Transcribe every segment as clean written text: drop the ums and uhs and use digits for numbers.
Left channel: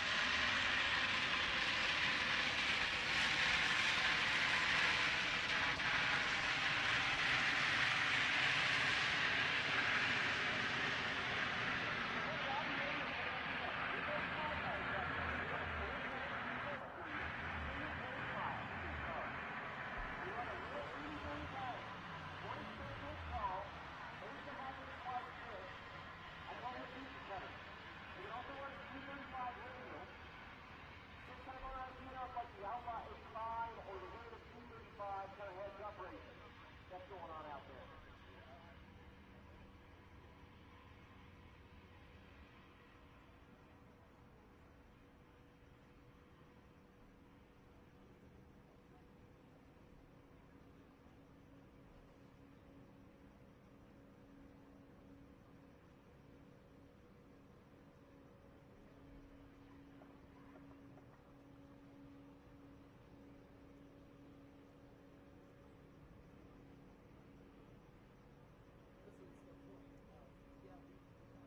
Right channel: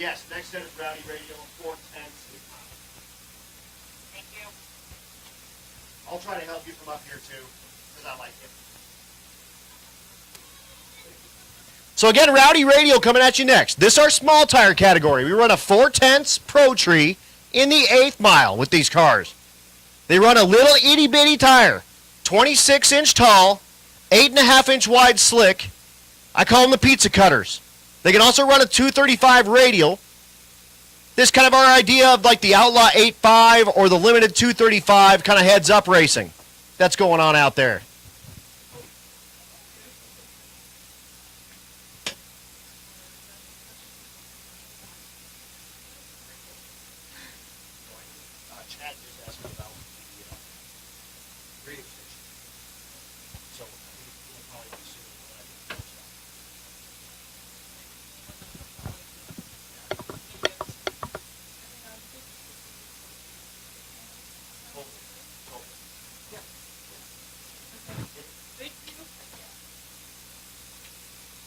Yes, next step is Rowdy Radial, 4th and Street. I'll try to help you from up here too. It's not like this. So again, Rowdy Radial coming at you next. This is our small tire category. We run a 4/10 Pro Tree in the 8th mile with these cars. They run a little itty bitty tire, 26-inch tall, 8.5-inch wide slick. I call them the pizza cutters. They can also run a 235 radial. This is kind of our idea of like the Outlaw 85 or the limited 235 kind of heads up racing that's going on out there. Chad just asked me about the radio station. So I think it'll probably be soon when I get the post on.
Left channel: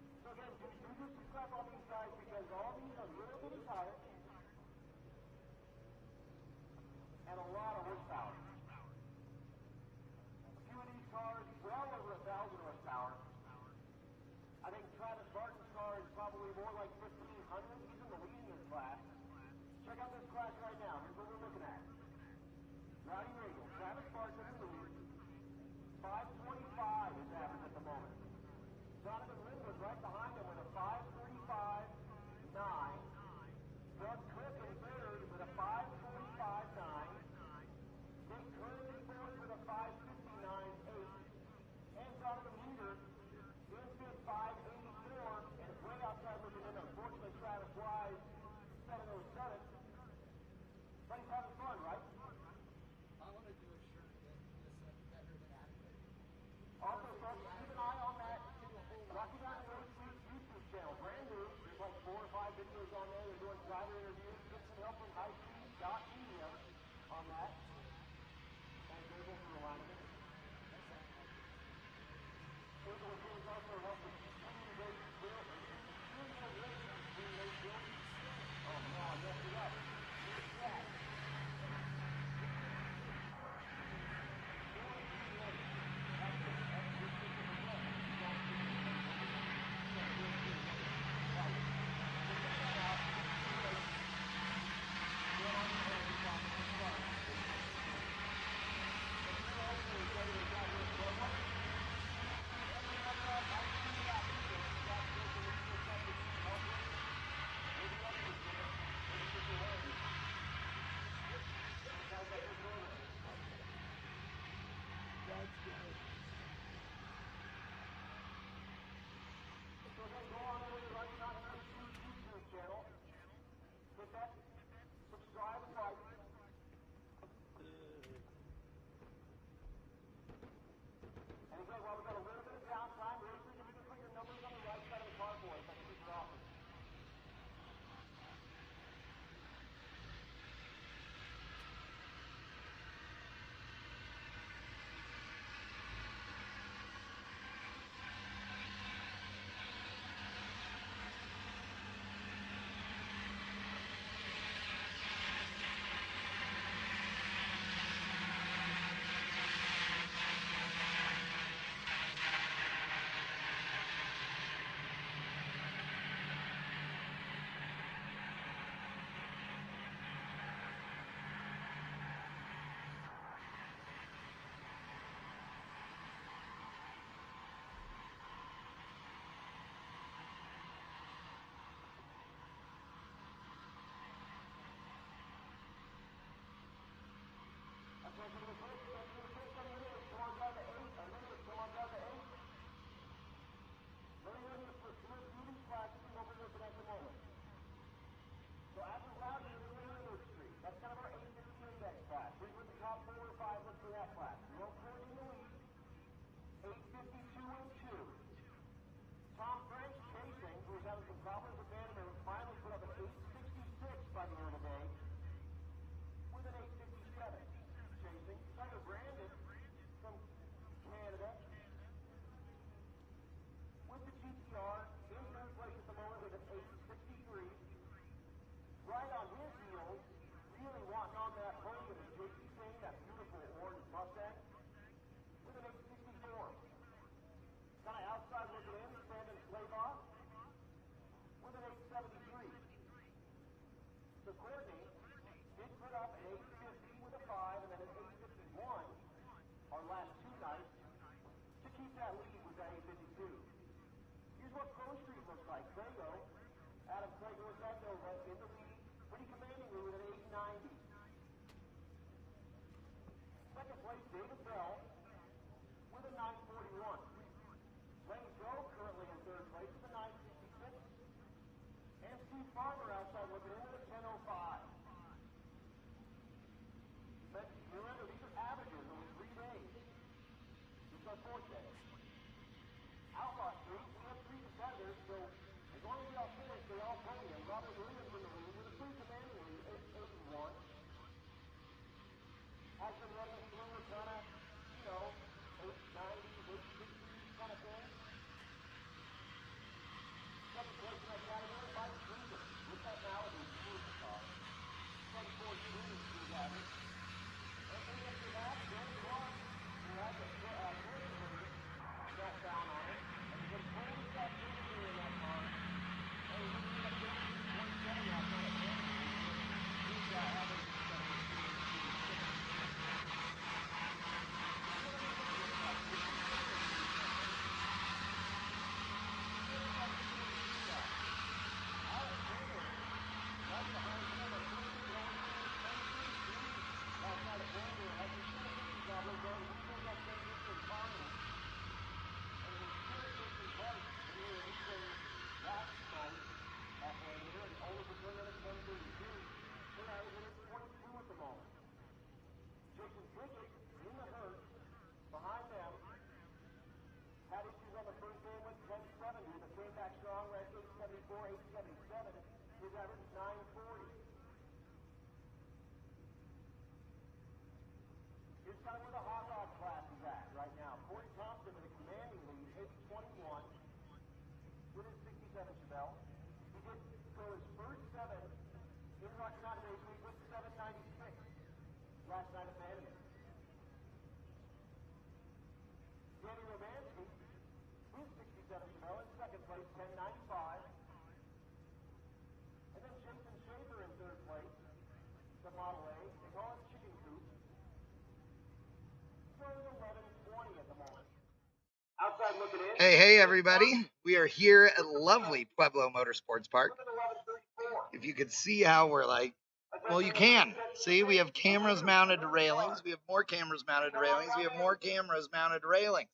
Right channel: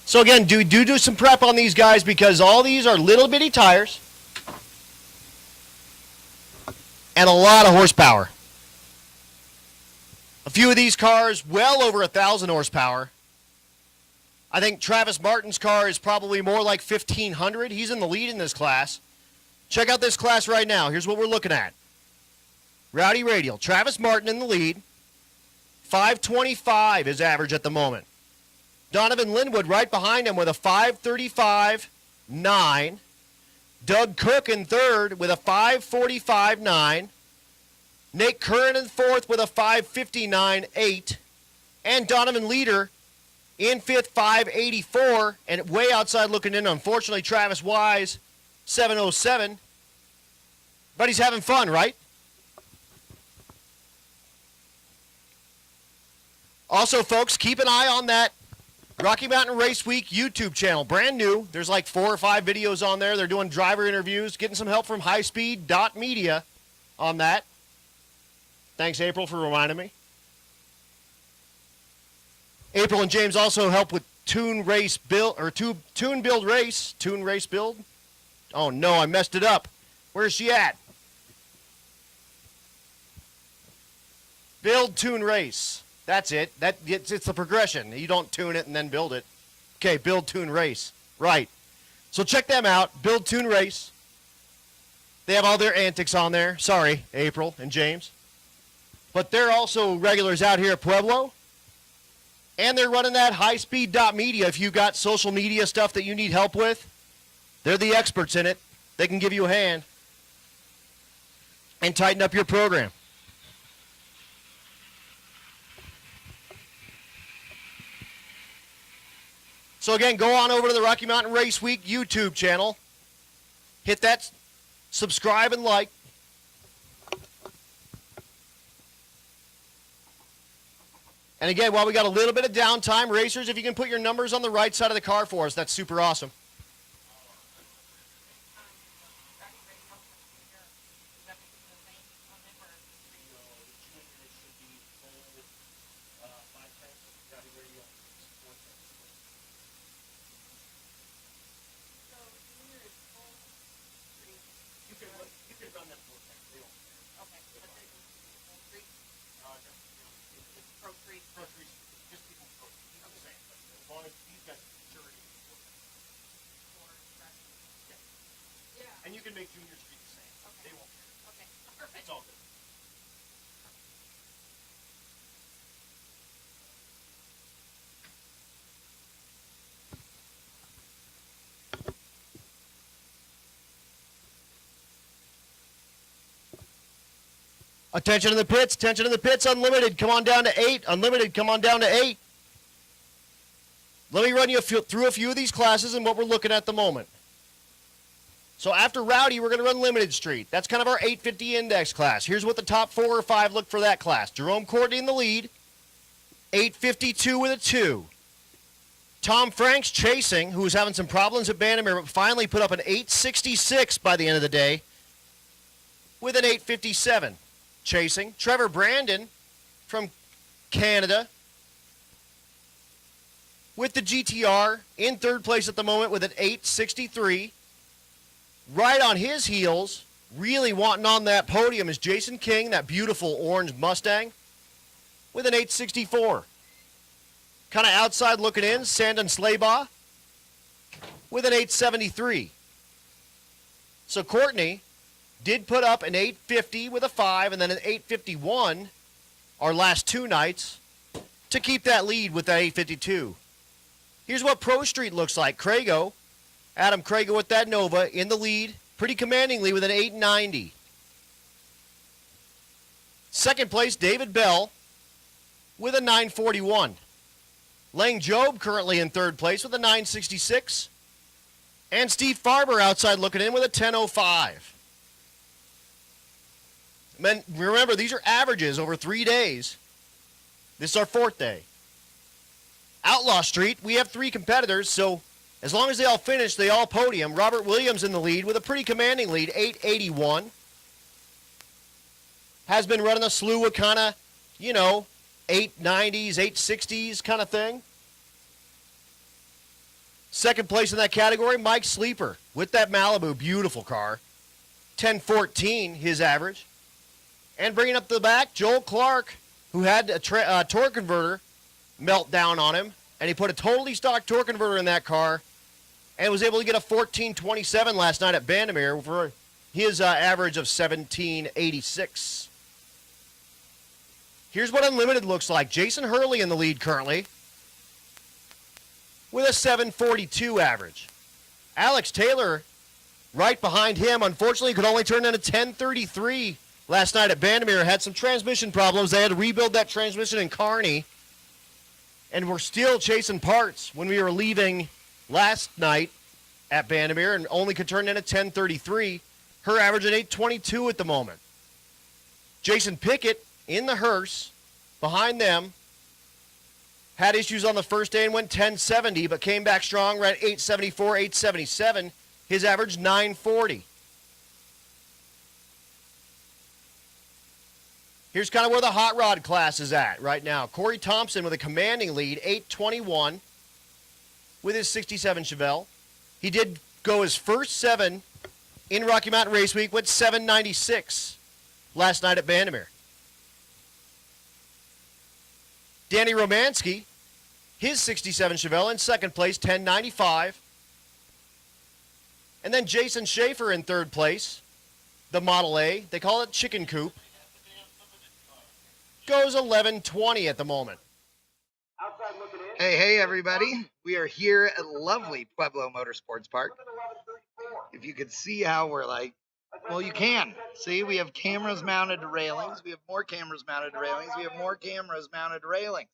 So again, do some prep on these guys because all these are little bitty tires and a lot of horsepower. A few of these cars well over 1,000 horsepower. I think Travis Martin's car is probably more like 1,500. He's in the lead in this class. Check out this class right now. Here's what we're looking at. Rowdy Radial, Travis Martin in the lead. 525 is average at the moment. Donovan Linwood right behind him with a 535.9. Doug Cook in third with a 545.9. Nate Curran in fourth with a 559.8. And Donovan Leader in fifth, 584. And way outside looking in, unfortunately, Travis Wise, 707. But he's having fun, right? Also, folks, keep an eye on that Rocky Mountain Race Week YouTube channel, brand new. There's like 4 or 5 videos on there. They're doing driver interviews, getting some help from highspeed.media on that. Thanks, April, for reminding me. April and James also help with Tune Race Build, or Tune Build Race. Tune Race Build? Oh no, I messed it up. Where's she at? Build, Tune, Race. That's it. It's the progression. You don't tune it and then build it. Okay, Build, Tune, Race. Right. So check them out. Build, Tune, Race. They have all their antics on there. Sorry, April and James. But they're also regulars out here at Pueblo. And they're running that highspeed.media. If you've got social media stuff that you need help with, they're the experts in it. They can give you a hand and tighten up your program. So again, go on over to the Rocky Mountain Race Week YouTube channel. Hit that subscribe and like. And again, while we got a little bit of downtime, racers, if you can put your numbers on the right side of the car for us, that's super awesome. Attention in the pits, unlimited, come on down to 8. Unlimited, come on down to 8. Let me run you through a few of these classes and what we're looking at the moment. So after Rowdy, we're going to run Limited Street. That's kind of our 850 index class. Here's what the top 4 or 5 look for that class. Jerome Courtney in the lead, 852 with a 2. Tom Franks chasing, who's having some problems at Bandamere, but finally put up an 866 by the end of the day with an 857. Chasing. Trevor Brandon from Canada with the GTR in third place at the moment with an 863. Right on his heels, really wanting on that podium, is Jason King, that beautiful orange Mustang, with an 864. Kind of outside looking in, Sandon Slaybaugh with an 873. So Courtney did put up an 850 with a 5 and then an 851 our last two nights to keep that lead with that 852. Here's what Pro Street looks like. Crago, Adam Crago with that Nova in the lead, pretty commandingly with an 890. Second place, David Bell with a 941. Lang Job currently in third place with a 966. And Steve Farber outside looking in with a 1005. Men, remember, these are averages over 3 days. This is our fourth day. Outlaw Street, we have 3 competitors, so as long as they all finish, they all podium. Robert Williams in the lead with a pretty commanding lead, 881. Has been running a slew of kind of, 890s, 860s kind of thing. Second place in that category, Mike Sleeper with that Malibu, beautiful car. 1014, his average. And bringing up the back, Joel Clark, who had a torque converter melt down on him, and he put a totally stock torque converter in that car and was able to get a 1427 last night at Bandamere for his average of 1786. Here's what Unlimited looks like. Jason Hurley in the lead currently with a 742 average. Alex Taylor right behind him, unfortunately could only turn in a 1033 last night at Bandamere. Had some transmission problems. They had to rebuild that transmission in Kearney. And we're still chasing parts when we were leaving last night at Bandamere and only could turn in a 1033. Her average at 822 at the moment. Jason Pickett in the hearse behind them. Had issues on the first day and went 1070, but came back strong, ran 874, 877. His average 940. Here's kind of where the hot rod class is at right now. Corey Thompson with a commanding lead, 821 with his 67 Chevelle. He did go his first 7 in Rocky Mountain Race Week with 796 last night at Bandamere. Danny Romansky, his 67 Chevelle in second place, 1095. And then Jason Schaefer in third place, the Model A. They call it Chicken Coop. Goes 1120 at the moment. Hey, everybody. We are here at lovely Pueblo Motorsports Park. If you could see how we're well, you can. See, we have cameras mounted to railings. We have more cameras mounted to railings. We have more cameras mounted to railings.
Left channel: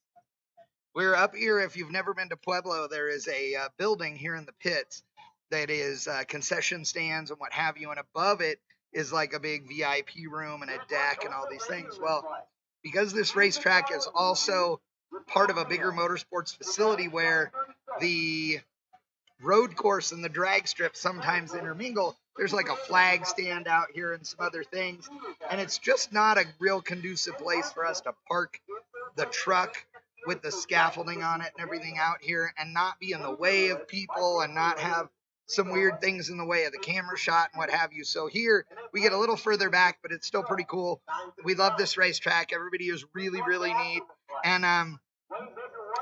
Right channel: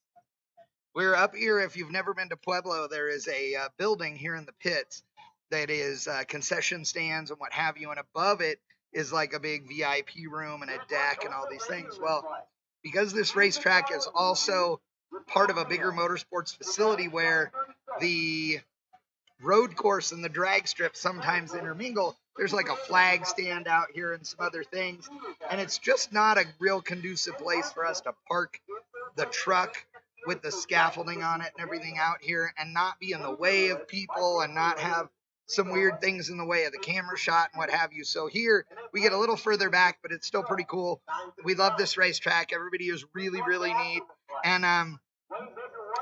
We're up here. If you've never been to Pueblo, there is a building here in the pits that is concession stands and what have you. And above it is like a big VIP room and a deck and all these things. Well, because this racetrack is also part of a bigger motorsports facility where the road course and the drag strip sometimes intermingle, there's like a flag stand out here and some other things. And it's just not a real conducive place for us to park the truck with the scaffolding on it and everything out here and not be in the way of people and not have some weird things in the way of the camera shot and what have you. So here we get a little further back, but it's still pretty cool. We love this racetrack. Everybody is really, really neat. And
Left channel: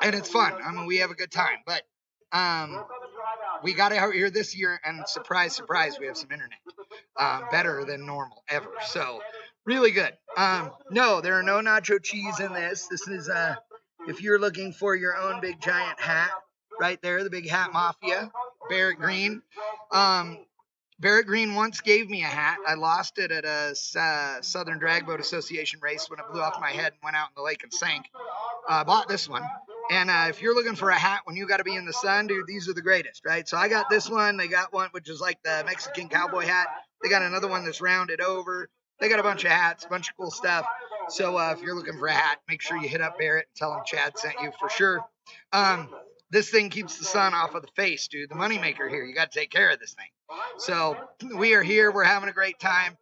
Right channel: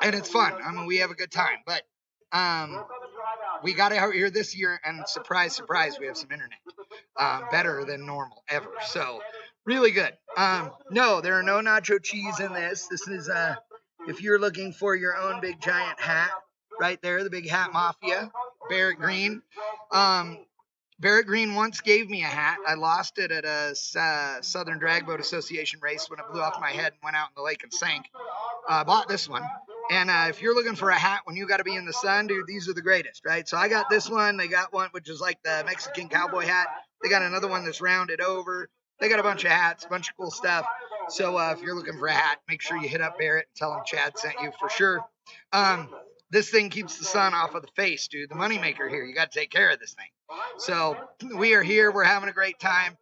it's fun. I mean, we have a good time, but we got out here this year and surprise, surprise, we have some internet, better than normal ever. So really good. No, there are no nacho cheese in this. This is, if you're looking for your own big giant hat right there, the Big Hat Mafia, Barrett Green. Barrett Green once gave me a hat. I lost it at a Southern Drag Boat Association race when it blew off my head and went out in the lake and sank. I bought this one. And if you're looking for a hat when you got to be in the sun, dude, these are the greatest, right? So I got this one. They got one which is like the Mexican cowboy hat. They got another one that's rounded over. They got a bunch of hats, a bunch of cool stuff. So if you're looking for a hat, make sure you hit up Barrett and tell him Chad sent you for sure. This thing keeps the sun off of the face, dude. The moneymaker here. You got to take care of this thing. So we are here. We're having a great time.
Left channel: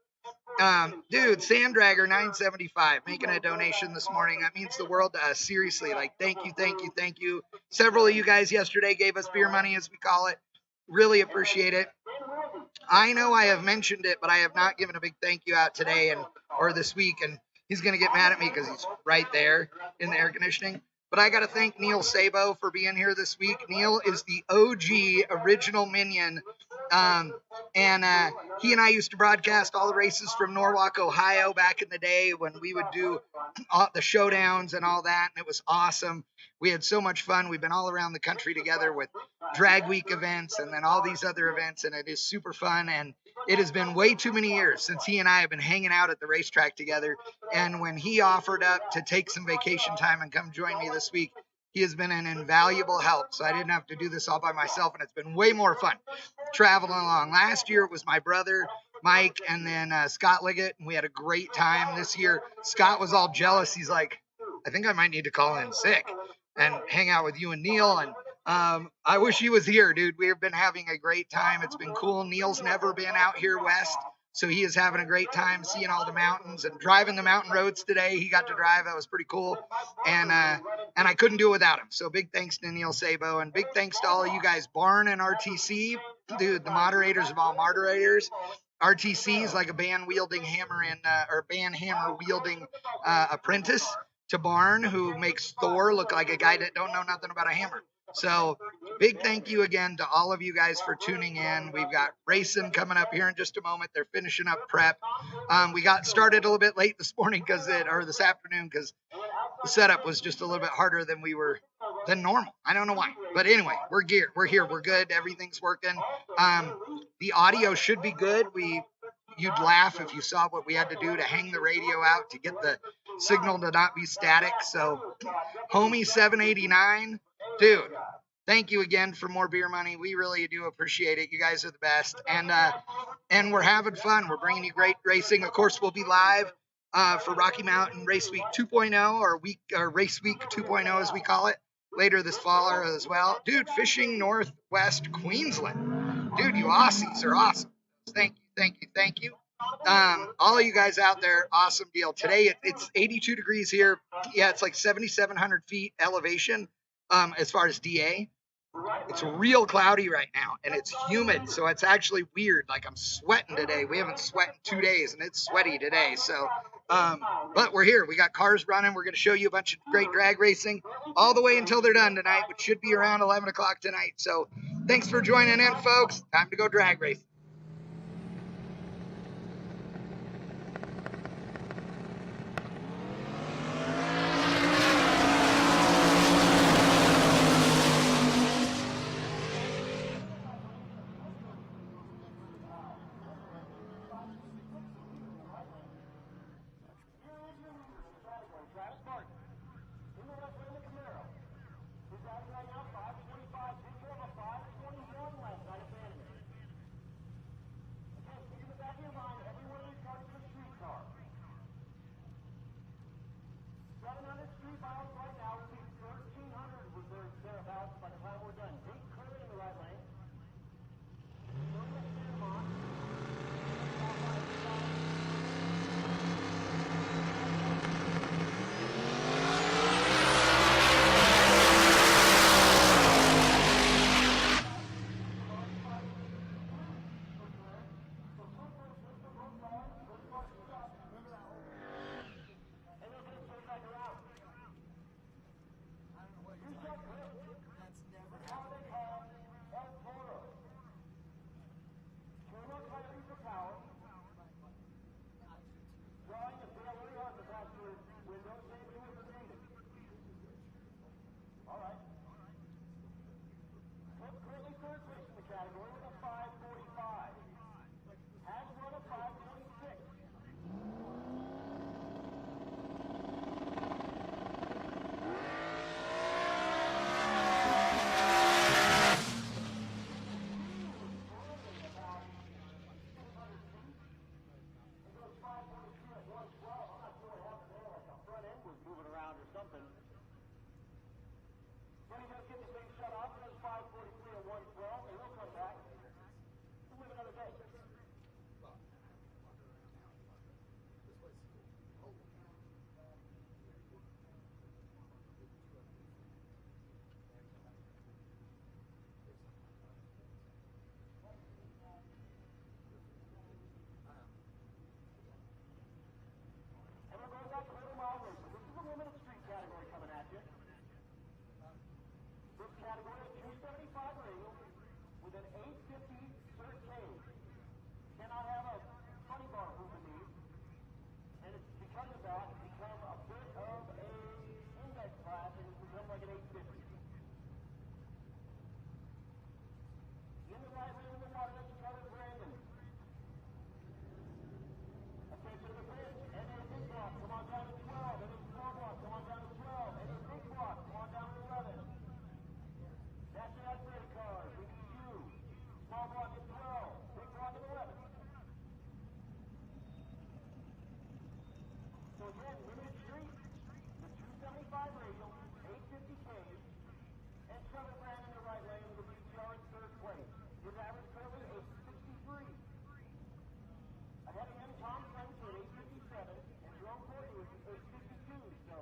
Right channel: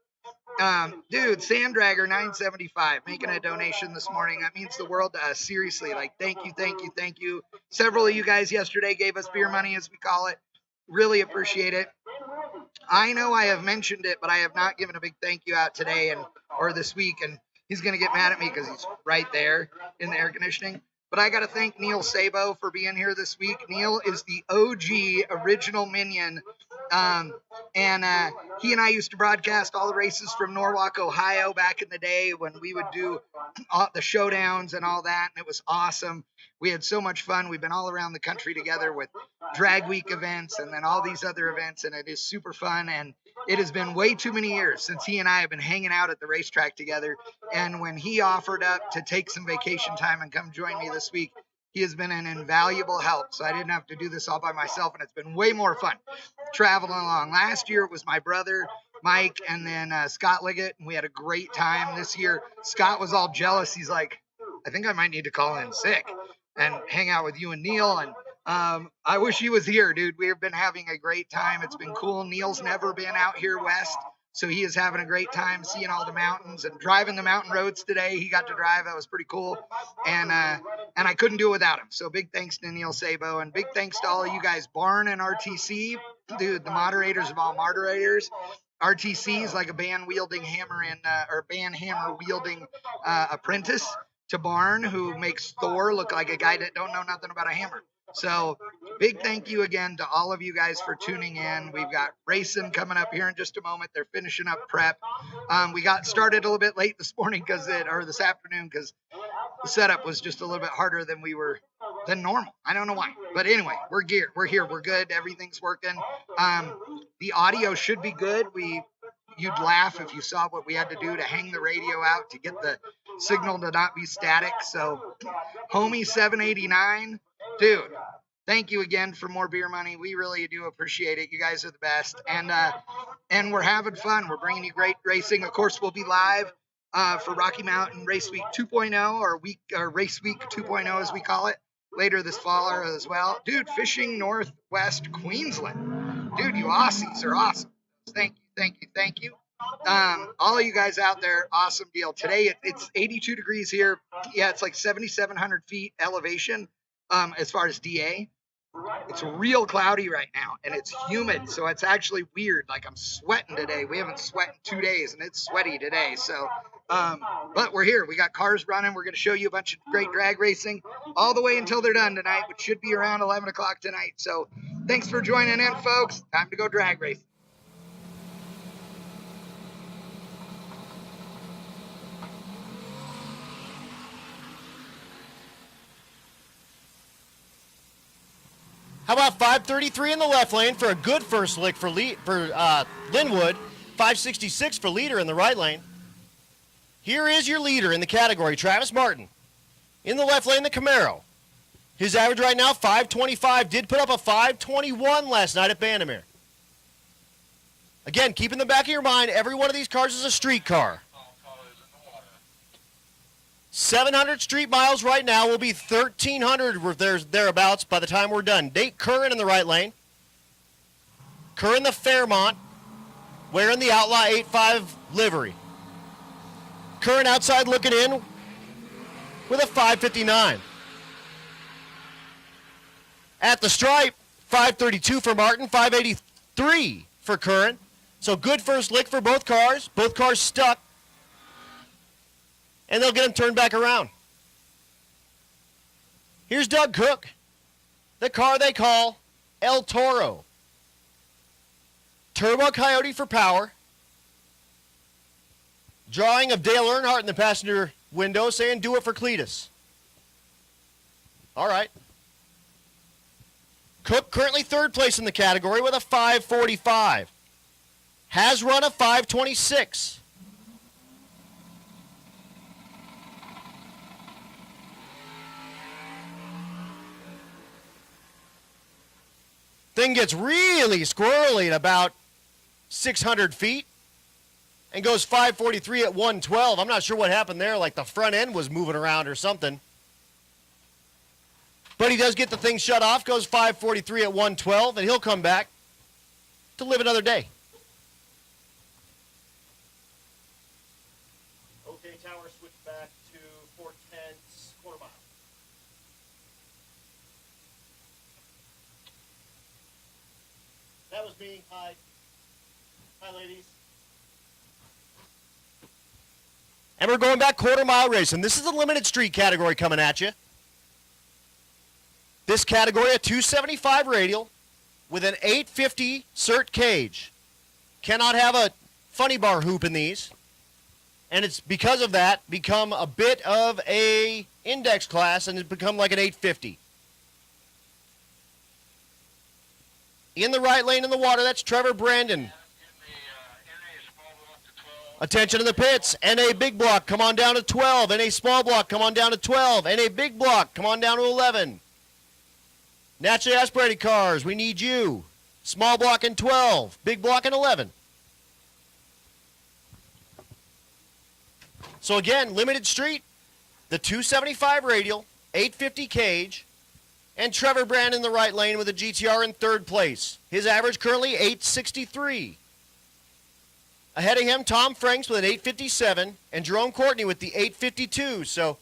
Dude, Sanddragger 975 making a donation this morning. That means the world to us. Seriously, thank you. Several of you guys yesterday gave us beer money, as we call it. Really appreciate it. I know I have mentioned it, but I have not given a big thank you out today or this week, and he's going to get mad at me because he's right there in the air conditioning. But I got to thank Neil Sabo for being here this week. Neil is the OG original Minion. And he and I used to broadcast all the races from Norwalk, Ohio back in the day when we would do all the showdowns and all that. And it was awesome. We had so much fun. We've been all around the country together with drag week events and then all these other events. And it is super fun. And it has been way too many years since he and I have been hanging out at the racetrack together. And when he offered up to take some vacation time and come join me this week, he has been an invaluable help. So I didn't have to do this all by myself. And it's been way more fun traveling along. Last year it was my brother, Mike, and then Scott Liggett. And we had a great time. This year, Scott was all jealous. He's like, I think I might need to call in sick and hang out with you and Neil. And I wish he was here, dude. We've been having a great time. It's been cool. Neil's never been out here west, so he is having a great time seeing all the mountains and driving the mountain roads today. He got to drive. That was pretty cool. And I couldn't do it without him. So big thanks to Neil Sabo, and big thanks to all of you guys, Barn and RTC, dude, the moderators of all moderators. RTC is like a band wielding hammer or band hammer wielding apprentice to Barn, who makes Thor look like a guy that don't know nothing about a hammer. So big thank you again to all of you guys for tuning in. We've got racing coming up here in just a moment. They're finishing up prep. We got started a little bit late this morning this afternoon because the setup was just a little bit harder than normal. I don't know why, but anyway, we're geared. We're here. We're good. Everything's working. The audio should be good. You'd laugh if you saw what we had to do to hang the radio out to get the signal to not be static. So Homie 789, dude, thank you again for more beer money. We really do appreciate it. You guys are the best. And we're having fun. We're bringing you great racing. Of course, we'll be live for Rocky Mountain Race Week 2.0 or Race Week 2.0 as we call it later this fall as well. Dude, Fishing Northwest Queensland. Dude, you Aussies are awesome. Thank you. All of you guys out there, awesome deal. Today it's 82 degrees here. Yeah, it's like 7,700 feet elevation as far as DA. It's real cloudy right now, and it's humid, so it's actually weird. Like, I'm sweating today. We haven't sweat in 2 days, and it's sweaty today. So, but we're here. We got cars running. We're going to show you a bunch of great drag racing all the way until they're done tonight, which should be around 11 o'clock tonight. So thanks for joining in, folks. Time to go drag racing. How about 533 in the left lane for a good first lick for Linwood, 566 for leader in the right lane. Here is your leader in the category, Travis Martin. In the left lane, the Camaro. His average right now, 525. Did put up a 521 last night at Bandamere. Again, keep in the back of your mind, every one of these cars is a street car. 700 street miles right now will be 1,300 thereabouts by the time we're done. Nate Curran in the right lane. Curran the Fairmont, wearing the Outlaw 85 livery. Curran outside looking in with a 559. At the stripe, 532 for Martin, 583 for Curran. So good first lick for both cars. Both cars stuck. And they'll get them turned back around. Here's Doug Cook, the car they call El Toro. Turbo Coyote for power. Drawing of Dale Earnhardt in the passenger window saying, do it for Cletus. All right. Cook currently third place in the category with a 545. Has run a 526. Thing gets really squirrely at about 600 feet and goes 543 at 112. I'm not sure what happened there, like the front end was moving around or something. But he does get the thing shut off, goes 543 at 112, and he'll come back to live another day. Okay, tower, switch back to 410's quarter mile. That was being high. Hi, ladies. And we're going back quarter-mile racing. This is the limited street category coming at you. This category, a 275 radial with an 850 cert cage. Cannot have a funny bar hoop in these. And it's because of that become a bit of a index class and it's become like an 850. In the right lane in the water, that's Trevor Brandon. Attention to the pits. NA big block, come on down to 12. NA small block, come on down to 12. NA big block, come on down to 11. Naturally aspirated cars, we need you. Small block in 12, big block in 11. So again, limited street, the 275 radial, 850 cage, and Trevor Brandon in the right lane with a GTR in third place. His average currently 863. Ahead of him, Tom Franks with an 857, and Jerome Courtney with the 852. So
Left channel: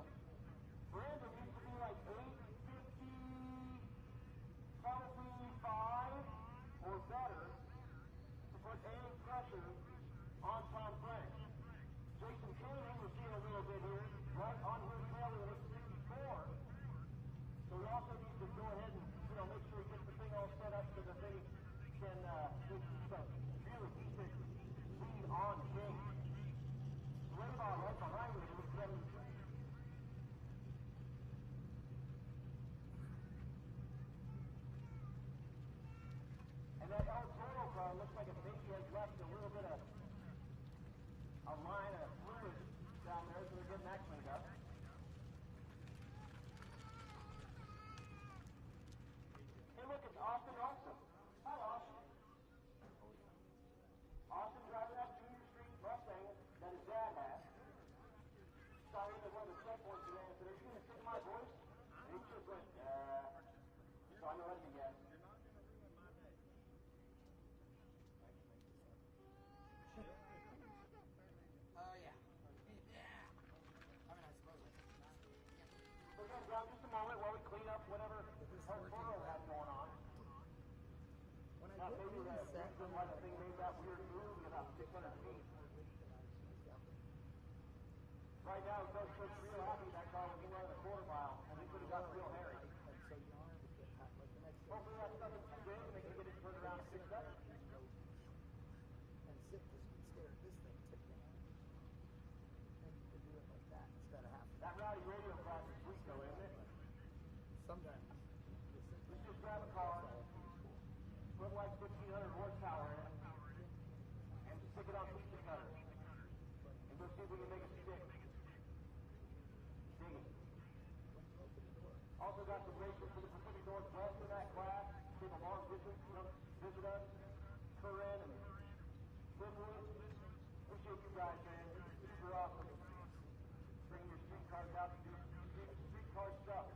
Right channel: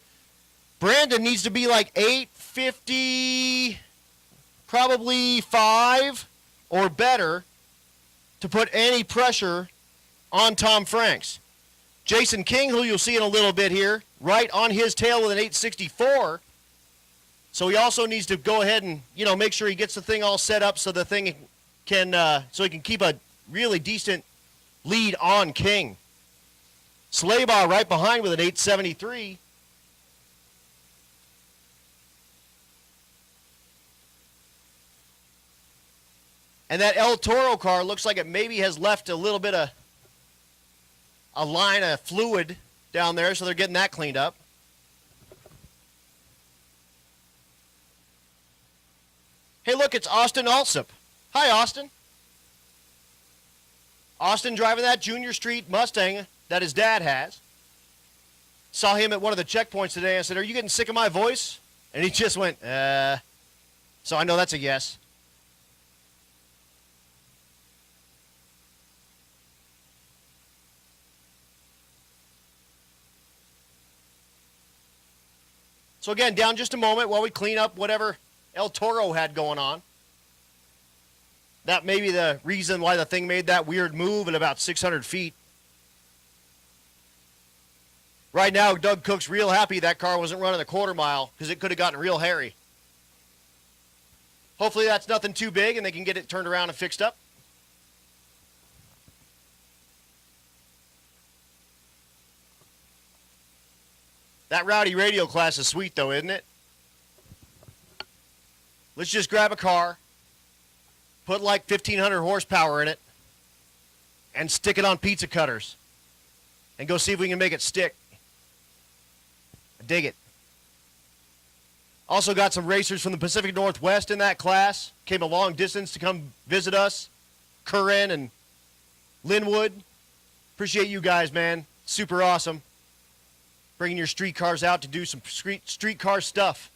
Brandon needs to be like 850, probably 5 or better to put any pressure on Tom Franks. Jason King, who you'll see in a little bit here, right on his tail with an 864. So he also needs to go ahead and, make sure he gets the thing all set up so the thing can, so he can keep a really decent lead on King. Slaybaugh right behind with an 873. And that El Toro car looks like it maybe has left a little bit of a line of fluid down there, so they're getting that cleaned up. Hey, look, it's Austin Alsop. Hi, Austin. Austin driving that Junior Street Mustang that his dad has. Saw him at one of the checkpoints today. I said, "Are you getting sick of my voice?" And he just went, So I know that's a yes. So again, down just a moment while we clean up whatever El Toro had going on. That may be the reason why the thing made that weird move at about 600 feet. Right now, Doug Cook's real happy that car wasn't running a quarter mile because it could have gotten real hairy. Hopefully that's nothing too big and they can get it turned around and fixed up. That Rowdy Radial class is sweet though, isn't it? Let's just grab a car, put like 1,500 horsepower in it, and stick it on pizza cutters. And go see if we can make it stick. I dig it. Also got some racers from the Pacific Northwest in that class. Came a long distance to come visit us. Curran and Linwood. Appreciate you guys, man. Super awesome. Bringing your street cars out to do some street car stuff.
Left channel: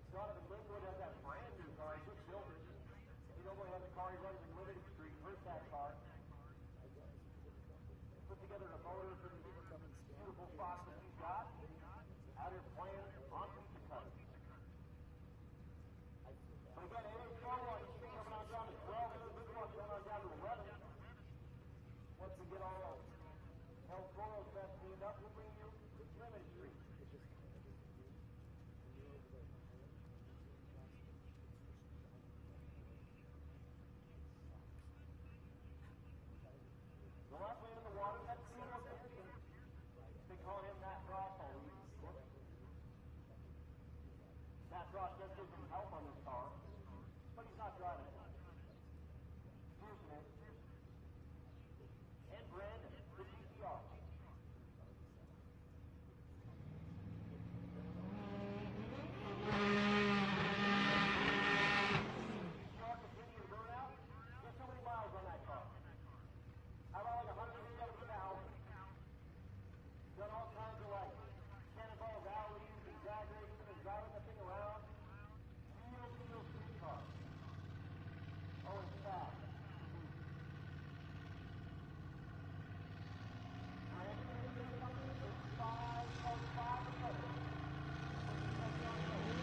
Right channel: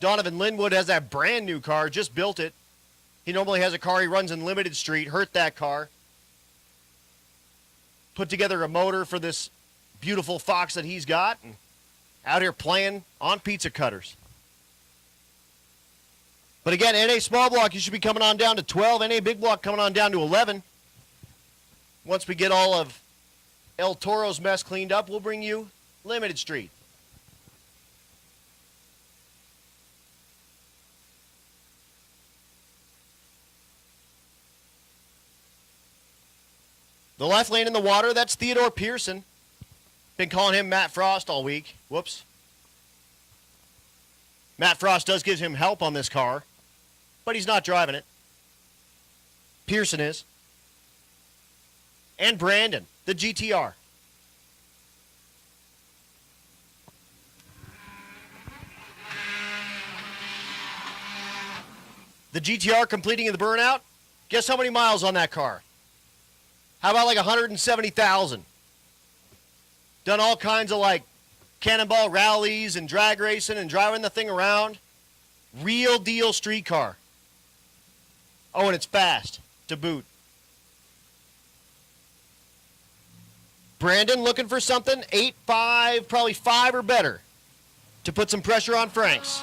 Donovan Linwood has that brand new car, just built it. He normally has a car he runs in limited street, hurt that car. Put together a motor for this beautiful Fox that he's got, and out here playing on pizza cutters. But again, NA small block, you should be coming on down to 12. NA big block coming on down to 11. Once we get all of El Toro's mess cleaned up, we'll bring you limited street. The left lane in the water, that's Theodore Pearson. Been calling him Matt Frost all week. Whoops. Matt Frost does give him help on this car, but he's not driving it. Pearson is. And Brandon, the GTR. The GTR completing the burnout. Guess how many miles on that car? How about like 170,000? Done all kinds of like cannonball rallies and drag racing and driving the thing around. Real deal street car. Oh, and it's fast to boot. Brandon looking for something, 8.5, probably 5 or better to put some pressure on Franks.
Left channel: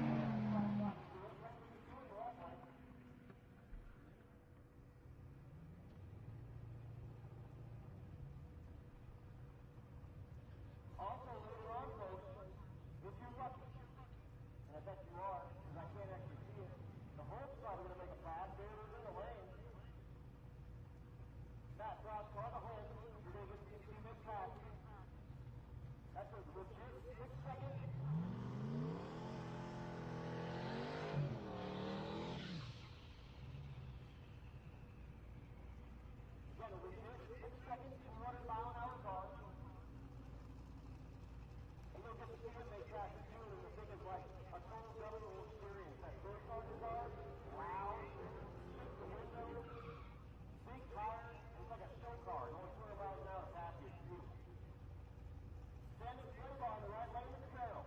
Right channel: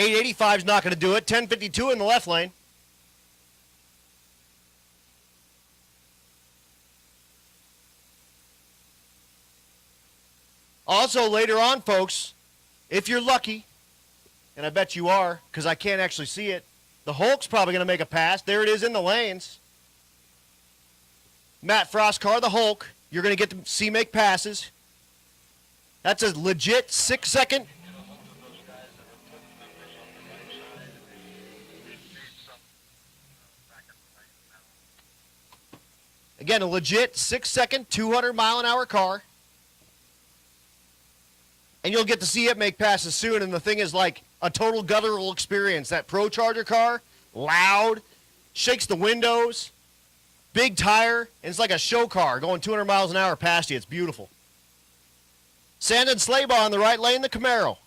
885 is not going to do it. 1052 in the left lane. Also, later on, folks, if you're lucky, and I bet you are, because I can't actually see it, the Hulk's probably going to make a pass. There it is in the lanes. Matt Frost car, the Hulk. You're going to get to see make passes. That's a legit 6-second. Again, a legit 6-second, 200-mile-an-hour car. And you'll get to see it make passes soon. And the thing is, like a total guttural experience. That Pro Charger car, loud, shakes the windows, big tire, and it's like a show car going 200 miles an hour past you. It's beautiful. Sandon Slaybaugh in the right lane, the Camaro.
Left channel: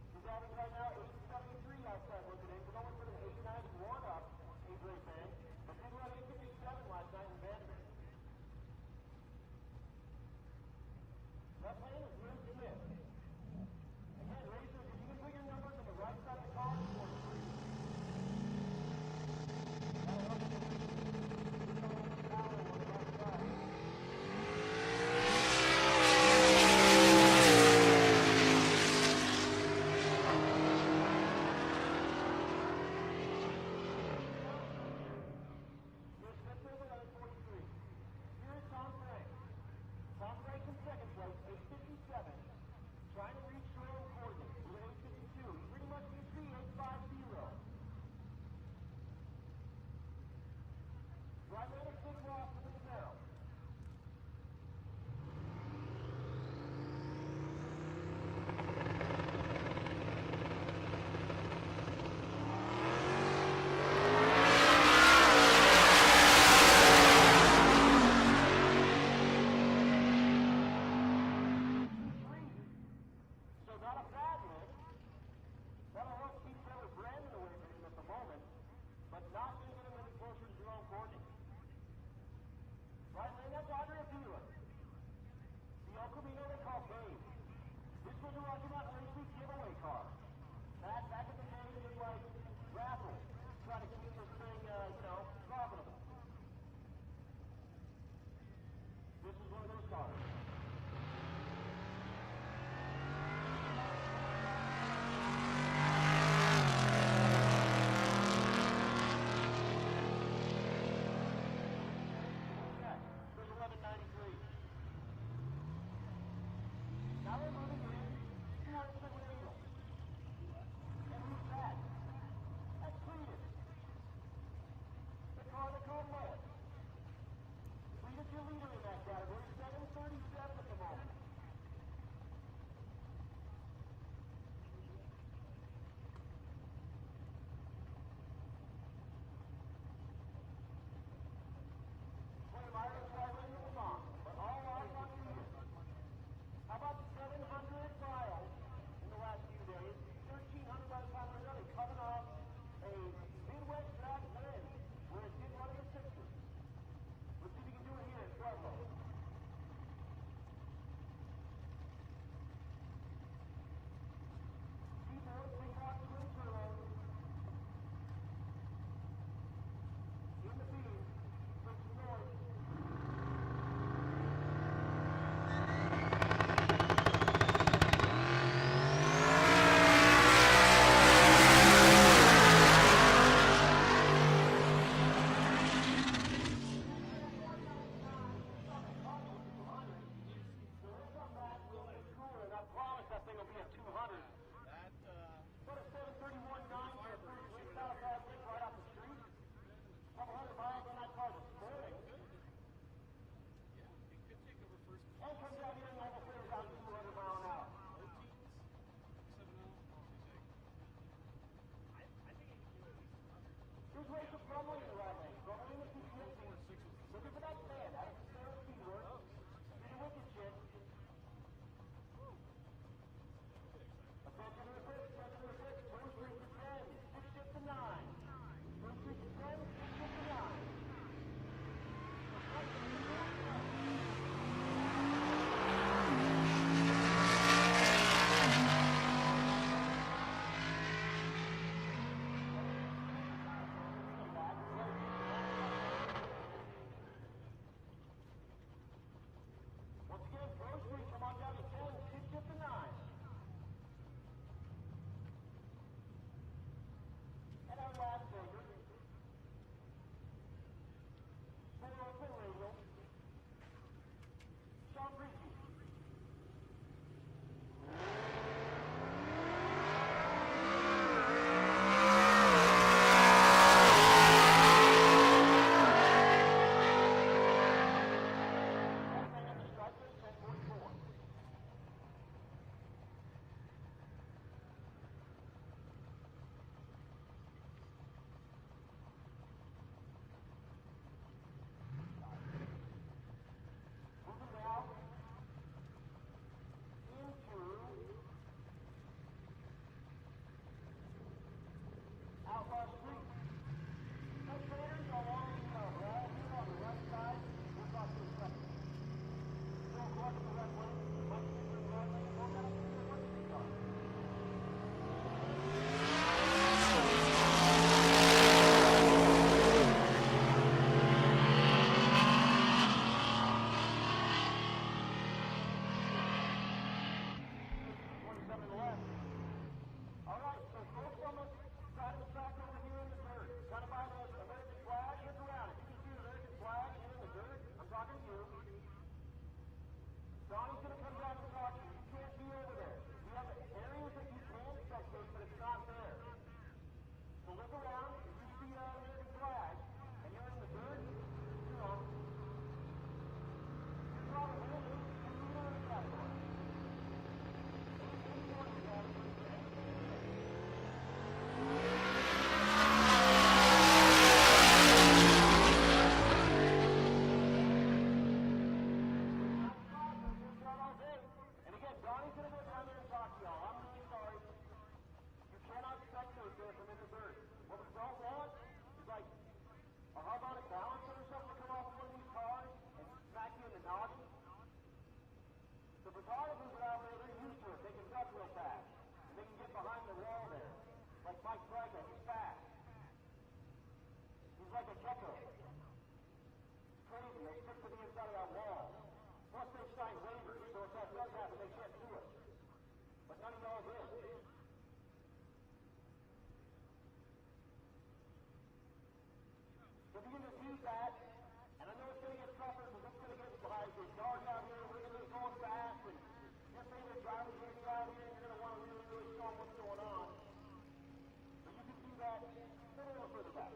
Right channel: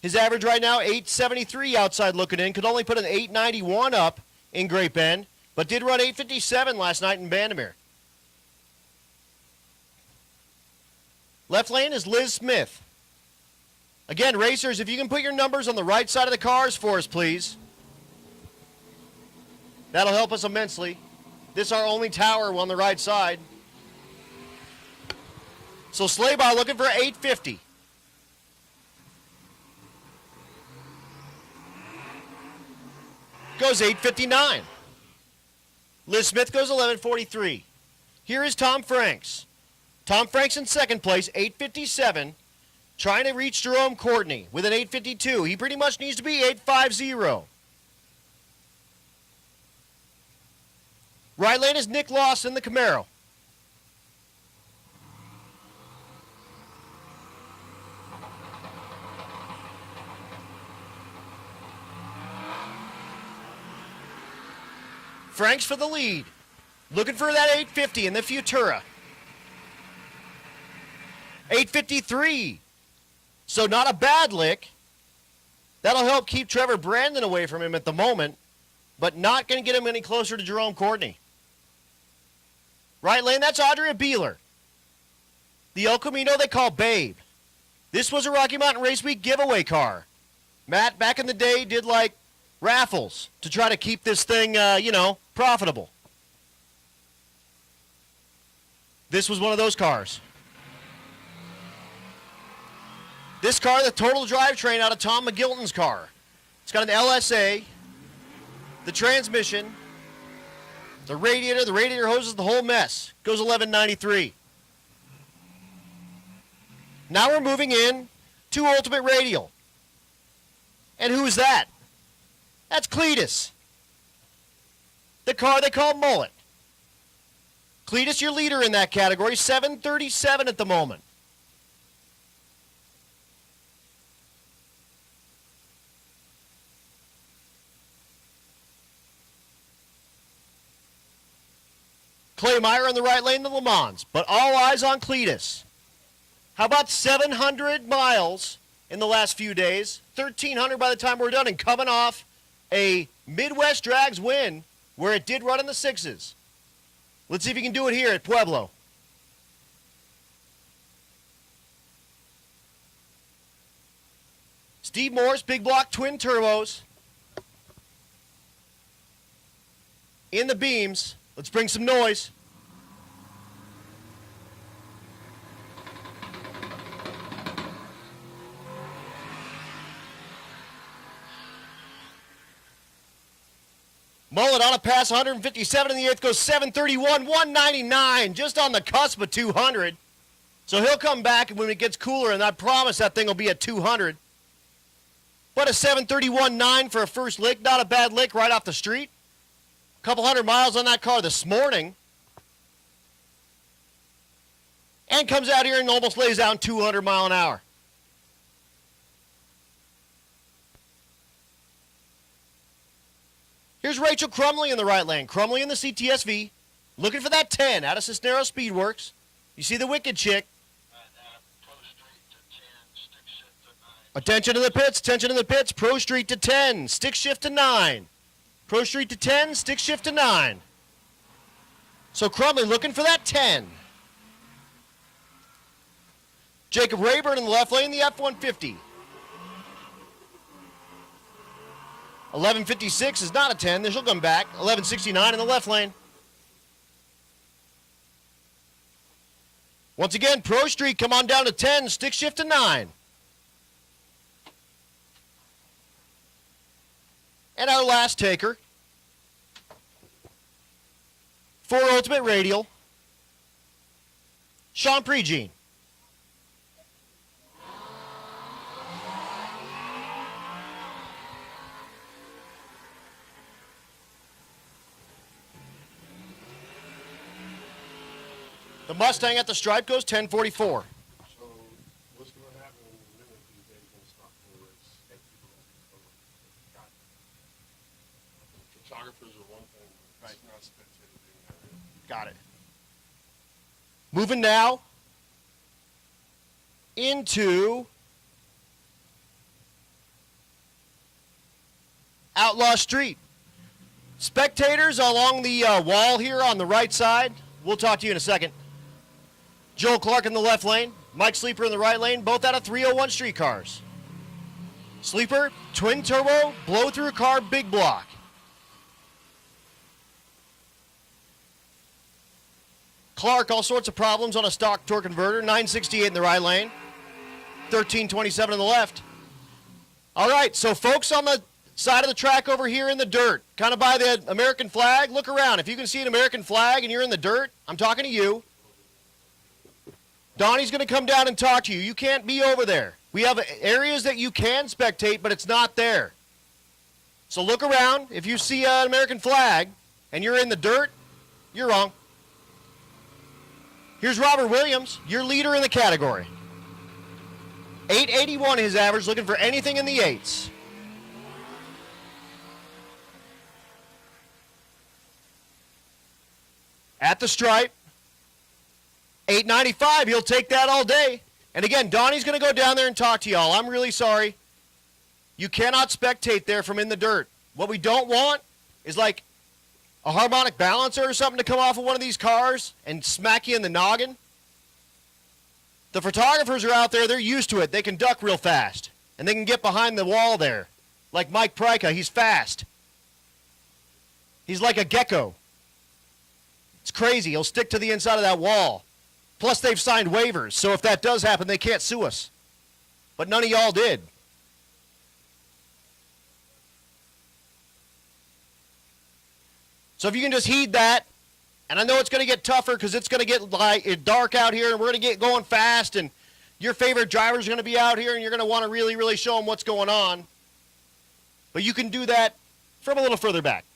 His average right now, 873 outside looking in. Could only put an 891 up in Great Bend, but did run 857 last night in Bandimere. Left lane is Liz Smith. Again, racers, if you can put your numbers on the right side of the cars for us, please. That'll help us immensely. This is our only tower on the right side. So Slaybaugh looking for 850. Goes 859. Liz Smith goes 1143. Here is Tom Franks. Tom Franks in second place, 857, trying to reach Jerome Courtney with an 852. He pretty much needs to be 850. Right lane is Nick Lawson, the Camaro. Franks for the lead. Looking for that 850 in the Futura. 853. So not a bad lick. That'll help keep Trevor Brandon away from him at the moment, but not going to get him any closer to Jerome Courtney. Right lane, that's Audrey Beeler. The El Camino they call Babe. This was a Rocky Mountain Race Week giveaway car. Matt, back in the day, did like raffles to try to keep this thing, profitable. This was one of those cars. This car, the total drivetrain out of Tom McGilton's car. It's got an LSA, the transmission, the radiator hoses, the whole mess. Goes 1193. Now we're moving in to Ultimate Radial. And who's that? That's Cletus. The car they call Mullet. Cletus, your leader in that category, 737 at the moment. Clay Meyer in the right lane, the Le Mans, but all eyes on Cletus. How about 700 miles in the last few days, 1,300 by the time we're done, and coming off a Midwest Drags win where it did run in the sixes. Let's see if he can do it here at Pueblo. Steve Morse, big block, twin turbos. In the beams. Let's bring some noise. Mullet on a pass, 157 in the eighth, goes 731, 199, just on the cusp of 200. So he'll come back when it gets cooler, and I promise that thing will be at 200. But a 731.9 for a first lick, not a bad lick right off the street. Couple hundred miles on that car this morning. And comes out here and almost lays down 200 mile an hour. Here's Rachel Crumley in the right lane. Crumley in the CTSV. Looking for that 10 out of Cisneros Speedworks. You see the wicked chick. Attention to the pits, attention to the pits. Pro Street to 10, stick shift to 9. Pro Street to 10, stick shift to 9. So Crumley looking for that 10. Jacob Rayburn in the left lane, the F-150. 11:56 is not a 10. Then she'll come back. 11:69 in the left lane. Once again, Pro Street, come on down to 10. Stick shift to 9. And our last taker for Ultimate Radial, Sean Pregene. The Mustang at the stripe goes 10:44. So, what's going to happen in a minute if they stop the race? Photographers are one thing, right? It's not spectator. Got it. Moving now into Outlaw Street. Spectators along the wall here on the right side. We'll talk to you in a second. Joel Clark in the left lane, Mike Sleeper in the right lane, both out of 301 streetcars. Sleeper, twin turbo, blow through car, big block. Clark, all sorts of problems on a stock torque converter, 968 in the right lane, 1327 in the left. All right, so folks on the side of the track over here in the dirt, kind of by the American flag, look around. If you can see an American flag and you're in the dirt, I'm talking to you. Donnie's going to come down and talk to you. You can't be over there. We have areas that you can spectate, but it's not there. So look around. If you see an American flag and you're in the dirt, you're wrong. Here's Robert Williams, your leader in the category. 881 his average, looking for anything in the 8s. At the stripe, 895, he'll take that all day. And again, Donnie's going to go down there and talk to y'all. I'm really sorry. You cannot spectate there from in the dirt. What we don't want is like a harmonic balancer or something to come off of one of these cars and smack you in the noggin. The photographers are out there, they're used to it. They can duck real fast. And they can get behind the wall there. Like Mike Pryka, he's fast. He's like a gecko. It's crazy. He'll stick to the inside of that wall. Plus, they've signed waivers, so if that does happen, they can't sue us. But none of y'all did. So if you can just heed that, and I know it's going to get tougher because it's going to get dark out here, and we're going to get going fast, and your favorite drivers are going to be out here, and you're going to want to really, really show them what's going on. But you can do that from a little further back.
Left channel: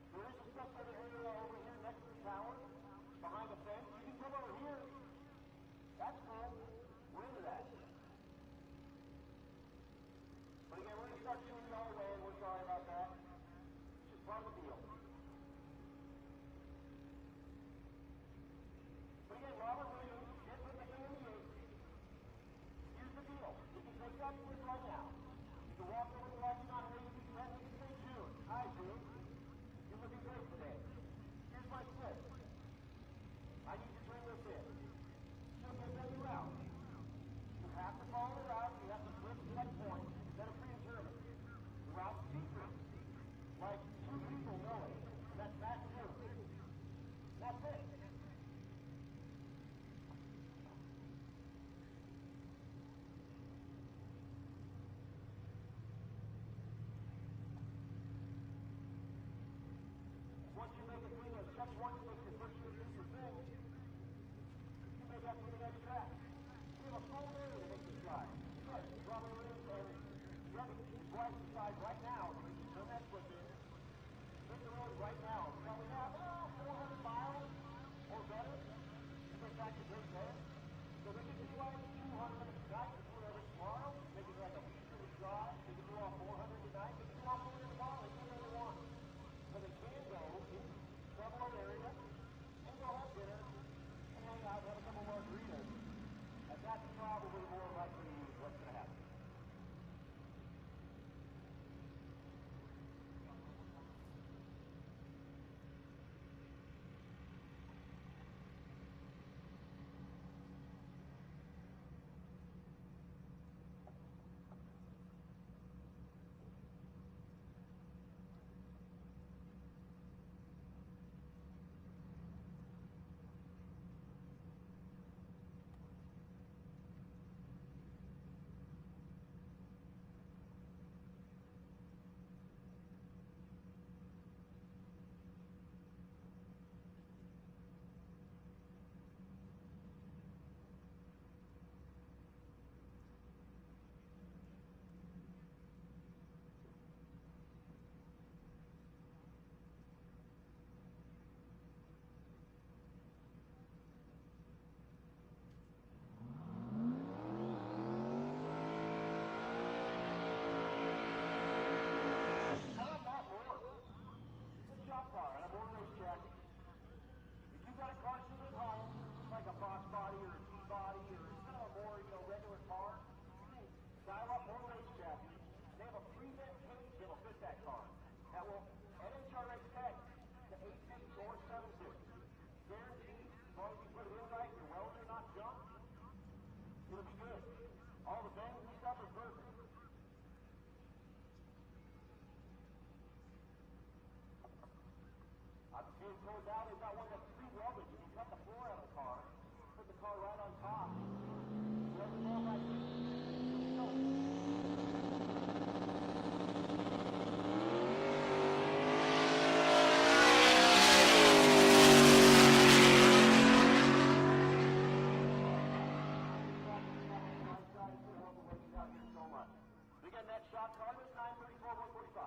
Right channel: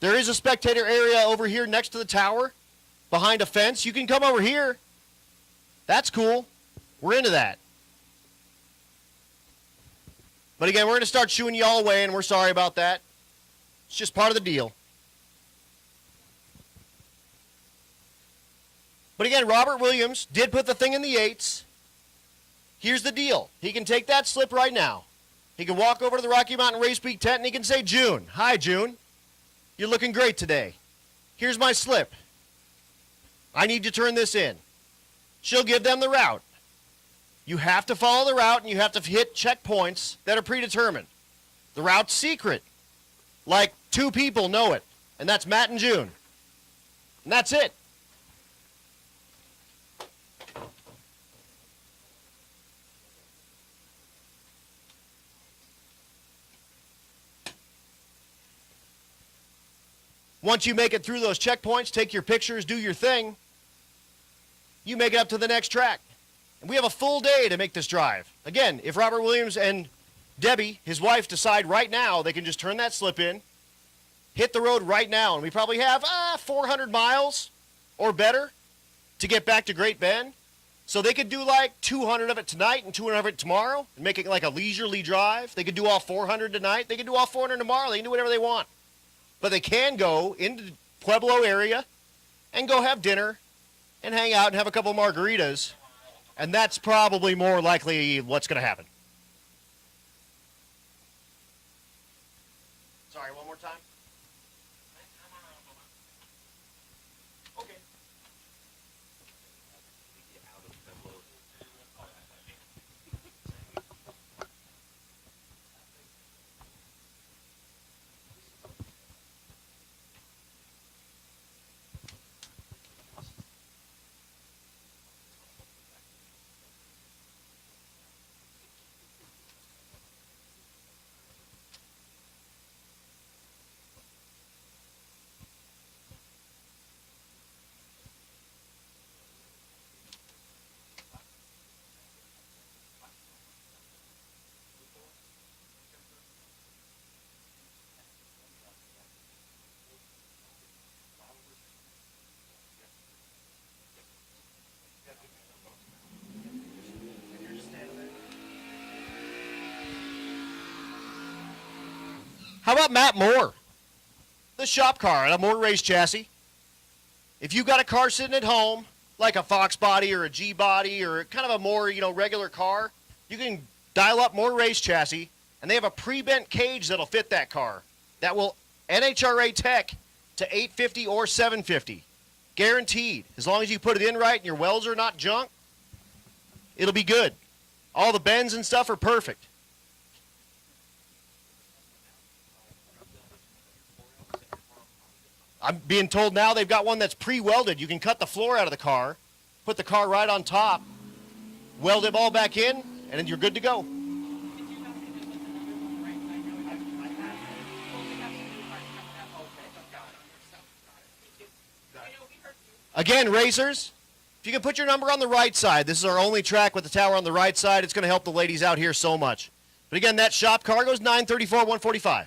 There is a spectator area over here next to the tower, behind a fence. You can come over here. That's cool. We're into that. But again, we're going to start shooing y'all away, and we're sorry about that. It's just part of the deal. But again, Robert Williams did put the thing in the 8s. Here's the deal. He can take that slip right now. He can walk over to the Rocky Mountain Race Week tent, and he can say, June, hi, June. You're looking great today. Here's my slip. I need to turn this in. She'll give them the route. You have to follow the route, and you have to hit checkpoints that are predetermined. The route's secret. Like 2 people know it, and that's Matt and June. And that's it. Once you make it through those checkpoints, take your pictures, do your thing, you make it up to the next track. And we have a full day to make this drive. Again, if Robert Williams and Debbie, his wife, decide right now they can just turn that slip in, hit the road right now, and we probably have 400 miles or better to get back to Great Bend. So they could do like 200 of it tonight and 200 of it tomorrow and make it like a leisurely drive. They could do all 400 tonight. They could do all 400 tomorrow. They can do whatever they want. But they can go into the Pueblo area and go have dinner and hang out and have a couple margaritas. And that's probably more likely what's going to happen. Sorry, one more time. Okay. How about Matt Moore? The shop car on a Moore race chassis. If you've got a car sitting at home, like a Fox body or a G body or kind of a more, regular car, you can dial up Moore race chassis, and they have a pre-bent cage that'll fit that car. That will NHRA tech to 850 or 750. Guaranteed. As long as you put it in right and your welds are not junk, it'll be good. All the bends and stuff are perfect. I'm being told now they've got one that's pre-welded. You can cut the floor out of the car, put the car right on top, weld it all back in, and then you're good to go. Again, racers, if you can put your number on the right side, this is our only track with the tower on the right side. It's going to help the ladies out here so much. But again, that shop car goes 934, 145.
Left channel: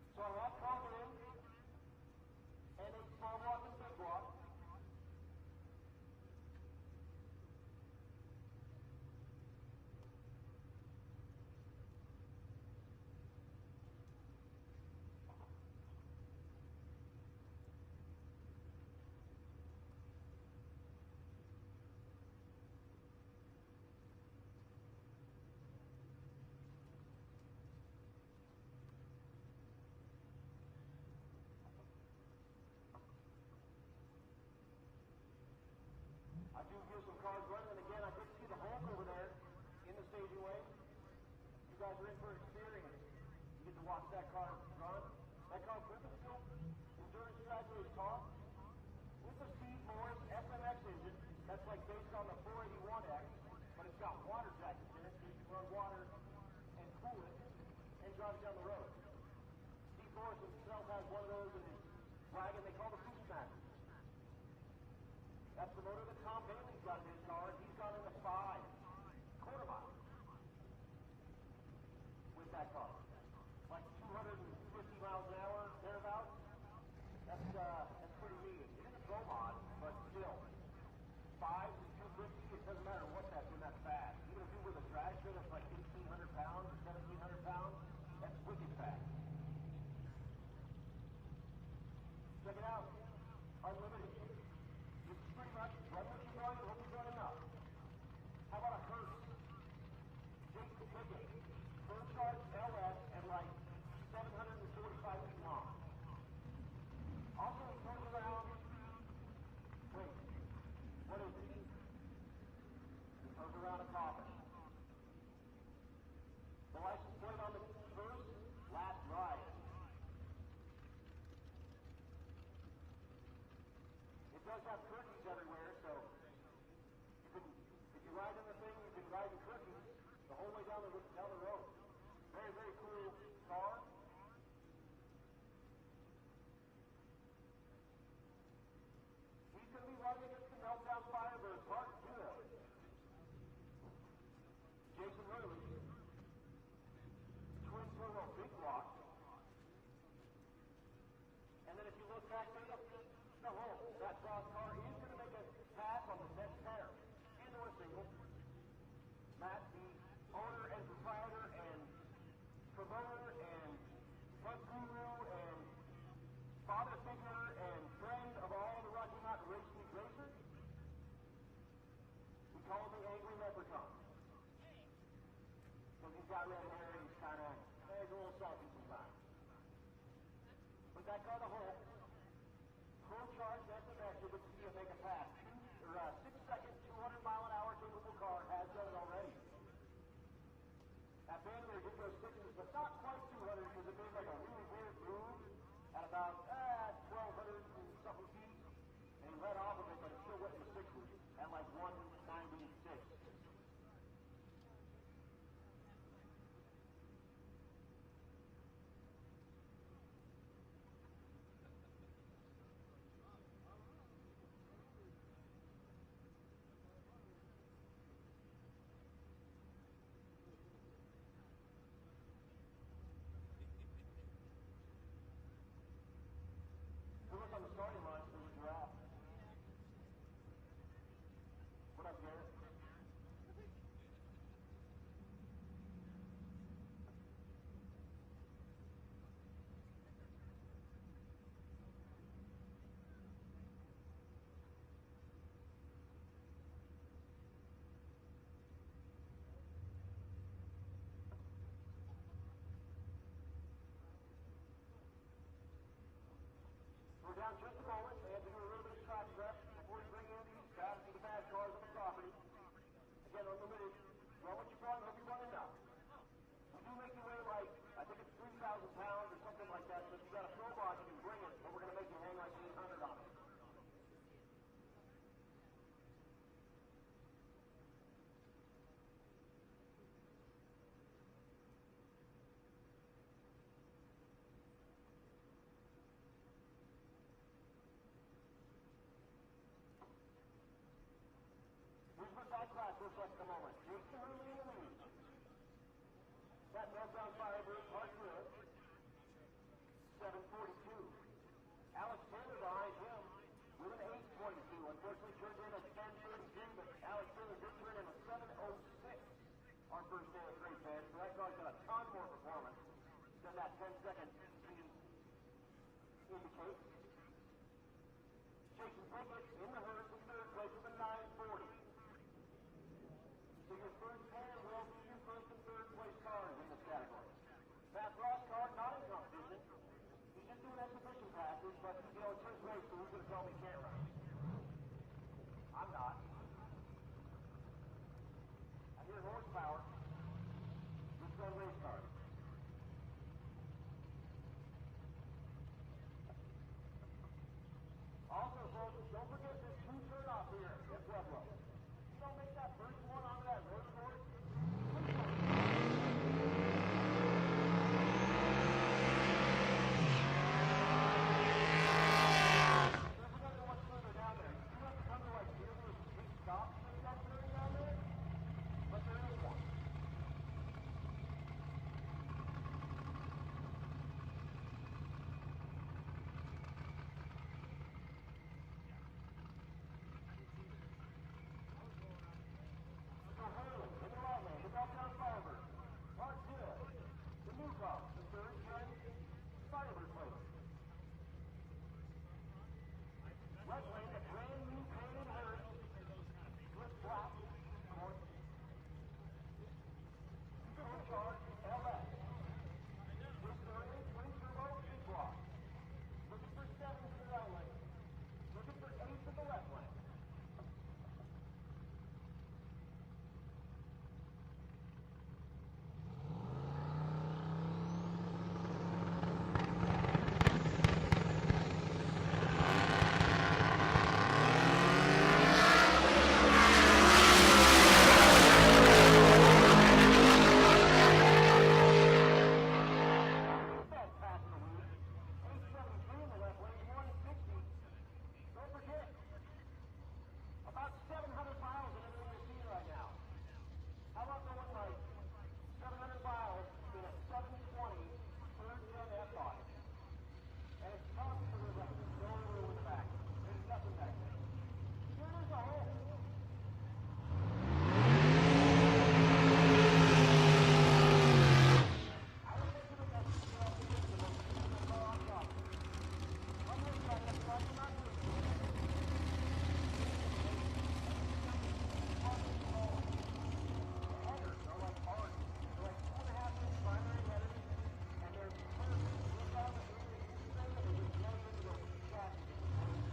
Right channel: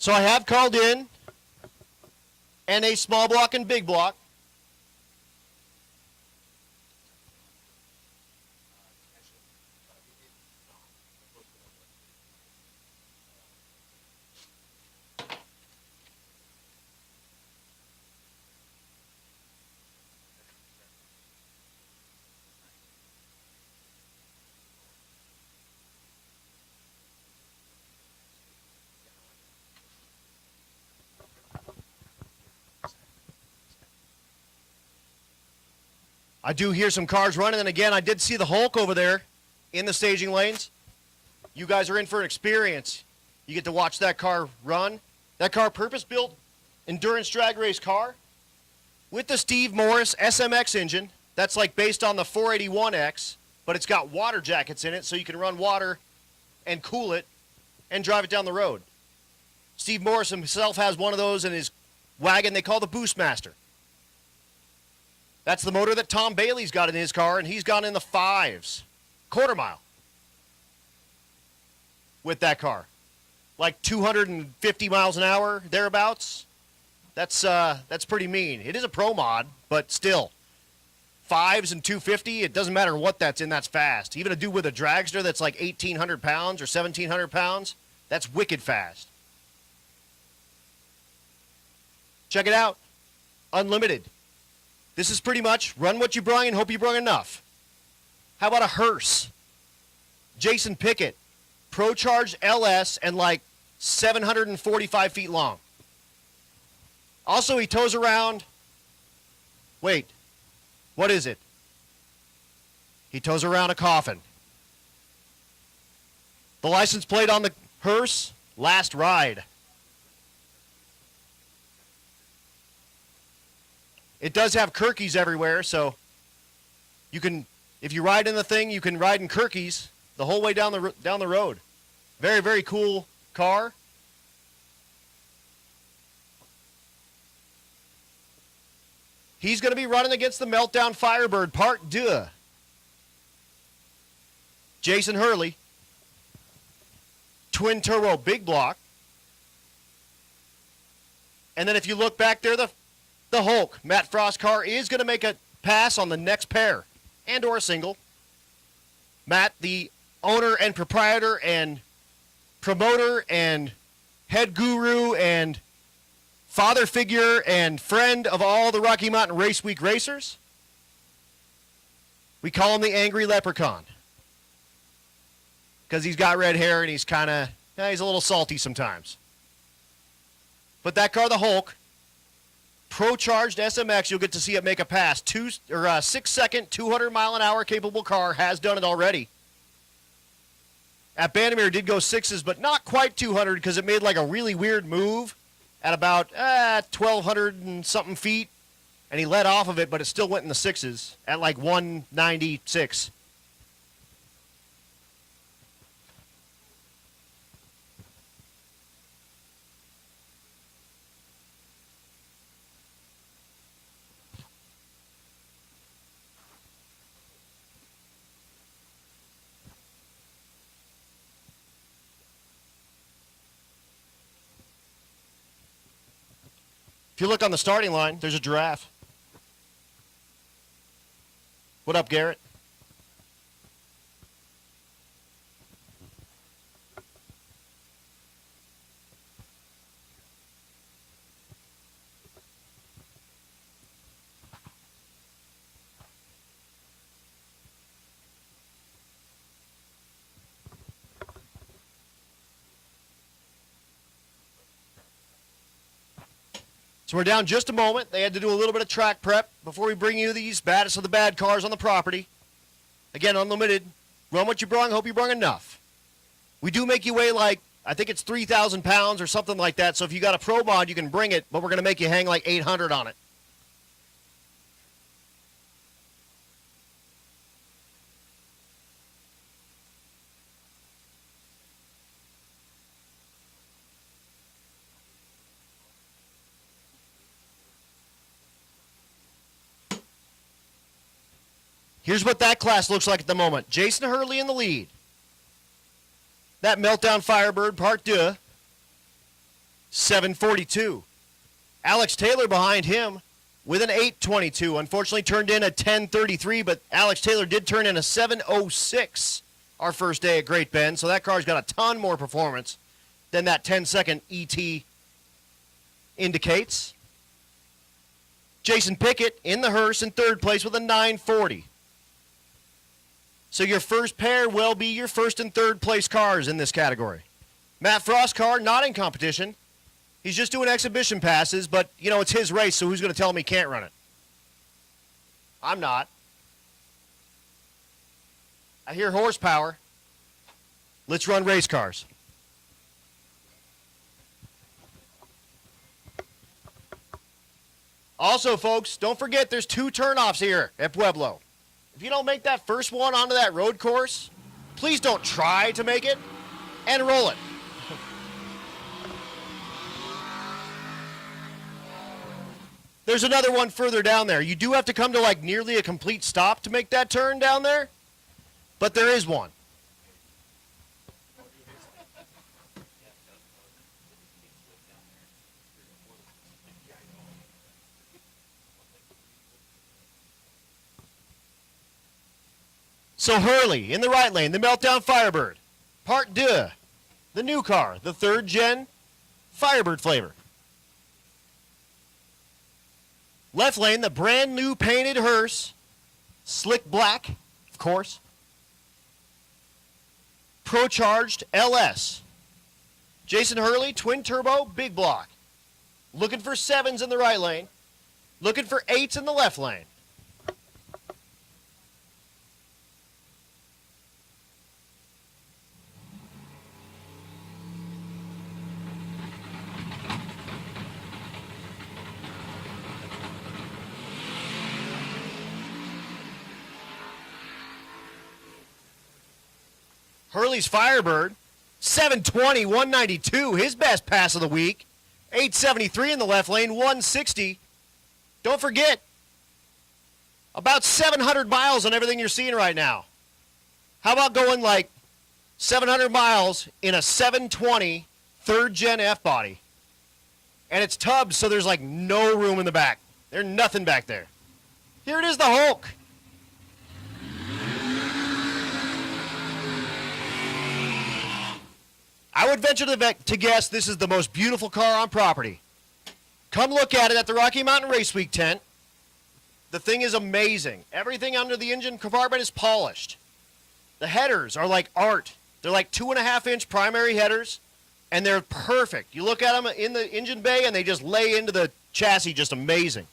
So I have called in NA small block and big block. I do hear some cars running, and again, I did see the Hulk over there in the staging lanes. You guys are in for an experience. You get to watch that car run. That car, purpose-built endurance drag race car with the Steve Morris SMX engine. That's like based on the 481X, but it's got water jackets in it, so you can run water and cool it and drive it down the road. Steve Morris himself has one of those in his wagon they call the Boostmaster. That's the motor that Tom Bailey's got in his car, and he's gone in the 5s, quarter mile, with that car. Like 250 miles an hour, thereabouts. That's pretty mean. It is a pro mod, but still. 5s and 250, it doesn't matter what that's in, that's fast. Even a dude with a dragster that's like 1,800 pounds or 1,700 pounds, that's wicked fast. Check it out. Unlimited. This is pretty much run what you brung and hope you brung enough. How about a hearse? Jason Pickett, Pro Charge LS and like 745 feet long. Also, he tows around, wait, what is it? He tows around a coffin. The license plate on the hearse, Last Ride. It does have Kirkies everywhere, so you can, if you ride in the thing, you can ride in Kirkies the whole way down the road. Very, very cool car. He's going to be running against the Meltdown Firebird Part 2. Jason Hurley, twin turbo big block. And then if you look back there, the Hulk, Matt Frost car, is going to make a pass on the next pair and or a single. Matt, the owner and proprietor and promoter and head guru and father figure and friend of all the Rocky Mountain Race Week racers. We call him the Angry Leprechaun because he's got red hair and he's kind of, he's a little salty sometimes. But that car, the Hulk, Pro-charged SMX, you'll get to see it make a pass. 6-second, 200 mile an hour capable car has done it already. At Bandamere, it did go 6s, but not quite 200 because it made like a really weird move at about 1,200 and something feet, and he let off of it, but it still went in the 6s at like 196. If you look on the starting line, there's a giraffe. What up, Garrett? So we're down just a moment. They had to do a little bit of track prep before we bring you these baddest of the bad cars on the property. Again, unlimited. Run what you brung. Hope you brung enough. We do make you weigh like, I think it's 3,000 pounds or something like that. So if you got a Pro Mod, you can bring it, but we're going to make you hang like 800 on it. Here's what that class looks like at the moment. Jason Hurley in the lead. That Meltdown Firebird, Part 2, 742. Alex Taylor behind him with an 822. Unfortunately turned in a 1033, but Alex Taylor did turn in a 706 our first day at Great Bend, so that car's got a ton more performance than that 10-second ET indicates. Jason Pickett in the hearse in third place with a 940. So your first pair will be your first and third place cars in this category. Matt Frost's car, not in competition. He's just doing exhibition passes, but, you know, it's his race, so who's going to tell him he can't run it? I'm not. I hear horsepower. Let's run race cars. Also, folks, don't forget there's 2 turnoffs here at Pueblo. If you don't make that first one onto that road course, please don't try to make it and roll it. There's another one further down there. You do have to come to like nearly a complete stop to make that turn down there, but there is one. So Hurley in the right lane, the Meltdown Firebird. Part 2, the new car, the 3rd gen Firebird flavor. Left lane, the brand new painted hearse, slick black, of course. Pro-charged LS. Jason Hurley, twin turbo, big block. Looking for 7s in the right lane. Looking for 8s in the left lane. Firebird, 720, 192, his best pass of the week. 873 in the left lane, 160. Don't forget, about 700 miles on everything you're seeing right now. How about going like 700 miles in a 720 3rd gen F-body? And it's tubs, so there's like no room in the back. There's nothing back there. Here it is, the Hulk. I would venture to guess this is the most beautiful car on property. Come look at it at the Rocky Mountain Race Week tent. The thing is amazing. Everything under the engine compartment is polished. The headers are like art. They're like 2.5-inch primary headers, and they're perfect. You look at them in the engine bay, and they just lay into the chassis just amazing.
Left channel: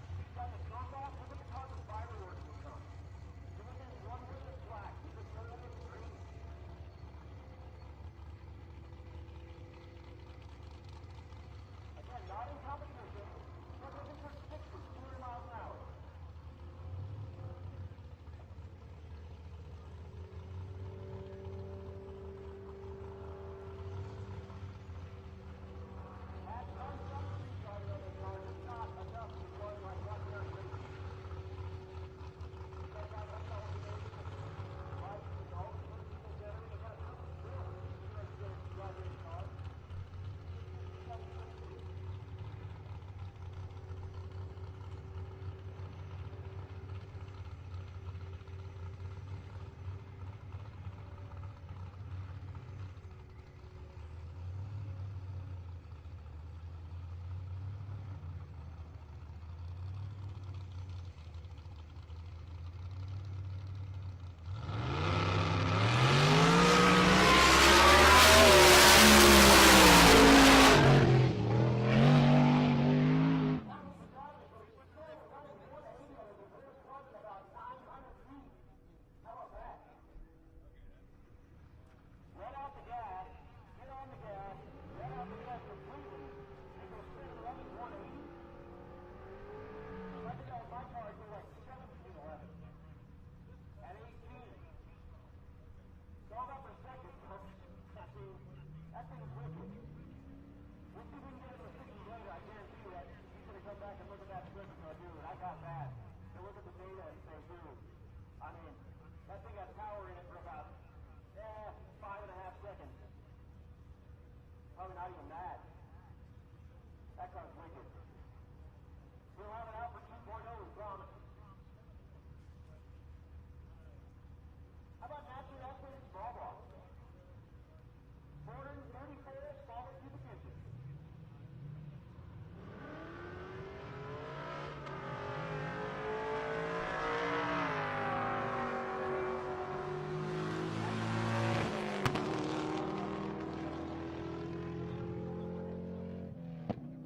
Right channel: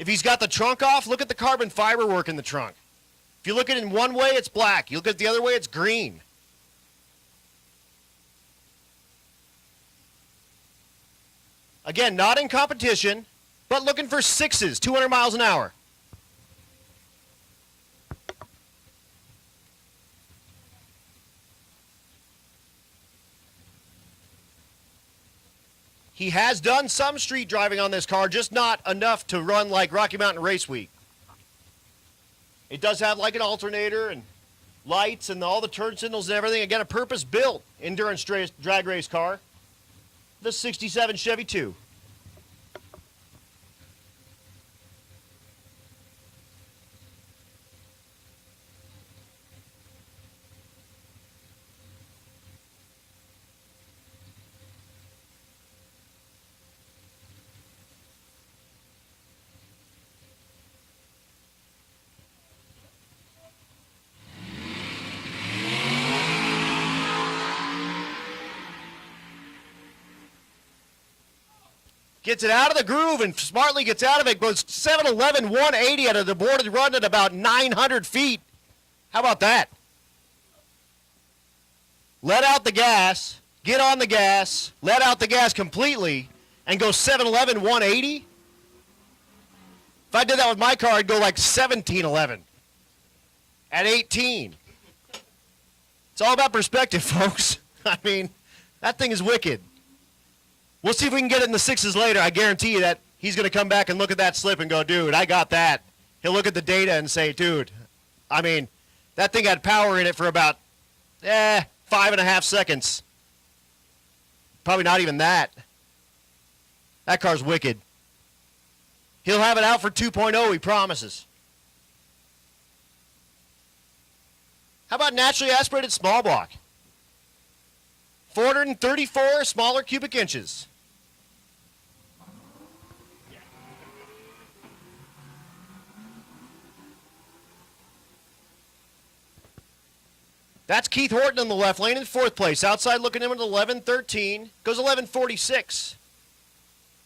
If he's got the trunk off, look at the carbon fiber work in the trunk. If you look at it in one way, it's black. You look at it the other way, it's green. Again, not in competition, but looking for 6s, 200 miles an hour. He has done some street driving on this car, just not enough to run like Rocky Mountain Race Week. It does have like an alternator and lights and all the turn signals and everything. Again, a purpose-built endurance drag race car. the 67 Chevy 2. Gets it out of the groove and smartly gets out of it. Goes 711 180 out of the boarded run at about 900 feet. How about that? Let out the gas, get on the gas, let out the gas completely, and go 711 180. If I did that with my car, I'd go like 1711 at 18. It's all about perspective, folks. I mean, that thing is wicked. We'll see if we can get it in the sixes later. I guarantee you that he's going to come back and look at that slip and go, dude, I got that. He'll look at the data and say, dude, I mean, that thing had power in it for about, 5.5 seconds. Probably not even that. That car's wicked. He'll have it out for 2.0, he promises. How about naturally aspirated small block? 434 smaller cubic inches. That's Keith Horton in the left lane in fourth place. Outside looking in at 11:13. Goes 11:46.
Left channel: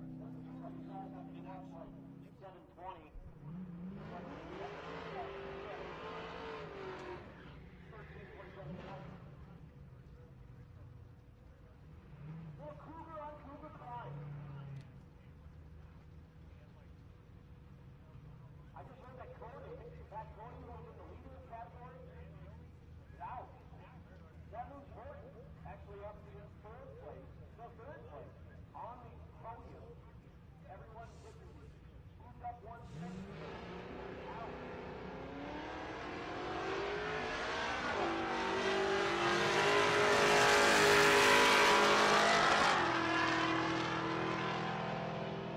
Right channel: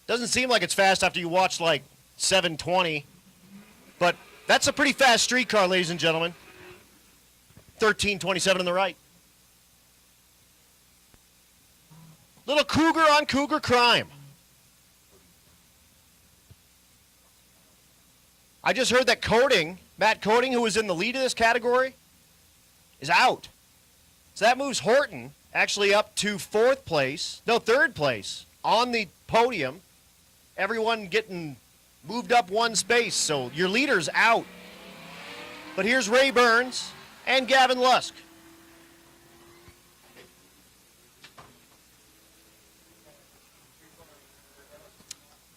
Doesn't seem like it's fast after you watch like 7:20. But that's a pretty fast street car, ladies and gentlemen. 13:27 on the right. Little cougar on cougar crime. I just heard that Matt Coding, who was in the lead of this category, is out. So that moves Horton actually up to third place on the podium. Everyone getting moved up one space, so your leader's out. But here's Ray Burns and Gavin Lusk.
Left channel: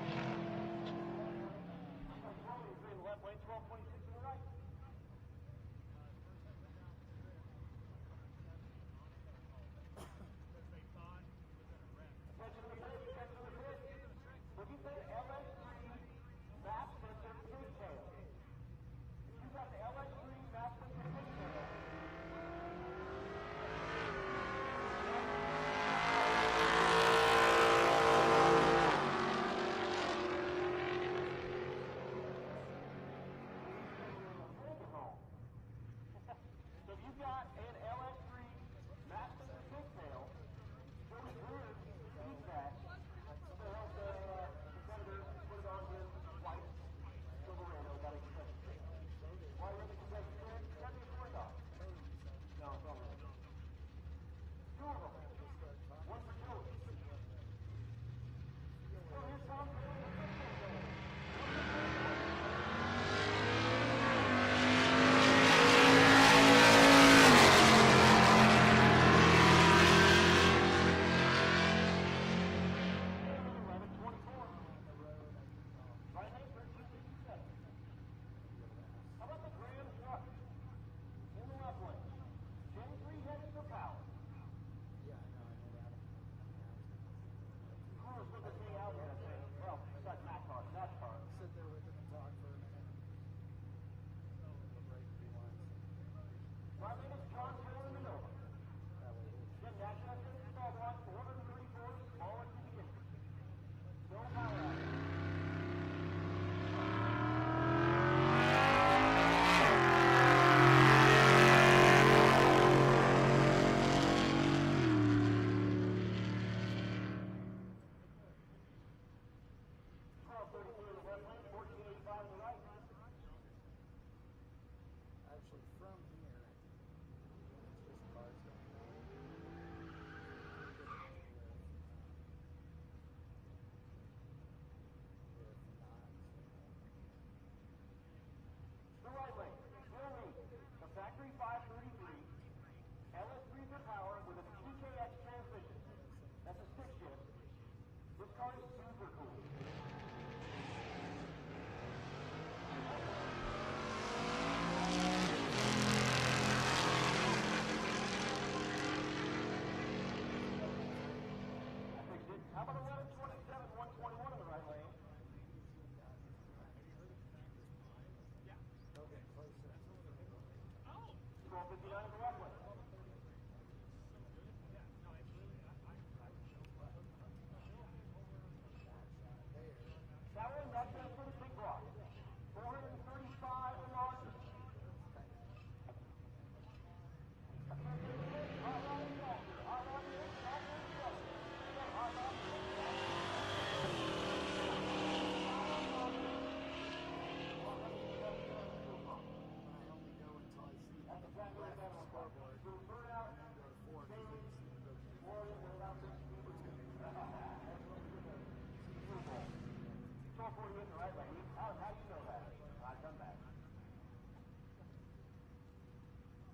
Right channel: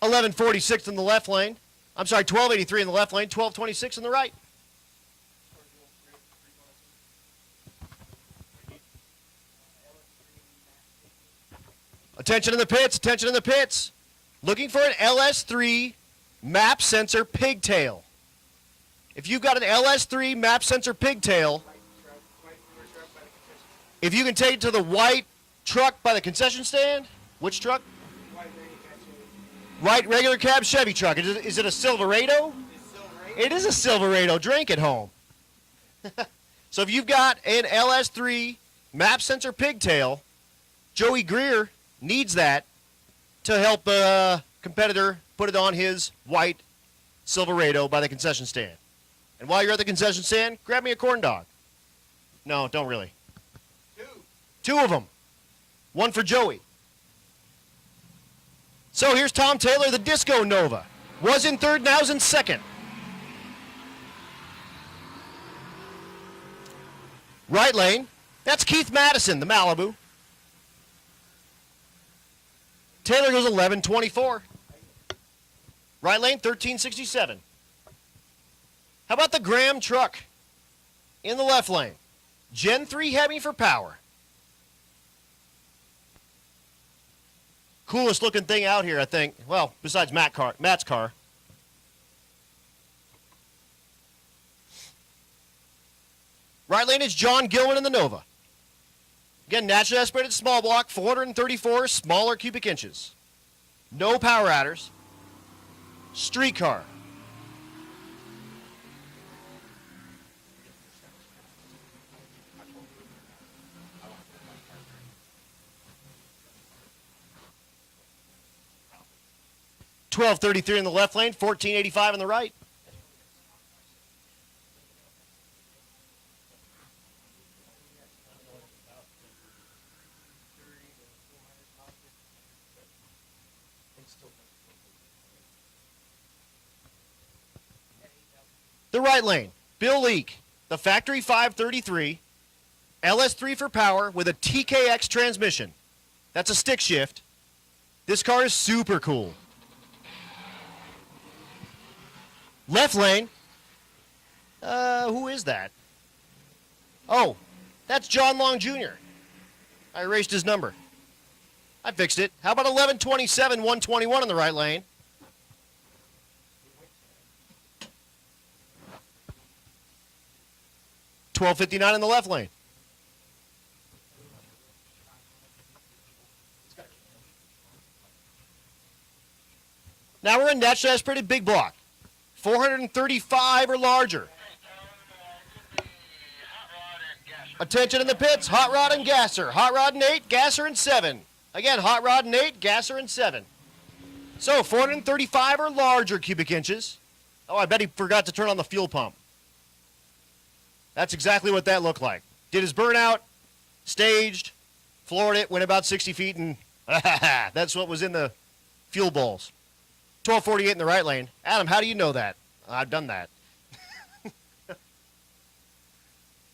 $11.46 in the left lane. I'm sorry, $12.83 in the left lane, $12.26 in the right. Attention in the pits, attention in the pits. Looking for an LS3 map sensor pigtail. If you've got an LS3 map sensor pigtail, if you can take it to the white truck by the concession stand, which truck? White regular cab Chevy truck. Is it a Silverado? It is a Silverado. Drink at home. So if you've got an LS3 map sensor pigtail, Joey Greer needs that to help a competitor put it on his white Silverado by the concession stand. And while you're at the concession stand, grab me a corn dog. No, don't really. Two of them. One for Joey. So here's Tom Taylor, the Disco Nova. Was in third, now's in second. Right lane, that's Keith Madison, the Malibu. Taylor goes 11.24. Right lane, 13.67. How about the Graham truck in the left lane? Gen 3 Hemi for power. Coolest looking thing out here, I think. Well, besides Matt's car. Right lane is John Gilman in the Nova. Again, naturally aspirated small block, 434 smaller cubic inches. No power adders. Street car. $12.33 in the left lane, $14.85 in the right. The right lane, Bill Leake, the factory 533, LS3 for power with a TKX transmission. That's a stick shift. This car is super cool. Left lane. Who is that? Oh, that's John Long Jr. I erased his number. I fixed it. How about 1127, 121 in the right lane? $12.59 in the left lane. Now we're in naturally aspirated big block. 435 or larger. Attention in the pits, hot rod and gasser. Hot rod and 8, gasser and 7. Again, hot rod and 8, gasser and 7. So 435 or larger cubic inches. Oh, I bet he forgot to turn on the fuel pump. That's exactly what that looked like. Did his burnout, staged, floored it, went about 60 feet, and that's what was in the fuel bowls. 1248 in the right lane. Adam, how do you know that? I've done that.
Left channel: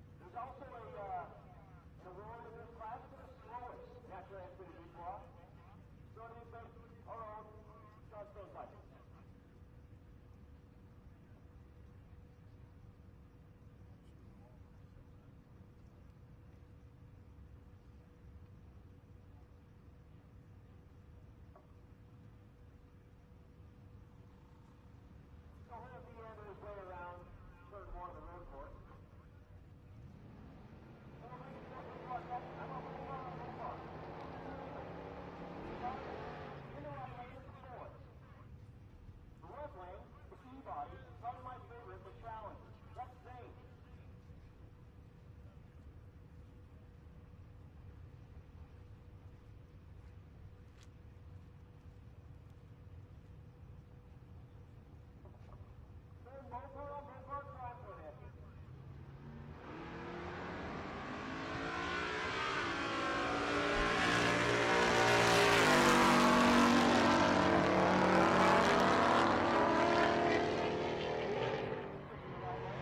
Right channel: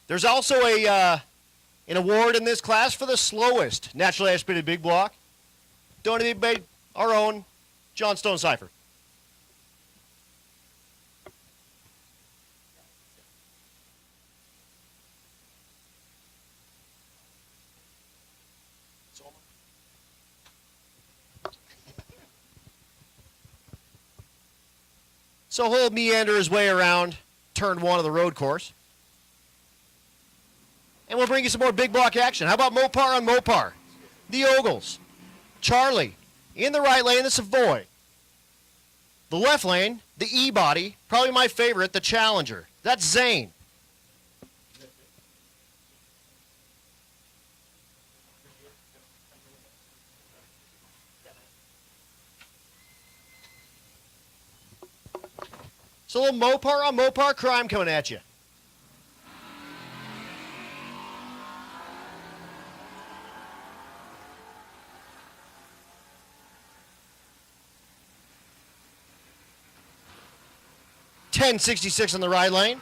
There's also an award in this class for the slowest naturally aspirated big block, donated by our own John Stone Cipher. So he'll meander his way around turn 1 of the road course. And we'll bring you some more big block action. How about Mopar on Mopar? The Ogles. Charlie. In the right lane, the Savoy. The left lane, the E-Body. Probably my favorite, the Challenger. That's Zane. So a little Mopar on Mopar crime coming at you. $10.66 on the right lane,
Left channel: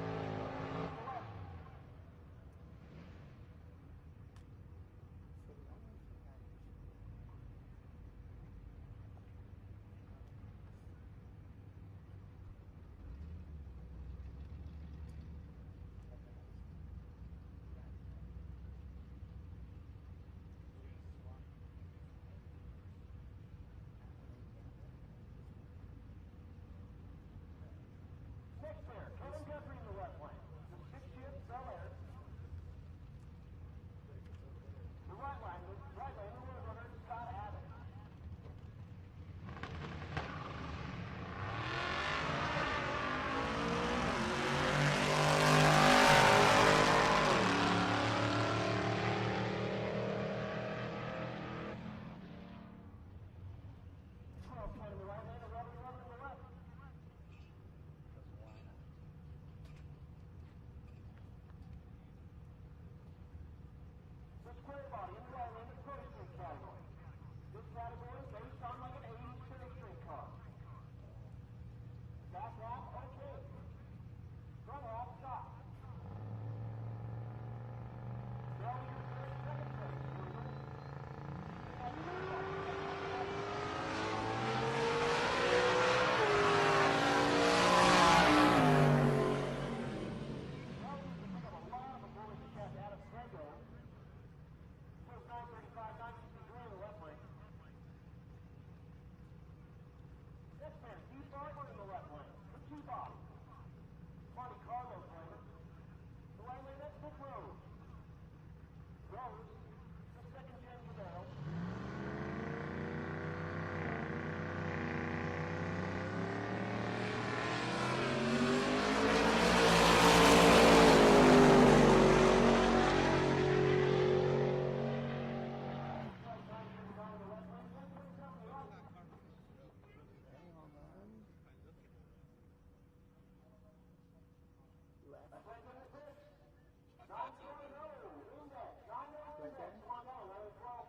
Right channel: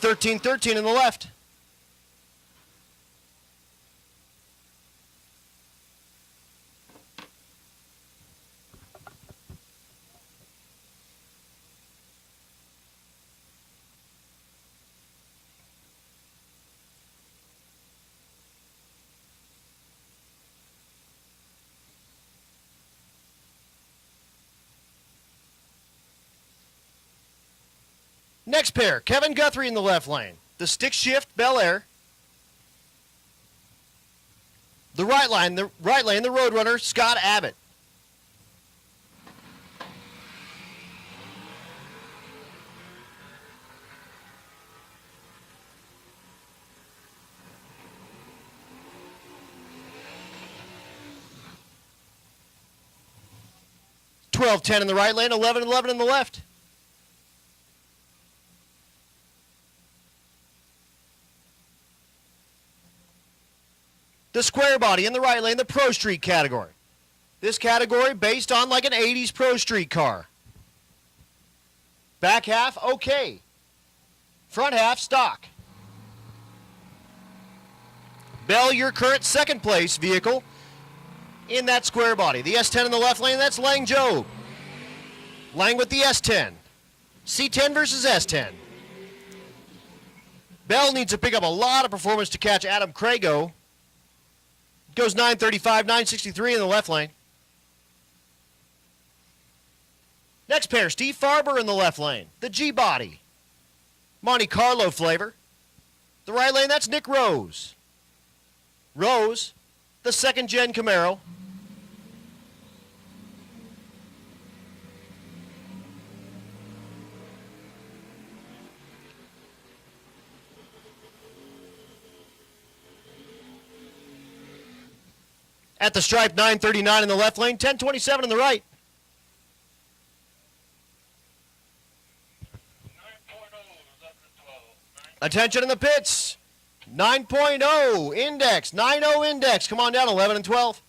$13.13 in the left. Next pair, Kevin Guthrie in the left lane. The stick shift, Bel Air. The right lane, the Roadrunner, Scott Abbott. $12.10 in the right lane, $11.11 in the left. The square body in the right lane, the Pro Street category. This category based on like an 80s Pro Street car. Back half, okay. Front half, stock. Bell, your current second place vehicle in that square body. The S10 in the left lane, that's Lang Joe. Lang with the S10. C10 versus S10. Bell needs to pick up a lot of performance to catch Adam Crago. Goes 935, 963 in the left lane. Next pair, Steve Farber in the left lane. The G-Body. Monte Carlo flavor. The right lane, that's Nick Rose. Rose, the second-gen Camaro. At the stripe, 939 in the left lane, 1027 in the right. Attention in the pits. 9.0 index, 9.0 index. Come on down, 11 and 12.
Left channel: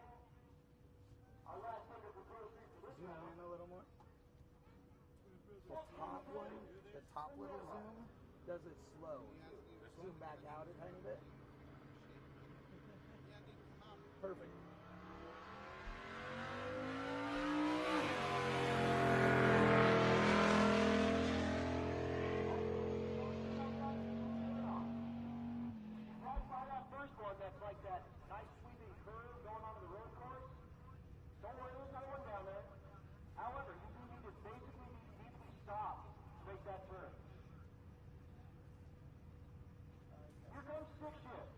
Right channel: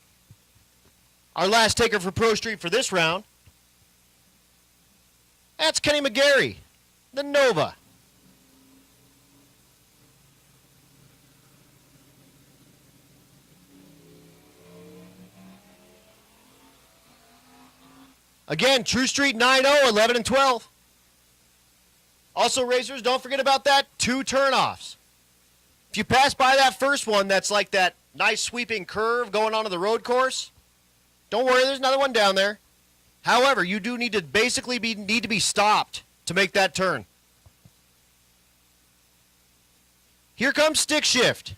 Our last taker for Pro Street for this round. That's Kenny McGarry, the Nova. Again, True Street 9-0, 11 and 12. Also, racers, don't forget about that 2 turnoffs. If you pass by that first one, that's like that nice sweeping curve going onto the road course, don't worry, there's another one down there. However, you do need to basically need to be stopped to make that turn. Here comes stick shift.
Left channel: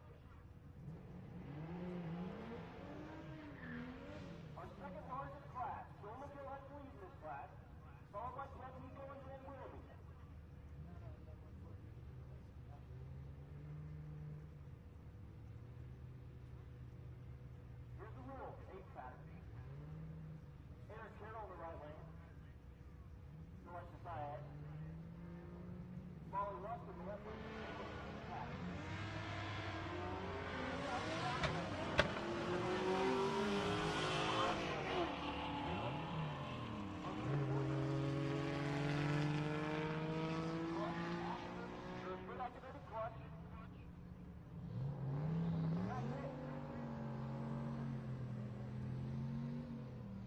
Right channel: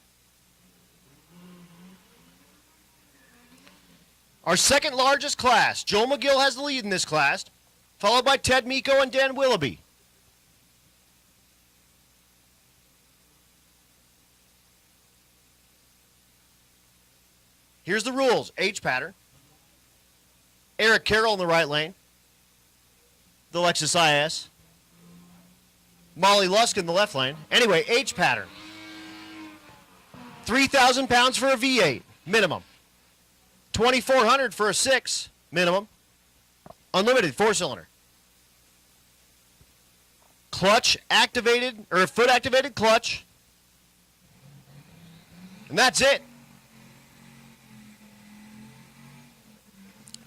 Our second largest class. Joel McGill has the lead in this class, followed by Ted Miko and Dan Willoughby. Here's the rules. H pattern. Eric Carroll in the right lane. The Lexus IS. Molly Lusk in the left lane. Anyway, H pattern. 3,000 pounds for a V8, minimum. 2,400 for a 6, minimum. Unlimited 4-cylinder. Clutch activated, or foot activated clutch. And that's it.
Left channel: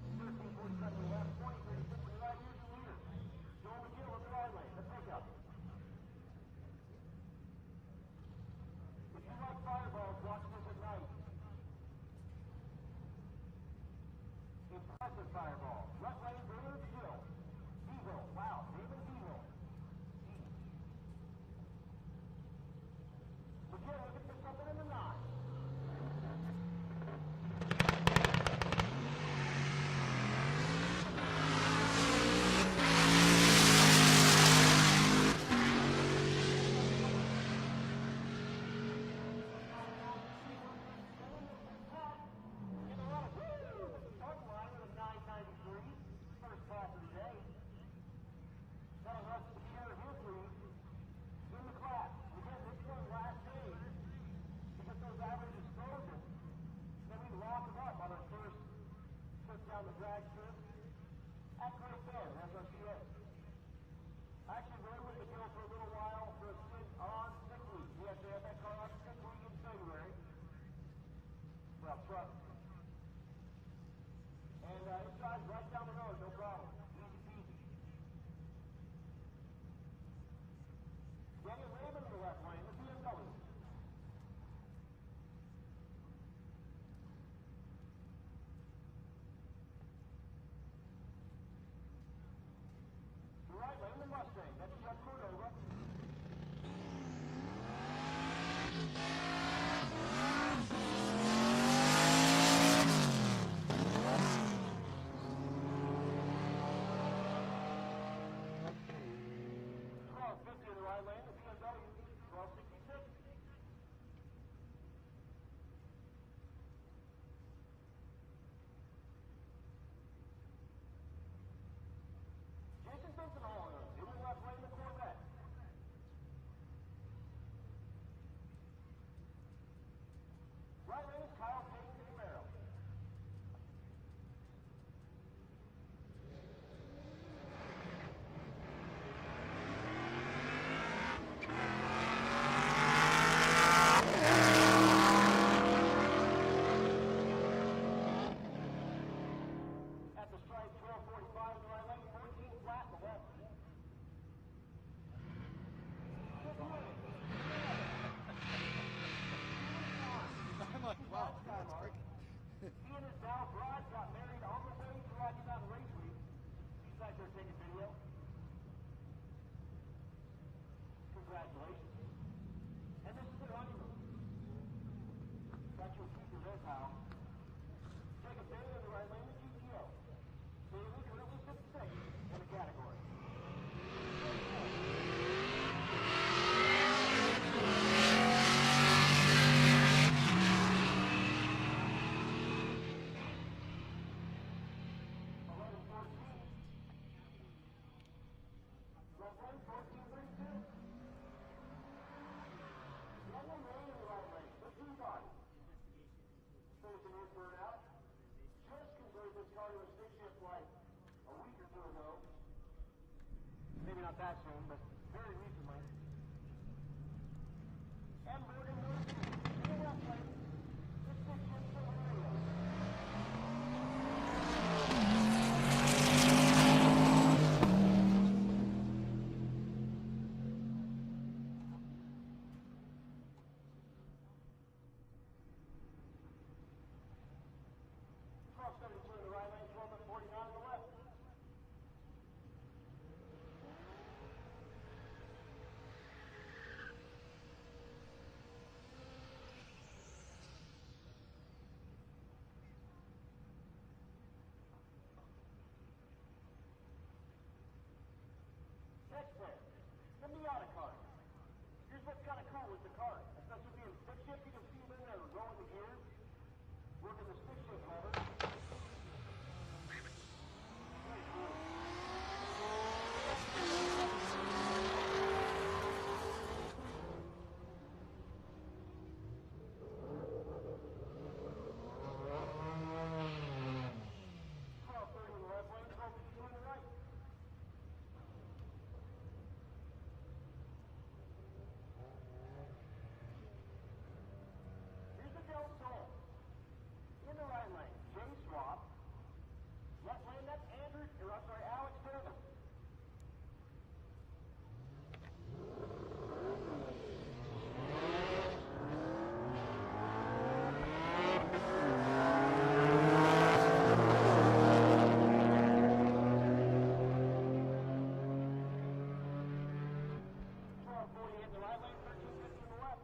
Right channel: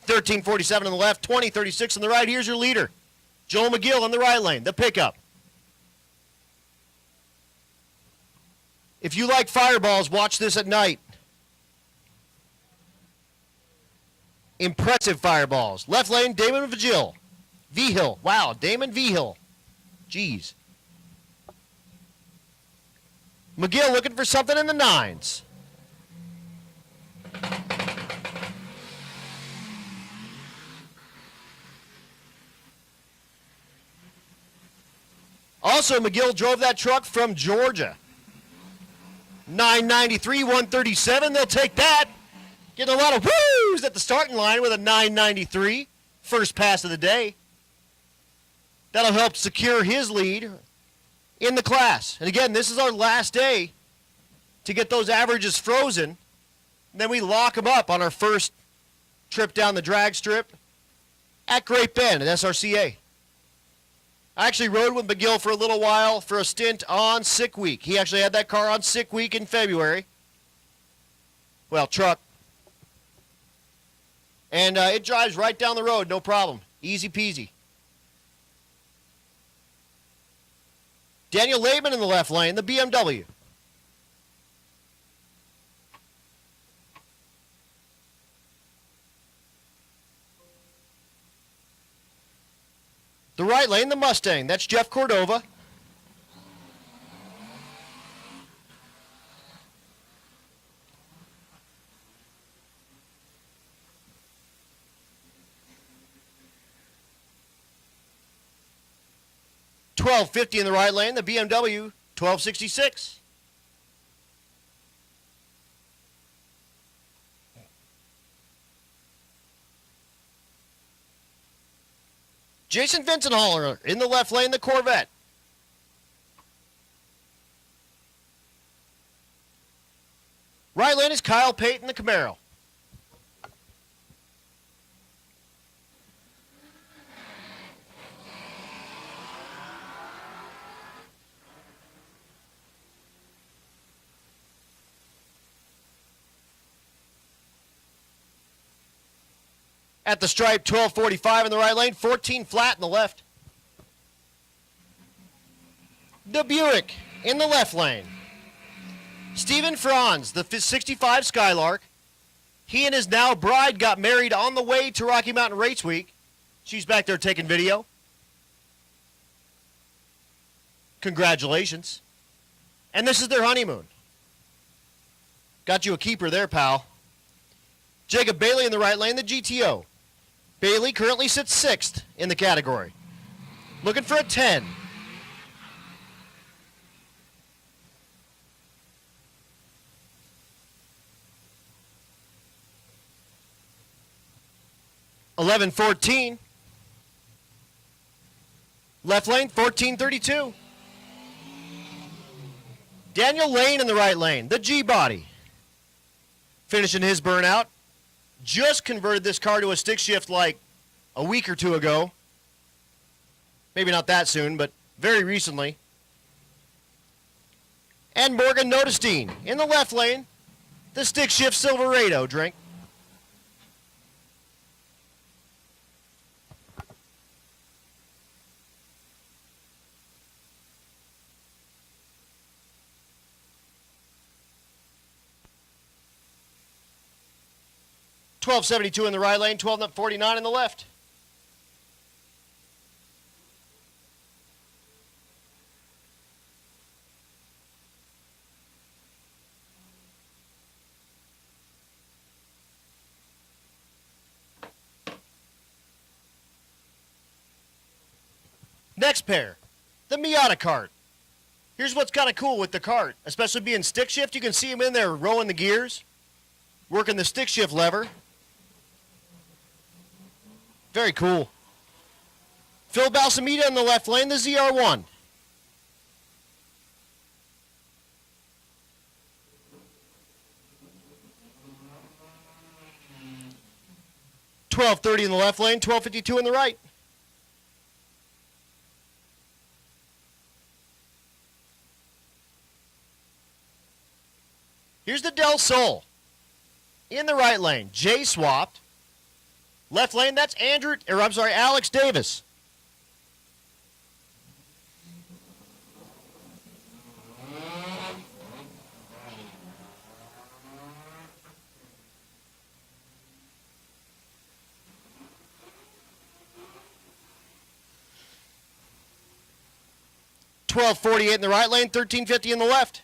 1347 on the left, 2036 on the right. Here's your leader, Joel McGill in the right lane, the pickup. If you like fireballs, watch this at night. Impressive fireballs. Left lane, Damon Vigil. Vigil. Wow, Damon Vigil. Jeez. McGill looking for something in the 9s. Also, McGill drove that truck from Georgia. 993, 137, they'll take that. Getting a lot of woos at the starting line with a 993, first pass of the day. That'll help secure his lead in the class. And again, this is our last day to get those averages frozen. And then we lock them up on our first trip down the drag strip at Great Bend at SRCA. I actually rode with McGill for a little while for a stint on sick week. He actually had that car on sick week in February. Well, truck. And it drives right down the road, no problem. Easy peasy. Daniel Laban in the left lane, the BMW. The right lane, the Mustang. That's Jeff Cordova. $12.50 in the right lane, the BMW $12.66. Jason Vincenthaler in the left lane, the Corvette. Right lane is Kyle Payton, the Camaro. At the stripe, 12.45 in the right lane, 14 flat in the left. The Buick in the left lane. Stephen Franz, the 65 Skylark. He and his now bride got married on the way to Rocky Mountain Race Week. She's back there taking video. Congratulations. And this is their honeymoon. Got you a keeper there, pal. Jacob Bailey in the right lane, the GTO. Bailey currently sits 6th in the category. Looking for a 10. $11.14. Left lane, 14.32. Daniel Lane in the right lane, the G-Body. Finishing his burnout. Just converted this car to a stick shift like a week or two ago. Maybe not that soon, but very recently. And Morgan Notestein in the left lane, the stick shift Silverado drink. 1272 in the right lane, 1249 in the left. Next pair, the Miata cart. Here's what's kind of cool with the cart, especially being stick shift. You can see him in there rowing the gears, working the stick shift lever. Very cool. Phil Balsamita in the left lane, the ZR1. $12.30 in the left lane, $12.52 in the right. Here's the Del Sol. In the right lane, Jay swapped. Left lane, that's Alex Davis. $12.48 in the right lane, $13.50 in the left.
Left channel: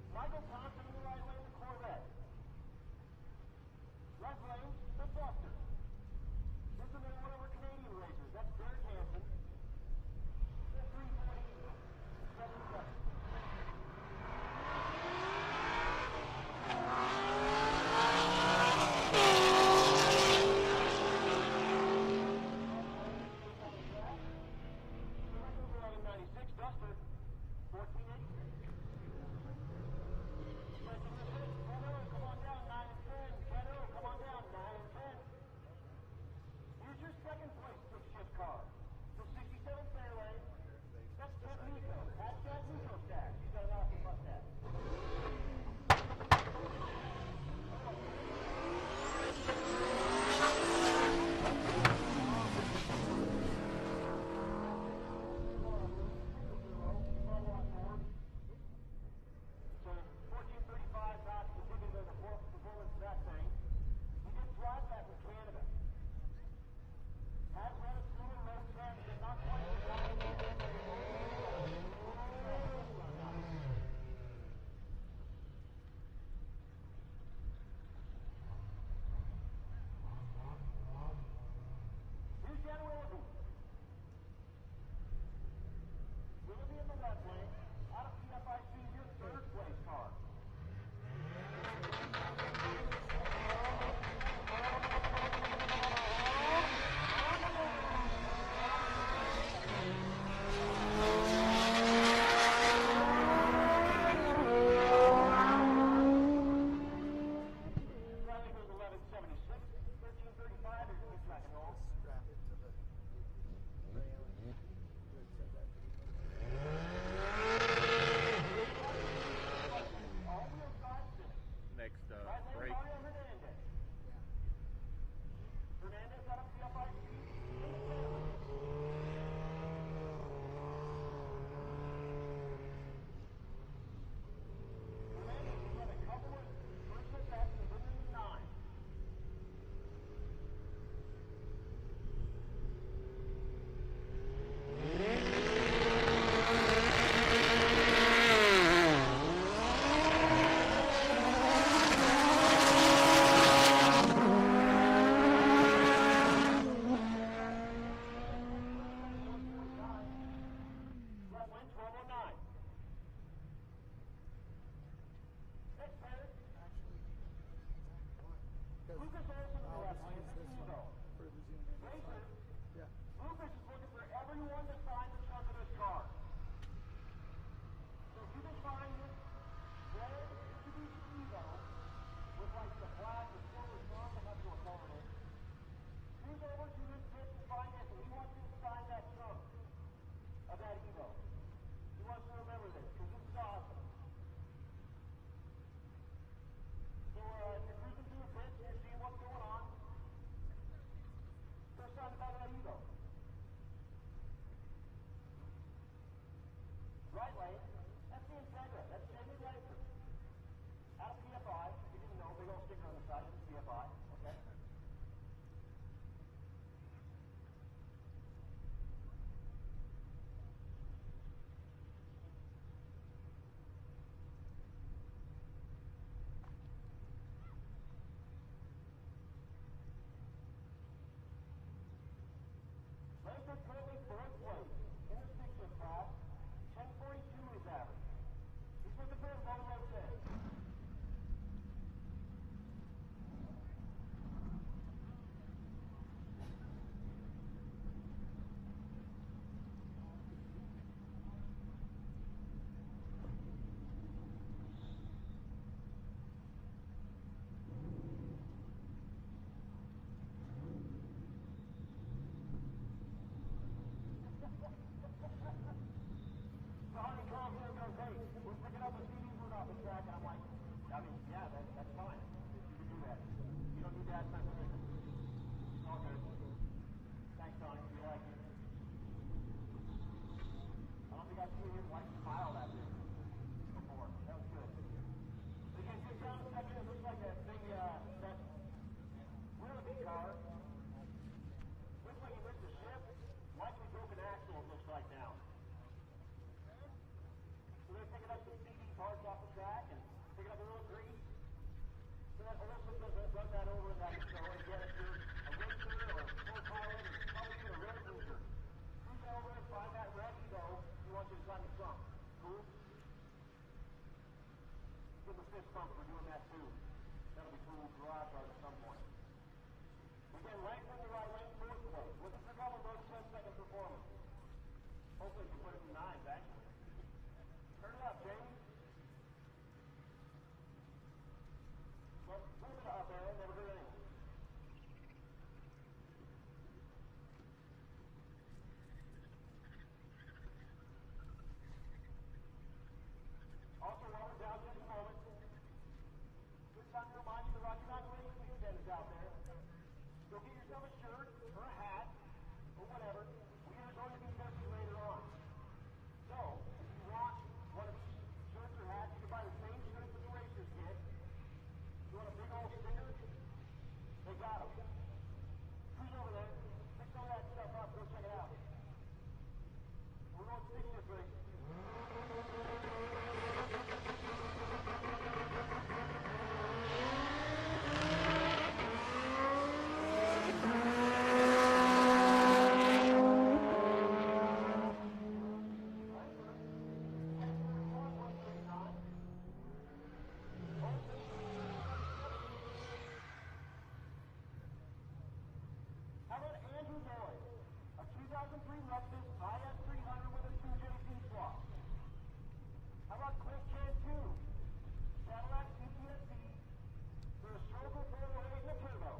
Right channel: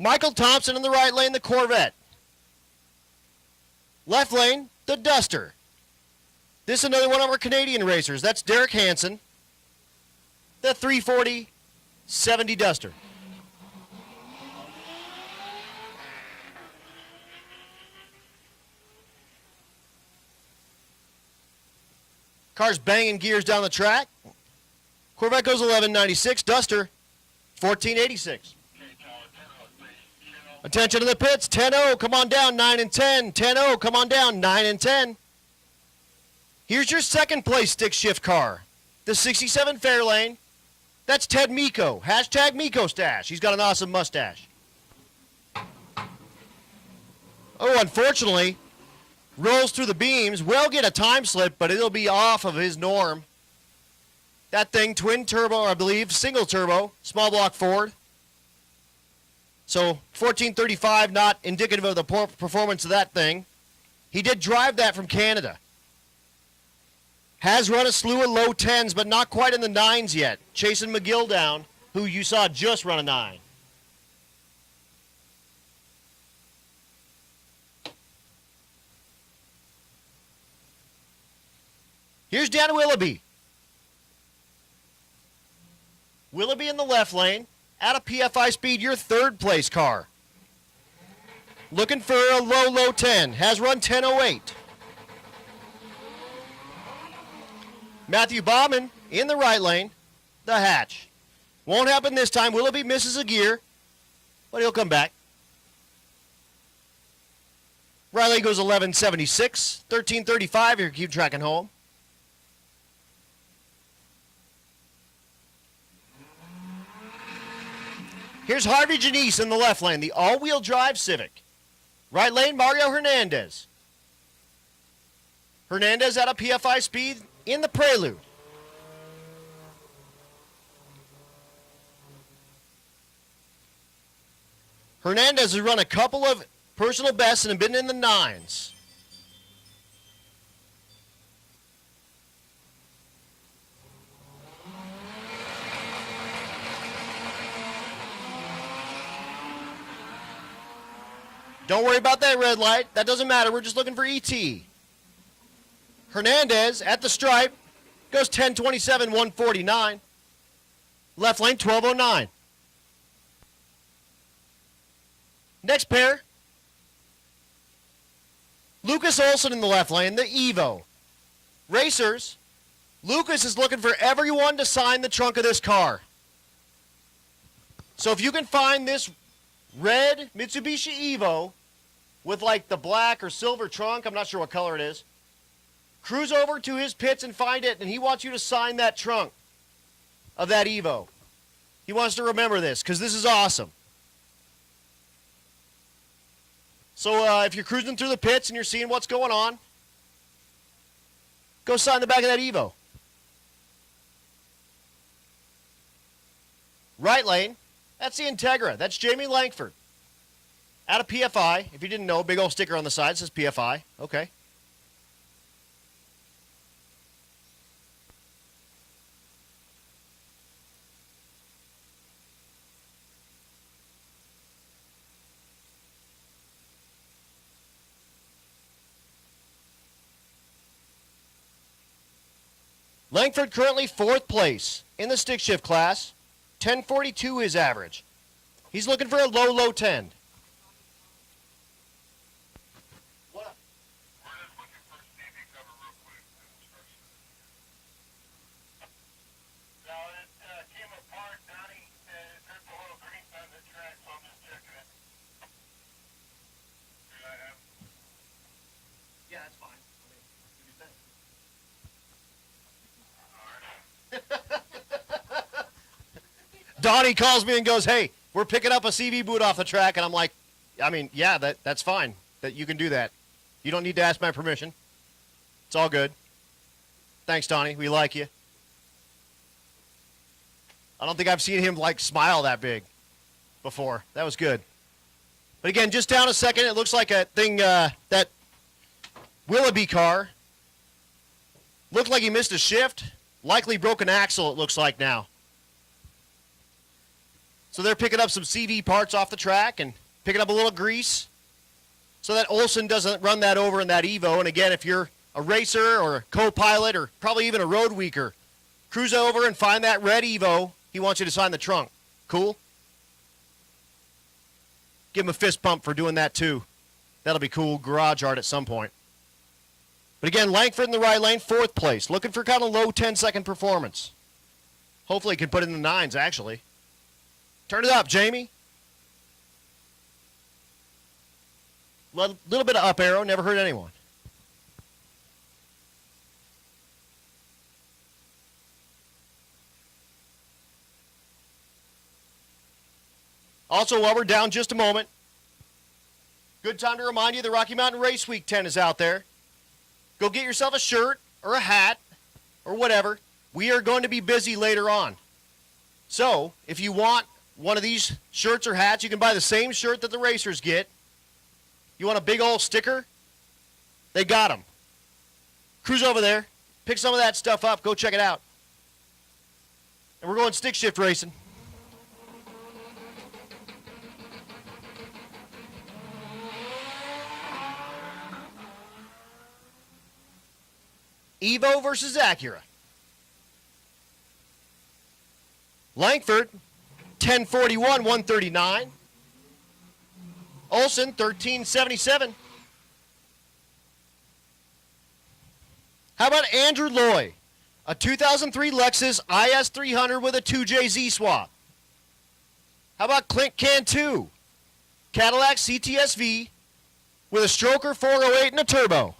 Michael Thompson in the right lane, the Corvette. Left lane, the Duster. This is another one of our Canadian racers. That's Derek Hansen, the 340-70 Duster. Car's banging gears down the track. Corvette goes 1196, Duster 1486. Attention to the pits, 10-0, come on down, 9 and 10, 10-0, come on down, 9 and 10. Here's your second place stick shift car, the 67 Fairlane. That's Ted Miko, hashtag Miko Stash. He's got an awesome mustache. Oh, unfortunately, rolls through the beams, will get a time slip, but it'll be off of his norm. That thing, twin turbo, I believe, single turbo, small block Ford. So 1435, not indicative of the performance of that thing. He did drive that from Canada. Has run a slew of low 10s, but not quite in the 9s yet. Chasing McGill down, who you saw just run a 9. Here's Dan Willoughby. Willoughby in the left lane. At a PFI speed, your third place car. Looking for a low 10. Has run 10.08. Matthew Bauman in the right lane. The hatch. Won't happen this time. Willoughby misses a gear, but he'll come back. Riley goes 11.76. 13.35. Here, keep tracking home. Here's Harvey Janice in the left lane, the all-wheel drive Civic. Right lane, Mario Hernandez. Hernandez at a PFI speed in the Prelude. Hernandez has run a couple of personal bests and been in the 9s. Don't worry about that red light. That doesn't matter. We're just looking for ET. Hernandez at the stripe goes 10.27, 149. Left lane, 12.09. Next pair. Lucas Olson in the left lane, the Evo. Racers, Lucas is looking for everyone to sign the trunk of this car. So if you can find this red Mitsubishi Evo with like the black or silver trunk, I'm not sure what color it is, cruise over to his pits and find it, and he wants you to sign that trunk of that Evo. He wants to remember this, because this is awesome. So if you're cruising through the pits and you're seeing what's going on, go sign the back of that Evo. Right lane, That's the Integra. That's Jamie Langford. Out of PFI. If you didn't know, big old sticker on the side says PFI. Okay. Langford currently 4th place in the stick shift class. 1042 his average. He's looking for a low 10. Donnie calls me and goes, hey, we're picking up a CV boot off the track. And I'm like, I mean, yeah, that's fine. That you can do that. You don't need to ask my permission. It's all good. Thanks, Donnie. We like you. I don't think I've seen him, like, smile that big before. That was good. But again, just down a second, it looks like a thing, that Willoughby car looked like he missed a shift. Likely broken axle, it looks like now. So they're picking up some CV parts off the track and picking up a little grease so that Olson doesn't run that over in that Evo. And again, if you're a racer or a co-pilot or probably even a road weaker, cruise over and find that red Evo. He wants you to sign the trunk. Cool? Give him a fist pump for doing that too. That'll be cool. Garage art at some point. But again, Langford in the right lane, 4th place. Looking for kind of low 10-second performance. Hopefully he can put it in the 9s, actually. Turn it up, Jamie. Little bit of up arrow, never hurt anyone. Also, while we're down just a moment, good time to remind you the Rocky Mountain Race Week 10 is out there. Go get yourself a shirt or a hat or whatever. We are going to be busy later on. So, if you want one of these shirts or hats, you can buy the same shirt that the racers get. You want a big old sticker? They got them. Cruise over there, pick some of that stuff up, go check it out. And we're going stick shift racing. Evo versus Acura. Langford, 1041, 139. Olson, 1377. How about Andrew Loy? A 2003 Lexus IS300 with a 2JZ swap. How about Clint Cantu? Cadillac CTSV with a stroker 408 and a turbo.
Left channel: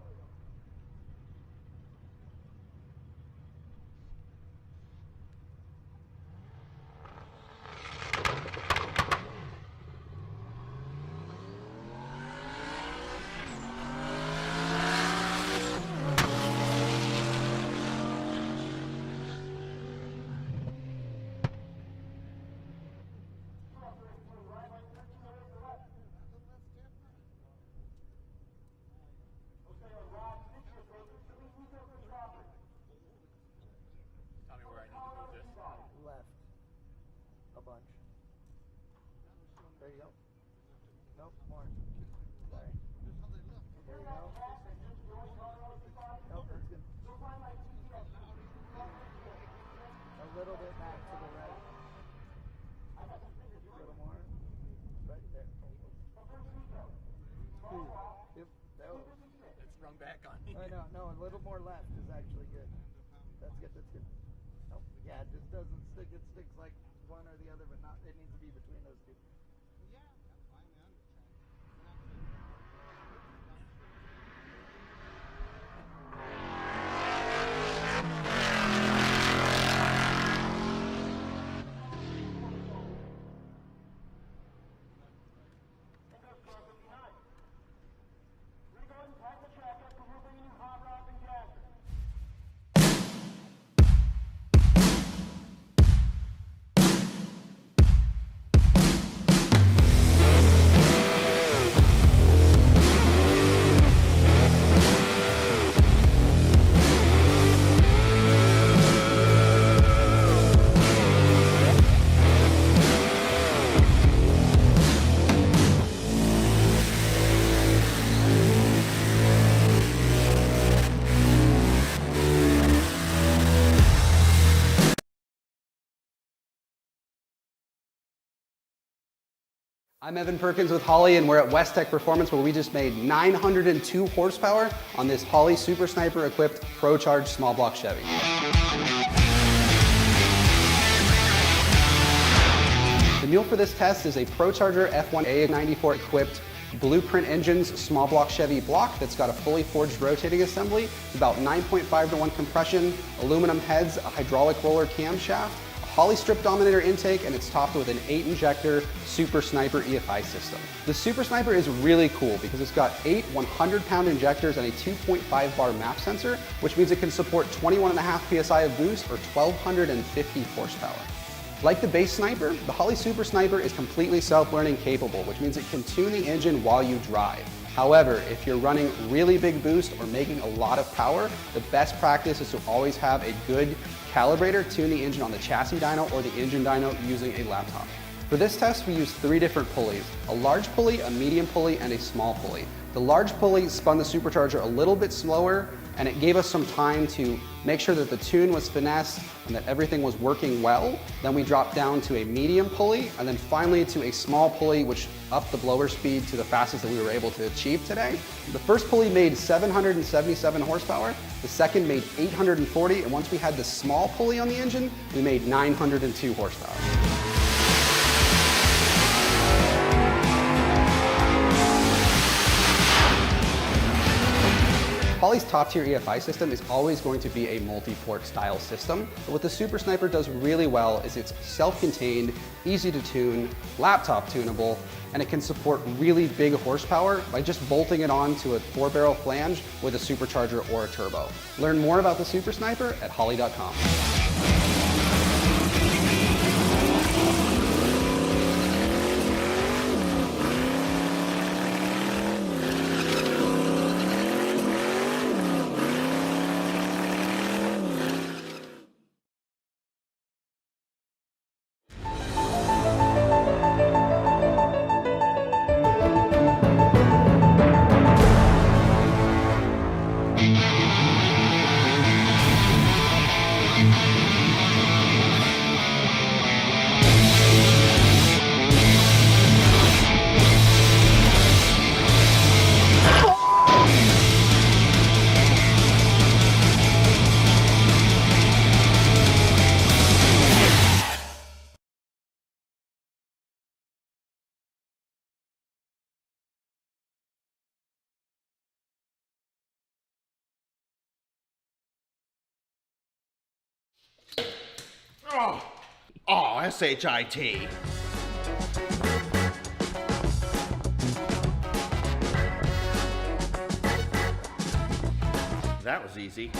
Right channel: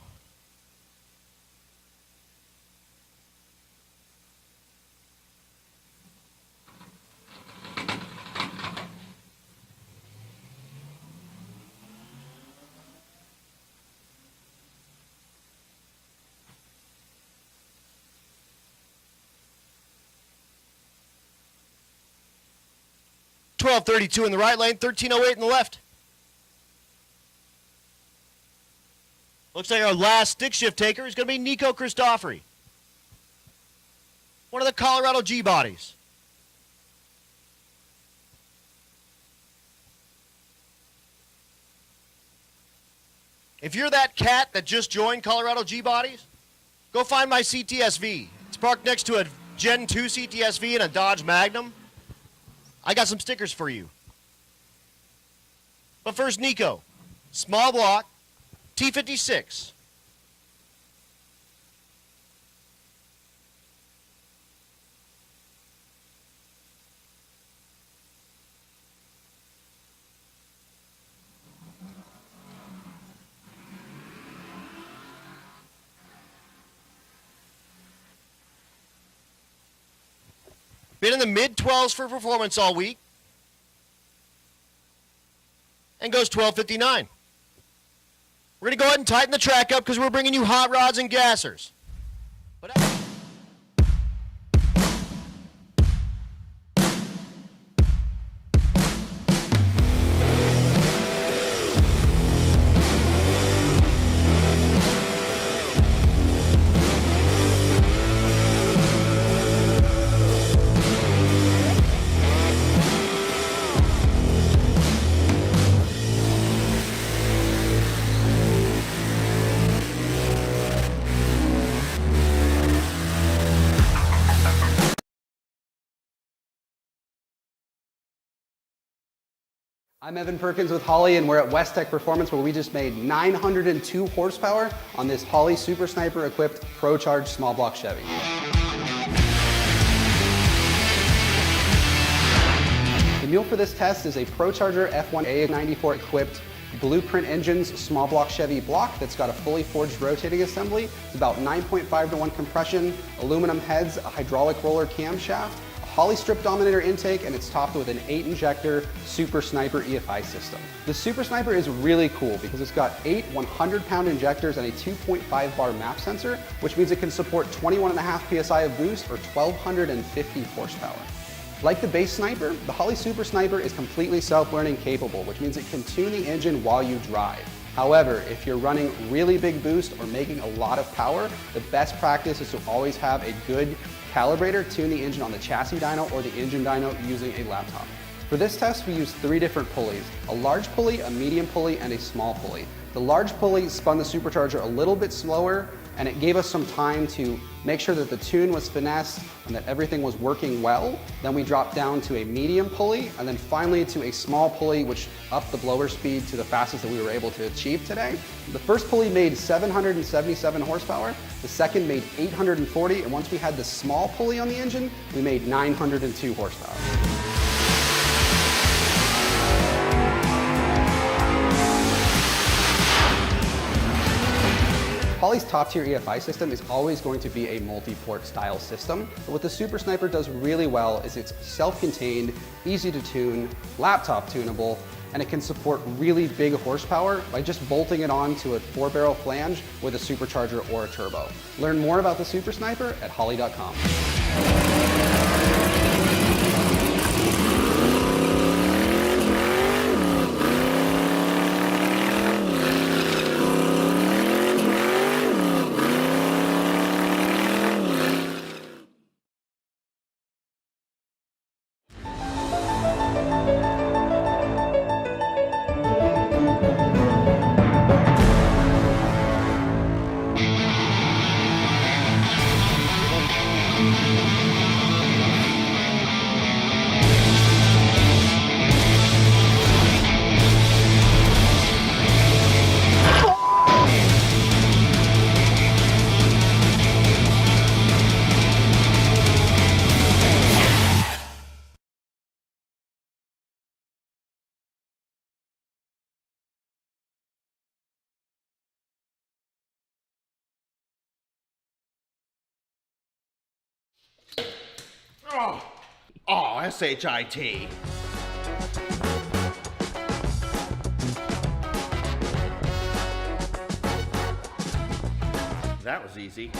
.1232 in the right lane, 1308 in the left. Looks like our last stick shift taker is going to be Nico Christofori. One of the Colorado G bodies. If you're that cat that just joined Colorado G bodies, go find my CTSV. It's parked next to a Gen 2 CTSV and a Dodge Magnum. I got some stickers for you. But first, Nico. Small block, T56. No, a little more left is actually good. Let's get this good. Oh, yeah, it just doesn't stick. It sticks like one or the other, but not. It needs to be between those two. Been in the mid-12s for performance all week. And goes 12:59. We're going to go ahead and tighten the track up because we're bringing you hot rods and gassers. But I'm Evan Perkins with Holley, and we're at West Tech Performance, where we just made 902 horsepower on this Holley Super Sniper equipped Pro Charge small block Chevy. The mule for this test is a Pro Charger F1A94 equipped Blueprint Engines small block Chevy block that's got a fully forged rotating assembly. It's about 9.5 to 1 compression, aluminum heads, a hydraulic roller camshaft, a Holley strip dominator intake, and it's topped with an 8-injector Super Sniper EFI system. The Super Sniper is really cool because it's got 8 100-pound injectors and a 2.5 bar map sensor, which means it can support 21.5 PSI of boost or 1,250 horsepower. Like the base Sniper, the Holley Super Sniper is completely self-learning capable, which means it can tune the engine while you drive. However, if you're running really big boost or making a lot of power, the best practice is to always have a good calibrator tune the engine on the chassis dyno or the engine dyno using a laptop. For this test, we used 3 different pulleys: a large pulley, a medium pulley, and a small pulley. The large pulley spun the supercharger a little bit slower, and it gave us some time to make sure that the tune was finessed and that everything was working well. Then we dropped down to a medium pulley, and then finally to a small pulley, which upped the blower speed to the fastest that we were able to achieve today. The first pulley made 777 horsepower, the second made 840, and once we had the small pulley on the engine, we made 902 horsepower. Holley's top-tier EFI system is always going to be a multi-port style system, but what the Super Sniper does really well is it's self-contained, easy to tune, laptop tunable, and it can support really big horsepower by just bolting it onto a 4-barrel flange with a supercharger or a turbo. Learn more about the Super Sniper at holley.com. Oh, S-H-I-T. That was easy.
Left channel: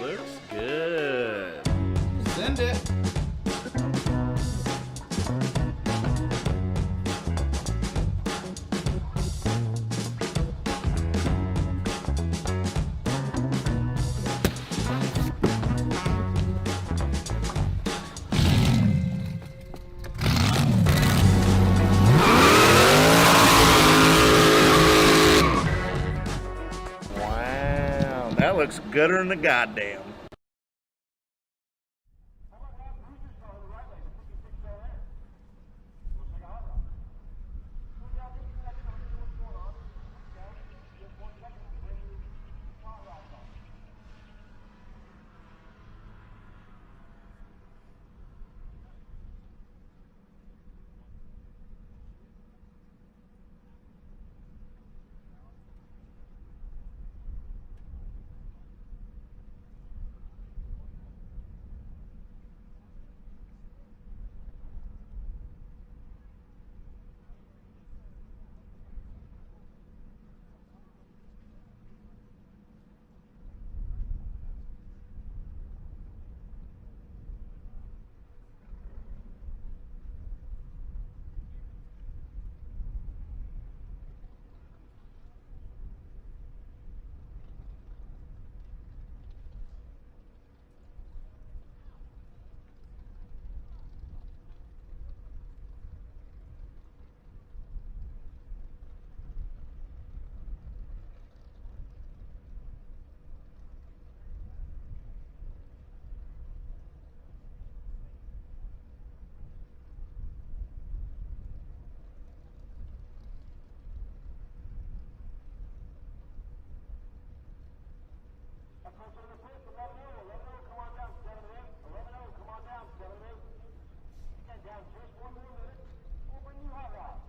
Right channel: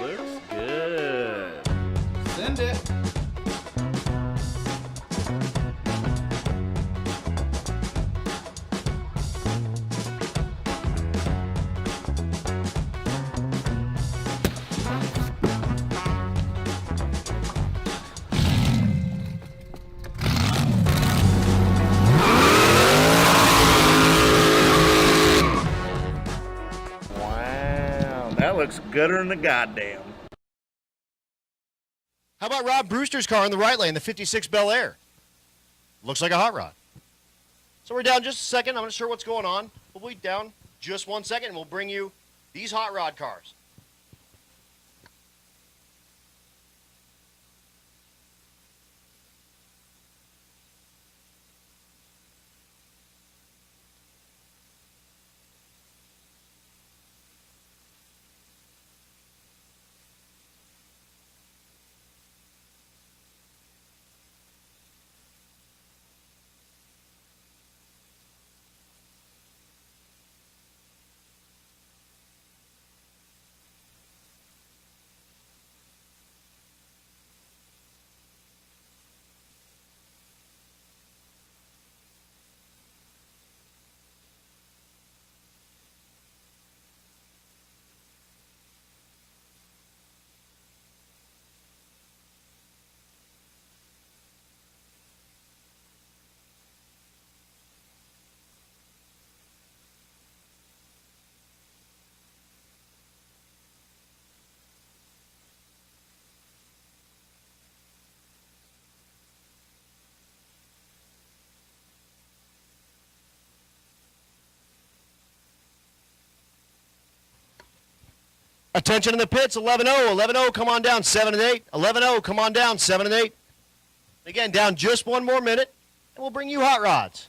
Looks good. Send it. That looks gooder than the goddamn. How about Rob Brewster's car in the right lane, the 56 Bel Air? Looks like a hot rod. So we're down just a second. I'm not sure what's going on. We'll be down just 1 second, and we'll bring you these hot rod cars. Attention in the pits, 11-0, 11-0, come on down, 7 and 8, 11-0, come on down, 7 and 8. Again, down just one more minute, and we'll bring you hot rods.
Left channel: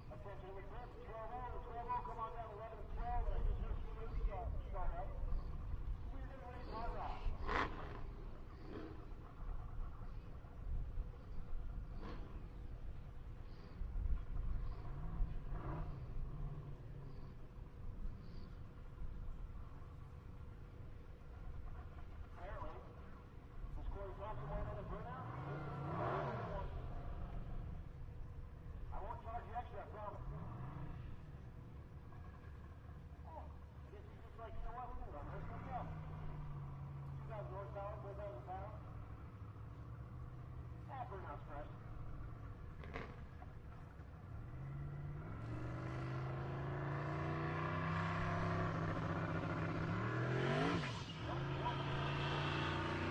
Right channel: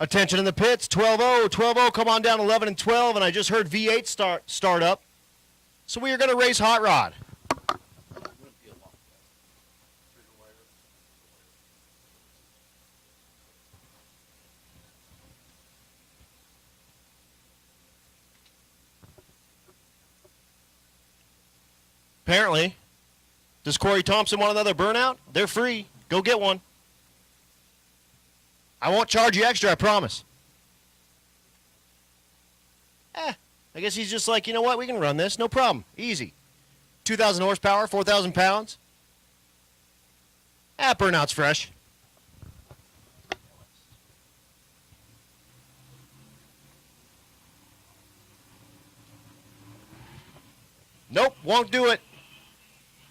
Attention in the pits, 12-0, 12-0, come on down, 11 and 12, and I just heard V8 start up. So we are going to race hot rod. Apparently, does Corey Thompson want another burnout? They're free. Go get one. I won't charge you extra, I promise. I guess he's just like, you know what, we can run this, no problem, easy. 2,000 horsepower, 4,000 pounds. Burnout's fresh. Nope, won't do it.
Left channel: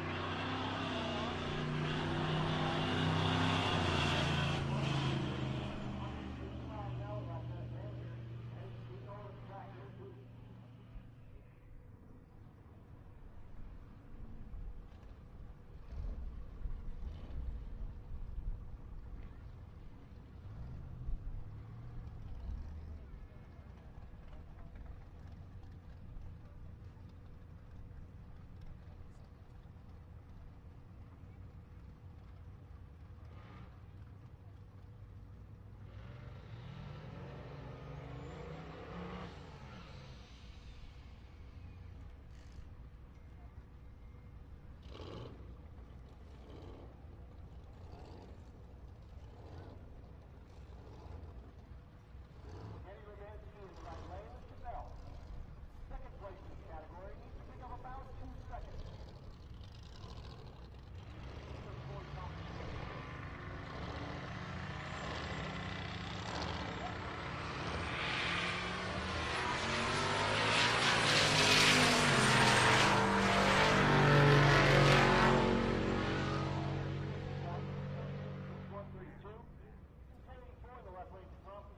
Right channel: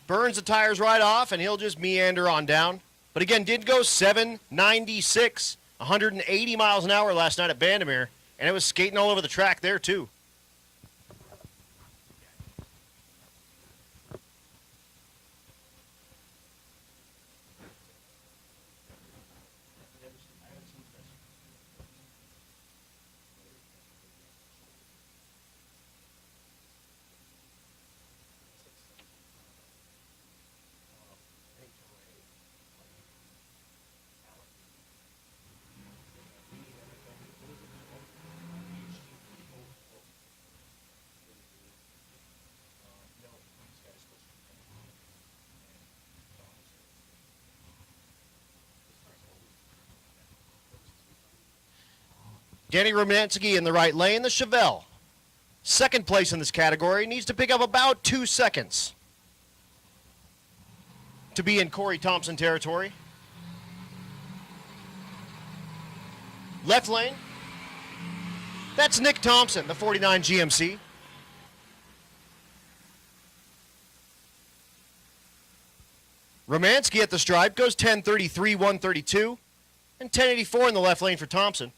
Burns the tires right off, and he'll just meander on down. But again, did go 796, 180 miles an hour last night at Bandamere, and it was skating all over the track there too. Danny Romanski in the right lane, the Chevelle. Second place in this category, needs to pick up about 2 seconds to be in Corey Thompson territory. Left lane, that's Nick Thompson, the 49 GMC. Romanski at the stripe goes 10:33, 132, and 10:84 in the left lane for Thompson.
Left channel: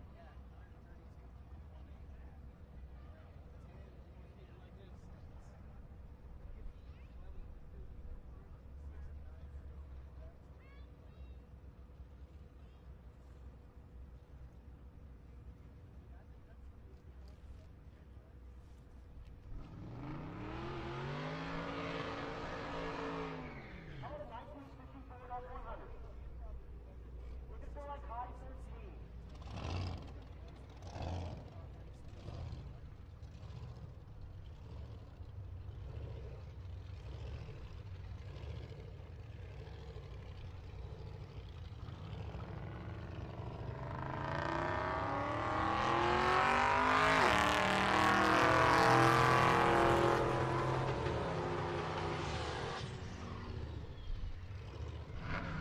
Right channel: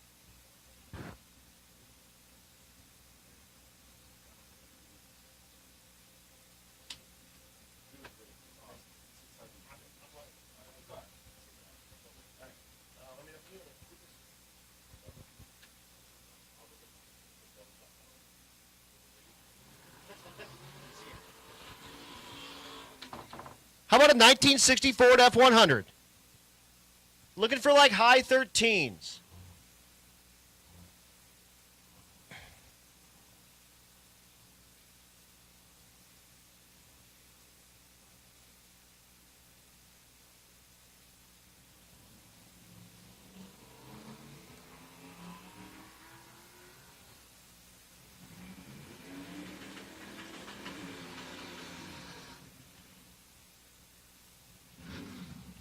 How about a 1960 Ford F100? Looking for like high 13s.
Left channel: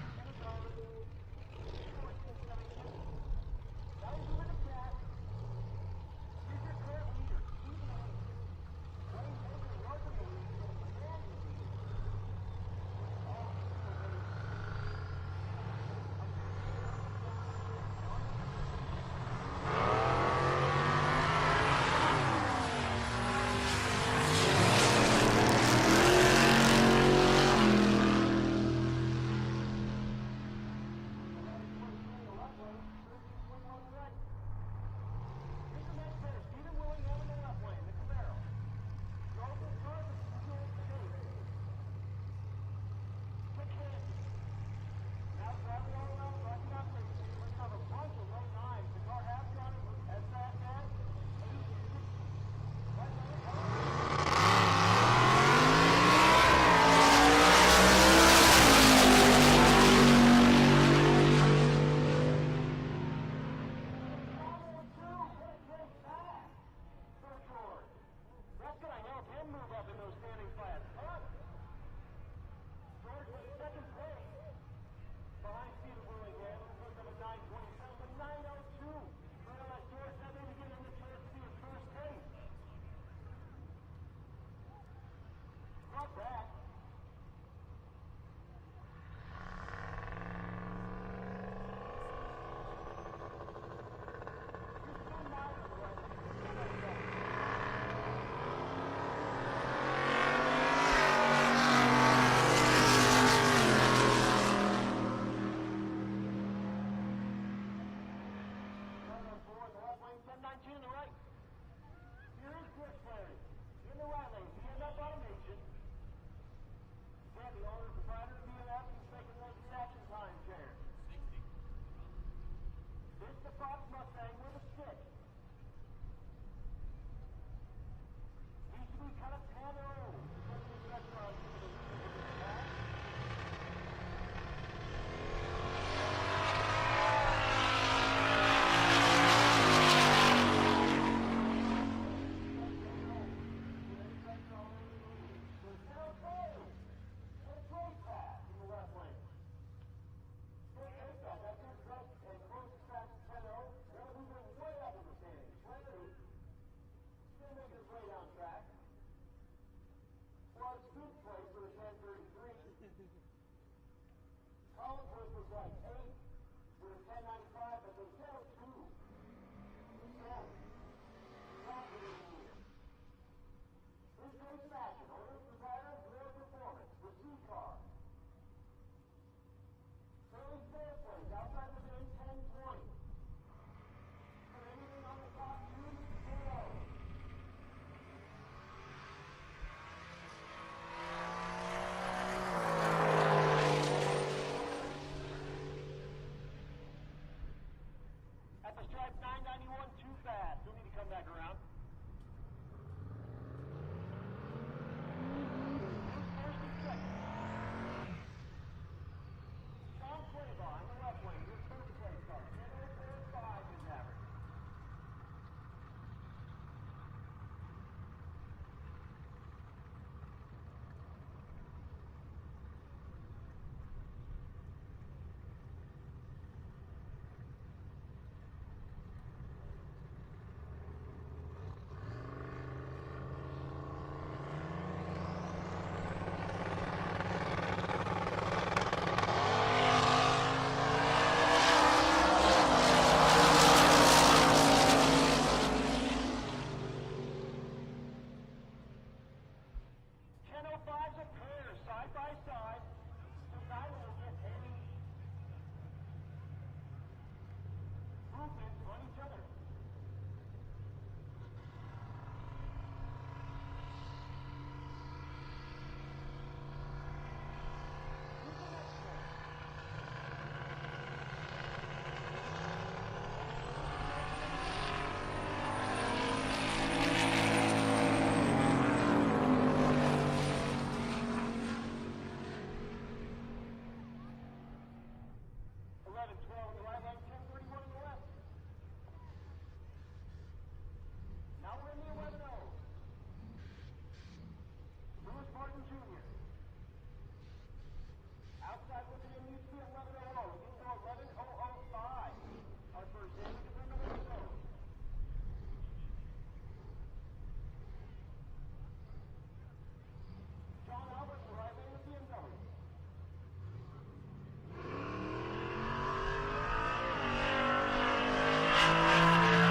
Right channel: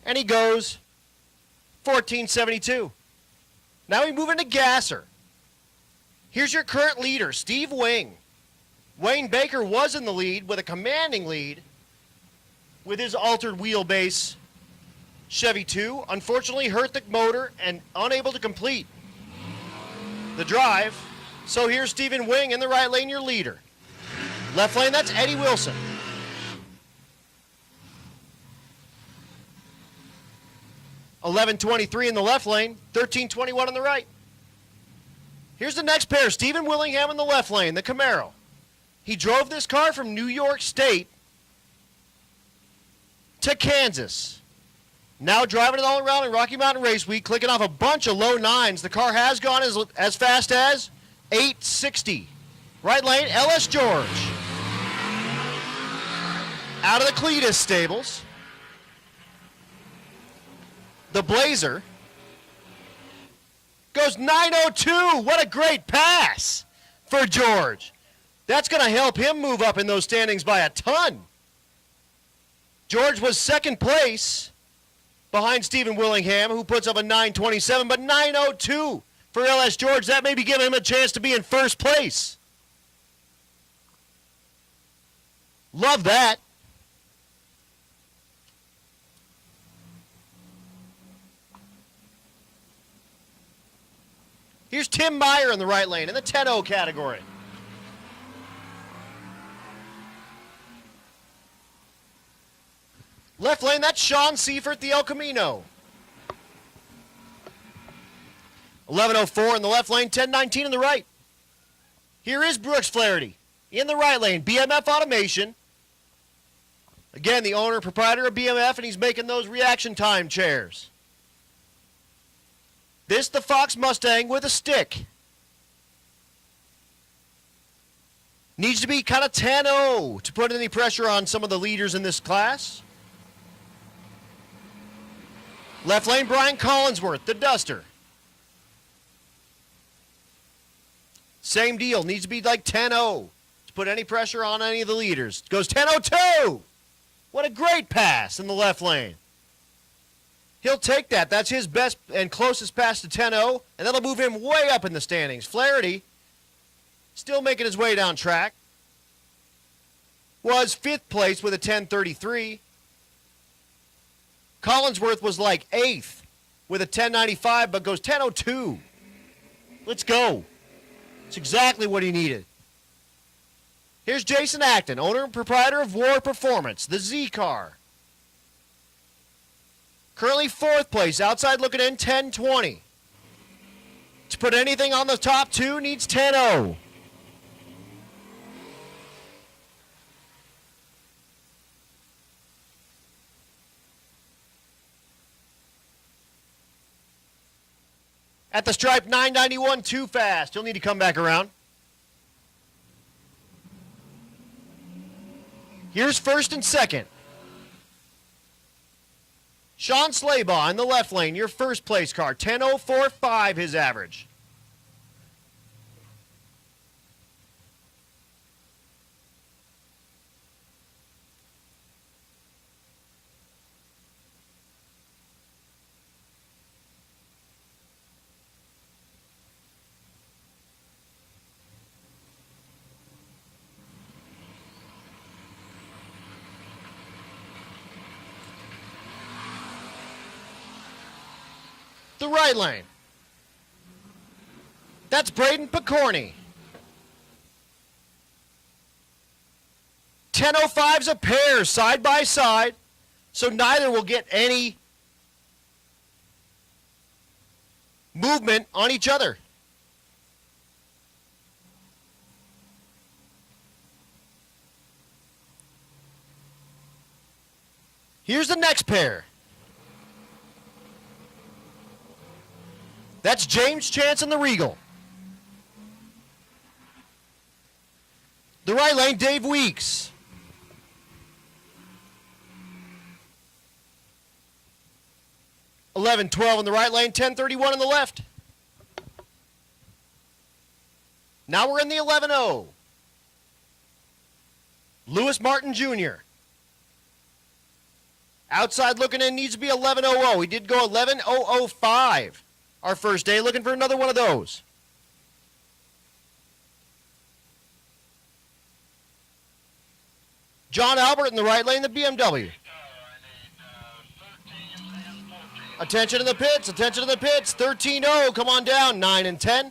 And he goes 1472. Now we move into Gasser. Here's your current leader, Steve Wing. Wayne Baker was in the lead with a commanding lead with his altered wheelbase Chevy 2. Unfortunately hurt the motor and unable to complete the drive. So here's Stephen Wing in the right lane, your leader. Left lane, that's Eddie Wilson. 11:23 in the left lane, 13:21 on the right. Here's the next pair, Stephen Willingham in the left lane, the Camaro. He drove this car from New York State to Kansas. Now driving it all around in Rocky Mountain Race Week, clicking off a bunch of low nines. The car has gone as fast as 860. Right lane, L.S. George. Out of the Cletus stables. The Blazer goes 902. What a great pass for George. That's going to help him move up in those standings by a ton. George was second place behind Stephen Willingham, who puts up a 927, but 902 for LS George. That may be giving him a chance to be in first place. Love that. Here's Tim Meyer in the right lane in the 10-0 category. Left lane, that's Sean Seifert, the El Camino. 11:04 in the left lane, 10:19 in the right. Here is Brooks Flaherty in the right lane, BMF Automation. Again, the owner and proprietor of BMF, and he's making those reaction time chairs. This, the Fox Mustang with a stick. Needs to be kind of 10-0 to put any pressure on some of the leaders in this class. Left lane, Brian Collinsworth, the Duster. Same deal, needs to be like 10-0 to put any pressure on any of the leaders. Goes 10-02. What a great pass in the left lane. He'll take that. That's his best and closest pass to 10-0, and that'll move him way up in the standings. Flaherty, still making his way down track, was 5th place with a 10:33. Collinsworth was like 8th with a 10:95, but goes 10:02. Let's go. It's exactly what he needed. Here's Jason Acton, owner and proprietor of War Performance, the Z car. Currently 4th place, outside looking in, 10:20. To put anything on the top two needs 10-0. At the stripe, 991, too fast. He'll need to come back around. Here's first and second. Sean Slaybaugh in the left lane, your first place car, 10:04.5 his average. Right lane. That's Braden Picorni. 10:05's a pair, side by side, so neither will get any movement on each other. Here's the next pair. That's James Chance in the Regal. The right lane, Dave Weeks. $11.12 in the right lane, $10.31 in the left. Now we're in the 11.0. Lewis Martin Jr. Outside looking in needs to be 11.00. He did go 11.005 our first day, looking for another one of those. John Albert in the right lane, the BMW. Attention to the pits, attention to the pits. 13.0, come on down, 9 and 10.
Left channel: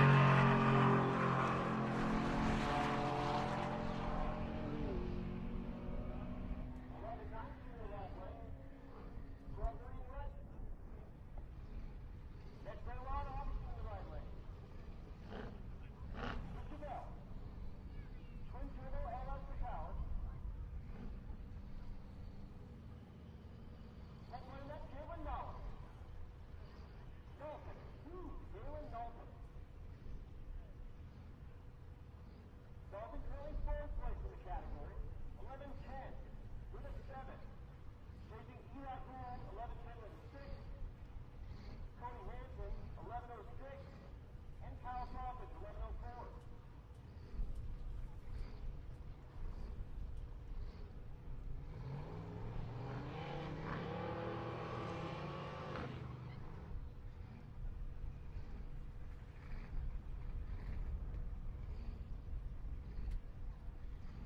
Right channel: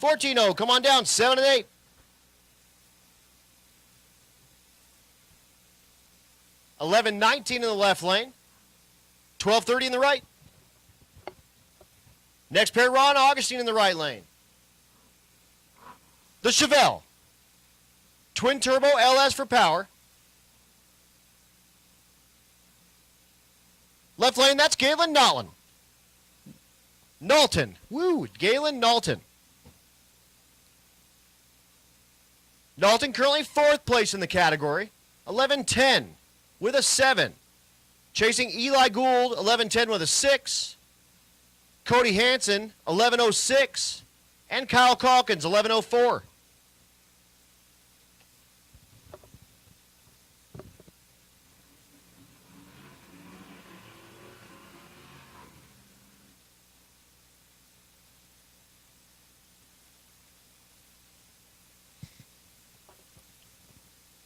14.0, come on down, 7 and 8. 11.19 in the left lane. 12.30 in the right. Next pair, Ron Augustine in the right lane. The Chevelle. Twin turbo LS for power. Left lane, that's Galen Knowlton. Galen Knowlton. Knowlton currently 4th place in the category. 11.10 with a 7. Chasing Eli Gould, 11.10 with a 6. Cody Hansen, 11.06. And Kyle Calkins, 11.04.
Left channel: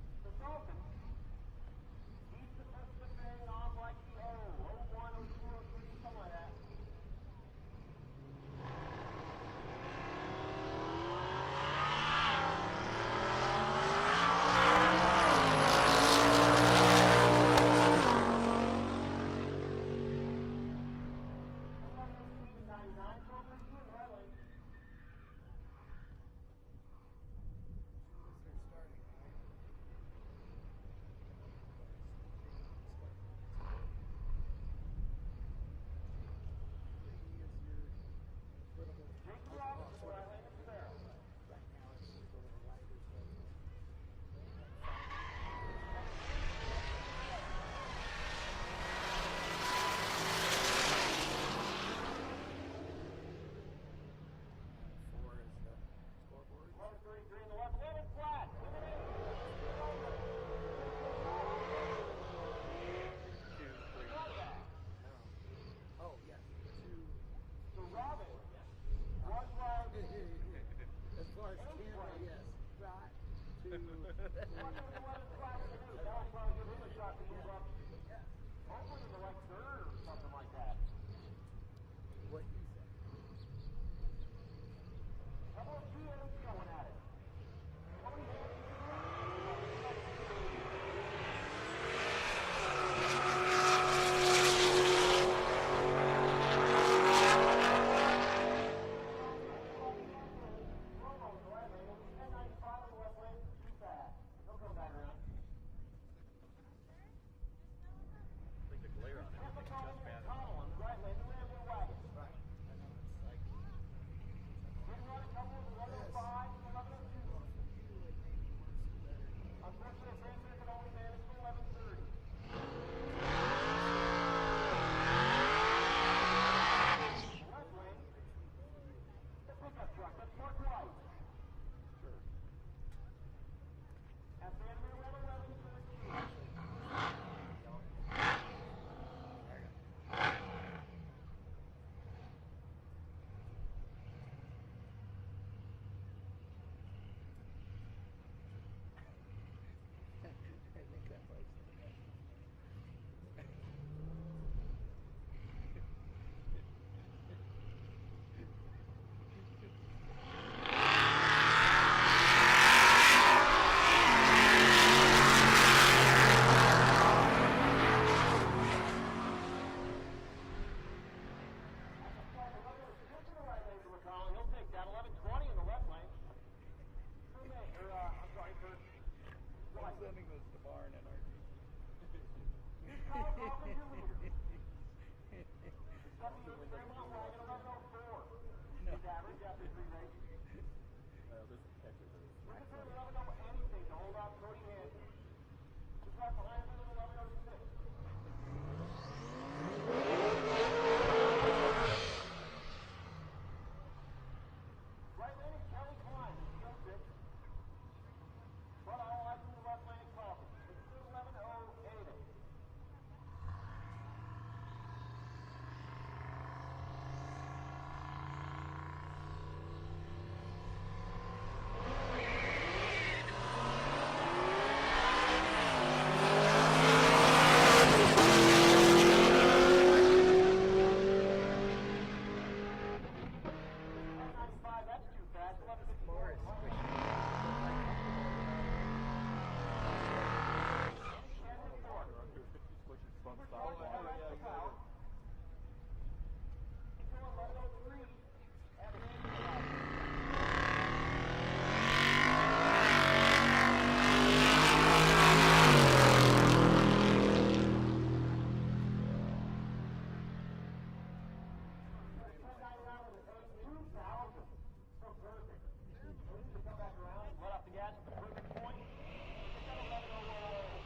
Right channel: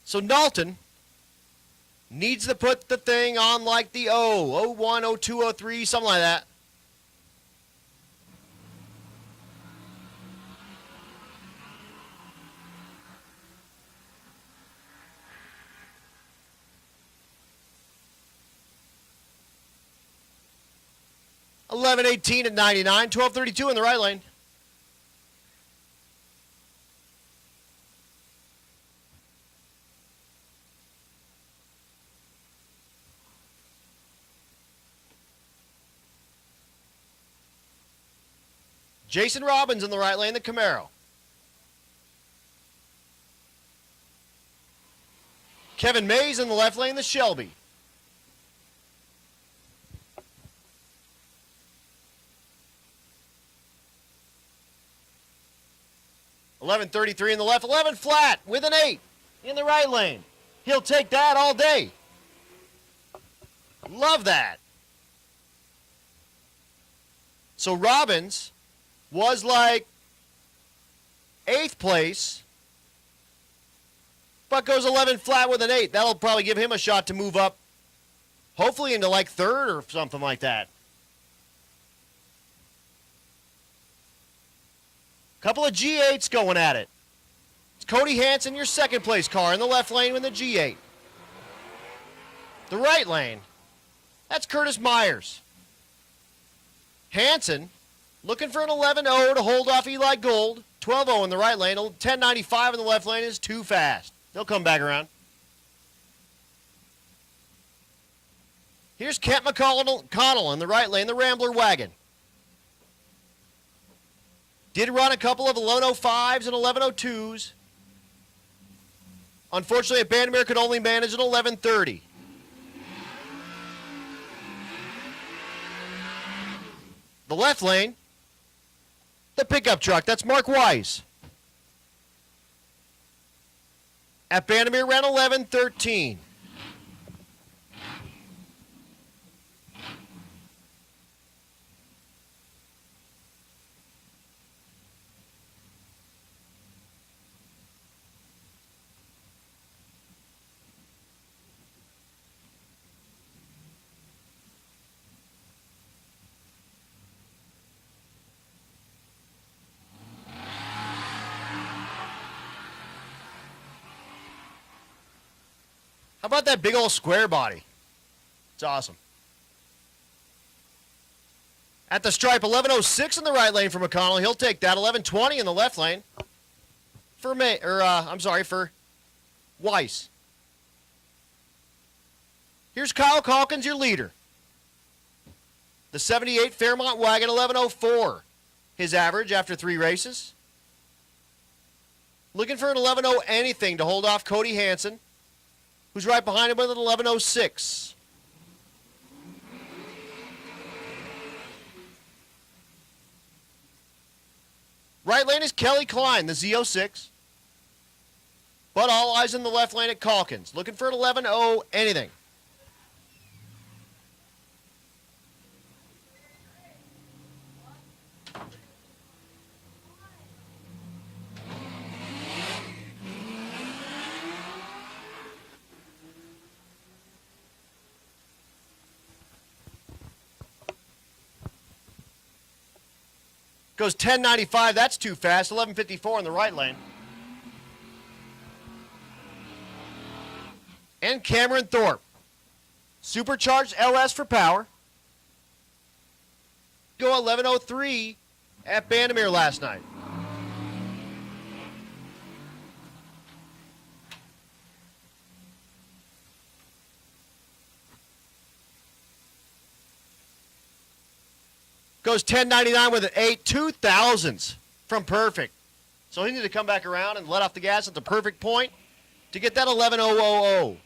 So Knowlton needs to put the thing on like the 01, 02, 03, something like that. $11.18 at 99, 12.32 in the right lane. Jason Robbins in the right lane, the Camaro. Kevin Mays in the left lane, the Shelby. $11.33 in the left, 11 flat with an 8 in the right lane. He'll take that all day. Love that. So Robbins was like 8th place, but goes 11 flat with an 8. That'll probably give him a shot to move up, hopefully into like 3rd or something like that. Couple of G8s going at it. It's Cody Hansen, your 2nd place car in the left lane with the G8. The right lane, that's Curtis Myers. Hansen looking for an 11.0 to hold off Eli Gould. 12.0 in the right lane. 10.95 in the left lane is too fast. They'll come back around. Here's Kent McConnell in the right lane, the Rambler wagon. Did run a couple of 11.05s and 11.02s. Unfortunately, at Bandamere could only manage an 11.30. The left lane, the pickup truck, that's Mark Weiss. At Bandamere ran 11.13. How about that big old square body? It's awesome. At the stripe, 11.06 in the right lane for McConnell. He'll take that. 11.20 in the left lane for for Weiss. Here's Kyle Calkins, your leader. The 78 Fairmont wagon, 11.04. his average after 3 races. Looking for an 11.0 anything to hold off Cody Hansen, who's right behind him with an 11.06. Right lane is Kelly Klein, the Z06. But all eyes in the left lane at Calkins. Looking for an 11.0 anything. Goes 10.95, that's too fast. 11.54 in the right lane. And Cameron Thorpe. Supercharged LS for power. Go 11.03 at Bandamere last night. Goes 10.99 with an 8, 2,000s from perfect. So he needed to come back around and let off the gas at the perfect point to get that 11.000.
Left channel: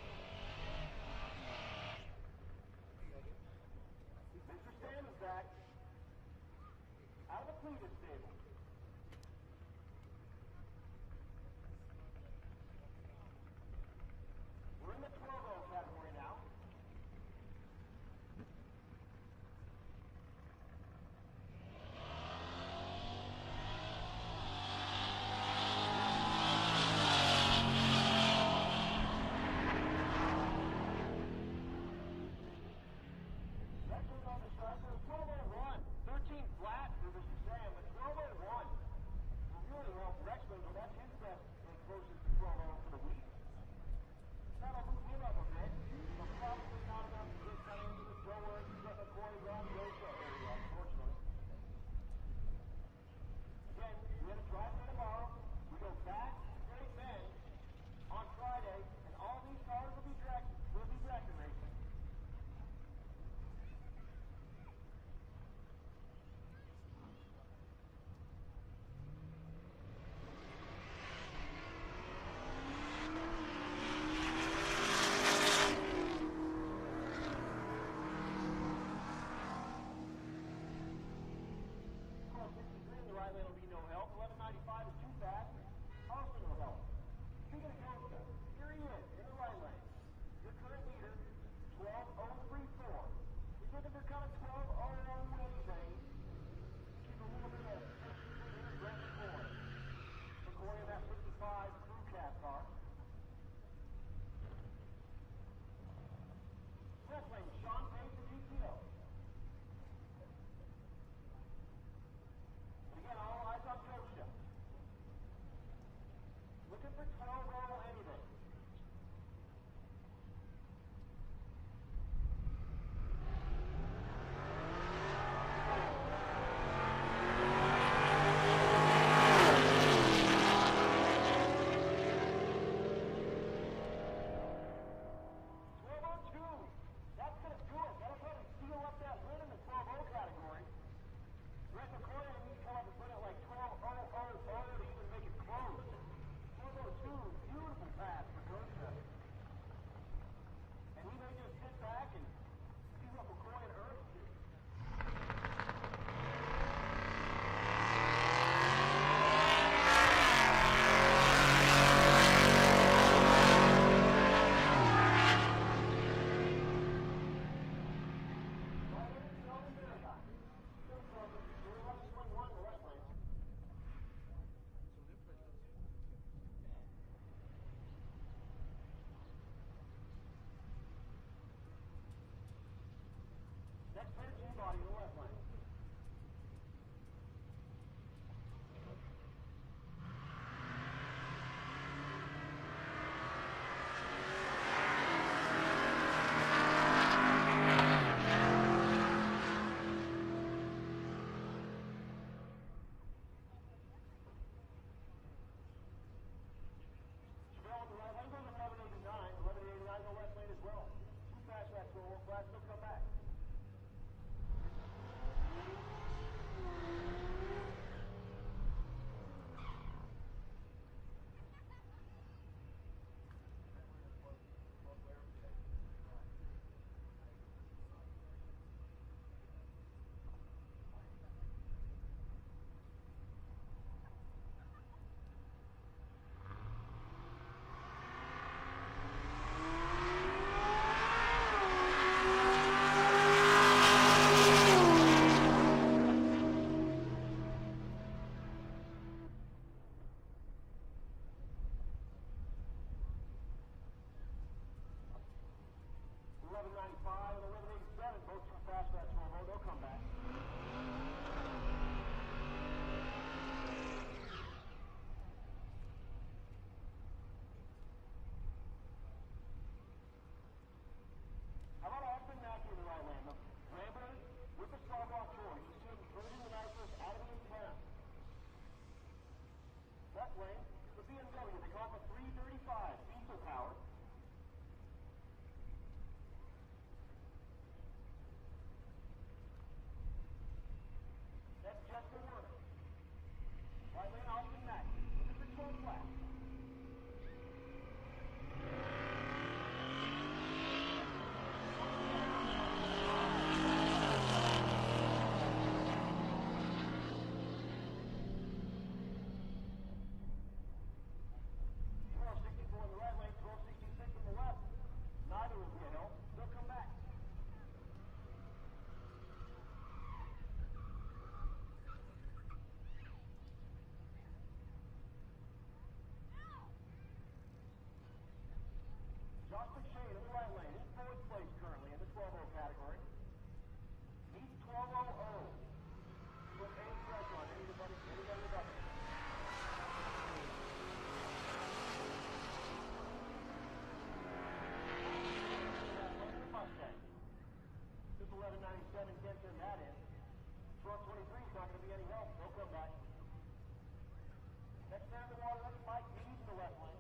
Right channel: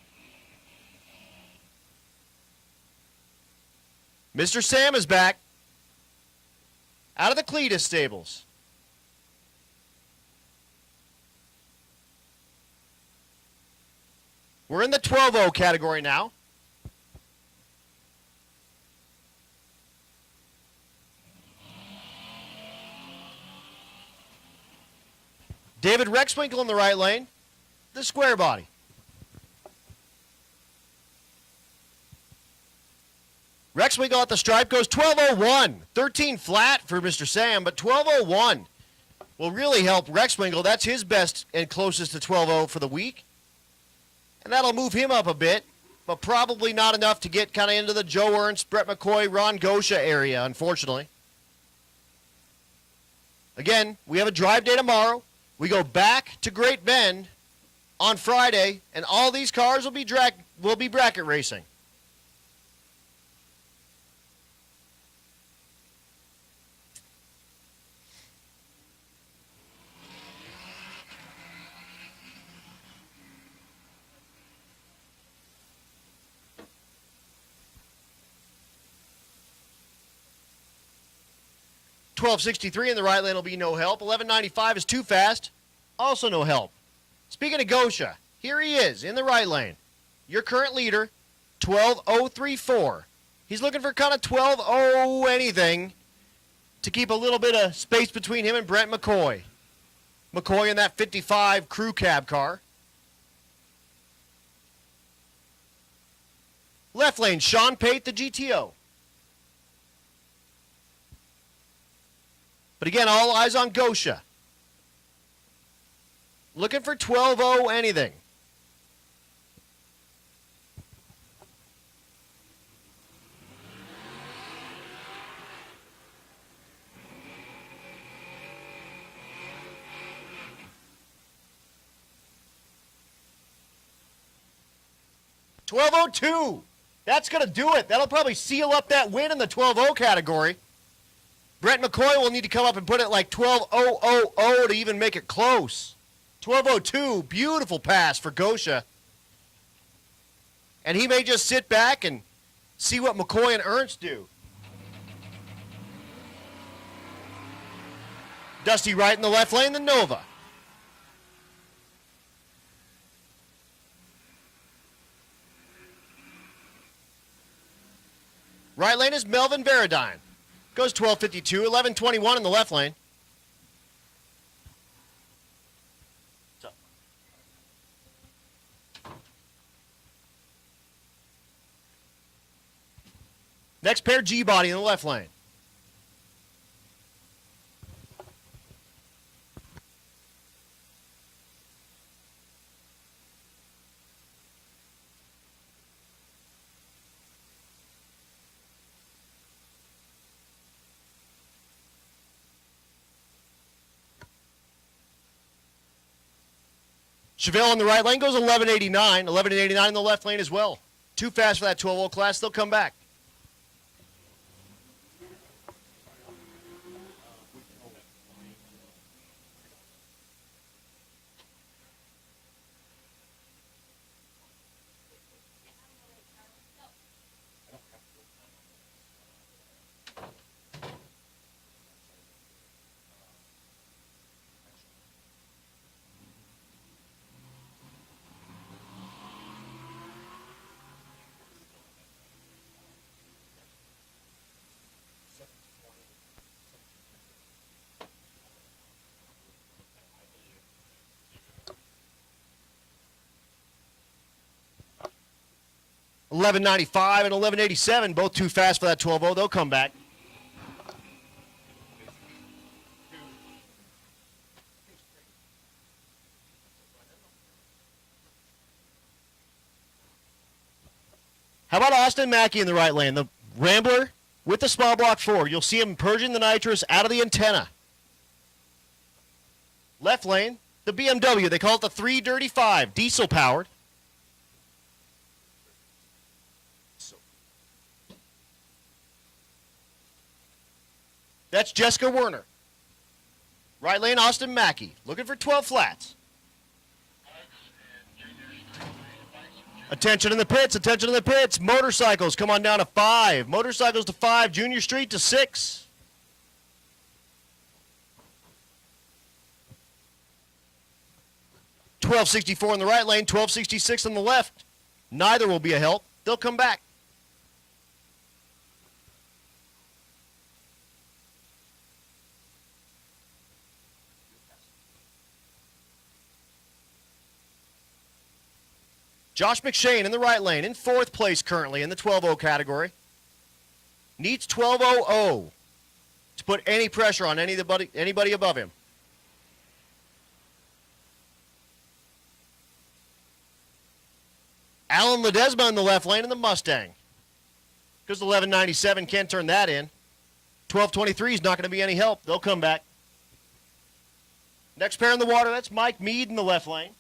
Mr. Sam is back out of the Cletus stables. We're in the 12.0 category now. David Rexwinkle in the right lane, the square body. Rexwinkle at the stripe goes 12.01. 13 flat for Mr. Sam, but 12.01 will really help Rexwinkle. That's his best and closest to 12.0 for the week. And that'll move him up a bit, but probably not enough to get kind of into the Joe Ernst, Brett McCoy, Ron Gosha area, unfortunately. Again, we have a drive day tomorrow. We go back to Great Bend on Friday, and all these cars will be bracket racing. $12.63 in the right lane will be no help. $11.95 is too fast. Also no help. Speaking of Gosha, here he is in the right lane. Your current leader, 12.034. He's looking for kind of 12.0 anything to keep a little bit of space between him and Brent McCoy. McCoy in that 55 crew cab car. Left lane, Sean Pate, the GTO. But again, all eyes on Gosha. Looking for 12.0 anything. $12.02. That's going to do it. That'll probably seal up that win in the 12.0 category. Brent McCoy will need to come up and put it like 12.000 to even make it close. 12.02, beautiful pass for Gosha. And he may just sit back and see what McCoy and Ernst do. Dusty Wright in the left lane, the Nova. Right lane is Melvin Baradine. Goes 12.52, 11.21 in the left lane. Next pair, G-body in the left lane. Chevelle in the right lane goes 11.89. 11.89 in the left lane as well. Too fast for that 12.0 class. They'll come back. 1195 and 1187, both too fast for that 12-0. They'll come back. How about Austin Mackey in the right lane? The Rambler with the small block 4. You'll see him purging the nitrous out of the antenna. Left lane, the BMW. They call it the 335, diesel powered. That's Jessica Werner. Right lane, Austin Mackey, looking for 12 flats. Attention in the pits, attention in the pits. Motorcycles, come on down to 5. Motorcycles to 5, Junior Street to 6. $12.64 in the right lane, $12.66 on the left. Neither will be a help. They'll come back. Josh McShane in the right lane, in 4th place currently in the 12-0 category. Needs 12.00 to put any pressure on anybody above him. Alan Ledesma in the left lane in the Mustang. Because the 1197 can't turn that in. 1223 is not going to be any help. They'll come back. Next pair in the water, that's Mike Mead in the left lane.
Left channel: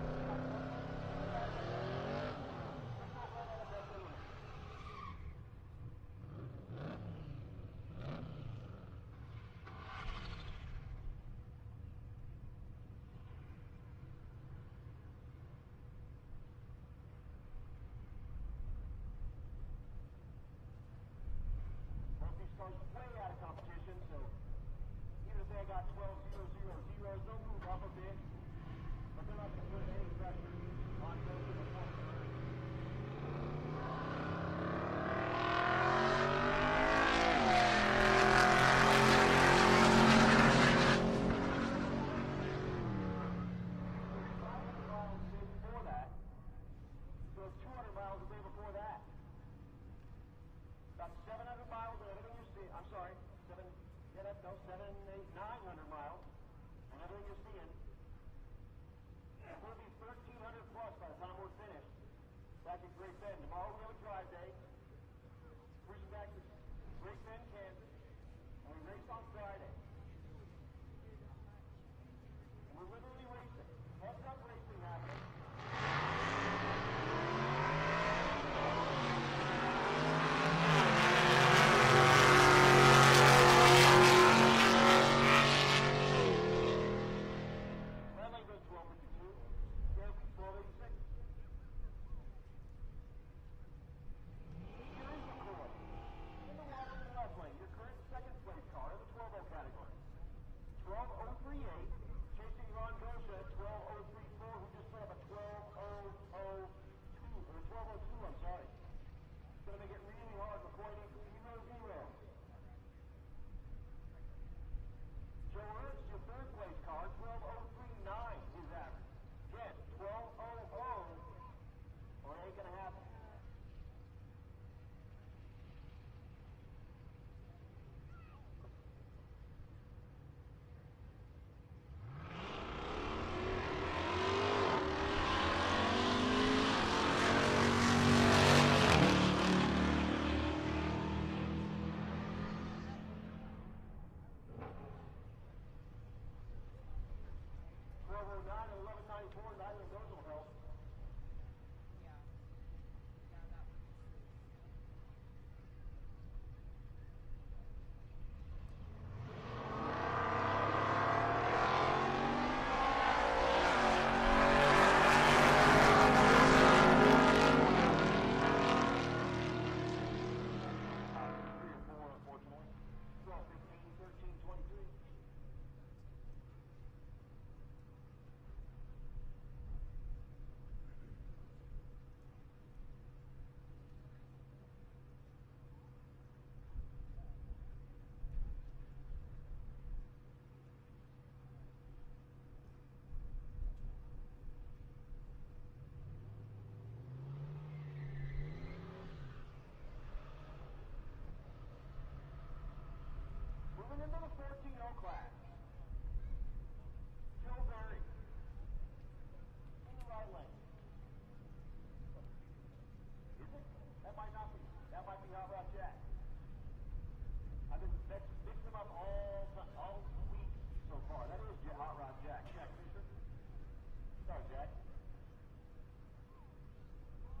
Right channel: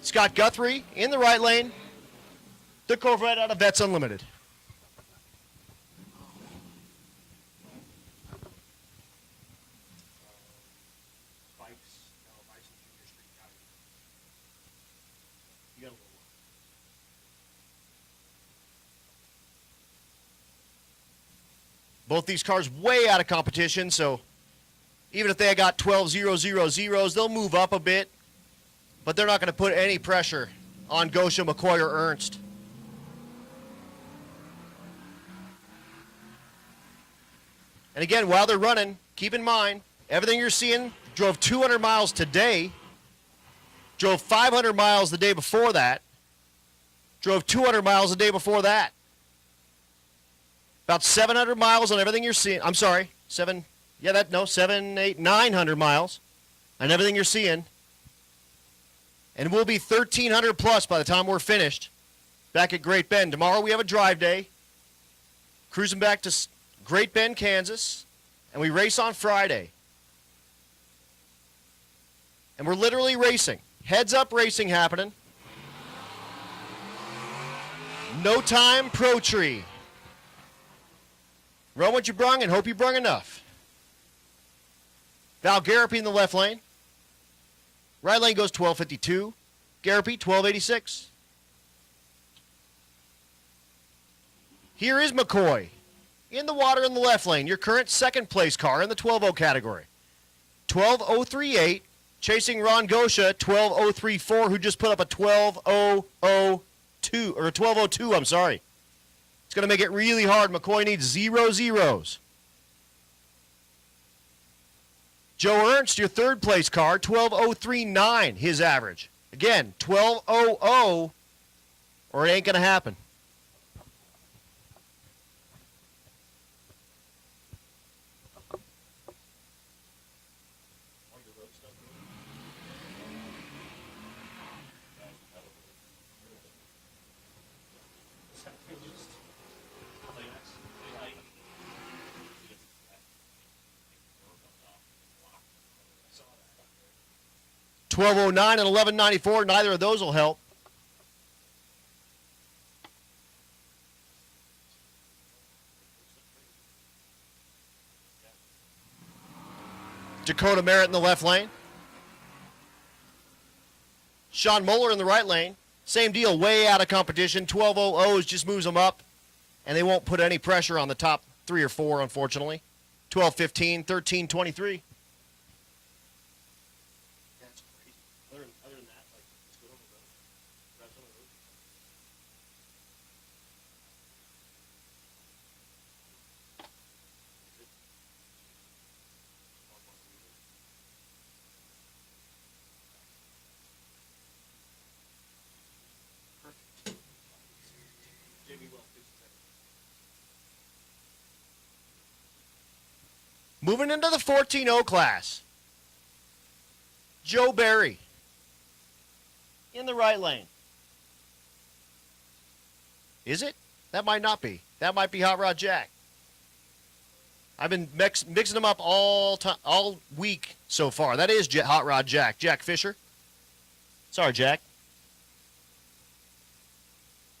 Scott Guthrie in the right lane. The Corvette out of Vets Unlimited. Both these cars way out of competition, so even if they got 12.000s, they'll move up a bit. But they're not going to put any pressure on Gosha, McCoy, or Ernst. And again, while they're running, keep in mind, everything you're seeing, drove 200 miles today, drove 500 miles the day before that, drove 200 miles the day before that. About 700 miles on everything you're seeing. I'm sorry, 7, 8, 900 miles on everything you're seeing. And we'll be 1,300 plus by the time we're finished back at Great Bend. Tomorrow we have a drive day, cruising back to Great Bend, Kansas, and we race on Friday. And we're literally racing. Heads up racing happening. No time pro tree. Run what you brung and hope you brung enough. Now Garapi in the left lane. Right lane goes 12.52. Garapi 12.86. Here is McCoy in the water in the left lane. Your current 2nd place car in the 12.0 category. 12.038. Chasing Ron Gosha 12.034, who just put up a 12.002 or 12.02. I'm sorry. It's going to make it really hard. McCoy needs 0 zeros. Joe Ernst, your 3rd place car, 12.039, his average. Again, 12.00, or it ain't going to happen. $12.09 and $11.94, neither of those will help. Dakota Merritt in the left lane. Sean Muller in the right lane. Same deal, way out of competition. 12.00s just moves them up, and they won't put any pressure on the top 3 or 4, unfortunately. 12:15, 13:23. That's crazy. Other than that, like, it's good over the rest of the week. Moving into the 14-0 class. Joe Barry in the right lane. Is it? That might not be. That might be Hot Rod Jack. I've been mixing them up all week so far. That is Hot Rod Jack. Jack Fisher. Sorry, Jack.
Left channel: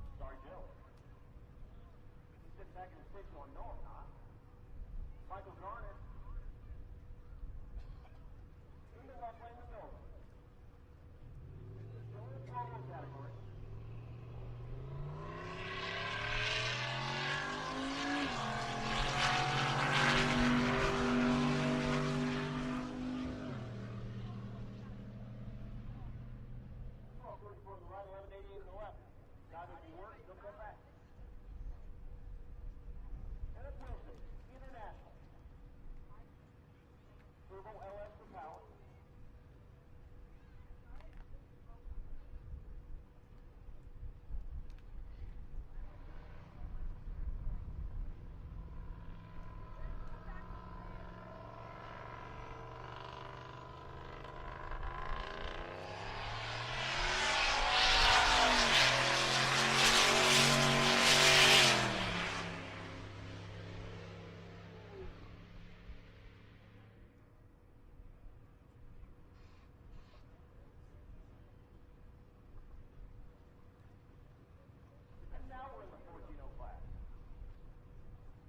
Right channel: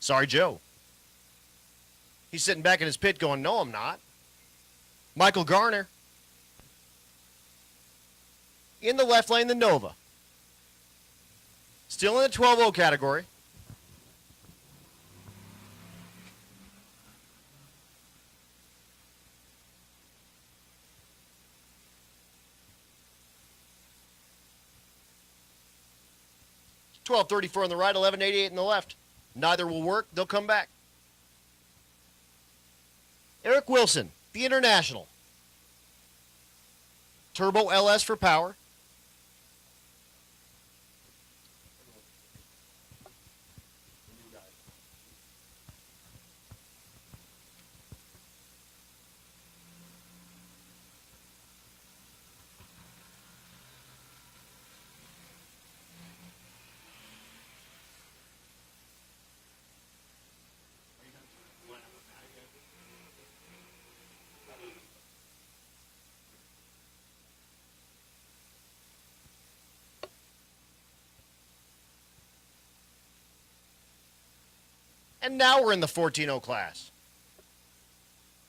Sorry, Joe. He's sitting back in his pit going, no, I'm not. Michael Garner. In the left lane, the Nova. Still in the 12-0 category. $12.34 on the right, $11.88 in the left. Neither will work. They'll come back. Eric Wilson, the International. Turbo LS for power. And now we're in the 14-0 class.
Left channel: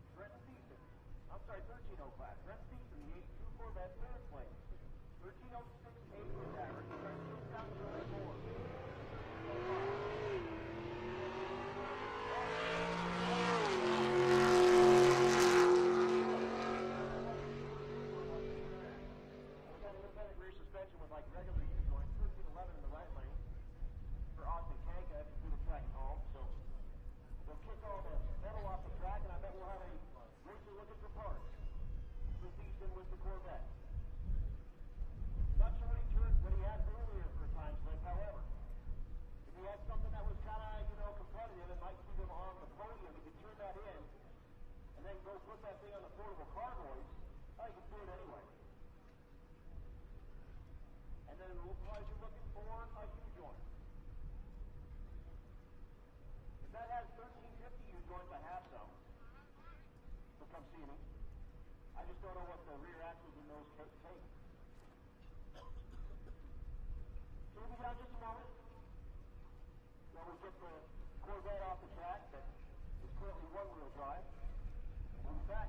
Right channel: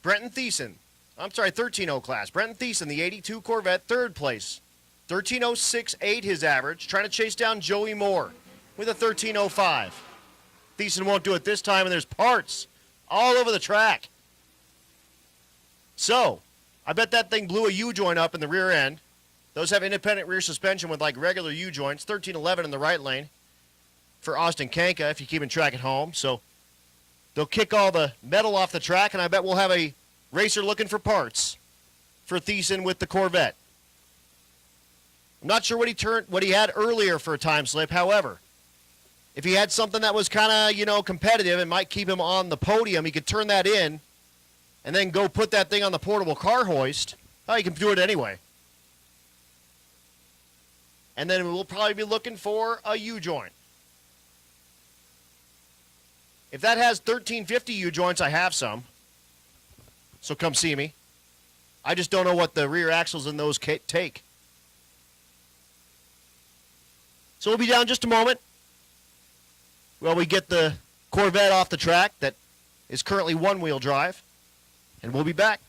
13-0 class. Brenton Thiessen, the 82 Corvette, third place. 13.068 his average, trying to chase down Joey Moore with a 13.05. Thiessen won't do it this time, and there's parts all over the track. So, I bet that thing blew a U-joint up in the rear end. Those have independent rear suspension with like regular U-joints. 13.11 in the right lane for Austin Kanka, if you're keeping track at home. So, they'll kick all the metal off the track, and I bet we'll have a racer looking for parts for Thiessen with the Corvette. I'm not sure what he had earlier for a time slip. However, if he had something that was kind of, competitive and might keep him on the podium, he could turn that in and then go put that thing on the portable car hoist. Oh, he can do it anyway. And then we'll probably be looking for a U-joint. If that has 1350 U-joints, I have some. So come see me. I just don't know what the rear axles in those take. So we'll be down just a moment while we get the Corvette off the track that is currently one-wheel drive, and we'll be back.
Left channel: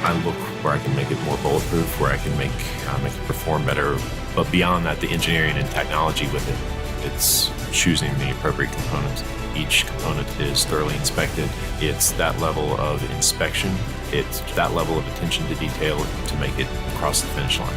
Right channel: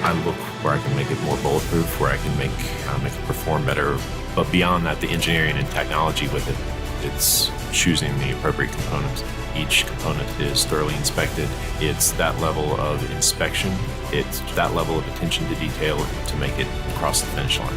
I look where I can make it more bulletproof, where I can make it perform better. But beyond that, the engineering and technology with it, it's choosing the appropriate components. Each component is thoroughly inspected. It's that level of inspection. It's that level of attention to detail to make it across the finish line.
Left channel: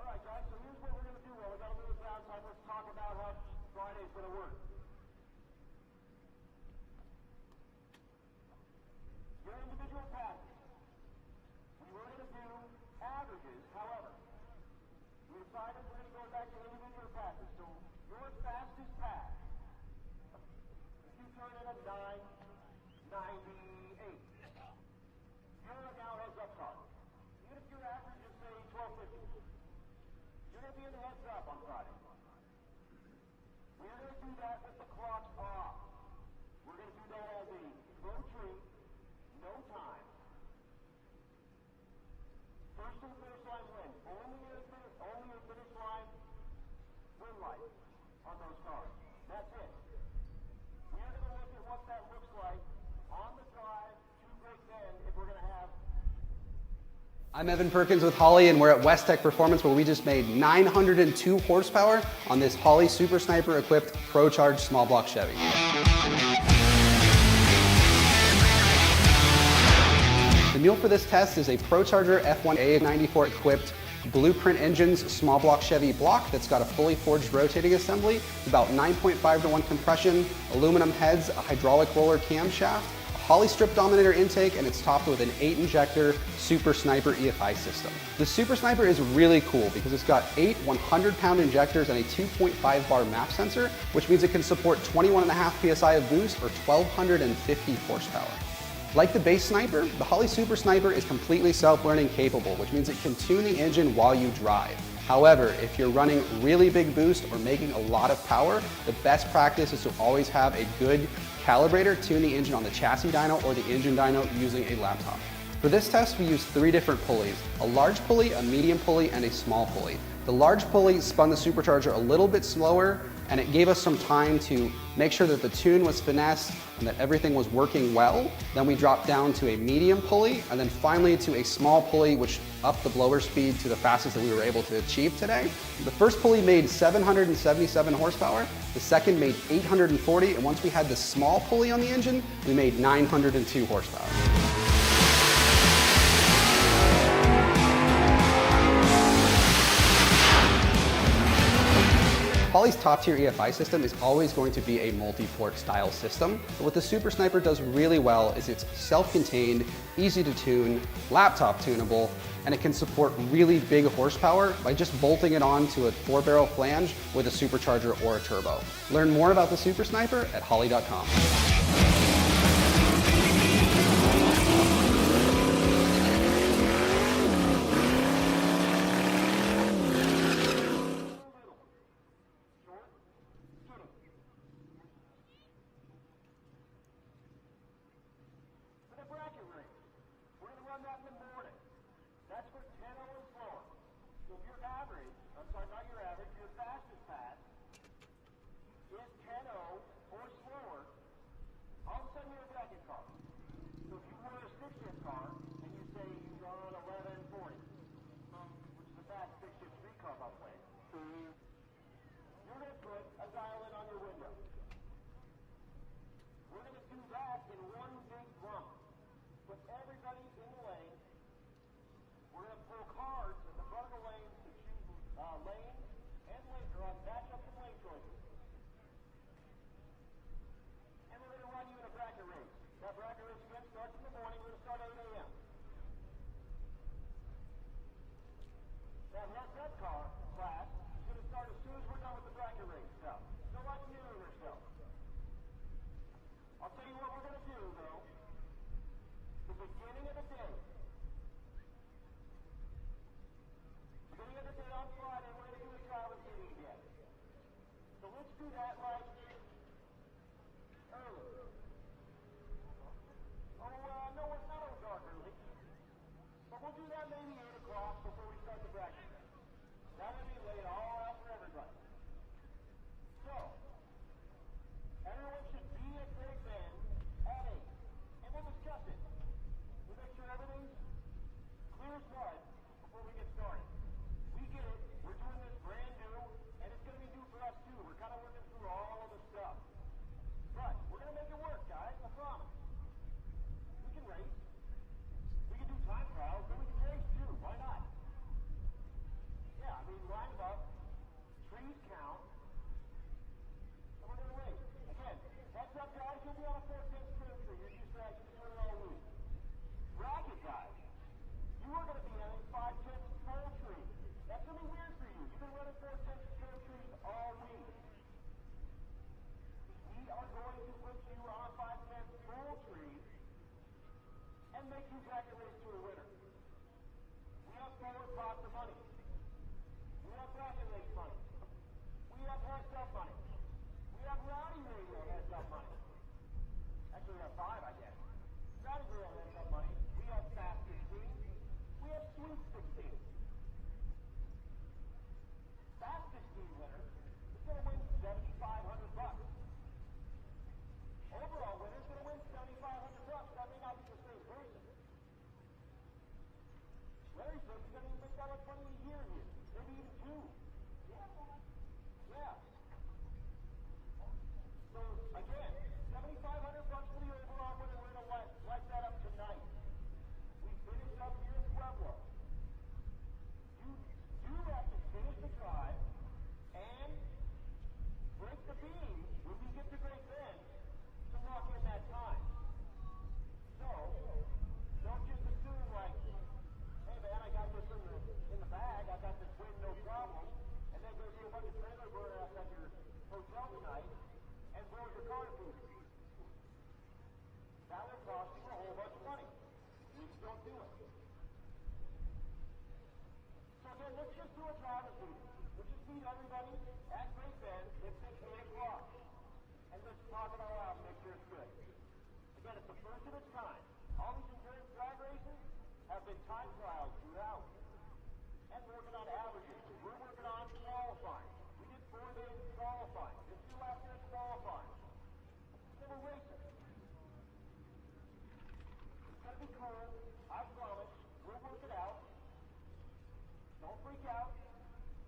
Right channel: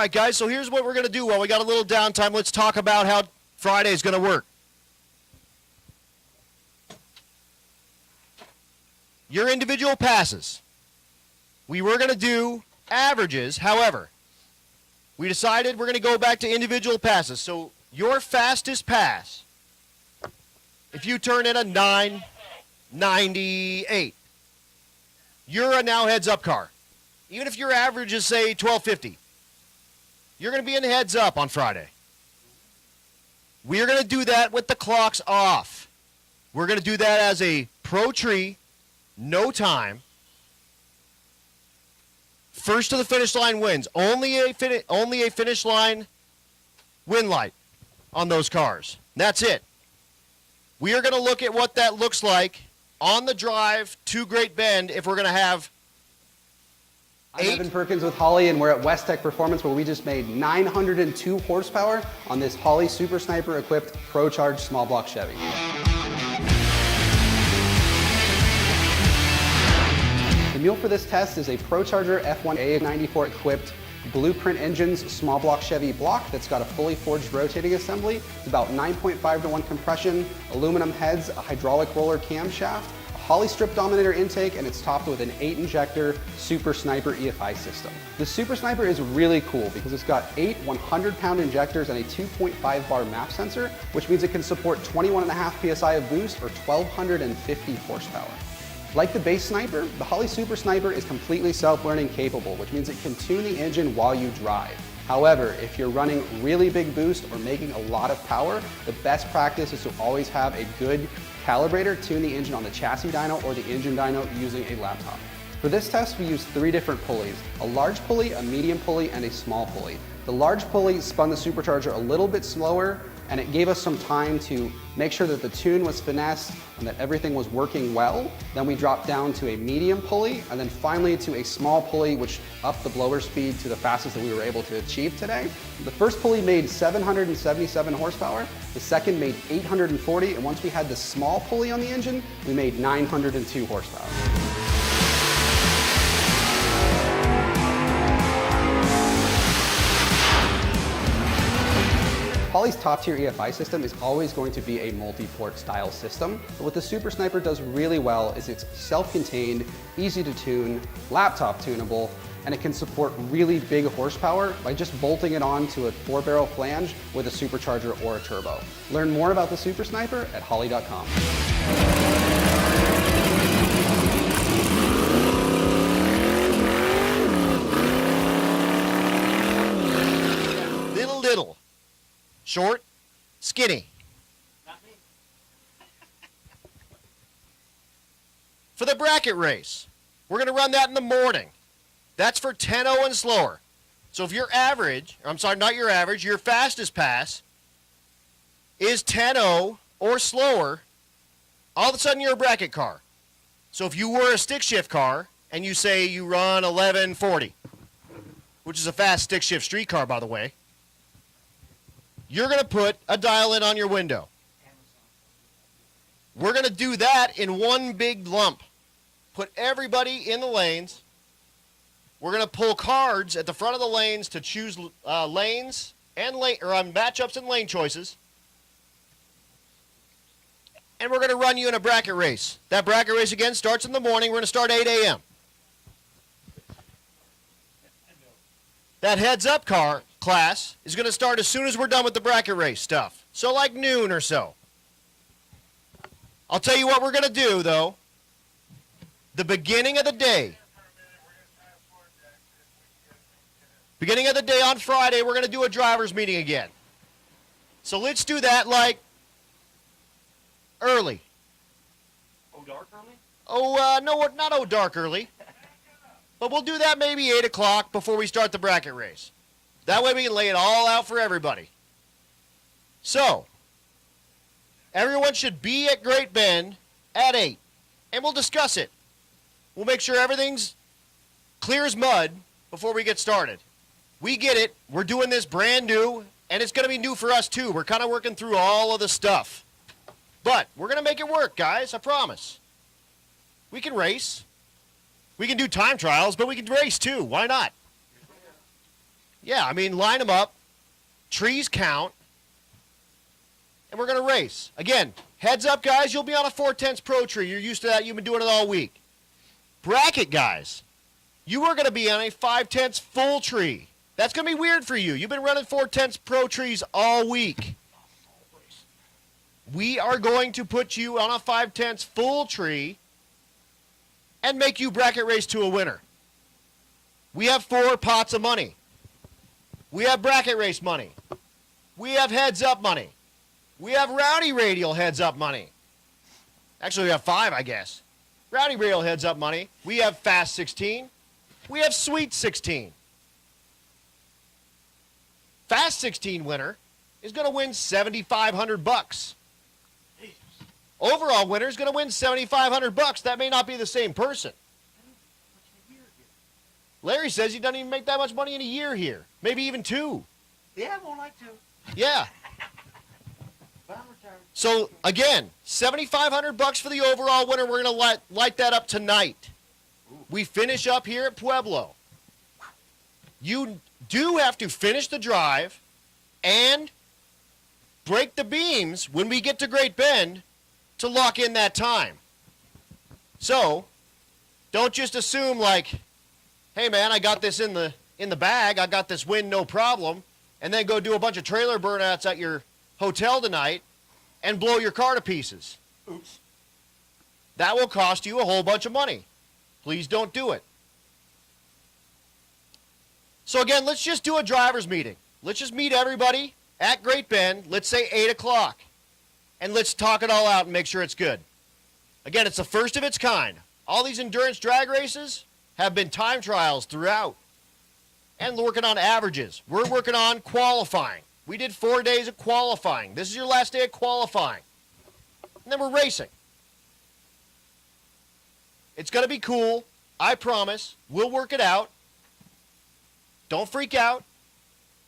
right, guys, so here's what we're going to do while we got a little downtime. Let's talk about how Friday is going to work. Your individual passes. We were going to do averages, however, we decided we're going to go back to individual passes. So your fastest pass, if you turn in a 9.98, you're a now heads-up car. Even if your average is, say, 12.50, you're going to be in heads up on Friday. We're going to do that with the clocks off. We're going to do that as a pro tree, no time. First to the finish line wins. Only a finish line win light on those cars. That's it. We are going to look at what that looks like on the drive to Great Bend if we're going to have I'm Evan Perkins with Holley, and we're at West Tech Performance, where we just made 902 horsepower on this Holley Super Sniper equipped Pro Charge small block Chevy. The mule for this test is a Pro Charger F1A94 equipped Blueprint Engines small block Chevy block that's got a fully forged rotating assembly. It's about 9.5:1 compression, aluminum heads, a hydraulic roller camshaft, a Holley strip dominator intake, and it's topped with an 8-injector Super Sniper EFI system. The Super Sniper is really cool because it's got 8 100-pound injectors and a 2.5 bar map sensor, which means it can support 21.5 psi of boost or 1,250 horsepower. Like the base Sniper, the Holley Super Sniper is completely self-learning capable, which means it can tune the engine while you drive. However, if you're running really big boost or making a lot of power, the best practice is to always have a good calibrator tune the engine on the chassis dyno or the engine dyno using a laptop. For this test, we used 3 different pulleys: a large pulley, a medium pulley, and a small pulley. The large pulley spun the supercharger a little bit slower, and it gave us some time to make sure that the tune was finessed and that everything was working well. Then we dropped down to a medium pulley, and then finally to a small pulley, which upped the blower speed to the fastest that we were able to achieve today. The first pulley made 777 horsepower, the second made 840, and once we had the small pulley on the engine, we made 902 horsepower. Holley's top-tier EFI system is always going to be a multi-port style system, but what the Super Sniper does really well is it's self-contained, easy to tune, laptop tunable, and it can support really big horsepower by just bolting it onto a 4-barrel flange with a supercharger or a turbo. Learn more about the Super Sniper at Holley.com. Short, skinny. For the bracket race, we're going to run that in the morning. That's for 10-0 and slower. So if your average, I'm sorry, not your average, your fastest pass is 10-0 or slower, all of a sudden you're a bracket car. So if you were a stick shift car and you say you run 1140, which is a fast stick shift street car, by the way, you're going to put a dial in on your window. We're going to do that in one big lump. Put everybody in the lanes. We're going to pull cards at the front of the lanes to choose lanes and matchups and lane choices. And we're going to run you in a bracket race. That bracket race again starts in the morning. We're going to start 8 a.m. That heads-up car class is going to start as soon as we're done with the bracket race stuff. So like noon or so. I'll tell you what we're going to do, though. The beginning of the day. Beginning of the day on Friday, we're going to do a driver's meeting again. So let's do that like early. Oh, dark early? No, not dark early. But we'll do that maybe 8 o'clock before we start the bracket race. That way we can lay it all out for everybody. So, everyone should be at Great Bend at 8, and we'll discuss it. We'll make sure everything's clear as mud before we get started. We get it. We're doing this brand new, and it's going to be new for us too. We're kind of working through all of the stuff. But we're going to make it work, guys. I promise. We can race. We can do time trials, but we can race too. Why not? Yeah, I mean, line them up. Trees count. And we're going to race. Again, heads up, guys. You'll be on a 4/10 Pro Tree. You're used to that. You've been doing it all week. Bracket, guys. You are going to be on a 5/10 full tree. That's going to be weird for you. You've been running 4/10 Pro Trees all week. We are going to put you on a 5/10 full tree and make you bracket race to a winner. We have 4 pots of money. We have bracket race money. We have heads up money. We have Rowdy Radial heads up money. Actually, we have 5, I guess. Rowdy Radial heads up money. We have Fast 16. We have Sweet 16. Fast 16 winner is going to win $7,500. Overall winner is going to win $7,500. That may not be the same person. Larry says he doesn't even make that much money in a year here. Maybe even 2. Yeah, more like 2. Yeah. So again, $7,500 for the overall winner. We're going to light that up tonight. We finish up here at Pueblo. You do have to finish the drive and break the beams when we get to Great Bend to lock in that time. So don't just assume like, hey man, I got this in the bag, I got this win, no problem, and then go do a bunch of trailer burnouts at your hotel tonight and blow your car to pieces. Oops. That will cost you a whole bunch of money. Please don't do it. So again, let's just do a driver's meeting. Let's just meet everybody at Great Bend, let's say 8 o'clock, and let's talk it all out and make sure it's good. Again, it's the first of its kind. All these endurance drag races have been time trials throughout and working on averages. We're working on qualifying. We did 4 days of qualifying. This is your last day of qualifying. And then we're racing. It's going to be cool. I promise. We'll work it out. Don't freak out.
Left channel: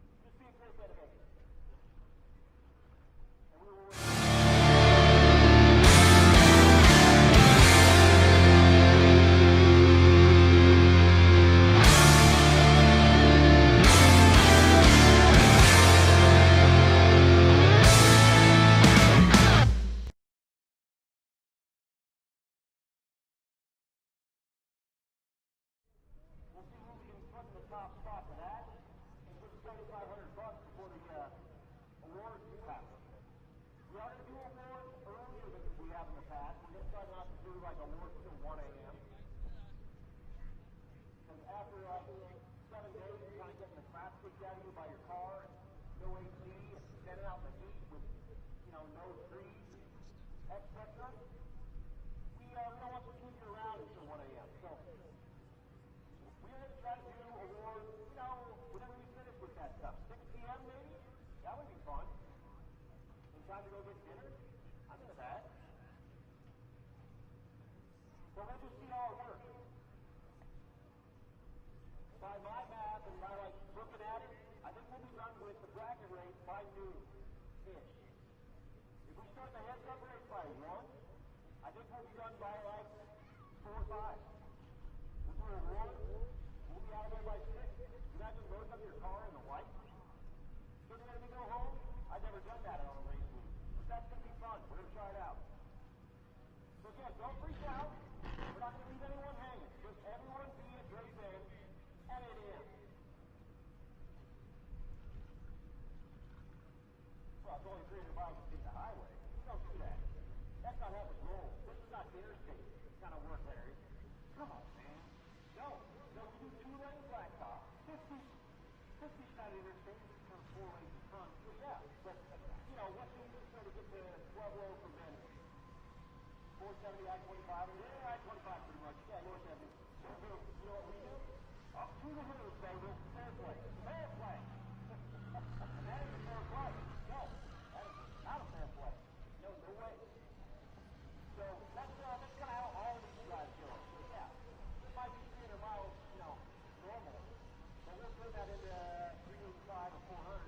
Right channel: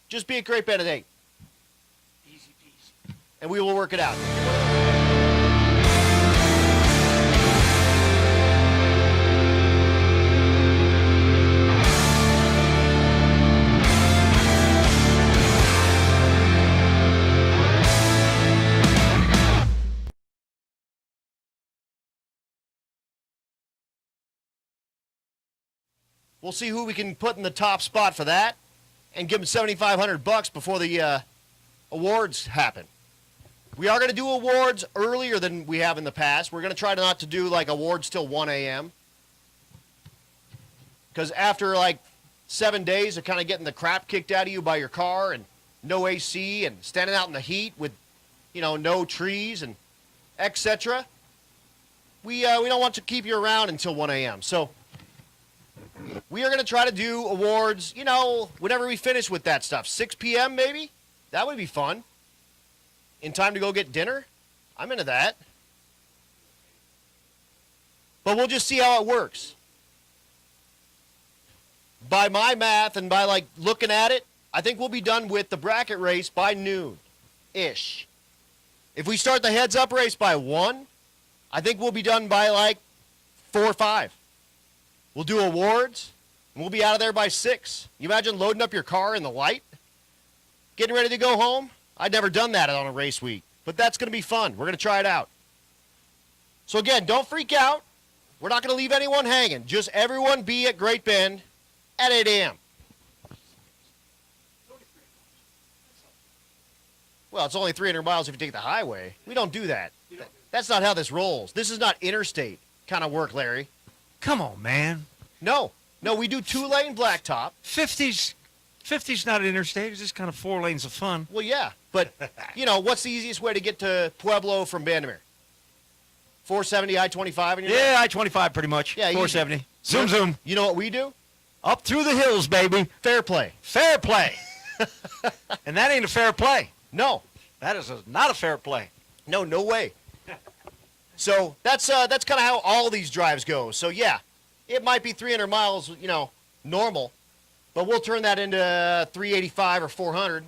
Just be at Great Bend at 8. Easy peasy. And we will work it out. We'll see who we can put in the top spot for that and give them $7,500 before the awards happen. We are going to do awards earlier than we have in the past. We're going to try not to do like awards till 1 a.m. Because after like 7 days of kind of getting the crap kicked out of you by your car and no AC and standing out in the heat with, no trees and etc., we don't want to keep you around until 1 a.m. So we are going to try to do awards, whenever we finish with that stuff. 6 p.m. maybe? That would be fun. In time to go get dinner? I'm into that. But we'll just see how it works. By my math and by looking at it, I think we'll be done with the bracket race by noon-ish. If we start the heads-up race by 1, I think we'll be done by 4 or 5. We'll do awards, and we'll be out of there by 6. You imagine loading up your car in the light? Getting ready to go home? I'd never done that on a race week, but that's going to be fun. We're going to try it out. So again, don't freak out. We're not going to leave anyone hanging. Just everyone be at Great Bend at 8 a.m. Well, it's only 300 miles if you take the highway. We don't do that. That's not how this rolls. This is not interstate kind of work, Larry. Come on, man. No, we do 2-lane blacktop. 50's not interstate. It's just kind of 4 lanes of fun. Well, yeah, but, what's the easiest way to get to Pueblo from Bandimere? 470 I-25 in your Yeah, I-25 pretty much. Yeah, 470. easy. Zoom, zoom. You know what we do? Up through the hills, baby. Fair play. Fair play. And that ain't a fair play. No. That is not a fair play. No way. So that's kind of how all these drives go. So, yeah, it might be 300 miles, normal, but we'll turn that into 385 or 400.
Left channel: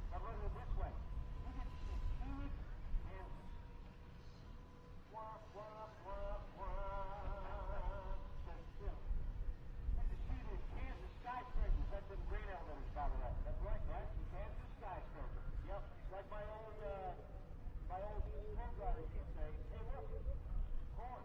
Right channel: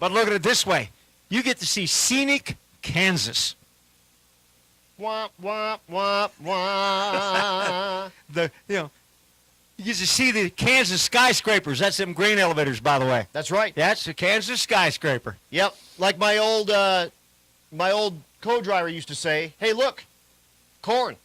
But look at it this way. You get to see scenic Kansas. Wah, wah, wah, wah. You get to see the Kansas skyscrapers. That's them grain elevators, by the way. That's right. That's the Kansas skyscraper. Yep. Like my old co-driver used to say, hey, look, corn.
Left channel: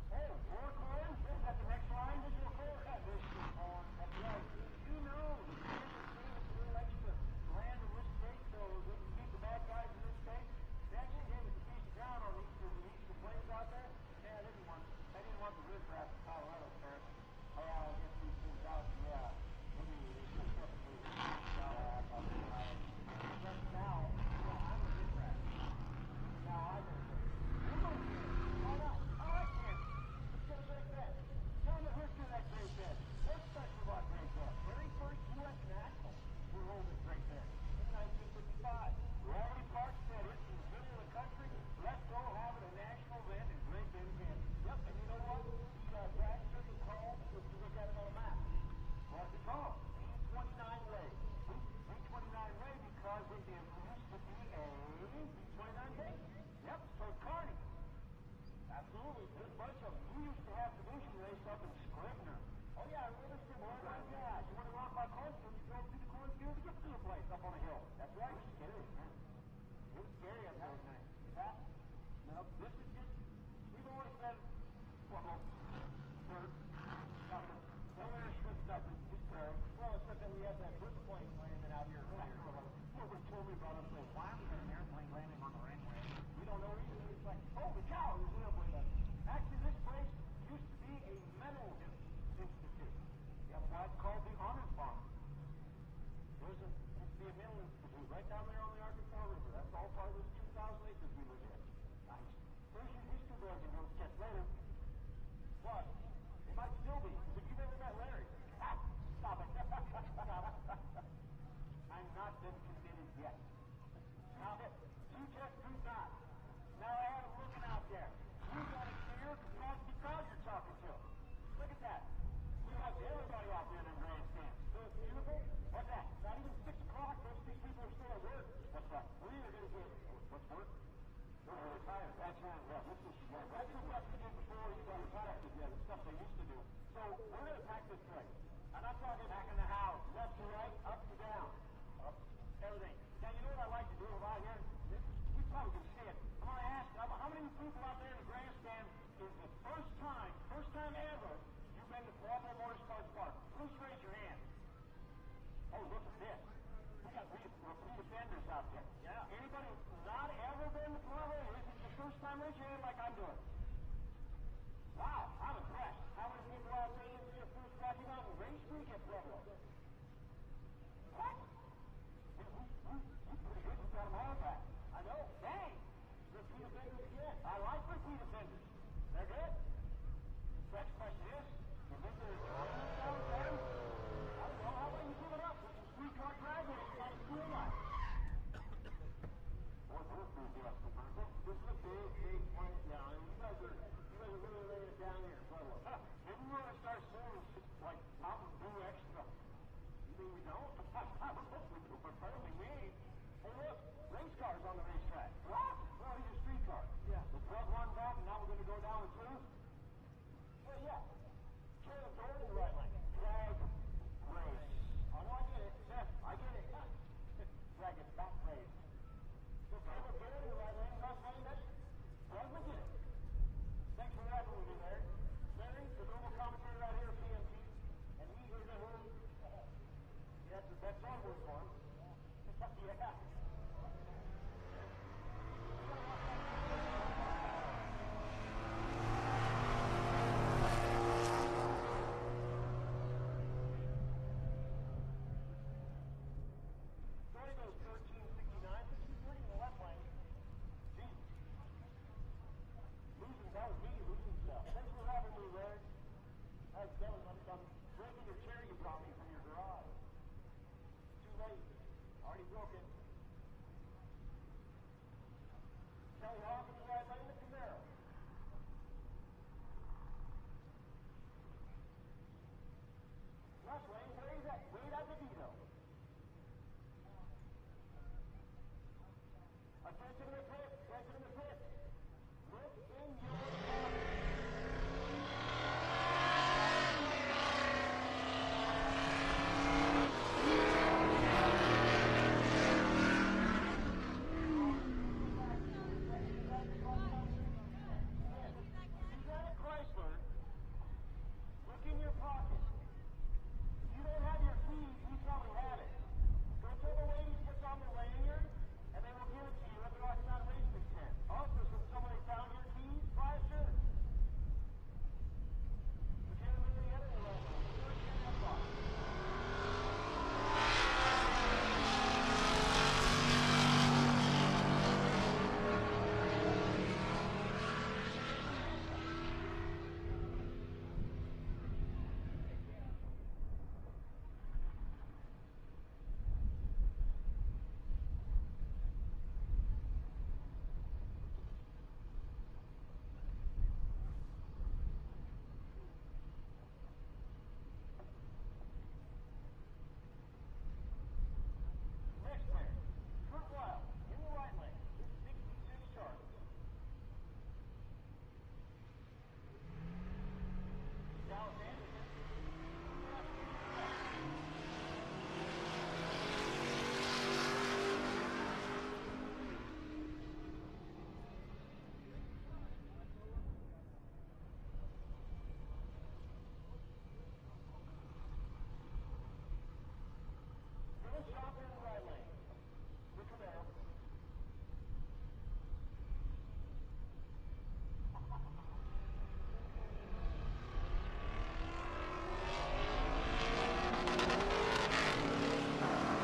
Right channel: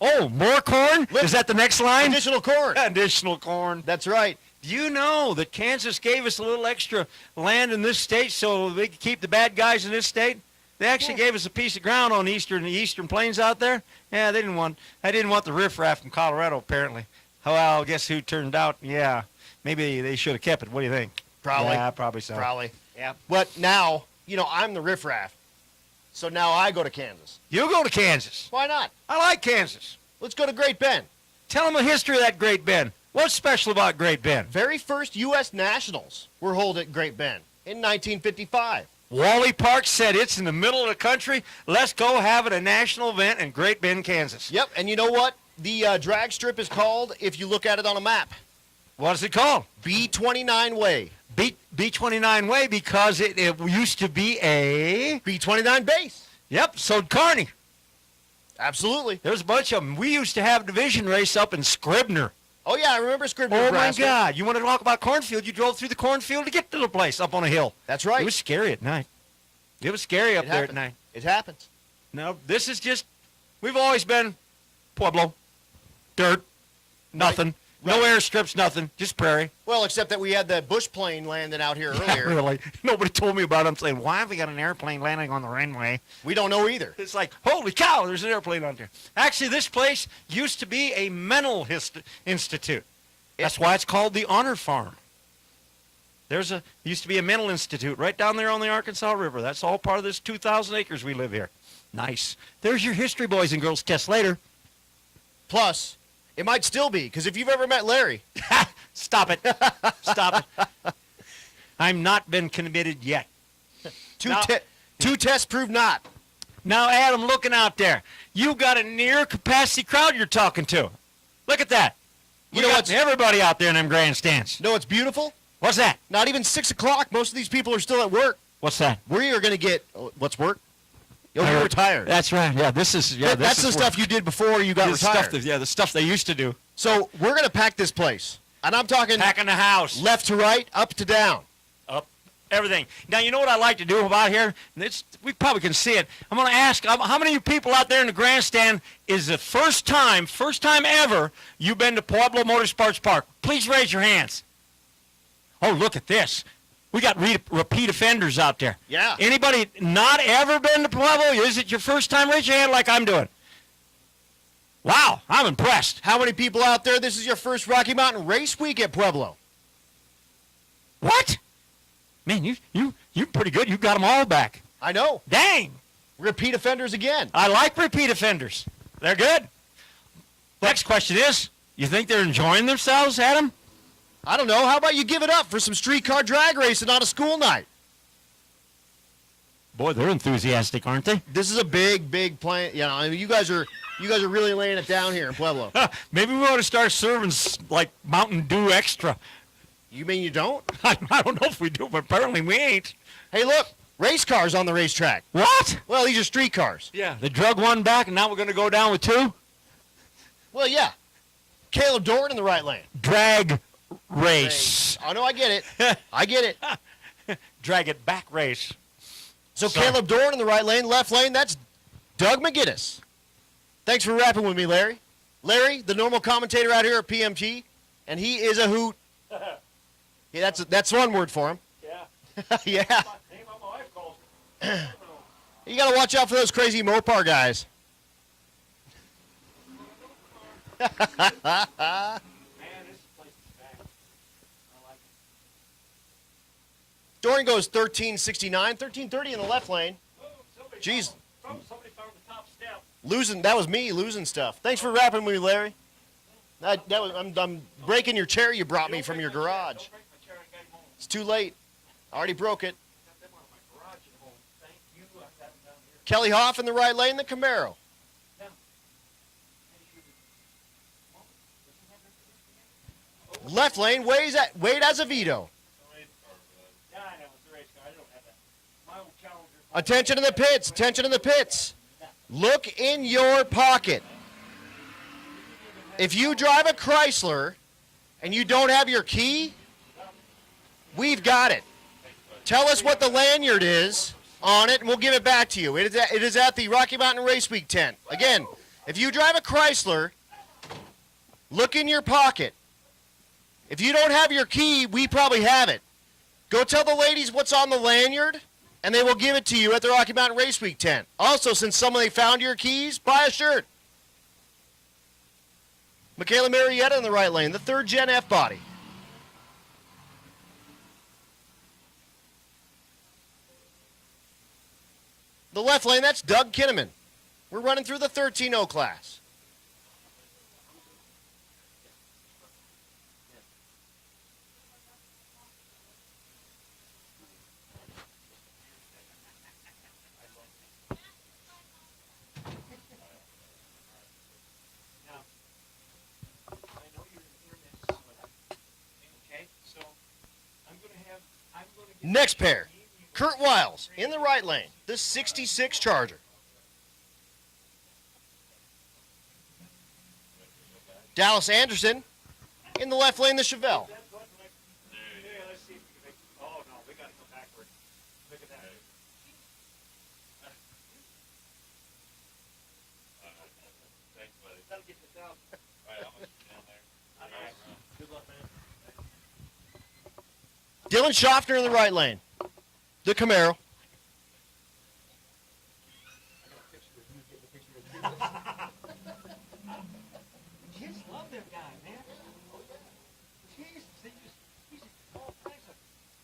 Oh, more corn? Look, is that the next line? Additional corn. Additional corn. That's right. Do you know that Kansas gave us a little extra land in this state so they could keep the bad guys in this state? They actually gave us a piece of ground on the eastern plains out there. Yeah, they didn't want the riffraff from Colorado, apparently. Well, guess who turned out? Yeah, maybe they should have kept it. What do you think? Probably. Yeah, probably so. Probably. Yeah. But now, I'm the riffraff. So now I go to Kansas. You go to Kansas. Why not? I like Kansas. Let's go to Great Bend. Tell them the history of that Great Bend. What's special about Great Bend? Very first U.S. Nationals were held at Great Bend in 1955. Wally Park said it's in the middle of the country. Let's go have it a national event in Great Bend, Kansas. Yep, and you know what the drag strip is called if you look at it on a map? What is it called? B29 Way. B29 Way because it used to be a... B29 base. Yep, so Kearney. Absolutely. There's a bunch of them. We used to have a division race up in Scribner. Oh, yeah, I remember Scribner, Oh, Nebraska. my God. You want to talk about cornfield? You drove through the cornfield to get to the place up on a hill. That's right. It was scary at night. It was scary up there at night. It happens. No, this is just, we've always been Pueblo, dirt, nothing, no airstrips, nothing, just prairie. Well, except that we had the bush plane landing out here earlier. Really. Nobody told me about it. I'm saying, why have we got an airplane landing on the runway? We don't know either. It's like, holy cow, there's an airplane on there. Actually, this place used to be a mental institute. That's why it's called the Honor Farm. Used to be a mental institute right down there on the Arkansas River. That's all part of this 2,000 acres we live here. Nice. There's your history, boys and girls. Test later. Plus, it might still be, because if you've ever met Larry. Stop it. Stop it. I'm not been committed yet. Two tests prove not. Now, Adam, looking out there, you got a near capacity crowd you're talking to. Look at that. You know what's everybody out there in them grandstands. Know what's beautiful? What's that? Not even 6 o'clock. Most of these people are still at work. What's that? We are going to get, what's work? You're retired. That's right. Yeah, this is, that's the stuff you did before you got retired. The stuff they used to do. So we're going to pack this place. And I'm talking packing the house. Left to right, up to down. Up, everything. Now, you know what I like to do about here? We probably can see it. I'm going to ask, how many of you people out there in the grandstand is the first time ever you've been to Pueblo Motorsports Park? Please raise your hands. Oh, look at this. We got repeat offenders out there. Yeah. Anybody not ever been to Pueblo? Is it your first time? Raise your hand like I'm doing. Wow, I'm impressed. How many people out there, this is your first Rocky Mountain Race Week at Pueblo? What? Man, you're pretty good. You got them all back. I know. Dang. Repeat offenders again. I like repeat offenders. They're good. Next question is, you think they're enjoying themselves, Adam? I don't know. How about you give it up for some streetcar drag racing on a school night? Boy, they're enthusiastic, aren't they? This is a big plan. You guys are really laying it down here in Pueblo. Maybe we ought to start serving like Mountain Dew Extra. You mean you don't? I don't know if we do, but apparently we ain't. Hey, look, race cars on the racetrack. What? Well, these are street cars. Yeah. They drug one back, and now we're going to go down with two? Well, yeah. Caleb Dorn in the right lane. Drag race. Oh, no, I get it. I get it. Drag it back race. So Caleb Dorn in the right lane, left lane, that's Doug McGinnis. Thanks for rapping with me, Larry. Larry, the normal commentator out here at PMT, and he is a hoot. Yeah, that's one word for him. Yeah. Yeah. You got to watch out for those crazy Mopar guys. Dorn goes 1369, 1330 in the left lane. Jeez. That was me losing stuff. Thanks for rapping with me, Larry. I'm breaking your chair you brought me from your garage. It's too late. I already broke it. Kelly Hoff in the right lane, the Camaro. Left lane, Wade Azevedo. Attention in the pits, attention in the pits. Look in your pocket. If you drive a Chrysler and you don't have your key, we've got it. Tell us what the lanyard is on it, and we'll give it back to you. It is at the Rocky Mountain Race Week tent. Again, if you drive a Chrysler, look in your pocket. If you don't have your key, we probably have it. Go tell the ladies what's on the lanyard, and they will give it to you at the Rocky Mountain Race Week tent. Also, since somebody found your keys, buy a shirt. Michaela Marietta in the right lane, the 3rd Gen F body. The left lane, that's Doug Kinnaman. We're running through the 13-0 class. Next pair, Kurt Wiles in the right lane, the 66 Charger. Dallas Anderson in the left lane, the Chevelle. Dylan Schaffner in the right lane, the Camaro.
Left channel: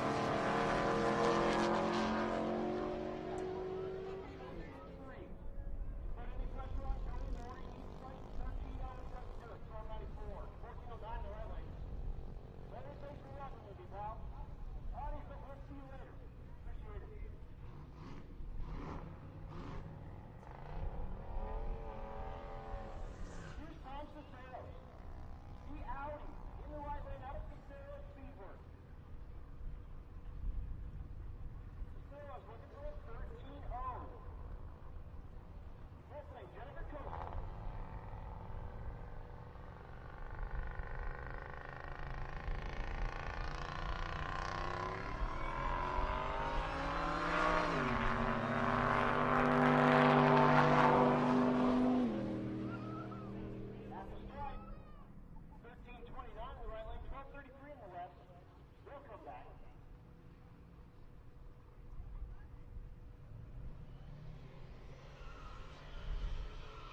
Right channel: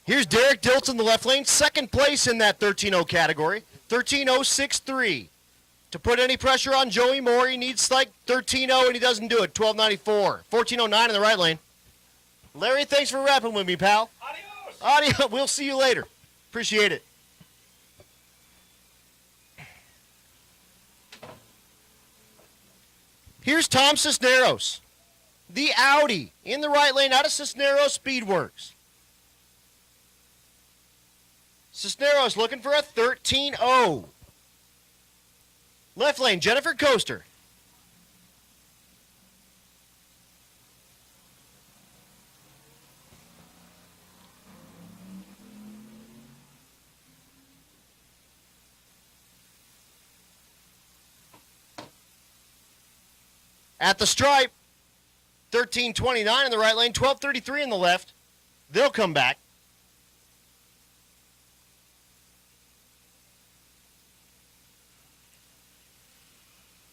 Here's Derek Diltz in the left lane, 2nd place in that 13-0 category, 13.063. To put any pressure on Joey Moore, he needs like 13-0, and he doesn't do it, 12.94. 14.09 in the right lane. Larry, thanks for rapping with me, pal. Audio, we'll see you later. Appreciate it. Here's Tom Cisneros, the Audi in the right lane out of Cisneros Speedworks. Cisneros looking for a 13-0. Left lane, Jennifer Coaster. At the stripe, 13.29 in the right lane, 12.33 in the left. They'll come back.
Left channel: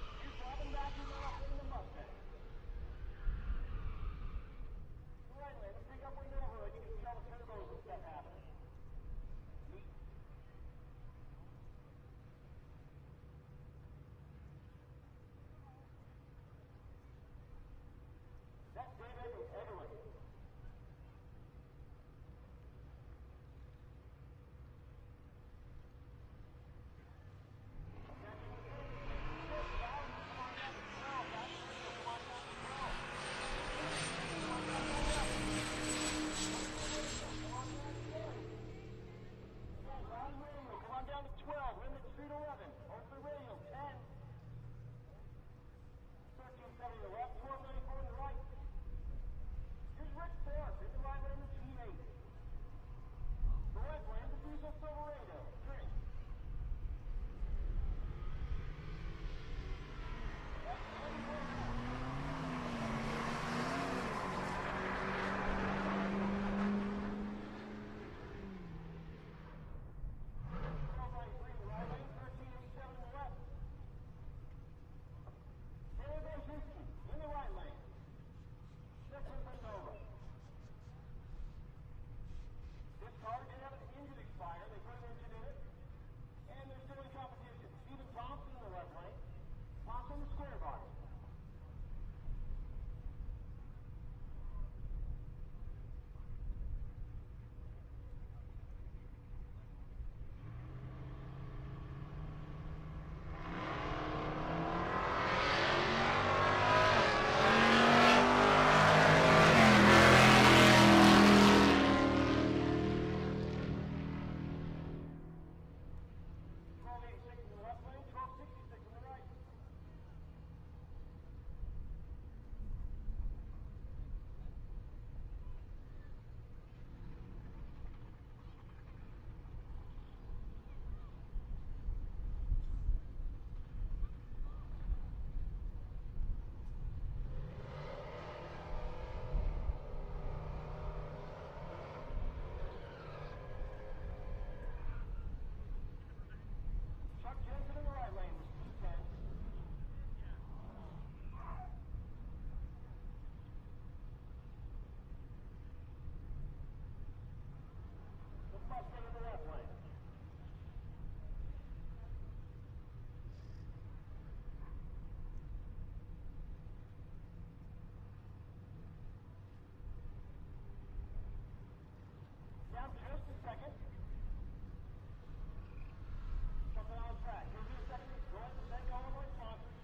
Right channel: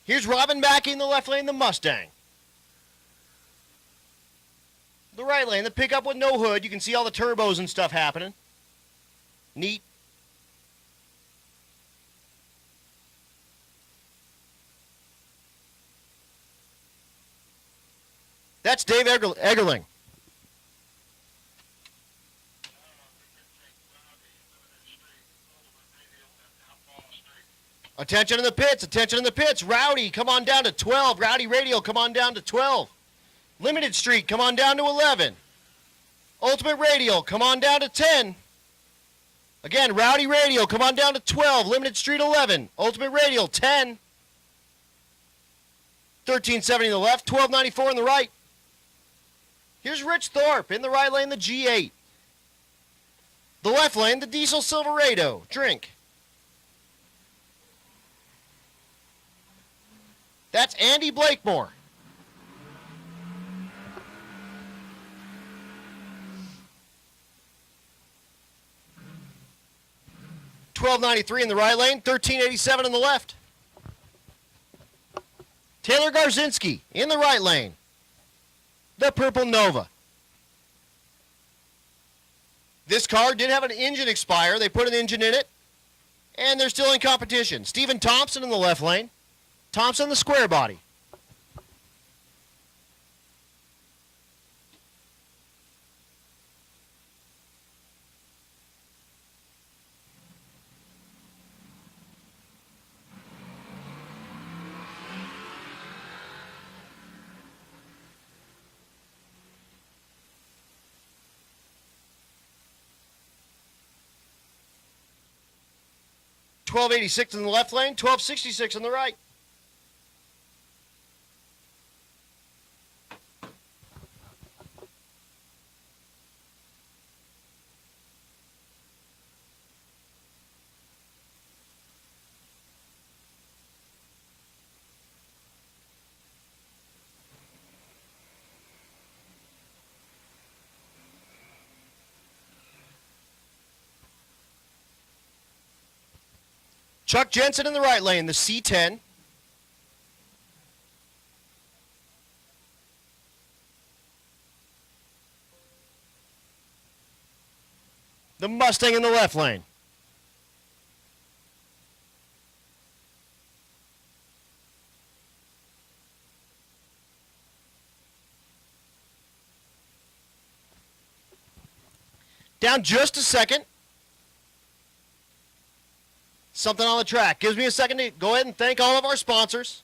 Here's Robin Mackey in the left lane, the Mustang. The right lane, the pickup with no hood. You can see all the turbos and stuff happening. Neat. That's Dave Eggerling. Attention in the pits, attention in the pits. Rowdy, come on down to 12. Rowdy Radial, come on down to 12. Limited Street, come on down to 11. Ultimate Radial, come on down to 10. Again, Rowdy Radial, come on down to 12. Limited Street, 11. Ultimate Radial, 10. 13.70 in the left, 12.94 in the right. Here's Rich Thorpe in the right lane, the G8. The left lane, the Diesel Silverado. Drink. That's Andy Blakemore. $12.93 in the right lane, $13.87 in the left. Taylor Garzinski in the right lane, the Purple Nova. This car did have an engine expire. They put an engine in it, and they're still in competition. Stephen Thompson in the left lane. Thompson, the square body. $12.86 in the left lane, $12.66 in the right. Chuck Jensen in the right lane, the C10. The Mustang in the left lane. Down just a second. Something on the track. Gives me a second to go ahead and thank all of our sponsors.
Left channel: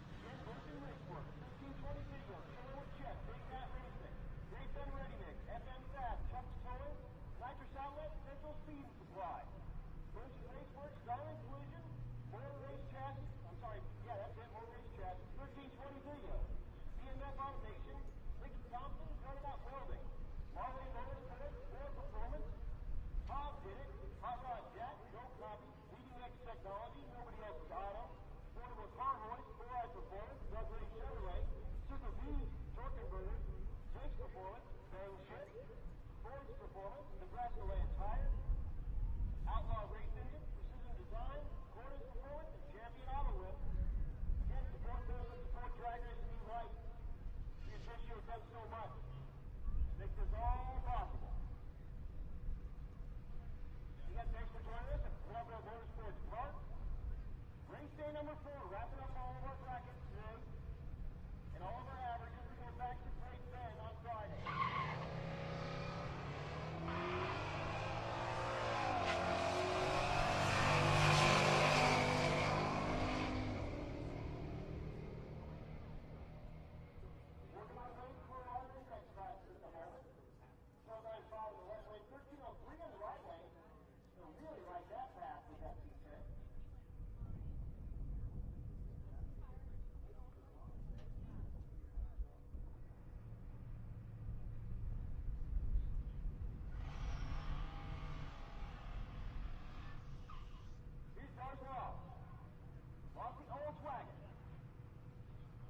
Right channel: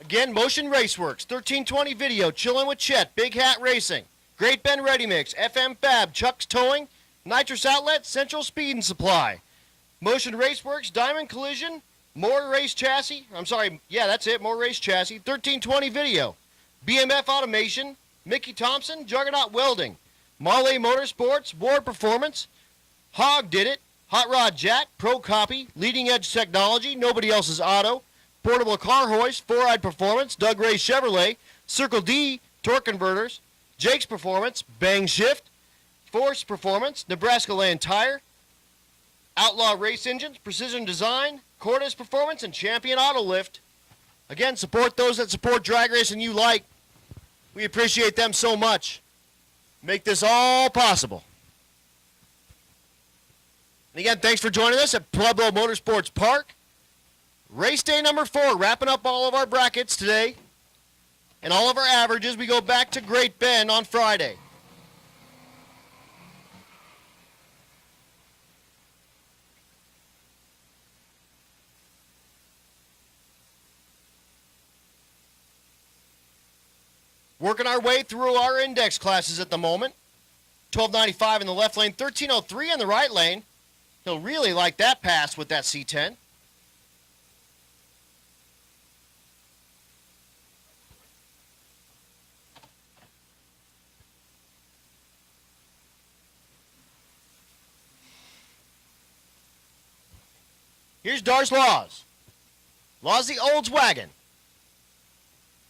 Again, Motion Raceworks, 1320 Video, Chillin' with Chet, Big Hat Racing, Great Bend Ready Mix, FM Fab, Chuck's Towing, Nitrous Outlet, Central Speed and Supply, Motion Raceworks, Diamond Collision, More Race Chassis, that's it, More Race Chassis, 1320 Video, BMF Automation, Mickey Thompson, Juggernaut Welding, Marley Motorsports, Ward Performance, Hog Did It, Hot Rod Jack, Pro Copy, Leading Edge Technology, Nobody Else's Auto, Portable Car Hoist, Four Eyed Performance, Doug Ray Chevrolet, Circle D, Torque Converters, Jake's Performance, Bang Shift, Force Performance, Nebraska Land Tire, Outlaw Race Engines, Precision Design, Cordes Performance, and Champion Auto Lift. Again, support those that support drag racing you like. We appreciate them so much. Make this all possible. And again, thanks for joining us at Pueblo Motorsports Park. Race day number 4, wrapping up all of our brackets today. And all of our averages, we go back to Great Bend on Friday. Working our way through our index classes at the moment. 1295 in the left lane, 1303 in the right lane. He'll really like that pass with that C10. Here's Dar's Laws. Laws the Olds wagon.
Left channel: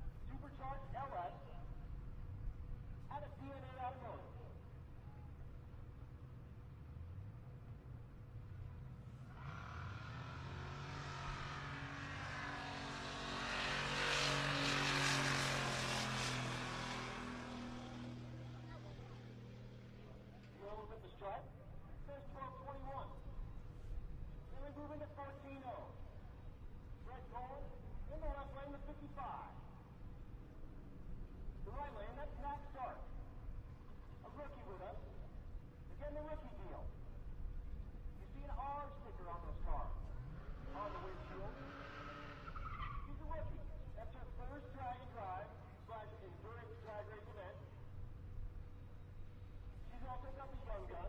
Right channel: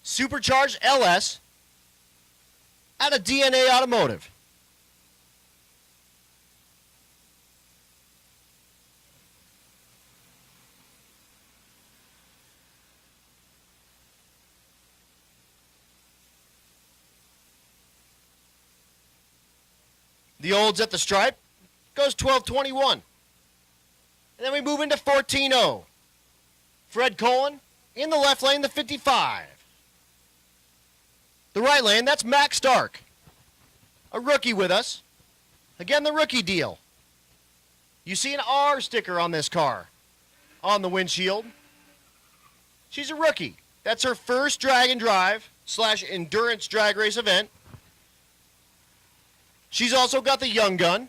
Supercharged LS out of DNA Automotive. The Olds at the stripe goes 1221. And then we move into 14-0. Fred Cohen in the left lane, the 55. The right lane, that's Max Stark, a rookie with us. Again, the rookie deal. You see an R sticker on this car on the windshield. She's a rookie. That's her first drag and drive / endurance drag race event. She's also got the young gun.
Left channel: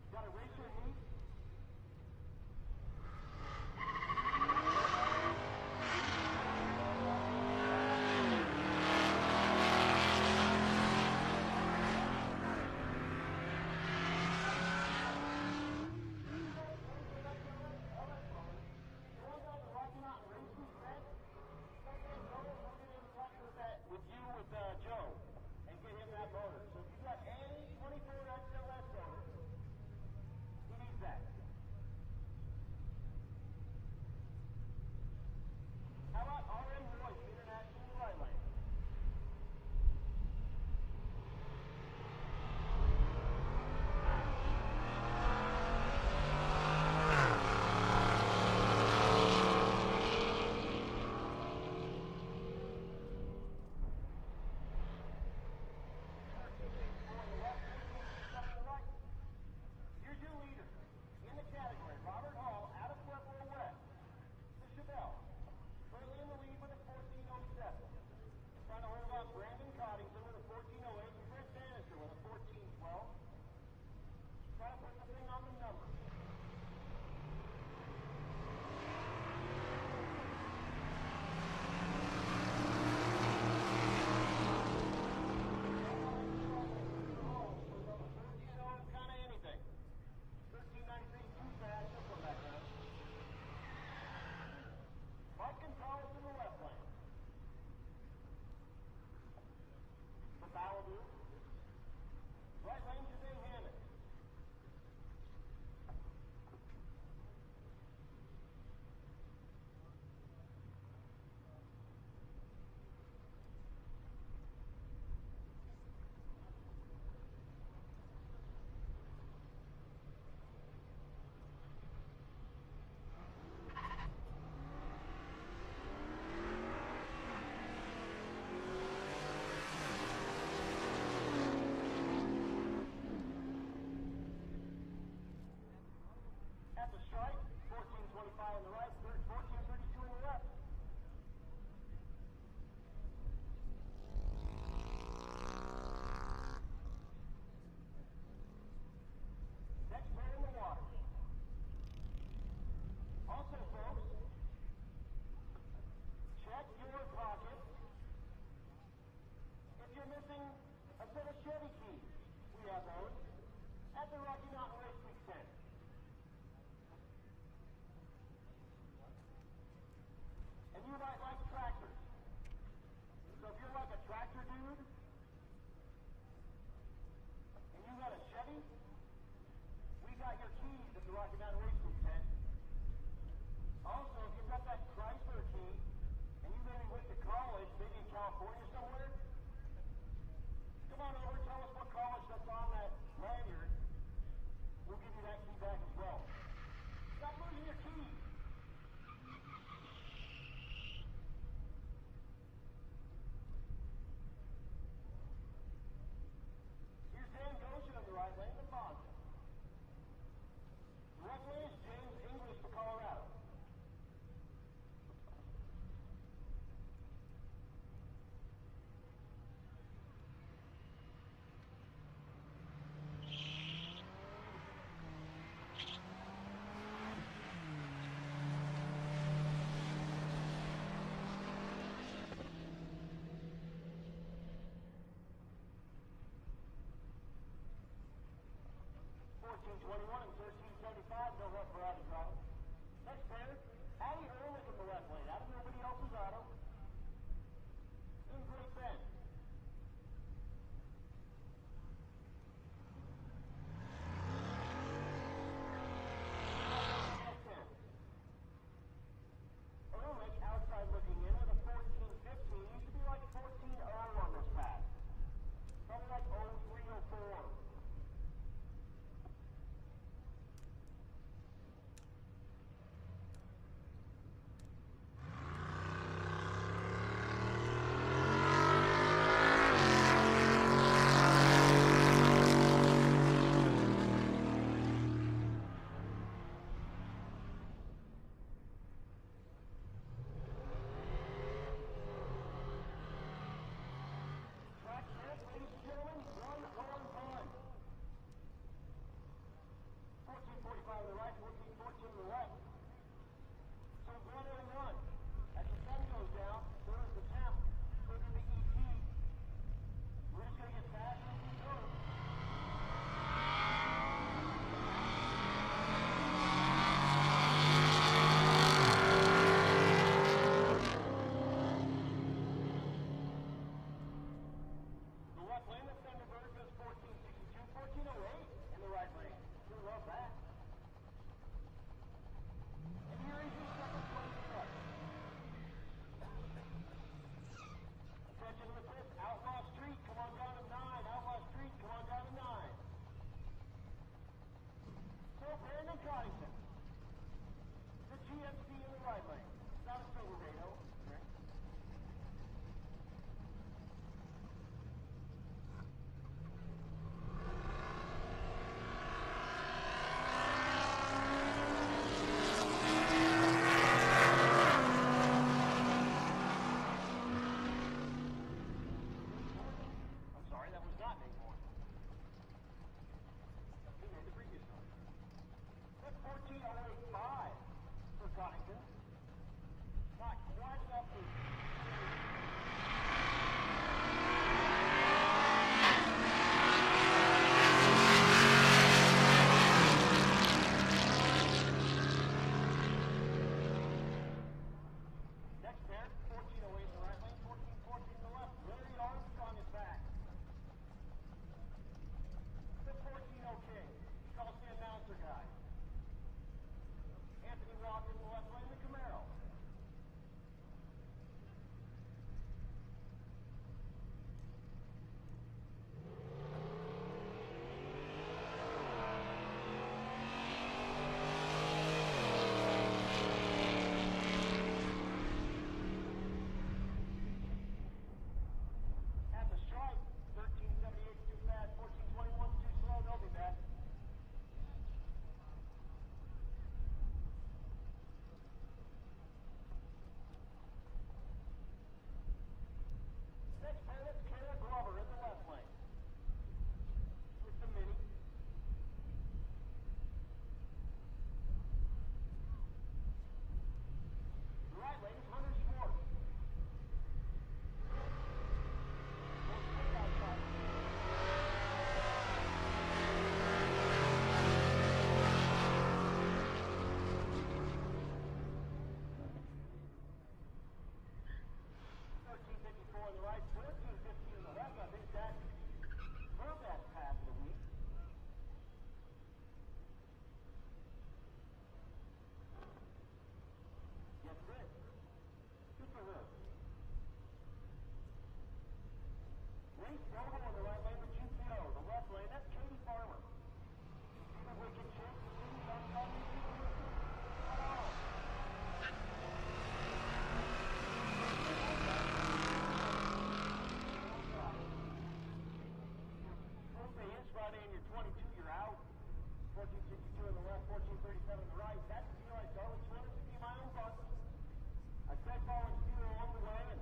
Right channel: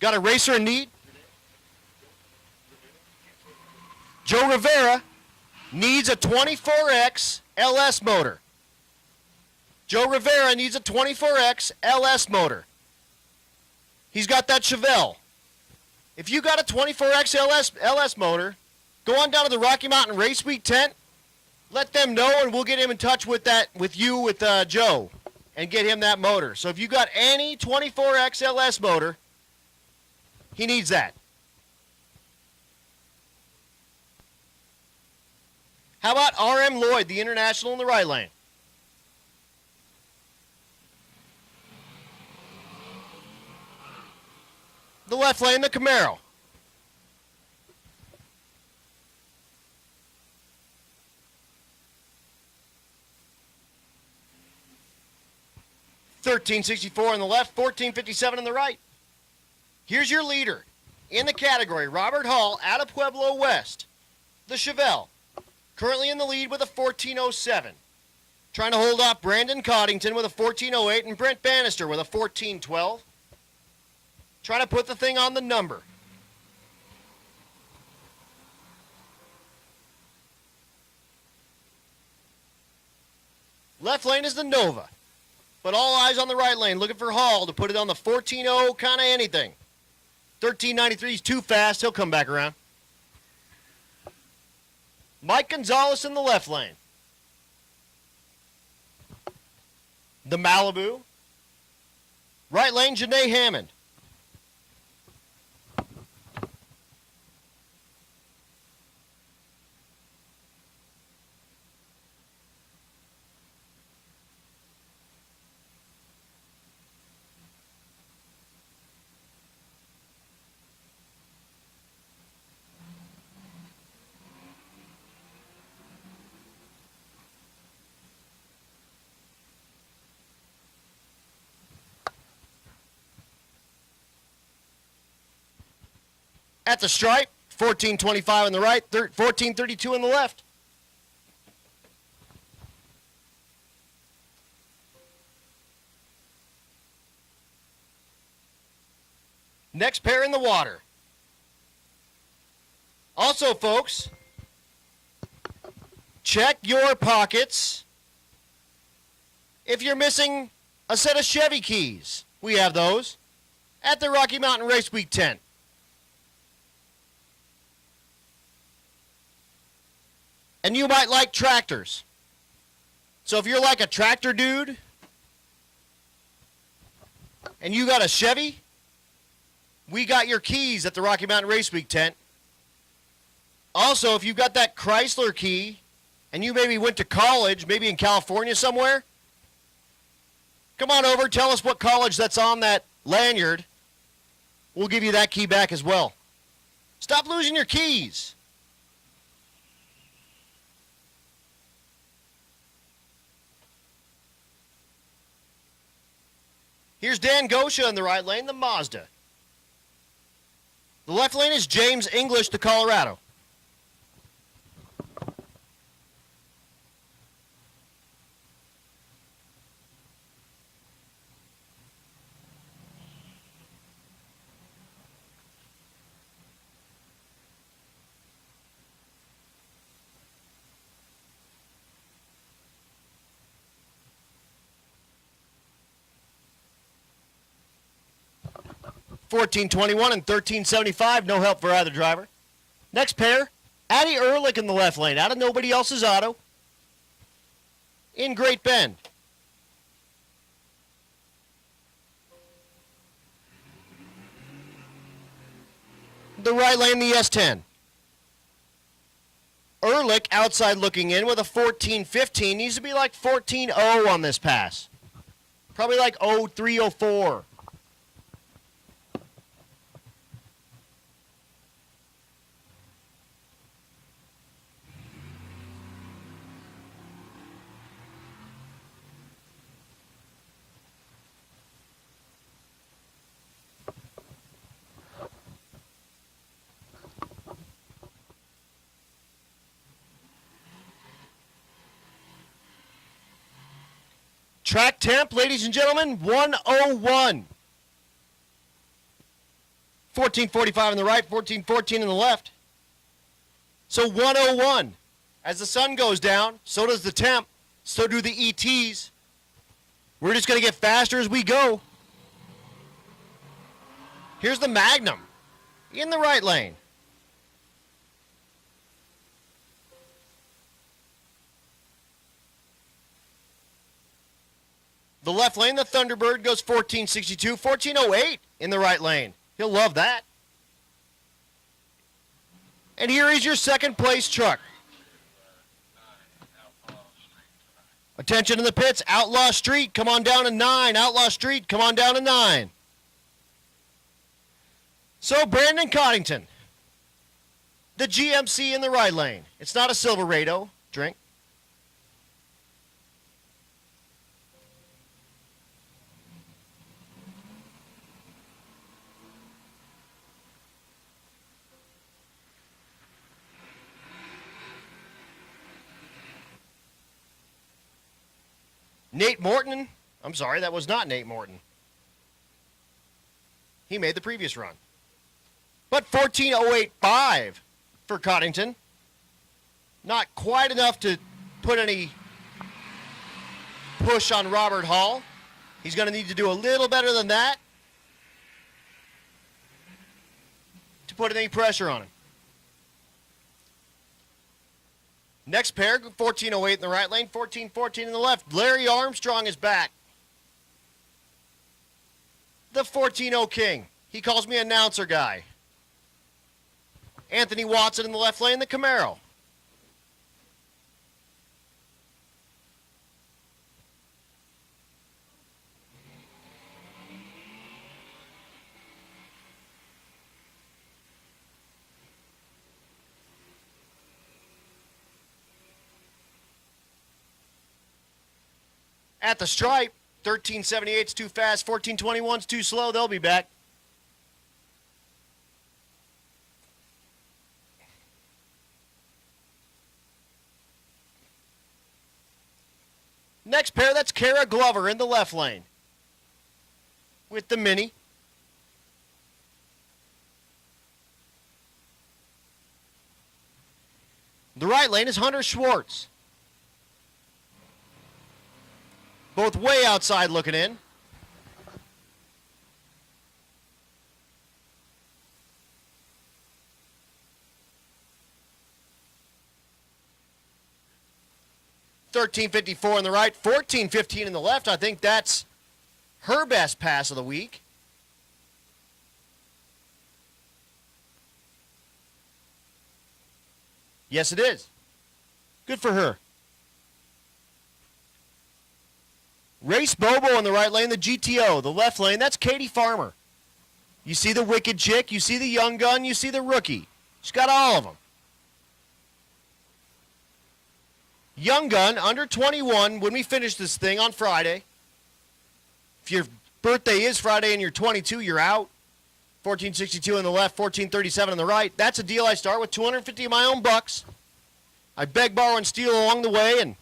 Got a racer in need. Joe Rivera needs a 24X LS motor. Joe Rivera needs a 24X LS motor. He's got that Chevelle. If you got a 24X LS motor, go on down to the Rocky Mountain Race Week tent. Let them know, and we'll get him in touch with Joe, and get him that motor. So if you got any 24X LS motor, he needs that. How about R.M. Lloyd, the International in the right lane? The left lane, the Camaro. $13.64 on the left, $14.57 on the right. Here's your leader in the category, Robert Hall out of Pueblo West, the Chevelle, currently in the lead with a 14.07. Trying to hold off Brandon Coddington with a 14.08 and Brent Bannister with a 14.12. Trying to put the thing on the number. Left lane is the Nova, but all eyes on the right lane, looking for Hall to put it on the 14.0 kind of anything. 13.93 is too fast. He'll come back around. Mike Gonzalez in the left lane. The Malibu. Right lane, Janae Hammond. At the stripe, 1425 on the right, 1432 on the left. Next pair in the water. Also, folks, check your pockets. If you're missing a set of Chevy keys, we have those at the Rocky Mountain Race Week tent. And you might like tractors. So if you're like a tractor dude and you got a Chevy, we got your keys at the Rocky Mountain Race Week tent. Also, if you've got that Chrysler key and you maybe went to college, maybe in California somewhere, come on over, tell us what college that's on that lanyard. We'll give you that key back as well. Stop losing your keys. Here's Dan Gosha in the right lane, the Mazda. The left lane is James English, the Colorado. $14.21 and $13.75, no help for either driver. Next pair, Addie Ehrlich in the left lane, out of nobody else's auto, in Great Bend. The right lane, the S10. Ehrlich outside looking in with a 14.15, needs to be like 14.0 on this pass. Probably like 03, 04. Track temp, ladies and gentlemen, 101. 1445 on the right, 1414 on the left. So 101. As the sun goes down, so does the temp, so do the ETs. We're just going to get faster as we go. Here's the Magnum in the right lane. The left lane, the Thunderbird, goes 1462, 1408 in the right lane. He'll love that. And here is your second place truck. Attention in the pits, Outlaw Street, come on down to 9. Outlaw Street, come on down to 9. So Brandon Coddington, the GMC in the right lane. It's not a Silverado drink. Nate Morton, I'm sorry, that was not Nate Morton. He made the previous run. But 14.085 for Coddington. Not quite enough to put any push on Robert Hall. He's going to need to do a little better than that. Put any pressure on him. Next pair, 1408 in the right lane, 1414 in the left. Larry Armstrong is back. The 14-0 King. He calls me announcer guy. Anthony Watson in the left lane, the Camaro. At the stripe, 1378's too fast, 1421's too slow. They'll be back. Next pair, that's Kara Glover in the left lane with the Mini. The right lane is Hunter Schwartz. Both way outside looking in. $13.54 in the right, $14.15 in the left. I think that's her best pass of the week. Yes, it is. Good for her. Race Bobo in the right lane, the GTO. The left lane, that's Katie Farmer. You see the wicked chick, you see the young gun, you see the rookie. She's got all of them. Young gun, under 21, when we finish this thing on Friday. If your birthday is Friday and you're 22, you're out. 1462 in the left, 1437 on the right. That's a deal I start with 250 of my own bucks. I beg, borrow, and steal along the way, and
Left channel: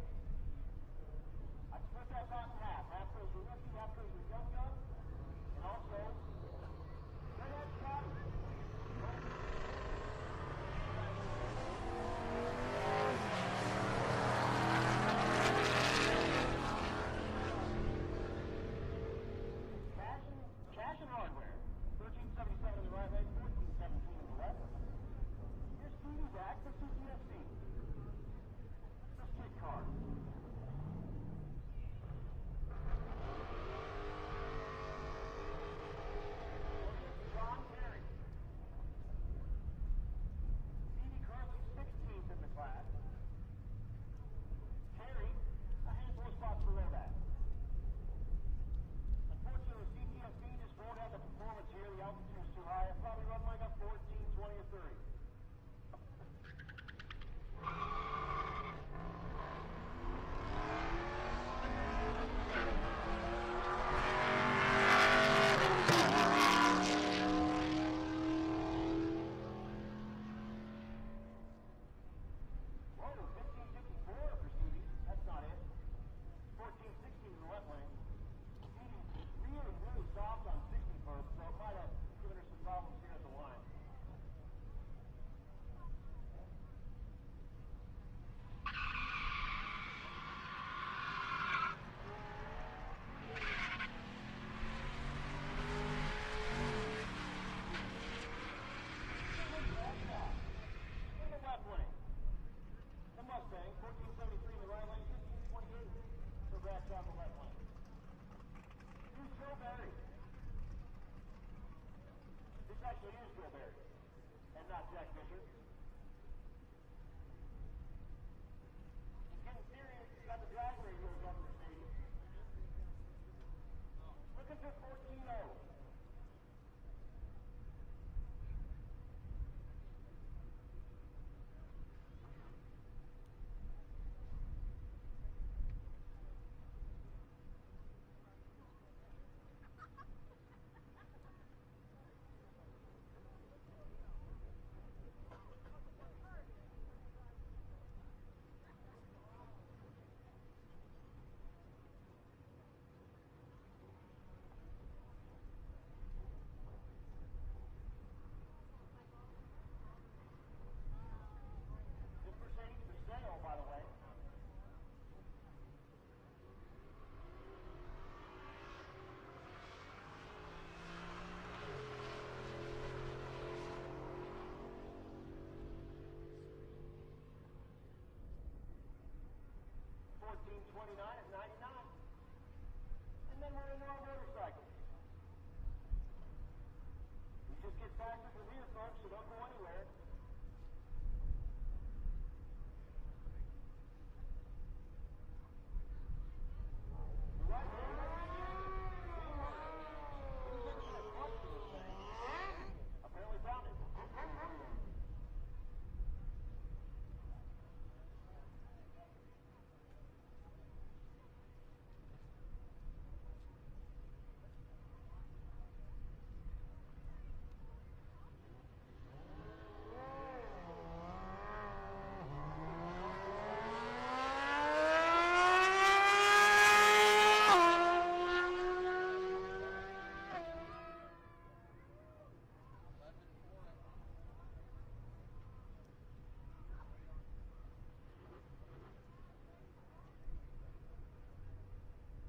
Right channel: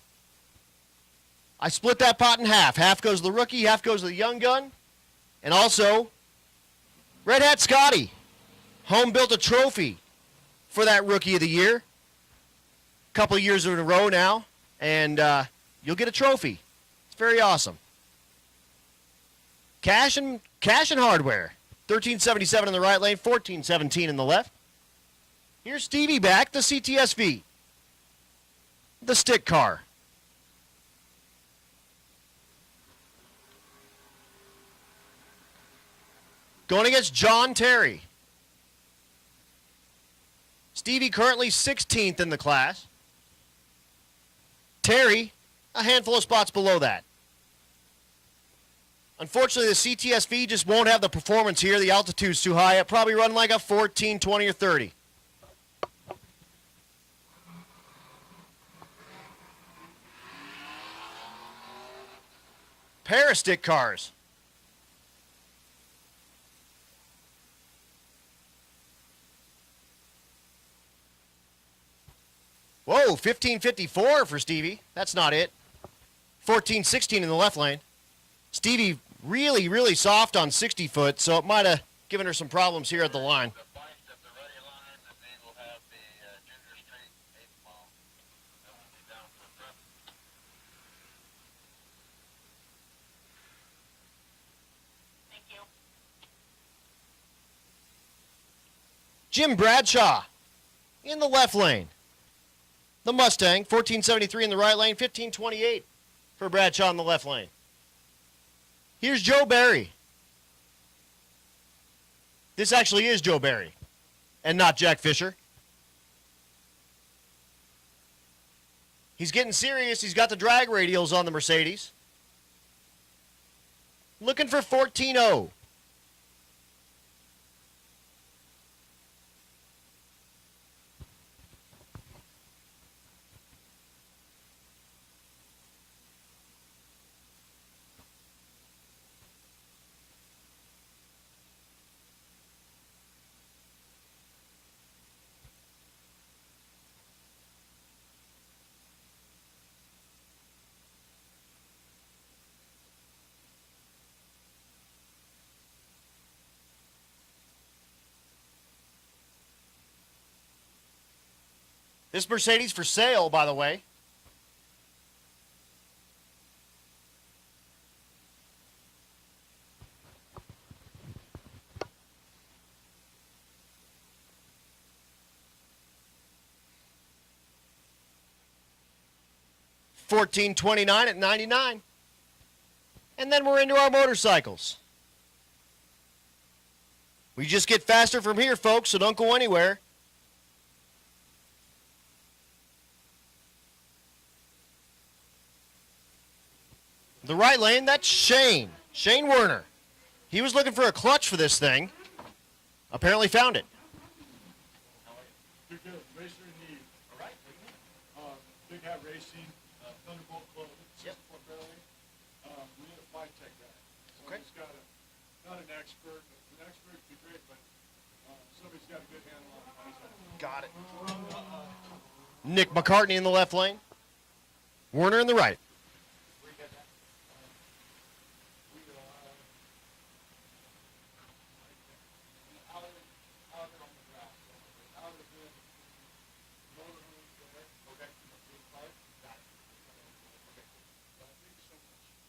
I split that pot in half. Half goes to the rookie, half goes to the young gun. And also, Red Hat Scotty. Home built a trophy for that Rookie of the Year. A couple of years in a row now, and you'll get a trophy. It's very awesome. Cash and hardware. 1377 in the right lane, 1417 in the left. Here's Stevie back, the CTSV. The stick car. Going against John Terry. Stevie currently 16th in the class. Terry, a handful of spots below that. Unfortunately, the CTSV just won't have the performance here. The altitude's too high. It'll probably run like a 14, 20, or 30. Pair of stick cars. Whoa, 1554 for Stevie. That's not it. 1416 in the left lane. Stevie really, really soft on 60 foot, so it might have given her some problems here at the line. Jim Bradshaw in the left lane. The Mustang, 1473 in the right lane, 1528 for Bradshaw in the left lane. Here's Joe Barry. This actually is Joe Barry and not Jack Fisher. He's getting serious. He's got the drag radials on the Mercedes. Looking for 14-0. This Mercedes for sale, by the way. 1429 at 99. And then we're into our motorcycles. We just get faster from here, folks, so don't go anywhere. The right lane, that's Shane Werner. He was looking for a clutch for this thing. Apparently found it. Big Racer in Need. Big Hat Racing, Thunderbolt Club, 64 Rally. We need a 5-tech guy. Okay. Somebody's got not an expert. An expert would be great, but somebody's got a good handle on it. Got it. Nick McCartney in the left lane. Werner in the right.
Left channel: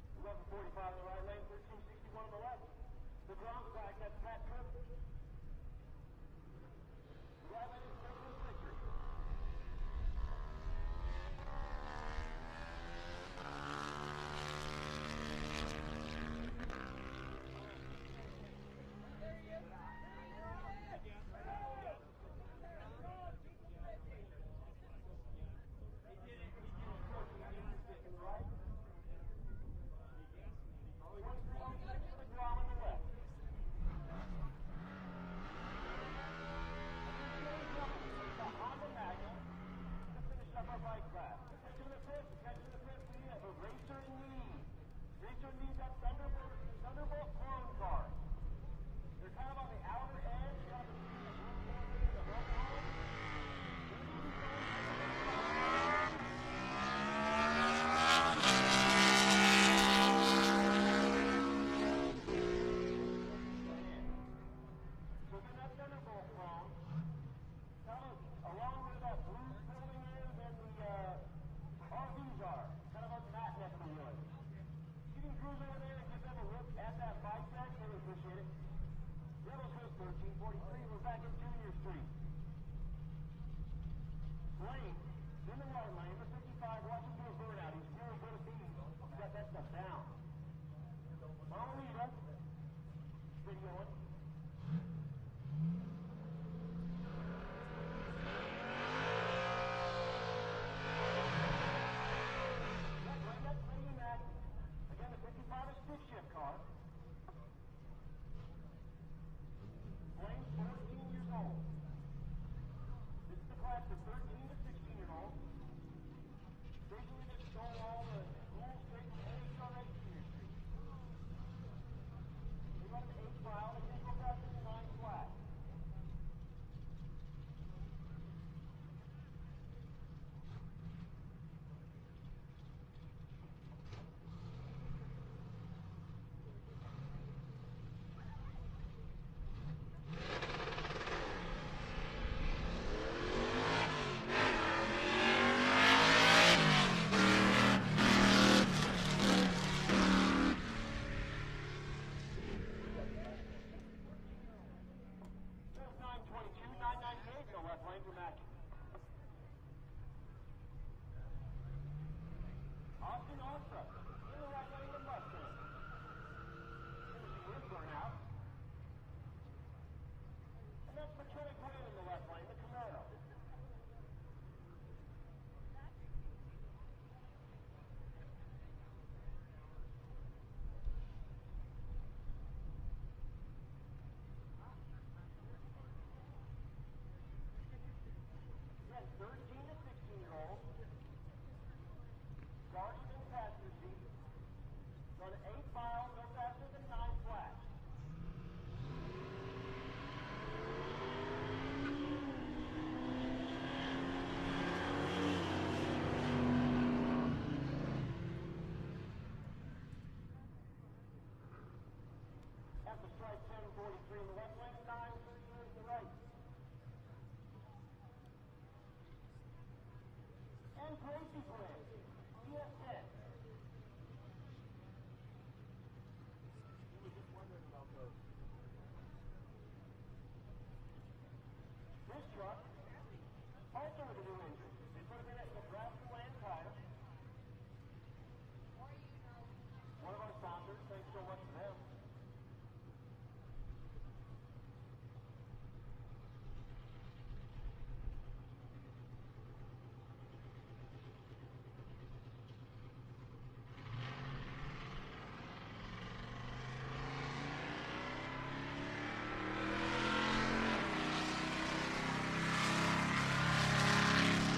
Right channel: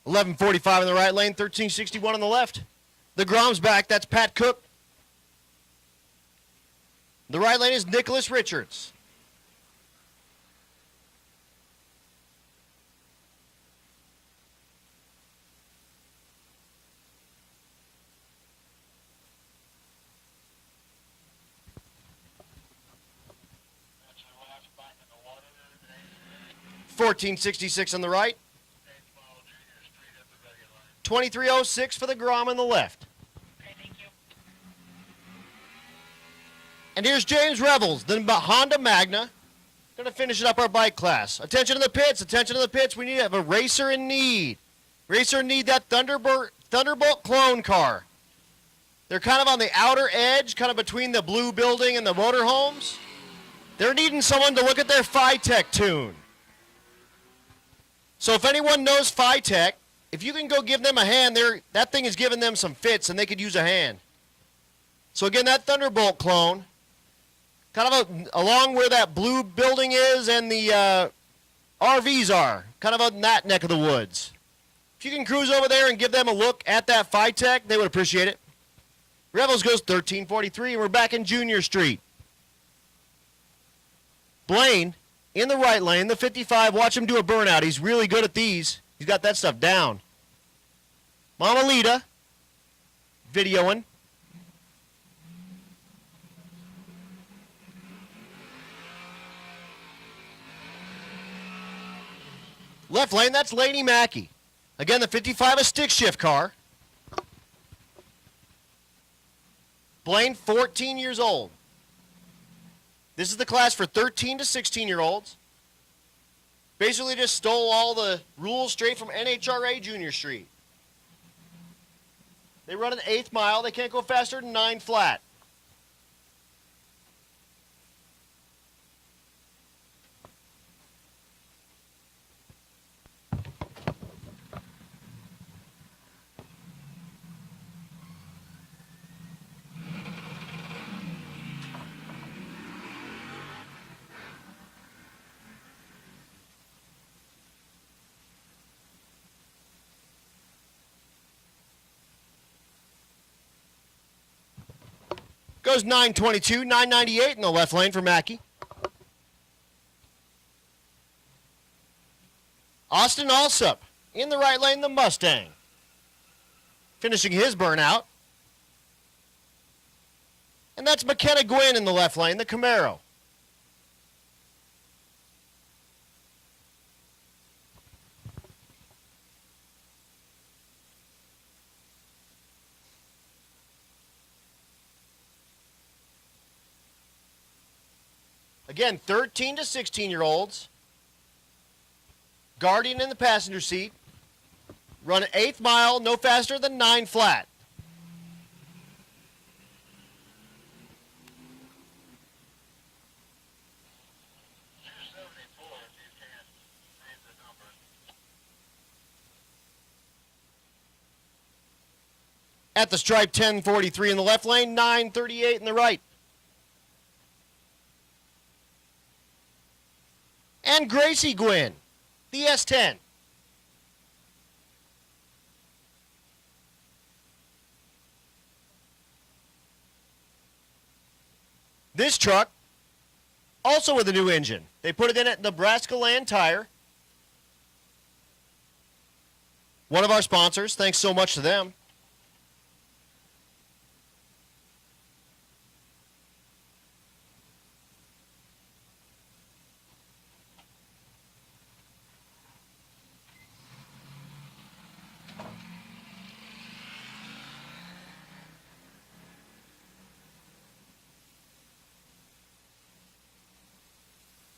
$11.45 in the right lane, $13.61 on the left. The Grom's back, that's Pat Cook. The right lane is Nicholas Richards. $14.66 on the right. 23.06 for the Grom on the left. And here's James Revels, the Honda Magna. Gonna finish it up our bike class. Attention to the pits, attention to the pits. We need to have a racer in need. Racer in need, that Thunderbolt clone car. They're kind of on the outer edge, kind of between the blue building and the motorhomes. They're needing someone to look at their Phi-Tech tune. So if anyone knows Phi-Tech, if you can go give them a hand, that thing is giving them some fits and they could use a hand. So again, that Thunderbolt clone, kind of along where that blue building is and the RVs are, kind of on that neck of the woods. If you can cruise over there and give them a look at that Phi-Tech, they would appreciate it. Revels goes 1343, and we're back in Junior Street. Blaine in the right lane, the 55. Watch him do a burnout. He's really good at these. He's got that stuff down. Mama Lita videoing. Left lane, that's Lady Mackey. Again, the 55, a stick shift car. Blaine, 14 years old. This is the class for 13 to 16-year-olds. Basically just stole all the rules straight from NHRA Junior Street. They run an 1/8 mile. They can't go faster than 9 flat. Goes 922, 998 in the left lane for Mackey. Austin Alsup in the right lane, the Mustang. Finishing his burnout. And that's McKenna Gwynn in the left lane, the Camaro. Again, 13 to 16-year-olds. Guardian in the passenger seat. Run an 1/8 mile, no faster than 9 flat. At the stripe, 1043 in the left lane, 938 in the right. And Gracie Gwynn, the S10. This truck, also with a new engine. They put it in at Nebraska Land Tire. one of our sponsors. Thanks so much to them.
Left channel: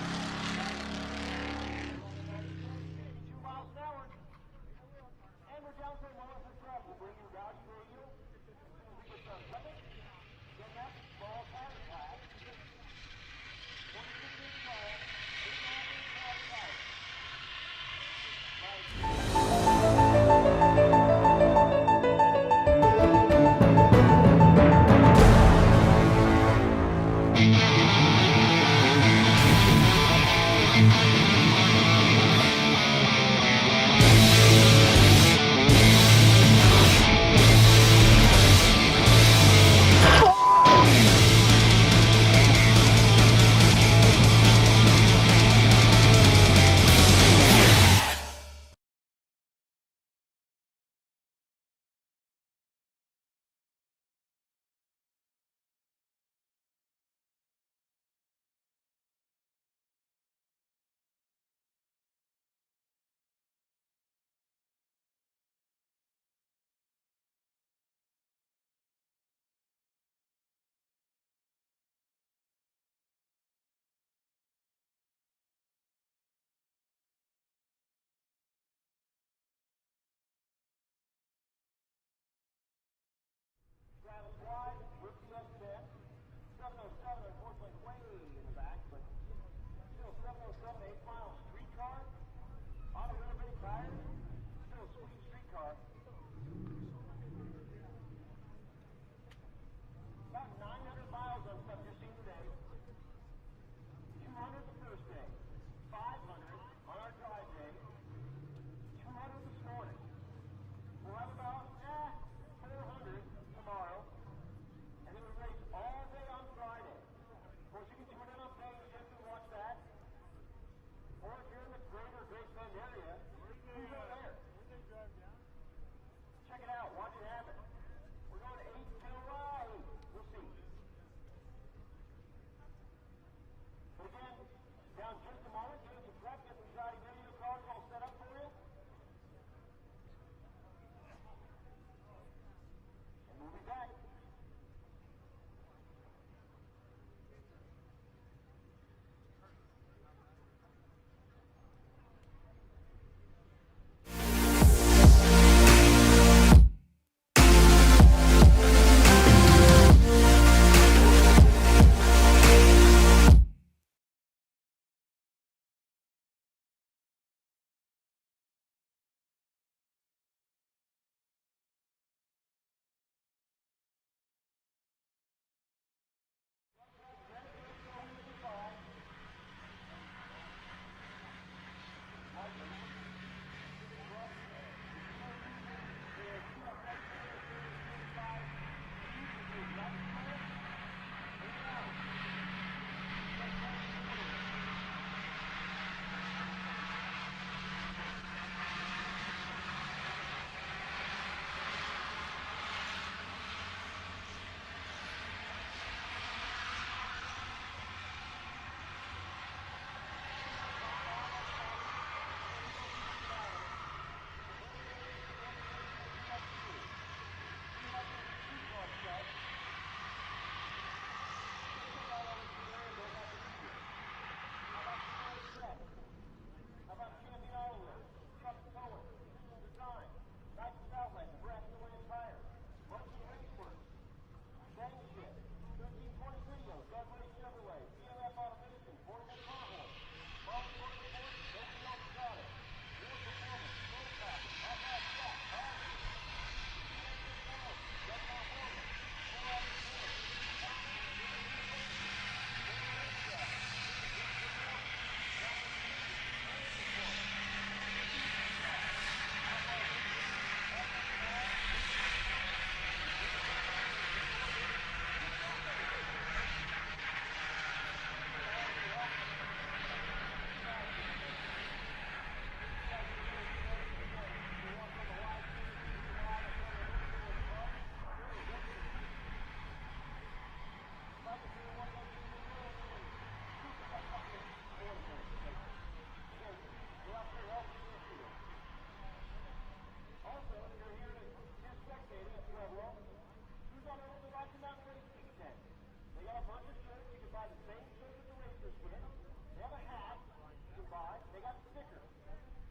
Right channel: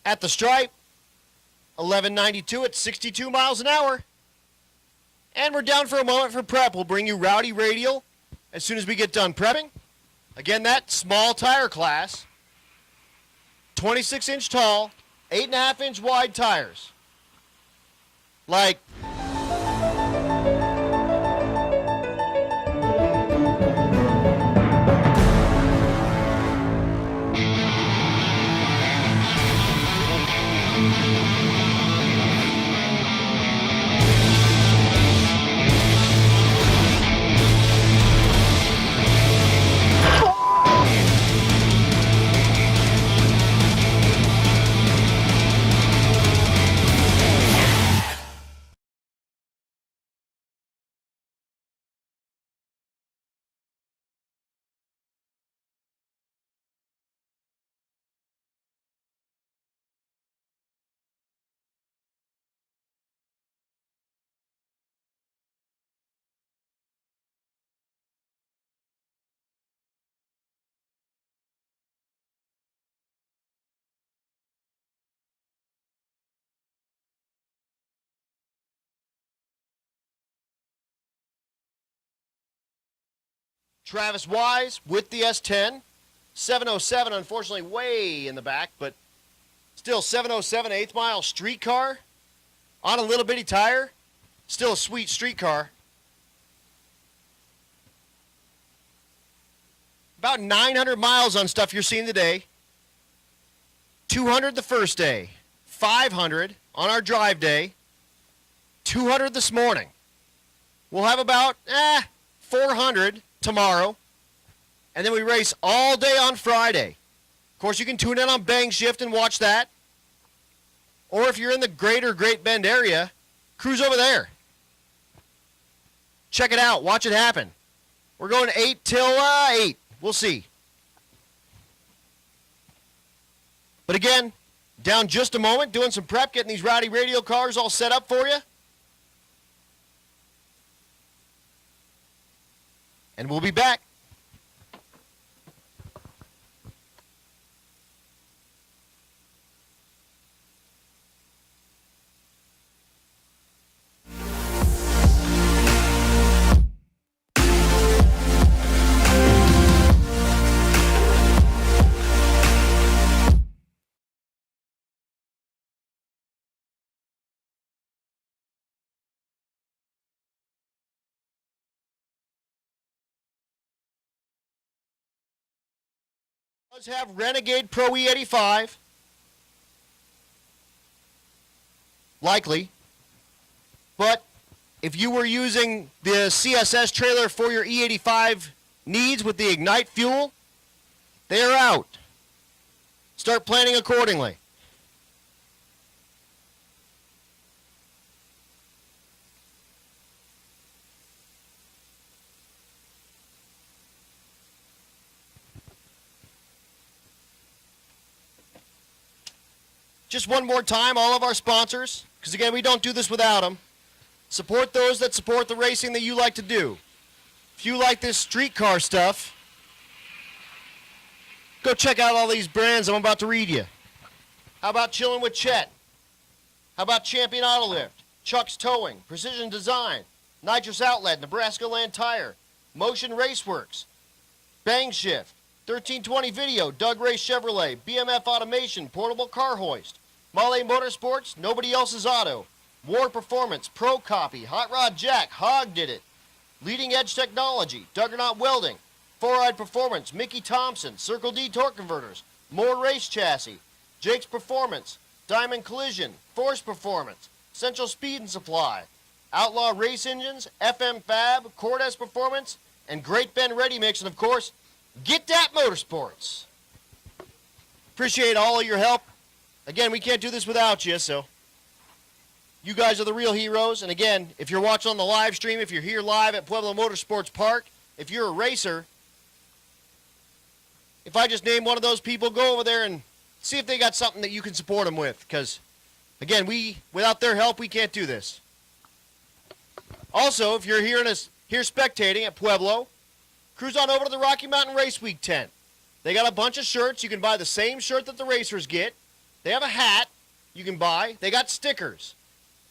At the stripe, 1192 at 62 miles an hour. And we're down for a moment for prep. We'll bring you Rowdy Radial as soon as we get done prepping. Again, that small tire class, 26-inch tall, 8.5-inch wide tires. Like, Travis Wise with the S10, 707, unfortunately way in the back, but still 707 8th mile street car on a little bitty tire. Still a sweet street car. About 900 miles on stuff you're seeing today. 200 the first day, 500 on our drive day, 200 this morning. We'll have about 400 tomorrow, and then we race all day on Friday. Of course, you can tune in on Bang Shift and watch that. Or if you're in the greater Great Bend area, cruise over there. Check it out. Watch it happen. We're going 8 till 8. We'll see. But again, down just a moment, doing some prep, getting these Rowdy Radial cars all set up for you. And we'll be back. Does have Renegade Pro E85, likely, but if you were using the CSS trailer for your E85 needs with the Ignite fuel, they are out. Start planning accordingly. Just one more time, all of our sponsors, because again, we don't do this without them. Support those that support the racing that you like to do. If you like this streetcar stuff, go check out all these brands I'm about to read you. How about Chillin' with Chet? How about Champion Auto Lift, Chuck's Towing, Precision Design, Nitrous Outlet, Nebraska Land Tire, Motion Raceworks, Bang Shift, 1320 Video, Doug Ray Chevrolet, BMF Automation, Portable Car Hoist, Molle Motorsports, Nobody Else's Auto, War Performance, Pro Copy, Hot Rod Jack, Hog Did It, Leading Edge Technology, Duggernaut Welding, Four-Eyed Performance, Mickey Thompson, Circle D Torque Converters, More Race Chassis, Jake's Performance, Diamond Collision, Force Performance, Central Speed and Supply, Outlaw Race Engines, FM Fab, Cordes Performance, and Great Bend Ready Mix, and of course, Get That Motorsports. Appreciate all of your help. Again, we can't do this without you, so You guys are the real heroes. And again, if you're watching on the live stream, if you're here live at Pueblo Motorsports Park, if you're a racer, if I just name one of those people, go over there and see if they got something that you can support them with. Because, again, without their help, we can't do this. Also, if you're here spectating at Pueblo, cruise on over to the Rocky Mountain Race Week tent. They got a bunch of shirts. You can buy the same shirt that the racers get. They have a hat you can buy. They got stickers.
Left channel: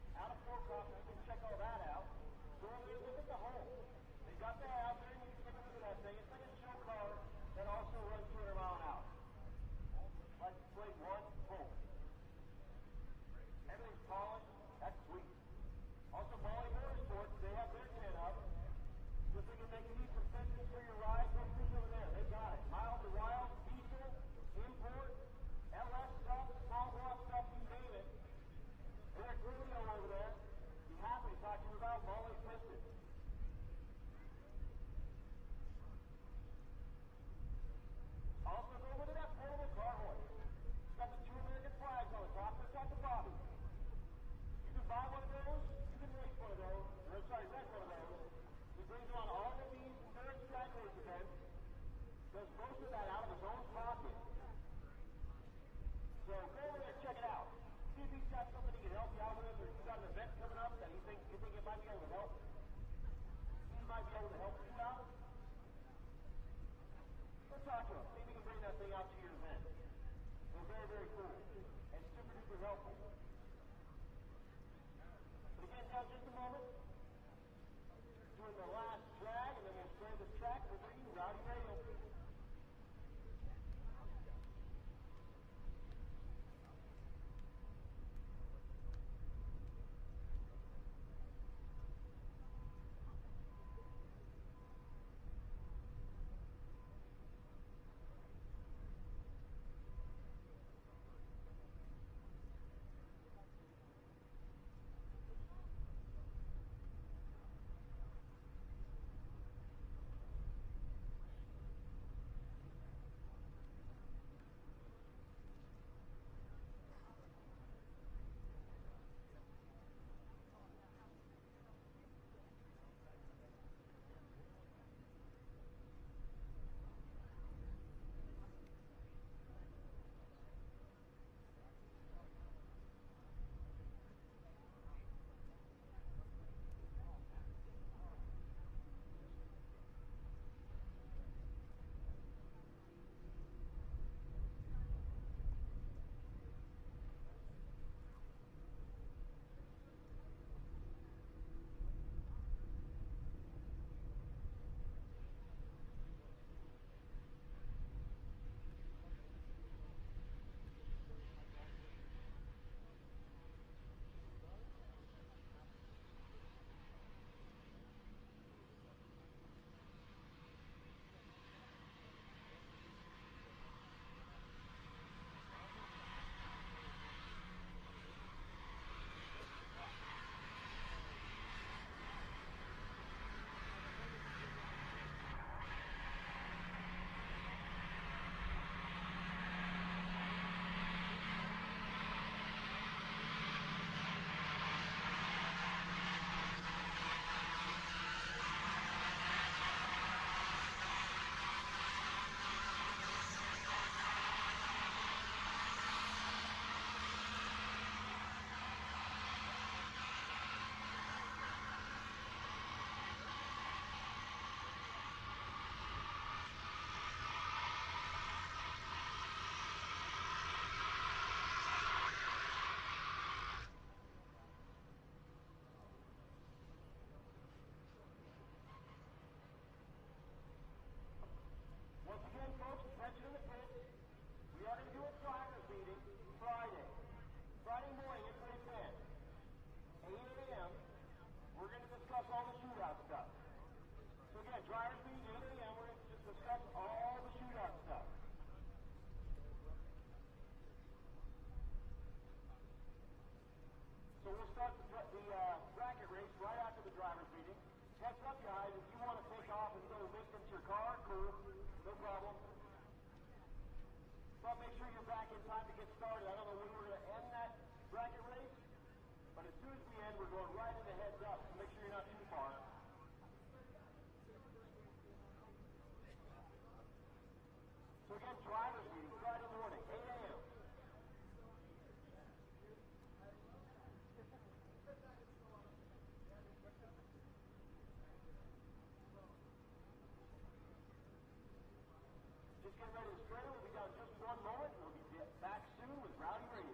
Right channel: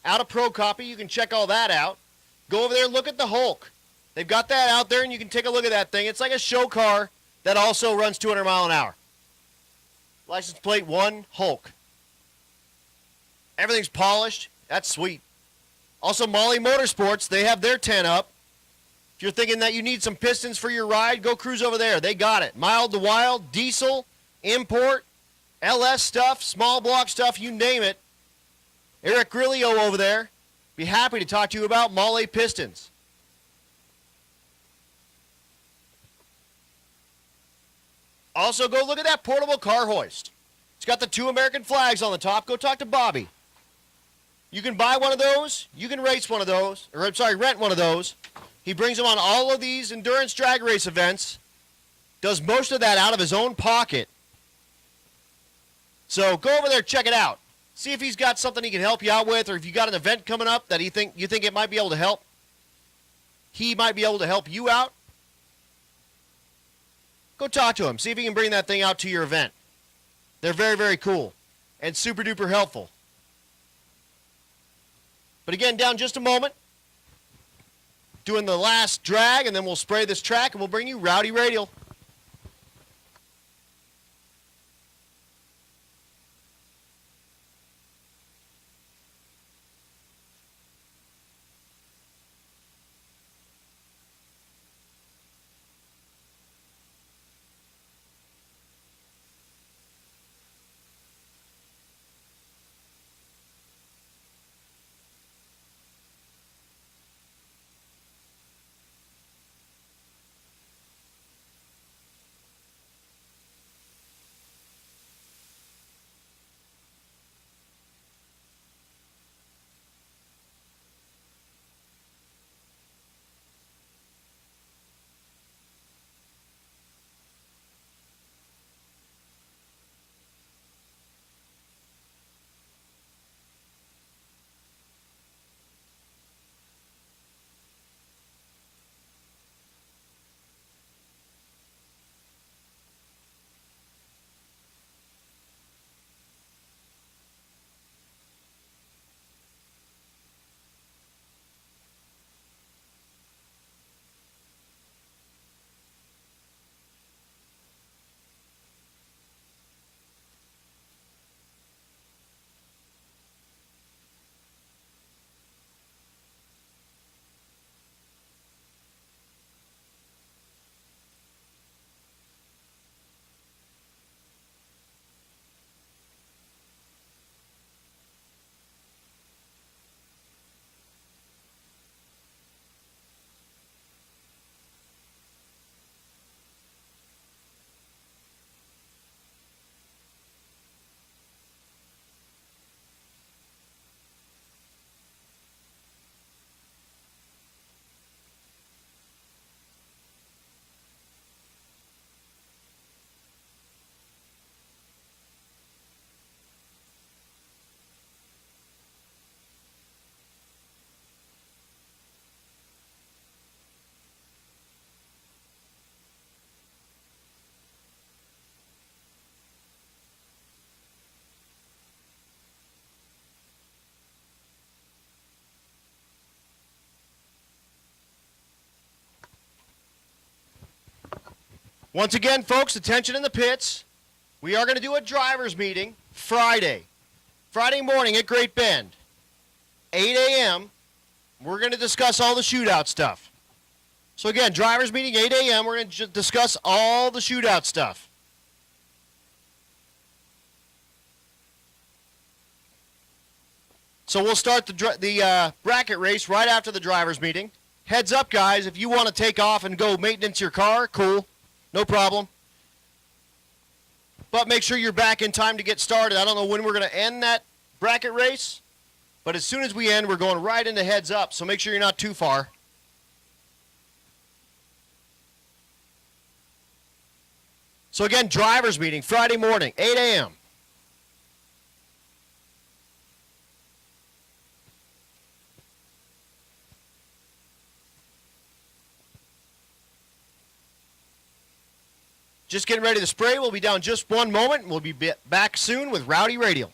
Out of Pro Copy, you can check all that out. Go over there and look at the Hulk. They've got that out there, and you can take a look at that thing. It's like a show car that also runs 200 miles an hour. License plate 1, Hulk. Everything's polished. That's sweet. Also, Molly Motorsports, they have their tent up. If you're thinking that you need some pistons for your ride, go cruise over there. They got it. Mild to wild, diesel, import, LS stuff, small block stuff, you name it. Eric Grillio over there, be happy to talk to you about Molly pistons. Also, go look at that portable car hoist. It's got the 2 American flags on the top. Go talk to Bobby. You can buy one of those. You can race one of those. Or, I'm sorry, rent one of those. He brings them on all of these endurance drag race events. Does most of that out of his own pocket. So go over there, check it out. See if he's got something he can help you out with, or if you got an event coming up that you think it might be able to help. He might be able to help you out. Go talk to him. See if he can bring that thing out to your event. They're very, very cool and super duper helpful. But again, down just a moment, doing the last drag, and then we'll spray this track, and we'll bring you Rowdy Radial. Once again, folks, attention in the pits. We are going to do a driver's meeting Friday morning at Great Bend, 8 a.m. We're going to discuss all the shootout stuff. So again, driver's meeting, 8 a.m. We're going to discuss all the shootout stuff. So we'll start the bracket race right after the driver's meeting. Heads up, guys, if you want to take off and go maintenance your car, cool. No problem. But make sure you're back in time to get started. I don't know when we're going to end that bracket race, But as soon as we end, we're going right into heads up, so make sure you're not too far. So again, drivers meeting Friday morning, 8 a.m. Just getting ready to spray. We'll be down just one moment. We'll be back soon with Rowdy Radial.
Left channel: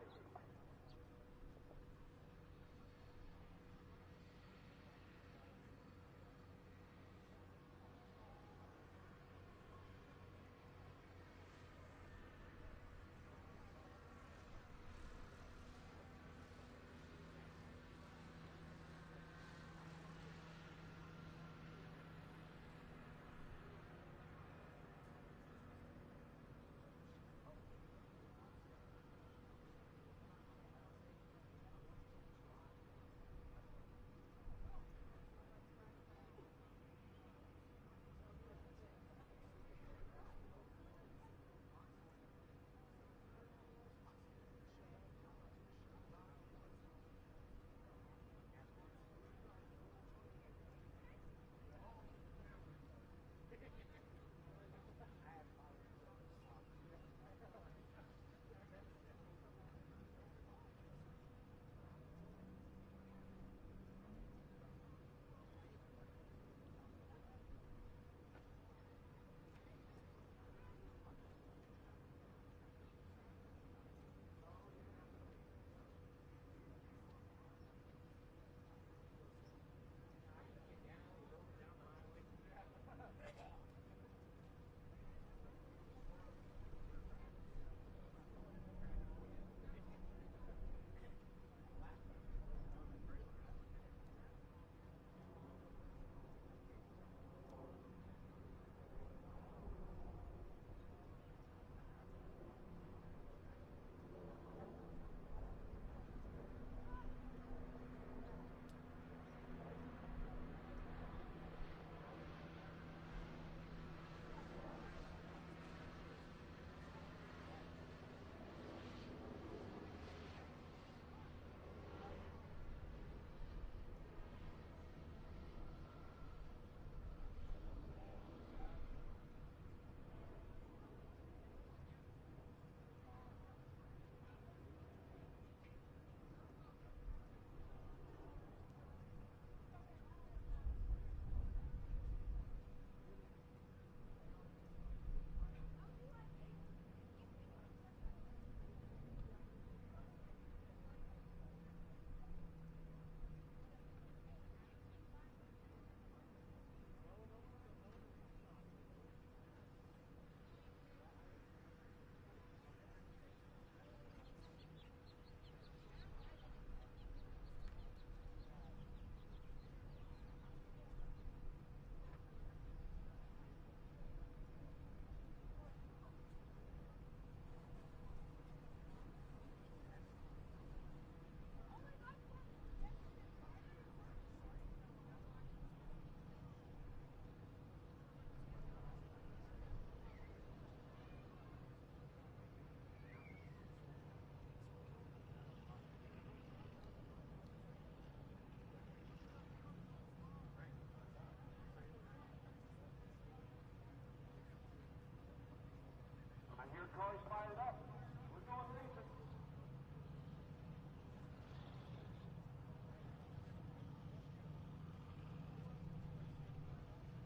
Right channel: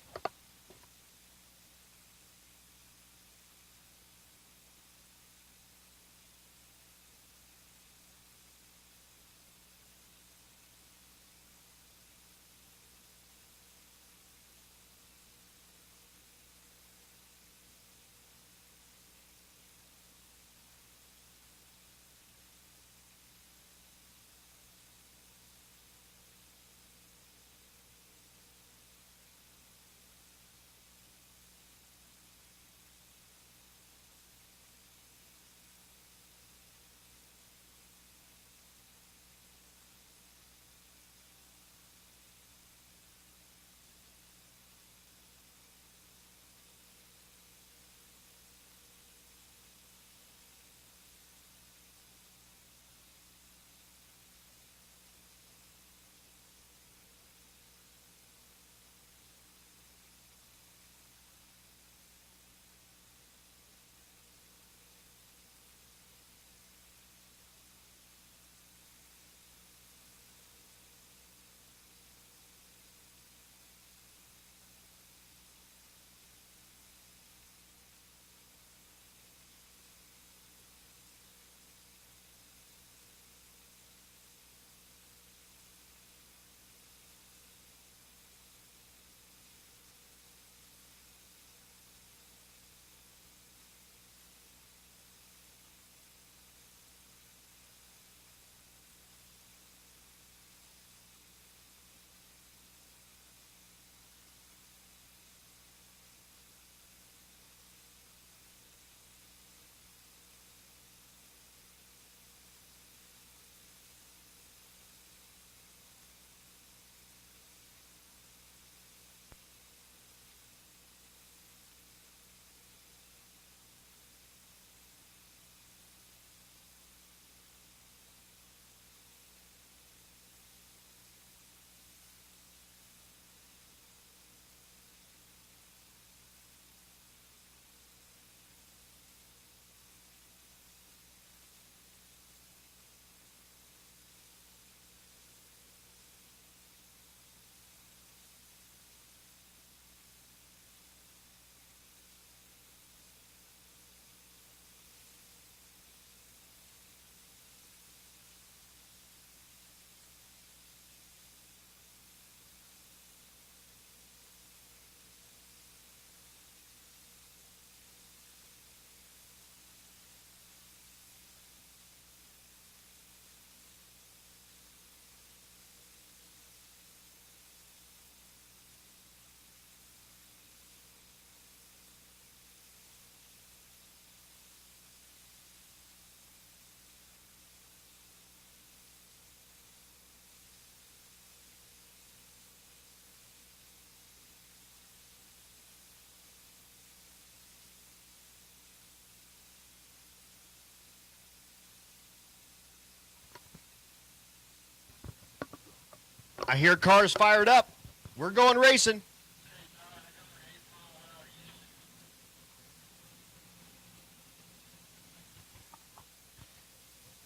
I hear cars fired up. We're going racing.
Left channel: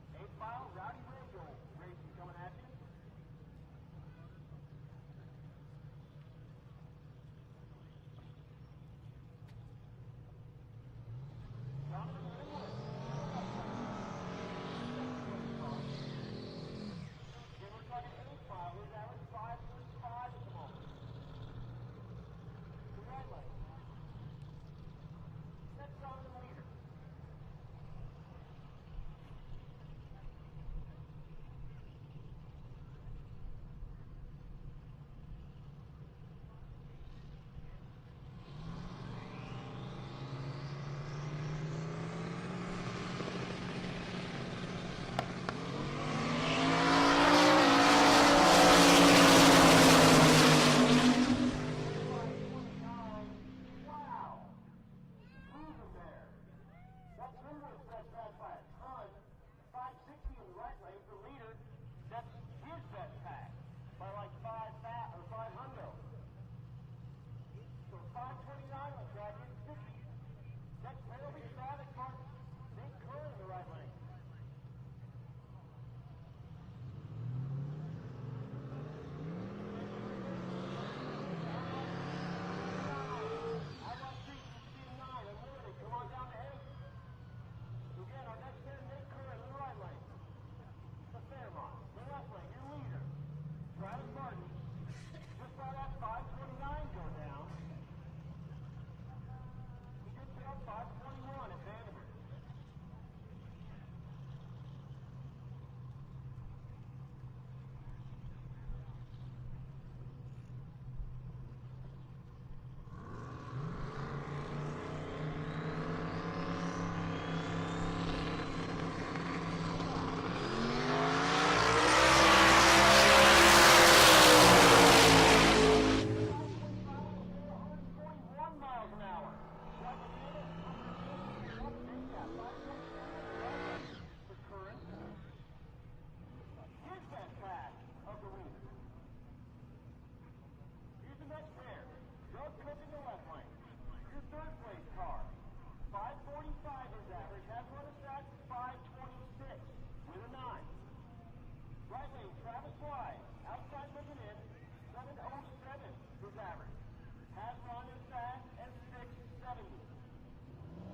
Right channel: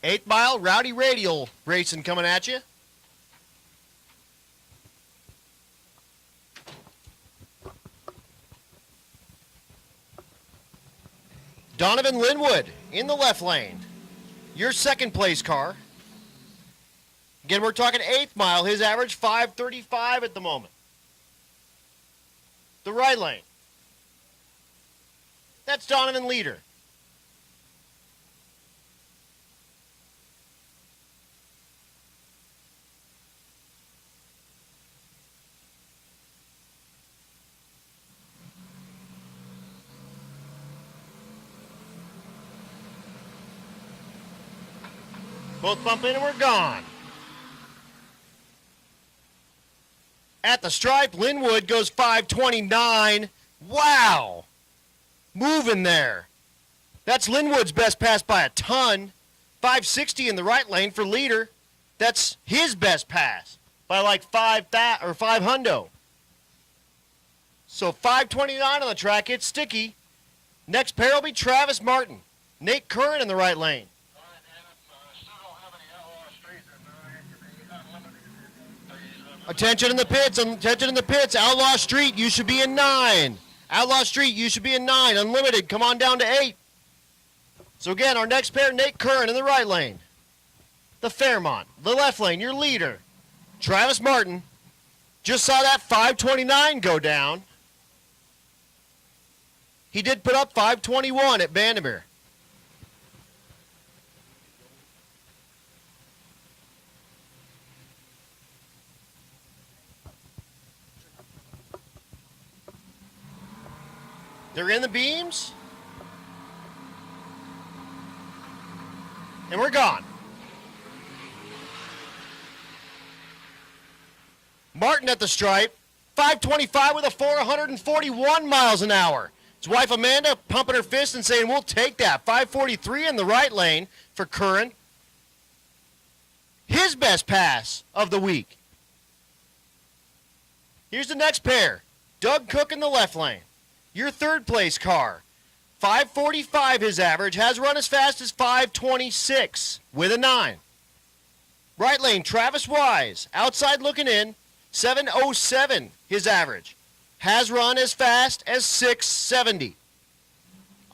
Eighth Mile, Rowdy Radial racing coming at you. Donovan Linwood in the left lane. Your second place car. Again, we're talking 8th mile. His average 5:35 at the moment. The right lane. That's Donovan Leader. Both bump in and we're gone. At the stripe, Linwood goes 5:29. Wow. moving there. That's Linwood's best pass by a ton. 560 in the right lane for leader. That's his best pass by like 5 hundo. So 529 on the track, it's sticky. Next pair will be Travis Martin. Nate Curran in the right lane. Attention in the pits, attention in the pits. Outlaw Street, you should be in 9. Outlaw Street, you should be in 9. Unlimited, come on down to 8. So again, our next pair, Nate Curran in the right lane. The Fairmont, the left lane, your leader. Travis Martin. Just saw that 529 go down. He did put up 521 at Vandermeer. They're in the beams. And we're gone. Martin at the stripe. 525 with a 441 miles an hour. His wife Amanda pumping her fist and saying, we'll take that. 543 in the right lane for Curran. His best pass of the week. Here's the next pair. Doug Cook in the left lane. Your third place car. 545 his average, has run as fast as 526 with a 9. Right lane, Travis Wise, outside looking in, 707 his average. Has run as fast as 670.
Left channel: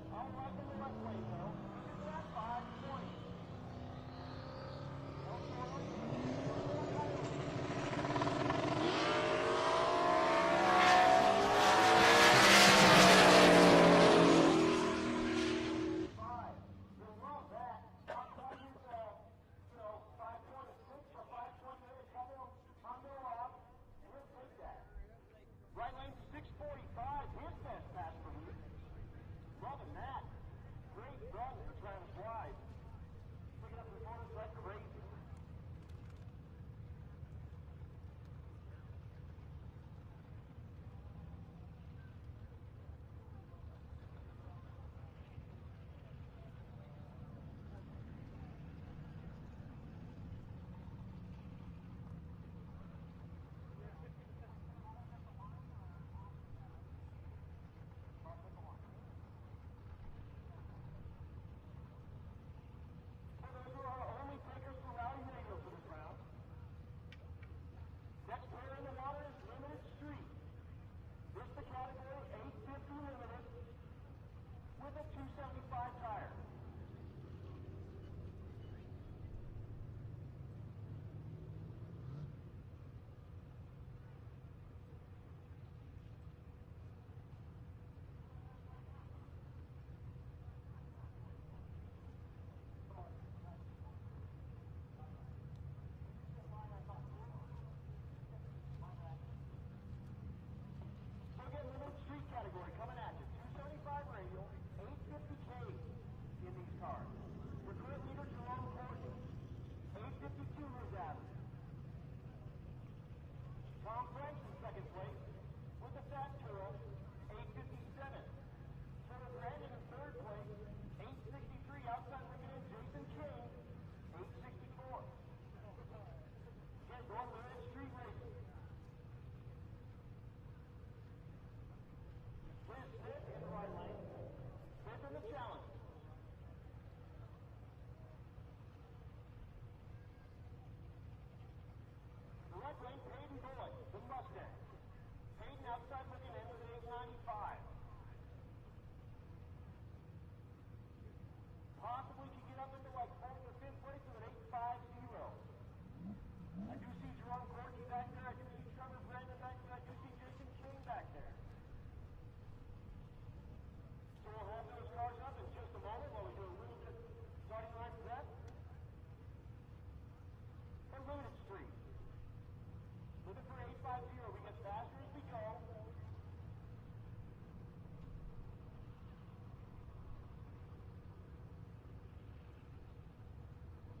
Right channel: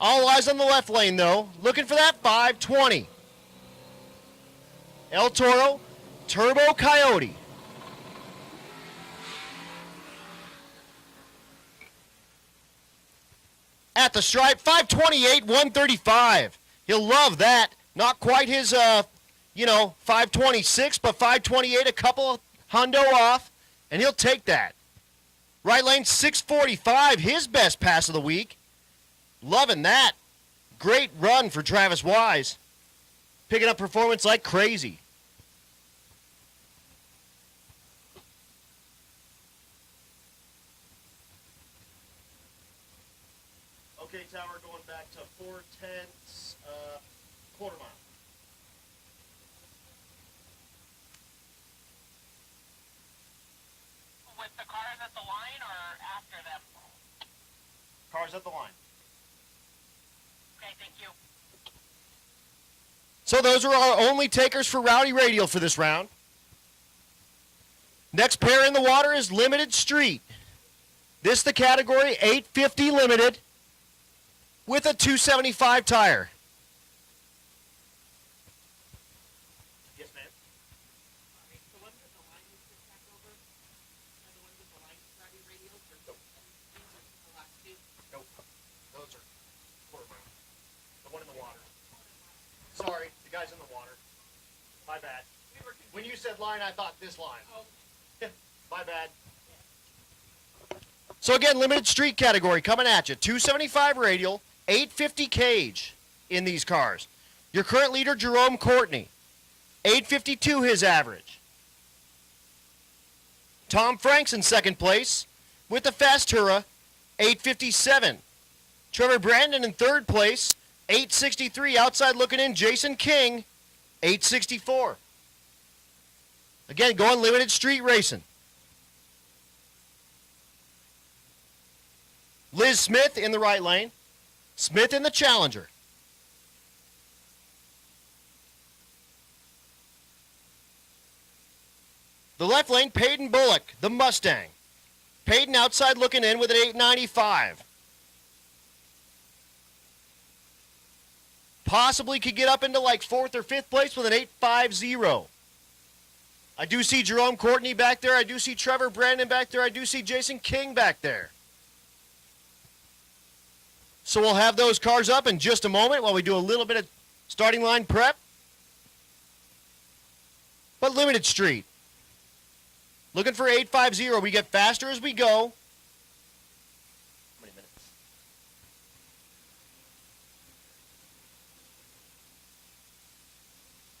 All eyes on the left lane though, looking for that 520. El Toro, Turbo Coyote. At the stripe, 528, 135. He'll love that. Not quite his, 526, but 528, a couple hundo off, and he'll take that. Right lane, 645, his best pass of the week. Loving that. Great run for Travis Wise. Picking up performance like crazy. Okay, Tower, going back to 4/10, quarter mile. With the cars at the line or after them? Cars at the line. Okay, thank you. So those are our only takers for Rowdy Radial for this round. Next pair in the water is Limited Street. This the category 850 Limited with a 275 tire. Yes, ma'am. Nope. Those are quarter mile. The one in the water. Sorry, the guy's in the water. My bad. When you said line, I thought this line. My bad. So again, Limited Street category coming at you. 275 radial, 850 cage in these cars. Your current leader, Jerome Courtney. 852 his average. Tom Franks in second place with the Fastura, 857. Trevor Brandon in third place, 863. Outside looking in, Jason King, 864. Again, going Limited Street racing. Liz Smith in the right lane. Smith in the Challenger. The left lane, Peyton Bullock, the Mustang. Peyton outside looking in with an 895. Possibly could get up into like 4th or 5th place with an 850. I do see Jerome Courtney back there. I do see Trevor Brandon back there. I do see Jason King back there. So we'll have those cars up in just a moment while we do a little bit of starting line prep. But Limited Street. Looking for 850. We get faster as we go. How many minutes?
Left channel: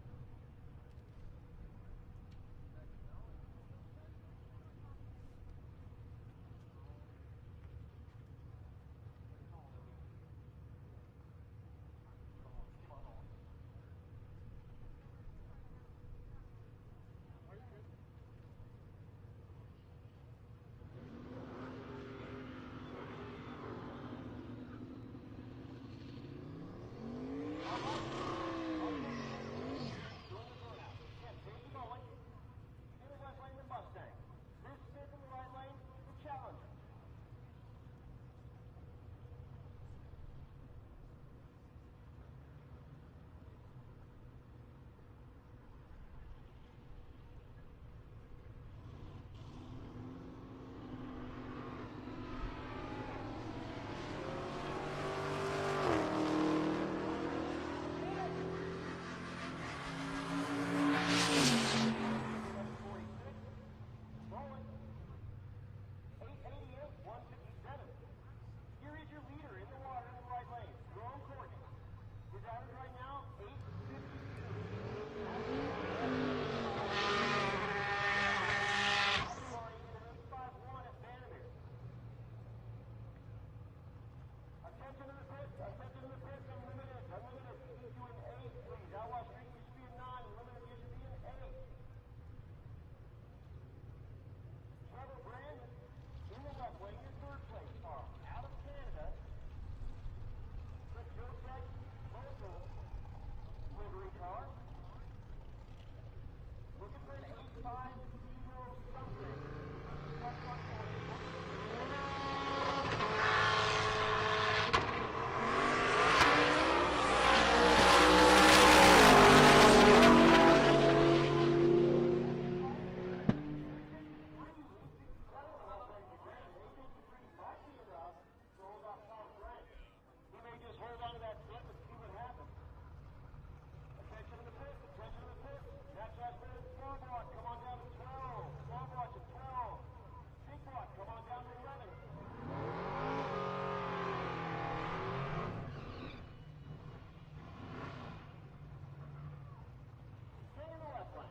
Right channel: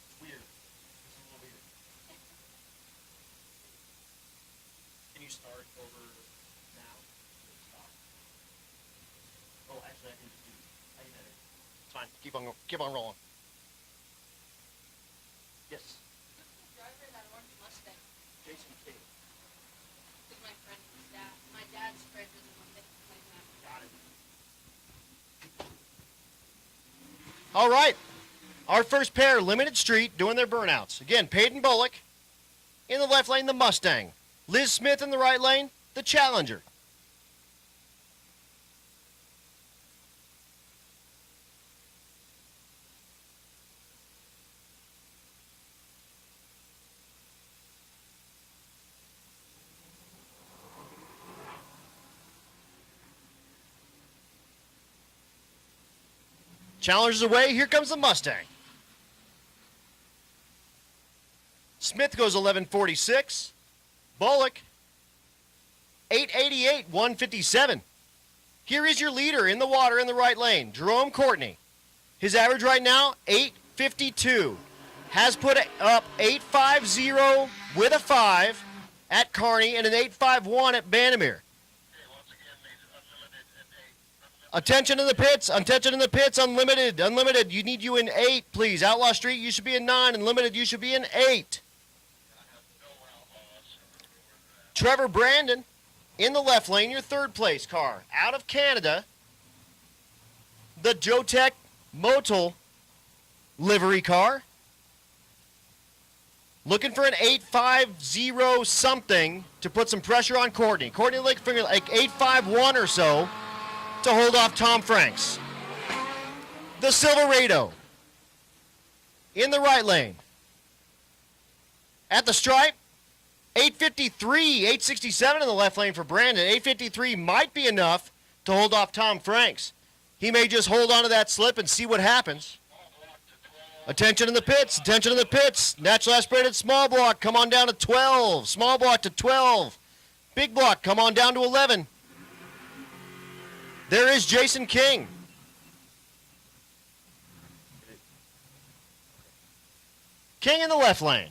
It's weird. It's a little weird. Can you start over now? Stop. Oh, actually, I can. Keep on rolling. Yes. Jason King. All right. Our first pair, Limited Street, doing their burnouts. Again, Peyton Bullock. In the left lane, the Mustang. Liz Smith in the right lane, the Challenger. Challenger's away, here comes the Mustang. Smith goes 11:46. Bullock, 8:88, 157. Here is your leader in the water in the right lane, Jerome Courtney. His average right now, 8:52. Has put up 8.50 with a 5 at Kearney and an 8.51 at Bandimere. Attention in the pits, unlimited, you need you in 8, please. Outlaw Street, you should be in 9, unlimited, you should be in 8. Trevor Brandon in the left lane, your third place car. Out of Canada, the Jotech Motul livery car. Looking for an 8.50 something to put some pressure on Courtney. Courtney looking for like 8.51 or so to hold off Tom Franks. The Silverado in the right lane. At the stripe, 8.53, 8.67 in the left lane for Brandon. 8.53 might be enough to hold off Tom Franks. He may just hold on to that slip and see what happens. Attention in the pits, attention in the pits. Natural aspirated small block, come on down to 12. Small block to 12. Big block, come on down to 11. There is Jason King. King in the left lane.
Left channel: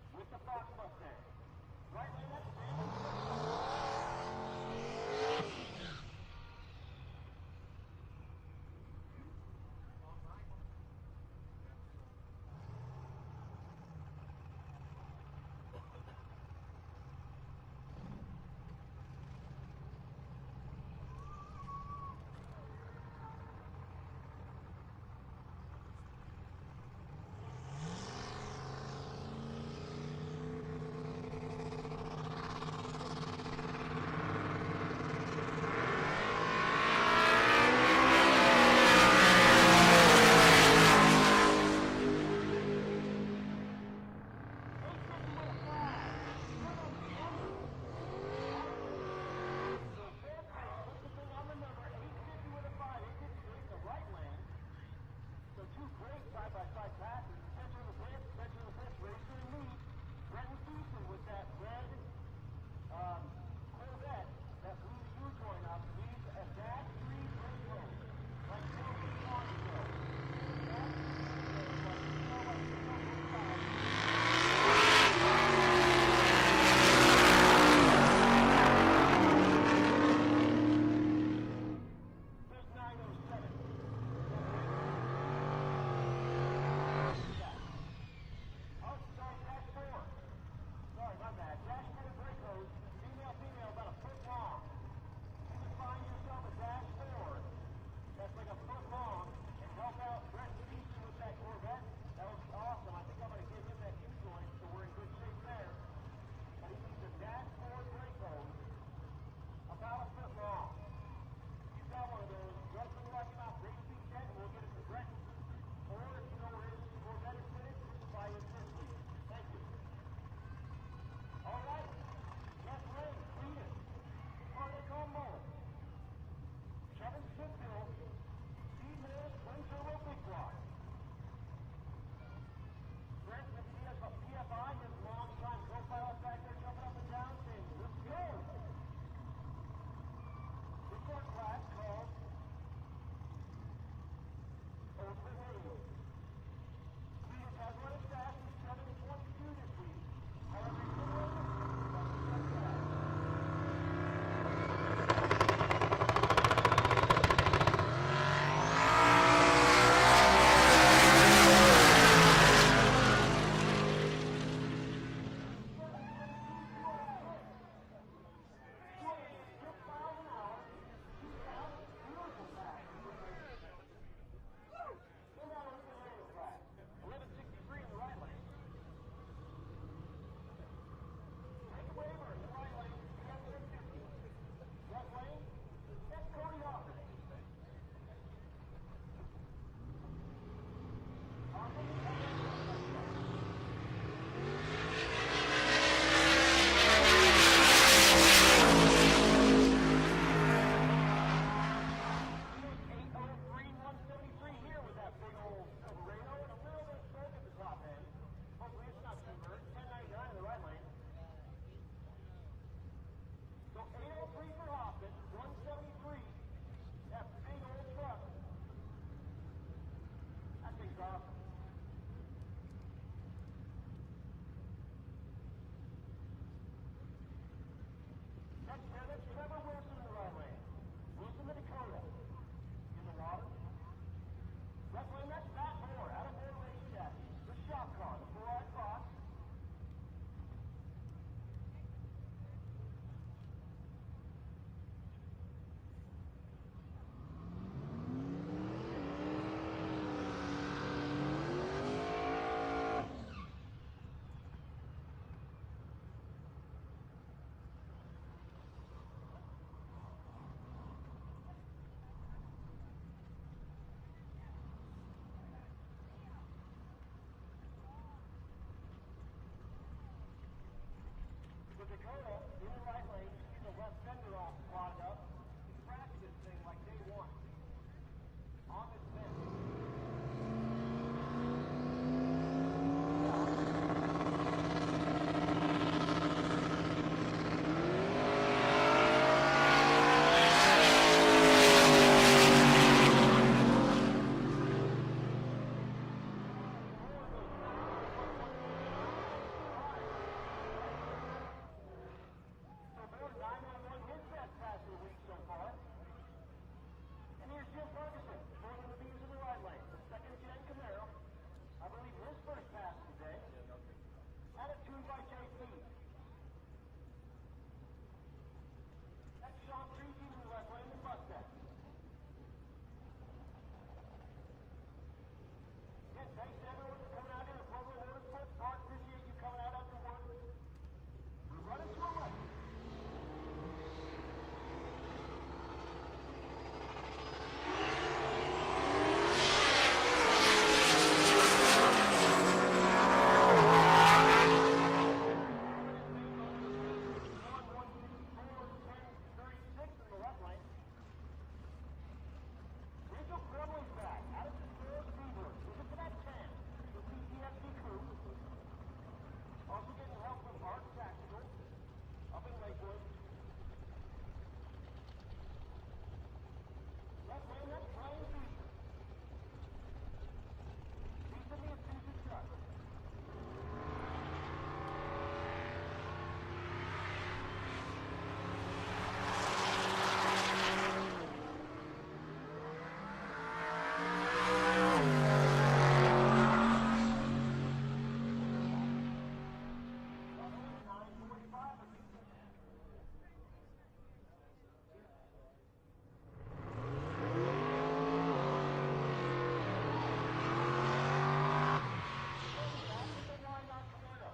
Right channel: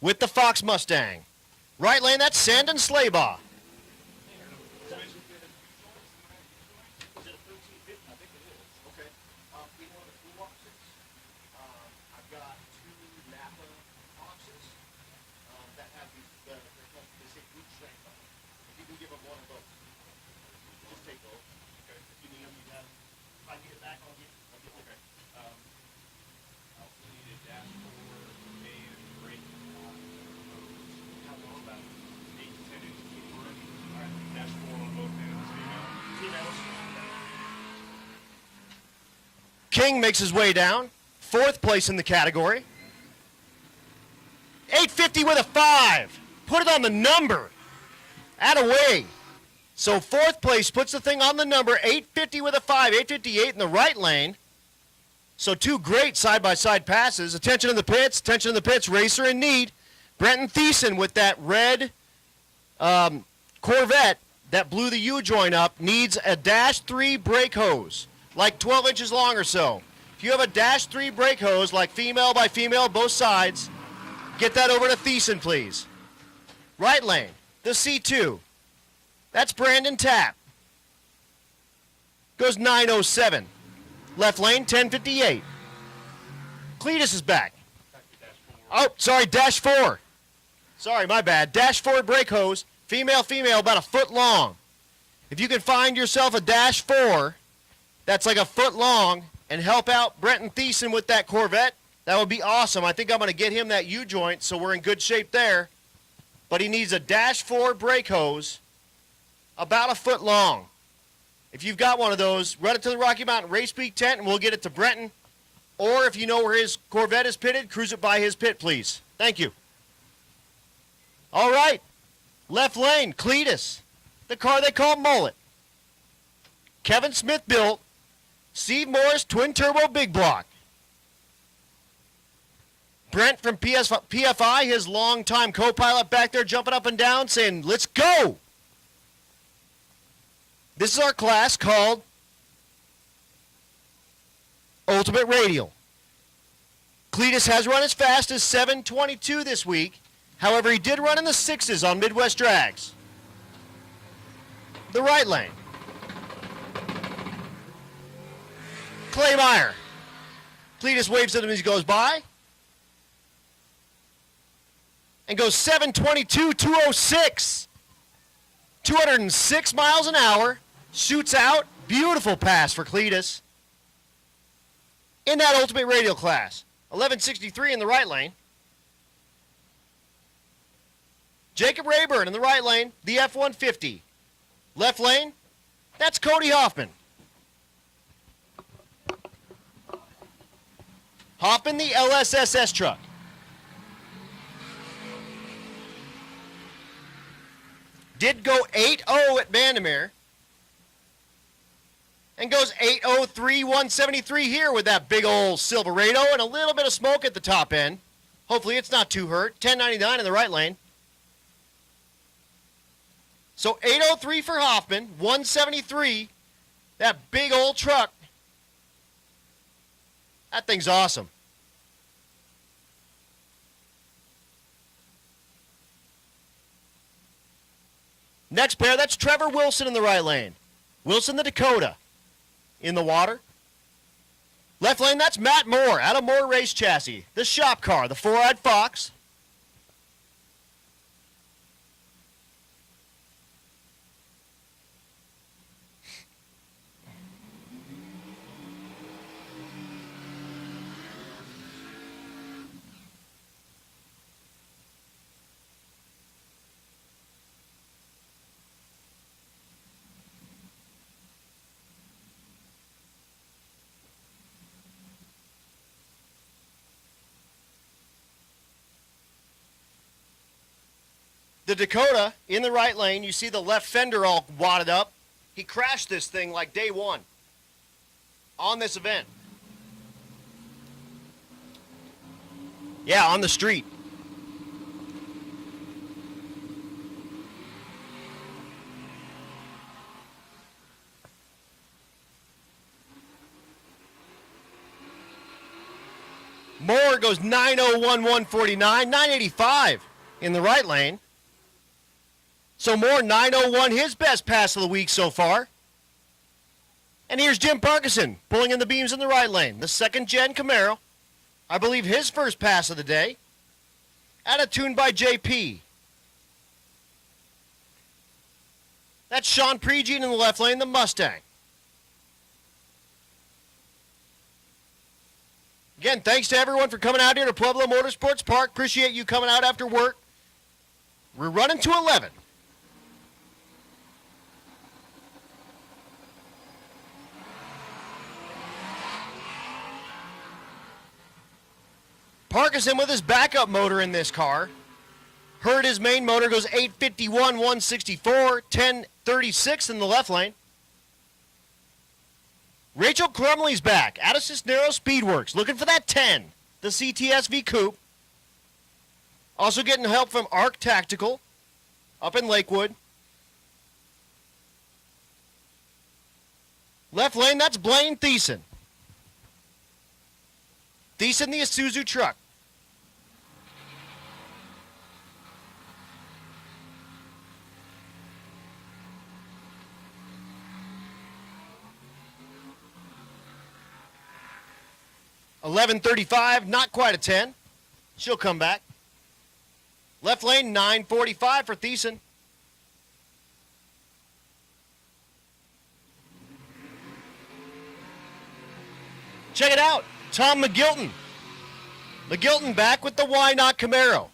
With the Fox Mustang. Right lane, that's Sandon Slaybaugh. King makes his way down, fourth place in the category. 8.50 with a 5. Put it on the number. Attaway. So fourth place puts the thing on the number. 8.50 with a 5. 8.58 in the right lane. So two great side-by-side passes. Attention in the pits. Attention in the pits. Racer in need. Brenton Thiessen with that red Corvette that blew the U-joint up needs a -3 brake hose. Like 12 inches long or so. If you have a -3 brake hose, like female by female, both sides, get that over to Thiessen, please. Right lane, the C2. That's Brandon Tapp. Goes 9:07. Left lane, 10:58. Cletus is back. Oh, sorry, -4. Sorry, my bad. -4 brake hose, female, about a foot long. If you can find yourself a -4, that's like a foot long, and help out Brenton Thiessen with that Corvette, that would be awesome. I think I'm going to get him that U-joint, so we're in good shape there. But he needs a -4 brake hose, about a foot long. If you've got one of those, run it to the Rocky Mountain Race Week tent, and we'll get it to Brenton. Or if you know where his Corvette is pitted, cruise it by his pit, please. Thank you. All right, left lane, Cletus, the car they call Mullet. Kevin Smith built, Steve Morris twin turbo big block. Brent from PFI, his longtime co-pilot back there jumping up and down saying, let's go. This is our class called Ultimate Radial. Cletus has run as fast as 7:22 this week. However, he did run in the 6s on Midwest Drags. The right lane. looks at him as he goes by. And goes 722, 206. 206 miles an hour. Shoots out. Beautiful pass for Cletus. In that Ultimate Radial class. 1163 in the right lane. Jacob Rayburn in the right lane, the F-150. Left lane, that's Cody Hoffman. Hoffman, the LSSS truck. Did go 8-0 at Vandermeer. And goes 803, 173 here with that big old Silverado and a little bit of smoke at the top end. Hopefully it's not too hurt. 1099 in the right lane. So 803 for Hoffman, 173, that big old truck. That thing's awesome. Next pair, that's Trevor Wilson in the right lane. Wilson the Dakota in the water. Left lane, that's Matt Moore out of Moore Race Chassis. The shop car, the 4-eyed Fox. The Dakota in the right lane, you see the left fender all wadded up. He crashed this thing like day one on this event. Yeah, on the street. Moore goes 901, 149, 985 in the right lane. So Moore, 901, his best pass of the week so far. And here's Jim Parkinson pulling in the beams in the right lane. The second-gen Camaro. I believe his first pass of the day. At a tune by JP. That's Sean Pregene in the left lane, the Mustang. Again, thanks to everyone for coming out here to Pueblo Motorsports Park. Appreciate you coming out after work. We're running to 11. Parkinson with his backup motor in this car. Heard his main motor goes 851, 164, 1036 in the left lane. Rachel Crumley's back out of Cisneros Speedworks, looking for that 10, the CTSV Coupe. Also getting help from Arc Tactical up in Lakewood. Left lane, that's Blaine Thiessen. Thiessen, the Isuzu truck. $11.35, not quite a 10. She'll come back. Left lane, 9:45 for Thiessen. Check it out, Tom McGilton. McGilton back with the Why Not Camaro.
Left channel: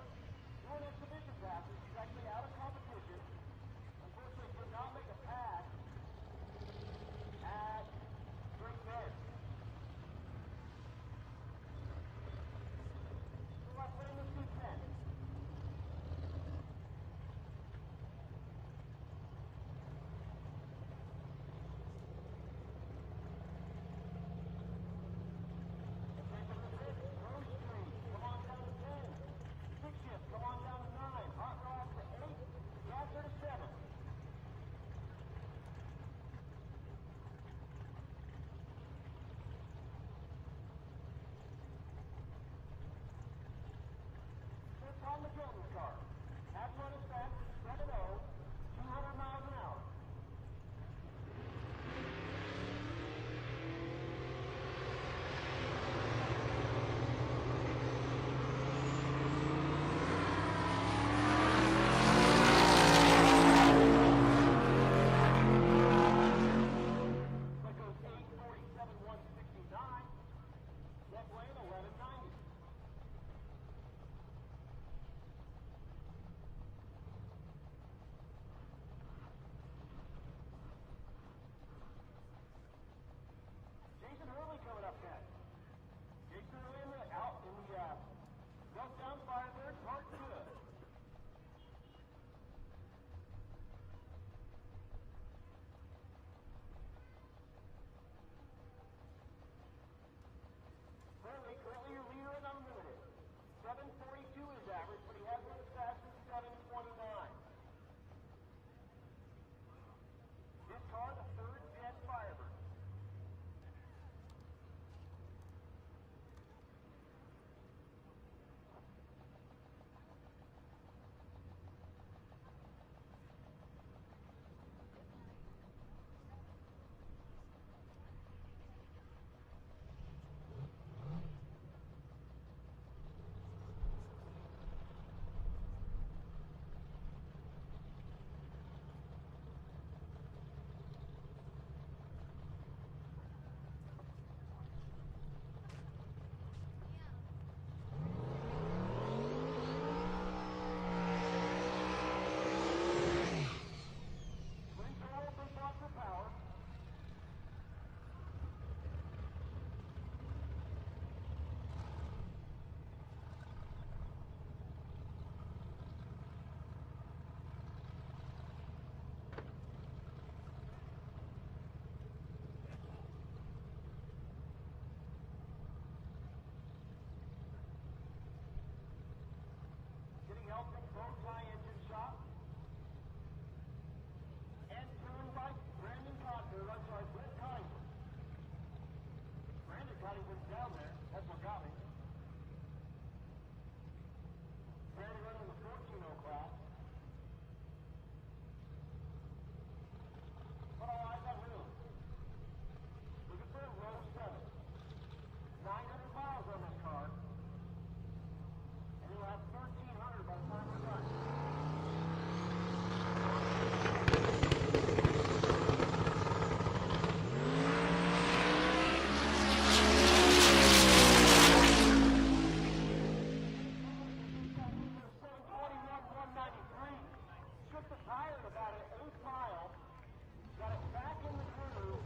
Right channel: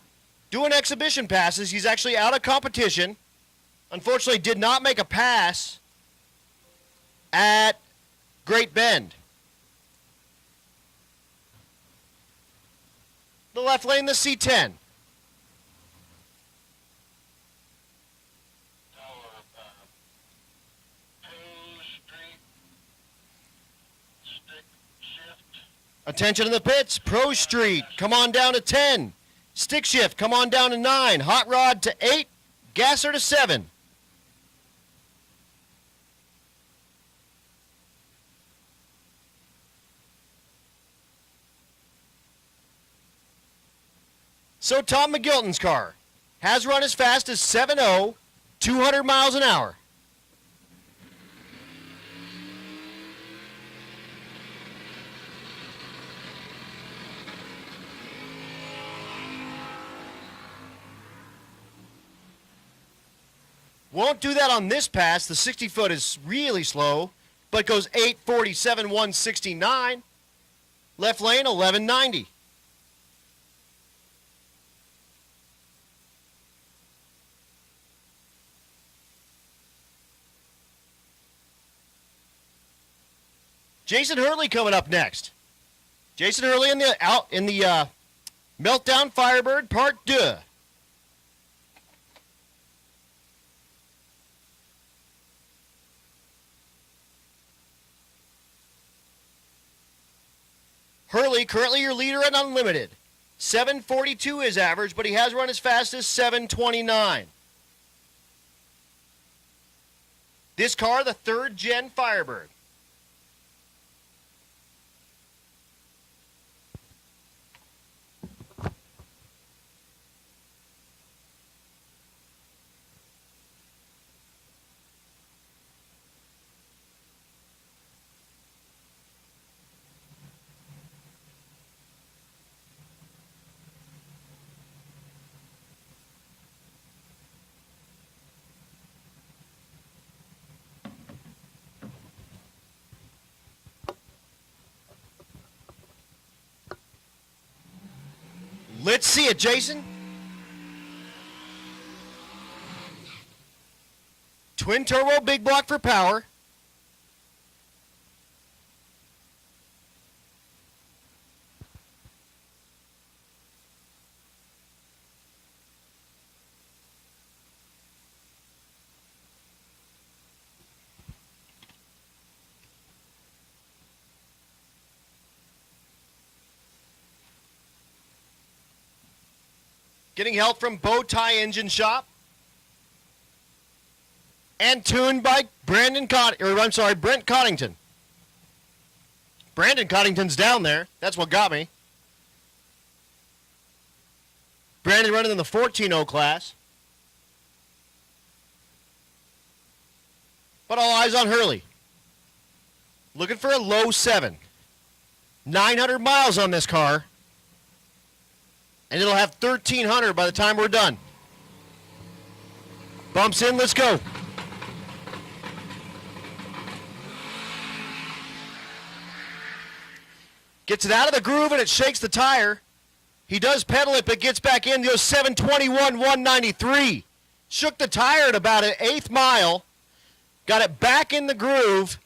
Doing exhibition passes. He's actually out of competition. Unfortunately, did not make a pass at Great Bend. The left lane, the C10. Attention in the pits, Pro Street, come on down to 10. Stick shift, come on down to 9. Hot rod to 8, gasser to 7. So Tom McGilton's car has run as fast as 7.0, 200 miles an hour. don't do that on this pass. The 60 foot is really slow, but goes 847, 169. Left lane, 1190. Jason Hurley coming up next. Jason Hurley in the Meltdown Firebird Part 2. Hurley, currently your leader at Unlimited. 742 is average, but he has run as fast as 729. This car, the 3rd gen Firebird. Let's see it, Jason. Twin turbo, big block for power. Getting help from Bowtie Engine Shop. And tuned by Brent Coddington. Brandon Coddington's down there. That's what got me. Brandon running in the 14.0 class. But all eyes on Hurley. Looking for a low 7. 900 miles on this car. And it'll have 1,300 by the time we're done. Bumps in, let's go. Gets it out of the groove and it shakes the tire. He does pedal it, but gets back in, goes 721, 193. Shook the tire at about an 1/8 mile. Got it back in the groove.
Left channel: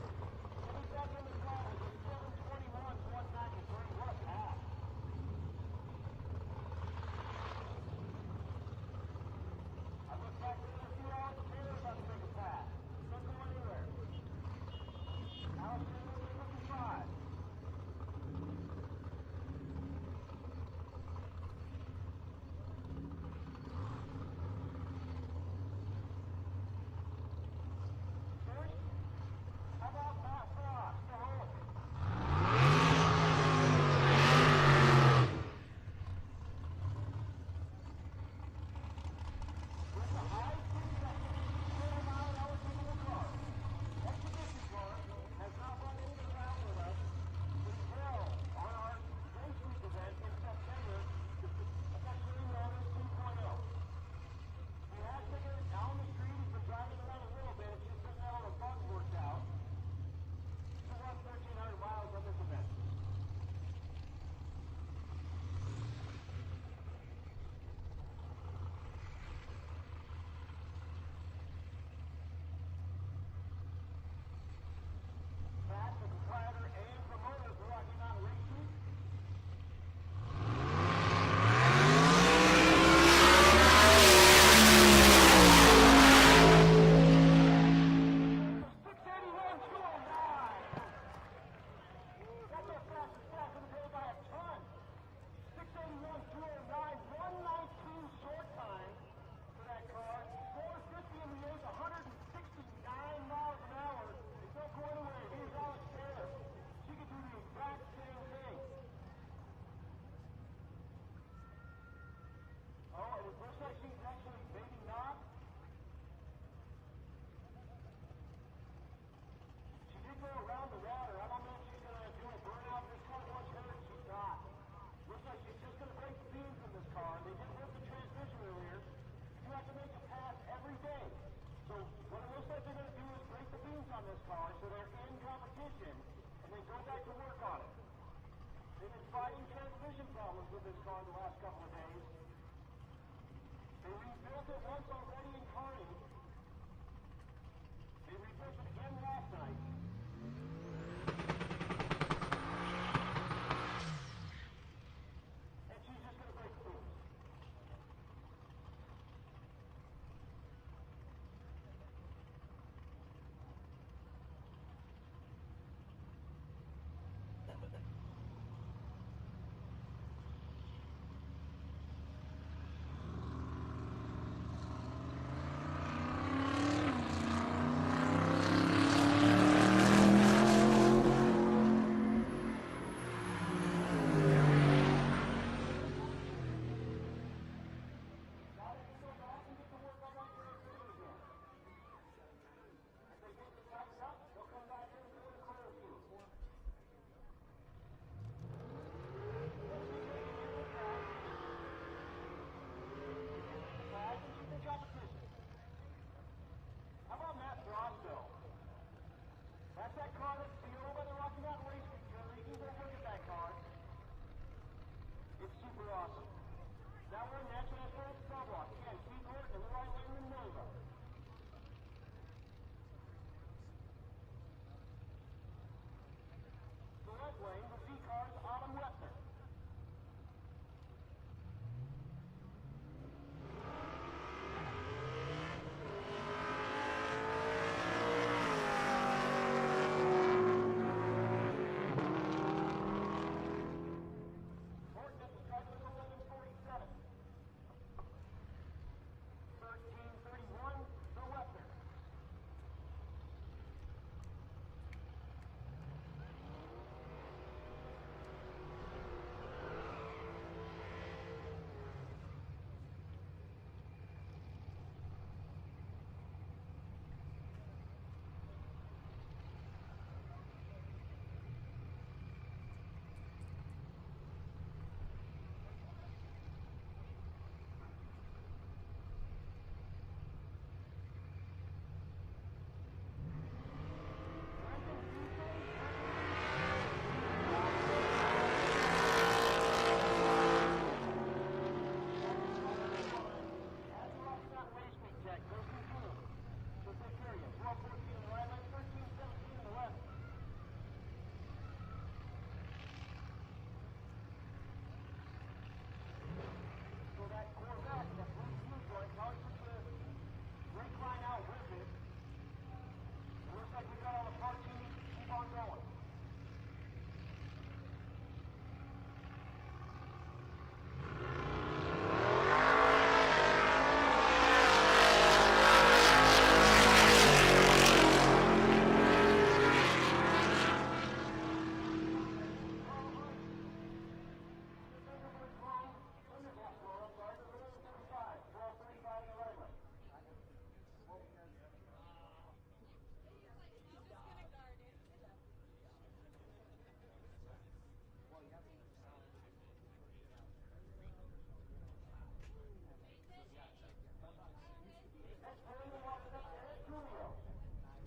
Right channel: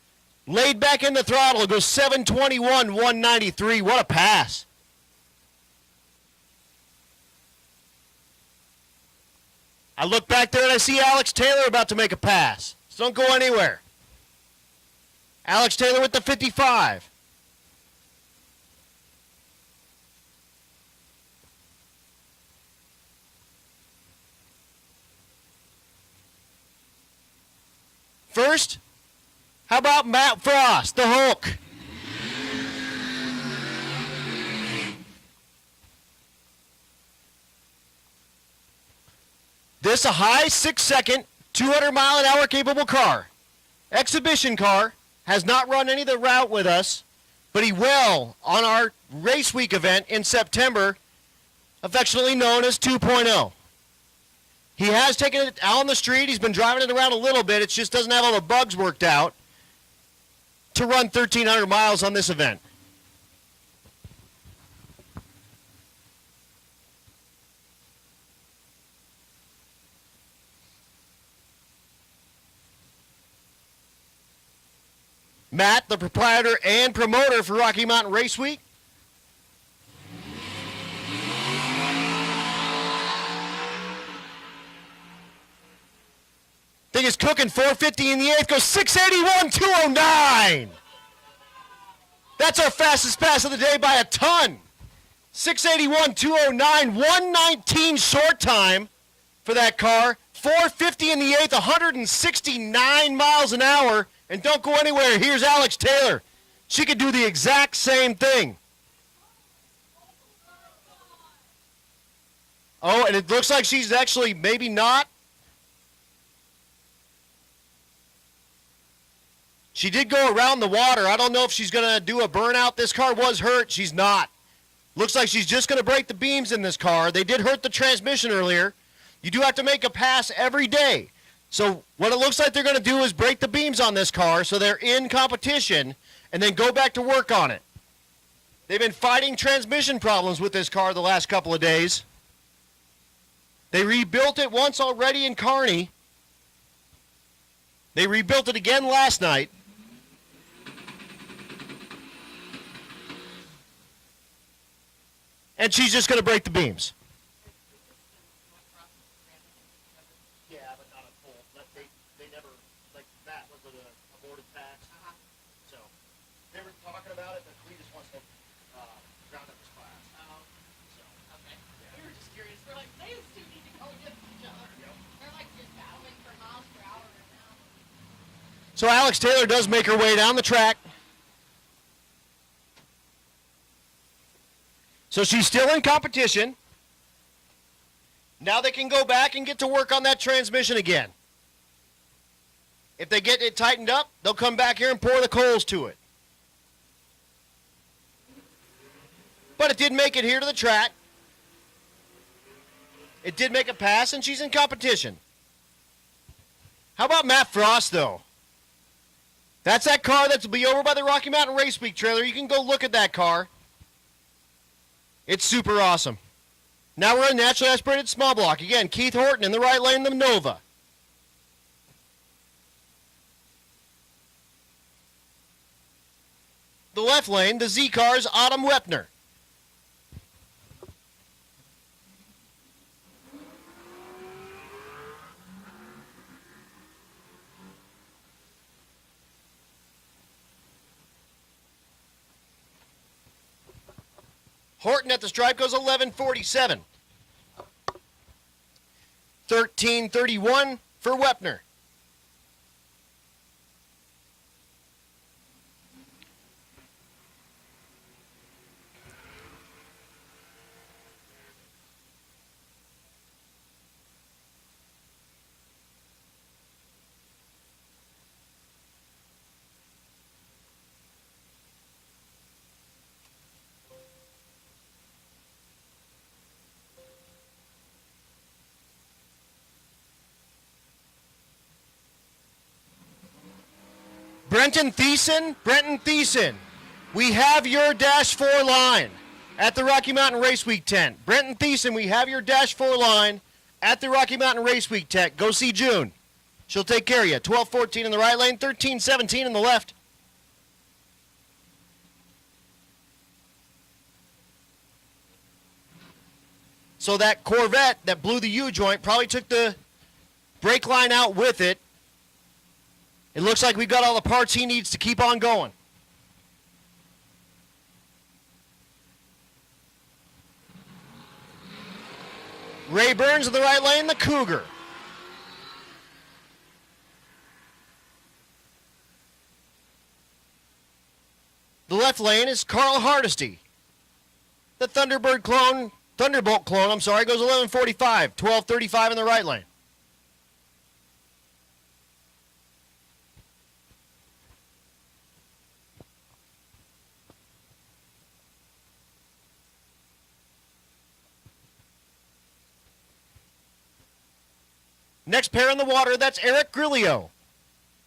Laid back in the throttle, goes 721, 193. What a pass. I look back there and I see Alex Taylor about to make a pass. So don't go anywhere. Alex Taylor with the 55. First, how about Matt Frost, the Hulk? This a high 6-second, 200-mile-an-hour capable car. Exhibition car, has not run any of the route with us, but he will on our race week event in September, affectionately known as 2.0. He has taken it out on the street. He's been driving it around a little bit. It just doesn't have all the bugs worked out to run 1,300 miles on this event. Matt, the proprietor and promoter for Rocky Mountain Race Week. Thing is cooking, 450 in the 8th, goes 681, 209. That's our fastest pass of the day by a ton. 681, 209, 119 short time for that car. 450 in the 8th, 169 miles an hour. And don't go anywhere. Here's Alex Taylor. She could do the exact same thing. Oh, and it looks like she's actually maybe not. She did go around the water. I don't know if she's going to do a burnout. This car was hurt. She's not. Looks like she's just going to break the beams in this car. They did hurt the transmission earlier. You do have to make a pass every day. So what it looks like they're going to do is break the beams on this car so they're in competition and then go back to work on it. They've been fighting transmission problems with this car the last couple of days. They rebuilt it once already in Kearney. They rebuilt it again last night. And she's just going to break the beams. Yeah, but not a full. They never, like, that was an aborted tax. So, they were talking about it, but we just wants to round up his class. Okay. We were just curious. We're like, they still need to go get each other. They're like, So Alex Taylor does make her way down the track. So she's still in competition. Now they can go back and get to work on that transmission again. If they get it tightened up, they'll come back here and pour the coals to it. But it did make it here to the track. It did make a pass, and she's in competition. How about Matt Frost, though? That's that car that'll be over by the Rocky Mountain Race Week trailer. You can go look at that car. It's super awesome. Now we're in naturally aspirated small block. Again, Keith Horton in the right lane, the Nova. The left lane, the Z-Cars, Autumn Wepner. Horton at the stripe goes 11:47. 13:31 for Wepner. Brenton Thiessen, we have your Dash 4 line at the Rocky Mountain Race Week tent. Brenton Thiessen, we have your Dash 4 line at the Rocky Mountain Race Week tent. Go see June. She'll take care of you. 12:14 in the right lane, 13:17 in the left. So that Corvette that blew the U-joint probably took the brake line out with it. It looks like we got all the parts he needs to keep on going. Ray Burns in the right lane, the Cougar. The left lane is Carl Hardesty. The Thunderbolt clone, goes 11:45, 12:35 in the right lane. Next pair in the water, that's Eric Grillo.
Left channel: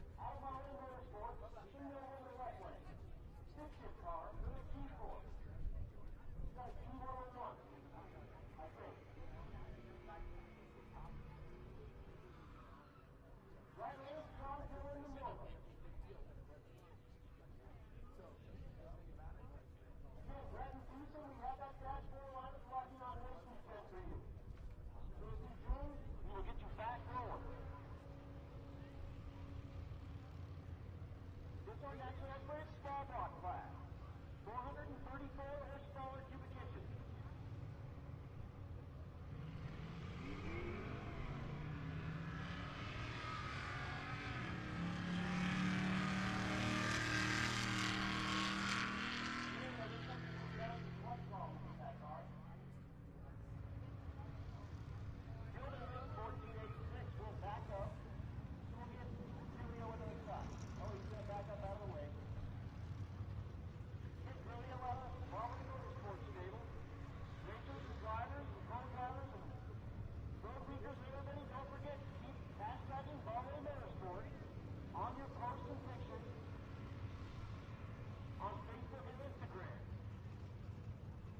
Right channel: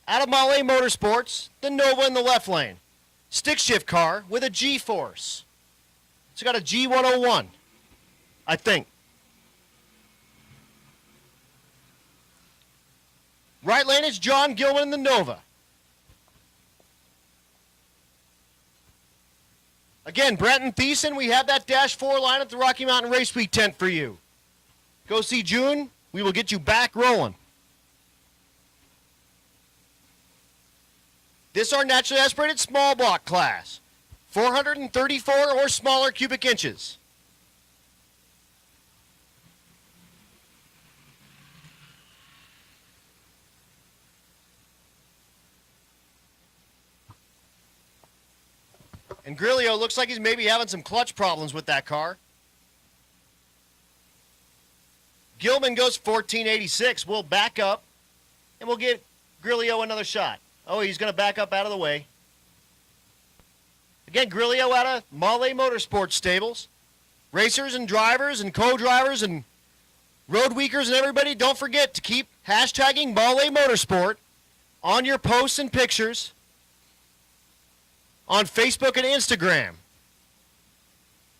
Out of Holley Motorsports, the Nova in the left lane. Stick shift car with a G-Force. It's got a G101, I think. Right lane is John Gilman in the Nova. Again, Brenton Thiessen, we have that Dash 4 line at the Rocky Mountain Race Week tent for you. Go see June. We will get you back rolling. This is our naturally aspirated small block class. 434 or smaller cubic inches. And Grillo looks like he's maybe having some clutch problems with that car. Gilman goes 1486. We'll back up, and we'll give Grillo another shot. Oh, he's going to back up out of the way. Again, Grillo out of Holley Motorsports stables. Racers and drivers and co-drivers and road weekers and everybody, don't forget to keep hashtagging Molle Motorsport on your posts and pictures on Facebook and Instagram.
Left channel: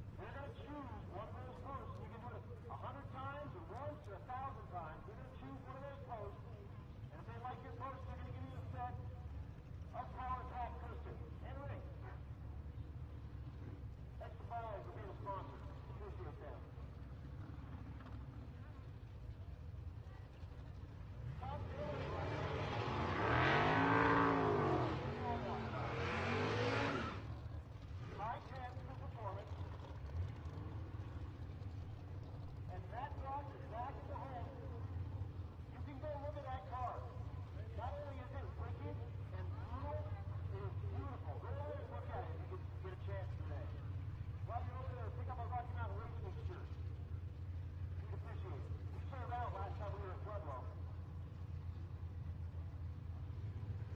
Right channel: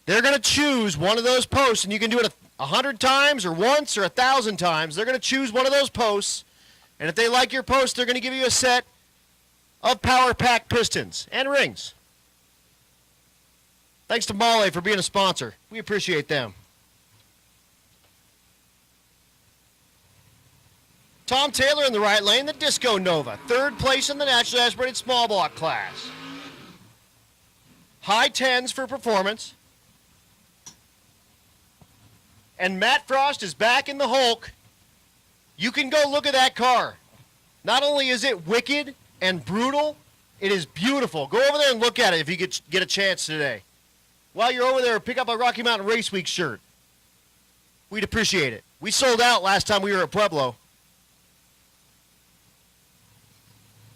They're going to choose one of those posts, and you can do it 100 times or once or 1,000 times. They're going to choose one of those posts, and if they like your post, they're going to give you a set of Power Pack pistons and rings. Thanks to Molle for being a sponsor. We appreciate them. Tom Taylor in the right lane, the Disco Nova. 3rd place in the naturally aspirated small block class. High 10s for performance. And Matt Frost is back in the Hulk. You can go look at that car. Not only is it wicked and brutal, it is beautiful. Go over there and look at it if you get a chance today. While you're over there, pick up a Rocky Mountain Race Week shirt. We'd appreciate it. We sold out last time we were at Pueblo.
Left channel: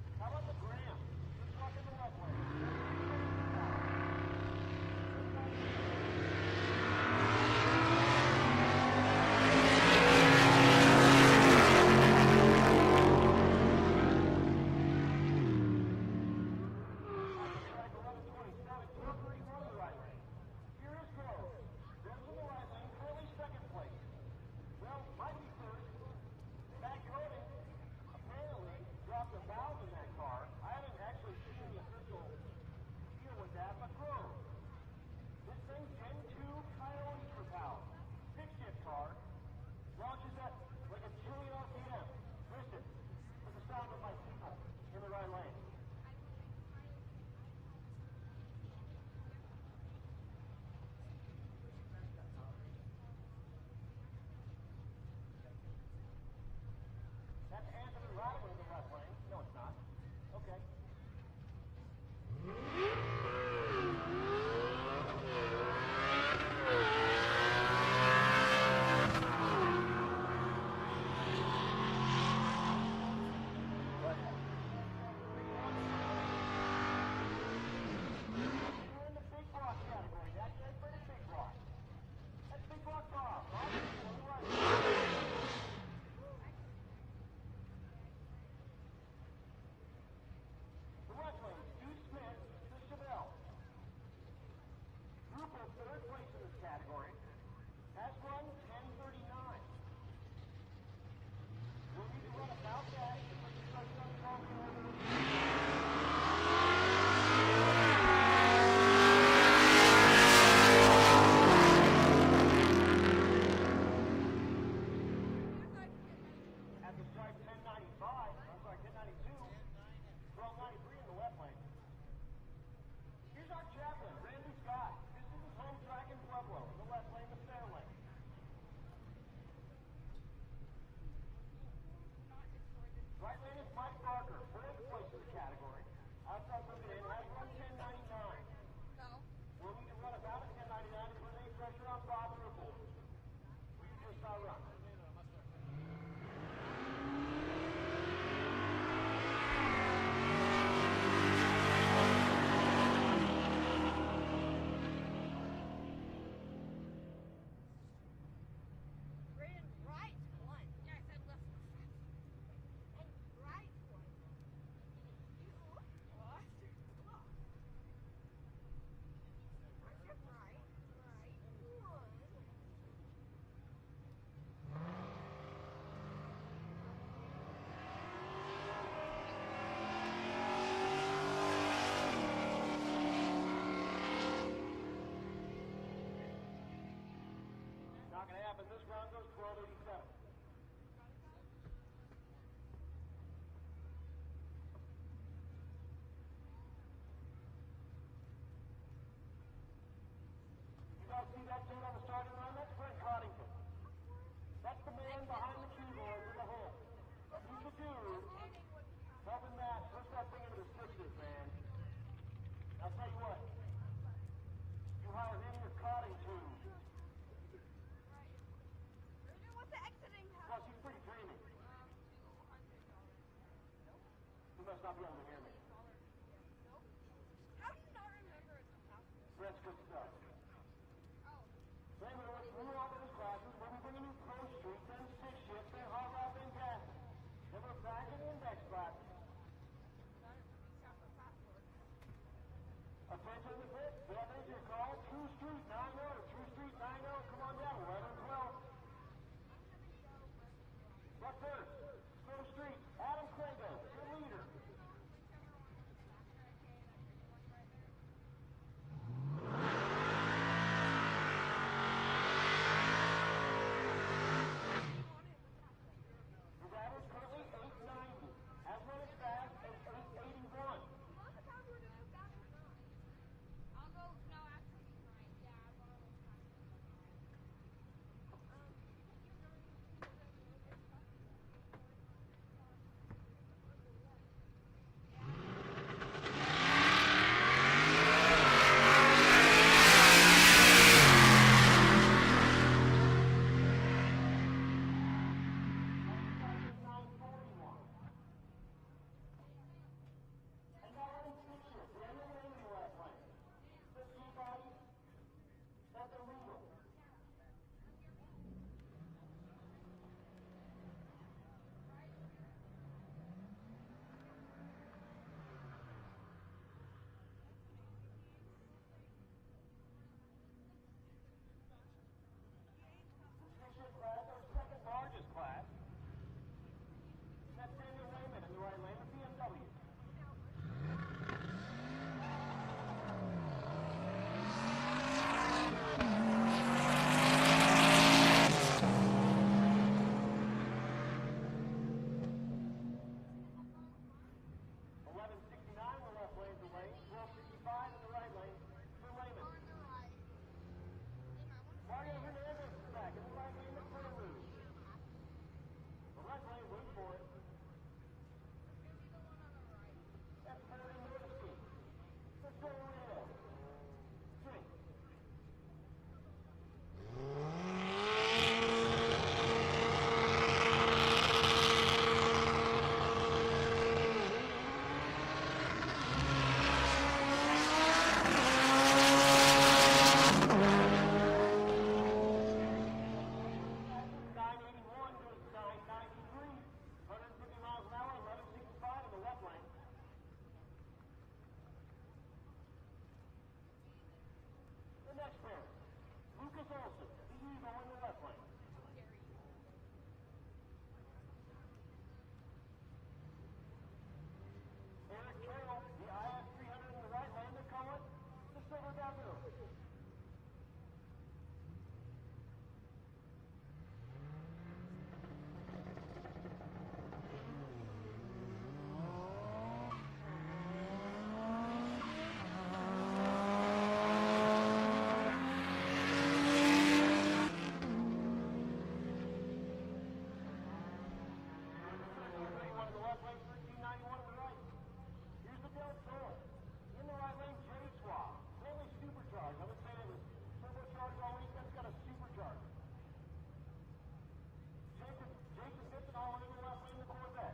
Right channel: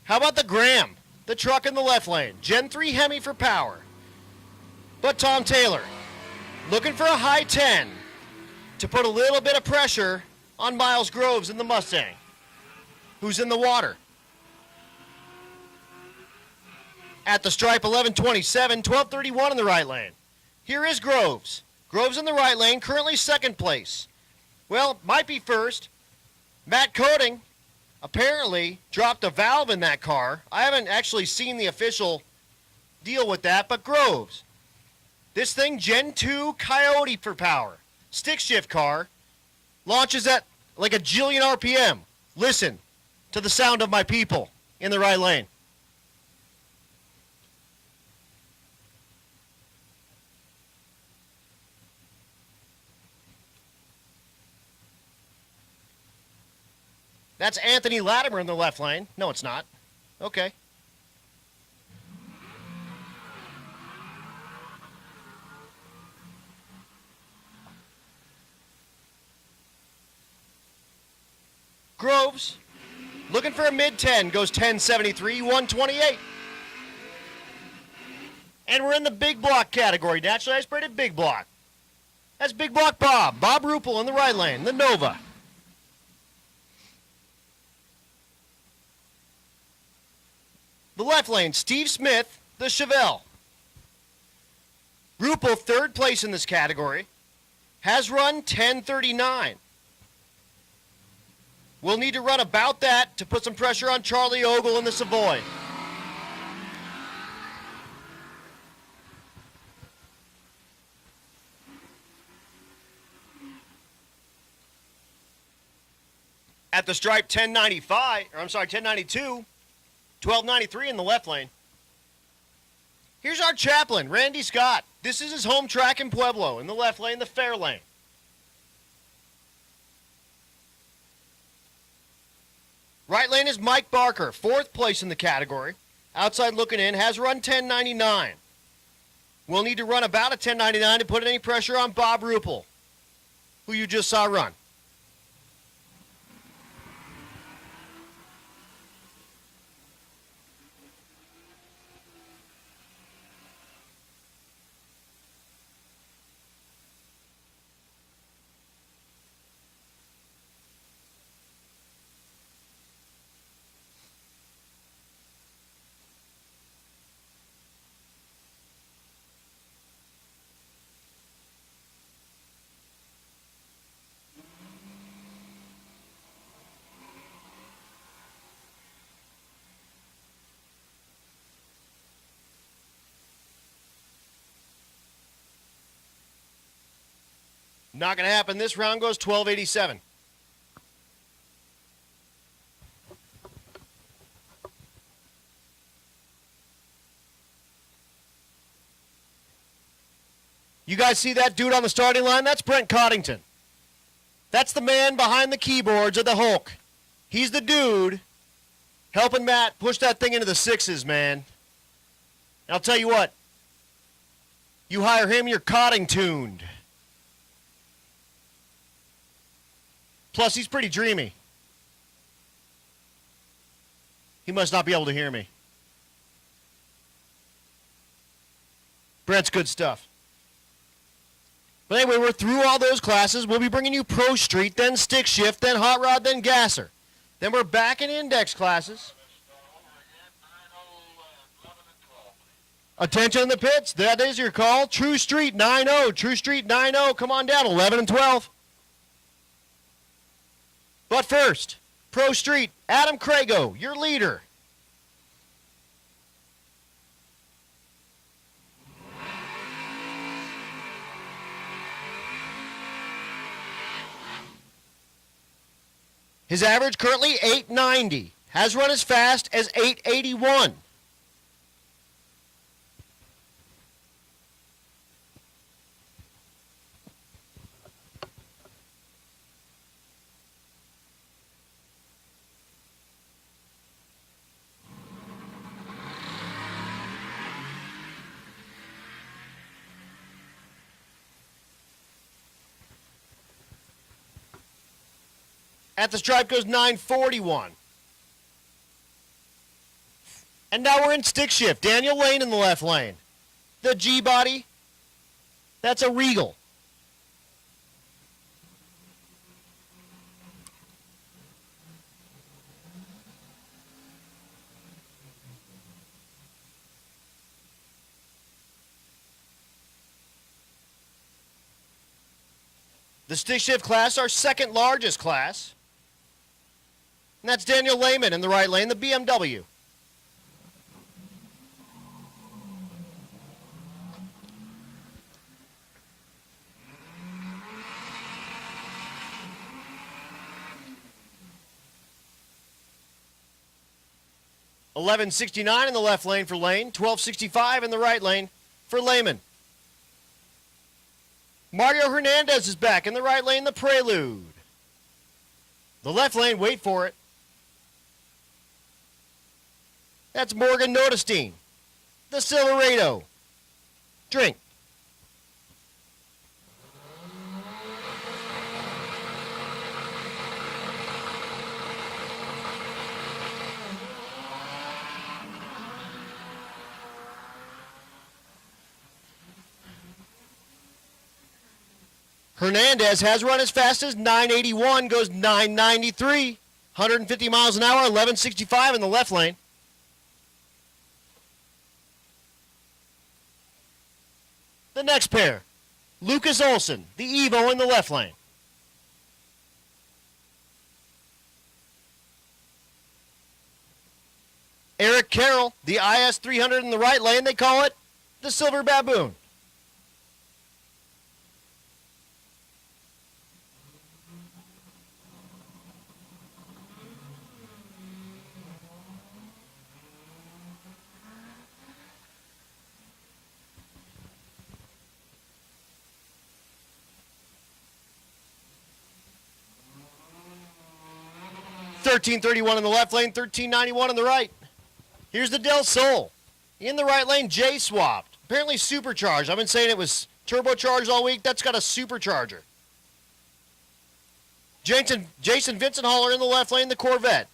How about the Graham, the truck in the left lane? Gen 3 Hemi for power. But Tom Taylor, looking for a high 10 to put a little bit of pressure on Miles Groves in the Mustang, who's in the water. At the stripe, 11:27, 12:31 in the right lane. Here is Groves. Groves in the right lane, currently 2nd place. Well, might be first. Matt Coating apparently dropped a valve in that car. I haven't actually seen the official deal with that, but Groves. This thing, Gen 2 Coyote for power. Stick shift car. Launches at like a jillion RPM. Listen to the sound of my people in the right lane. That's Anthony Latimer in the left lane. No, it's not. Okay. Groves, looking for a mid-10, goes 1073, 128. And we're in the big block category, naturally aspirated big block. That's Big Block Bob. Bob Ruppel in the right lane, the Nova. The left lane, Steve Smith, the Chevelle. Ruppel, 3rd place in this category, has run 1039. We'll need to run about that to put some pressure on Charlie Ogle in the Savoy. At the stripe, 1092, 1293 in the left lane. Here's our chaplain, Randy Scott. This is his home track in Pueblo. In the left lane, the fair lane. Right lane is Mike Barker, 4th place in the category. Outside looking in, has run 1099. We'll need to run about a 1099 to put any pressure on Bob Ruppel, who you just saw run. Not going to happen. This round goes 1287. You guys see that dude on the starting line? That's Brent Coddington. That's the man behind the keyboards of the Hulk. He's the dude helping Matt push that thing into the 6s, man. And I'll tell you what. You hire him, you're Coddingtoned. Plus, he's pretty dreamy. He must not be able to hear me. Brent's good stuff. But anyway, we're through all those classes. We'll be bringing you Pro Street, then Stick Shift, then Hot Rod, then Gasser. Then we're back in index classes. Attention in the pits. That is your call. True Street 9-0. True Street 9-0. Come on down. 11 and 12. But first, Pro Street, Adam Crago, your leader. His average currently 890. Has run as fast as 881. At the stripe goes 941. And now we're in stick shift. Daniel Lane in the left lane. The G-body, that's a Regal. The stick shift class, our second largest class. And that's Daniel Lehman in the right lane, the BMW. $11.69 in the left lane for Lane, $12.65 in the right lane for Lehman. Mario Hernandez is back in the right lane, the Prelude. The left lane, wait for it. That's Morgan Notestein, the Silverado. Drink. Hernandez has run as fast as 981, goes 993, 150 miles an hour, 1165 in the left lane. The next pair, Lucas Olson, the Evo in the left lane. Eric Carroll, the IS 300 in the right lane, they call it the Silver Baboon. $13.31 in the left lane, $13.91 on the right. Here's the Del Sol. In the right lane, J swapped. Apparently supercharged. I've been saying it was turbocharged all week. That's got a supercharger. Jason Vincent Haller in the left lane, the Corvette.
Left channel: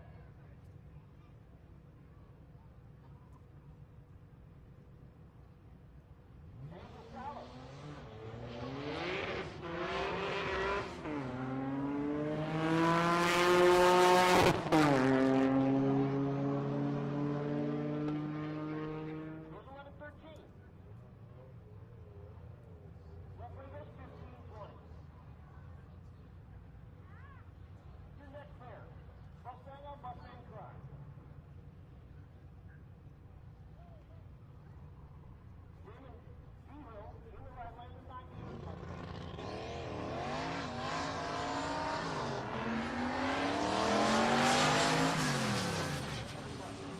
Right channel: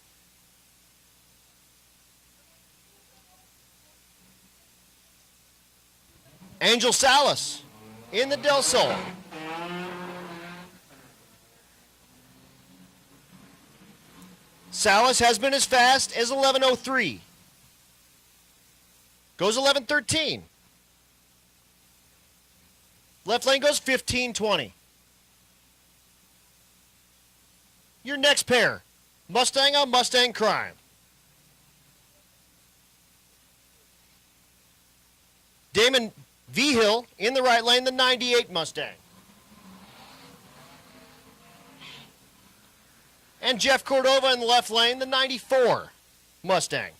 Angel Salas in the Del Sol. Salas has been as fast as 11:03. Goes 11:13. Left lane goes 15:20. Your next pair, Mustang on Mustang Crime. Damon Vigil in the right lane, the 98 Mustang. And Jeff Cordova in the left lane, the 94 Mustang.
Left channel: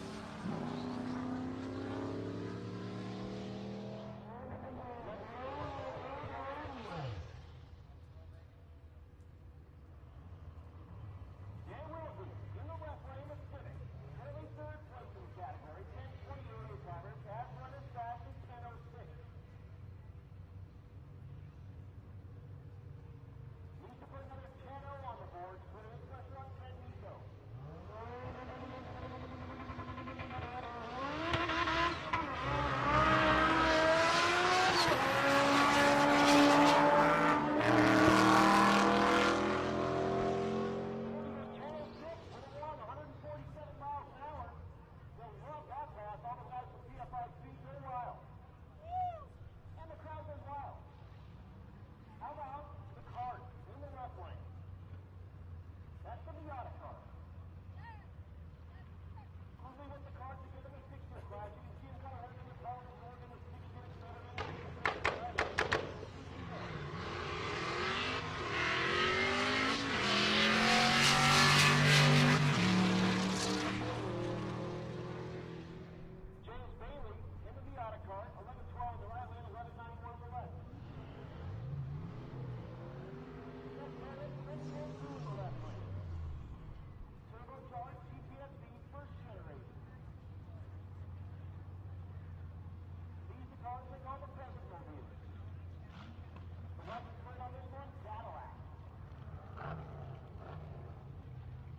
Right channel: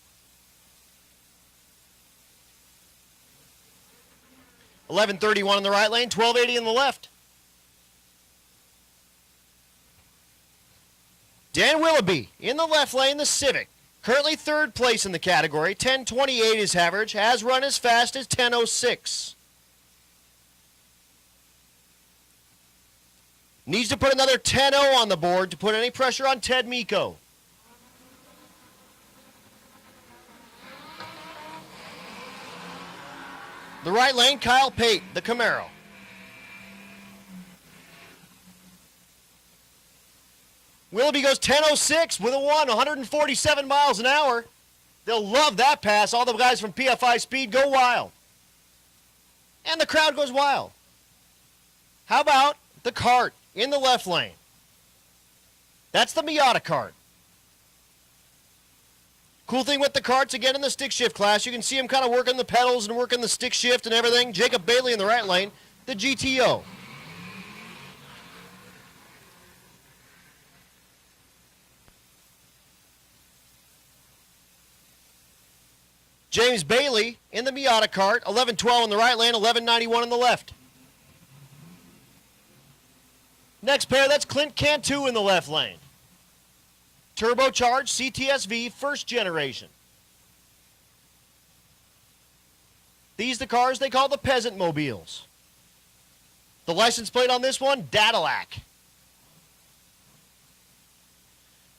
$11.31 in the right lane, $12.80 in the left. Dan Willoughby in the left lane, the Civic. Currently third place in the category, 10:28 his average, has run as fast as 10:06. Needs to put another 10-0 on the board to put any pressure on Ted Miko. The right lane, Kyle Pate, the Camaro. Willoughby goes 10:06 with a 147 miles an hour. They'll love that pass. All the guys from PFI Speed go wild. And the crowd goes wild. How about the cart in the left lane? That's the Miata cart. Cool thing with the carts, again in the stick shift class, you can see him kind of working the pedals and working the stick shift and everything. Jacob Bailey in the right lane, the GTO. James Bailey in the Miata cart, 1112 in the right lane, 1191 in the left. Next pair, that's Clint Cantu in the left lane. Turbocharged CTSV first generation. These the cars they call the peasant mobiles. The license plate on this one, Dadillac.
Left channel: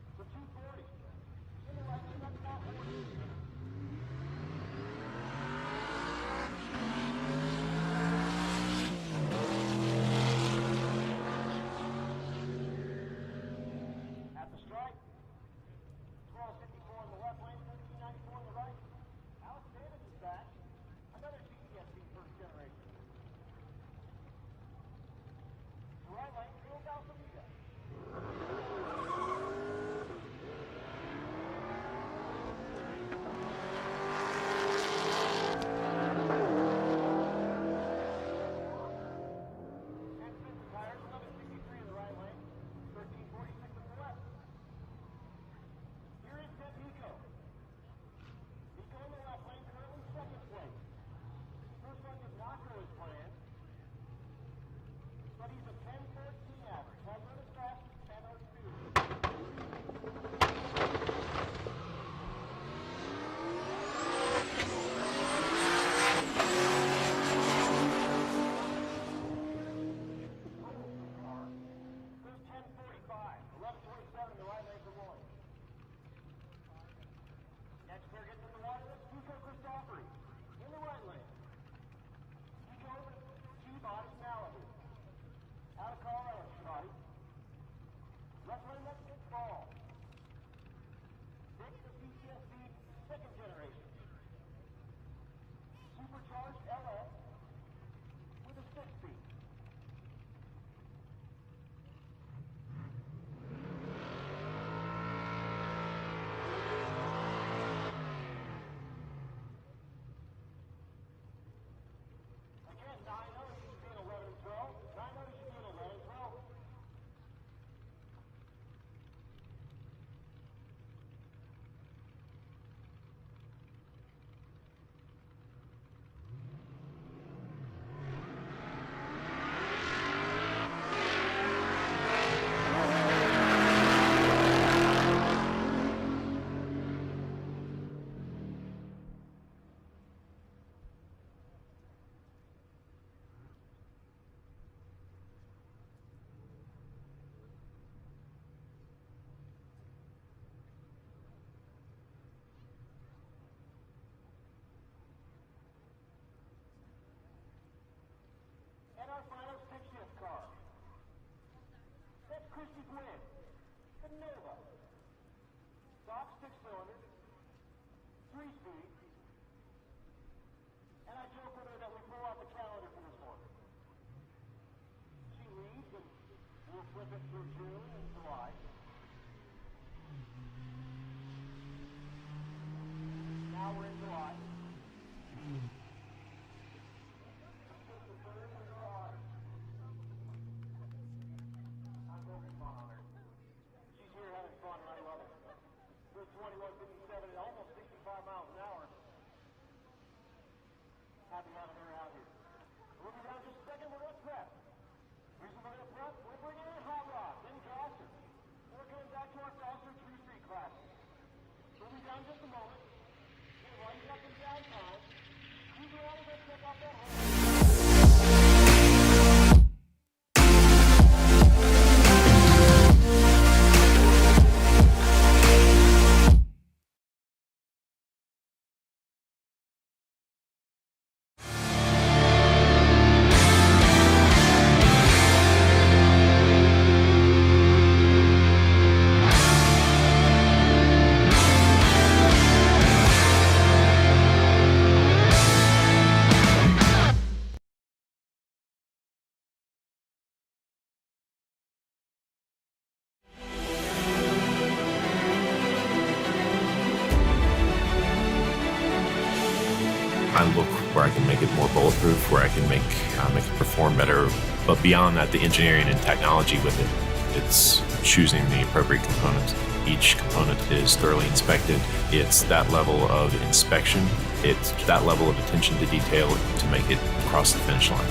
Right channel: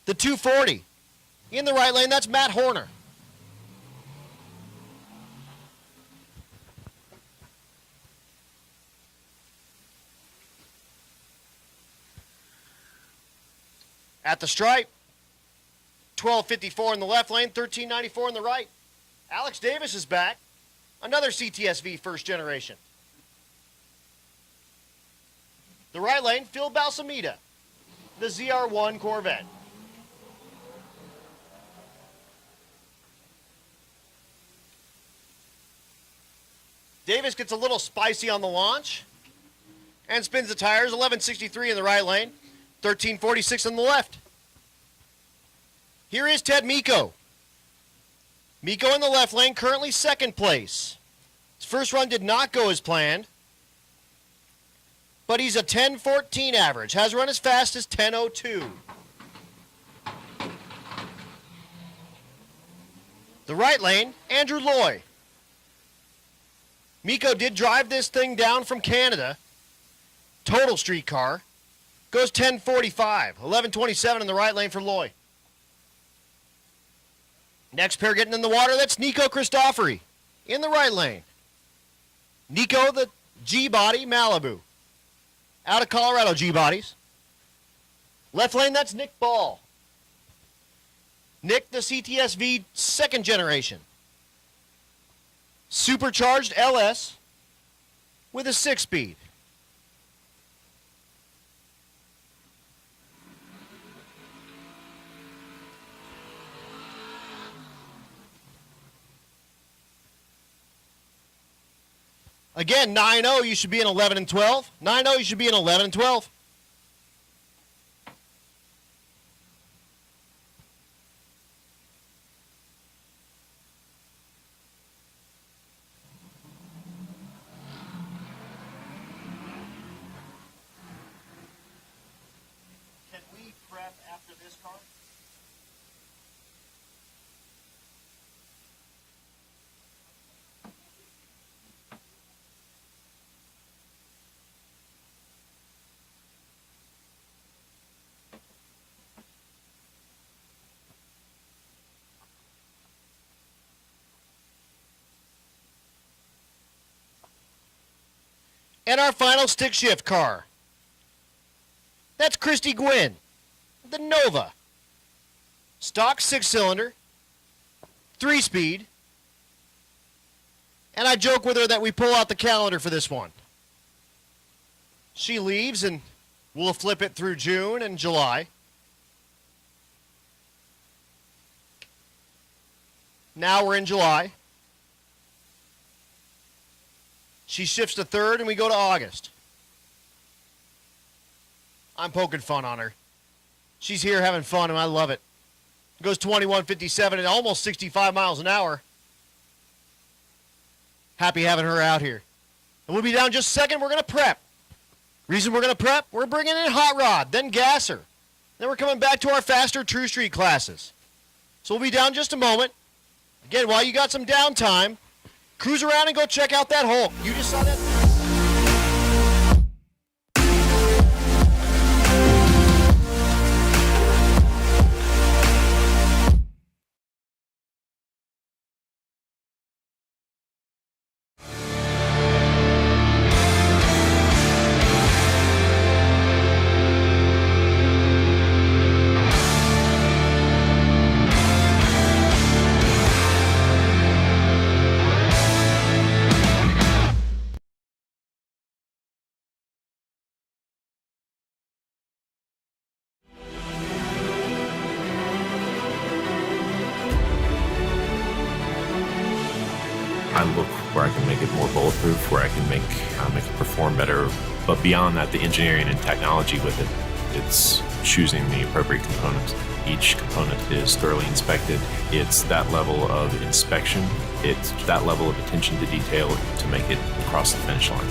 The 240 in the right lane, that's Matt Horner. At the stripe, 1254 in the left lane, 1394 in the right. Alex Davis is back. Another CTSV first generation. The right lane, Phil Balsamita, the ZR1 Corvette. Davis gets a little spicy on the launch and spins the tires, 1163 in the right lane, 1346 on the left. Here is Ted Miko. Miko in the left lane, currently second place. His first run did not go as planned, but he's a 10:14 average. Has run as fast as 10:02. The right lane, Andrew Lloyd. Miko did drive this thing down from Canada. Total street car. Goes 10:45, 11:27 in the right lane for Lloyd. Next pair getting in the water, that's Nico Christofori in the right lane. Nico, the G-Body Malibu. Out of Colorado G-Bodies. Left lane, that's Nick Ball. Nick, the CTSV second generation. Supercharged LS with a 6-speed. Again, 9-0, you should be in 11 and 12. 9-0, you should be in 11 and 12. And our final stick shift car. That's Christy Gwynn, the Nova. Stock 6-cylinder, 3-speed. And I joke with her that we pull out the calendar for this one. She leaves and we'll flip it through June and July. Now we're in July. She shifts to third, and we go to August. I'm poking fun on her. She's here having fun, and I love it. Goes 21:57 and almost 65 miles an hour. Happy having her out here. And we'll be down just a second. We're going to prep. Reason we're going to prep, we're bringing in Hot Rod, then Gasser. Then we're coming back to our faster True Street classes. So we'll be down just a moment. Again, while you got some downtime, cruise around and go check out that Hulk. You just saw that. I look where I can make it more bulletproof, where I can make it perform better. But beyond that, the engineering and technology with it, it's choosing the appropriate components. Each component is thoroughly inspected. It's that level of inspection. It's that level of attention to detail to make it cross the finish line.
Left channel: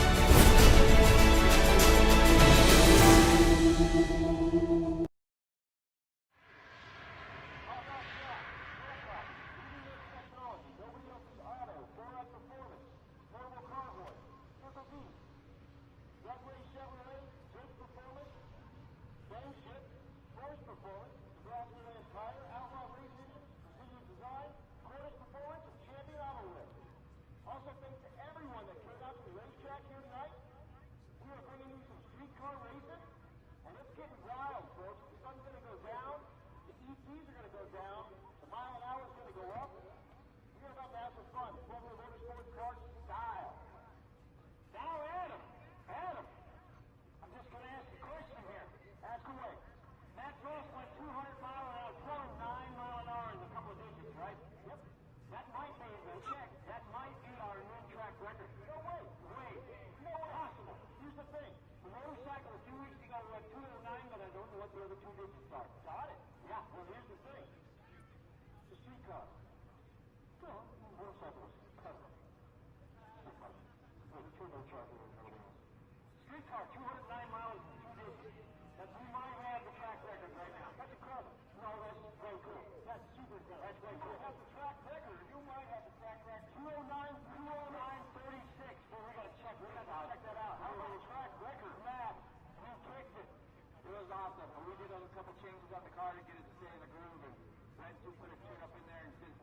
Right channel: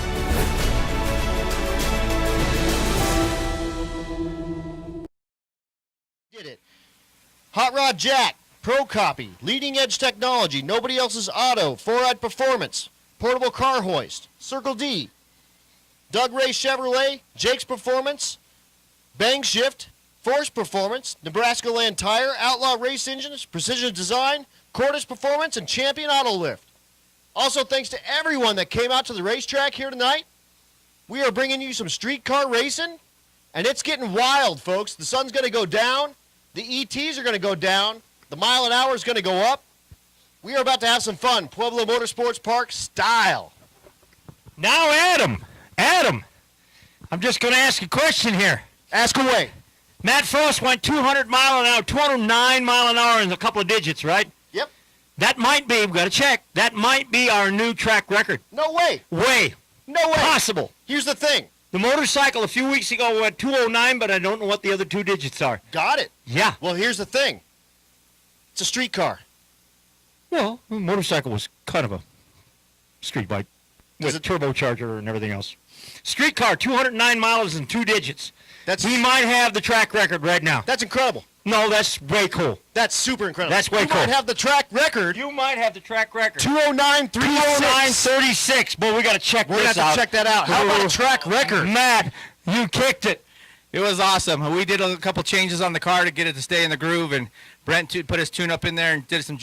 Did it. Hot Rod Jack, Pro Copy, Leading Edge Technology, Nobody Else's Auto, 4-Ride Performance, Portable Car Hoist, Circle D, Doug Ray Chevrolet, Jake's Performance, Bang Shift, Force Performance, Nebraska Land Tire, Outlaw Race Engines, Precision Design, Cordis Performance, and Champion Auto Lift. Also, thanks to everyone that came out to the racetrack here tonight. We are bringing you some streetcar racing, and it's getting wild, folks. The sun's going to go down. The ETs are going to go down. The mile an hour is going to go up. We are about to have some fun, Pueblo Motorsports Park style. Now, Adam, I'm just going to ask a question here. Ask away. Matt Frost went 200 mile an hour, 209 mile an hour in a couple of digits, right? Yep. That might be, we've got to check, that might be our new track record. No way. No way. Possible. Here's the thing. The motorcycle a few weeks ago went 209, but I don't know what the other two digits are. Got it. Yeah. Well, here's the thing. It's a streetcar. Well, the motorcycle was kind of a street bike Does with it- turbocharger and everything else. Streetcar, 209 miles in 2 digits. That's We might have the track record right now. That's incredible. No, that's way cool. That's super incredible. That's way you cool. might have the track record. You might have the track record. 209.36. 209.36. Boy, we got to check We're going this to have out. to check that out. How about a track record? Matt, you kicked it. It was awesome. We did a couple changes on the car to get it to stay in the groove, and Brent put his tune-up in there and did some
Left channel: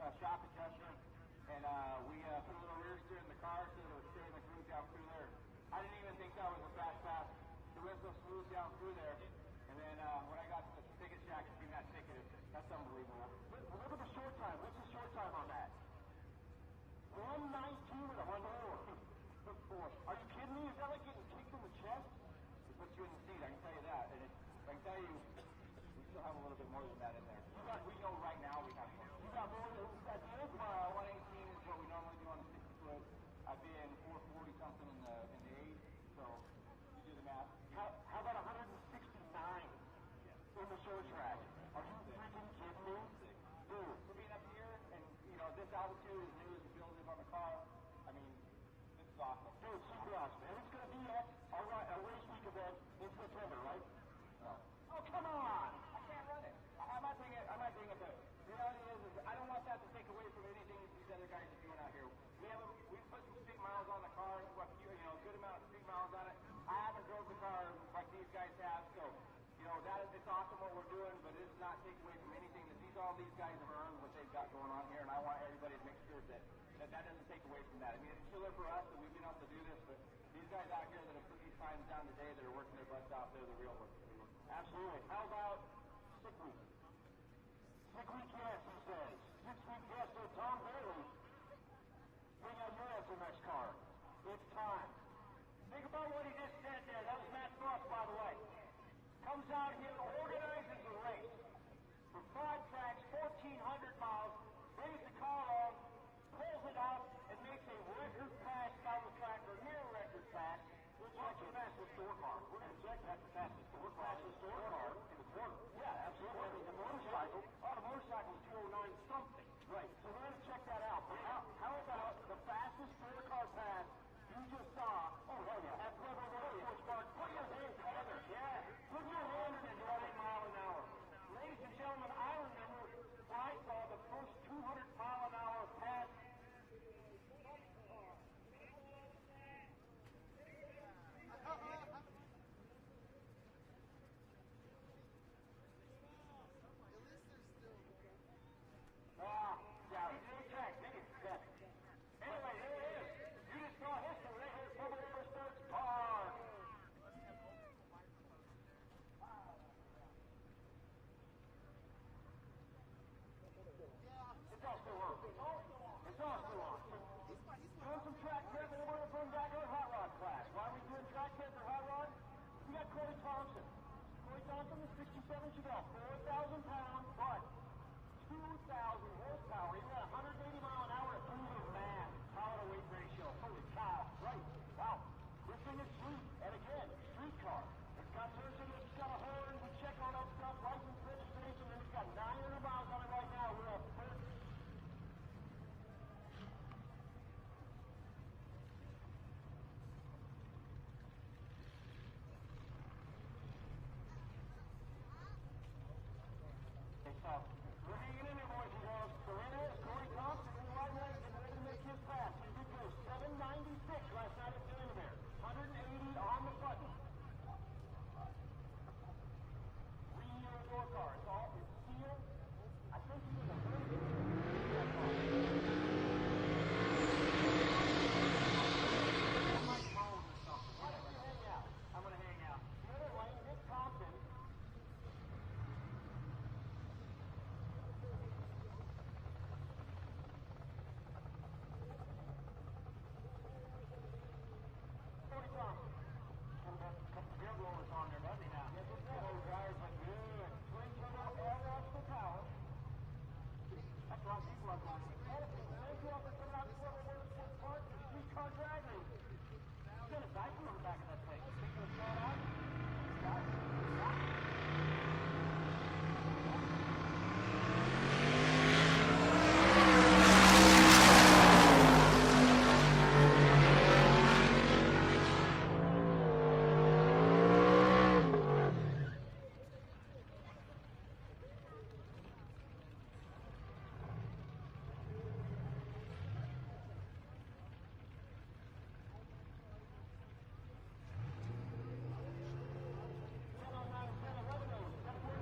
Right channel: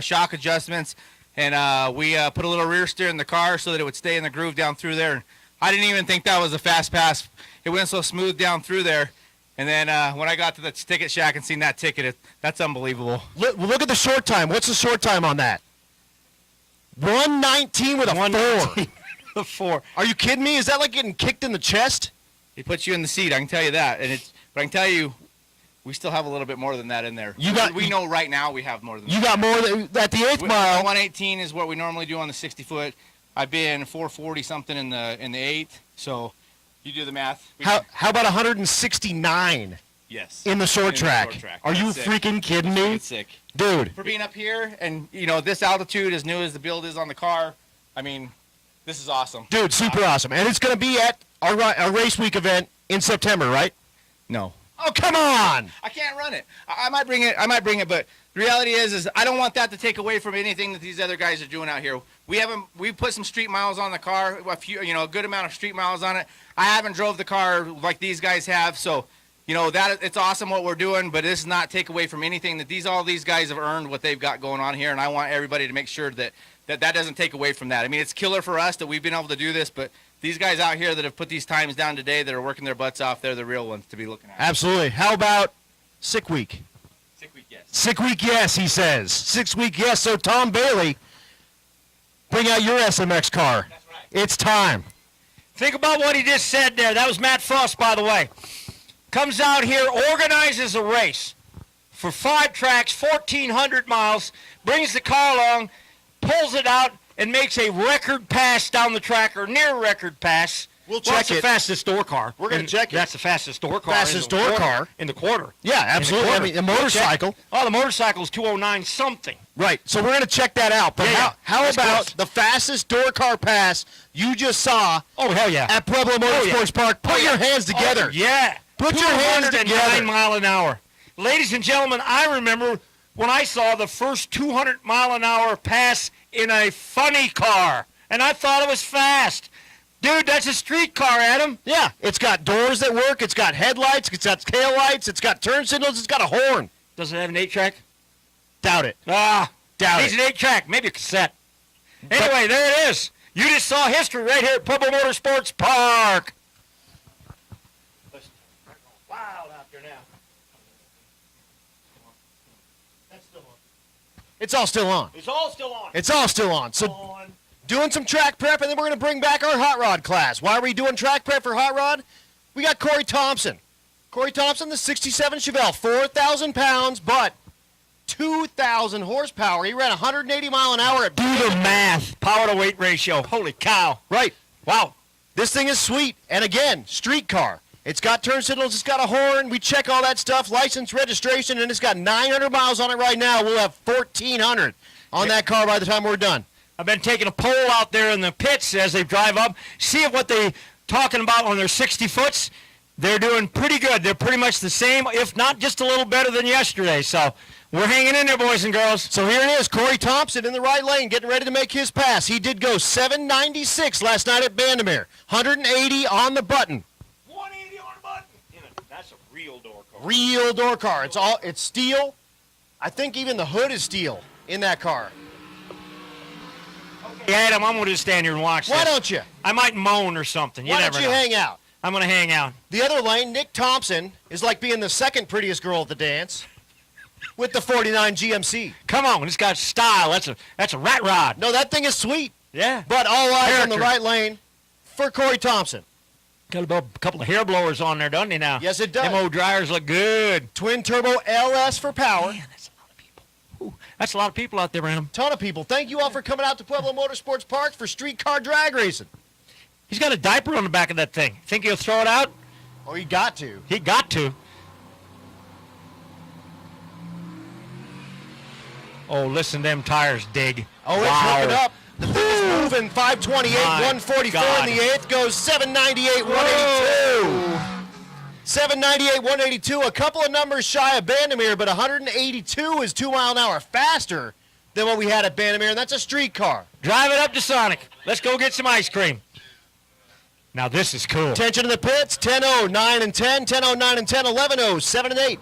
shock adjustments, and we put a little rear steer in the car so that it would stay in the groove down through there. I didn't even think that was a fast pass. It went so smooth down through there, and then when I got to the ticket shack and seen that ticket, that's unbelievable. Look at the short time. What's the short time on that? 1:19 with a 4. The 4. Are you kidding me? Is that like getting kicked in the chest? It puts you in the seat, I can tell you that. But I can tell you, we still have a little bit more than that in there. We know right now we have more than that. You got more than, at the 8th mile. 118 is what we normally do on the 60-foot. I've been 440 something in the 8th, so you do the math. How about 169 Yes. in the short track? Are you That's sick. freaking kidding me? It's sick. Dude. For being up here and, this altitude, as new as the build is on the car, I mean, this is awesome. Dude, super awesome. And it's going to be at our race week event in September, right? No. Oh, come on. I can't run it. I might bring it, but the reality is I don't want that to take away from anything that these other guys are doing out here. We put some street miles on the car, a good amount of street miles on it. I haven't drove the car like these guys have, so that it's awesome what we're doing, but this does not take away from anything that all these guys have earned what they've got going on here, and I want everybody to make sure that doesn't take away from that. I mean, it's killer for us that we've been able to do this, but these guys out here that have put these times down today that are working their butts off, they're the real ones to be looking at. Absolutely. How about sick week? Sick week, yes. Sick week, yes, he says. 6 week, yes. So, Tom Bailey, bring out your SMX car. That's right. It's time. Think about what he just said there. That was Matt Frost, by the way. Comes out here, organizes a race for 5 tracks, 1,400 miles, brings the car along, pulls it out, and makes a record pass down the track, or near record pass. We'll Well, check that's it. the fastest door car. We're gonna check it. That's the fastest door car. Fastest in the door quarter- car. in the quarter. Yeah, absolutely. I In the mean, a quarter. We'll check. motorcycle. Oh, the motorcycle's 209 something. Right. So, we're going to check that out. But Yeah, how that's about close. the fastest door car pass you just saw Oh, hell yeah. at Pueblo Motorsports Park? Put your hands together. Oh, yeah. Put your hands 209 together. mile an hour. Ladies and gentlemen, I remember when I saw the first 200 mile an hour pass in a funny car, and I thought it was fast. Dude, that's a street car, Adam. Yeah. It's got doors that work. It's got headlights. It's got tail lights. It's got turn signals. It's got a horn. Does it have an 8-track? Doubt it. Ah, Doubt needs it. an 8-track, maybe a cassette. Anyway, there it is. You just saw history right here at Pueblo Motorsports Park. Wild out there now. That's still on. It's all still on. It's all still on. It's all still on. So, doing some track prep, and then we're going to bring back our hot rod class. Why are we doing track prep for hot rod? We got Corey Thompson. Corey Thompson, the 67 Chevelle, 4,000 pounds, but 2,000 horsepower. He ran 180 mile an hour at Do the math. Power to weight ratio. Holy cow. Right. Wow. This thing is sweet. And again, street car. It's got turn signals, it's got a horn. We check all that stuff, license, registration, and it's got 900 miles on it right now. We'll have 1,400 on that car by the time we're done. I've been taking a poll out there in the pits as they drive up, see what they talking about on their 60 foots. They're doing pretty good. They're pretty much the same, if not just a little better than yesterday. So we're hanging in there, boys and girls. So here it is, Corey Thompson in the right lane, getting ready to make his pass. He did go 796 last night at Bandamere, 180 on the button. 180 on the button. That's a real door car. Real door car. It's steel. I think even the hood is steel in that car. Yeah, Adam, I'm going to just stand here and watch Why this. don't you? I might moan or something. You Why never don't you know. hang out? I'm going to hang out. The other lane, Nick Thompson, is like being the second prettiest girl at the dance with the 49 GMC. Come on, it's got style. That's a rat rod. No, that thing is sweet. Yeah. But all eyes on the Character. right lane for Corey Thompson. Got a couple of hair blowers on there, doesn't he now? Yes, it does. Them old dryers look good. Twin turbo LS for power. Man, that's a lot of people. Ooh, that's a lot of people out there, Random. Ton of people. Thank you all for coming out to Pueblo Motorsports Park for street car drag racing. He's got a diaper on the back of that thing. Think he'll throw it out? Oh, you got to. He got to. Oh, listen to them tires dig. Oh, it's moving up. It's moving. 528, My 144 God. in the 8th goes 798, 182. 798, 182. A couple of numbers shy of Bandamere, but 182 is 2 mile an hour faster than what we had at Bandamere, and that's a street car. Drive it up to Sonic. Let's go get some ice cream. Now this is cool. Attention to the pits, 10-0, 9 and 10, 10-0, 9 and 10, 11-0, 7 and 8.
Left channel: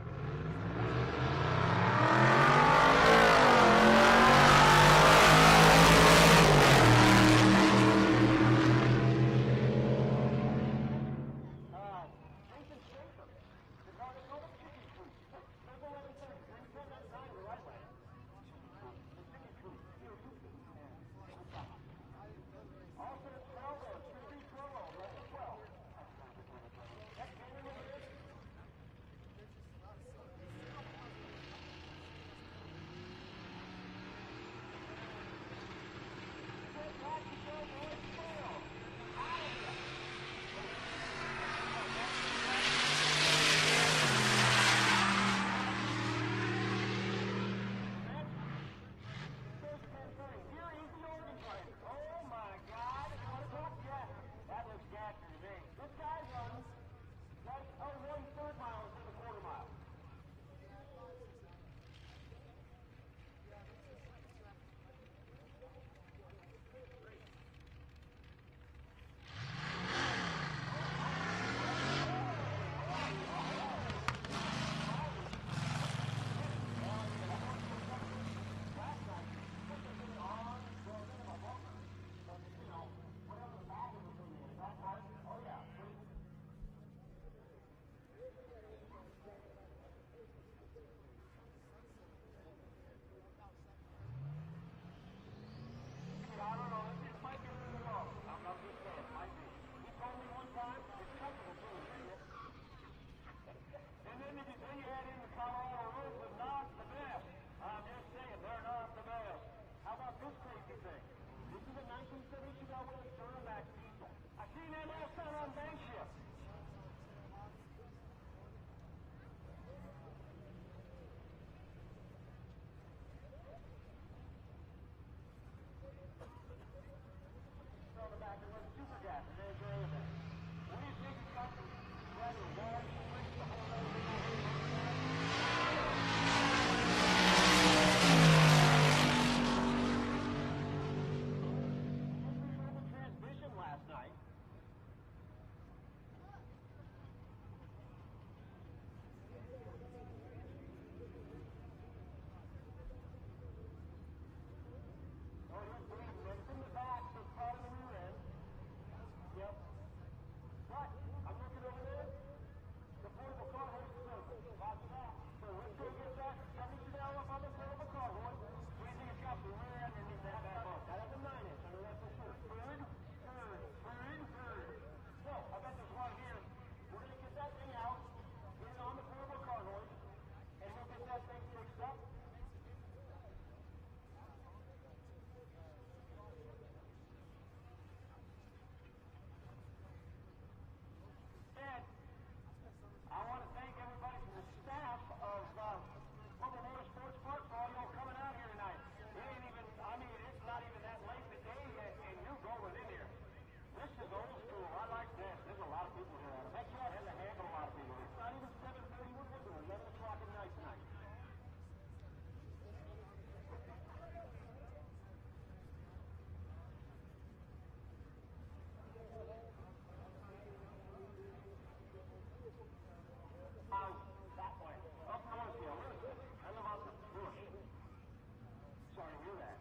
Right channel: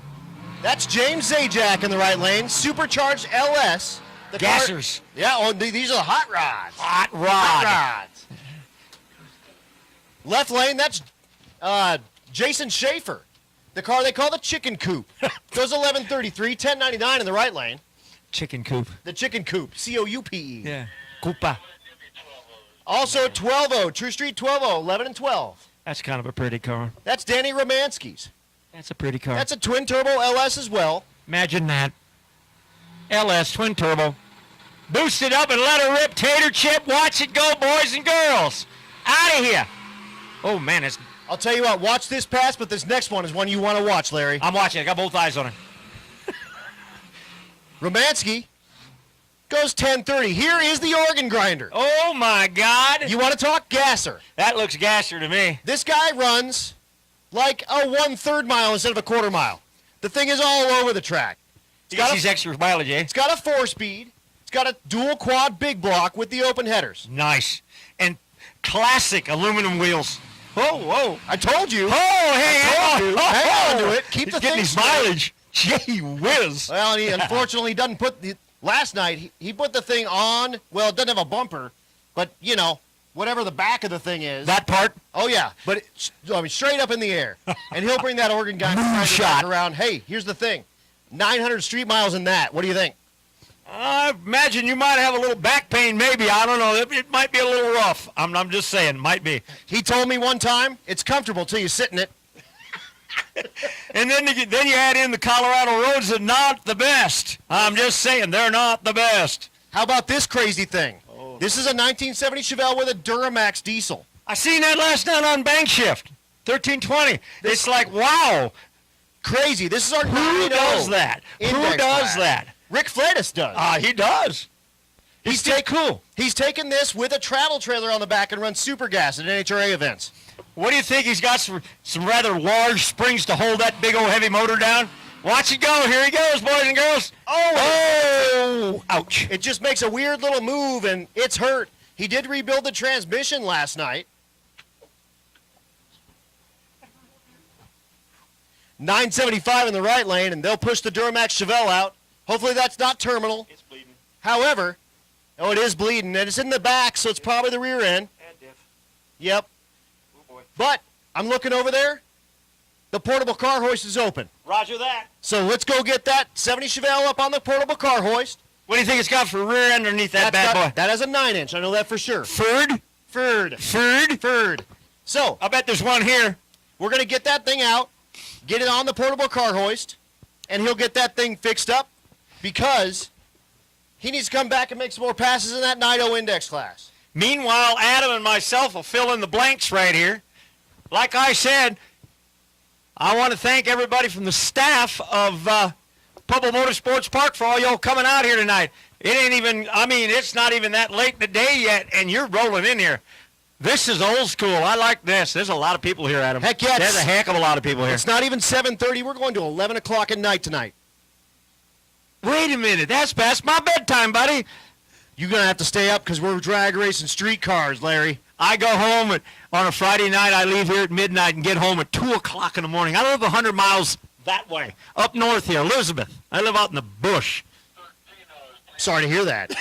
That's James Zajac in the right lane, supercharged LS. Gassers. Yeah, well, these are hot rods. Left lane, that's Jason Schaefer, the car they call the Chicken Coop. Goes 1133, 1099 in the right lane. Chicken coop. The Chicken Coop, C-O-U-P-E. Yeah. Koopa. Also 12-0, True Street 12-0, 11 and 12. That's kind of a pretty car. That's Danny Romanski's. That's a pretty car. That's a twin turbo LS as well. Imagine that. LS twin turbo. Boost it up and let her rip. Tater chip. Watch it go, boys and girls. Out of here. Oh, man. I'll tell you what, watch this pass, but this next one is one you want to watch, Larry. I'm watching. I got both eyes on her. Romanski goes 1030. Here is the organ grinder. Oh, my God. You want to talk gasser? That looks gasser to me. This guy runs like a 1/3 mile instead of a 1/4 mile. The thing is all over the track. He gets these extra mileage, eh? It's got a 4-speed. It's got a dual quad big block with the open headers. Nice. And classic aluminum wheels. Whoa, whoa. I told you. Oh, hey, Hang on to it. Keep He's the getting thing his straight. mileage. Gee whiz. Well, and he unfortunately doesn't put the... Last night, he put the thing on. Well, it doesn't have a bumper, but, you know, whatever the back of the thing is. That part? Oh, yeah. But, straight up in the air. And he'll bring that organ guy back around. Hey, here's the thing. 900 street miles in that. What do you think? I imagine you might have a little back pain, maybe. I don't know. It might be a little rough. I'm just saying. Might be. He told me one time, it's comfortable till you sit in it. And then you add in the Colorado roads are not the best. I'm just saying, they're not the best. How about this crazy thing? This is a 1970 Chevelle with a Duramax diesel. I seen that last night on Bank Shift. 1320. It's like, wow. Crazy. This is our Who does that? Who does that? Rick Flatus does. He does. He's cool. He's taken this with a travel trailer on the back and runs super gas at NHRA events. What do you think? He's got some rather large springs to hold that big old heavy motor down. Watch it go. Here he goes, boys and girls. Oh! Ouch. It just makes a weird little move, and it's hurt. He did rebuild the transmission last night. 975 in the right lane, and they'll push the Duramax Chevelle out. Hopefully that's not terminal. It's bleeding. However, oh, it is bleeding, and it's in the back, so it's probably the rear end. And diff. Yep. Oh, boy. But I'm looking over there. The portable car hoist is open. Roger that. So let's go get that 70 Chevelle up on the portable car hoist. What do you think it's got for rear end underneath that bad boy? That has a 9-inch. I know that for sure. Furred? Furred. So I bet there's one here. we're going to get that thing out, get it on the portable car hoist, and he'll get that thing fixed up. because he needs to come back and make some more passes in that 9.0 index class. Meanwhile, Adam and myself will fill in the blanks right here. Like I said, I want to thank everybody from the staff of Pueblo Motorsports Park for all y'all coming out here tonight. It ain't even, I mean, it's not even that late in the day yet, and you're rolling in here. This is old school. I like this. There's a lot of people here, Adam. Heck yeah. There's a heck of a lot of people here. It's not even 7:30. We're going to 11 o'clock at night tonight. Wait a minute. That's past my bedtime, buddy. You're going to have to stay up because we're drag racing street cars, Larry. I go home on a Friday night. I leave here at midnight and get home at 2 o'clock in the morning. I live 100 miles that way, up north here, Elizabeth. I live out in the bush. Sorry to hear that.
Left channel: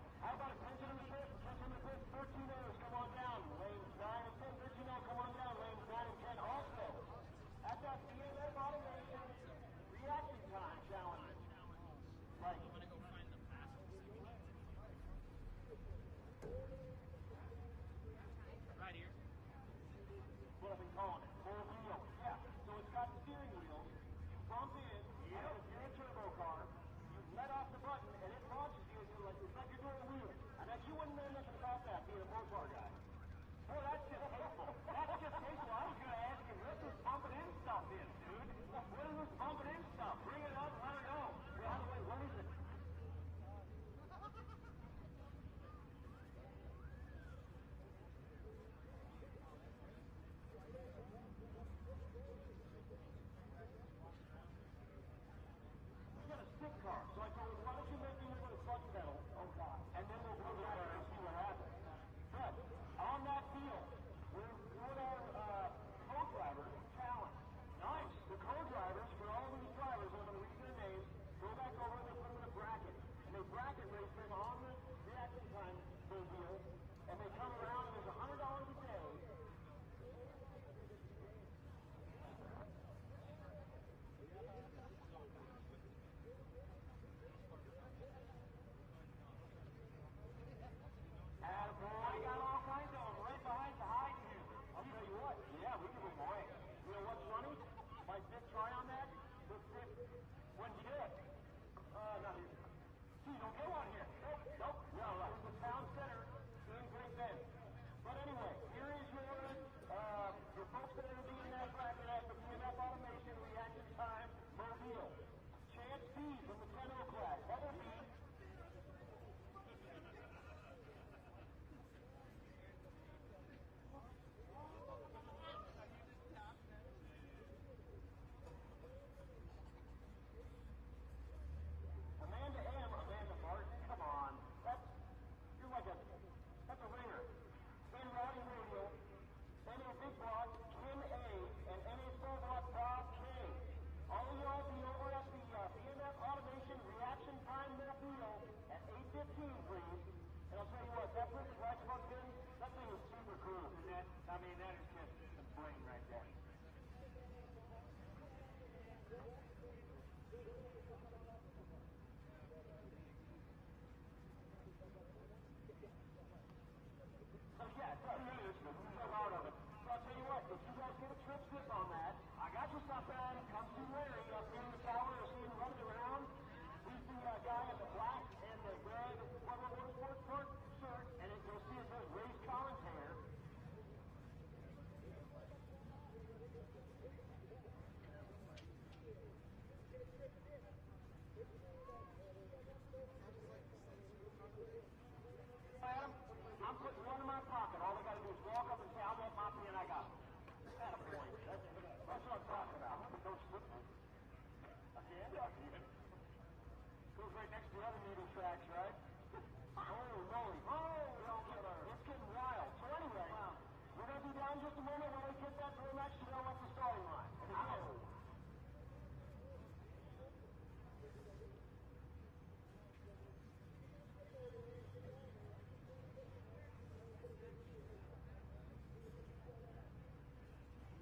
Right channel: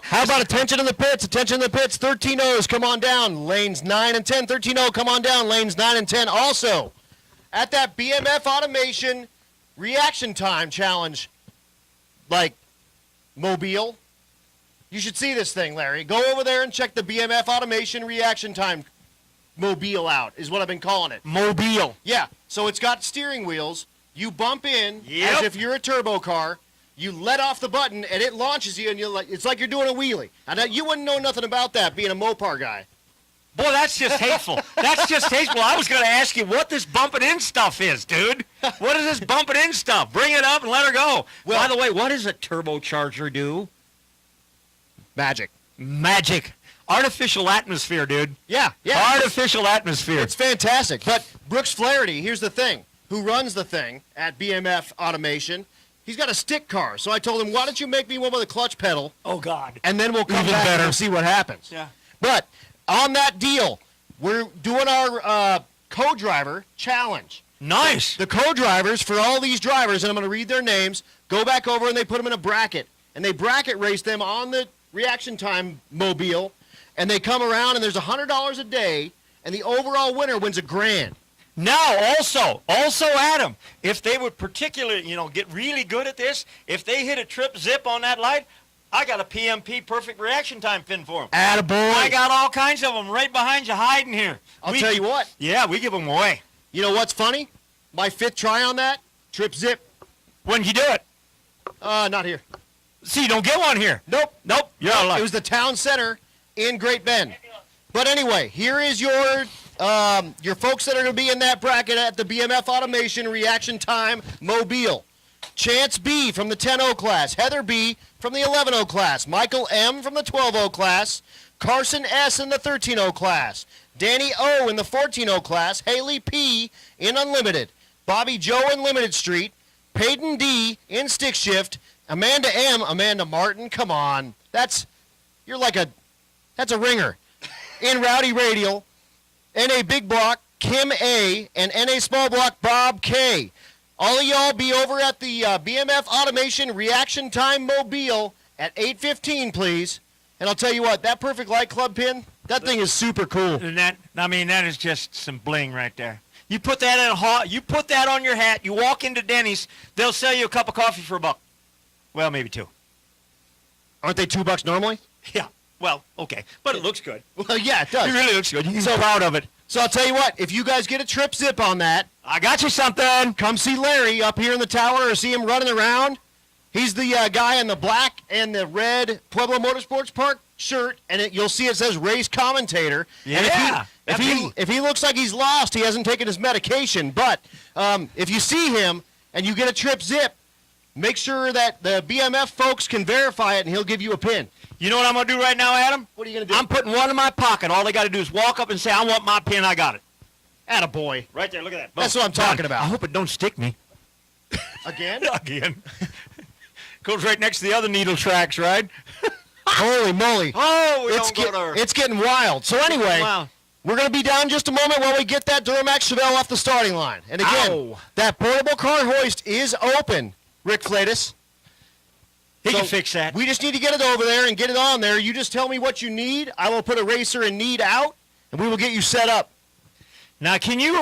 How about attention in the pits? Attention in the pits. 13-0s, come on down. Lanes 9 and 10. 13-0, come on down. Lanes 9 and 10. Also, at that BMF Automation Reaction Time Challenge, like Mobile, you should see this thing, Larry. Go over there and check the BMF Automation Reaction Time Mobile out, is what I've been calling it. Mobile. Yeah, so it's got steering wheels. You bump in Yep. as if you're a turbo car. You let off the button, and it launches you, and you're like, it's like you're doing a wheelie. And you wouldn't know nothing about that, being a Mopar guy. Boy, that's just hateful. That's just hateful. I was going to ask you what this bumping in stuff is, dude. What is this bumping in stuff? Bring it up and let her go. Well, by the way, what does a turbocharger do? Magic. Magic. Artificial atmosphere, dude. Yeah. Artificial atmosphere. It's fantastic. But Brooks Flaherty, here's the thing, who runs the thing at BMF Automation, he's got a stick car. So I told him, why don't you make me one with a clutch pedal, Oh, God. and then we'll come Even back better. and see what happens. Yeah. But on that deal, we're doing our co-driver challenge. Nice. The co-drivers for all these drivers, and I'm going to read their names, go back over and they put them in a bracket. And they bracket race them on the Reaction Time Mobile, and they come around, and there's $100 a day, and the overall winner wins $1,000. Now, also, Adam, if they would particularly, get really good at this, if they hit a trip zip on that light, I got a PMP perfect reaction time pin for them. Attaboy. I got all kinds of them right behind you hiding here. I'll tell you what. Yeah, we give them away. You know what's funny? My 5th try on that, trip zip. When did you do it? Not here. See, you don't get one here. Nope. You're out of luck. It was the town center in Great Bend. But anyway, here is your folks that are going to be in that bracket at the BMF Automation Reaction Time Mobile. Chance B from the 10-0 class, Heather B from the 11-0 class, Michael M from the 12-0 class, Carson S in the 13-0 class, Danny O in the 14-0 class, Haley P in Unlimited, Bobby Joe in Limited Street, Peyton D in Stick Shift, Amanda M, Amanda Martin, come on. That's a ringer. In Rowdy Radial, NA Big Block, Kim A, and NA Small Block, Bob K. All of y'all be over at the BMF Automation Reaction Time Mobile at 8:15, please. And I'll tell you what, that Perfect Light Club pin, that thing is super cool. And that is just some bling right there. You put that you put that on your hat, you walk into Denny's, they'll sell you a cup of coffee for $1. Well, maybe $2. Aren't they $2 normally? Yeah. Well, okay. But it looks good. Well, yeah, it does. It really looks good. You're so proud of it. So I'll tell you what, if you guys get a trip zip on that, I got you something. come see Larry up here in the tower or see him running around. He's the guy in the black and the red Pueblo Motorsports Park shirt, and you'll see it says race commentator. Yeah. And if he looks like he's lost, he hasn't taken his medication. But if you see him and you get a trip zip, make sure that the BMF folks can verify it, and he'll give you a pin. You know what I'm going to do right now, Adam? What are you going to do? I'm putting one in my pocket. All they got to do is walk up and say, I want my pin, I got it. Attaboy. Right there, look at that. Boom. That's what I'm talking about. I hope it don't stick me. Again? Again. Goes right next to the other needle tracks, right? Holy moly. Oh, we It's, don't go there. it's getting wild. So anyway, Wow. we're going to be down just a moment while we get that Duramax Chevelle off the starting line. And again, Ow. that portable car hoist is open, Rick Flatus. He So can fix that. We just need to get it over there and get it on there. You just tell me what you need. I will put a racer in need out, and we will get you set up. Now, can you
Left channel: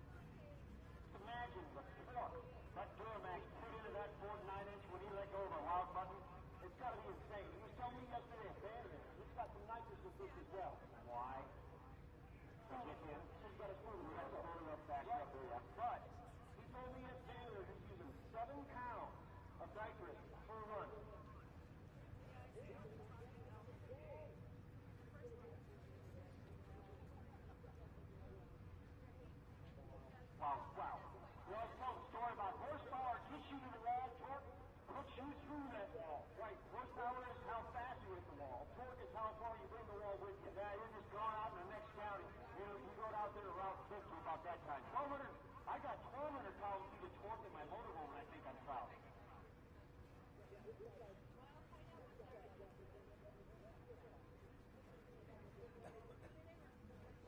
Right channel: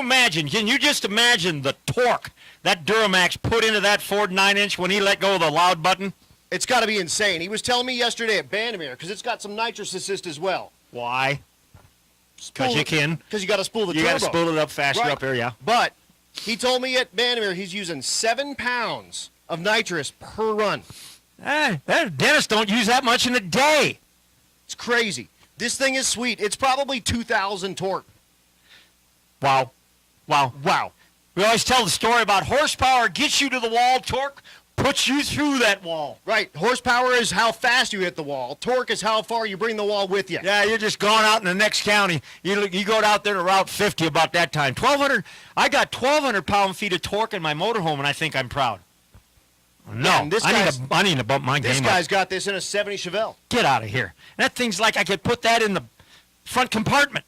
just imagine the torque that Duramax put into that Ford 9-inch when he let go of the loud button? It's got to be insane. He was telling me yesterday at Bandamere, because it's got some nitrous assist as well. Why? Because you can. Because you got to spool the You turbo. got to spool it up faster Right. up here, yeah. But he told me at Bandamere he's using 7 pounds of nitrous per run. Dentists don't use that much in a day. It's crazy. This thing is sweet. It's probably 2,000 torque. Wow. Wow. Wow. We always tell the story about horsepower gets you to the wall, torque puts you through that wall. Right. Horsepower is how fast you hit the wall. Torque is how far you bring the wall with you. Yeah, you're just going out in the next county. You go out there to Route 50 about that time. 1,200. I got 1,200 pound-feet of torque in my motorhome, and I think I'm proud. No, Man, I need to bump my game up. This guy's got this in a 70 Chevelle. Get out of here. That thing's like I could put that in the front compartment.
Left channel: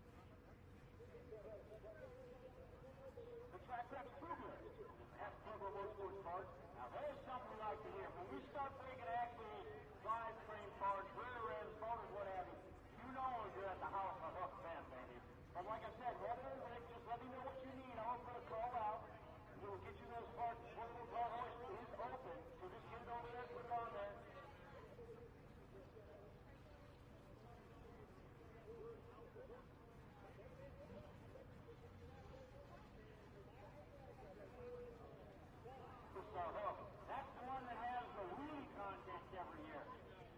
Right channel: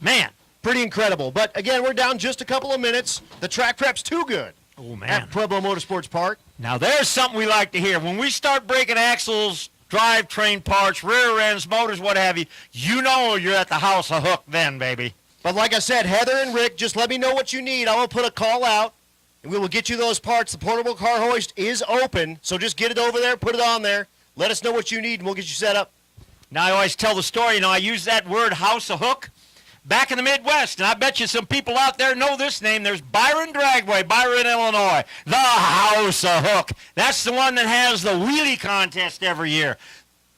Man. Pretty incredible. But again, we're down just a couple of minutes. The track prep's too good. Oh, man. At Pueblo Motorsports Park. Now, there's something we like to hear. When we start breaking axles, drivetrain parts, rear ends, motors, what have you, you know you're at the house of Hook then, baby. But like I said, Heather and Rick, just let me know what you need. I will put a call out, and we will get you those parts. The portable car hoist is open, so just get it over there, put it on there. Let us know what you need, and we'll get you set up. Now, I always tell the story, I use that word house of Hook. Back in the Midwest, and I bet you some people out there know this name. There's Byron Dragway, Byron, Illinois, the House of Hook. That's the one that has the wheelie contest every year.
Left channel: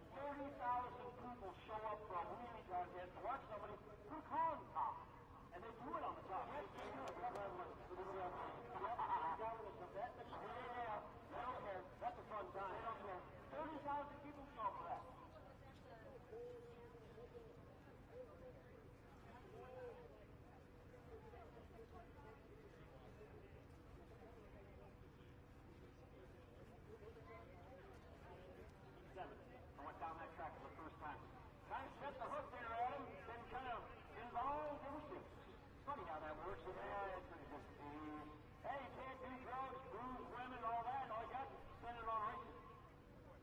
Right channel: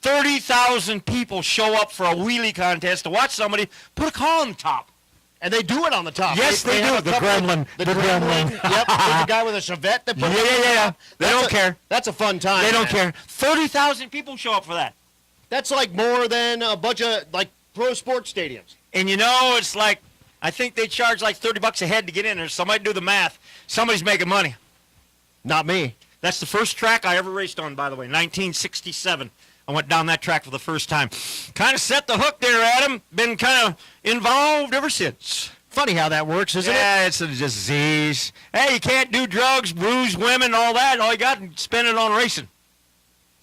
30,000 people show up for a wheelie contest to watch somebody put a car on the top. And they do it on the top. Yes, they do. The gremlin. The gremlin. Yep, there's the guy with a Chevette that put Yeah. They don't care. That's a fun time. They don't care. 30,000 people show up for that. That's like more than a bunch of, like, pro sports stadiums. And it's like, I think they charge like $30 a head to get in there. Somebody do the math. Somebody's making money. Not me. That's the first track I ever raced on, by the way, 1967. I went down that track for the first time. Kind of set the hook there, Adam. Been kind of involved ever since. Funny how that works, isn't it? Yeah, it's a disease. Hey, you can't do drugs, bruise women, all that. All you got is spend it on racing.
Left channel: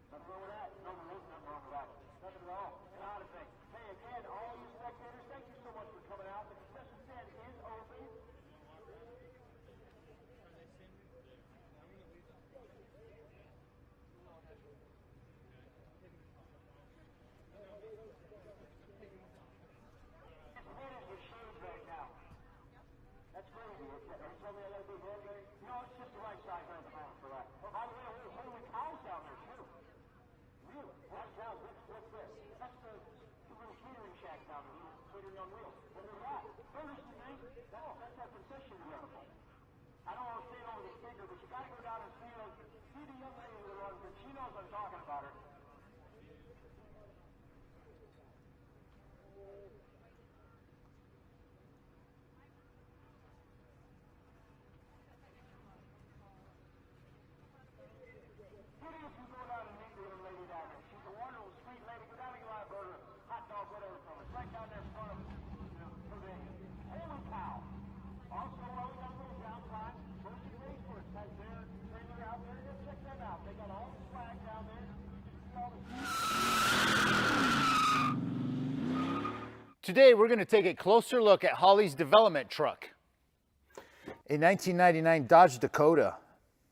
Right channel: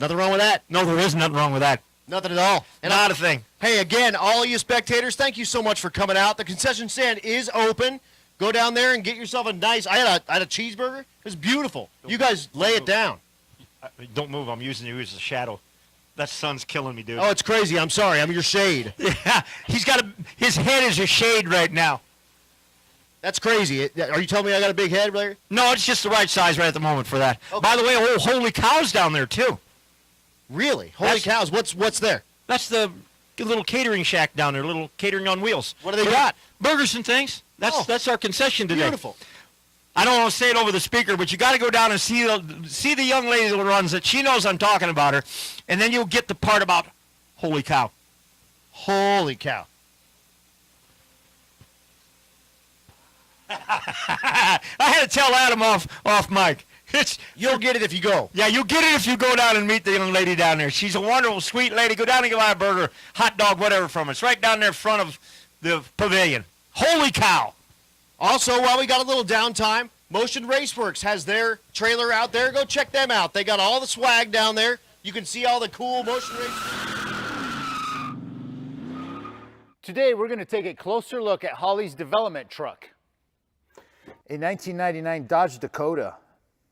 Nothing wrong with that. No, there is nothing wrong with that. Nothing at all. And Not a thing. Hey, again, all you spectators, thank you so much for coming out. The concession stand is open. Go down there and get yourself a nice, I had a cheeseburger. It was beautiful. You guys lay it down. Don't move. I'm using you as a shadow. That sun's killing me, dude. Oh, it's crazy. I'm sorry. I'm your shade. Yeah, his head is a shade right now. That's crazy. Are you telling me I got a big head, Larry? No, it's just the right size right at the moment for that. Okay. By the way, holy cow's down there, too. Really? Holy cows. What's there? That's the little catering shack down there, little catering on wheels. What do they got? Burgers and things. That's our concession today. Beautiful. I don't want to say it over the speaker, but you got to go down and see the young lady that runs it. She knows I'm talking about her, and then you'll get the part about holy cow. Holy cow. I had to tell Adam off mic. You'll get it if you go. Yeah, you'll get it if you go down and meet the young lady down there. She's a wonderful, sweet lady. Go down and get buy a burger, hot dog, whatever from us. Right down there in front of the pavilion. Holy cow. Also, while we got a little downtime, Motion Raceworks has their trailer out there. Go check them out. They got all the swag down there. You can see all the cool Motion Race. Today, we're going to take a closer look at Holley's development truck, a 1999 Dodge Dakota.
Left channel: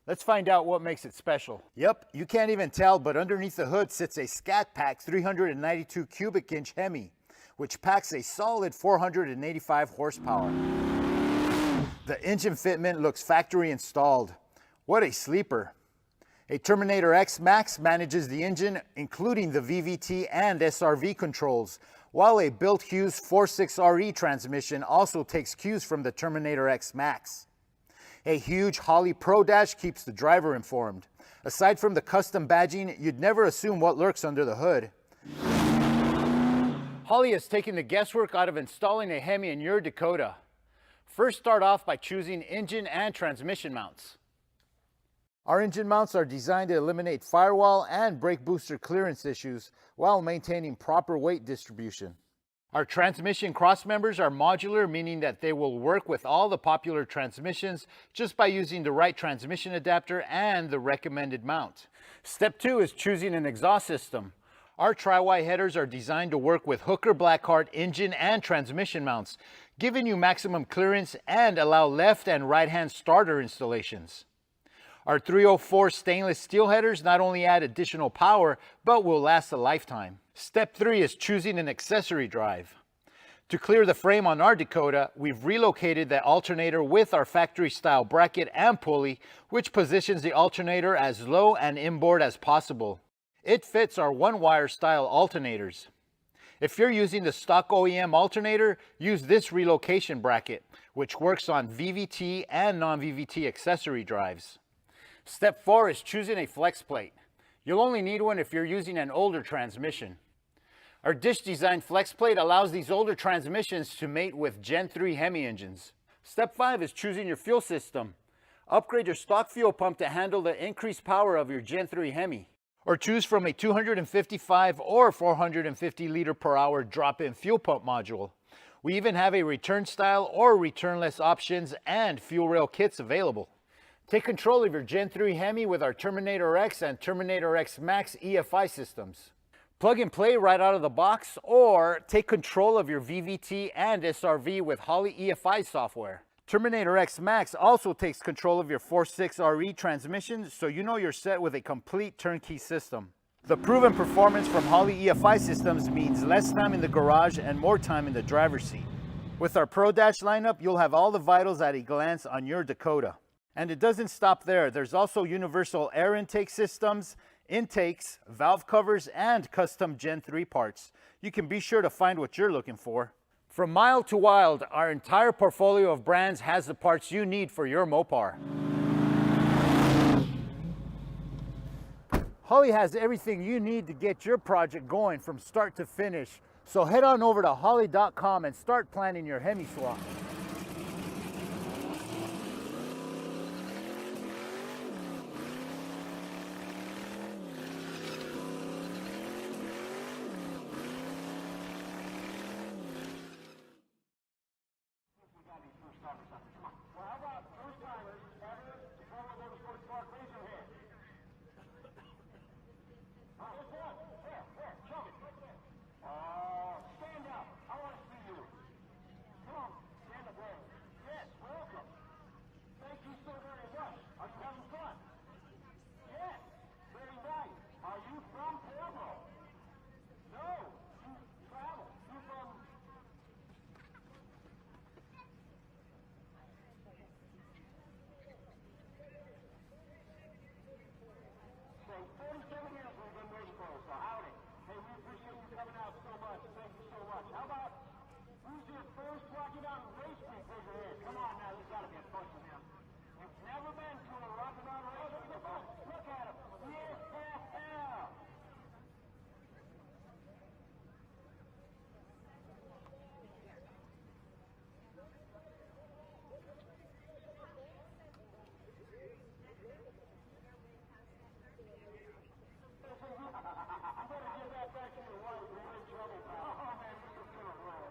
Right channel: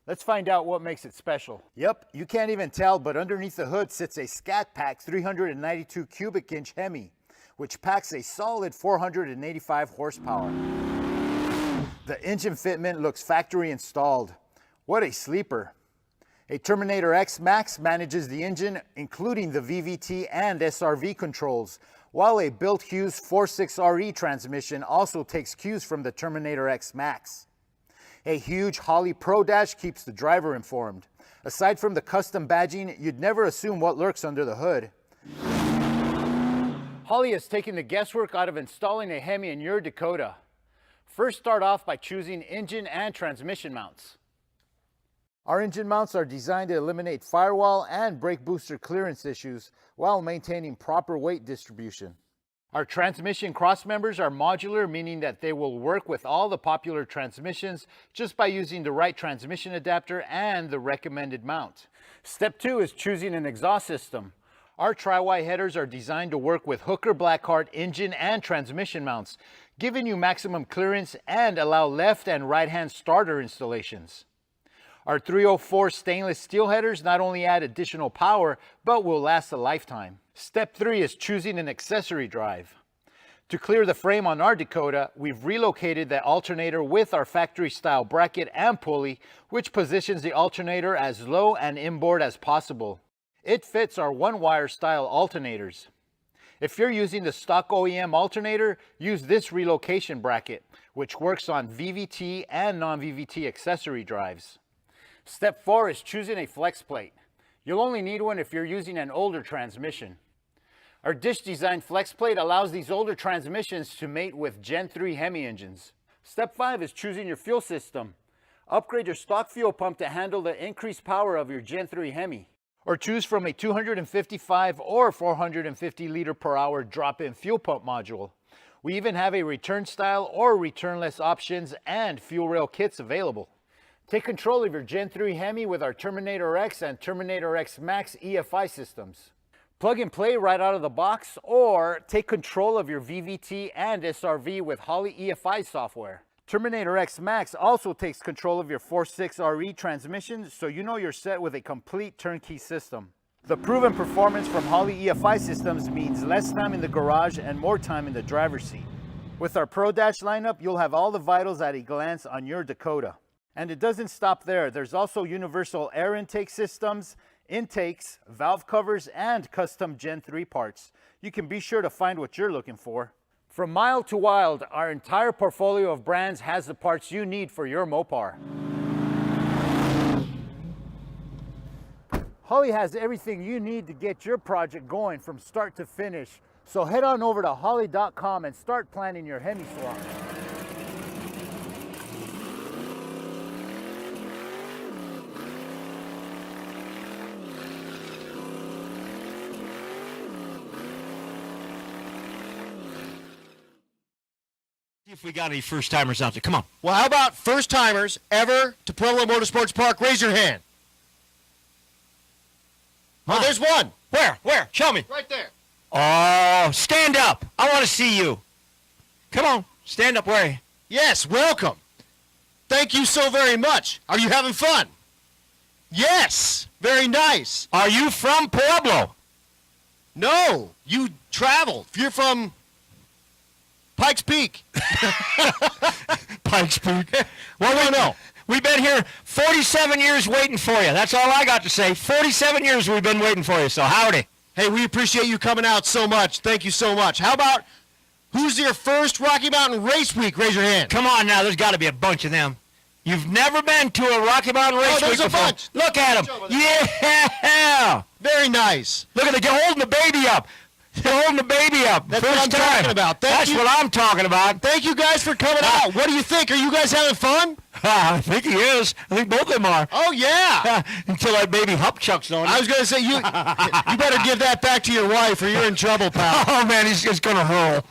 Let's find out what makes it special. Yep, you can't even tell, but underneath the hood sits a Scat Pack 392 cubic inch Hemi, which packs a solid 485 horsepower. The engine fitment looks factory installed. What a sleeper. A Terminator X Max manages the engine, including the VVT and SRV controls, while a Built Hughes 46RE transmission also takes cues from the Terminator X Max. A huge Holley Pro Dash keeps the driver informed. Aside from the custom badging, you'd never assume what lurks under the hood. Holley has taken the guesswork out of installing a Hemi in your Dakota. First, start off by choosing engine and transmission mounts. Our engine mounts are designed to eliminate firewall and brake booster clearance issues while maintaining proper weight distribution. Our transmission cross members are modular, meaning that they will work with all the popular transmissions just by using the right transmission adapter and the recommended mount. Step 2 is choosing an exhaust system. Our tri-Y headers are designed to work with Hooker Blackheart engine and transmission mounts, giving you maximum clearance and allow left and right-hand starter installations. Our 304 stainless steel headers not only add additional power, but will last a lifetime. Step 3 is choosing an accessory drive. To clear the frame on our Dakota, we've relocated the alternator with our factory-style bracket and pulley, which positions the alternator as low and inboard as possible. It fits our one-wire style alternators. If you're using the stock OEM alternator, use this relocation bracket, which works on VVT and non-VVT accessory drives. Step 4 is choosing a flex plate. You'll only need one if you're using an older transmission. Our dish-designed flex plate allows these older transmissions to mate with Gen 3 Hemi engines. Step 5 is choosing your fuel system. Upgrade your stock fuel pump to handle the increased power of your Gen 3 Hemi. Or choose from a 255 or 450 liter per hour drop-in fuel pump module. We even have a return style or returnless options and fuel rail kits available. Take control of your Gen 3 Hemi with our Terminator X and Terminator X Max EFI systems. Plug and play right out of the box, or take control of your VVT and SRV with Holley EFI software. Terminator X Max also takes control of your 4.6RE transmission, so you know you're set with a complete turnkey system. The proven performance from Holley EFI systems means less time in the garage and more time in the driver's seat. With our Pro Dash lineup, you'll have all the vitals at a glance on your Dakota. And it doesn't stop there. There's also universal air intake systems, intakes, valve covers, and custom Gen 3 parts. You can be sure to find what you're looking for. From mild to wild, our entire portfolio of brands has the parts you need for your Mopar. Holley has everything you need to get your project going from start to finish. So head on over to holley.com and start planning your Hemi swap. If we got any first-timers out there, come on. Well, how about first-timers ever to Pueblo Motorsports Park? Raise your hand. Oh, there's one. Where? Show me. Right there. Oh, stand up. I want to see you. Come on, stand up. Where are you? Yes, welcome. Thank you so very much. Are you having fun? Yes, very nice. Are you from Pueblo? No, you travel. You're from Pikes Peak. Pikes Peak. Well, no. We've been here 47 years waiting for you. That's all I got to say. 47 years we've been waiting for you, so howdy. Hey, we appreciate you coming out so much. Thank you so much. How about, who's your first Rocky Mountain Race Week? Raise your hand. Come on now, there's got to be a bunch of them. You've never been to a Rocky Mountain Race Week before? Bunch. Look at them. Yeah. Very nice. Look at they're holding the baby up. They're holding the baby up. That's First what I'm time. talking about. That's what I'm talking about. Thank you guys for coming out. What do you think? Are you guys having fun? I think he is. I think both of them are. Oh, yeah. Until that baby Hupchuck's on. I was going to say, you better give that back to your wife or you're in trouble, pal. Oh, man, he's just going to hurl.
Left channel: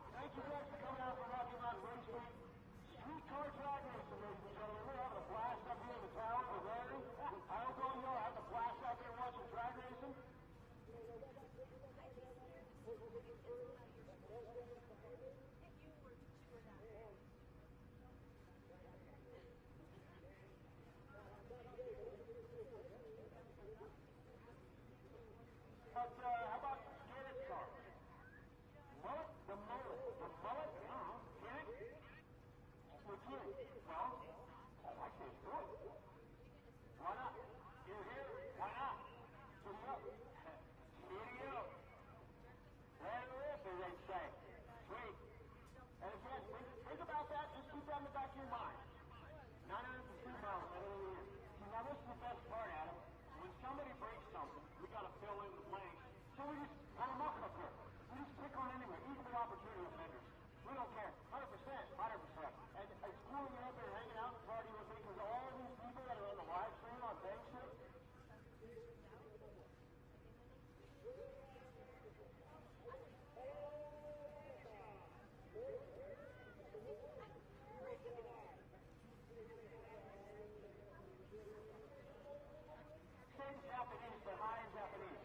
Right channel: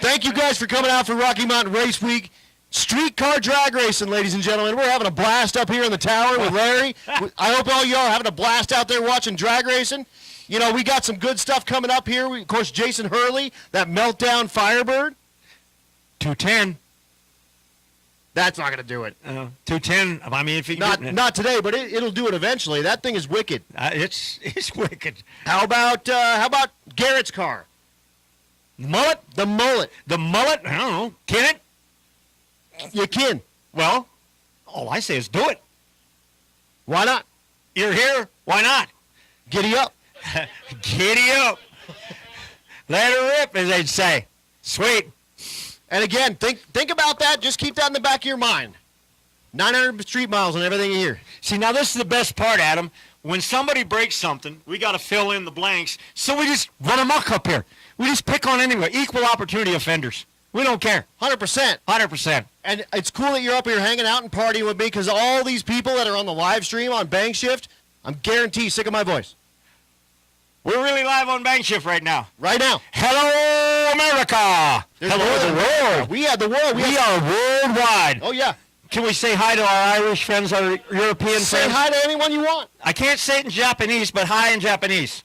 Thank you guys for coming out for Rocky Mountain Race Week. Streetcar drag racing, ladies and gentlemen. We're having a blast up here in the tower with Larry. I hope all y'all are having a blast out there watching drag racing. You know, we got some good stuff coming up here. Of course, Jason Hurley, that Meltdown Firebird. 210. That's not going to do it. 210. I mean, if you not today, but it'll do it eventually. That thing is wicked. It's wicked. How about Garrett's car? The mullet? The mullet. The mullet? I don't know. Can it? You can. Well, all I say is do it. Why not? You're here. Why not? Giddy up. Giddy up. Let her rip, as they'd say. Sweet. And again, think about that. Just keep that in the back of your mind. 900 street miles and everything here. See, now this is the best part, Adam. When somebody breaks something, we got to fill in the blanks. So we just run amok up here. We just pick on anyway. Equal opportunity offenders. We don't care. 100%. 100%. And it's cool that you're up here hanging out and partying with me because all these people that are on the live stream on Bang Shift, I'm guaranteed sick of my voice. We're really live on Bang Shift right now. Right now. Hello, America. Hello, the world. We are the world. We are worldwide. Oh, yeah. Can we say hi to our Irish friends, our European friends? Say hi to anyone you want. I can't say it in Japanese, but hi in Japanese.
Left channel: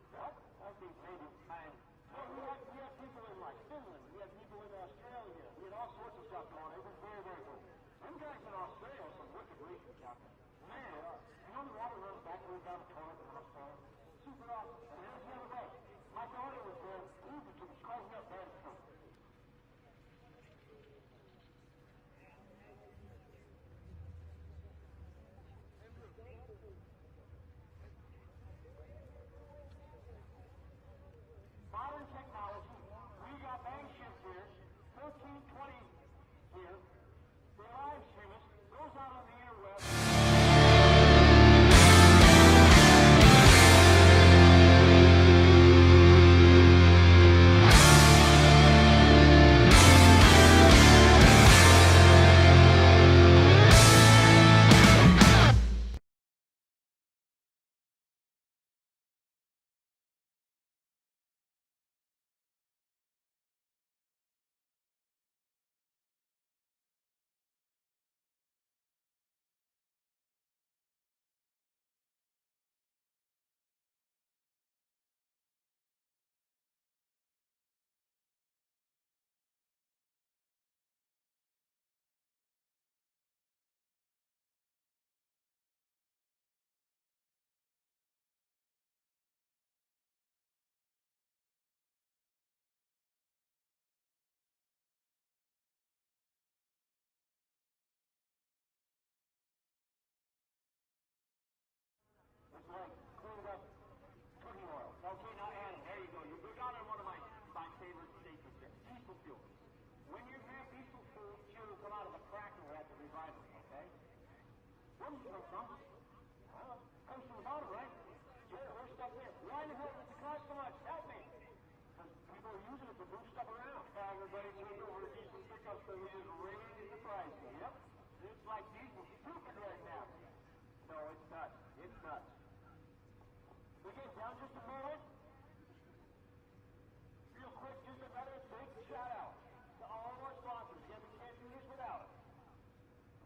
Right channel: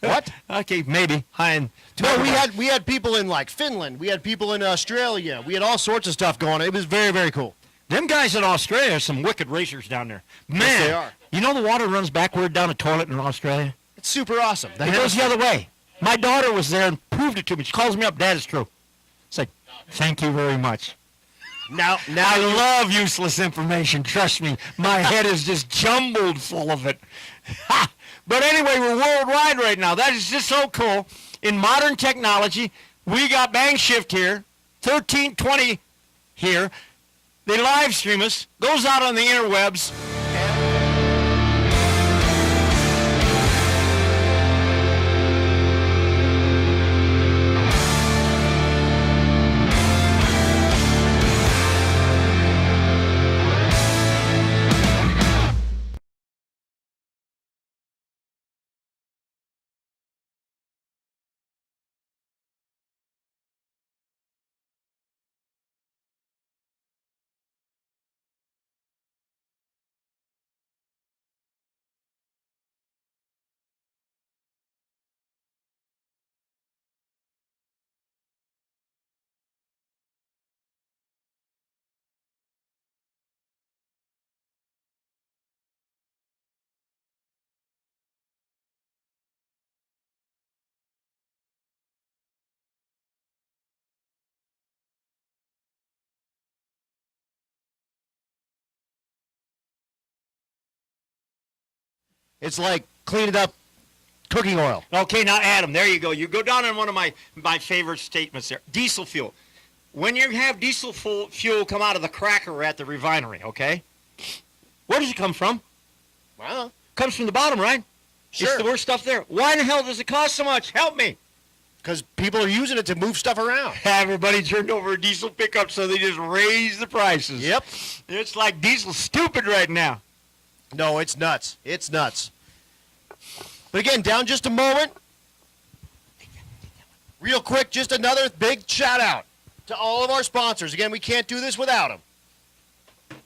What? Okay, maybe. Hi in... No, we had people in like Finland. We had people in Australia. We had all sorts of stuff going on. It was very, very cool. Them guys in Australia are some wicked racers down there. Man, yes, they are. You know the water runs backward down a toilet in Australia? It's super awesome. It goes the other way. My daughter was there and proved it to me. She calls me up, Dad, it's true. It's like, thank you very much. Now I love useless information. Trust me, my head is just jumbled full of it. But anyway, we're worldwide right now. That is just so cool. In modern technology, we got Bang Shift here, 1320 here. They live stream us, goes out on the interwebs. It's like cleaning up cooking oil. Okay, now Adam, there you go. You go down on one of my favorite statements there. Diesel fuel. When you have diesel fuel come out of the cracker at the refinery, okay? Where does it come from? Well, comes from the bottom, right? Sure. It's the worst stuff there. Why in the hell does it cost so much? Help me. Because people are using it to move stuff around. Everybody turned over a diesel pickup, so they just raised the prices. Yep. It's like diesel's stupid right now. No, it's nuts. It's nuts. But again, down just a moment. Real quick, just another big shout out to all of our sponsors. Again, we can't do this without them.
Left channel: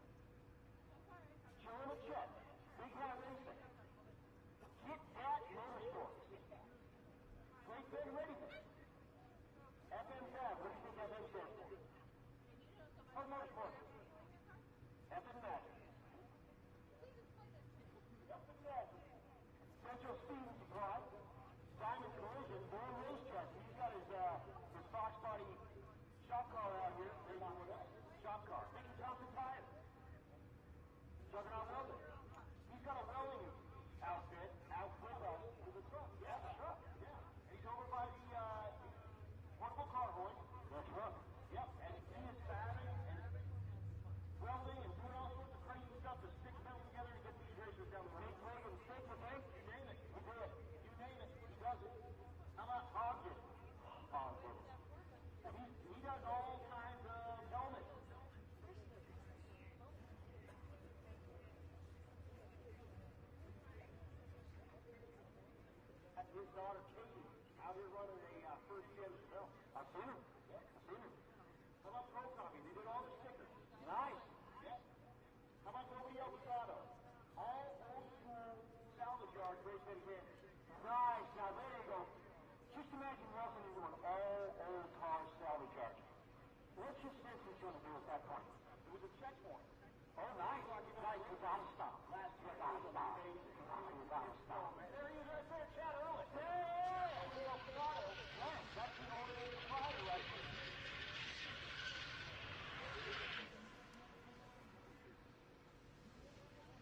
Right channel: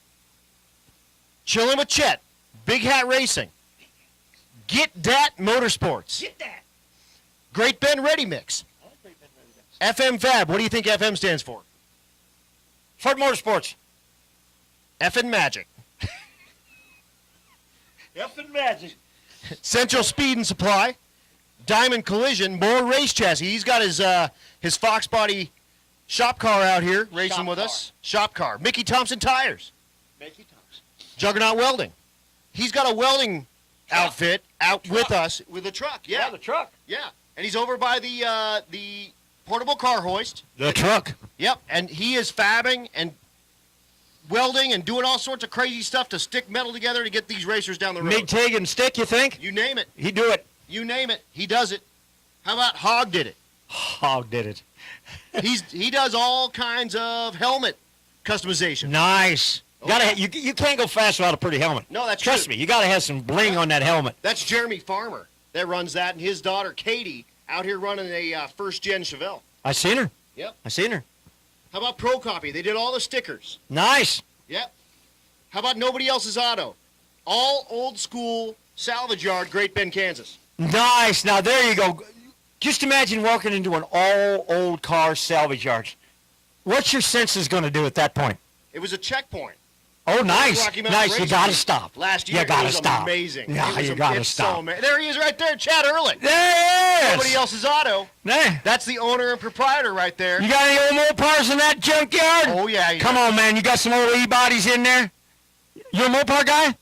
Chillin' with Chet, Big Hat Racing, Get Dat Motorsports, Get that. Great Ben Ready Mix, FM Fab. What do you think FM stands for? Ford Motorsports. Effin' Magic. Effing magic. Central Speed and Supply, Diamond Collision, more race chassis. He's got his Fox Body shop car out here racing with us. Shop car. Mickey Thompson Tires. Mickey Thompson. Juggernaut Welding. He's got a welding outfit out with us with a truck. Yeah, the truck. Yeah, and he's over by the portable car hoist. The truck. Yep, and he is fabbing and welding and doing all sorts of crazy stuff to stick metal together to get these racers down the road. MIG, TIG, and stick, you think? You name it. He do it. You name it. He does it. How about Hog did it? Hog did it. He does all kinds of helmet customization. Nice. You can't go fast without a pretty helmet. No, that's Trust true. me, you got to have some bling on that helmet. That's Jeremy Farmer that runs that, and his daughter Katie out here running a first-gen Chevelle. I seen her. Yep. I seen her. How about Pro Copy? They did all the stickers. Nice. Yep. How about Nobody Else's Auto? All old school salvage yard, Great Bend, Kansas. Nice. Now, there you go. Just imagine walking into an all old car salvage yard. What's your senses going to do at that point? It was a checkpoint. Oh, nice. Rocky Mountain Nice. You Racing got to stop. Last year, You got it to was stop. amazing. Yeah, It was you got to it's stop. So there he is right there, Chad Ehrlich. There he is. Nobody Else's Auto. Nah. That's the owner and proprietor right there. You got any old Mopars in that junkyard? Oh, yeah. Come on, man. You got some old E-bodies in there? You a Mopar guy?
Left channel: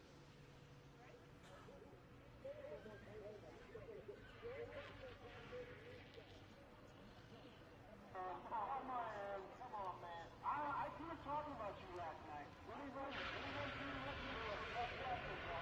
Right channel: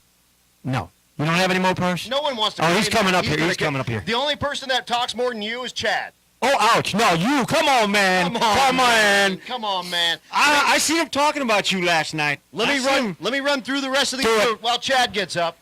No. You don't have any Mopars? No one wants to. Oh, he's claim coming that. up here. gonna He's get- coming up here. The only person that talks more than you is Chad. Oh, ouch. No, you. Come on, man. Come on, man. Come on, man. I seen him talking about you last night. Let me run through the rest of the Do it. group while Chad gets up.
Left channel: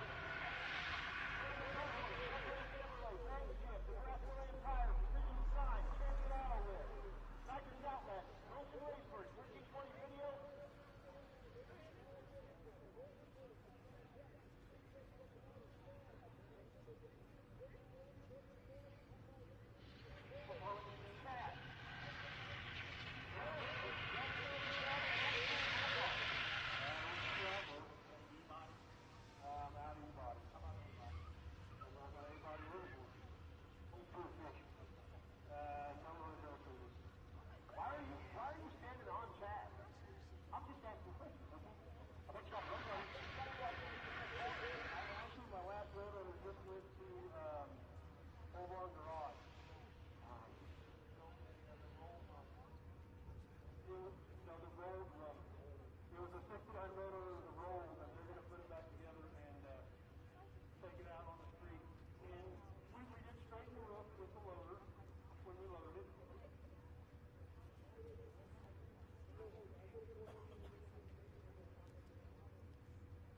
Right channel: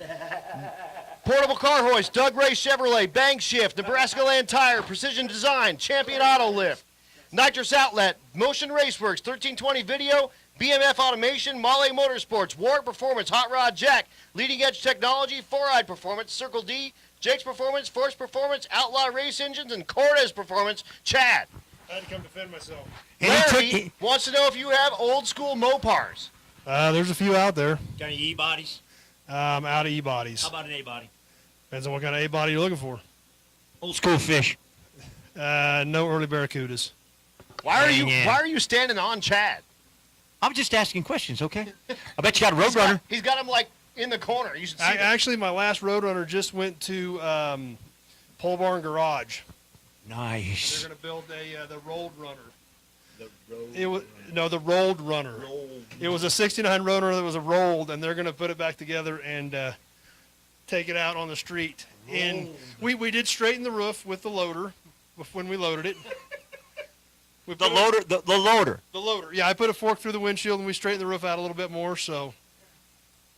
Portable Car Hoist, Doug Ray Chevrolet, Bang Shift, Nebraska Land Tire, Precision Design, Champion Auto Lift, Nitrous Outlet, Motion Raceworks, 1320 Video, BMF Automation, Mahle Motorsports, Warwick Performance, Hot Rod Jack, Leading Edge Technology, Four-Eyed Performance, Circle D, Jake's Performance, Force Performance, Outlaw Race Engines, and Cortez Performance. Chad. I had to come defend myself. Larry wants to know if you have old school Mopars. There's a few out there. Got any E-bodies? Out of E-bodies. How about an A-body? Depends on what kind of A-body you're looking for. Old school fish. No early Barracudas. Why are Dang it. you standing on Chad? I'm just asking questions, okay? I bet you got a Roadrunner. He's got him like in the corner. You should see Actually, my last Roadrunner just went to Pole Barn Garage. Nice. They're going to build the rolled runner. The rolled runner. It was a 69 runner that was a rolled, and they're going to put it back together and take it out on the street. And we did straighten the roof with the loader when we loaded it. The loader. The loader. Yeah, I put a fork through the windshield and we straightened the roof out a little bit more. So.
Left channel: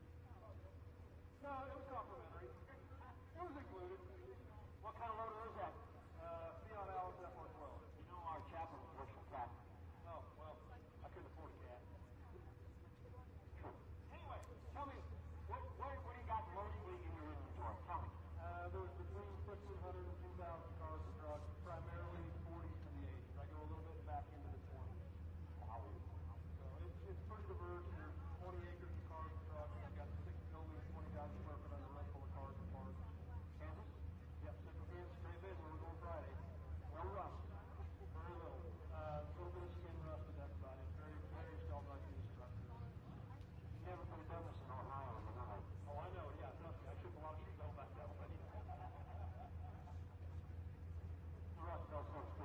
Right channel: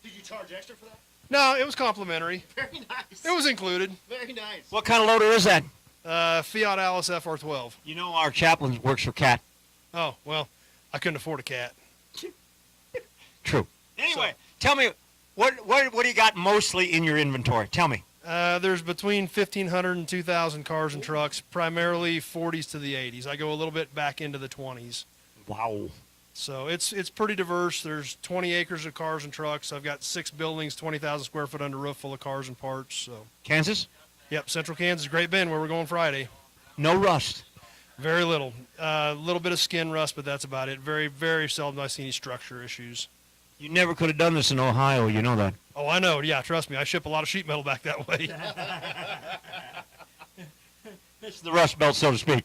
Did you charge extra for that? No, it was complimentary. Very nice. It was included. Very nice. What kind of loader is that? Fiat Alice FR12. You know our chaplain works for CAT. Oh, well, I couldn't afford a cat. True. Anyway, tell me, what do you got mostly in your inventory? Tell me. There's between 1,500 and 2,000 cars and trucks, primarily 40s to the 80s. I go a little bit back into the 20s. Wow. So it's pretty diverse. There's 20 acres of cars and trucks. I've got 6 buildings, 20,000 square foot under roof full of cars and parts. So. Kansas? Yep, Central Kansas, Great Bend, where we're going Friday. No rust. Very little. A little bit of skin rust, but that's about it. Very, very seldom I see any structure issues. You never could have done this in Ohio, you know that. Oh, I know. Yeah, trust me. I ship a lot of sheet metal back that way. It's the rust belt, so to speak.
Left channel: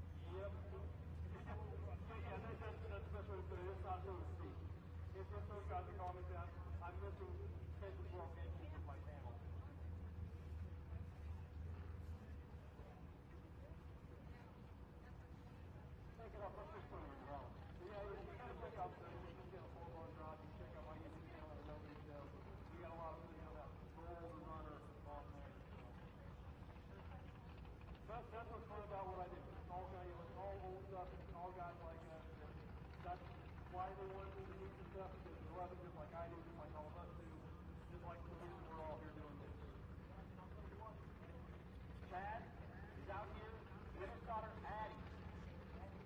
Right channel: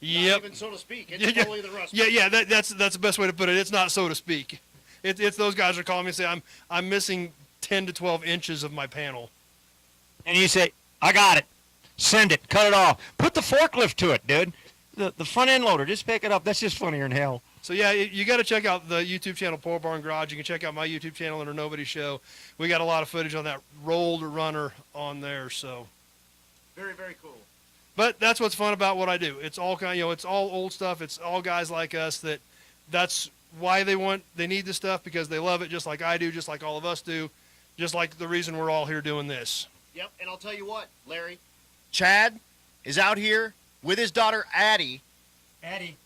Yep. Not even so to speak. It's totally the rust belt. Yeah, that's the best way to put it. It's not so to speak. It's those guys are calling me and say, I'm missing 10 to 12 inches of my panel. And you say, I got it. Send it. Cut it off. Put the forklift to it, dude. The front end loader. Just pick it up. That's just funnier than hell. So, yeah, you got to check out the YouTube channel, Pole Barn Garage. You can check out my YouTube channel under Nobody Show. We got a lot of footage on that rolled runner on there. So, very, very cool. But that's what's fun about what I do. It's all it's all old stuff. It's all guys like us that's why they need this stuff, because they love it just like I do, just like all of us do, just like the reason we're all here doing this. Yep, and I'll tell you what, Larry. Chad is out here with his daughter Addie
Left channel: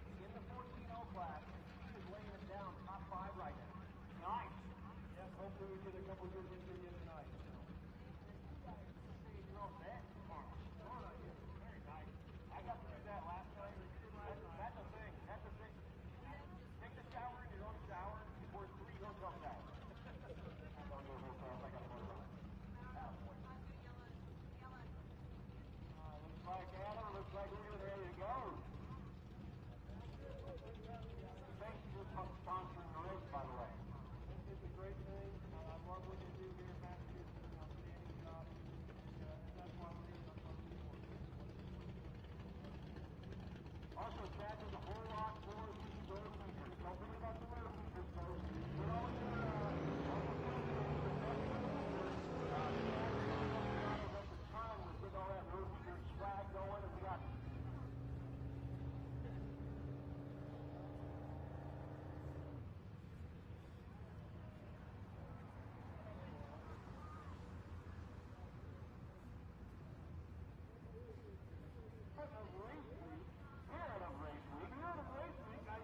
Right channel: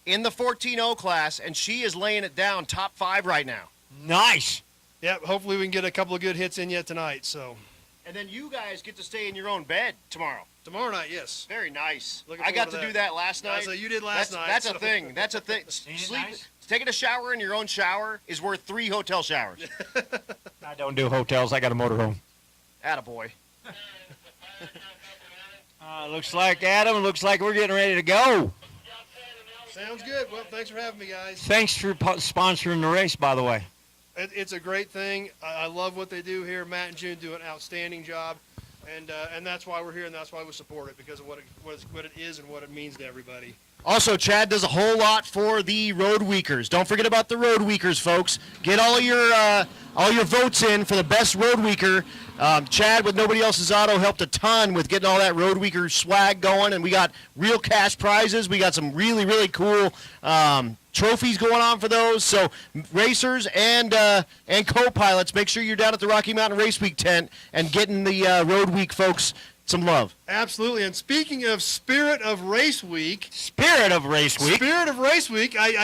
in the 14-0 class, and she is laying it down top 5 right now. Nice. Yep, hopefully we can get a couple of good hits in yet tonight. So. And then you guys get to stay in your own bed tomorrow. Tomorrow night, yes. Very nice. Looking I got to do that last night. So you did last night. That's a thing. That's a thing. Taking a shower in your own shower is worth 3 hotel showers. I don't do hotels. I got a motorhome. Attaboy. Looks like, Adam, looks like we're getting ready to go. Sounds good. Well, thanks for having me, guys. Thanks for sponsoring the race, by the way. It's a great thing. I love what they do here. Matt and June do an outstanding job, and that's why we're here, and that's why we support it, because of what it is and what it means to everybody. Also, Chad does a whole lot for the Road Weekers. Don't forget about the Road Weekers, folks. Get all your votes in for the best Road Weeker. Chad, with Nobody Else's Auto, helped a ton with getting all that Road Weeker swag going, and we got real cash prizes. We got some really, really cool trophies going on for those. So racers and co-pilots, make sure you're down at the Rocky Mountain Race Week tent and getting the Road Week folks some love. Absolutely. And speaking of Spirit of Race Week, I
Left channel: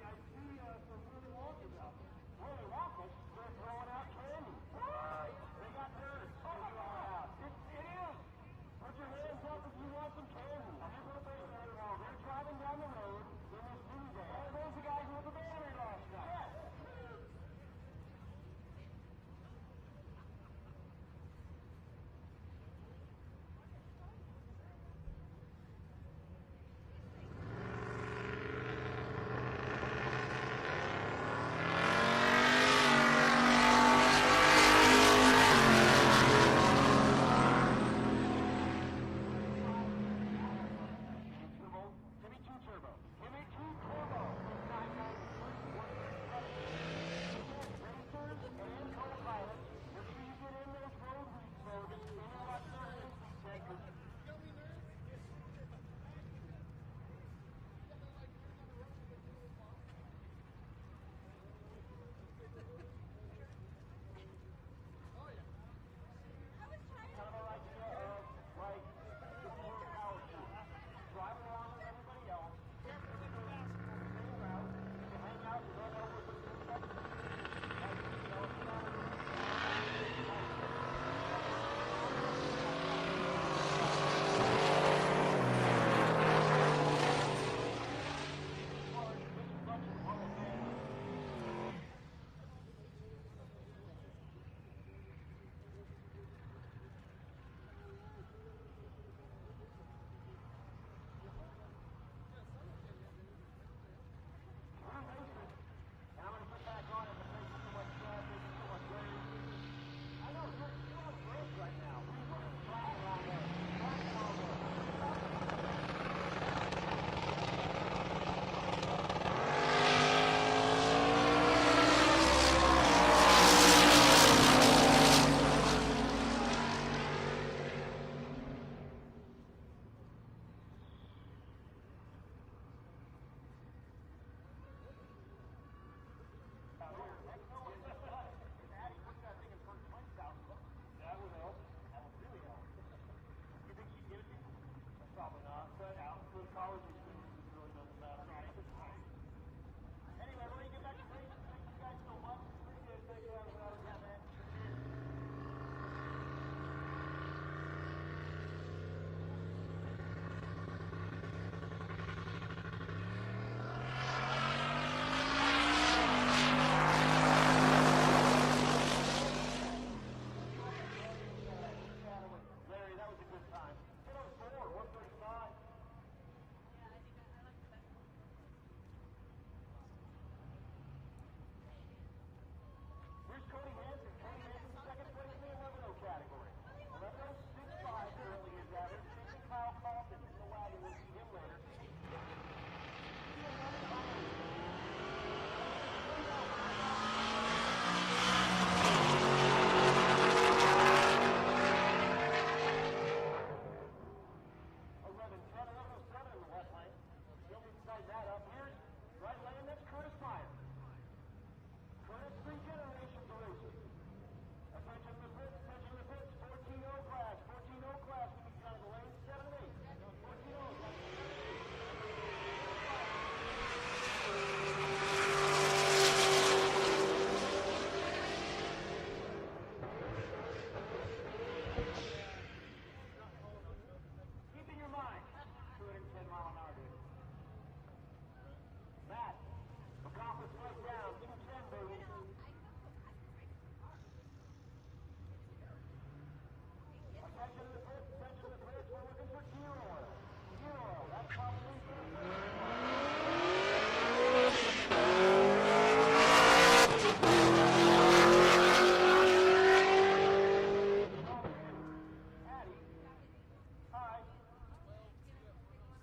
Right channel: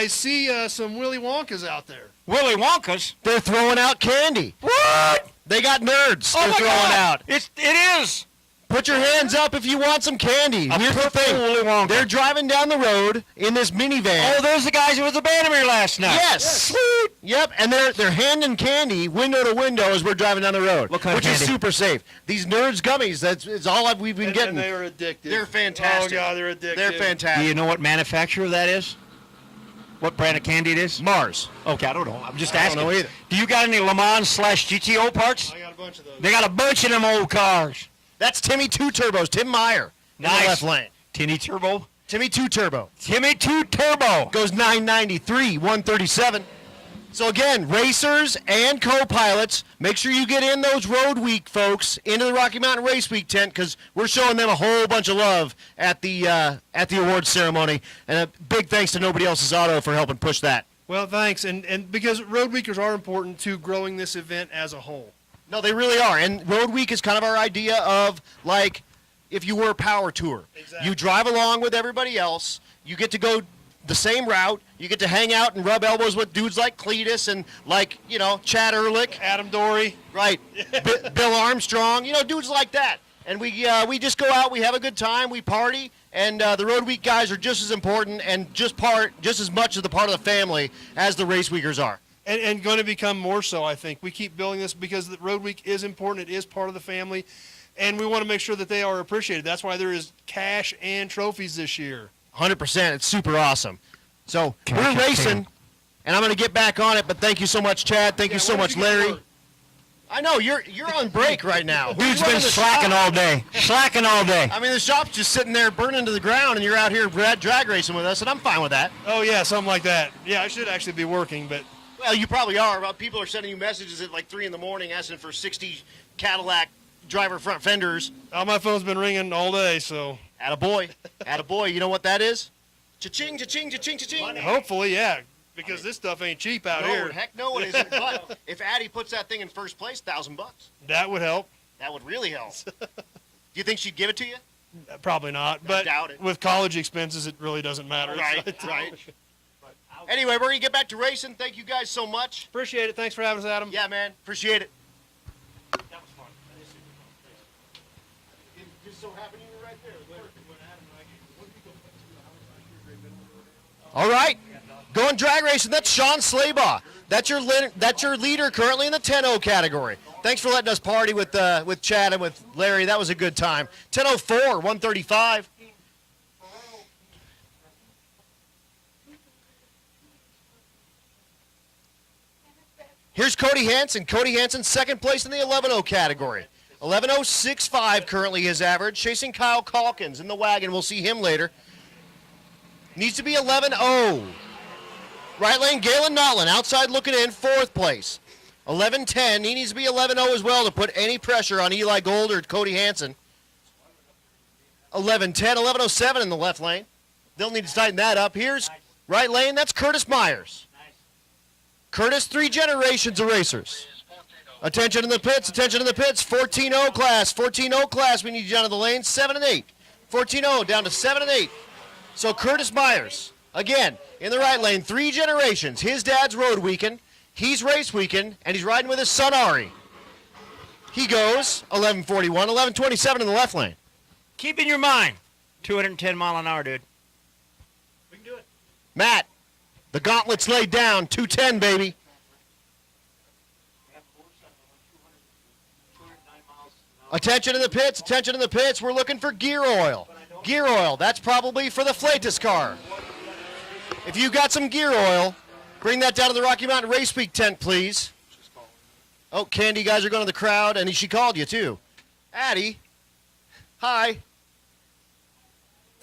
see some Willy Wonkas out there. Willy Wonkas? They're throwing out candy. What? They got nerds they're throwing out. It is. Put your hands up if you want some candy. Here's the thing. Willy Wonka. They're driving down the road in this minivan. Oh, there's the guys who was at the Bannermere last night. Yes. Sweet. Yep, and they're handing candy window to window as we're driving down the road, which is super safe. These Nerds gummies, that's all we've been getting. And they are addictive. They're fantastic. Oh, yeah, they're addictive. They're fantastic. Do you know what manufacturer that is? What brand of candy it is? Mars. Okay, I don't know. I'm just asking. I don't know either. Do you got any Le Mans /GTO parts? They got a bunch of them old cars. That's Timmy 2 Turbos, Tim Meyer. Nice. In the left lane. Timmy Turbo? Timmy 2 Turbo. Timmy 2 Turbo. Goes 993, 137. So again, racers and co-pilots, make sure you get in those Road Week folks into the Rocky Mountain Race Week tent, because we're showing them a whole bunch of love at the awards ceremony. And a big thanks to Nobody Else's Auto for helping push that. Well, thanks. And because Road Weekers are important to growing this event as a whole. No, they really are. And Road Week is kind of our idea of, like, if you were a power tour. Exactly. You drive along with everybody else. You get to go the same route. You get to hang out and rub elbows with dudes like Cletus and, like, Chad Ehrlich. Adam Dory. Right. Bill Armstrong. Dudes like that. And we just go out. We have a good time. We party. And the Road Week guys are just as important and just as much of the part of the family as the Race Weekers are. And going to become more so, I think. We keep building this because the Road Week is important. It is part of the family. and we want to make sure that they are appreciated. That's why there is cash and trophies this year. 100%. It's super awesome. So we're racing, and I'm going to get back on it, but thank you so much, Chad. Thank you so much, Larry. I know, you're on break right now. Dude's been slacking all day. Slacking all day. I mean, the shop's just sitting there burning to the ground, and you're out here drag racing with us, and I'm fine with that. Oh, yeah, something like that. Yeah, I should actually be working, but... Well, you probably are. People have sent me messages like 3 in the morning asking for 60 Cadillac driver front fenders. Oh, my phone's been ringing all day, so... Attaboy. Attaboy. You know what that is? Cha-ching, cha-ching, cha-ching, cha-ching. Hopefully, yeah, because this stuff ain't cheap out here. No, heck no it isn't. But if Addie puts that thing in first place, $1,000. That would help. That would really help. Do you think she'd give it to you? Probably not, but doubt it. with college expenses, it really doesn't matter. Right, right. Anyway, we're going to get back to racing. Thank you guys so much. Appreciate it. Thanks for having us, Adam. Yeah, man. Appreciate it. All right, going drag racing. That's Sean Slaybaugh. That's your leader currently in the 10-0 category. Thanks for letting us party with Chad and with Larry. That was a good time. 10:04, 135. Here's Cody Hansen. Cody Hansen, second place in the 11-0 category. 11:065 currently his average. Chasing Kyle Calkins in the wagon. We'll see him later. Needs to be 11-0. Right lane, Galen Notlin, outside looking in, fourth place. 11-10, he needs to be 11-0 as well to put any pressure on Eli Gold or Cody Hansen. 11-10, 11:07 in the left lane. They'll need to tighten that up. Here's right lane, that's Curtis Myers. Curtis, 3 generations of racers. Attention in the pits, 14-0 class, 14-0 class, we need you down to the lane, 7 and 8. 14-0 down to 7 and 8. So Curtis Myers, again, in the right lane, 3 generations. His dad's road weekend, he's race weekend, and he's riding with his son Ari. He goes 11:41, 11:27 in the left lane. Keep in your mind, 210 mile an hour, dude. We can do it. Matt, the gauntlet's laid down, 210, baby. Attention in the pits, we're looking for gear oil. Gear oil, that's probably for the Flatus car. If you got some gear oil, bring that down to the Rocky Mountain Race Week tent, please. Oh, Candy, you guys are going to the crowd, and she called you, too. Addie, hi.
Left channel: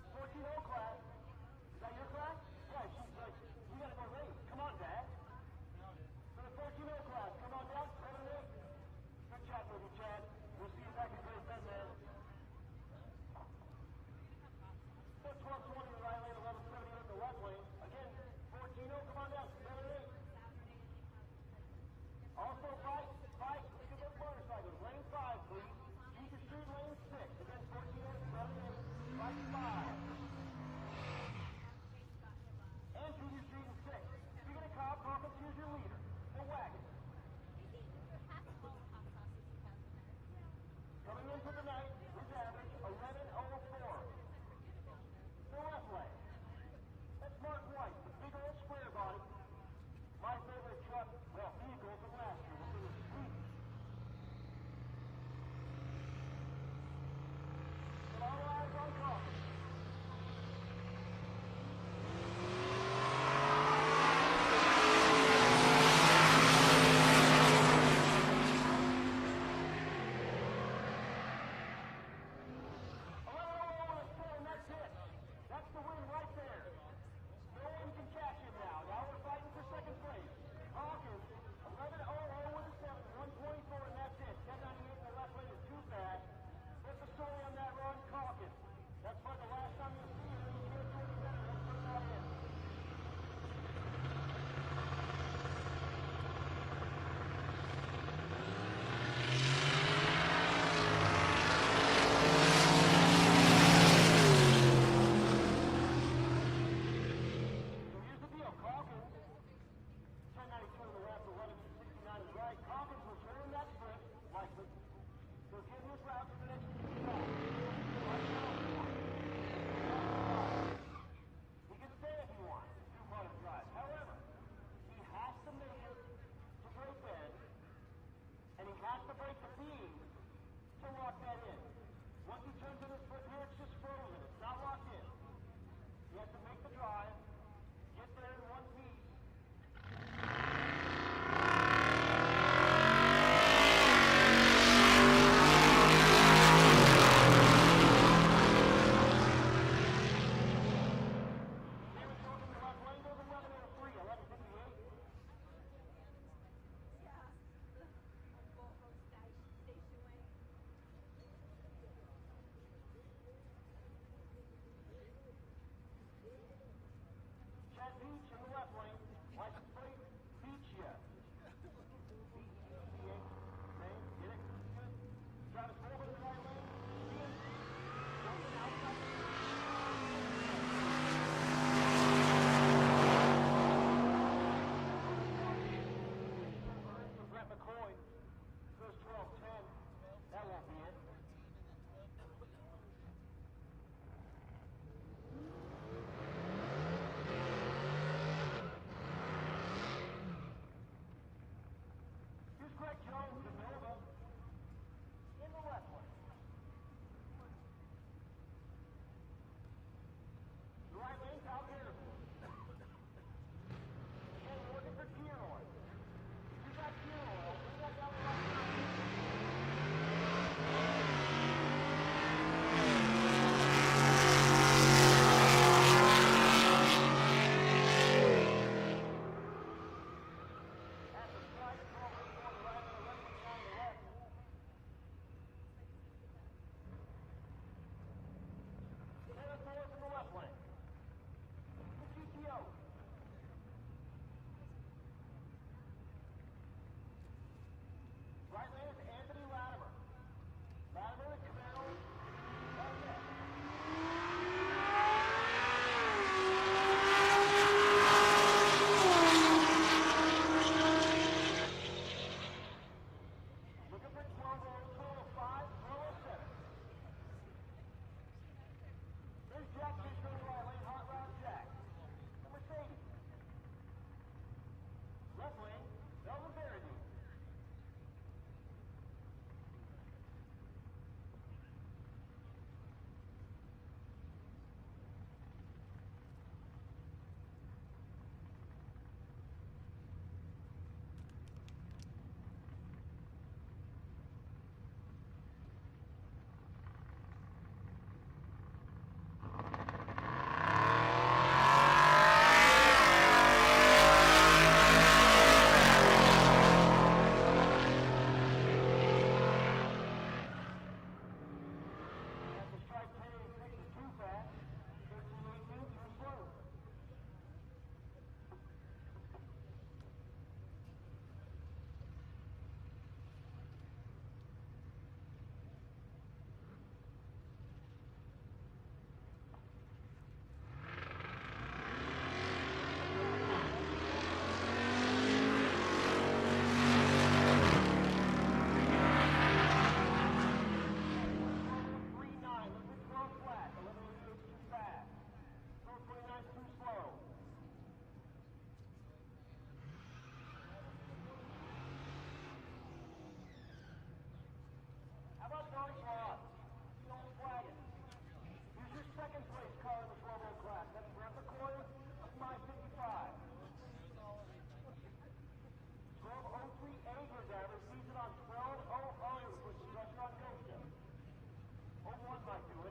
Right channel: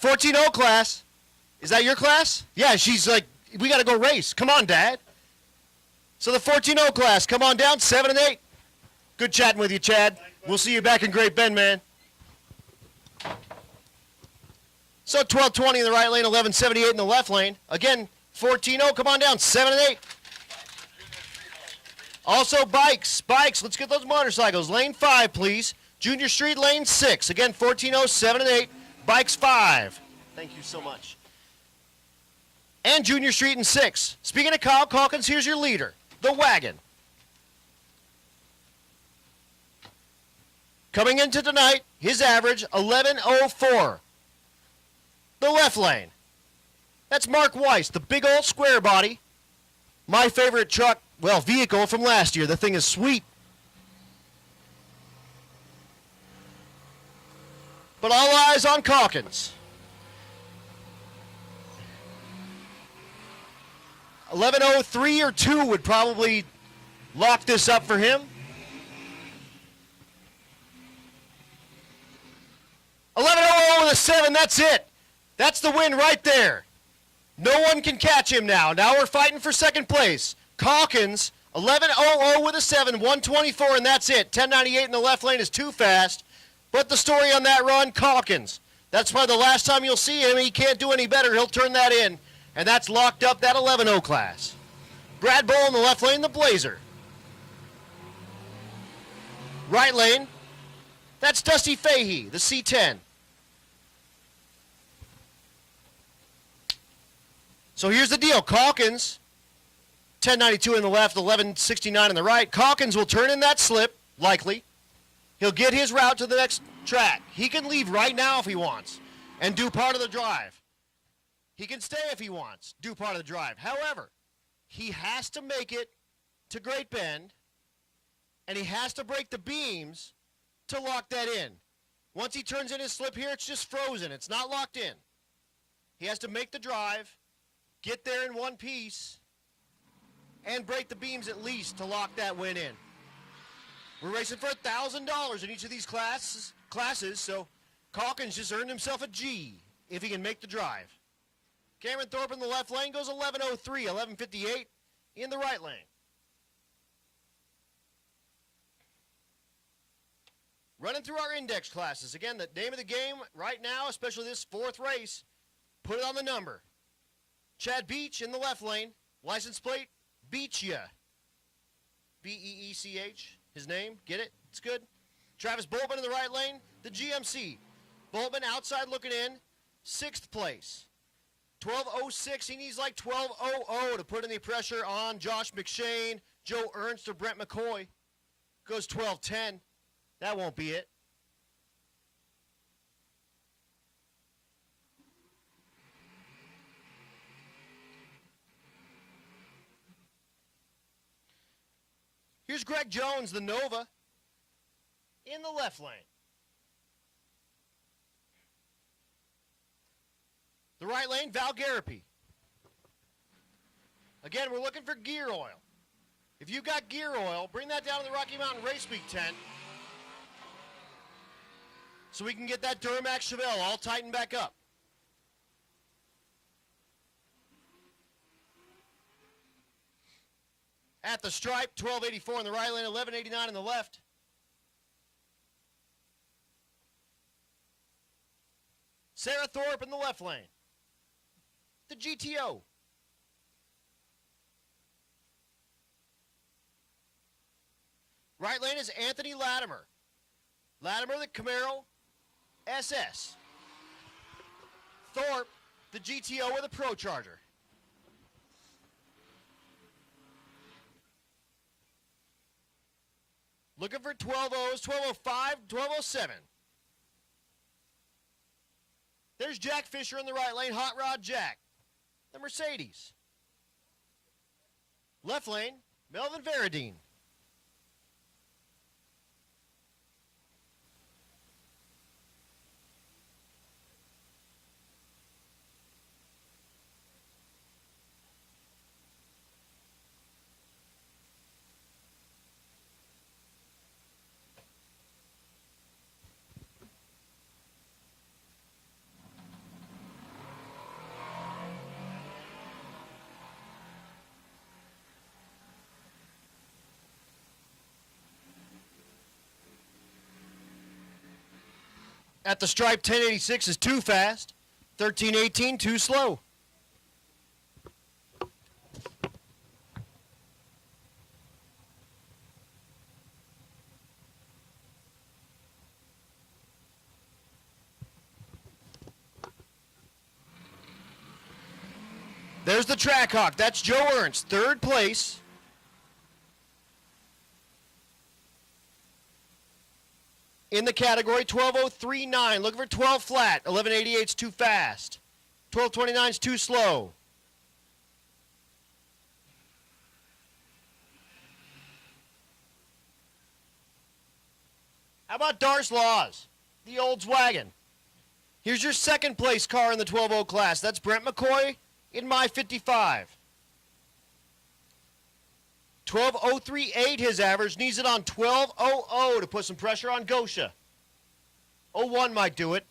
14-0 class. Is that your class? Yeah, she's like, we got to go race. Come on, Dad. So the 14-0 class, come on down, 7 and 8. Good chatting with you, Chad. We'll see you back in Great Bend, man. So 12:20 in the right lane, 11:78 in the left lane. Again, 14-0, come on down, 7 and 8. Also bikes, let's get those motorcycles. Lane 5, please. Junior Street, lane 6. Again, 14-0, 7 and 8. Bikes 5. Thank you so much. And Junior Street in 6. Speaking of Kyle Calkins, here's your leader, the wagon. Coming into tonight, his average, 11:04. The left lane. That's Mark Weiss, the big old square body. My favorite truck, well, vehicle from last year. The thing is sweet. But all eyes on Calkins. 11:03 or 2 would probably lock this up for him. 11:00 with a 7, that's it. That's the win right there. No one can catch him now. Now we're fighting for second place. Calkins, 11:00 with a 7, 124, and that's it. 10:98 in the left lane is too fast. But the story on that run, Calkins. That's probably the last time you'll see him. He can't do any better. He'll turn that in. And that's locked up, that 11:00 class. Brad Bull in the left lane, the Blazer. Right lane, that's Dusty Fahey, the C10. So here's the deal. Calkins, 10:92 in the left, 11:69 in the right. Calkins will turn in that slip, likely. He'll get his route to the next track. He can leave right now if he wants and do part of the drive. He can stay if he wants, do part of the drive. However, he has to make it to Great Bend, and he has to break the beams to lock that in. Once he turns in his slip here, it's just frozen. It's not locked in. He has to make the drive, get there in one piece, and break the beams at least to lock that win in. There's $1,000 just earned himself a G if he can make the drive. Cameron Thorpe in the left lane goes 11:03, 11:58 in the right lane. Running through our index classes. Again, the name of the game right now, especially this fourth race, put it on the number. Chad Beach in the left lane, license plate, Beachya. B-E-E-C-H, his name, get it? It's good. Travis Boltman in the right lane, the GMC. Boltman outside looking in, 6th place. 12:06, he's like 12:00 to put any pressure on Josh McShane, Joe Ernst, or Brent McCoy. Goes 12:10. That won't be it. Here's Greg Jones, the Nova, in the left lane. The right lane, Val Garapi. Again, we're looking for gear oil. If you've got gear oil, bring that down to the Rocky Mountain Race Week tent so we can get that Duramax Chanel all tightened back up. At the stripe, 1284 in the right lane, 1189 in the left. Sarah Thorpe in the left lane. The GTO. Right lane is Anthony Latimer. Latimer, the Camaro SS. Thorpe, the GTO with a Pro Truck. Looking for 12-0s, 12:05, 12:07. There's Jack Fisher in the right lane, Hot Rod Jack, the Mercedes. Left lane, Melvin Veradine. At the stripe, 1086 is too fast. 1318, too slow. There's the Trackhawk. That's Joe Ernst, 3rd place. In the category, 12:039. Looking for 12 flat. 11:88's too fast. 12:29's too slow. How about Darce Laws, the Oldswagon? Here's your 2nd place car in the 12-0 class. That's Brent McCoy in my 55. 12:038 his average, needs it on 12:00 to put some pressure on Gosha. 01 might do it.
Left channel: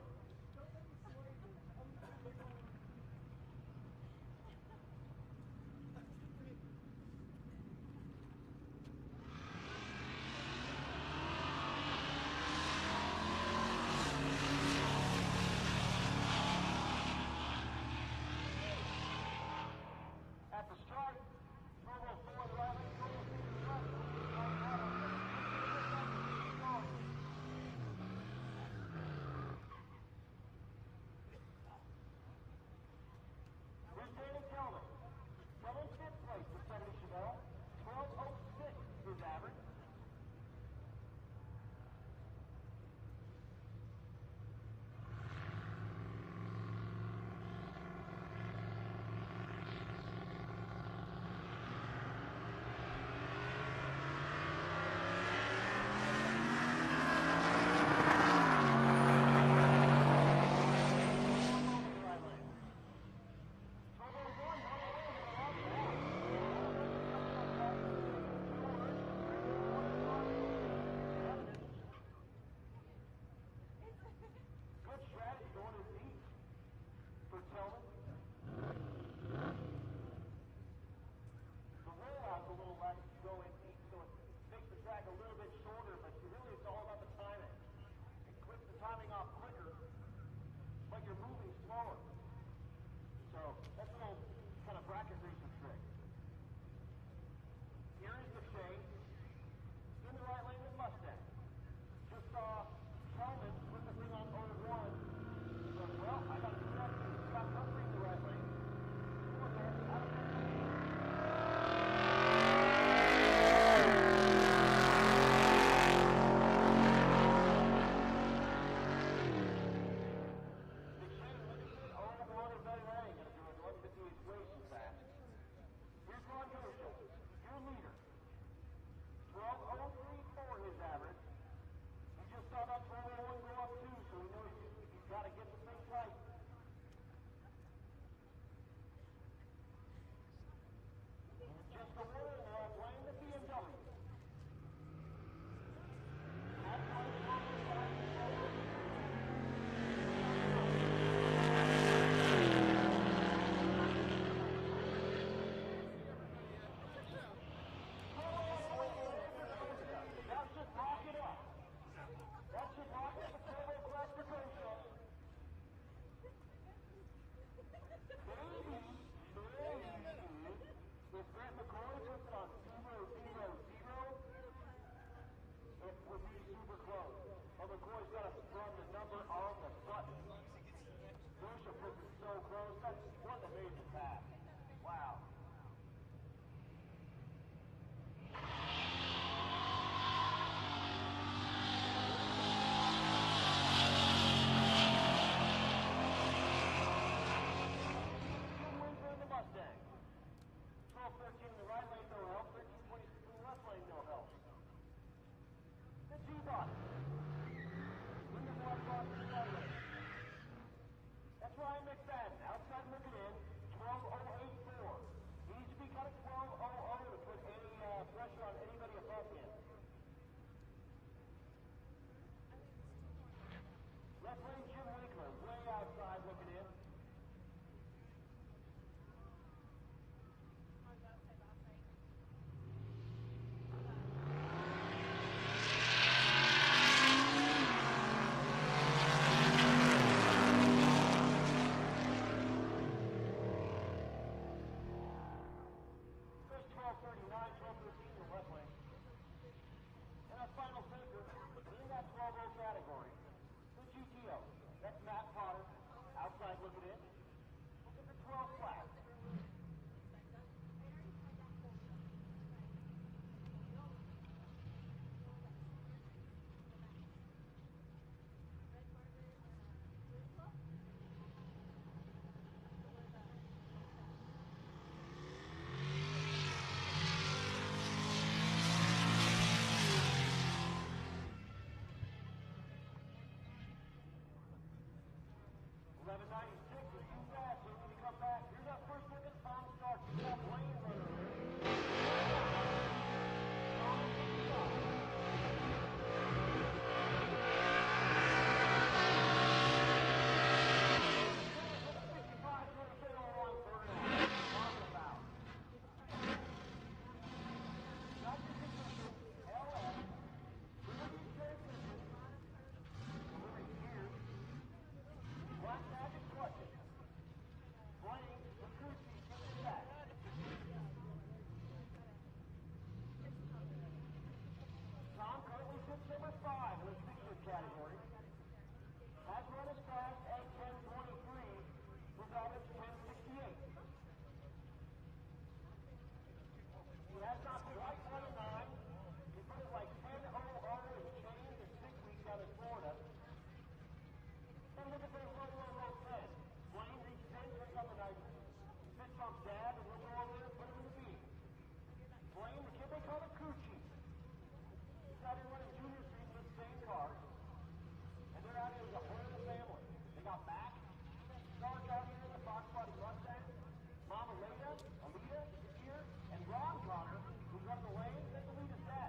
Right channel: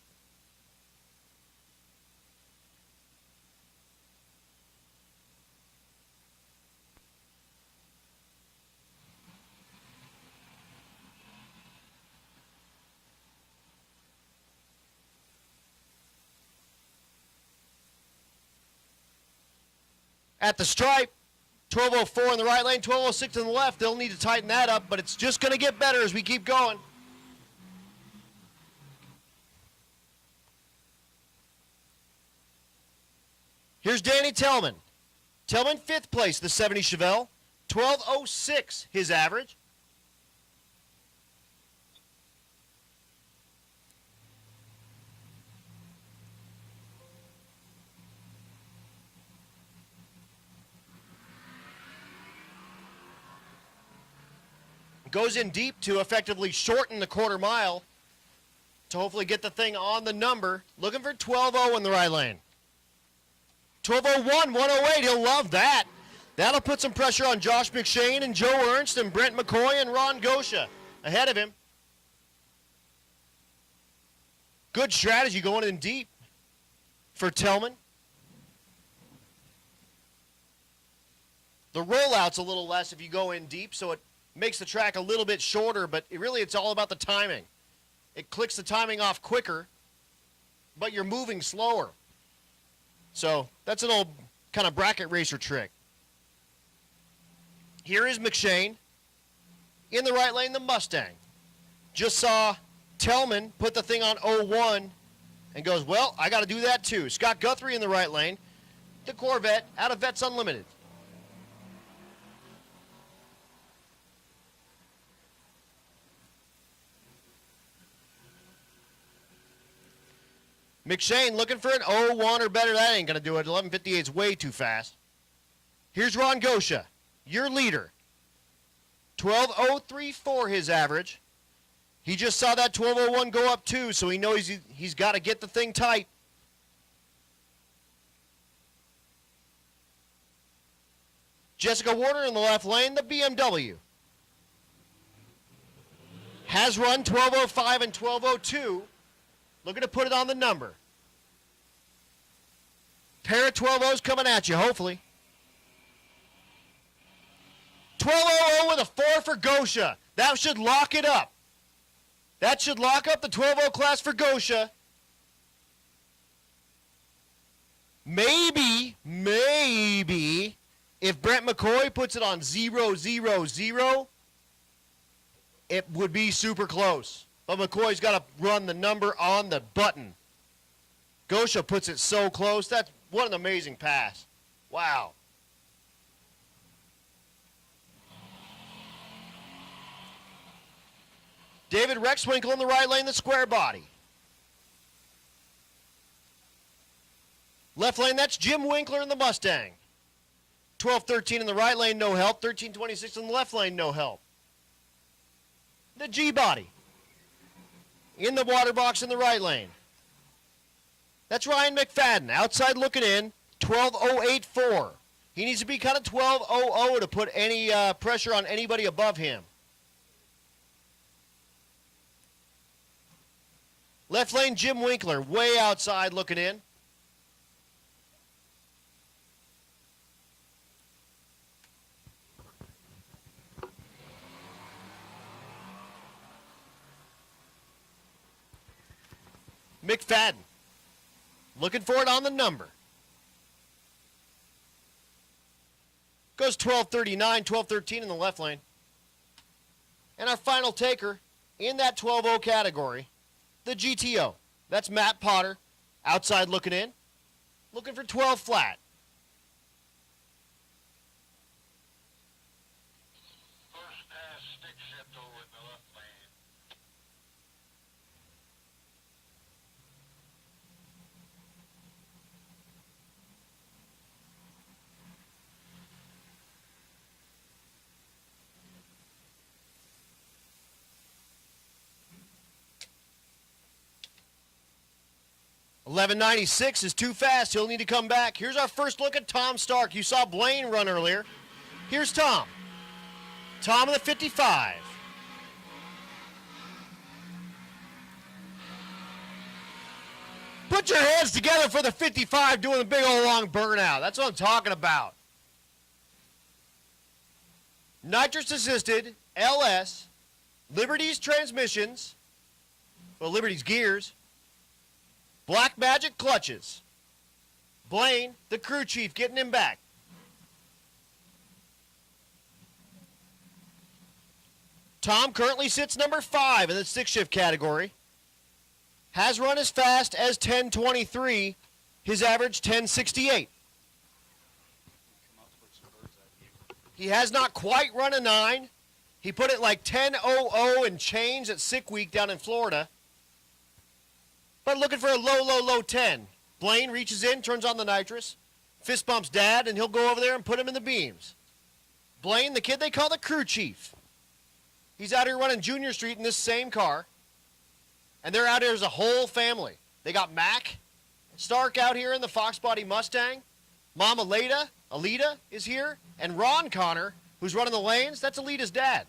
At the stripe, 12:04 in the right lane, 12:06 in the left. They'll need to tighten that up, but it's just going to get better as we keep going. Here's Danny Tellman. Tellman, 5th place, the 70 Chevelle. 12:06 his average. Goes in deep to effectively shorten the quarter mile. to hopefully get the thing on the number. Looking for 12-0 in the right lane. 12:01, 108, he'll love that. That'll put some pressure on Josh McShane and Joe Ernst and Brent McCoy and Ron Gosha ahead of him. Good strategy going in deep for Tillman. The rollout's a little less if you go in deep, so it makes the track a little bit shorter, but it's all about the timing. It clicks the timing off quicker, but you're moving slower. So that's an old kind of bracket racer trick. Here is McShane. In the right lane, the Mustang. Just saw Tillman put the thing on 01 and goes, well, I got to do that too. Scott Guthrie in the right lane. The Corvette out of Vets Unlimited. McShane looking for an 01 or better. That ain't going to do it. 11:58 is way too fast. Here's Ron Gosha, your leader. 12:034 his average. He just saw that 12:01 go up too, so he knows he's got to get the thing tight. Jessica Warner in the left lane, the BMW. Has run 12:05 and 12:02. Looking to put it on the number. Pair of 12-0s coming at you, hopefully. 12:00 with a 4 for Gosha. That should lock it up. That should lock up the 12-0 class for Gosha. Maybe, if Brent McCoy puts it on 0-0-0, it would be super close. But McCoy's got to run the number on the button. Gosha puts it so close. What an amazing pass. Wow. David Rexwinkle in the right lane, the square body. Left lane, that's Jim Winkler in the Mustang. 12:13 in the right lane, no help. 13:26 in the left lane, no help. The G-body. In the water box in the right lane. That's Ryan McFadden, outside looking in, 12:084. He needs to be kind of 12:00 to put any pressure on anybody above him. Left lane, Jim Winkler, way outside looking in. McFadden, looking for it on the number. Goes 12:39, 12:13 in the left lane. And our final taker in that 12:0 category, the GTO. That's Matt Potter, outside looking in, looking for 12 flat. $11.96 is too fast. He'll need to come back. Here's our first look at Tom Stark. You saw Blaine run earlier. Here's Tom. Tom in the 55. Put your hands together for the 55 doing the big old long burnout. That's what I'm talking about. Nitrous assisted, LS, Liberty's transmissions, well, Liberty's gears, Black Magic clutches. Blaine, the crew chief, getting him back. Tom currently sits number 5 in the 6-shift category. Has run as fast as 10:23. His average 10:68. He has not quite run a 9. He put it like 10:00 and change at Sick Week down in Florida. But looking for a low 10. Blaine reaches in, turns on the nitrous, fist bumps Dad, and he'll go over there and put him in the beams. Blaine, the kid they call the crew chief. He's out here running Junior Street in this same car. And they're out here as a whole family. They got Mac Stark out here in the Fox Body Mustang. Mom Alita is here. And Ron Connor, who's running the lanes, that's Alita's dad.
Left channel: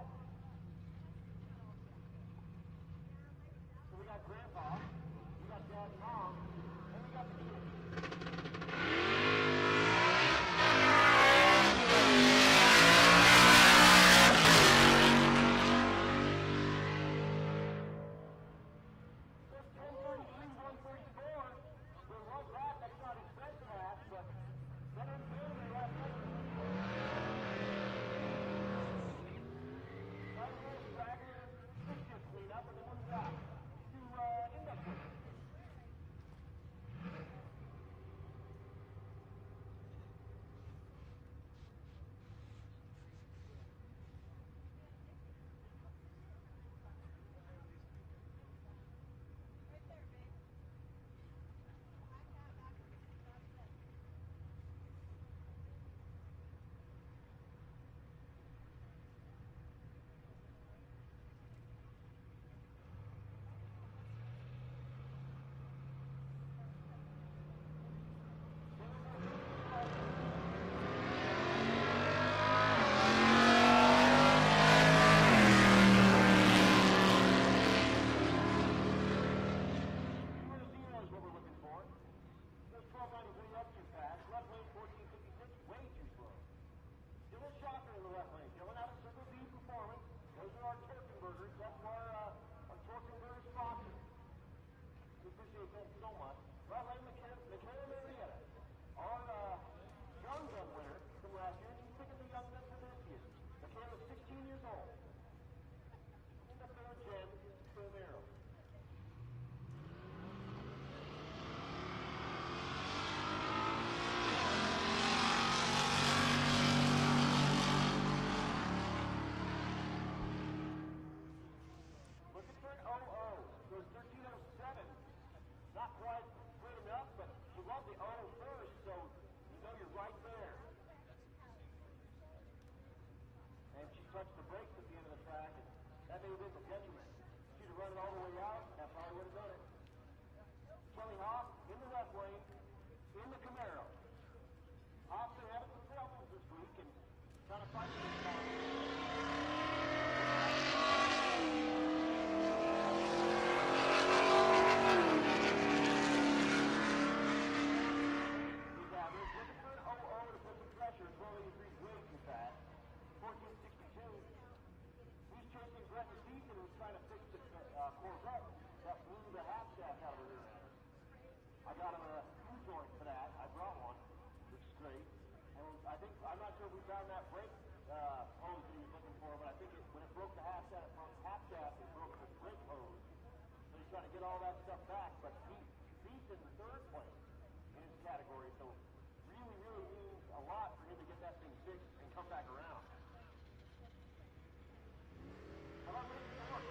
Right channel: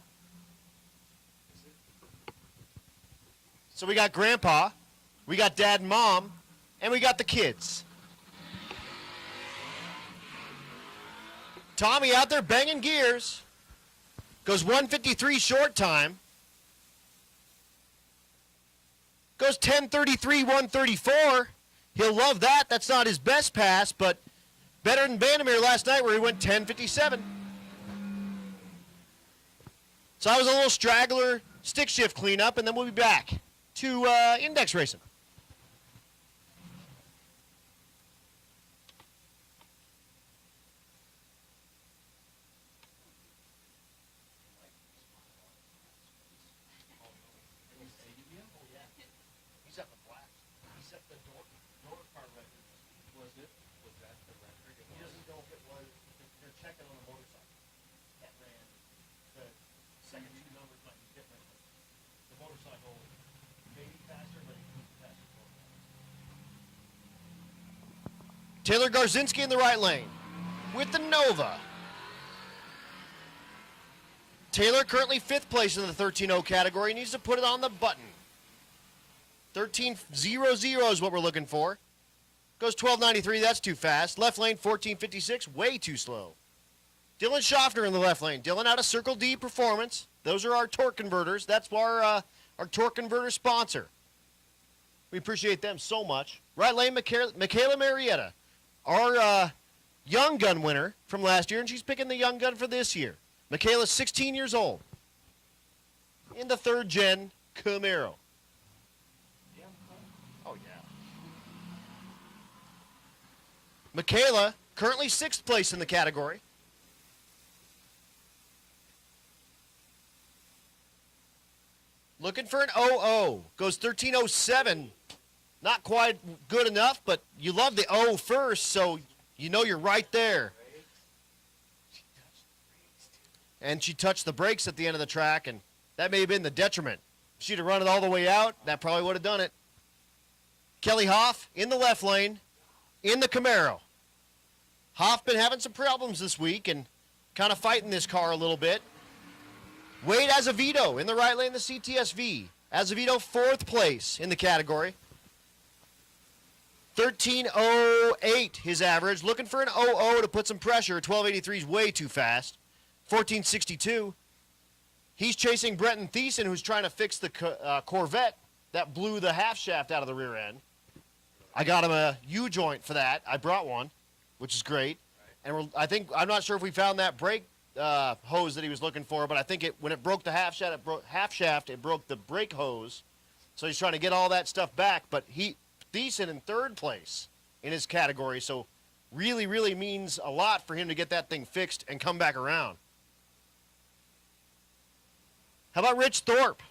So we got Grandpa, we got Dad and Mom, and we got the kids. Tommy out there banging gears. Goes 153 short time. Goes 10:33, 134. He'll love that. That's not his best pass, but better than Vandermeer last night where he went 10:57. So I was a little straggler stick shift cleanup, and then we'll be back to index racing. Taylor Garzinski in the right lane with the Nova. Taylor currently 5th place in the 13.0 category. Needs to put it on the button. 13.00 is what we're looking for. Goes 12.93, that's too fast. Left lane 14.56, way too slow. Dylan Schaffner in the left lane. Dylan out of Circle D Performance. Those are our torque converters. That's our torque converter sponsor. We appreciate them so much. Right lane, Michaela Marietta. Our Young Gun winner from last year, and she's picking the Young Gun for this year. Michaela's 16 years old in the 3rd gen Camaro. Oh, yeah. Michaela, currently 6th place in the category. Looking for an 00. Goes 13.07. Not quite good enough, but you love the O first, so you know you're right there. And she touched the brakes at the end of the track, and that may have been the detriment. If she'd have run it all the way out, that probably would have done it. Kelly Hoff in the left lane, in the Camaro. Hoff been having some problems this week and kind of fighting this car a little bit. Wade Azevedo in the right lane, the CTSV. Azevedo 4th place in the category. 13.08 his average. Looking for an 00 to put some pressure. 12.83 is way too fast. 14.62. He's chasing Brenton Thiessen, who's trying to fix the Corvette that blew the half shaft out of the rear end. I got him a U-joint for that. I brought one, which is great. And I'm not sure if we found that brake hose that he was looking for, but I think when it broke the half shaft, it broke the brake hose. So he's trying to get all that stuff back, but Thiessen in 3rd place in his category, so really, really means a lot for him to get that thing fixed and come back around. How about Rich Thorpe?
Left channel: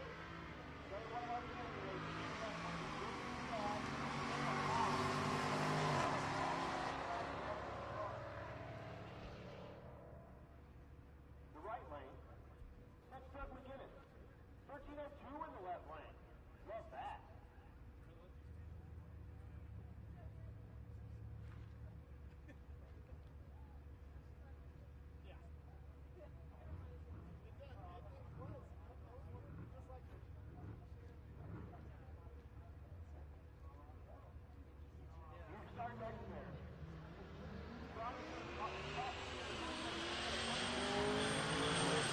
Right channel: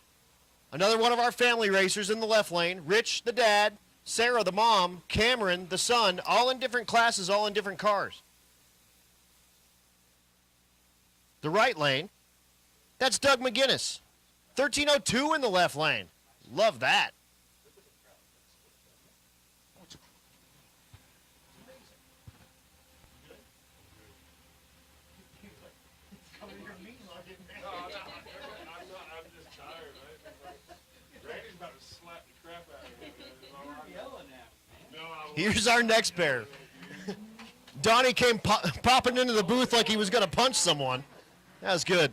Another one of our family racers in the left lane. Rich, the dad, Sarah, the mom, Cameron, the son, all in different classes, all in different cars. The right lane, that's Doug McGinnis. 13.02 in the left lane. Love that. Here's our next pair. Donnie came popping into the booth like he was going to punch someone. That was good.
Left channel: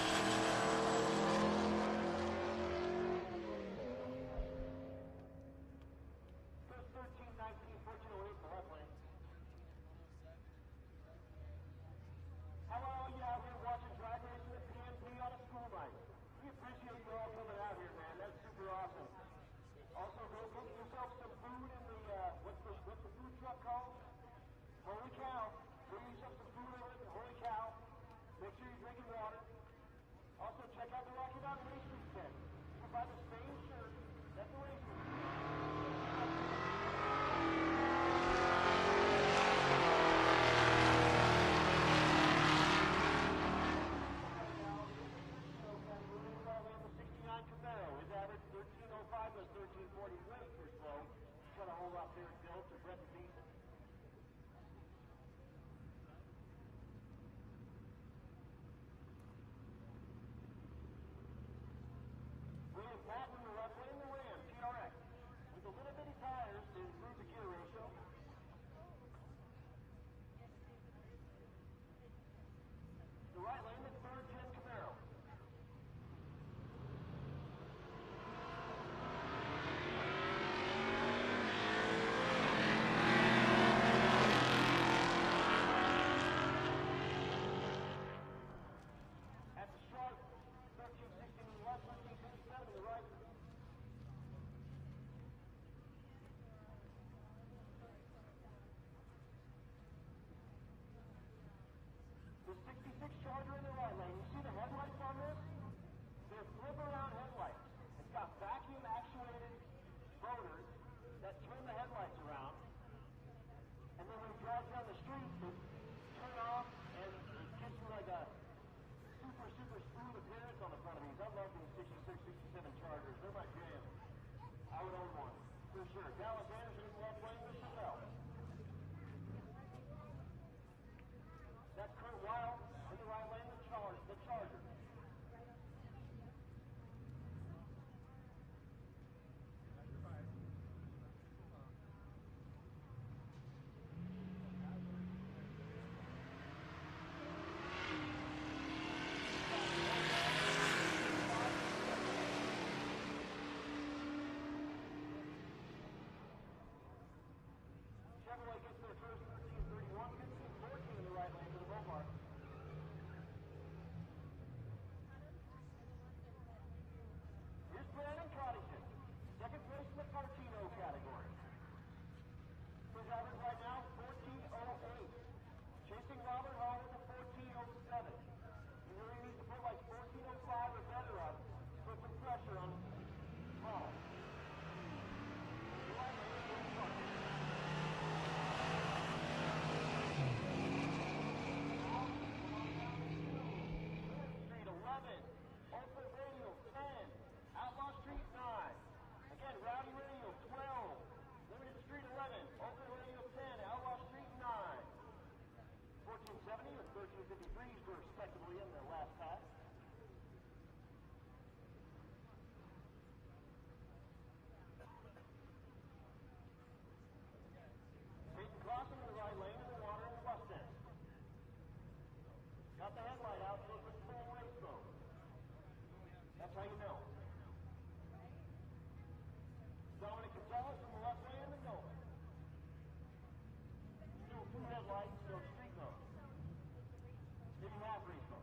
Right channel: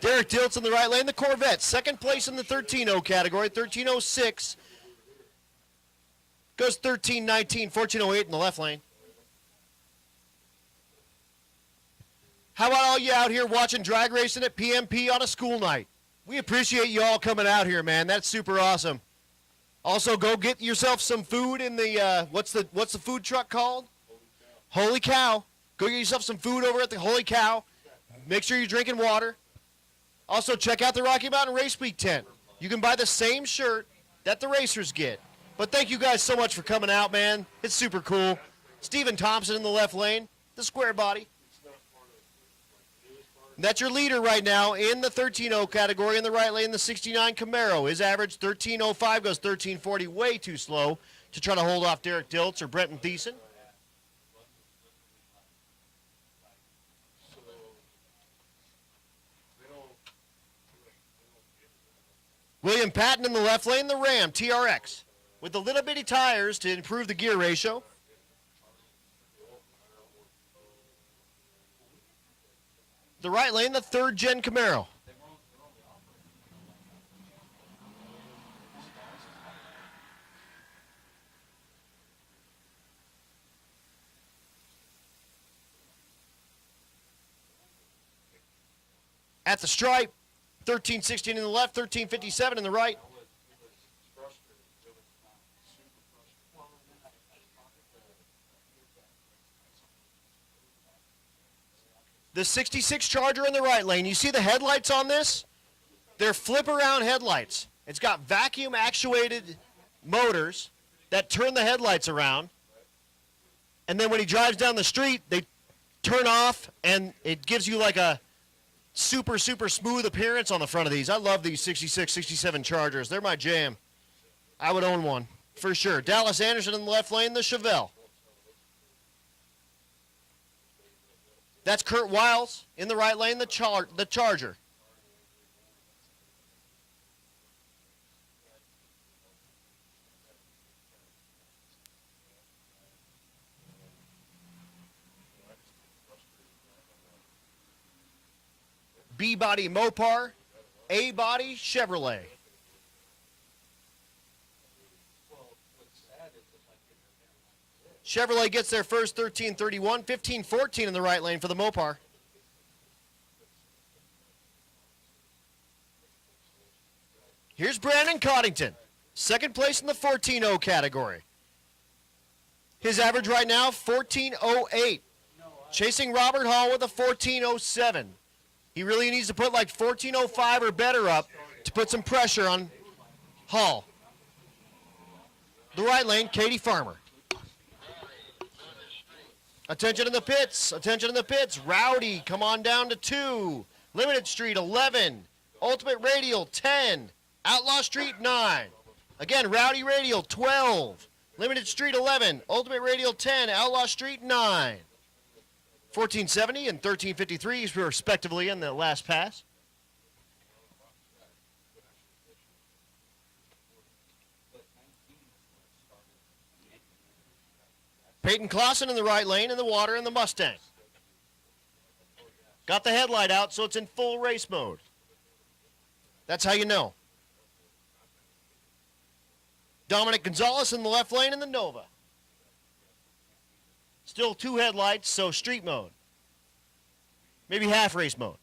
Derek Diltz in the right lane, the Corvette. 2nd place in the 13.0 category, 13.06. Goes 13.19, 14.08 in the left lane. How about all you out here watching drag racing at PMP on a school night? We appreciate you all coming out here, man. That's super awesome. Also, go get yourself some food in the, what's the food truck called? Holy Cow. Go get yourself some food over at the Holy Cow. Make sure you're drinking water. Also, check out the Rocky Mountain Race Week tent. You can buy the same shirt that the racers get. But thank you guys so much for coming out, man. It's super cool. Stephen Thompson in the left lane, the square body. That's your leader right now in the 13.0 category. In the right lane, the 69 Camaro. His average 13.05, goes 13.40, way too slow to try to hold off Derek Diltz or Brenton Thiessen. William Patton in the left lane, the Ram TRX, with the little bitty tires to improve the gear ratio. The right lane, the 3rd gen Camaro. At the stripe, 1316 in the left, 1357 in the right. The 66 Charger in the right lane. You see the headlights on this? They're flip-around headlights. It's got vacuum-actuated motors that turn the headlights around. And then when he drives down the street, they turn off, and it gives you like a super, super smooth appearance on the front of these. I love these 66, 67 Chargers. They're my jam. I would own one, for sure. Dallas Anderson in the left lane, the Chevelle. That's Kurt Wiles in the right lane, the Charger. B-body Mopar, A-body Chevrolet. Chevrolet gets their first 1331, 1514 in the right lane for the Mopar. Here's Brandon Coddington, second place in the 14.0 category. His average right now, 14.08. Chasing Robert Hall with a 14.07. He really needs to put like 14.05 or better up to put some pressure on Hall. The right lane, Katie Farmer. Attention in the pits, attention in the pits. Rowdy, come on down to 2. Limited Street, 11. Ultimate Radial, 10. Outlaw Street, 9. Again, Rowdy Radial, 12. Limited Street, 11. Ultimate Radial, 10. Outlaw Street, 9. 1470 and 1353 respectively in the last pass. Peyton Clausen in the right lane in the water in the Mustang. Got the headlight out, so it's in full race mode. That's how you know. Dominic Gonzalez in the left lane in the Nova. Still 2 headlights, so street mode. Maybe half race mode.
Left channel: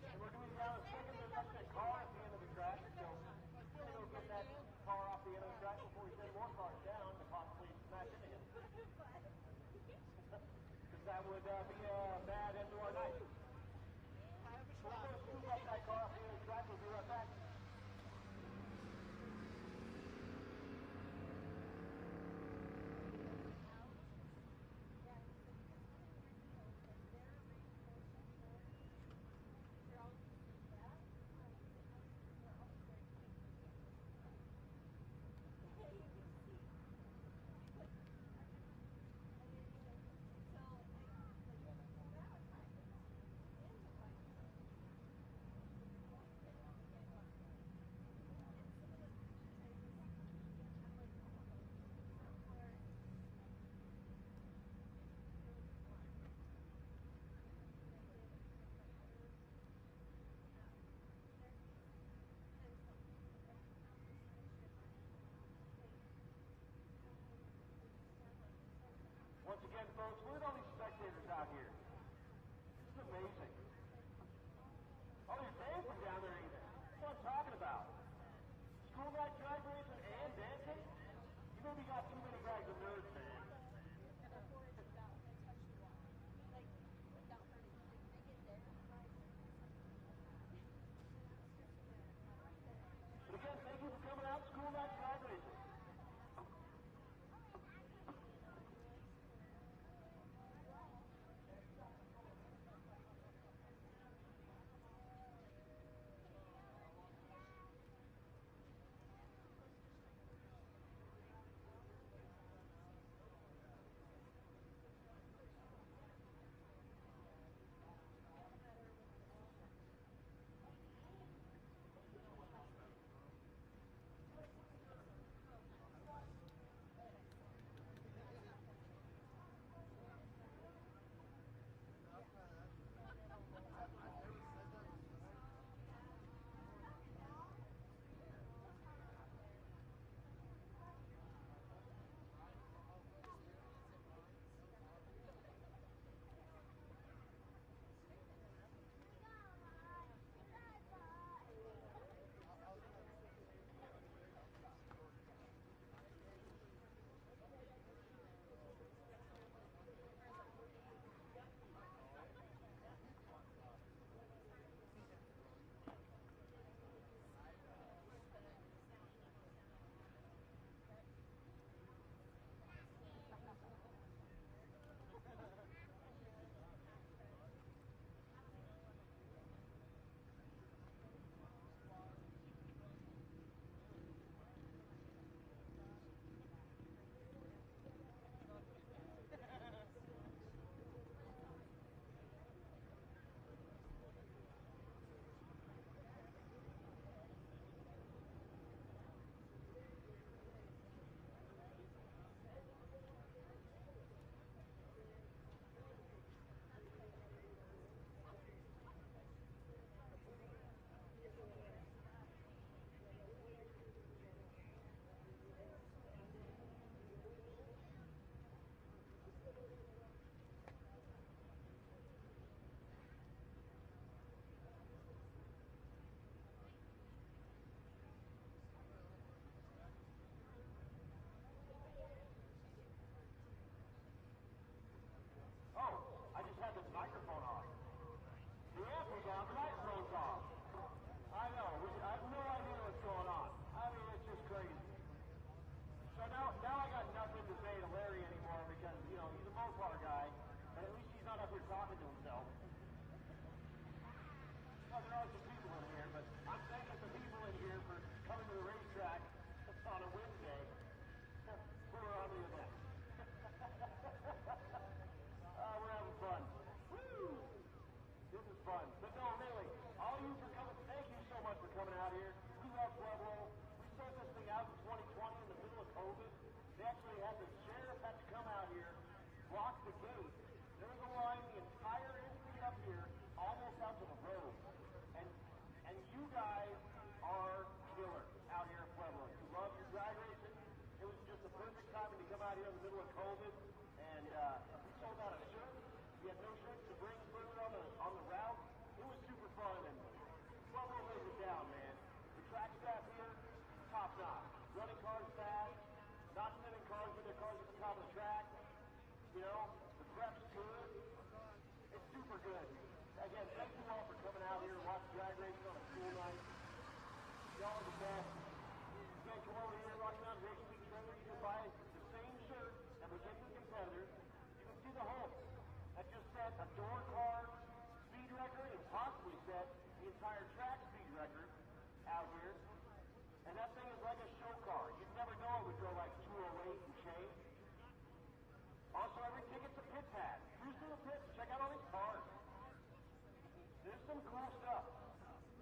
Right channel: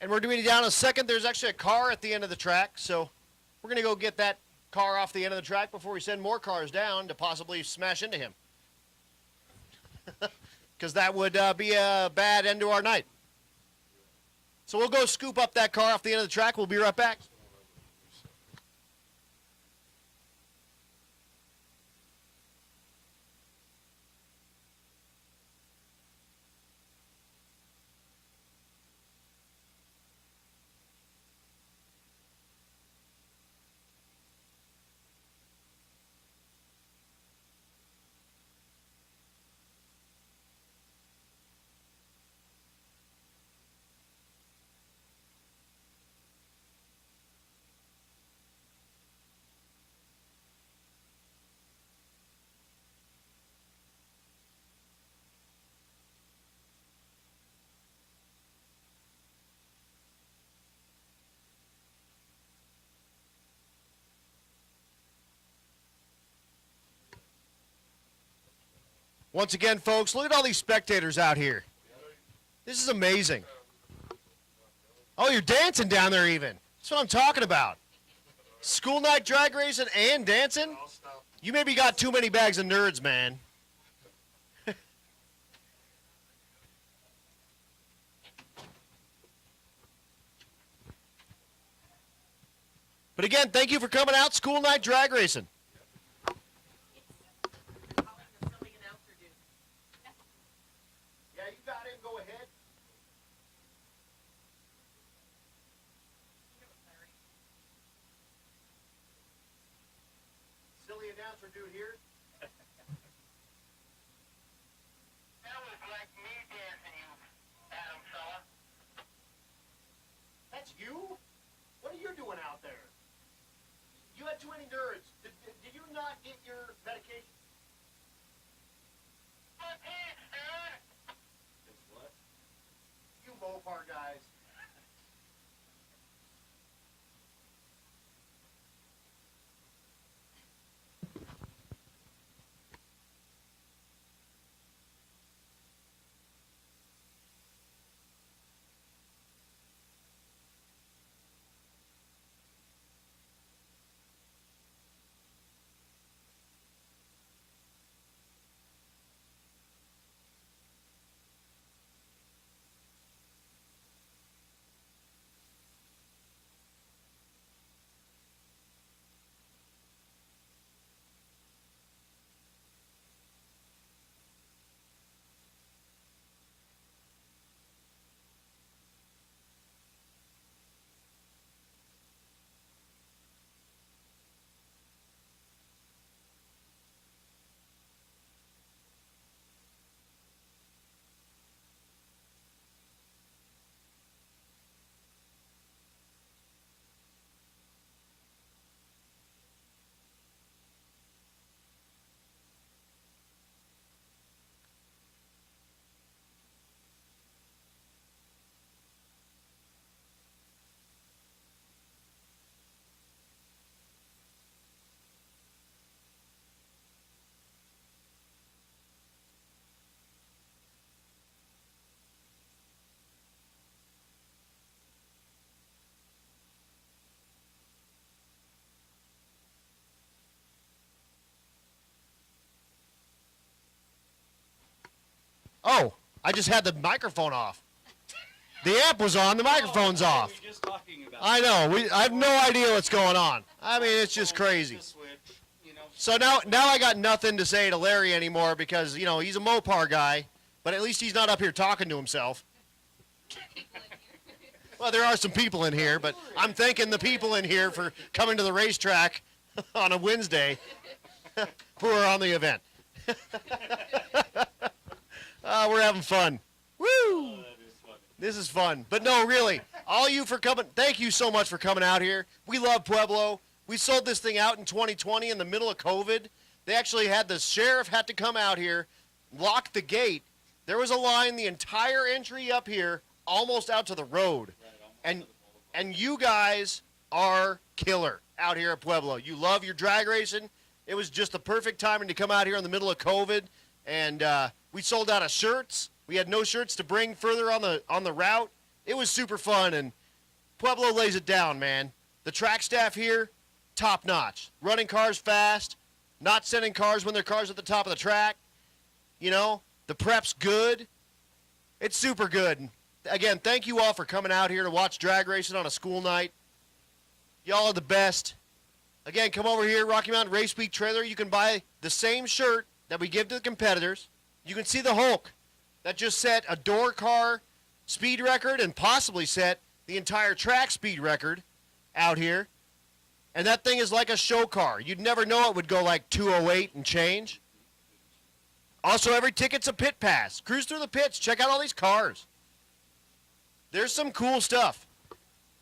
And we're doing it down a second. There's actually a car at the end of the track, so we're going to go get that car off the end of the track before we send more cars down to possibly smash into him. Because that would be a bad end to our night. So we'll go scoop up that car off the end of the track. We'll be right back. Once again, folks, look at all these spectators out here. This is amazing. Oh, you're dancing down there even. That's what I'm talking about. School night drag racing and dancing? You maybe got too many bags of nerds, man. But again, thank you for coming out. School night drag racing. Yeah, you got it. Go ahead. Silly announcer dude here. That was like me dancing, you Adam fella. That's you? What are you doing out there? You had too many nerds. Did you not get your medication? My pants, dude. You Mopar guys. Oh, I just had the microphone off. The amp was on, the microphone's off. I know. I have no idea what's going on. I mean, it's just crazy. So now I got nothing to say to Larry anymore because, you know, he's a Mopar guy, but at least he's not up here talking to himself. Well, there are some people in here, but I'm thanking the people in here for coming to the racetrack on a Wednesday who are on the event. We're having fun. Woo! This is fun. But no, really, all you for coming, thank you so much for coming out here. We love Pueblo. We sold this thing out in 2020 in the middle of COVID. They actually had the sheriff had to come out here, lock the gate. There was a line the entire entry up here, almost out to the road. And you guys are killer out here at Pueblo. You love your drag racing. It was just the perfect timing to come out here in the middle of COVID. And we sold out of shirts. We had no shirts to bring further on the route. It was super fun, and Pueblo lays it down, man. The track staff here, top notch. Running cars fast, not sending cars when their car's at the top of the track. You know, the prep's good. It's super good. Again, thank you all for coming out here to watch drag racing on a school night. Y'all are the best. Again, come over here, Rocky Mountain Race Week trailer. You can buy the same shirt that we give to the competitors. You can see the Hulk that just set a door car speed record and possibly set the entire track speed record out here. And that thing is like a show car. You'd never know it would go like 208 and change. Also, every ticket's a pit pass. Cruise through the pits. Check out all these cars. There's some cool stuff.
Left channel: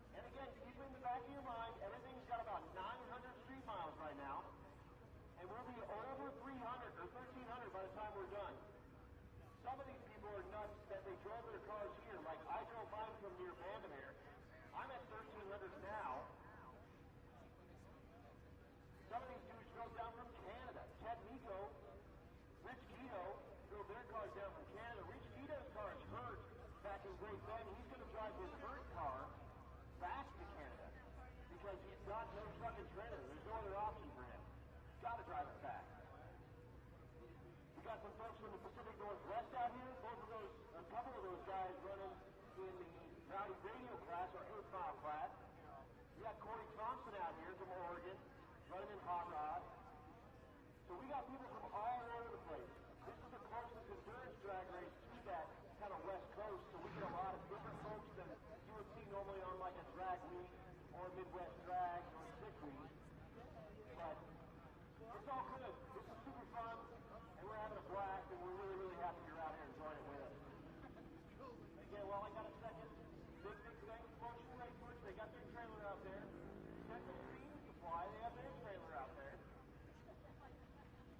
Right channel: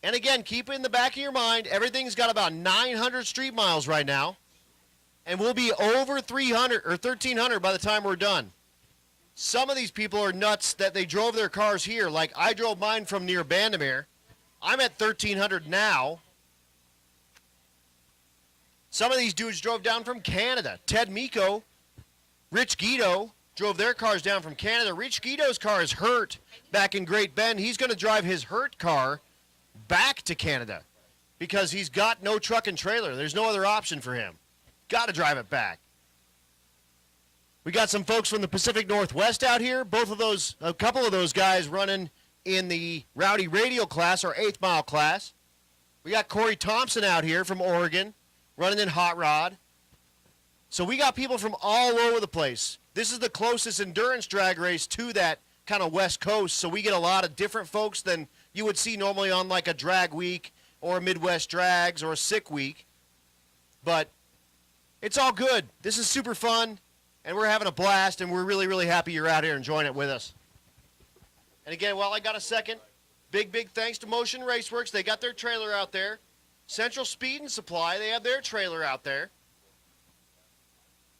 And again, keep it in the back of your mind, everything's got about 900 street miles right now. And we'll be over 300 or 1,300 by the time we're done. Some of these people are nuts that they drove their cars here. Like I drove mine from near Bandamere. I'm at 1,300 now. Some of these dudes drove down from Canada. Ted Miko, Rich Guido drove their cars down from Canada. Rich Guido's car is hurt back in Great Bend. He's going to drive his hurt car back to Canada because he's got no truck and trailer. There's no other option for him. Got to drive it back. We got some folks from the Pacific Northwest out here. A couple of those guys running in the Rowdy Radial class, or 8th mile class. We got Corey Thompson out here from Oregon, running in Hot Rod. So we got people from all over the place. This is the closest endurance drag race to that kind of West Coast, so we get a lot of different folks than you would see normally on like a drag week or a Midwest Drags or a Sick Week. But it's all good. This is super fun, and we're having a blast, and we're really, really happy you're out here enjoying it with us. And again, while I got a second, big thanks to Motion Raceworks. They got their trailer out there. Central Speed and Supply, they have their trailer out there.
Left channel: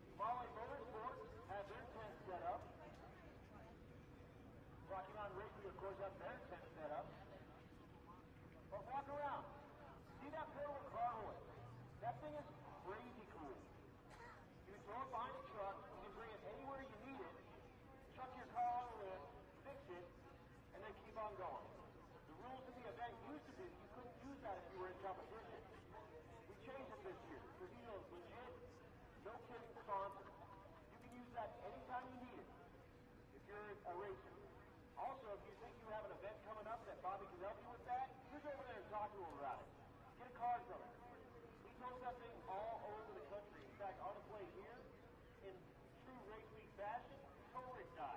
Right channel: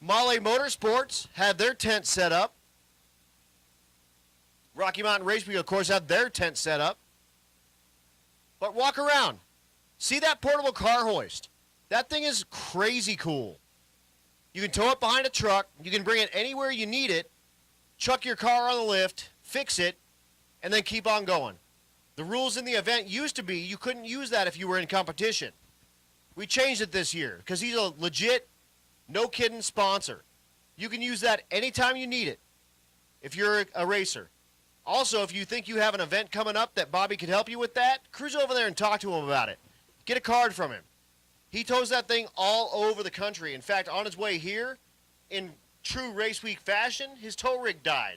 Pueblo Motorsports have their tent set up. Rocky Mountain Race Week, of course, have their tent set up. But walk around. See that portable car hoist? That thing is crazy cool. You can tow it behind a truck. You can bring it anywhere you need it, chuck your car on the lift, fix it, and then keep on going. The rules in the event used to be you couldn't use that if you were in competition. We changed it this year because he's a legit, no kidding sponsor. You can use that anytime you need it if you're a racer. Also, if you think you have an event coming up that Bobby could help you with that, cruise over there and talk to him about it. Get a card from him. He tows that thing all over the country. In fact, on his way here, in true race week fashion, his tow rig died.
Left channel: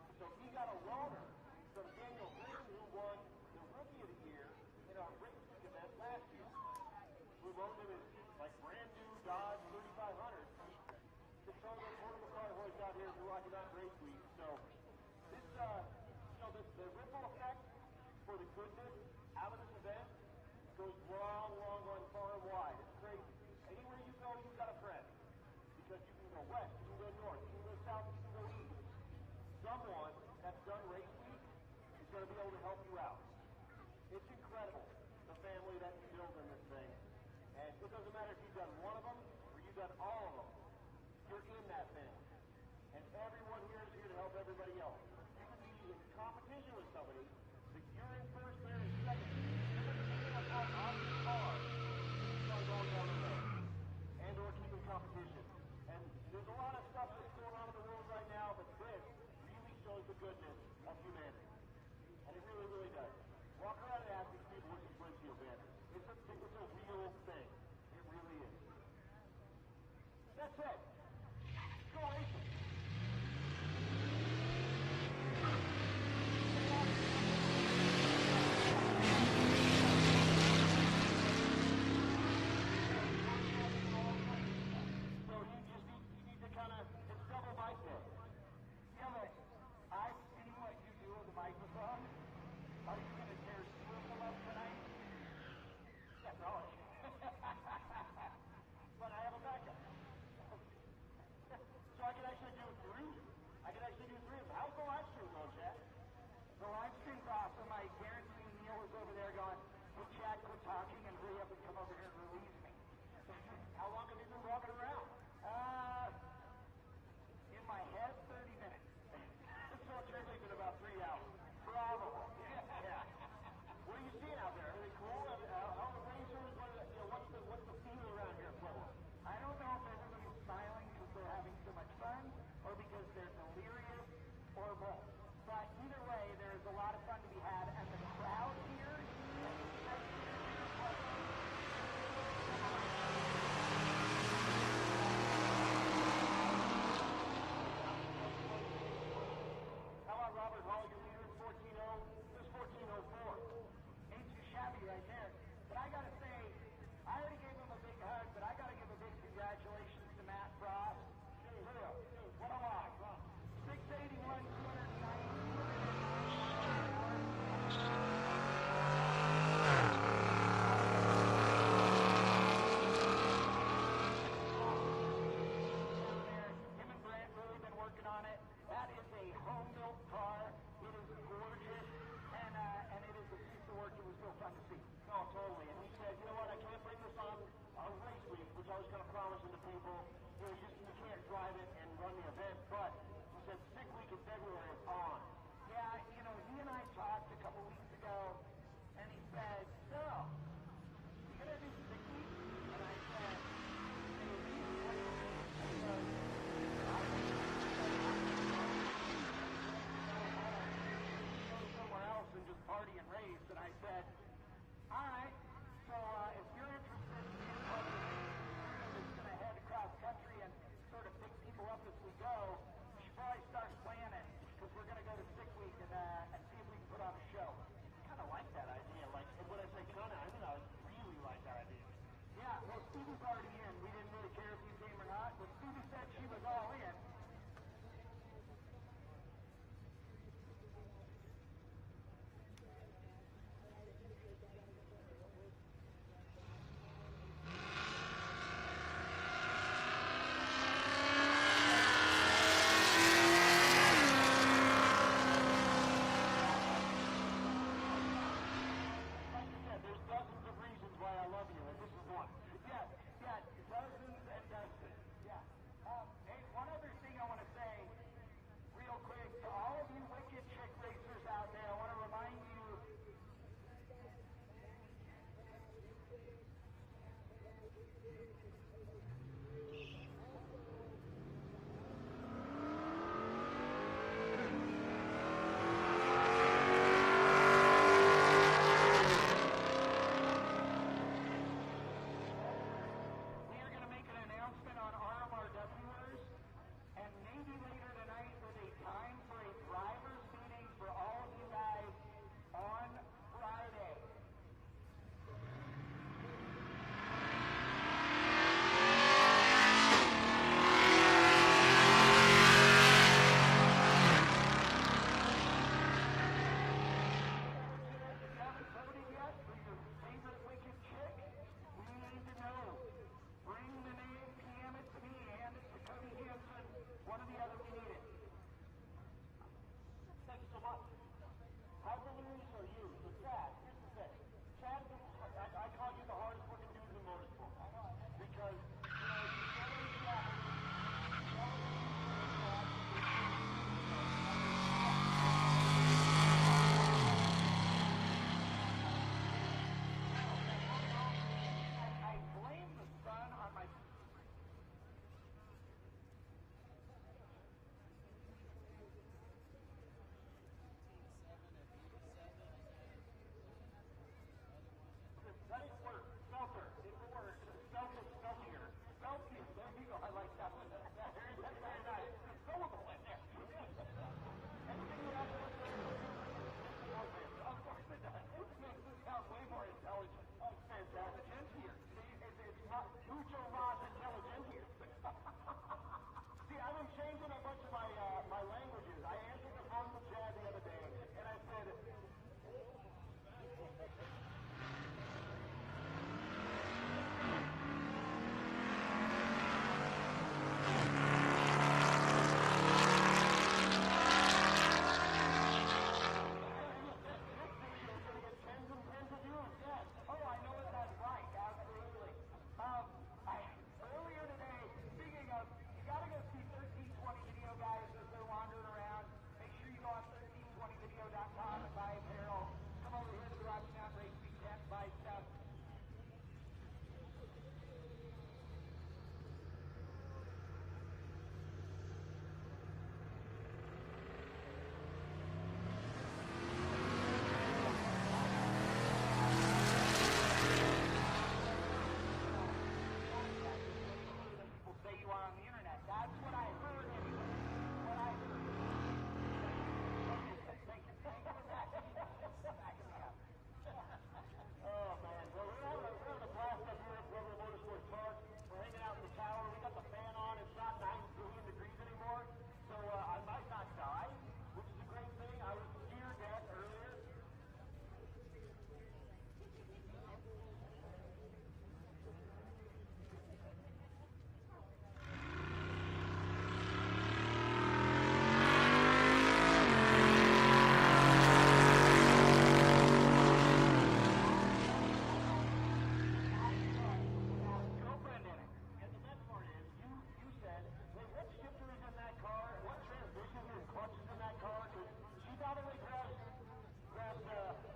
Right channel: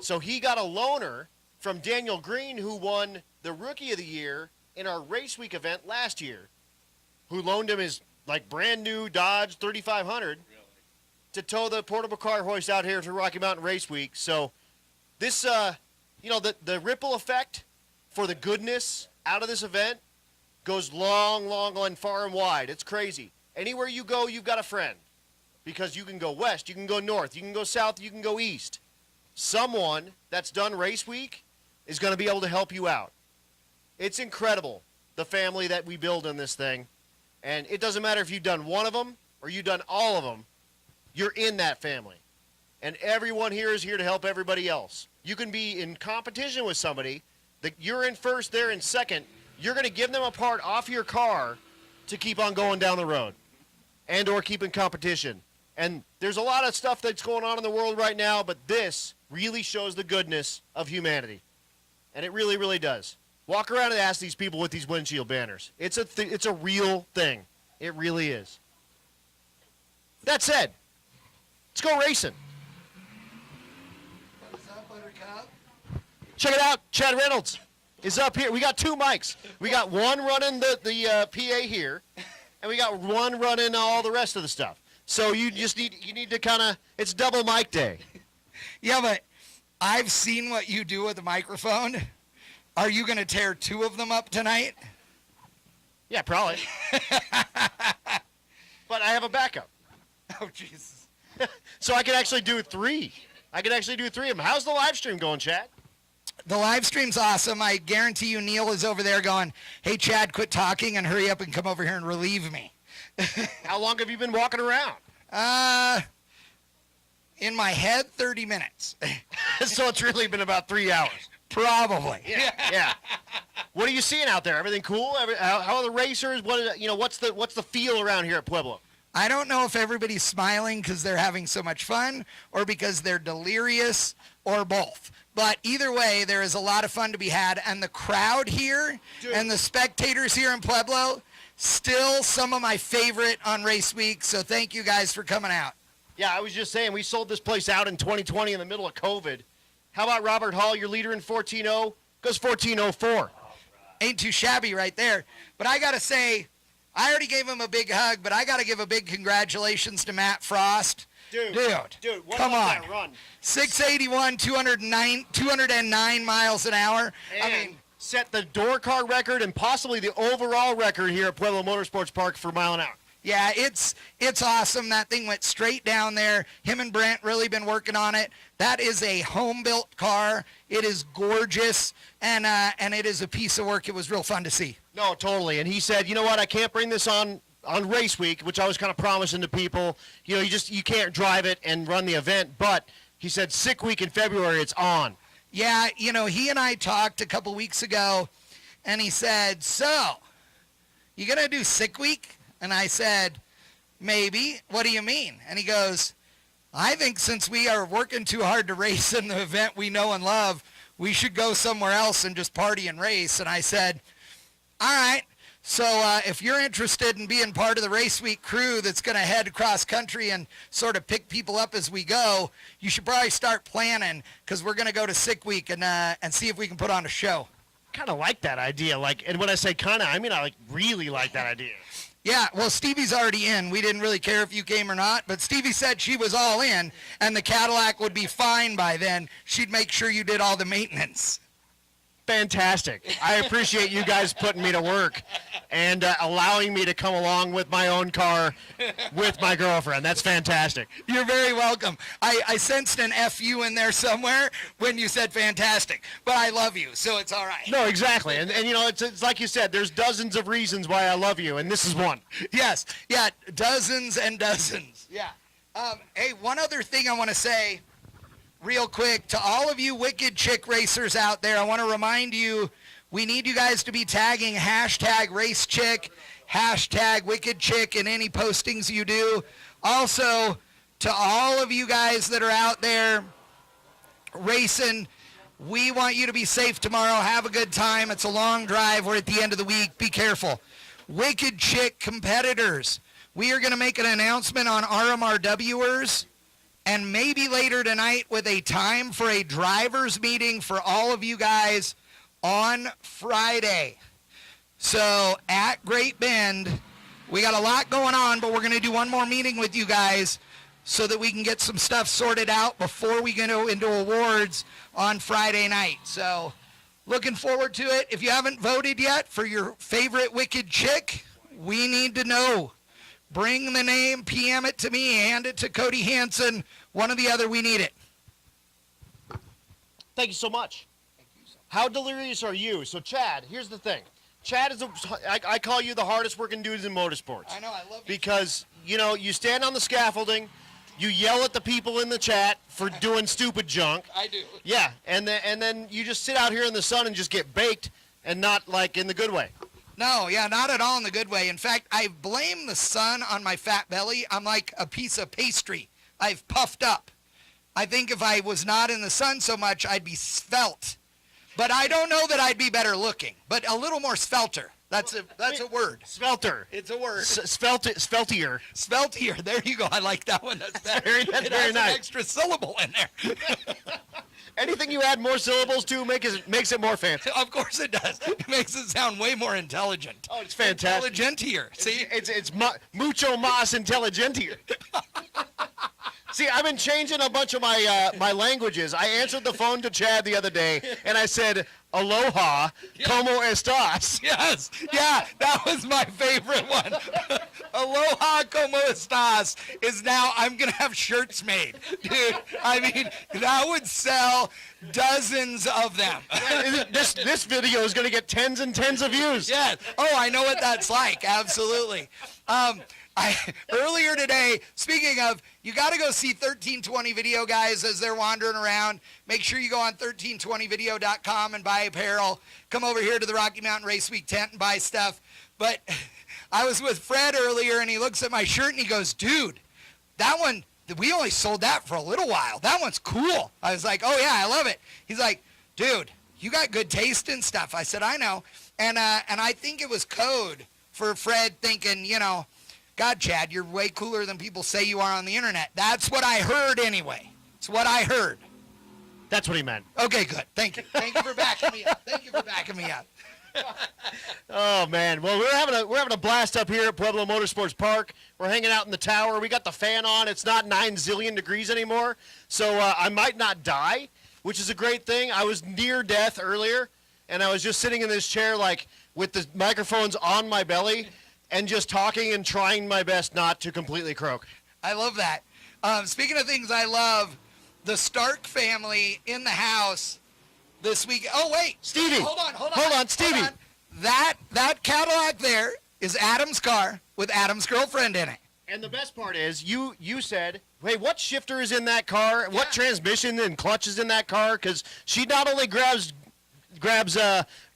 So he got a loaner from Daniel Green, who won the Rookie of the Year in our race week event last year, who loaned him his like brand new Dodge 3500 to tow the portable car hoist out here to Rocky Mountain Race Week. So this, the ripple effect for the goodness out of this event goes long and far and wide. It's crazy. Anywhere you go, you've got a friend, because you can go west, you can go north, you can go south, you can go east. Someone that's done race week is going to be able to help you out. It's incredible, the family that we build in this thing. And it doesn't matter if you've done one of them or you've done all of them, you're in that family. And everyone here is here to help everybody else. You can be in competition with somebody that you're in first, they're in second. You're going to give them a part off your car to keep on going down the road and or keep in competition. And there's a lot of stuff that's going on in the world right now, but this really shows the goodness of humanity. And it really, really does. Walk around and ask these people with these windshield banners. It's a real thing. It really is. That said, let's go racing. Check it out. Chad Reynolds is up here. We got two mics. We got one running the PA here, and we got one running all the rest of the stuff. So you need to kind of, it's double mic day. Yeah, but I've seen what you do with the microphone. Are you going to tear two of them up tonight? Yeah, probably. But I have a backup. Oh, Jesus. So I can actually do three. I can actually do three of them. How's the live stream going, Chad? The live stream's awesome. I guarantee you Neil is over there going, hey, Chad, quit talking and hurry up and come over here and relieve me. How long have you been walking around? In my head, 30 minutes. So it's really been about 3 hours. Probably. Yeah. What are you seeing out there? Everything cool? How are the racers? What's the feel around here at Pueblo? I don't know if everybody's smiling because they're having so much fun or because they're delirious or both. But either way, there is a lot of fun to be had. And the crowd here and the spectators here in Pueblo, still some of my favorite on race week. So thank you guys for coming out. Yeah, I was just saying, we sold this place out in 2020 in the middle of COVID. How about Robert Hall, your leader in 14.0? Goes 14.04. Ain't too shabby right there. But I got to say, I already gave him a big hug, but I got to give a big congratulations to Matt Frost. Dude, what come about on. that run? 681, 209 miles an hour. And set the door car record and possibly the overall record here at Pueblo Motorsports Park for mile an hour. Yeah, it's awesome. That thing went straight down there. Him and Brent really been working on it. That is a home-built car. It is gorgeous, and it is a piece of work. It was real fun to see. No, totally. And he said, you know what, I can't bring this on race week, which I was kind of promising to people. You know, you can't drive it and run the event. But he said, Sick Week in February, it's on. Yeah, he and I talked a couple weeks ago, and he said, so, you gonna do sick week? And I said, maybe. What do you mean? And he goes, I think since we are working too hard to race in the event we know and love, we should go somewhere else and just party and race. And I said, all right. So if you're interested in being part of the Race Week crew that's going to head across country and sort of pick people up as we go, you should probably start planning, because we're going to go to Sick Week and see if we can put on a show. Kind of like that idea. And when I say kind of, I mean I really like that idea. Yeah, well, Stevie's already in. We didn't really care if you came or not, but Stevie said she was all in, and the Cadillac would be fine by then. She'd make sure you did all the maintenance. Fantastic. I appreciate you guys putting me to work and allowing me to come along with my own car with my girlfriend. That's fantastic. You're very welcome. I sensed an FU in there somewhere when you said fantastic, but I love you, so it's all right. No, exactly. And you know, it's like you said, there's dozens of reasons why I love you, and this is one. Yes, yeah, dozens and dozens. Yeah. Hey, one other thing I want to say real quick to all of you Wicked Chick racers out there. I want to remind you, we need you guys to be tagging #RaceChick, #WickedChick in any postings you do. Also, to all of you guys that are out there racing, we want you to be safe tomorrow. Have a good time. It's a long drive. We're at the end of the week. Be careful. Wicked Chick competitors, we are going to make an announcement on RMRWers, and maybe later tonight with a time for a driver's meeting for all of you guys on Friday. So at Great Bend, we got a lot going on, but we're going to do one more meeting with you guys so that we can get some stuff sorted out before we go into awards on Friday night. So looking forward to it. If you haven't voted yet for your favorite Wicked Chick, we need to know. Bring the name, PM it to me, hand it to Cody Hansen, one or the other, we need it. Thank you so much. How delirious are you? So Chad, here's the thing. Chad is I call you the hardest working dudes in motorsports. I know, I love you. Because, you know, you stand on the scaffolding, you yell at the people in the chat for doing stupid junk. I do. Yeah, and then you just sit out here in the sun and just get baked, and not like in the good way. No, yeah, not at all in the good way. In fact, I blame the sun on my fat belly. I'm like a piece of pastry. I've puffed up. I think if I was not in the sun so much, I'd be svelte. But I don't know that I'd be better looking, but a little more svelter. That's a word. Svelter. It's a word. Sveltier. Sveltier. There you go. I like that one. That's very nice. nice. An extra syllable in there. Anything you add more syllables to makes it more fancy. Of course it does. It makes it sound way more intelligent. Oh, it's fantastic. Intelligentier. See? It's mucho más intelligentier. See, I've been changing a bunch of my languages. I answered the phone to Chad the other day, and I said, aloha, como estas? Yes. Yeah, that was my favorite one. Aloha, como estas is now, I'm going to have shirts made. Dude, I mean, that would sell dozens of them. This video is going to get tens and tens of views. Yeah. Oh, I know what that's like. Absolutely. Earlier today, speaking of, you got to go see 1320 Video, guys, as they're wandering around. Make sure you go on 1320video.com and buy apparel. Come over here to the Rocky Mountain Race Week tent and buy stuff. But I was with Fred earlier, and he looks at my shirt, and he goes, dude, that one, we only sold that for a little while. That one's cool. I was like, oh, yeah, I love it. He's like, dude, you got good taste and stuff. I said, I know. And I think it was code for Fred thinking, you know, God, Chad, you're way cooler than people say you are on the internet. That's what I heard anyway. It's what I heard. That's what he meant. Okay, good. Thank you. Thank you for backing me up. Thank you for backing me up. Oh man, well we're having a blast up here at Pueblo Motorsports Park. We're hanging out in the tower. We got the fan on. It's not 9 zillion degrees anymore, so I might not die, which is a great thing. I was near death earlier, and I was just sitting in this chair like with the microphones on my belly, and just talking and trying my best not to completely croak. I love that. Speaking of things I love, the Stark family in the house this week. Oh wait, Stevie, hold on, Stevie. Hold on. That Cadillac there is Adam's car with Adam's girlfriend in it. And the best part is, you said, hey, what shifter is in that car? What transmission and clutch is in that car? Because she not only grabs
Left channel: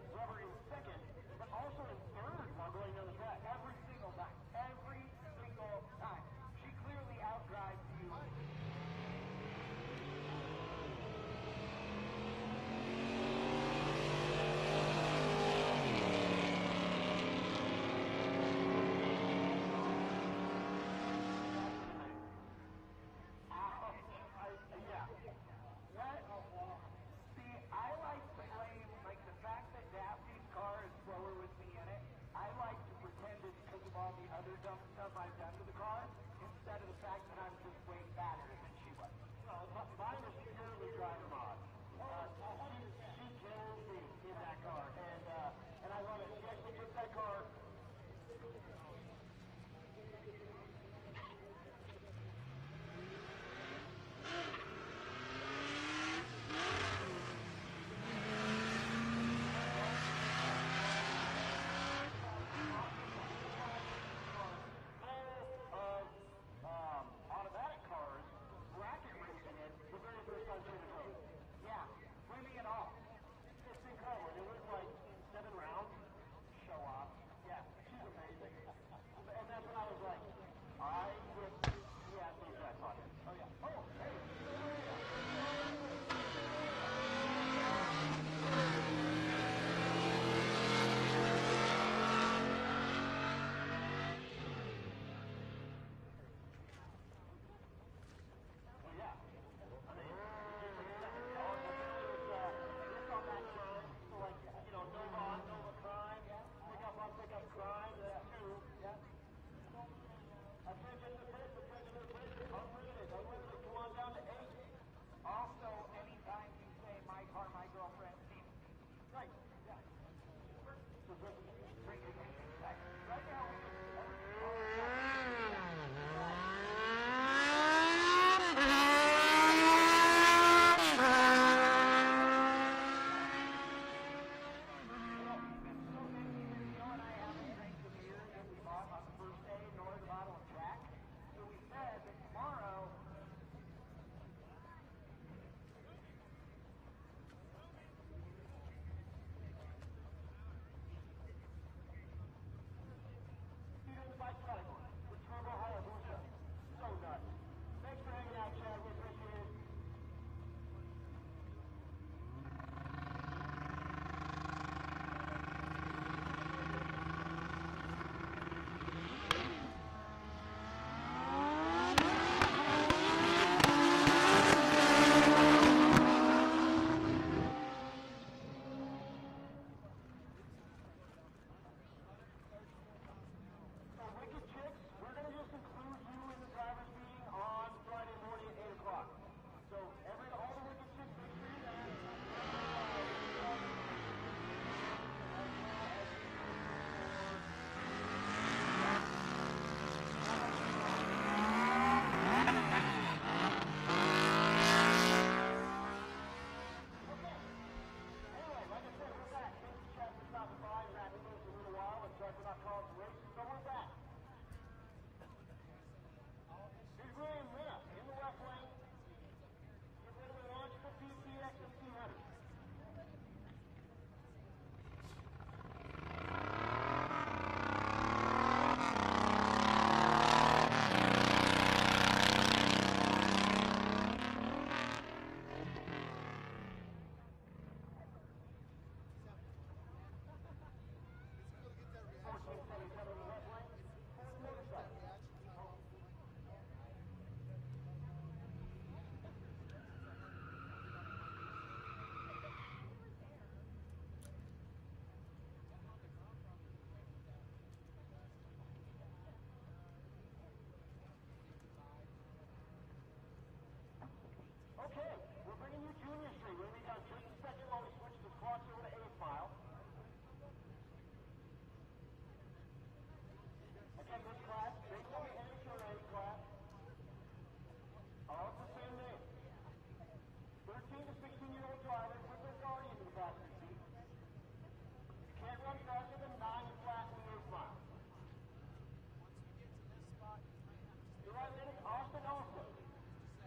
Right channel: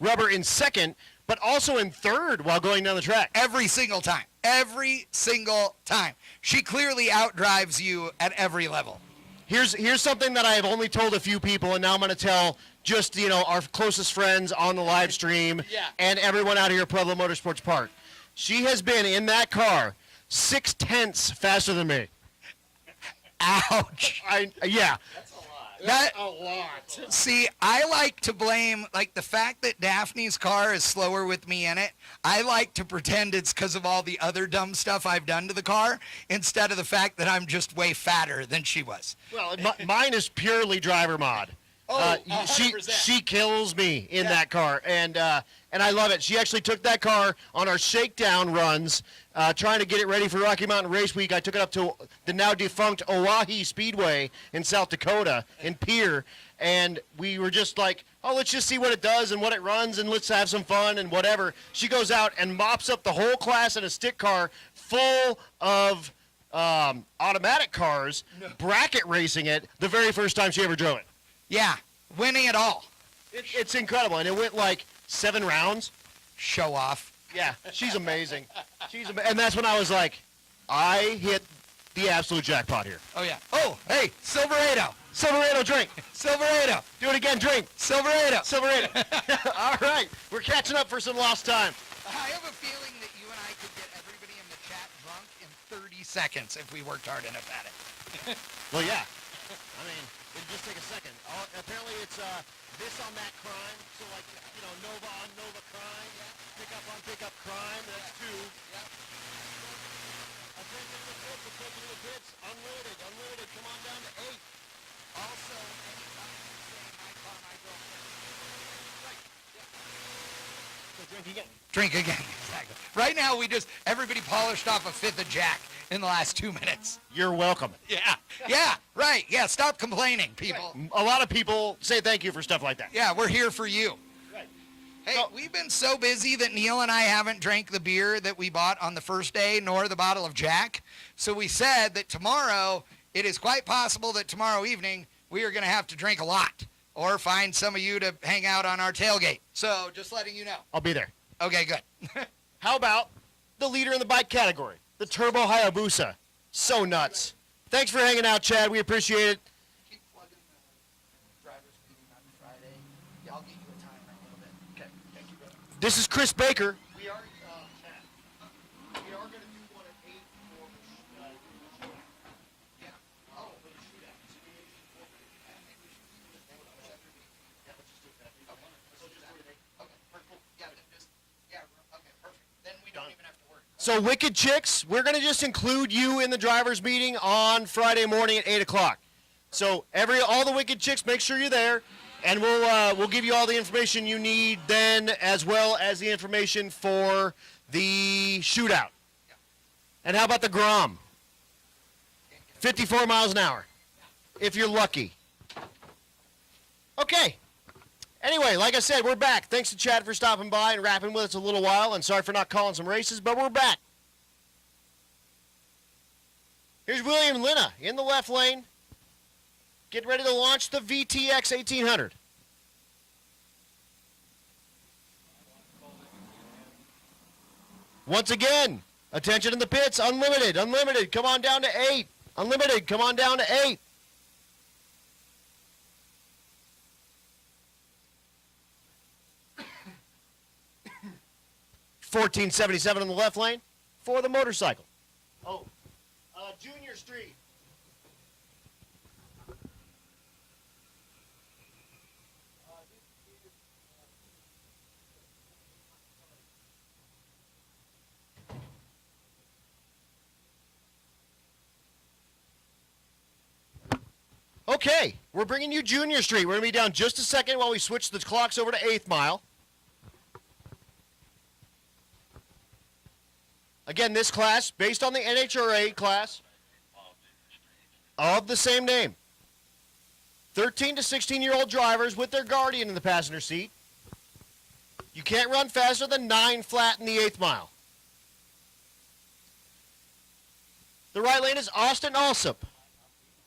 rubber in second, but also in third while going down the track. Every single time. Every single time. She clearly outdrives you at every level. Here's something that I have only told a few people, and now I'm going to tell just, our closest friends on the live stream and everyone out here at Pueblo Motorsports Park. She has been in that car 0.6 faster than me. Ouch. Yeah. That's a lot. See, I like to blame, the fact that Daphne's car is slower with me in it, I like to pretend it's because of all the other dumb stuff I've done to the car, instead of the fact that I'm just way fatter than she was. Well, mine is purely driver mod. She kills me in that car, and I love it. She actually took that car on our shakedown runs, trying to get it ready for Rocky Mountain Race Week. I took it up to the now defunct Oahe Speedway in South Dakota, in Pierre, and we were just like, oh, let's just see what it does and what it runs, and let's have some fun and whatever. She goes out and mops up the whole class in a stick car full of automatic cars, bracket racing it the very first time she ever drove it. Yeah, winning it all. It's incredible, and it went 7 rounds. Show off. Yeah, she's amazing. And that's when I was like, I hit the absolute jackpot here. Oh, yeah. Oh, hey, Silverado. Silverado, drink. Silverado. Do it again, drink. Silverado. Silverado. All right, we're catching up for some lost time. I have a feeling that you and I could get everybody in the chat drunk in 30 seconds if we worked hard enough at it. Well, yeah. I mean, it'll just take a second. Apparently it's this on that crime. So Nova on Nova crime. Pick up crime. That's 2. Unlimited. Come on down to 8. Drink again. Exactly. Right now, everybody polished off a 5th of Jack in the last 2 minutes. You're welcome. Yeah, right. Yeah, stop complaining, people. A lot of people say thank you for stuff like that. Yeah, we're here for you. Hey, we've been so busy that Neil and I haven't drank the beer that we bought on the first day, nor the bottle of Jack. So we said that tomorrow, it is quite possible that tomorrow evening, we are going to have to drink a lot, or find some of you to hang out on our tailgate. So just letting you know. I'll be there. Okay, good. How about the leader in the bike category, the Turbo Hayabusa? So nuts. Thanks for hanging out, Chad. We appreciate it. This is Chris Baker. So Wicked Chicks, we're going to just include you in the driver's meeting on Friday morning at 8 o'clock. So all the Wicked Chicks, make sure you're there, and we'll give you all the information you need then, as well as the information for the shootout. And how about the Grom? 54 miles an hour, if you're lucky. Okay. Anyway, like I said, we're back. Thanks to Chad for stopping by and rapping with us a little while, and sorry for not calling some races, but we're back. Here's William Linna in the left lane. Get ready to launch the VTX 1800. Once again, attention to the pits. Unlimited, come on down to 8. Unlimited, come on down to 8. $14.77 on the left lane for the motorcycle. Junior Street. Okay, we're bringing you Junior Street. We're going to be down just a second while we switch the clocks over to 8th mile. Again, this class, based on the NHRA class of the same name. 13 to 16-year-old drivers with their guardian in the passenger seat. You can't run faster than 9 flat in the 8th mile. The right lane is Austin Alsop,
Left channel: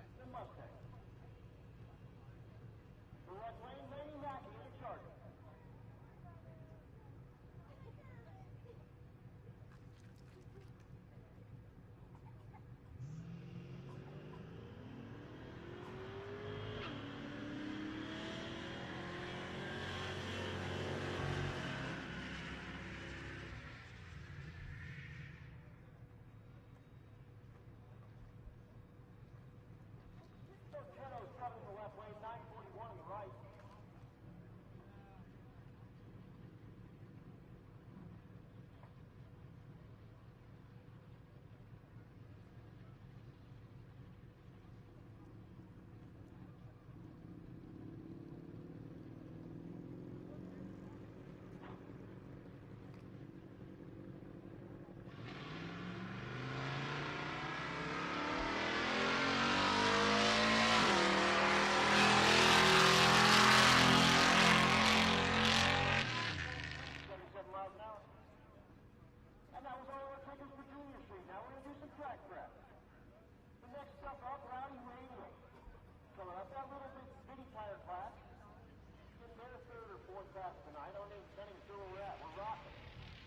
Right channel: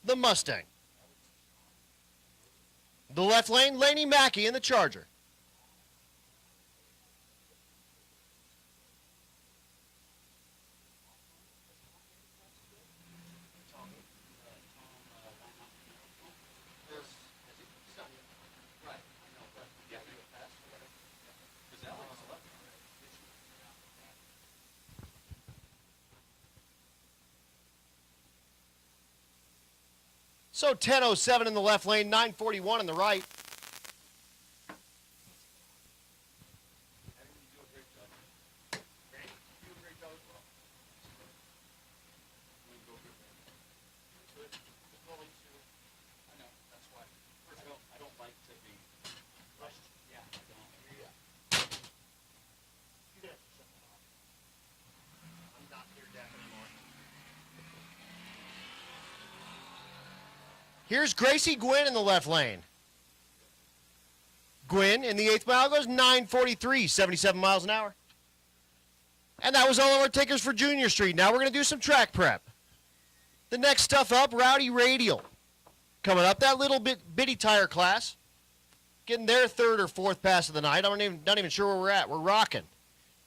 the Mustang. The left lane, Laney Mackey in the Charger. So 10:07 in the left lane, 9:41 in the right. Here's Gracie Gwynn in the left lane. Gwynn in the 8th mile goes 9:43, 77 miles an hour. And that was all of our takers for Junior Street. Now we're going to do some track prep. The next stuff up, Rowdy Radial. Coming up, that little bitty tire class. Getting their 3rd or 4th pass of the night. I'm not even sure where we're at. We're rocking.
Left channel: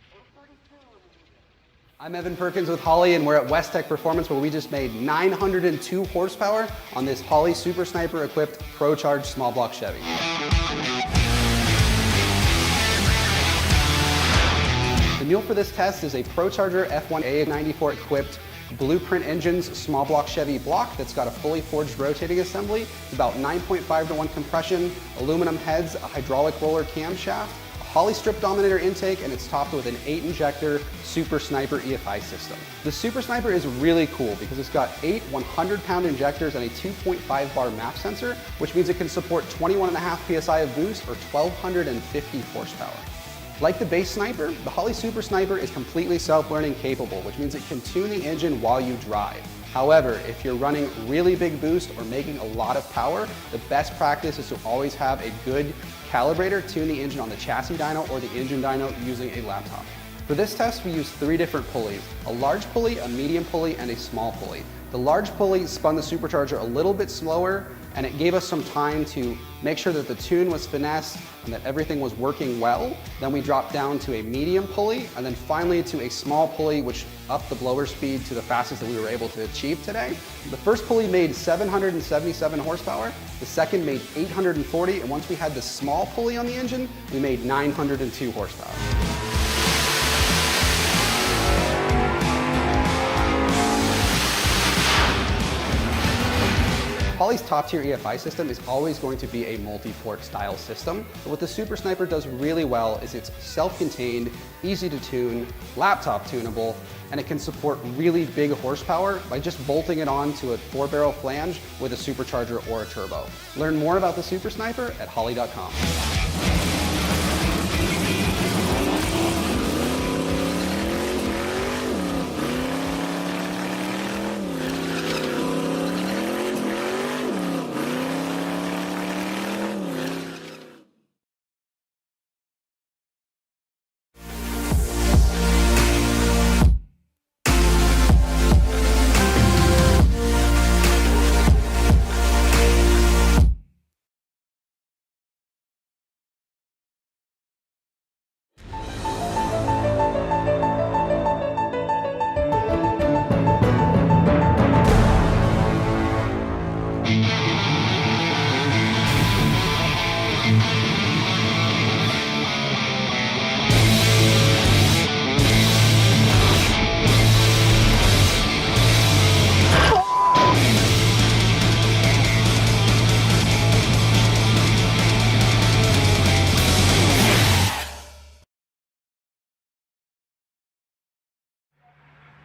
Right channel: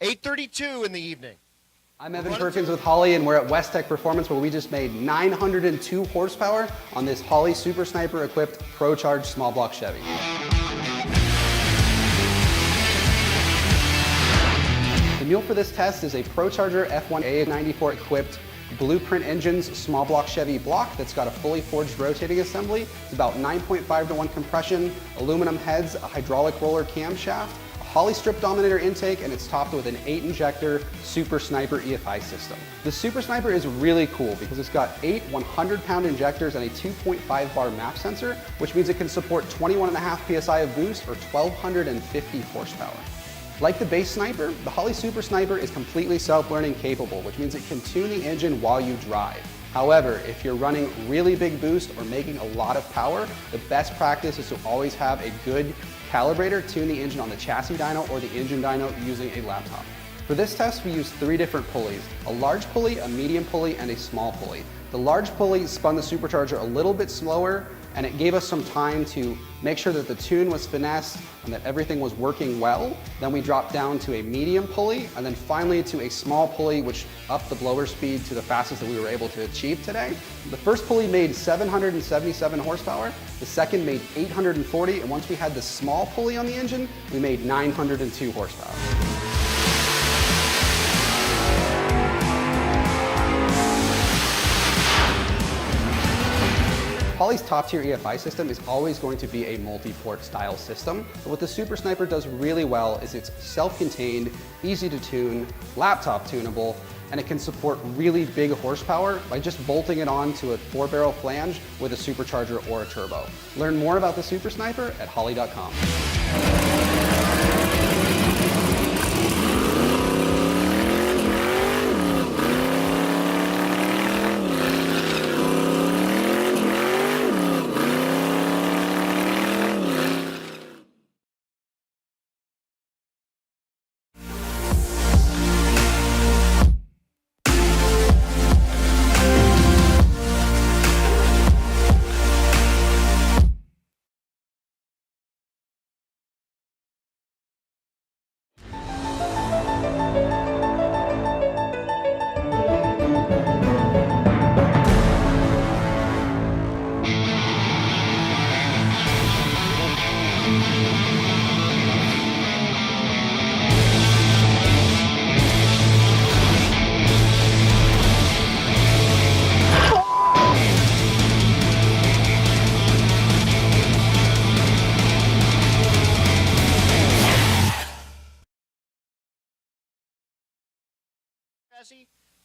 8:32 in the evening. I'm Evan Perkins with Holley, and we're at West Tech Performance, where we just made 902 horsepower on this Holley Super Sniper equipped Pro Charge small block Chevy. The mule for this test is a Pro Charger F1A94 equipped Blueprint Engines small block Chevy block that's got a fully forged rotating assembly. It's about 9.5:1 compression, aluminum heads, a hydraulic roller camshaft, Holley strip dominator intake, and it's topped with an 8-injector Super Sniper EFI system. The Super Sniper is really cool because it's got 8 100-pound injectors and a 2.5 bar map sensor, which means it can support 21.5 PSI of boost or 1,250 horsepower. Like the base Sniper, the Holley Super Sniper is completely self-learning capable, which means it can tune the engine while you drive. However, if you're running really big boost or making a lot of power, the best practice is to always have a good calibrator tune the engine on the chassis dyno or the engine dyno using a laptop. For this test, we used 3 different pulleys: a large pulley, a medium pulley, and a small pulley. The large pulley spun the supercharger a little bit slower, and it gave us some time to make sure that the tune was finessed and that everything was working well. Then we dropped down to a medium pulley, and then finally to a small pulley, which upped the blower speed to the fastest that we were able to achieve today. The first pulley made 777 horsepower, the second made 840, and once we had the small pulley on the engine, we made 902 horsepower. Holley's top-tier EFI system is always going to be a multi-port style system, but what the Super Sniper does really well is it's self-contained, easy to tune, laptop tunable, and it can support really big horsepower by just bolting it onto a 4-barrel flange with a supercharger or a turbo. Learn more about the Super Sniper at holley.com.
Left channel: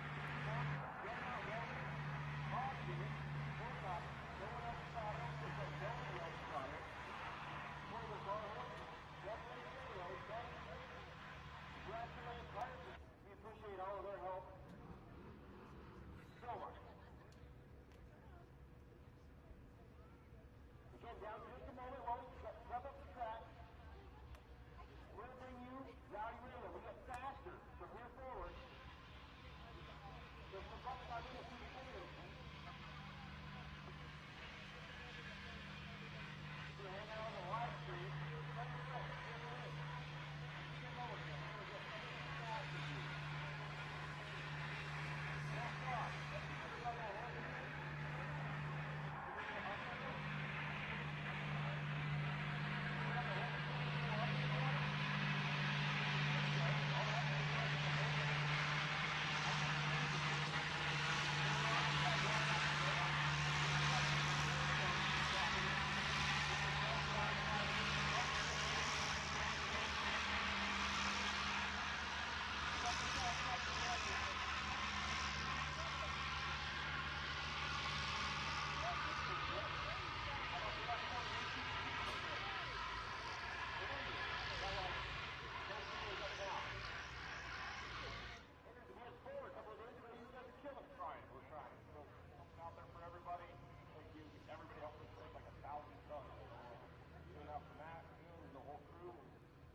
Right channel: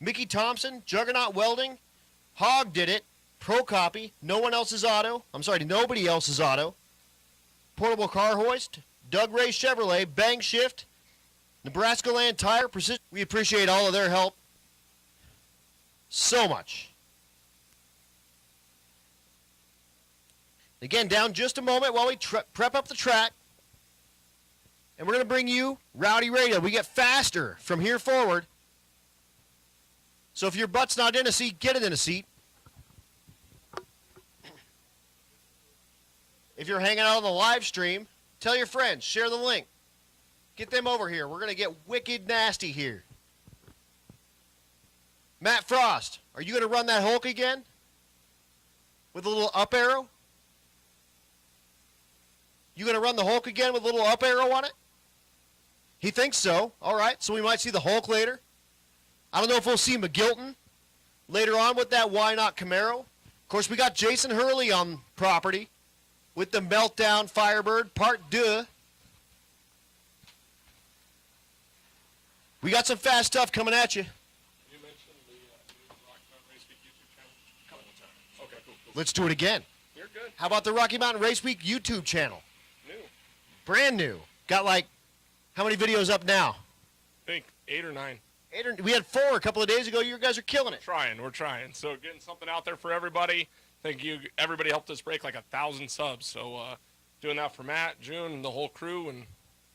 Mickey Thompson, Juggernaut Welding, Hog did it, Pro Copy, nobody else's auto. Portable Car Hoist, Doug Ray Chevrolet, Bang Shift, Nebraska Land Tire, Precision. We appreciate all of their help so much. Again, down just a moment while we prep up the track. And we're going to bring you Rowdy Radial. We get faster from here forward. So if your butt's not in a seat, get it in a seat. If you're hanging out on the live stream, tell your friends, share the link. Get them over here. We're going to get wicked nasty here. Matt Frost, are you going to run that Hulk again? With a little up arrow? You going to run the Hulk again with a little up arrow on it? He thinks so. All right, so we might see the Hulk later. I don't know if we'll see McGilton later on with that Why Not Camaro. Of course, we got Jason Hurley on property with the Meltdown Firebird Part 2. We got some fast stuff coming at you. Let's do it again. How about the Rocky Mountain Race Week YouTube channel? Brand new. Got like, how many videos up now? I think 8 or 9. We had 4 a couple of days ago. You guys are killing it. We're trying. So getting something out there for everybody. Thank you. Everybody helped us break like 1,000 subs. So doing that for Matt, June, and the whole crew. And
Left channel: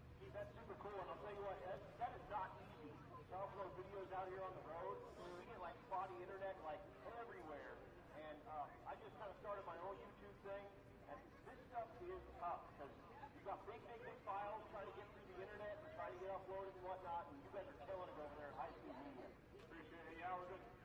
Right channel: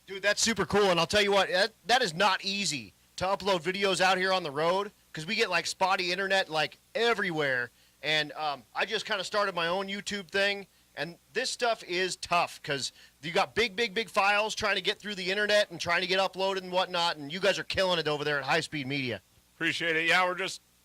dude, that's super cool. And I'll tell you what, that is not easy to upload videos out here on the road because we get like spotty internet like everywhere. And I just kind of started my own YouTube thing. And this stuff is tough because you got big files trying to get through the internet and trying to get uploaded and whatnot. And you guys are killing it over there at High Speed Media. appreciate it. Yeah,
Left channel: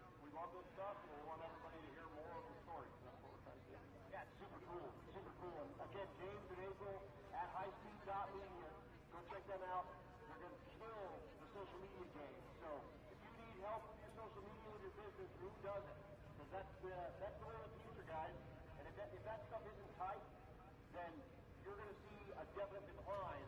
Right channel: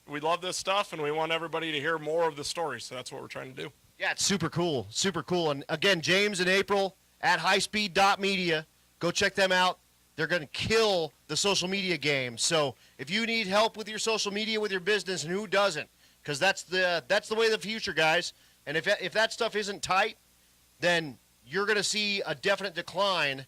we love this stuff, and we want everybody to hear more of the story, so that's what we're trying to do. Yeah, it's super cool, super cool. And again, James and April at highspeed.media, go check them out. They're going to kill the social media game. So if you need help with your social media, with your business, and who doesn't? Because that's the way of the future, guys. And if that stuff isn't tight, then you're going to see a definite decline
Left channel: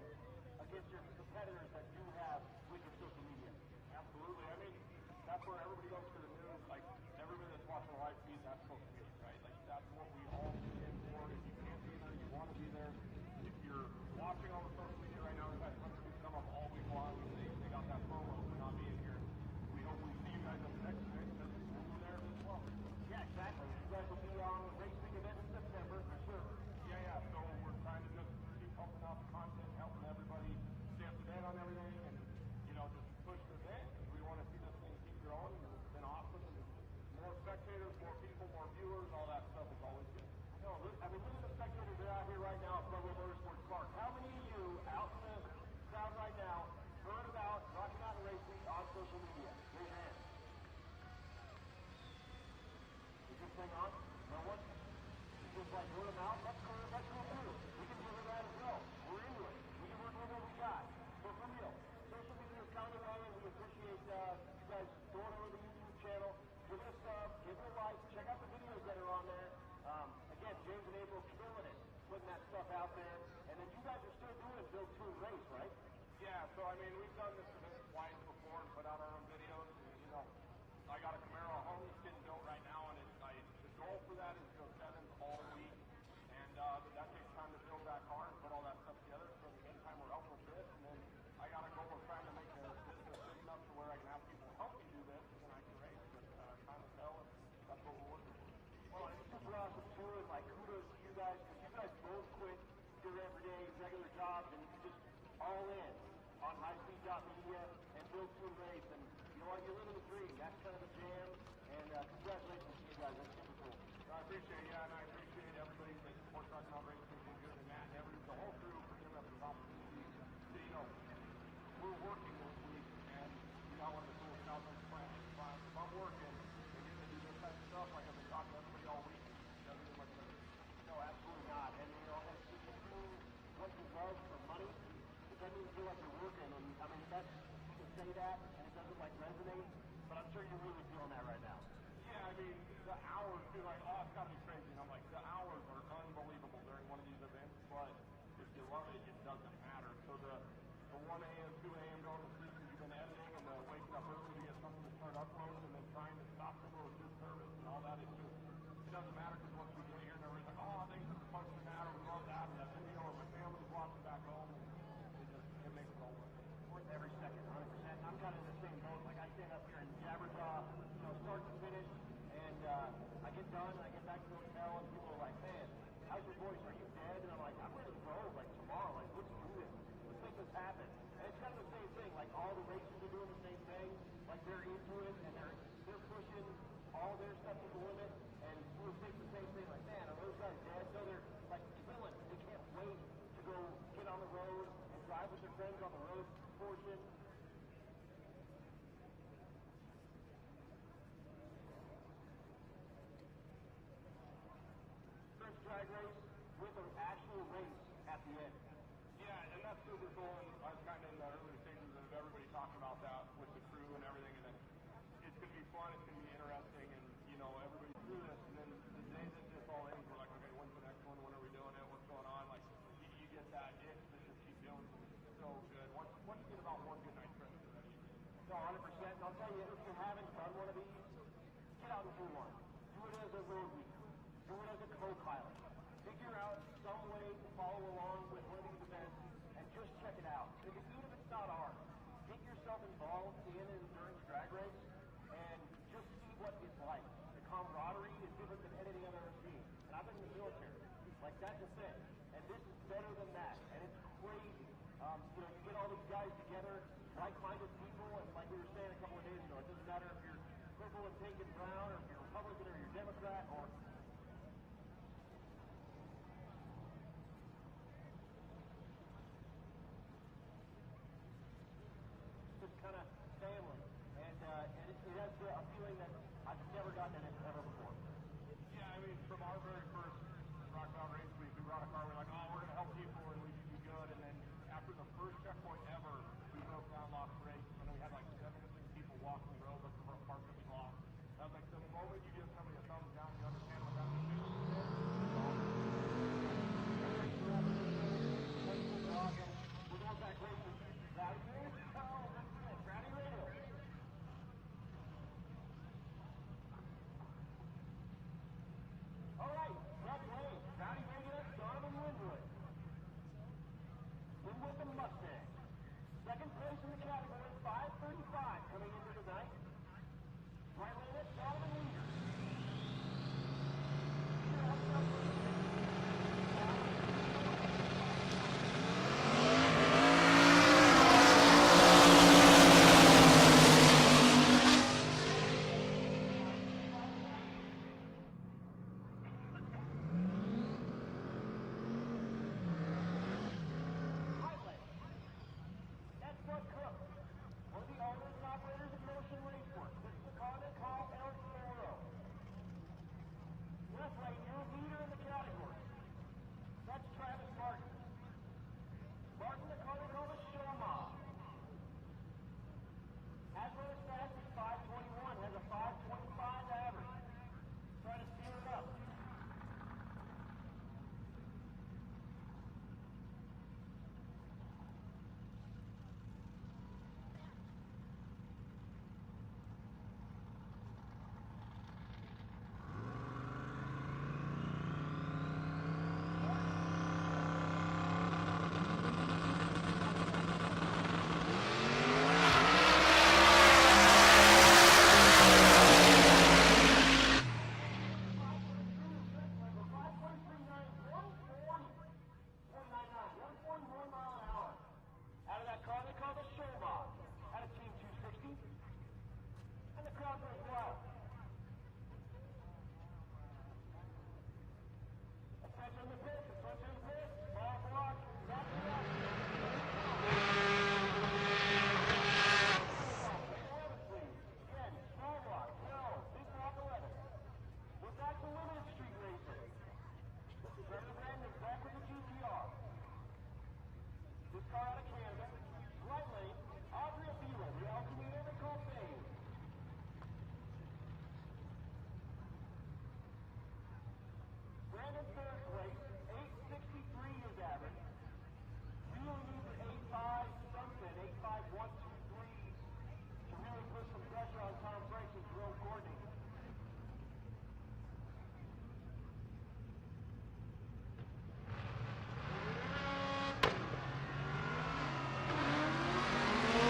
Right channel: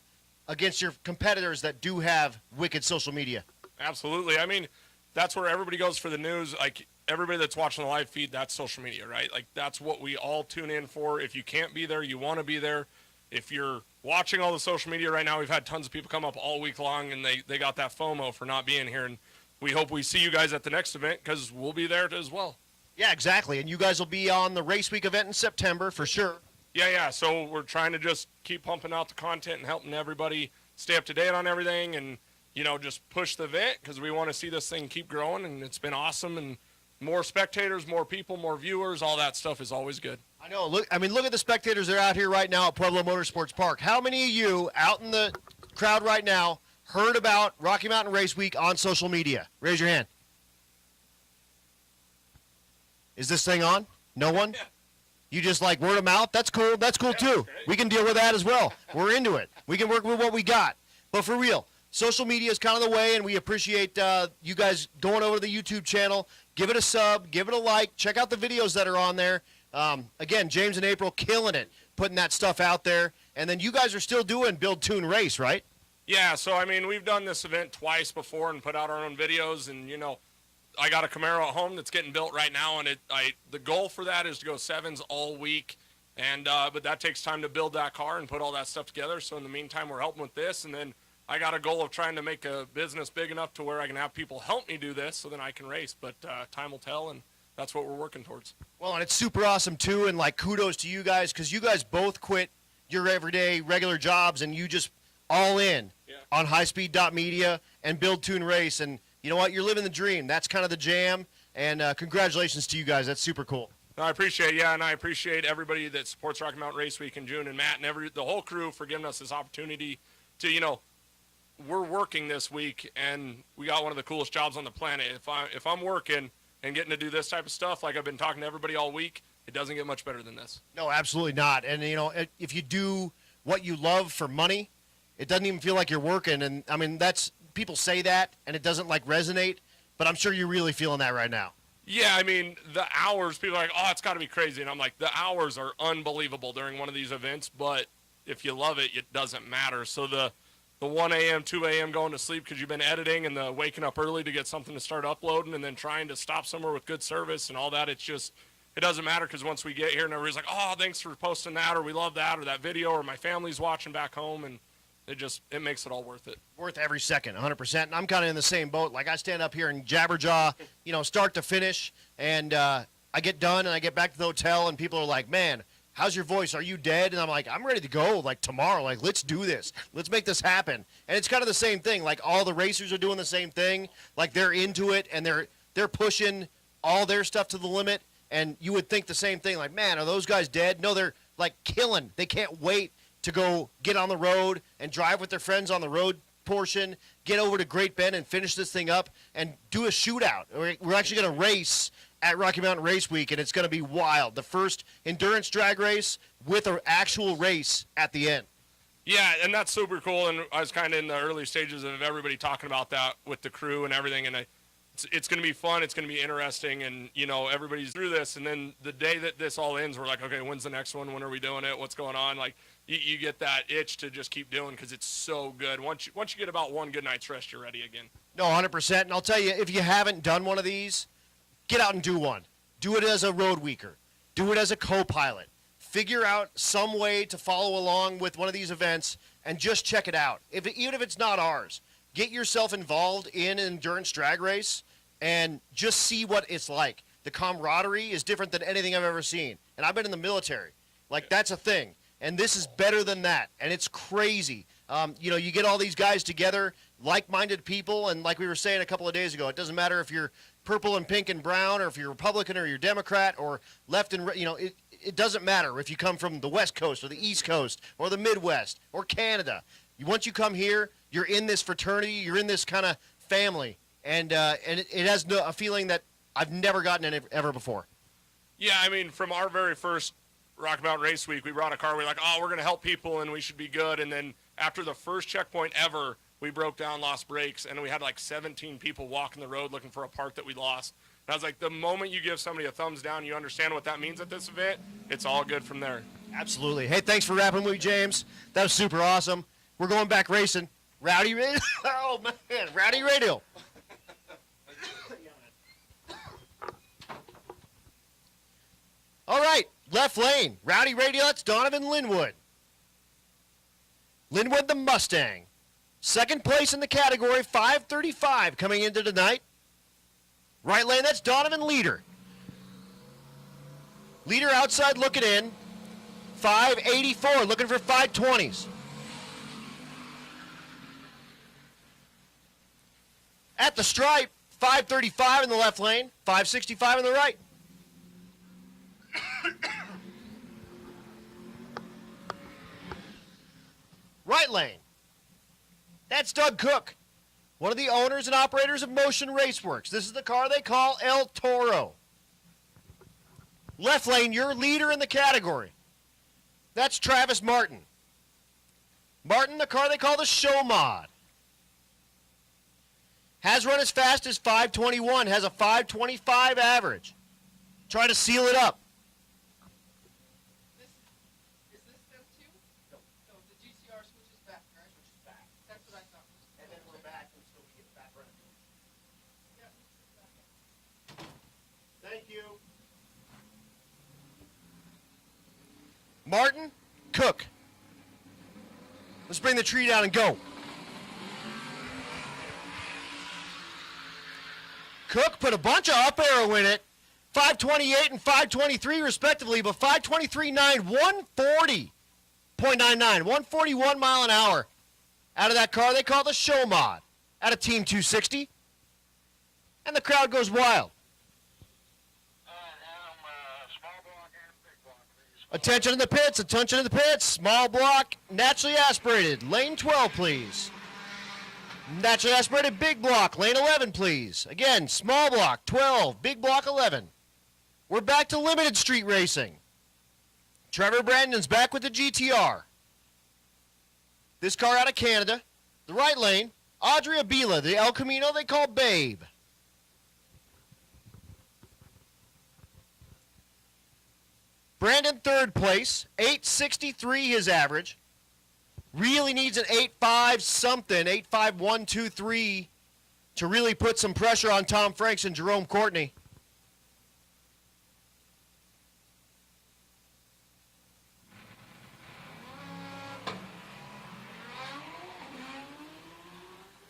against your competitors that do have wicked social media. Absolutely. I mean, that's where everybody goes for the news. Like, everybody that's watching the live feed, that's social media, right? Like, that's what we all tune in for. If you can't be there, you want to be there. If you're watching all the social media right now, we've had tons of people come up all week long, and they got that FOMO for not being here. And we hope we see you guys at the next event because we'll be there as well. Yeah, exactly. And you guys will be on the Race Week event in September for sure. Yeah. So we're trying to just keep pumping out the content and helping everybody stay up to date on everything and, you know, just push the event because we want to see this thing keep growing, and it's been awesome. And more spectators, more people, more viewers, all that stuff is always good. I know. Look at the spectators that are out here right now at Pueblo Motorsports Park. How many of you out in the crowd right now heard about Rocky Mountain Race Week on social media? Raise your hand. Is this thing on? No one? Yeah. You just like word of mouth? That's cool. That's cool too. We can deal with that as well. We're into it. We can work with what we got. But for real, social media is kind of the way, and we appreciate you guys going over to the YouTube channel. Give it a sub, give it a like, check out the videos that are on there. Again, James and April killing it, putting that stuff out there. And then you guys are still doing Build, Tune, Race, right? Yeah, so I mean, we've done this event twice before and put out our own videos, and you know, I got a Camaro at home that's getting built right now, and the goal for that is to go sevens all week, and but that takes time to build that car and put all that stuff together. So in the meantime, we're helping with this, and then I got a goal of trying to make a business big enough to where I can have people help me do this, so then I can race. But time will tell, and that's what we're working towards. Well, and it's super awesome too, and like kudos to you guys because you guys both quit your everyday regular jobs and you just all in on highspeed.media and Build, Tune, Race. And you know what? You're living the dream. That's kind of the jam. And congratulations to you guys. That's super cool. No, I appreciate it, and I appreciate everybody that supports Rocky Mountain Race Week in June, and Matt and the whole crew for giving us this opportunity to, you know, we're working this week, and we got one of the coolest jobs on the planet. If I'm working and getting to do this type of stuff, like I've been talking to everybody all week, it doesn't get much better than this. No, absolutely not. And, you know, if you do what you love for money, it doesn't even feel like you're working. And, I mean, people say that, and it doesn't, like, resonate, but I'm sure you're really feeling that right now. Yeah, I mean, the hours, people are like, oh, it's got to be crazy. And I'm like, the hours are unbelievable during one of these events, but if you love it, it doesn't matter. So the 1 a.m., 2 a.m. going to sleep because you've been editing, and the waking up early to get something to start uploading, and then trying to stop somewhere with good service and all that, it doesn't matter because once we get here and everybody's like, oh, thanks for posting that, or we love that, or that video, or my family's watching back home, and it makes it all worth it. Worth every second, 100%. And I'm kind of in the same boat. Like, I stand up here and jabberjaw, you know, start to finish, and I get done and I get back to the hotel, and people are like, man, how's your voice? Are you dead? And I'm like, I'm ready to go, like, tomorrow. Like, let's do this. Let's make this happen. And it's kind of the same thing. Like, all the racers are doing the same thing. Like, they're into it, and they're pushing all their stuff to the limit. And you would think the same thing. Like, man, are those guys dead? No, they're, like, killing. They can't wait to go get on the road and drive with their friends on the road portion, get over to Great Bend and finish this thing up and do a shootout. We're actually going to race at Rocky Mountain Race Week, and it's going to be wild. The first endurance drag race with an actual race at the end. Yeah, and that's super cool, and I was kind of in the early stages of everybody talking about that with the crew and everything, and it's going to be fun. It's going to be interesting, and you know, everybody's through this. And then the day that this all ends, we're like, okay, when's the next one? When are we doing it? What's going on? Like, you get that itch to just keep doing because it's so good. Once you get about one good night's rest, you're ready again. No, 100%. And I'll tell you, if you haven't done one of these, get out and do one. Do it as a road weeker. Do it as a co-pilot. Figure out some way to follow along with one of these events and just check it out. Even if it's not ours, get yourself involved in an endurance drag race and just see what it's like. The camaraderie is different than anything I've ever seen. And I've been in the military. Like, that's a thing. And this is better than that. And it's crazy. You know, you get all these guys together, like-minded people, and like we were saying a couple of days ago, it doesn't matter if you're purple and pink and brown, or if you're Republican or you're Democrat, or left and right, you know, it doesn't matter if you come from the West Coast or the East Coast or the Midwest or Canada. Once you come here, you're in this fraternity, you're in this kind of family, and it has a feeling that I've never gotten it ever before. Yeah, I mean, from our very first Rocky Mountain Race Week, we brought a car, we're like, oh, we're going to help people and we should be good. And then after the first checkpoint ever, we broke down, lost brakes, and we had like 17 people walking the road looking for a part that we lost. And I was like, the moment you give somebody a thumbs down, you understand what that means at this event, it's all good from there. Absolutely. Hey, thanks for rapping with me, James. That was super awesome. We're going back racing. Rowdy Radial. Oh, man. Rowdy Radial. All right. Left lane. Rowdy Radial. That's Donovan Linwood. Linwood the Mustang. Second place in the category, 535 coming into tonight. Right lane, that's Donovan Leader. Leader outside looking in. 584, looking for 520s. At the stripe, 535 in the left lane, 565 in the right. Right lane. That's Doug Cook, one of the owners and operators of Motion Raceworks. This is the car they call El Toro. Left lane, your leader in the category. That's Travis Martin. Martin, the car they call the Show Mod. Has run as fast as 521, has a 525 average. Try to seal it up. Martin, Cook. Let's bring the tree down and go. Cook put a bunch of up-arrow in it. 528 and 523 respectively, but 523.9, 140.99, 141 mile an hour out of that car they call the Show Mod, out of Team 260. And the crowd goes wild. Attention in the pits, attention in the pits. Small block, naturally aspirated. Lane 12, please. Naturally aspirated, big block. Lane 11, please. Again, small block, 12. Big block, 11. We're back to limited street racing. Trevor Brandon's back with the GTR. This car out of Canada. The right lane, Audrey Abila, the El Camino they call Babe. Brandon third place, 863 his average. Really needs an 8.5 something, 8.5123 to really put some pressure on Tom Franks and Jerome Courtney.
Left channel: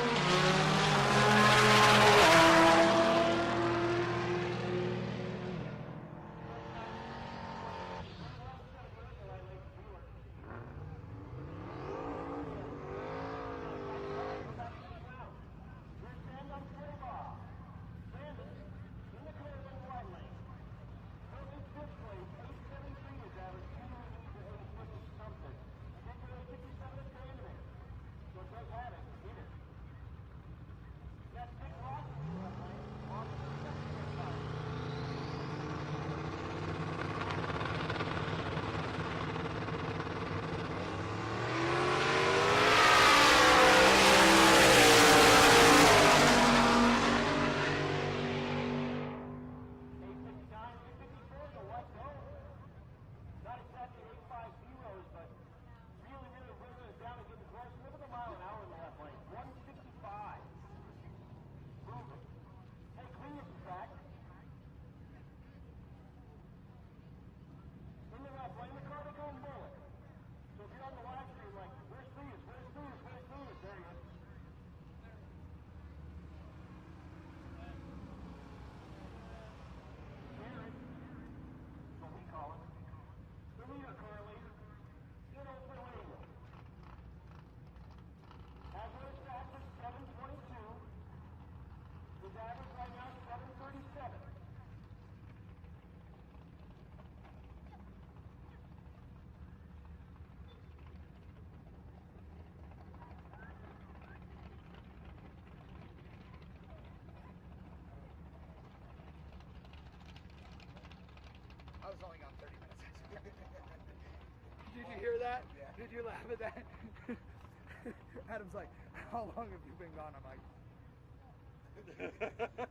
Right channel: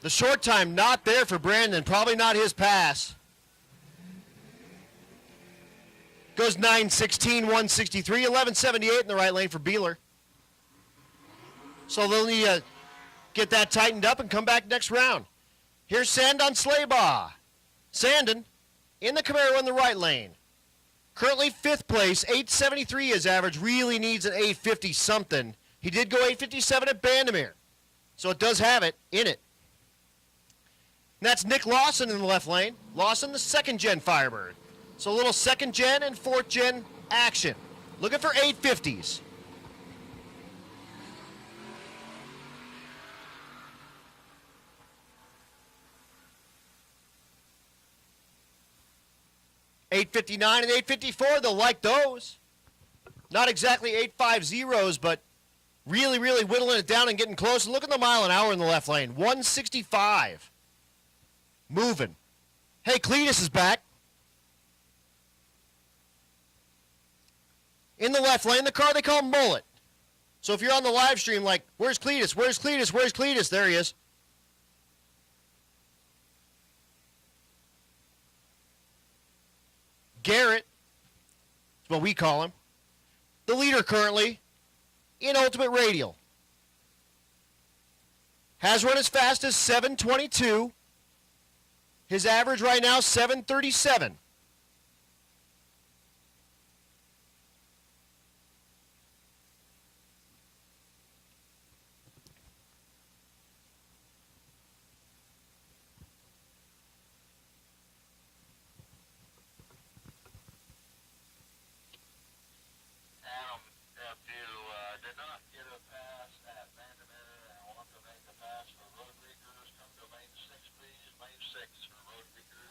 The short time not there for Brandon, probably not his pass. Goes 9:16, 163, 11:78 in the right lane for Beeler. So they'll need to get that tightened up and come back next round. Here's Sandon Slaybaugh. Sandon in the Camaro in the right lane. Currently fifth place, 873 his average. Really needs an 850 something. He did go 857 at Bandamere, so it does have it in it. And that's Nick Lawson in the left lane. Lawson, the second gen Firebird. So a little second gen and fourth gen action. Looking for 850s. 859 and 854, they'll like those. Not exactly 850s, but really, really whittling it down and getting close. Look at the mile an hour in the left lane. 165. Moving. Hey, Cletus is back. In the left lane, the car they call Mullet. So if you're on the live stream, like, where's Cletus? Where's Cletus? Where's Cletus? There he is. Garrett is what we call him. The leader currently in Ultimate Radial. Has run as fast as 722. His average right now, 737.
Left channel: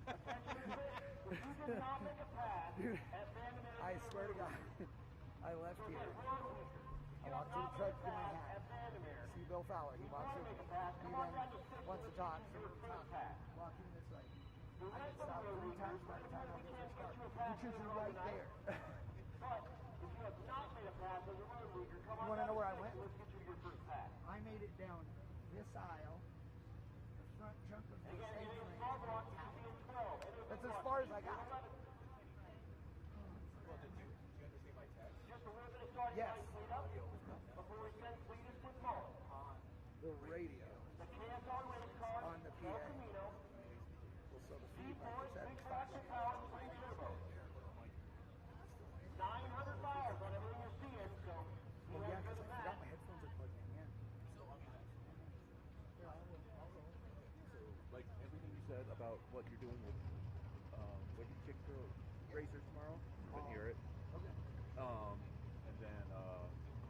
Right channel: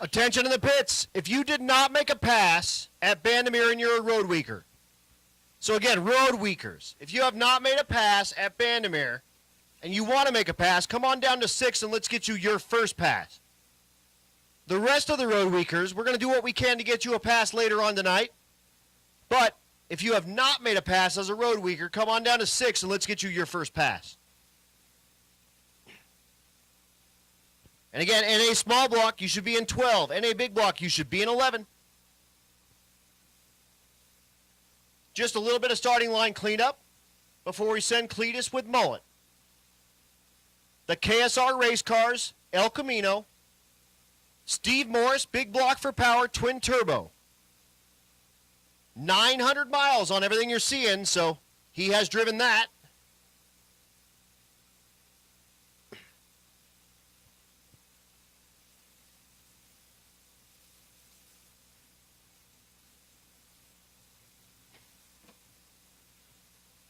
Attention in the pits. If you did not make a pass at Bandimere and you're a road weaker. So again, road weakers. If you have not made a pass at Bandimere and you want to make a pass, come on down to 6 and let's get you your first pass. The rest of the road weakers, we're going to do what we can to get you a pass later on tonight. But if you have not made a pass as a road weaker, come on down to 6 and let's get you your first pass. And again, NA small block, you should be in 12. NA big block, you should be in 11. Just a little bit of starting line cleanup before we send Cletus with Mullet. The KSR race cars, El Camino. Steve Morris, big block for power, twin turbo. 900 miles on everything you're seeing, so he has driven that.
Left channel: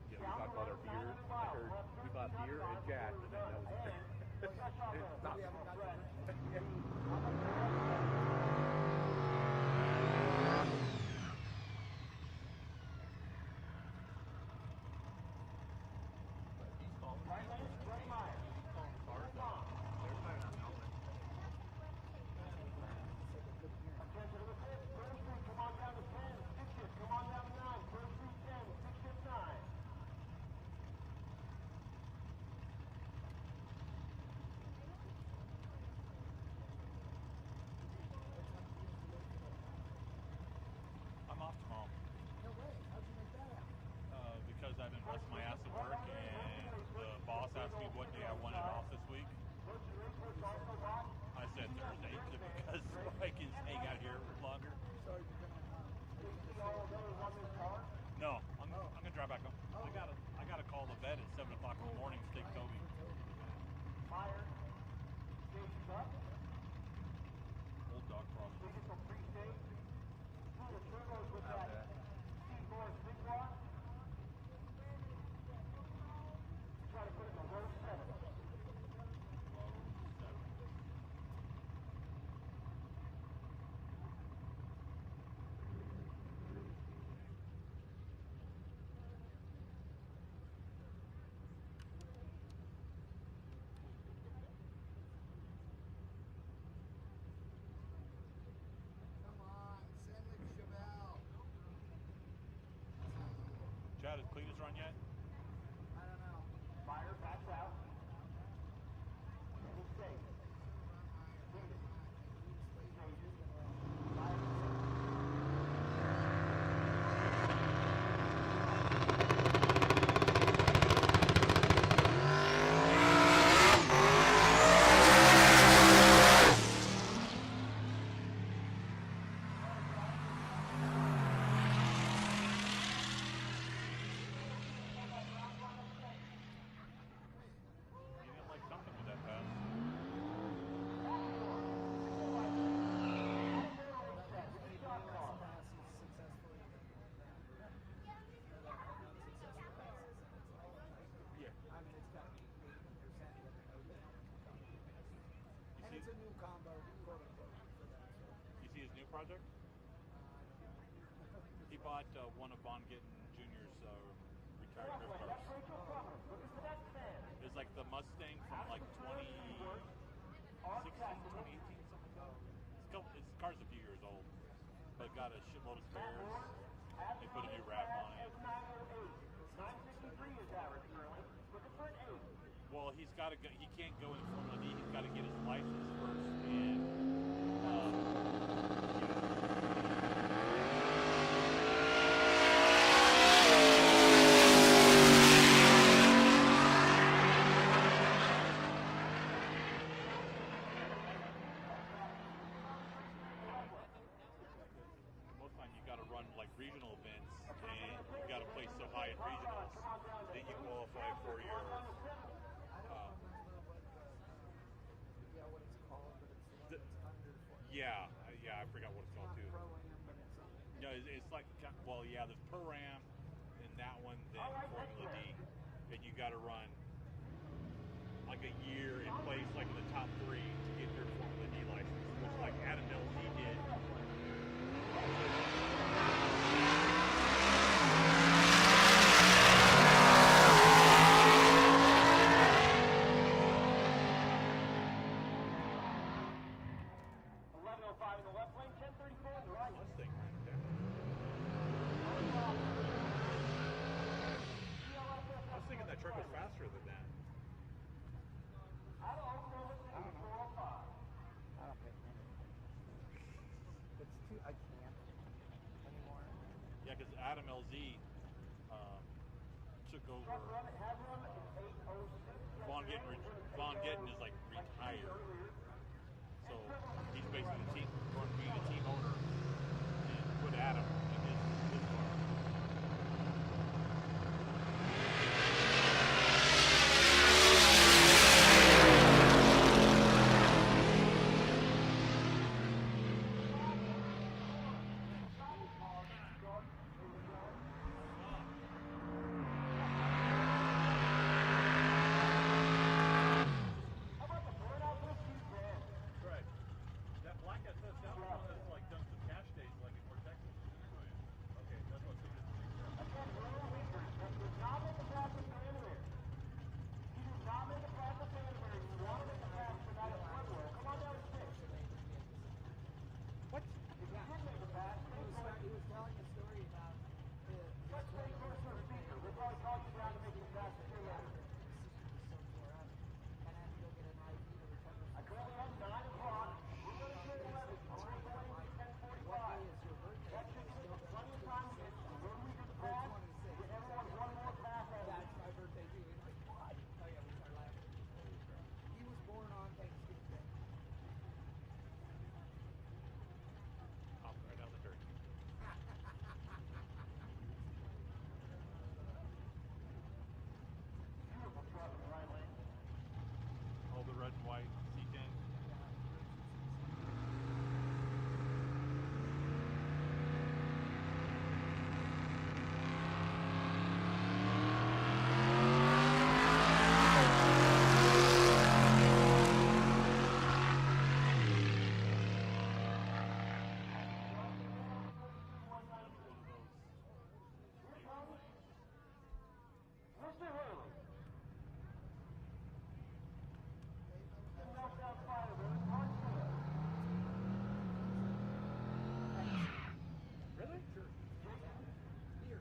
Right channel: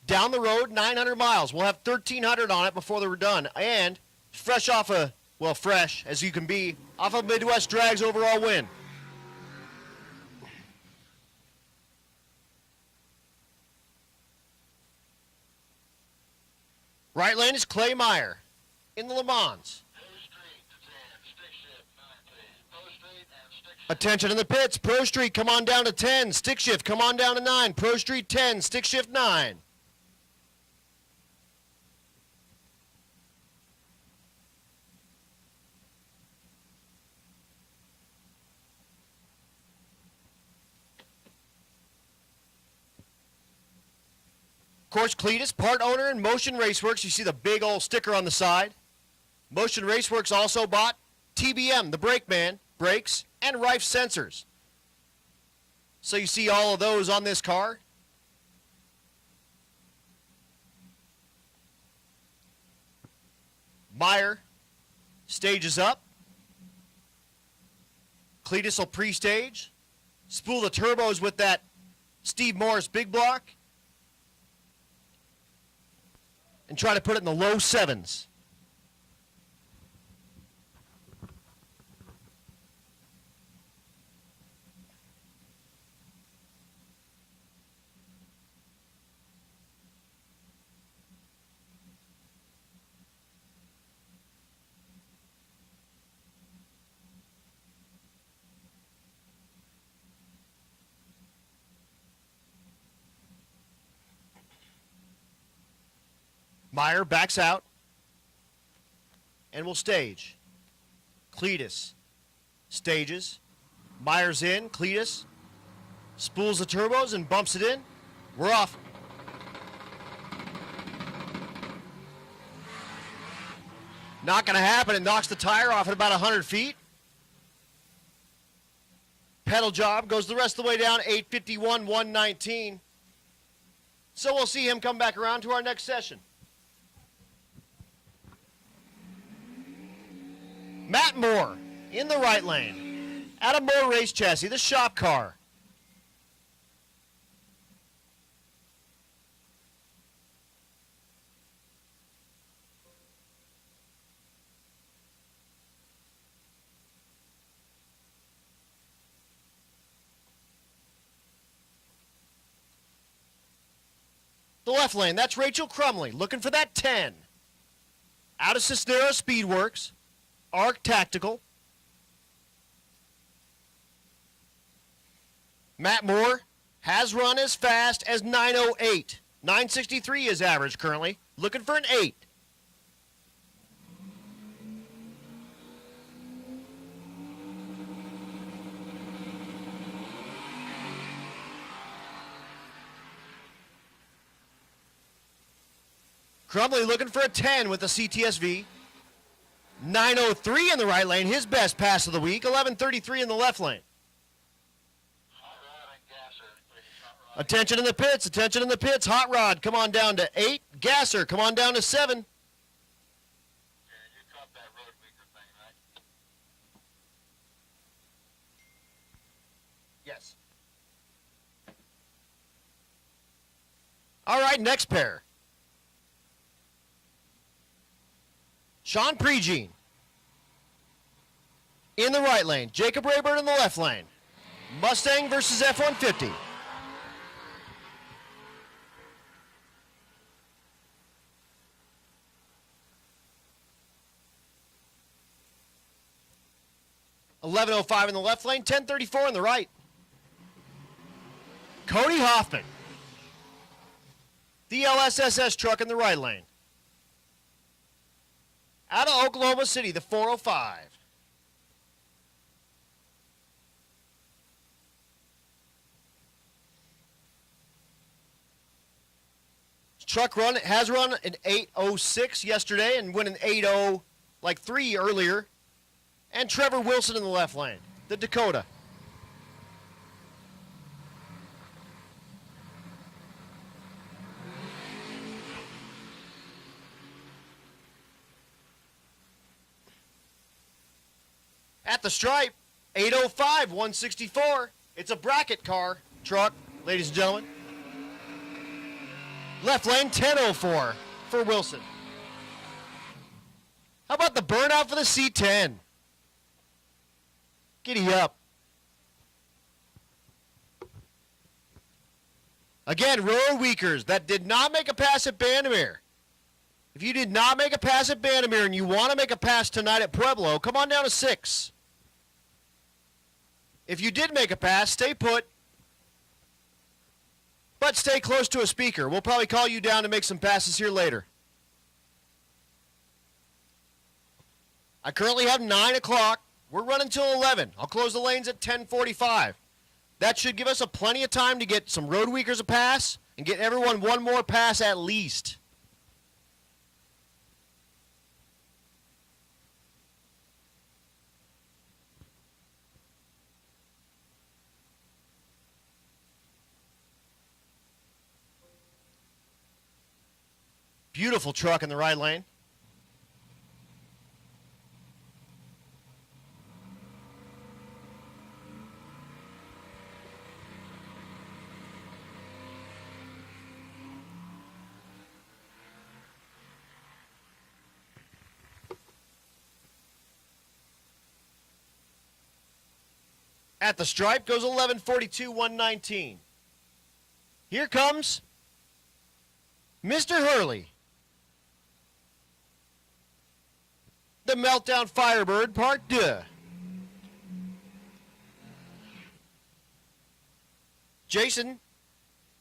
Down the road, 900 miles. We'll have 1,300 on it before they're done. And fresh off a, well, fresh as you can be, off of Midwest Drag's overall win. Right lane is Clay Meyer in the Le Mans. Attention in the pits. Pro Street, come on down to 10. Stick shift, come on down to 9. Pro Street 10, stick shift 9. Of course, Cletus, part owner in Motion Raceworks. You see the big old sticker on the side. Motion Raceworks also bought TBM, the brake man, brakes, and Rife sensors. So you see all of those on this car. No, I'm gonna drive back home. I gotta call the vet at 7 o'clock in the morning to take Toby. Meyer stages up. Cletus will pre-stage. Spool the turbos with that Steve Morris big block. And try to put it in the low 7s. Meyer backs out and will stage. Cletus stages. Meyer's in. Cletus spools the turbos and bumps it in. We're off. Not going to happen. It knocks the tire off about 100 feet. Pedal job goes the rest of the way down, 851, 119. So we'll see him come back around to our next session. Matt Moore in the right lane. Adam Moore race chassis, the shop car. The left lane, that's Rachel Crumley, looking for that 10. It's like the Mustang. Out of Cisneros Speedworks, Arc Tactical. The car's a few years old, but got a shitload of Matt Moore has run as fast as 908. 963 is average currently, looking for an 8. Well, he's got to go. He can't go in from the knee. He's got to get his license first. And Crumley looking for a 10 with the CTSV. 903 in the right lane, his best pass of the week. 1133 in the left lane. Attention in the pits, attention in the pits. Hot Rod, come on down to 8. Gasser, come on down to 7. yeah, I forgot what it's called too. Yes. No, it's like, well, yeah, the Pro-Am and that one. All right, next pair. That you got to run like a year. Sean Pregene The top 3 to get your Formula D license. in the right lane. Jacob Rayburn in the left lane. Mustang versus F-150. .1105 in the left lane, 1034 in the right. Cody Hoffman. The LSSS truck in the right lane. Out of Oklahoma City, the 405. Yeah, because Adam LZ. Truck has run an 806 yesterday and went an 80 like 3 earlier. And Trevor Wilson in the left lane, the Dakota. Put Adam in At the stripe, 805, 164. It's a bracket car truck, ladies and gentlemen. Left lane, 1004 for Wilson. How about the burnout for the C10? Giddy up. Again, road weakers that did not make a pass at Bandamere. If you did not make a pass at Bandamere and you want to make a pass tonight at Pueblo, come on down to 6. If you did make a pass, stay put. But stay close to a speaker. We'll probably call you down to make some passes here later. I currently have 9 o'clock. We're running till 11. I'll close the lanes at 10:45. That should give us plenty of time to get some road weakers a pass and get everyone one more pass at least. Beautiful truck in the right lane. all the red and white C10. At the stripe goes 1142, 119. Here comes Mr. Hurley. The Meltdown Firebird Part 2. Jason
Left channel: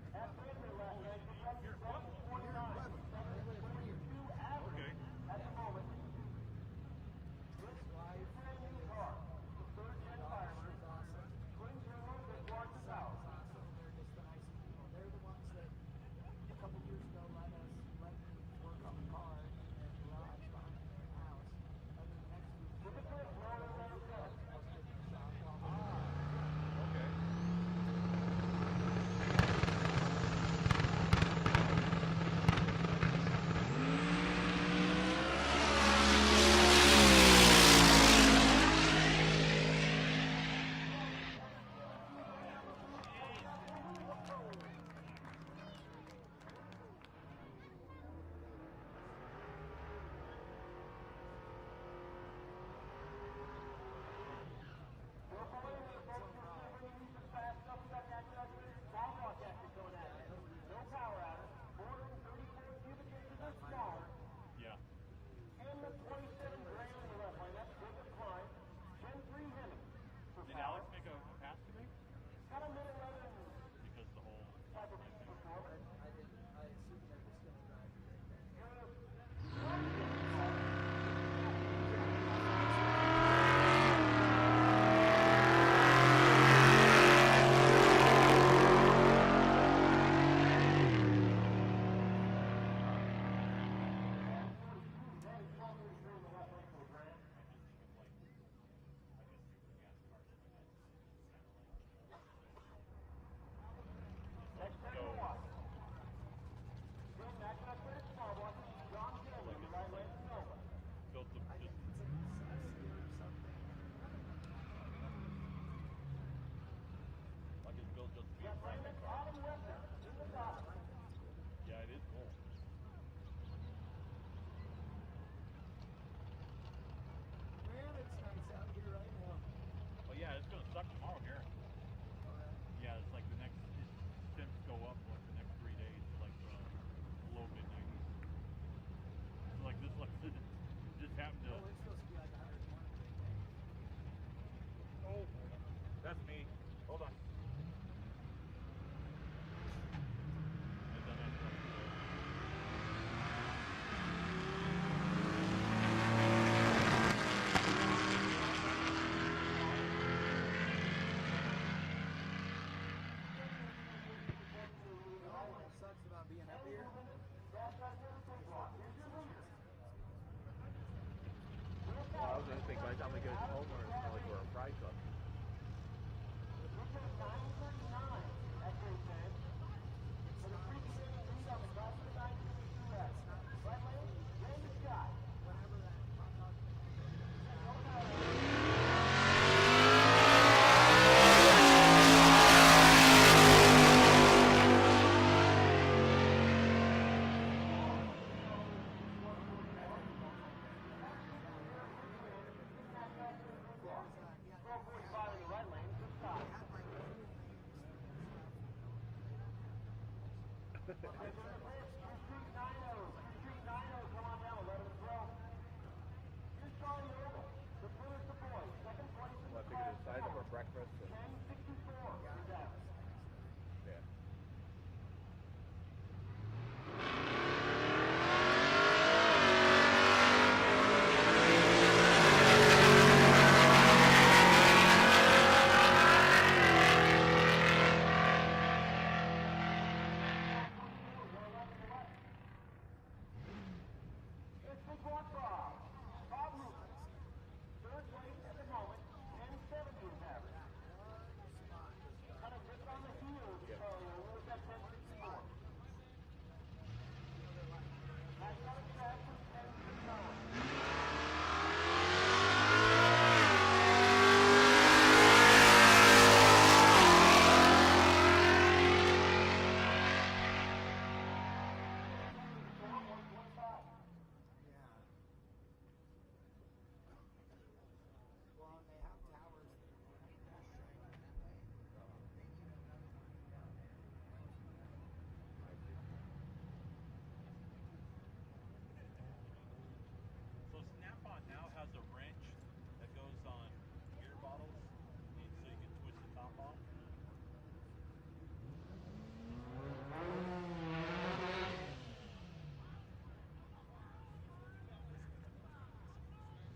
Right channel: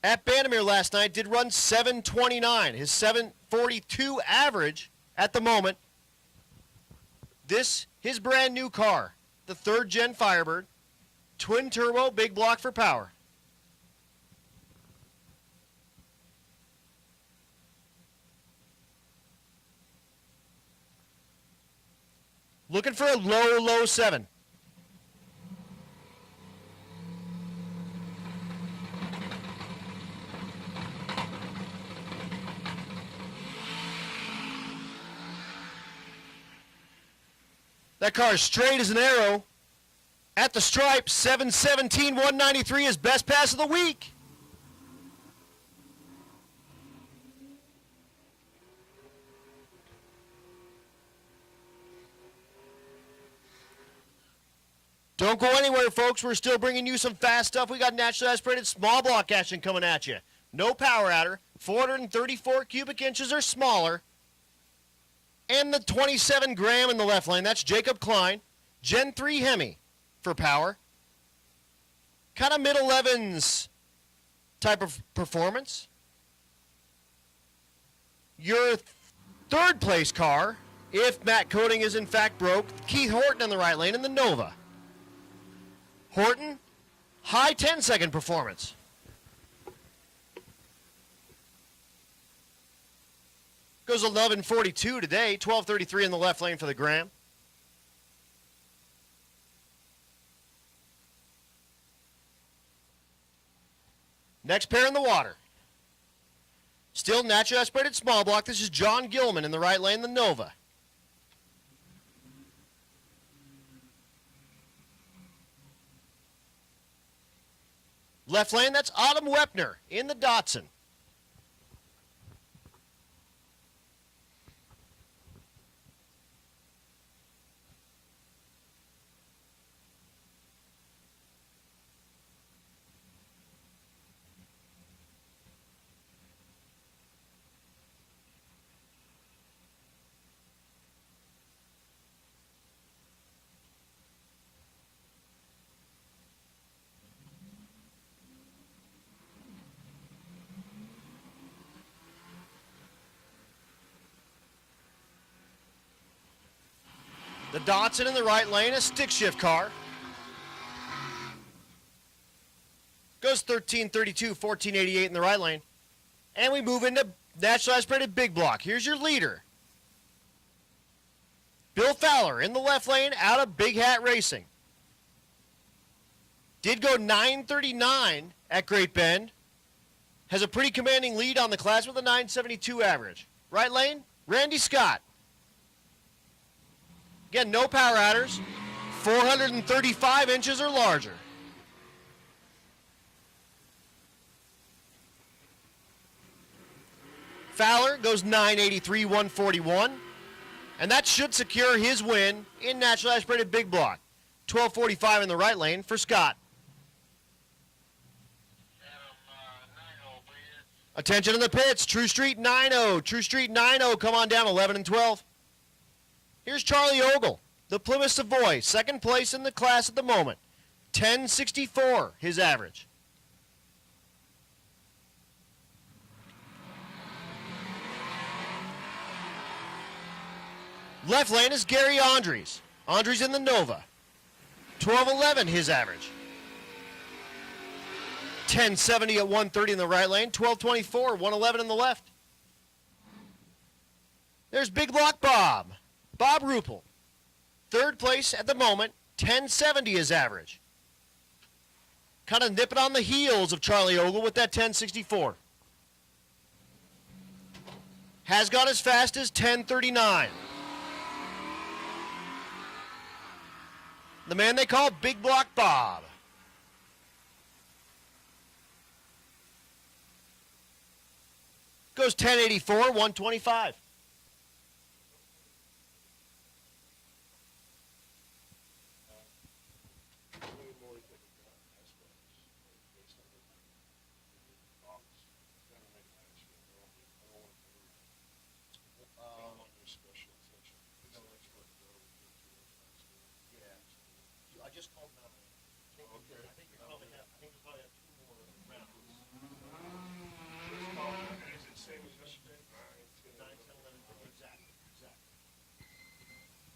at Bandamere last night did run 729, his 742 average at the moment. This, his brand new car, the 3rd gen Firebird, twin turbo, big block for power. Looking for a low 7. That car's straight as an arrow. At the stripe, 717, 193 is best pass of the week. Don't go anywhere, folks. We're still bringing you some fast stuff. We got naturally aspirated small block action coming at you. No power adder, 434 cubic inches or smaller. And the 27 gram in the left lane, that's Jacob Klein. Gen 3 Hemi for power. Kind of mid-11s type of performance. Your third place car, if Matt Coating is in fact broke, Keith Horton in the right lane in the Nova. Horton, high 10-second performance. Goes 11:42 today, 12:33 in the left lane for the Graham. Next pair in the water. Still naturally aspirated small block. This is John Gilman in the right lane, the Nova. Left lane, that's Autumn Wepner in the Datsun. The Datsun in the right lane, a stick shift car. Goes 13:32, 14:88 in the right lane. And we move into naturally aspirated big block. Here's your leader. Bill Fowler in the left lane out of Big Hat Racing. Did go 9:39 at Great Bend. Has a pretty commanding lead on the class with a 9:72 average. Right lane, Randy Scott. Again, no power adders, 435 inches or larger. Fowler goes 983, 141. And that should secure his win in naturally aspirated big block. 12:45 in the right lane for Scott. Attention in the pits, True Street 9-0. True Street 9-0, come on down, 11 and 12. Here's Charlie Ogle, the Plymouth Savoy, second place in the class at the moment. 1064, his average. Left lane is Gary Andres. Andres in the Nova. 1211, his average. 1070 at 130 in the right lane. 1224, 111 in the left. There's Big Block Bob. Bob Ruppel. Third place at the moment. 1070 his average. Kind of nipping on the heels of Charlie Ogle with that 1064. Has gone as fast as 1039. The man they call Big Block Bob. Goes 1084, 125.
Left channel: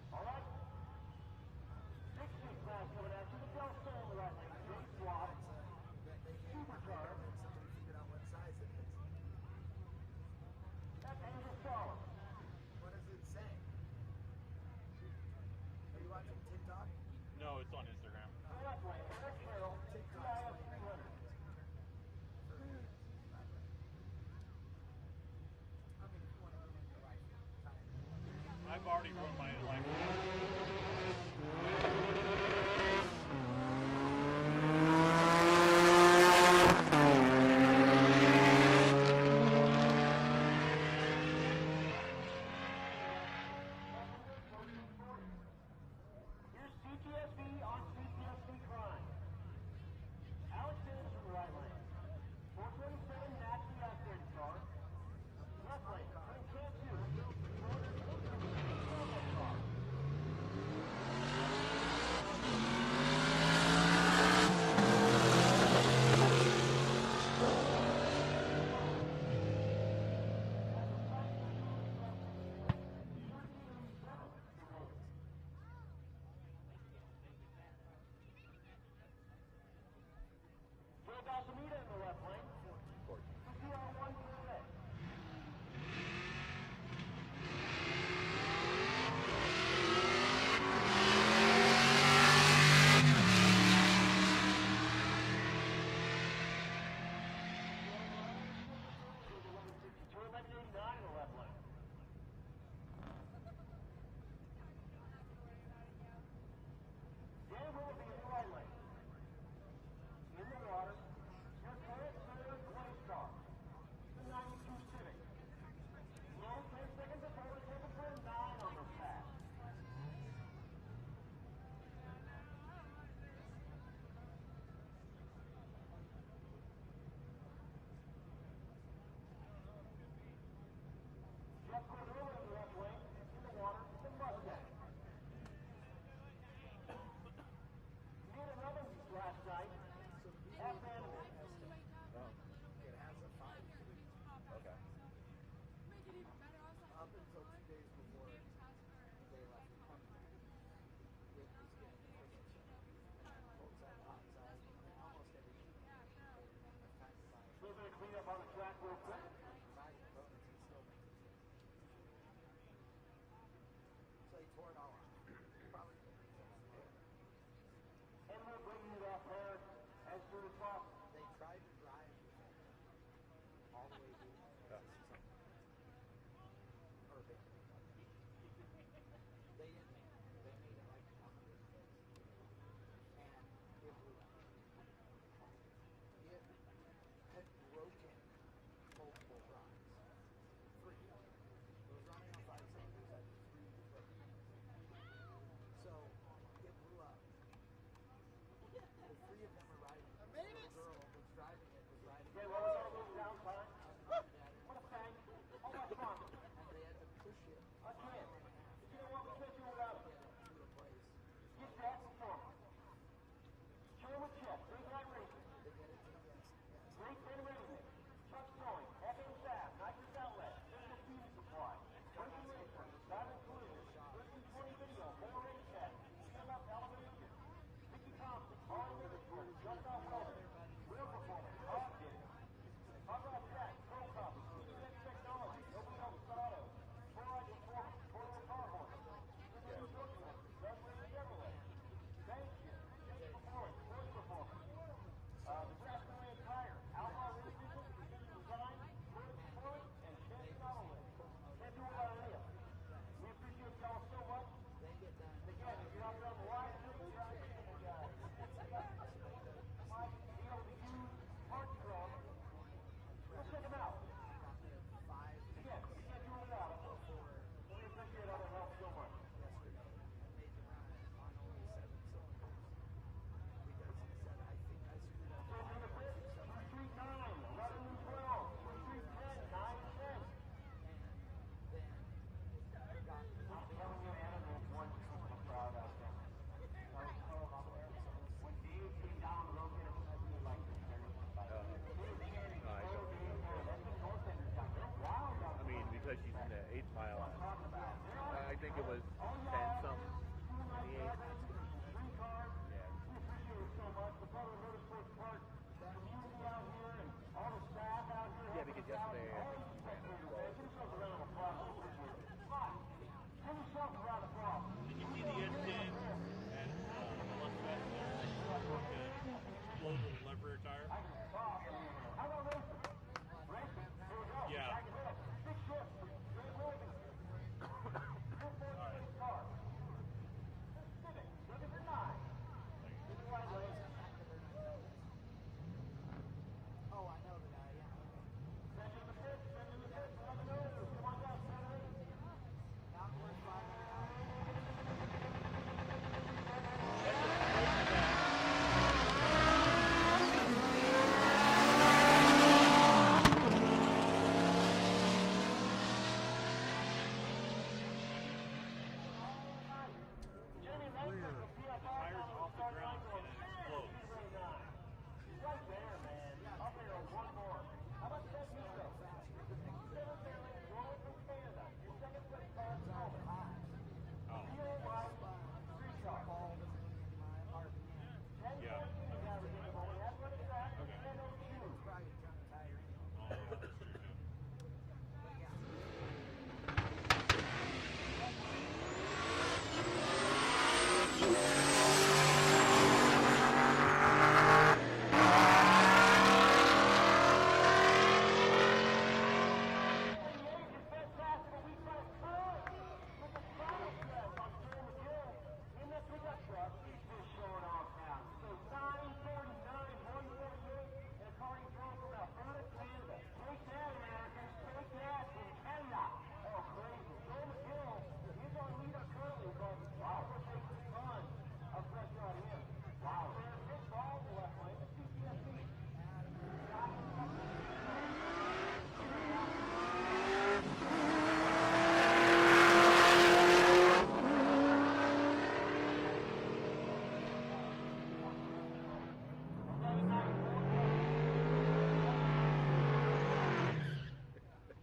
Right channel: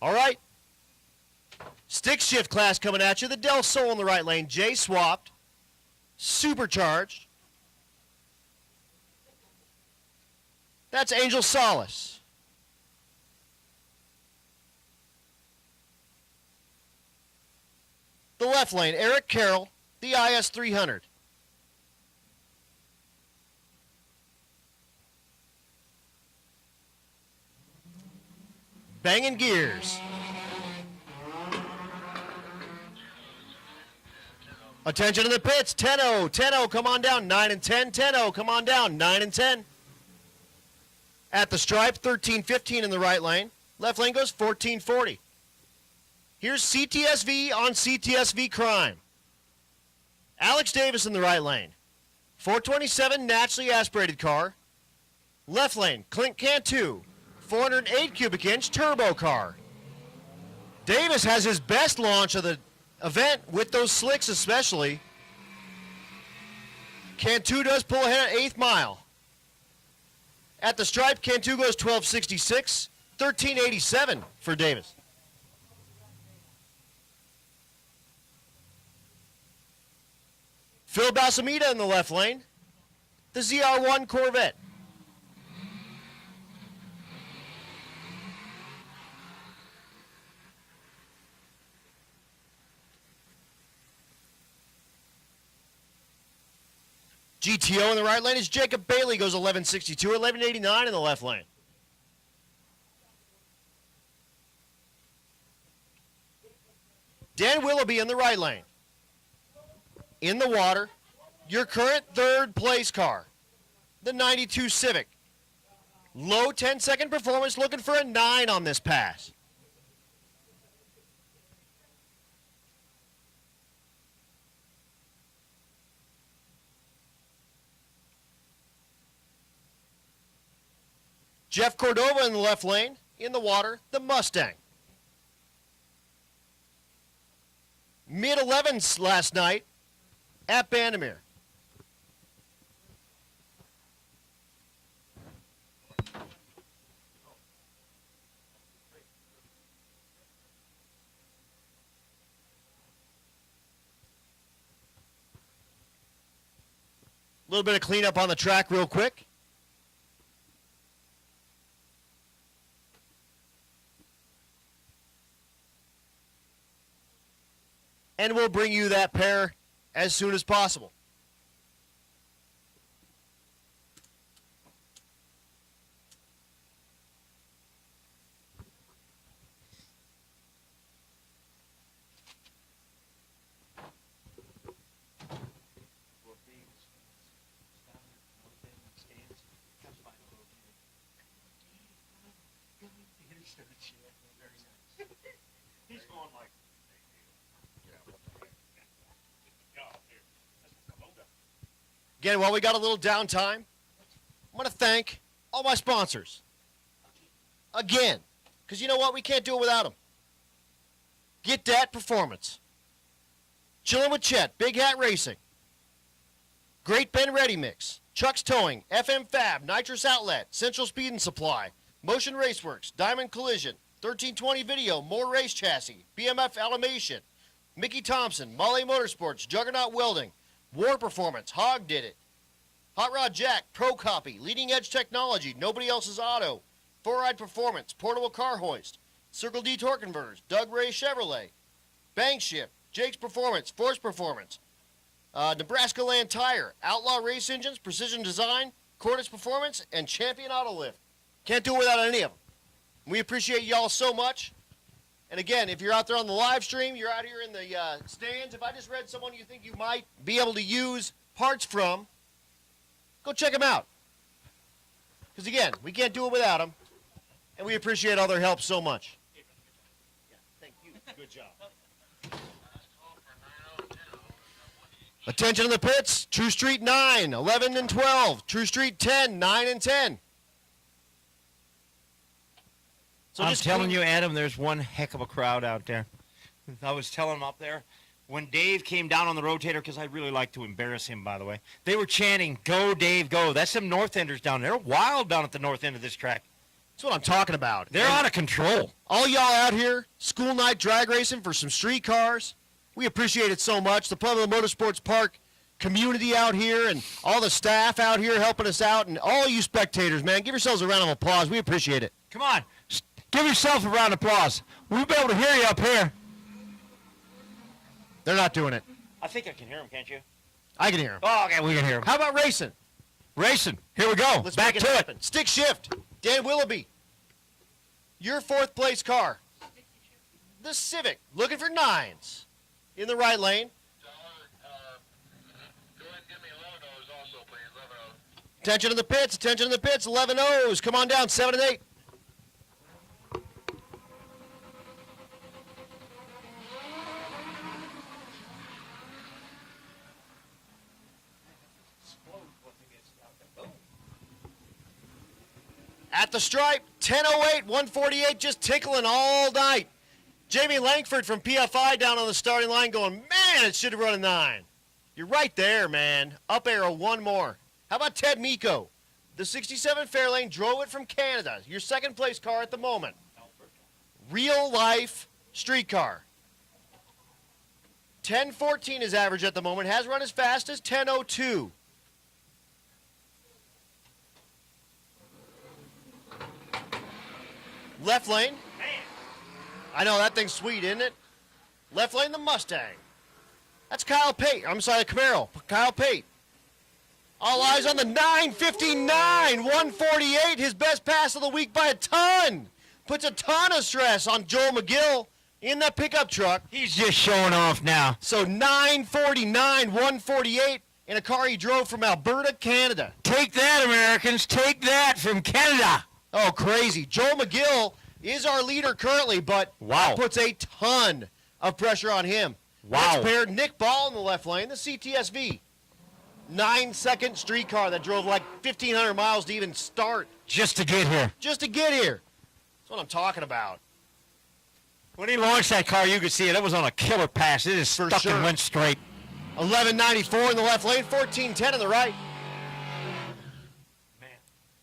All right. Stick shift class coming at you. The Del Sol in the right lane. Jay swapped. Supercharged. That's Angel Solace. No, it's on Instagram. The left lane, Eric Carroll, the IS 300. Banging gears. Attention to the pits, 10-0, 10-0, come on down, 9 and 10, 10-0, come on down, 9 and 10. At the stripe, 13-15 in the right lane. Left lane goes 14-40. Here's CTSV on CTSV crime. Alex Davis in the right lane. 427 naturally aspirated car. Left lane, Clint Cantu, 408 cubic inch turbo car. Davis has his best launch of the event with those slicks especially. Cantu does pull ahead at 8th mile. At the stripe, Cantu goes 1266, 1387 for Davis. Phil Balsamita in the left lane, the ZR1 Corvette. GTO in the right lane is Jacob Bailey, goes 1162, 1189 in the left lane. Dan Willoughby in the right lane. In the water, your current 3rd place car, the 92 Civic. Low 10-second performance, looking for a 9 on this pass. Jeff Cordova in the left lane. In the water, the Mustang. Mid-11s last night at Bandamere. A little bit of cleanup on the track real quick. And we'll bring you that pair as soon as possible. Again, while we got a little downtime, I'm going to thank all my sponsors. Again, because you know what? We can't do it without them. Get Dat Performance. Chillin' with Chet, Big Hat Racing. Great Ben Ready Mix. Chuck's Towing, FM Fab, Nitrous Outlet, Central Speed and Supply, Motion Raceworks, Diamond Collision, 1320 Video, More Race Chassis, BMF Automation, Mickey Thompson, Molly Motorsports, Juggernaut Welding, War Performance, Hog Did It, Hot Rod Jack, Pro Copy, Leading Edge Technology, Nobody Else's Auto, 4Ride Performance, Portable Car Hoist, Circle D Torque Converters, Doug Ray Chevrolet, Bank Ship, Jake's Performance, Force Performance, Nebraska Land Tire, Outlaw Race Engines, Precision Design, Cordis Performance, and Champion Auto Lift. Can't do it without any of them. We appreciate y'all so much. And again, if you're out there on the live stream, you're out here in the stands, if I just read someone you think you might be able to use parts from, go check them out. Because again, we can't do it without them, and we appreciate all their help so much. Thank you. Good job. Attention in the pits, True Street 9, 11 and 12, True Street 10, 9 and 10. So I'm telling you, Adam, there's one heck of a crowd out there. I was telling them up there, when Dave came down on the rotator, because I really like to embarrass him, by the way, they were chanting, "Go, Dave, go." That's some North Enders down there. They're wild down at the north end of this track. That's what I'm talking about. They're out of control. All y'all out here, school night drag racing for some street cars, we appreciate it so much. The Pueblo Motorsports Park community out here and all the staff out here helping us out, and all you spectators, man, give yourselves a round of applause. We appreciate it. Come on. Give yourself a round of applause. We'll be able to hear you up here. They're not doing it. I think I can hear them, can't you? I can hear them. Oh, okay, we can hear them. How about racing? Racing. Here we go. Let's back make to it. happen. Stick shift. Dan Willoughby. Your 4th place car. The Civic. Looking for 9s. In the right lane. Attention to the pits. Attention to the pits. 11 O's. Come on down. 7 and 8. the stripe. 10:08, 148, just tickling all night. Jamie Langford from PFI down on the starting line going, man, it should have run a 9. You're right there, man. Up arrow, one more. How about Ted Miko? The 67 Fairlane drove it from Canada. Your second place car at the moment. Real life street car. 10:14 is average at the moment. Has run as fast as 10:02. Left lane. I know, that thing's sweet, isn't it? Left lane, the Mustang. That's Kyle Pate. I'm sorry, Camaro. Kyle Pate. All eyes on the 9:59, 148. His best pass of the week by a ton. Puts a ton of stress on Joel McGill in that pickup truck. He's just showing off now. So 9:49, 148 in a car he drove from Alberta, Canada. Take that, Americans. Take that from Canada. Oh, crazy. Joel McGill is our leader currently, but Wow. puts a ton of pressure on him. Wow. Next paired, Nick Ball in the left lane, the CTSV. 9-second street car that drove like 1,500 miles to even start. Just to get here. Just to get here. What are you talking about? When he launched that car, you could see it. It was on a killer pass. It just For stuck sure. and went straight. 1194 in the left lane, 1410 in the right.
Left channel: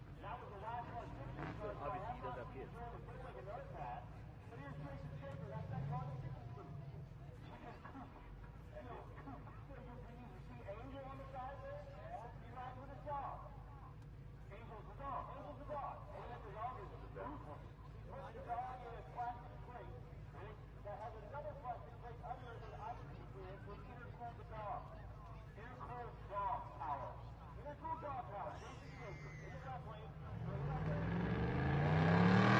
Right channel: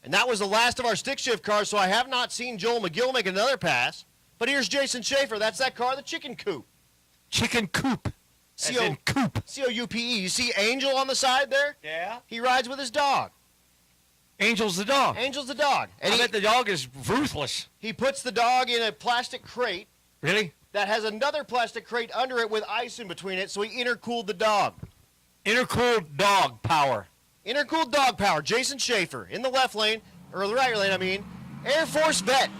And that was the last of our stick shift cars, so I have not seen Joel McGill make another pass. But here's Jason Schaefer. That's that car, the Chicken Coupe. Chicken coop. As in coop. C-O-U-P-E. You see Angel on the side there? Yeah. He rides with his dog. Angel's the dog. Angel's the dog. And I bet the dog is ruthless. he puts the dog in a plastic crate Really? that has another plastic crate under it with ice in between it, so he intercooled the dog. Intercooled dog power. Intercooled dog power, Jason Schaefer. In the left lane, or the right lane, I mean, Air Force vet.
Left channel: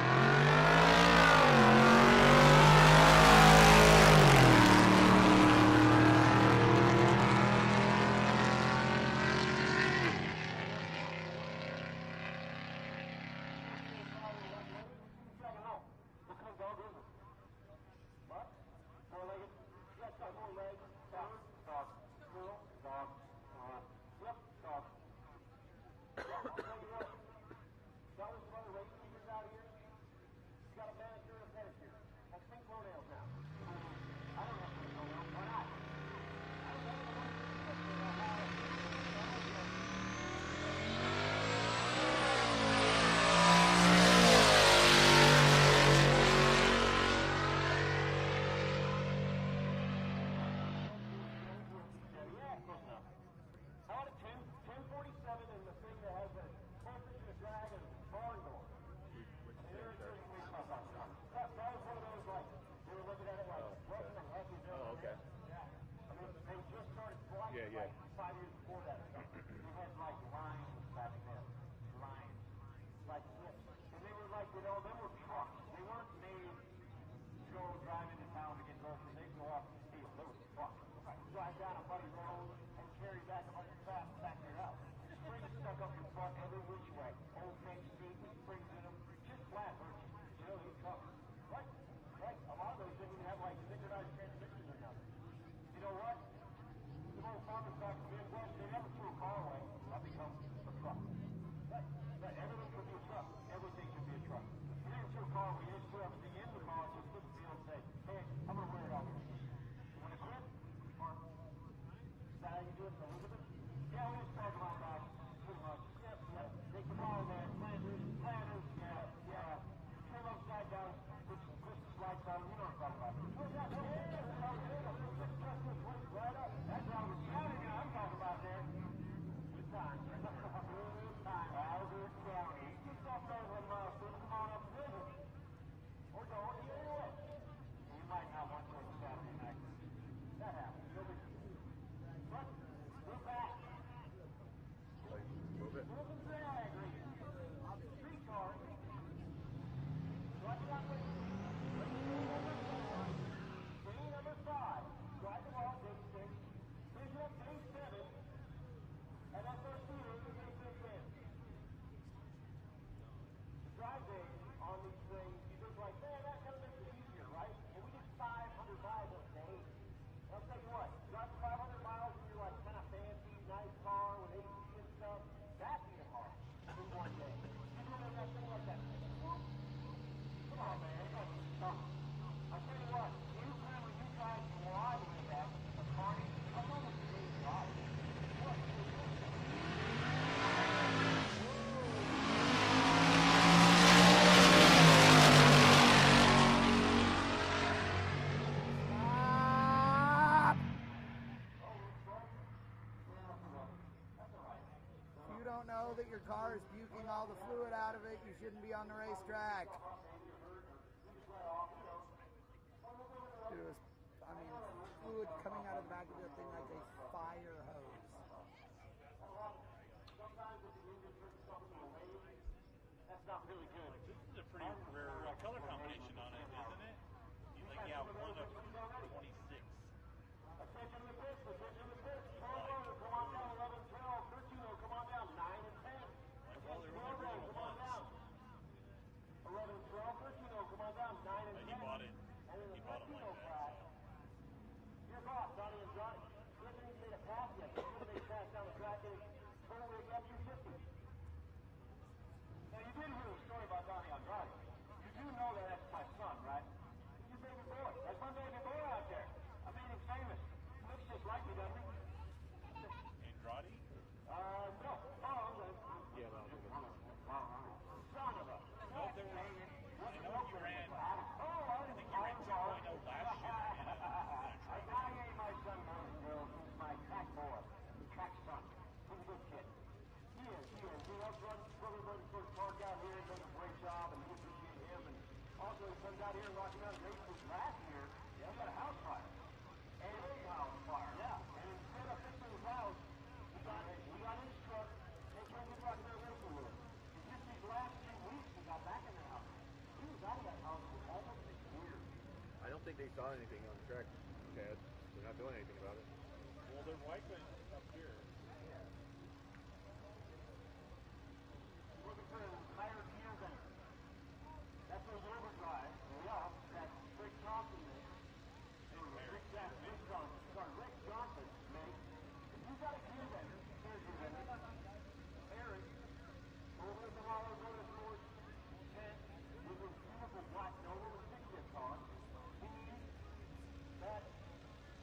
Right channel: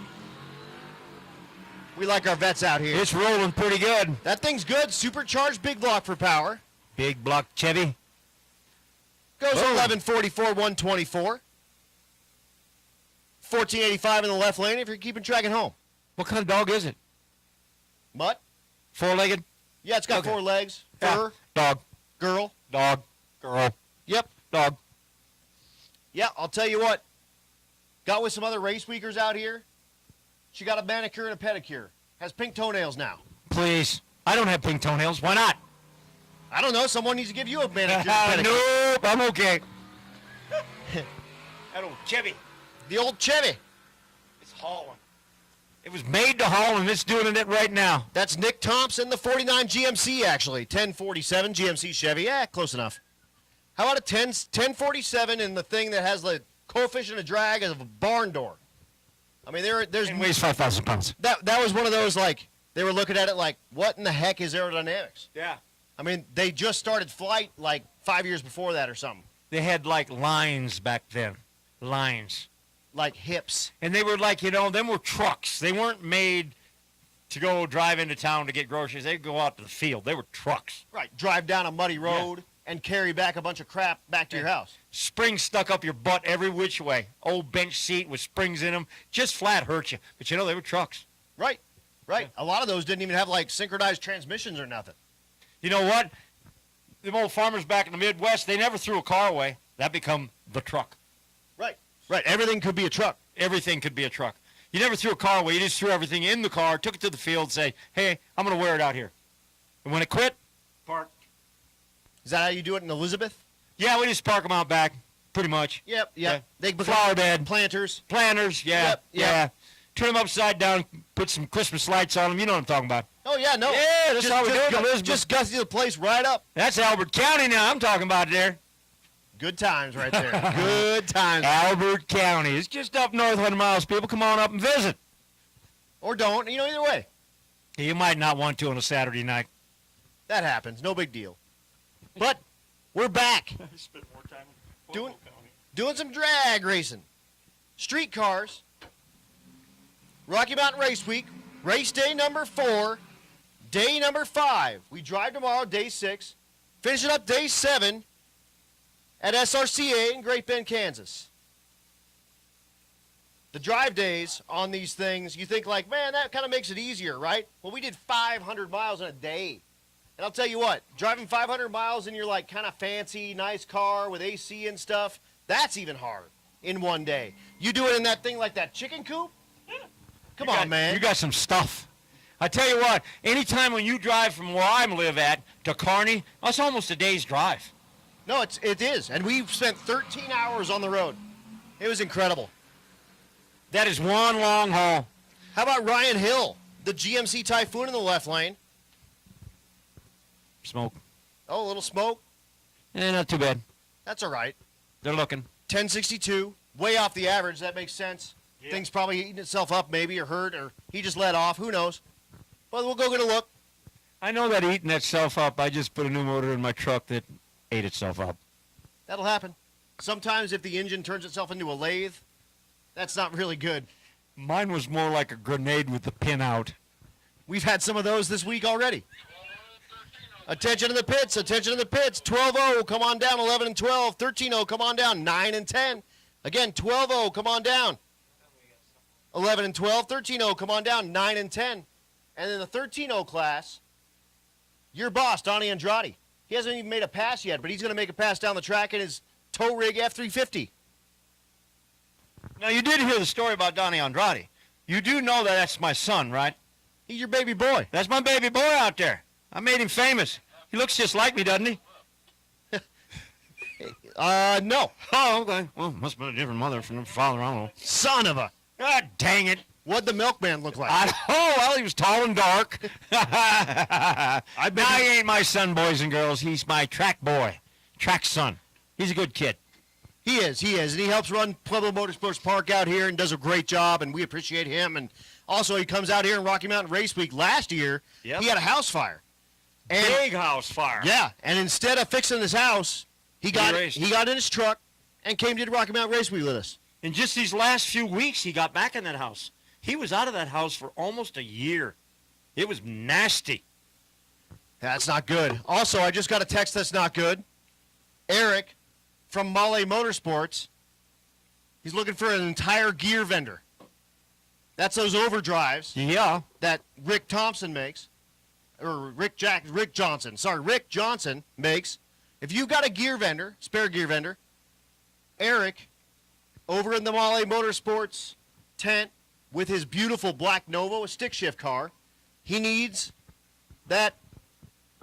We like our vets out here. It's rolling pretty good. That thing's good. Supercharged big block for power. Big block Chevy. Goes Whoa. 1144, 124. 1485 in the left lane if you're keeping track at home. What kind of dog is it? Mutt? Four-legged? Yeah, it's got Okay. 4 legs. Yeah. Fur. Dog. Girl. Dog. Girl. Yep. Dog. Yeah, I'll tell you what. Got with some other race weekers out here. She got a manicure and a pedicure. Has pink toenails now. Please. I don't have pink toenails. Why not? I don't know. Someone needs to give you a manicure and pedicure. Nope, I'm okay. Chevy. The old Chevy. Made to Holland. It's doing it right now. That's Nick Thompson, the 49 GMC, actually. 1047 GMC Chevy. Yeah, close enough. How about a 1047 in the thing that has the coefficient of drag of a barn door? I mean, there's And weighs 5,000 pounds. that was one of those, like, they were looking at it like, what in the heck is aerodynamics? Yeah. I mean, they just started flight like 5 years before that or something. They had like lines back then. Lines. Like hips. And they were like, you know, them were trucks. They weren't made to go drive into town to get groceries. They'd go out to the field. They were trucks. Right. Drive down a muddy road and carry back a bunch of crap back to your house. Springs stuck up your butt every which way. Old bench seat with springs in them. Just flat hurt you. But you know, they were trucks. Right. Right. A lot of those didn't even have like synchronized transmissions or nothing. You know what? Them old farmers back in the Midwest, they never threw a car away. That become the truck. Right. Right. Everything could be a truck. Everything could be a truck. You never threw a car away. You just threw everything in the car, took it to the field, say, hey, I'm going to wear it out here. And when it quit, park. Is that how you do it in Elizabeth? Yeah, we just park them out back, pretty much. Yep. Yeah. Yep. They become Flower bed. planters. Planters, yeah, Yep, yep. yeah. Turn them upside down, put some Christmas lights on them. You know what I'm talking about. Oh yeah, no. Yeah, that's how we do it in Elizabeth. Just gussy the place right up. That's Albert County now I'm talking about there. Good times right there. Good times. Albert County. It's just up north 100 miles. People come on up and visit. Or don't. You know, either way. You might not want to on a Saturday night. That happens. No big deal. But we're back. Doing some drag racing. Street cars. Rocky Mountain Race Week. Race day number 4. Day number 5. We drive tomorrow, day 6. Finishing up day 7 at SRCA in Great Bend, Kansas. The drive days on these things, you think like, man, that kind of makes it easier, right? Well, we did 500 miles in a day. And I'll tell you what, driving 500 miles in your like kind of fancy, nice car with AC and stuff, that's even hard. in one day. You do it in that thing like that chicken coop? Come on, man. You got some stuff. I tell you what, anytime when you drive from where I live at to Kearney, that's almost a day's drive. No, it is. And we've spent 13 hours on the road. It was incredible. That is one long haul. How about Ryan Hill, the GMC Typhoon in the left lane? Smoke. Oh, a little smoke. Not too bad. That's all right. They're looking. 1062, way off the average. That makes sense. Thing's probably eating itself up maybe, or hurt, or he just let off. Who knows? But we'll go get a look. I know that eating itself up. I just put a new motor in my truck that ate itself up. That'll happen. Sometimes if the engine turns itself into a lathe, that's not really good. Mine was more like a grenade with the pin out. We've had some of those this week already. Attention to the pits, attention to the pits. 12-0, come on down. 11 and 12. 13-0, come on down. 9 and 10. Again, 12-0, come on down. 11 and 12. 13-0, come on down. 9 and 10. And in the 13-0 class, your boss, Donnie Andrade. He hasn't even made a pass yet, but he's going to make a pass down the track in his tow rig F350. Now, you did hear the story about Donnie Andrade. You do know that that's my son, right? He's your baby boy. That's my baby boy out there. I made him famous. He looks just like me, doesn't he? No. Oh, okay. Well, must have been a different mother from the father, I don't know. Son of a. God dang it. What'd the milkman look like? Well, he was tall and dark. Now, he ain't my son, boys and girls. He's my track boy, track son. He's a good kid. He is. And he helps run Pueblo Motorsports Park out here and does a great job, and we appreciate him. And also, he comes out here in Rocky Mountain Race Week. Last year, he had a house fire. And, big house fire. Yeah, and instead of fixing his house, he got in his truck and came to Rocky Mountain Race Week with us. In just these last few weeks, he got back in that house. He was out of that house for almost a year. It was nasty. That's not good. Also, I just got a text that's not good. Eric from Holley Motorsports, he's looking for an entire gear vendor. That's those overdrives. Yeah. That Rick Thompson makes. Or Rick Johnson makes. If you've got a gear vendor, spare gear vendor, Eric, over in the Holley Motorsports tent with his beautiful black Nova, a stick shift car, he needs that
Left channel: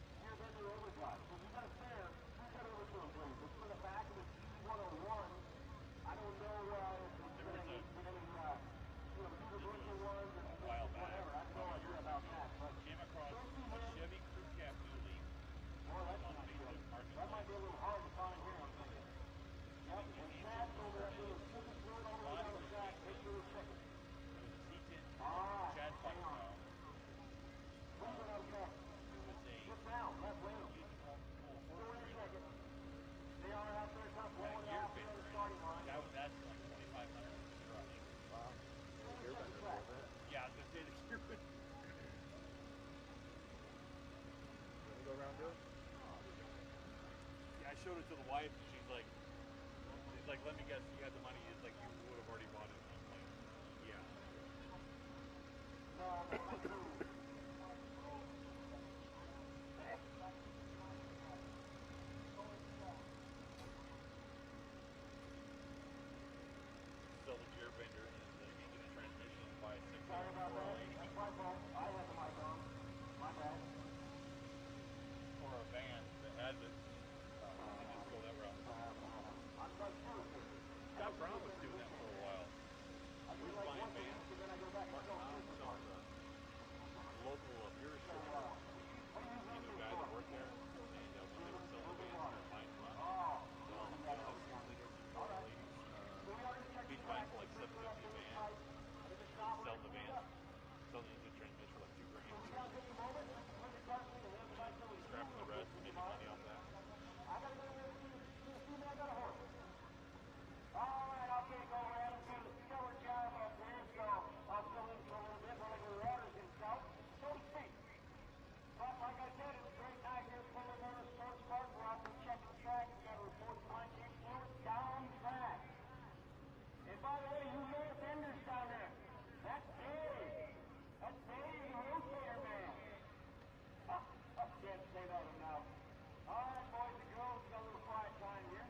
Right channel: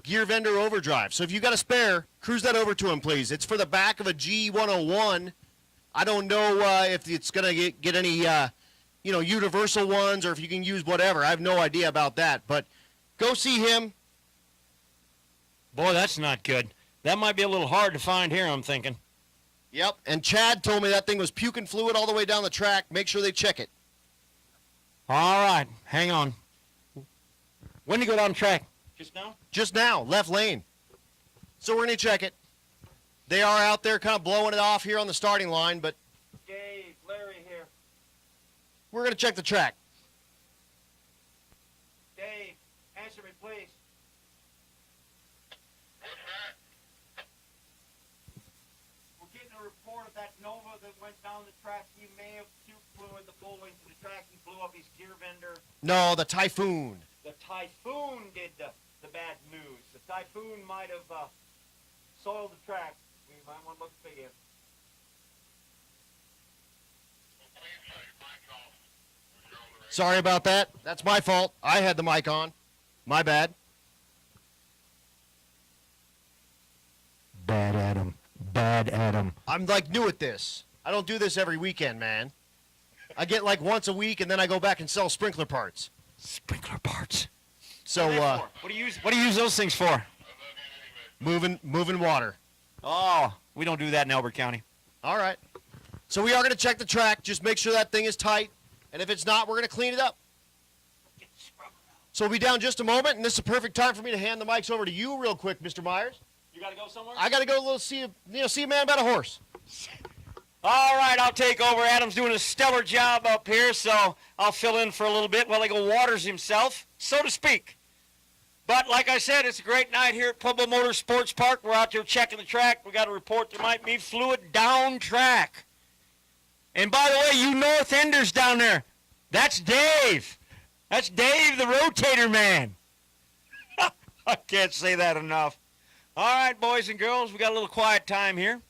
gear vendor overdrive. So if you got a spare, cruise that over to him, please. It's for the back of a G101. I don't know if it's going to get any, universal ones, or if you can use whatever. I have no idea about that, but go see him. Boy, that's not good. That might be a little hard to find here, I'm thinking. Yep, and Chad told me that thing was puking fluid all the way down the track. Make sure they check it. All right, hang on. When did you go down the track? Just now? Just now, left lane. So we're going to check it. They are out there kind of blowing it off here on the starting line, but we're going to check the track. Dave, answer me, please. I showed it to the wife. She's like, We're getting a report of that Nova that went down the track. He may have fluid the full way through the track and blew up his gear vendor. No, the Typhoon. The Typhoon did the bad news. The Typhoon might have soiled the track. You might want to look for you. Sorry about that. That's my fault. I had the mic on. My bad. Bad Adam. Bad Adam. I'm like new at this. I don't do this every weekend, man. I get like once a week, and then I go back and sell sprinkler parts. Sprinkler parts. So, What do you use those things for? moving water. Oh, we don't do that in Elbert County. All right. So we are going to check the track. Just make sure that thing is tight. And if it's not, we're going to clean it up. So we'll be down just a moment, and this is a perfect time for me to hand the mics over to you real quick, Mr. Myers. You got to go somewhere? I got to go see a man about a horse. All right, I'll take over. Adam's doing a stellar job up here, so I'll fill in for a little bit while he go waters himself, so to speak. But like I said, it's a great night here at Pueblo Motorsports Park. We're out there checking the track. We got a report there might be fluid down track. And by the way, you North Enders down there, that's Dave. That's Dave, the rotator man. I can't say that enough. All right, boys and girls, we got a little quiet time here.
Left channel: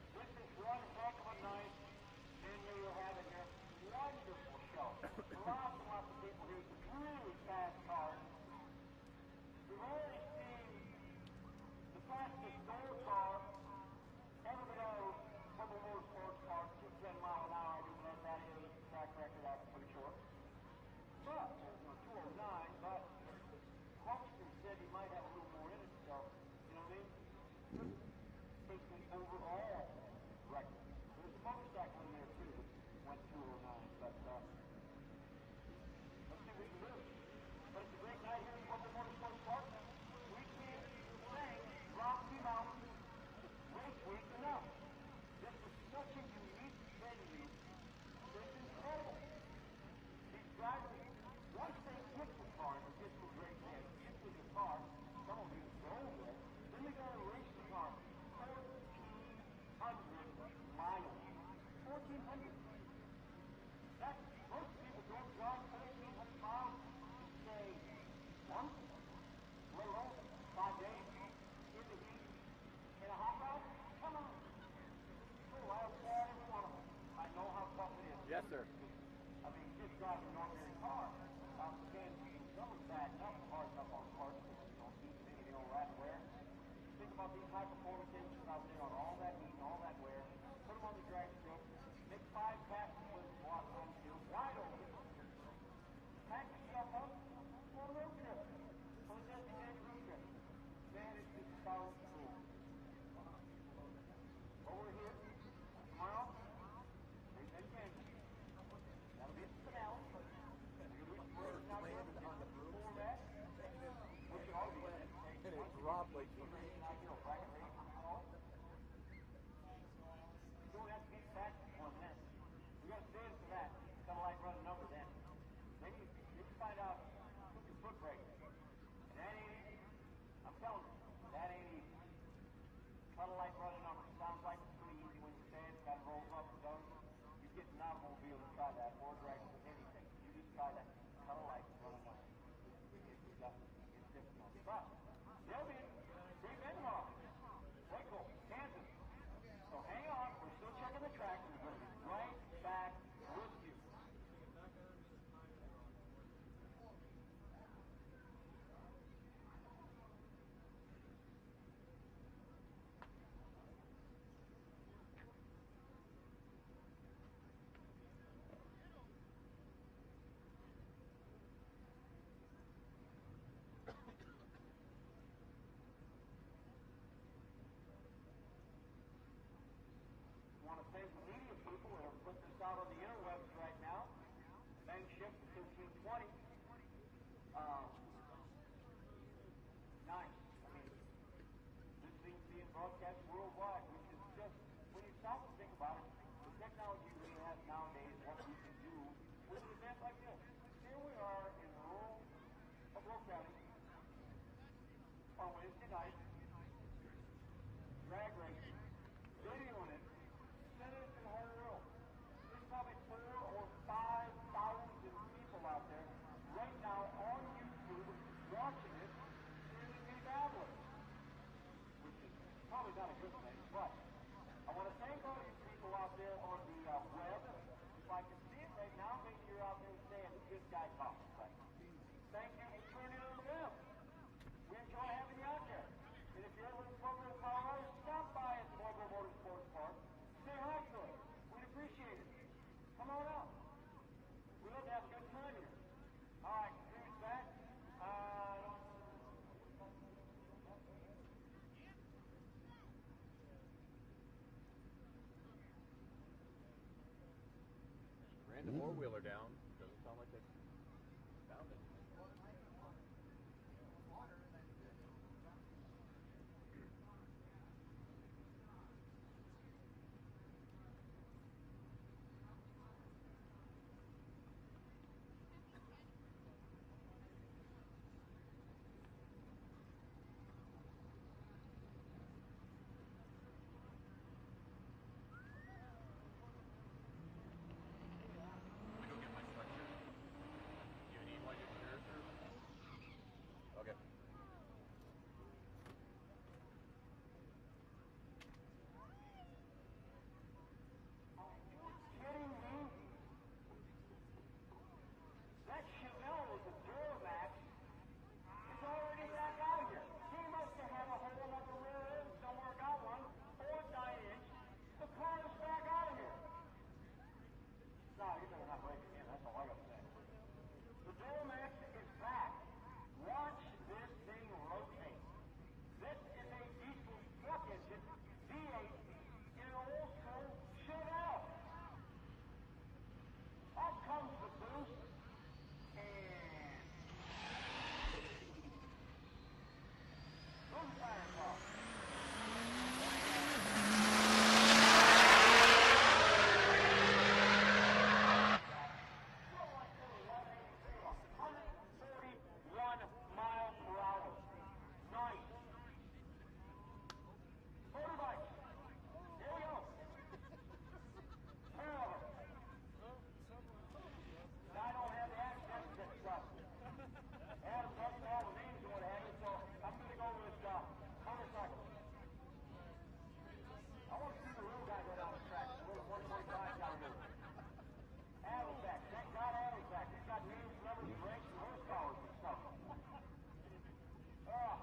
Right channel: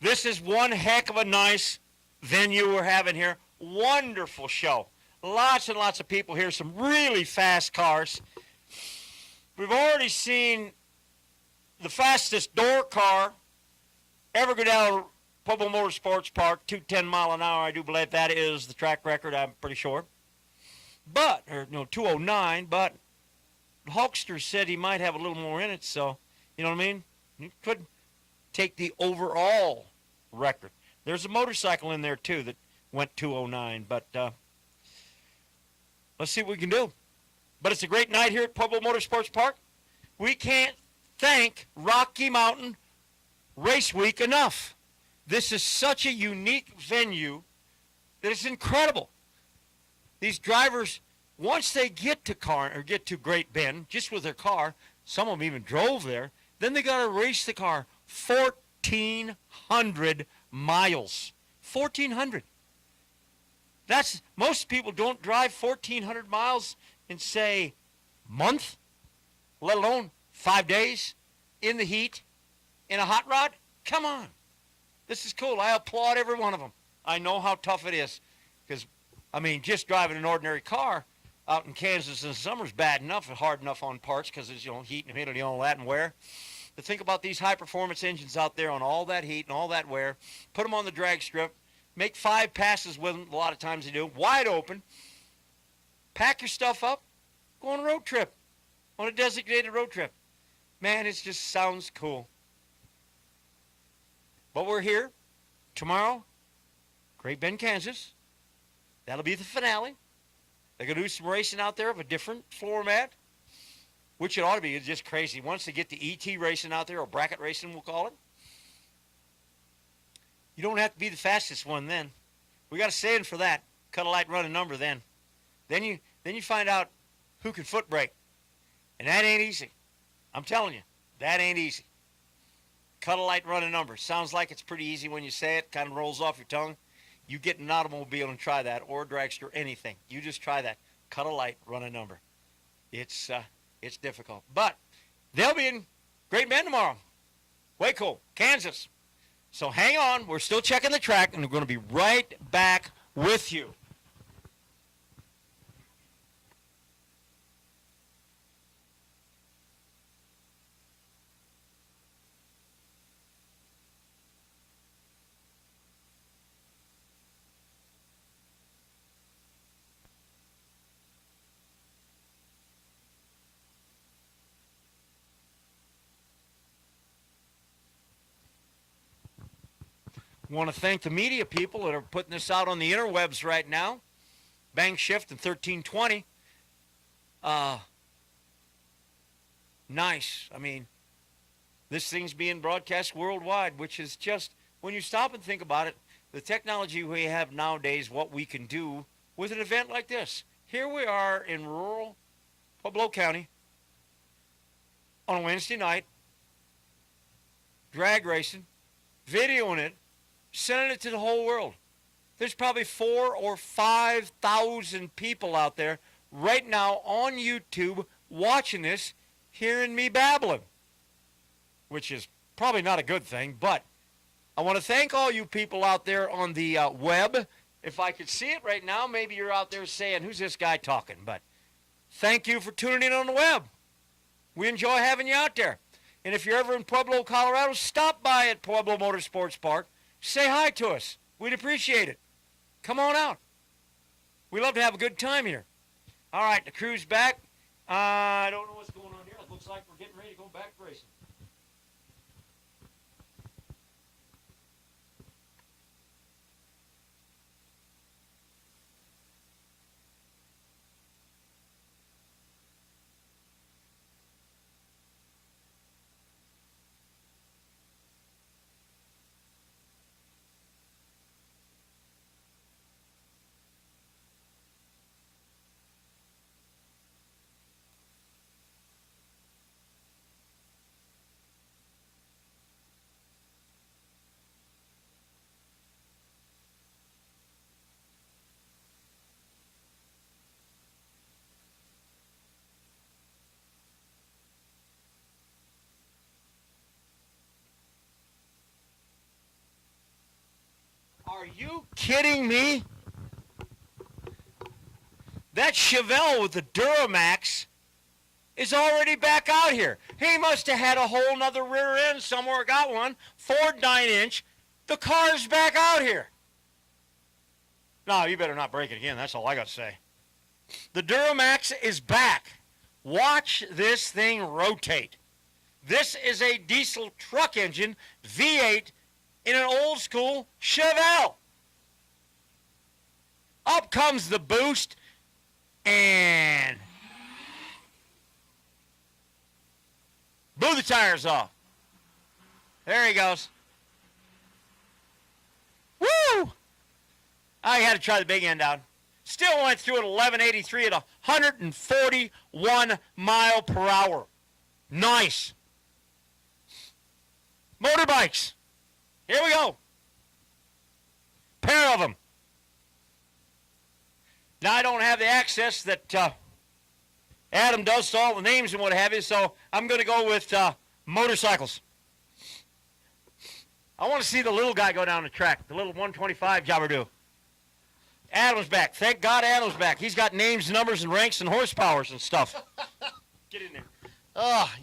This is one heck of a nice venue we're having here. Wonderful show. Lots and lots of people here, some really fast cars. We've already seen the fastest door car ever go down Pueblo Motorsports Park, 210 mile an hour. I do believe that is the track record, I'm pretty sure. But, or no, 209, but Hulkster said he might have a little more in it, so, you know what I mean? He could take the overall record. There's a motorcycle in there, too, that went 209, but let's see what we can do. But it's a great night here at Pueblo Motorsports Park. We can't thank Rocky Mountain Race Week enough. This is such a unique venue that it's incredible. These drivers, once they get to Great Bend, just with their car, some of them even drove there, then they got to race the car 1,400 miles. 1,400. That's, most people don't drive 1,400 miles in, say, a month, let alone 5 days in the heat in a hot rod. Come on. This is cool. I applaud every one of them. I know how tough it is. Because, I mean, just driving an ordinary car out in Kansas in the summer is bad enough and hard enough on parts because there's, heat and humidity and all that and wear. To think about these high-performance engines out there on all that heat and all that wear, put them on the drag strip, make 5 passes with them, a lot of times they do, wide open, pack your stuff up, go on a road trip, on a designated road trip. Man, it just sounds cool. But we're here tomorrow, Great Bend, Kansas. That'll be the finale. They're going to do some racing out there of a different floor mat, which it ought to be. It's just crazy. Once they get the ET racing out there, or bracket racing, we'll call it, you don't have to be the fastest one then. We got a saying for that. Cut a light, run a number then. Then you find out who can foot brake. And that ain't easy. I'm telling you, that ain't easy. Cut a light, run a number. Sounds like it's pretty easy when you say it, kind of rolls off your tongue. You get in an automobile and try that, or a dragster, anything. You just try that. Cut a light, run a number. It's difficult. But they'll be in Great Bend tomorrow. Waco, Kansas. So hang on. We're still checking the track, and we're going to be right back with you. I want to thank the media people that are putting this out on the interwebs right now. Bang Shift and 1320. Nice. I mean, this thing's being broadcast worldwide, which is just, when you stop and think about it, the technology we have nowadays, what we can do with an event like this. Here we are in rural Pueblo County on a Wednesday night, drag racing, videoing it, sending it to the whole world. There's probably 4,000 or 5,000 people out there right now on YouTube watching this, hearing me babbling, which is probably not a good thing, but I want to thank all you people out there on the web. If I could see it right now, maybe you're out there saying, who's this guy talking? But thank you for tuning in on the web. We enjoy having you out there. And if you're ever in Pueblo, Colorado, stop by at Pueblo Motorsports Park. Say hi to us. We'd appreciate it. Come on out. We love to have a good time here. All right, the crew's back. I don't know what's going on here. It looks like we're getting ready to go back racing. Ran the four-wheeler down. Doesn't sound like they found it. you kidding me? That Chevelle with the Duramax is already back out here. He must have had a whole nother rear end somewhere, got one, Ford 9-inch. The car's back out here. No, you better not break it again. That's all I got to say. The Duramax is back. Watch this thing rotate. This is a diesel truck engine, V8, in an old school Chevelle. Up comes the boost, and blew the tires off. There he goes. Woo! I had to try the big end out. Still went through at 1183 at 141 mile per hour. Nice. Motorbikes. Here we go. Pair of them. Now I don't have the access that Adam does to all the names and what have you, so I'm going to go with motorcycles. I want to see the little guy go down the track, the little 125 jobber do. Adam's back. Thank God Adam's back. He's got names, numbers, and ranks, and horsepowers and stuff. Get in there.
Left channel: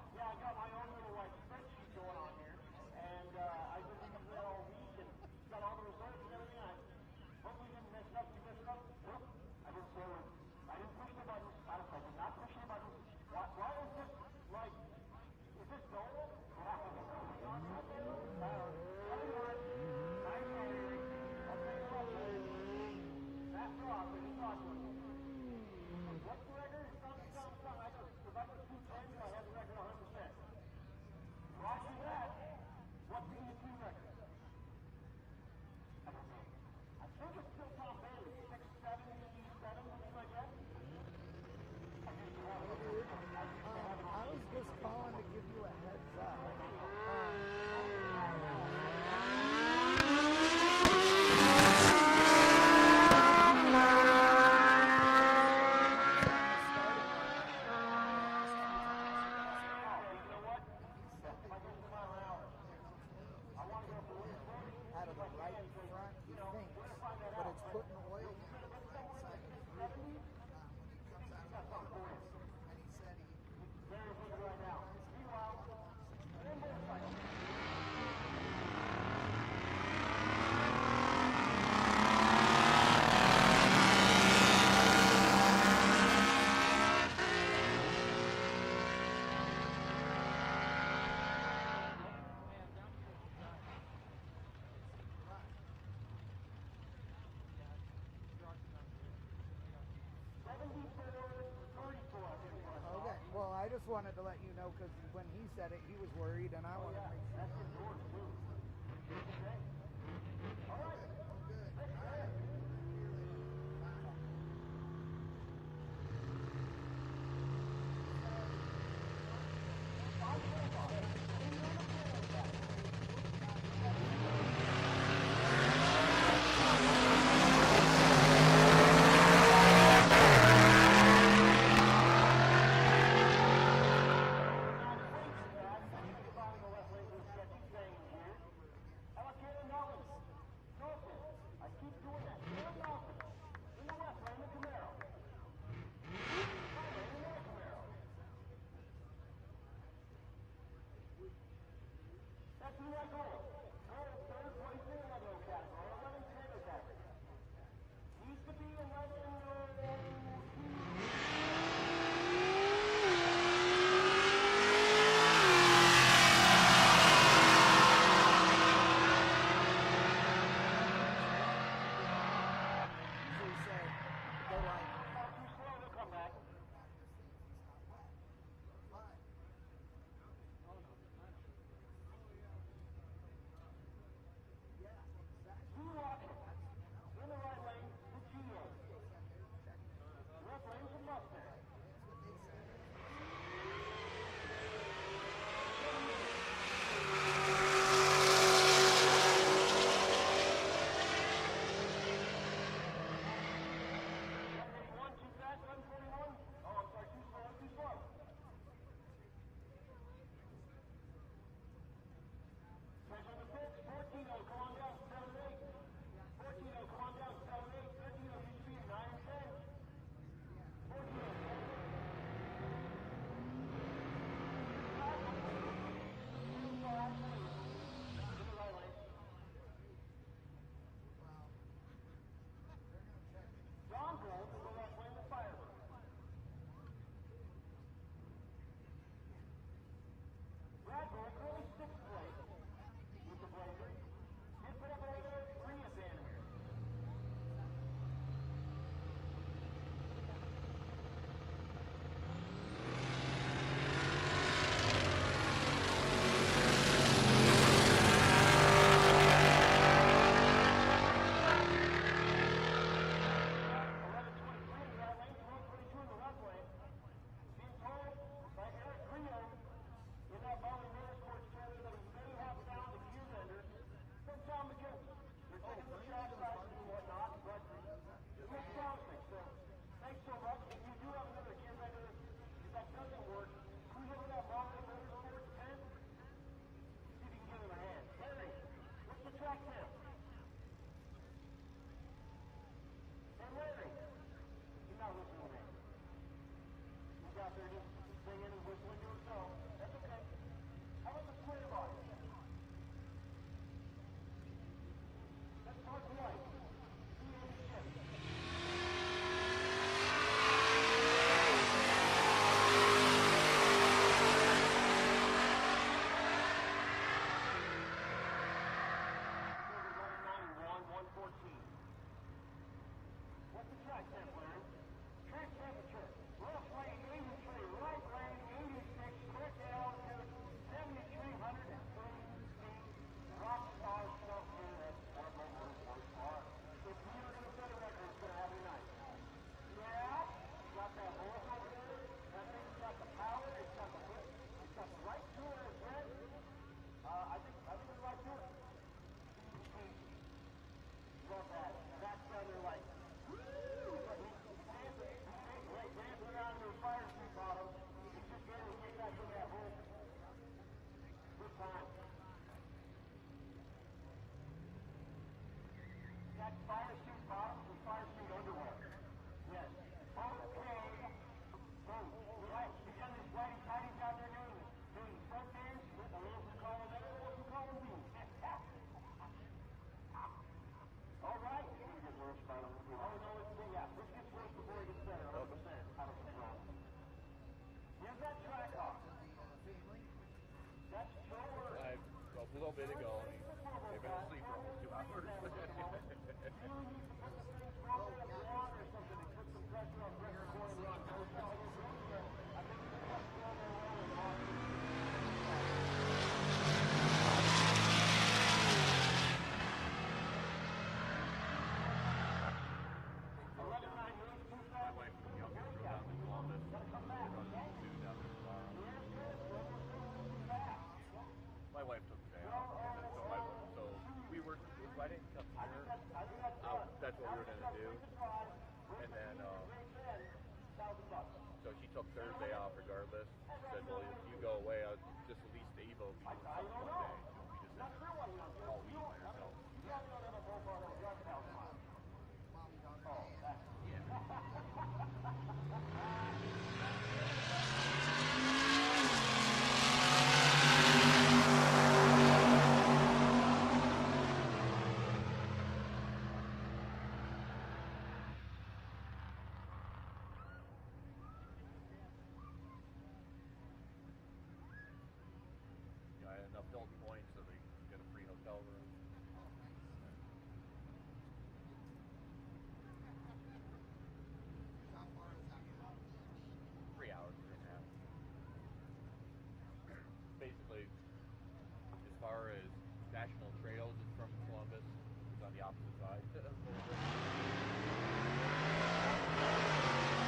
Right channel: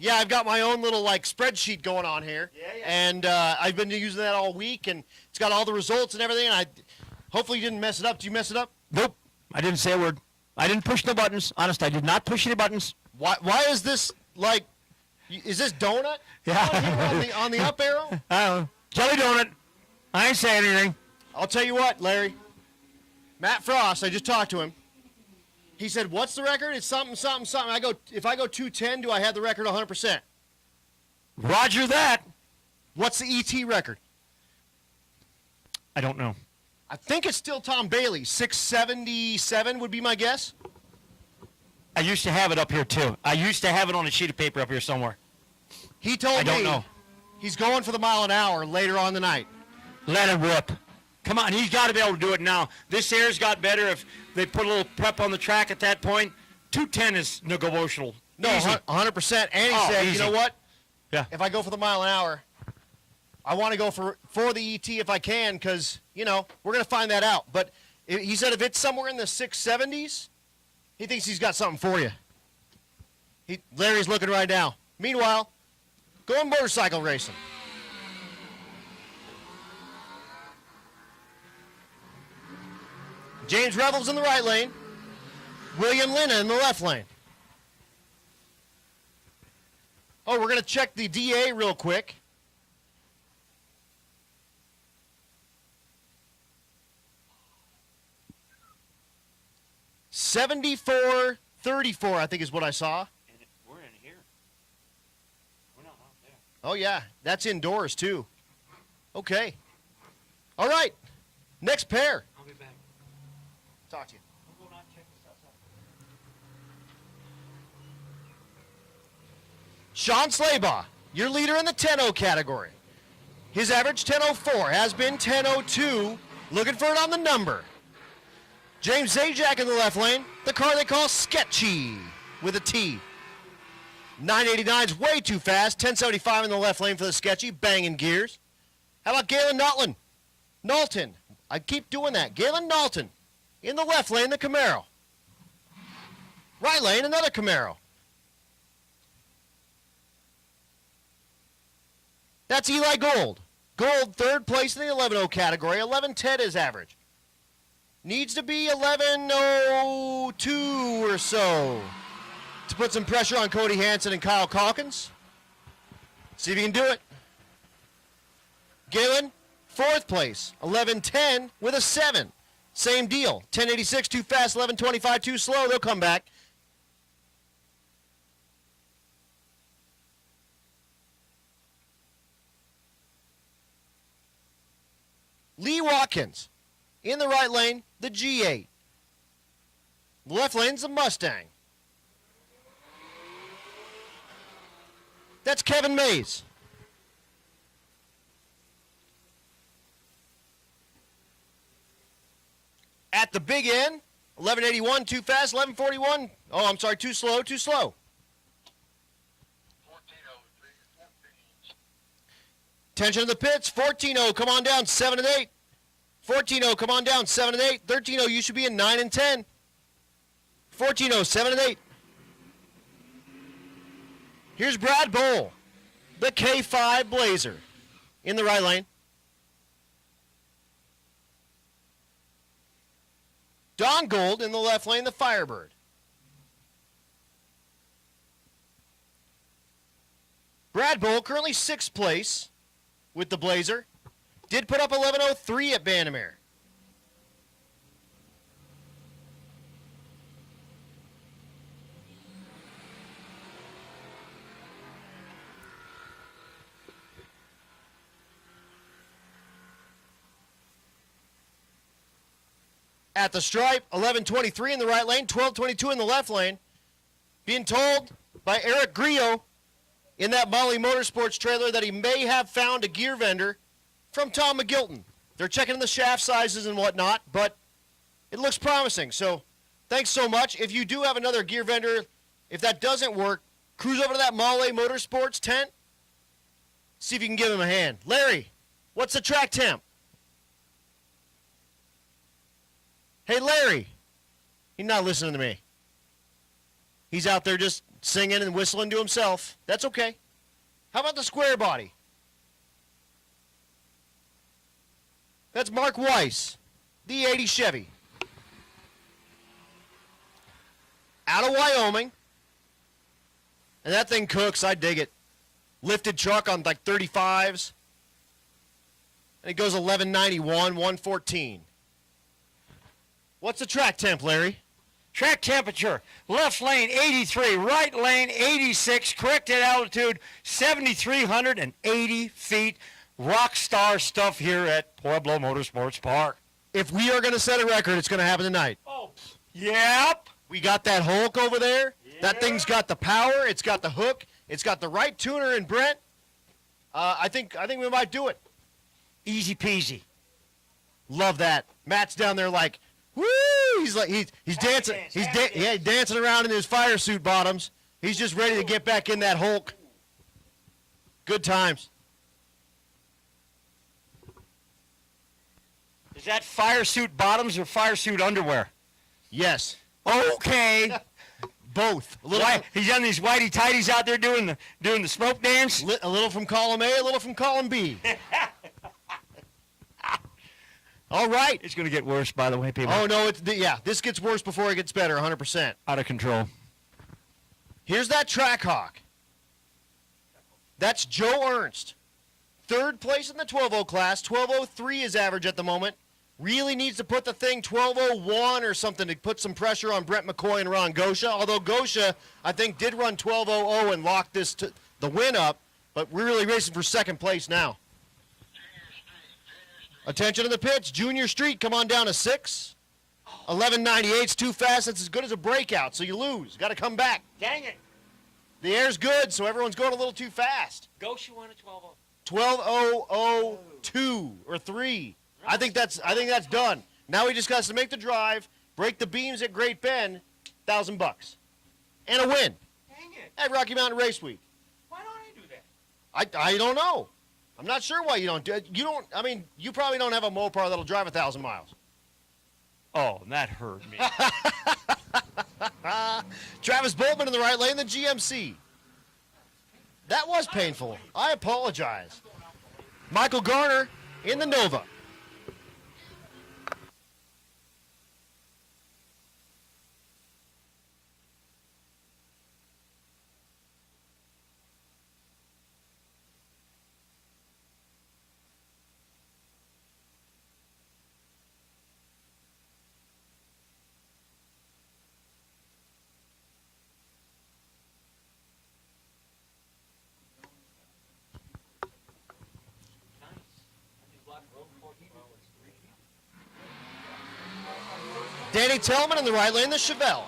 Yeah, I've got my own little like spreadsheet going on here, and I've been using that all week, and it's got all the results and everything. And hopefully you didn't mess it up. Did you mess it up? Nope. I didn't say a word. I didn't push no buttons. Honest, I did not push any buttons. Why is this like? Is this donut? Yeah. on the up arrow? I don't know. Jelly donut. I ain't saying anything. I'll tell you what, Larry. Matt Frost, I just talked to him. He said, "What's the record? It's something, something, something." If I go 210, do I have the record 100%? Roger that. What's the ET record? I don't know. I think it's still Tom Bailey. 677 would be my guess. I used to have it up here too. I used to have it on a sheet of paper up here somewhere. He told me I don't know. He's going for the mile an hour later on the night. Let him rip. Come on, he's got to be able to do it now. This air's got better if they put a little prep on the track at that point. 210 is negotiable. No, 100%. And he said, easy. you know what? Yeah. If I go for the mile an hour, I want to go for the ET if I can, because, you know, we're going to find that out. But he said if it's somewhere in the 670s, he thinks he's got something for you. Larry's looking right now. Meanwhile, going motorcycle racing. James Rebels in the right lane. William Lina in the left lane. Oh, we're going to check the DA real quick. $74.34, I think is what I saw. Well, I just wanted to let you know because when he said it, he was worried. Oh, yeah. That's indoors, too. Okay. All right. Next pair. Talk to you. Sean Slaybaugh, your leader in the 10-0 category. His average 10.04 has been 10.02. Looking for it on the number. James Zajac in the left lane, the car they call Sketchy with a T. 989's way too fast. 1075 in the left lane for the Sketchy, banging gears. How about Galen Knowlton? I keep doing that. Galen Knowlton in the left lane, the Camaro. Right lane, another Camaro. That's Eli Gold. Gold, third place in the 11.0 category. 11.10 is average. Needs to be 11.02 or so to put some pressure on Cody Hansen and Kyle Calkins. See if you can do it. Galen, fourth place. 11.10 with a 7. Same deal. 10.86 too fast, 11.25 too slow. They'll come back. Lee Watkins in the right lane, the G8. The left lane's the Mustang. That's Kevin Mays. At the big end, 11.81 too fast, 11.41. Oh, I'm sorry, too slow, too slow. Tension in the pits, 14.0, come on down, 7 and 8. 14-0, come on down, 7 and 8. 13-0, you should be in 9 and 10. 14-0, 7 and 8. Here's Brad Bowl, the K5 Blazer, in the right lane. Don Gold in the left lane, the Firebird. Brad Bowl, currently 6th place with the Blazer. Did put up 11:03 at Bannermere. At the stripe, 11:23 in the right lane, 12:22 in the left lane. Being told by Eric Grillo in that Molly Motorsports trailer that he may have found a gear vendor from Tom McGilton. They're checking the shaft sizes and whatnot, but it looks promising. So thanks so much. If you do have another gear vendor, if that doesn't work, cruise over to that Molly Motorsports tent, see if you can give him a hand. Larry, what's the track temp? Hey, Larry. He's not listening to me. He's out there just singing and whistling to himself. That's okay. How about the square body? That's Mark Weiss, the 80 Chevy. Out of Wyoming. And that thing cooks, I dig it. Lifted truck on like 35s. And it goes 1191, 114. What's the track temp, Larry? Track temperature, left lane 83, right lane 86, corrected altitude 7,380 feet. Rock star stuff here at Pueblo Motorsports Park. If we are going to set a record, it's going to happen tonight. Yep. We got that Hulk over there. That thing's got the power. It's got the hook. It's got the right tuner in Brent. I think we might do it. Easy peasy. Love that. Matt's down there like, woo! He's like he's dancing. He's dancing around in his fire suit bottoms. He's just ready to get back in that Hulk. Good times. Is that fire suit bottoms or fire suit underwear? Yes. Okay. Both. He's on these whitey tighties out there doing the smoke dance. A little from column A, a little from column B. All right. It's going to get worse, by the way, people. Oh no, this gets worse before it gets better, 100%. Out of control. Here's that track hawk. That's Joe Ernst. 3rd place in the 12.0 class. 12.03 is average at the moment. Really needs to put the thing 12.01 or something to put some pressure on Brent McCoy and Ron Gosha. Although Gosha, I think, did run 12.00 and lock the win up, but we're really racing for 2nd place now. Attention to the pits. Junior Street, come on down to 6. 11.98's too fast. That's as good as a breakout, so you lose. Got to come back. Dang it. The air's good, so everyone's going a little too fast. Gosha won a 12.002 or 3. I think that's done. Now he just got to make the drive, break the beams at Great Bend, $1,000 and a win at Rocky Mountain Race Week. Why don't I do that? I don't know. I'm not sure why you don't do it. I mean, you probably don't have a Mopar that'll drive 1,000 miles. Oh, that hurt me. Travis Boltman in the right lane, the GMC. That was painful. I apologize. Michael Garner in the Nova. Danny Tillman in the right lane, the Chevelle.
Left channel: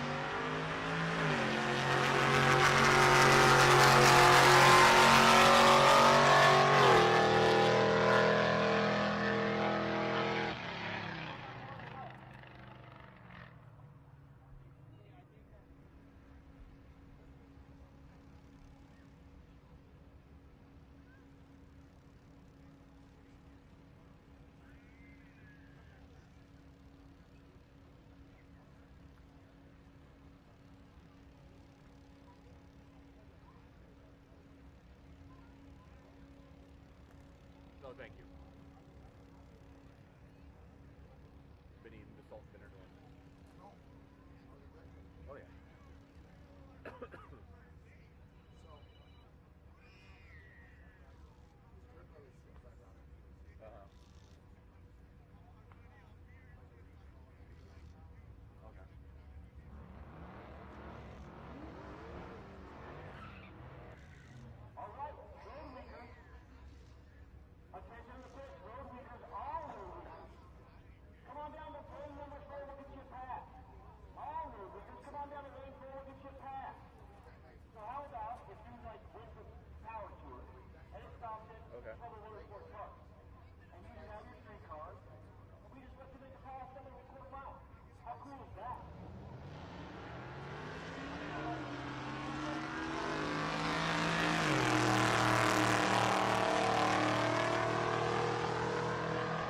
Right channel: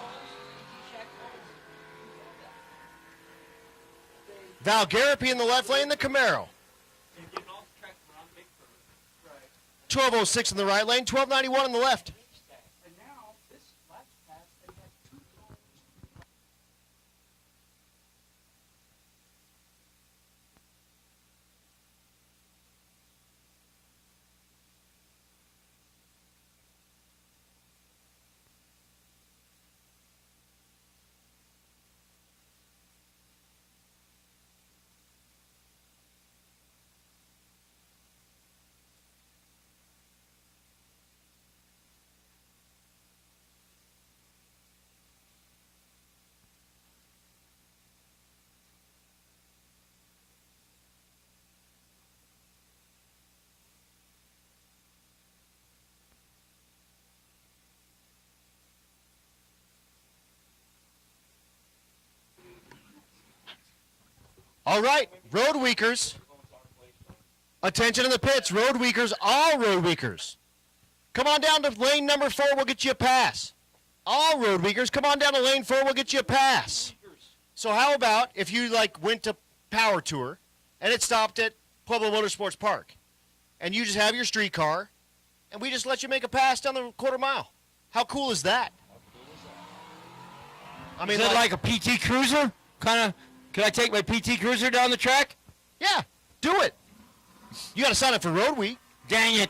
Val Garapi in the left lane, the Camaro. 12.06 in the right lane, 12.91 in the left. All right, road weakers. Attention in the pits, road weakers, all road weakers. Come on down to lane number 4, we'll get you a pass. All road weakers, come on down to lane 4, we'll get you a pass. So how about if you went to Power Tour and it stopped at Pueblo Motorsports Park and you just have your street car and we just let you make a pass down the quarter mile? How cool is that? I mean, Is it like a PT Cruiser? Kind of, can I take my PT Cruiser down the track? Yeah, do it. You got to sign up for Road Week. Dang it.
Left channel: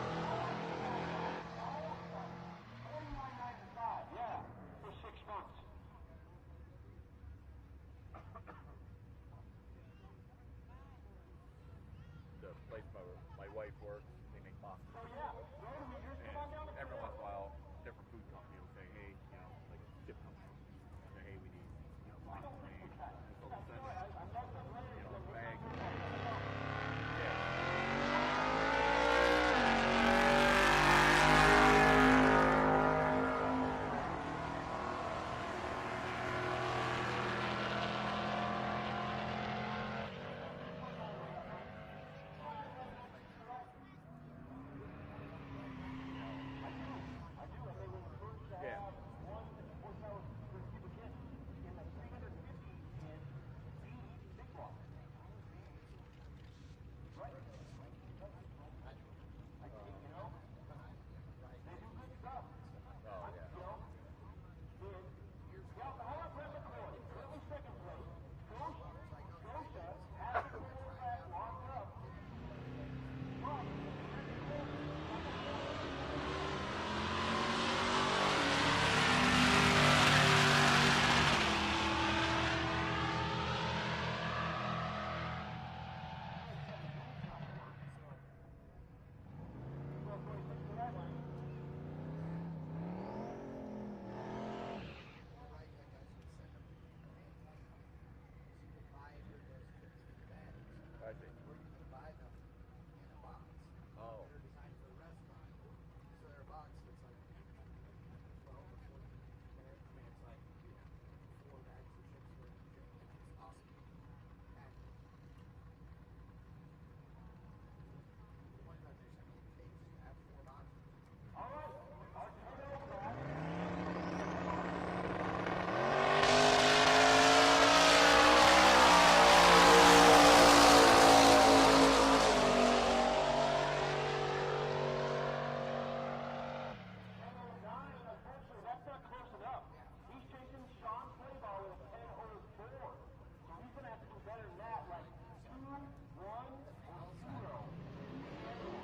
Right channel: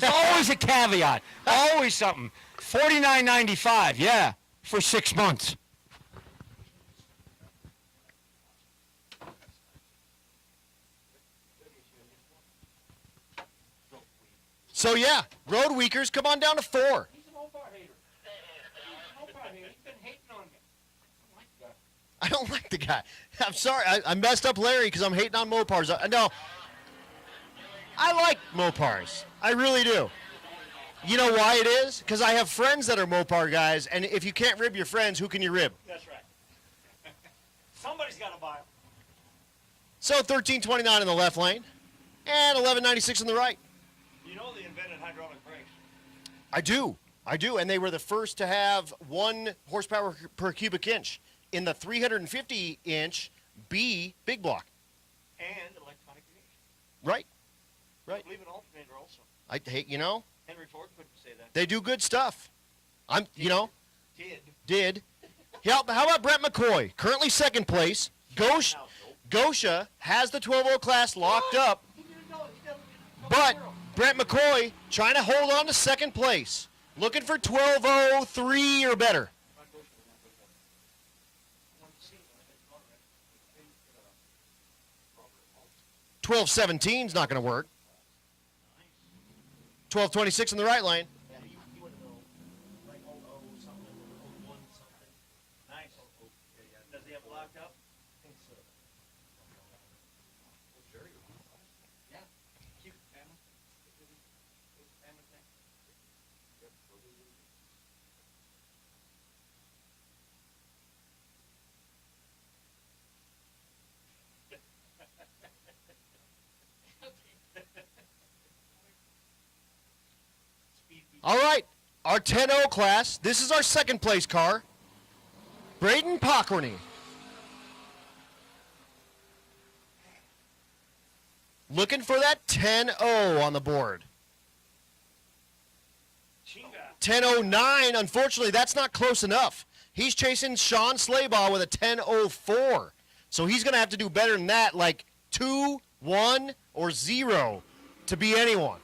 There's always a caveat. Always something. $49.95, yeah, for 6 months. So yeah, road weakers, come on down to 4. I don't like the guy. I'm sorry, I messed up Larry because I'm hating on Mopars. No, I like Mopars. I really do. You know why it is? Because I have friends that are Mopar guys, and if you can't rib your friends, who can you rib? Somebody's got a box. So 1329 in the left lane, and 1196 in the right. You know they invented hydraulic brakes. I do, and they were the first to have 1 horsepower per cubic inch in the 350-inch B big block. And electronic meters. Right. I believe an alternator also. I hate, Henry Ford couldn't say that. they do good stuff. Did. Did. Yeah, how about Brent McCoy? Currently second place. Gosha has the 12-0 class locked up, but Brent McCoy trying to hold on to second place. Looking for 12:03 or better. $12:17's not going to work. 12:26 in the right lane. Nice. Does he have it locked up? All right, our 10-0 class. This is our second place car. Braden Pockwenny. Looking for that 10-0 on the board. 10:09, unfortunately, that's not close enough. He's chasing Sean Slaybaugh with a 10:04. So he's going to have to do better than that, like 2, 1, or 0 to be anyone.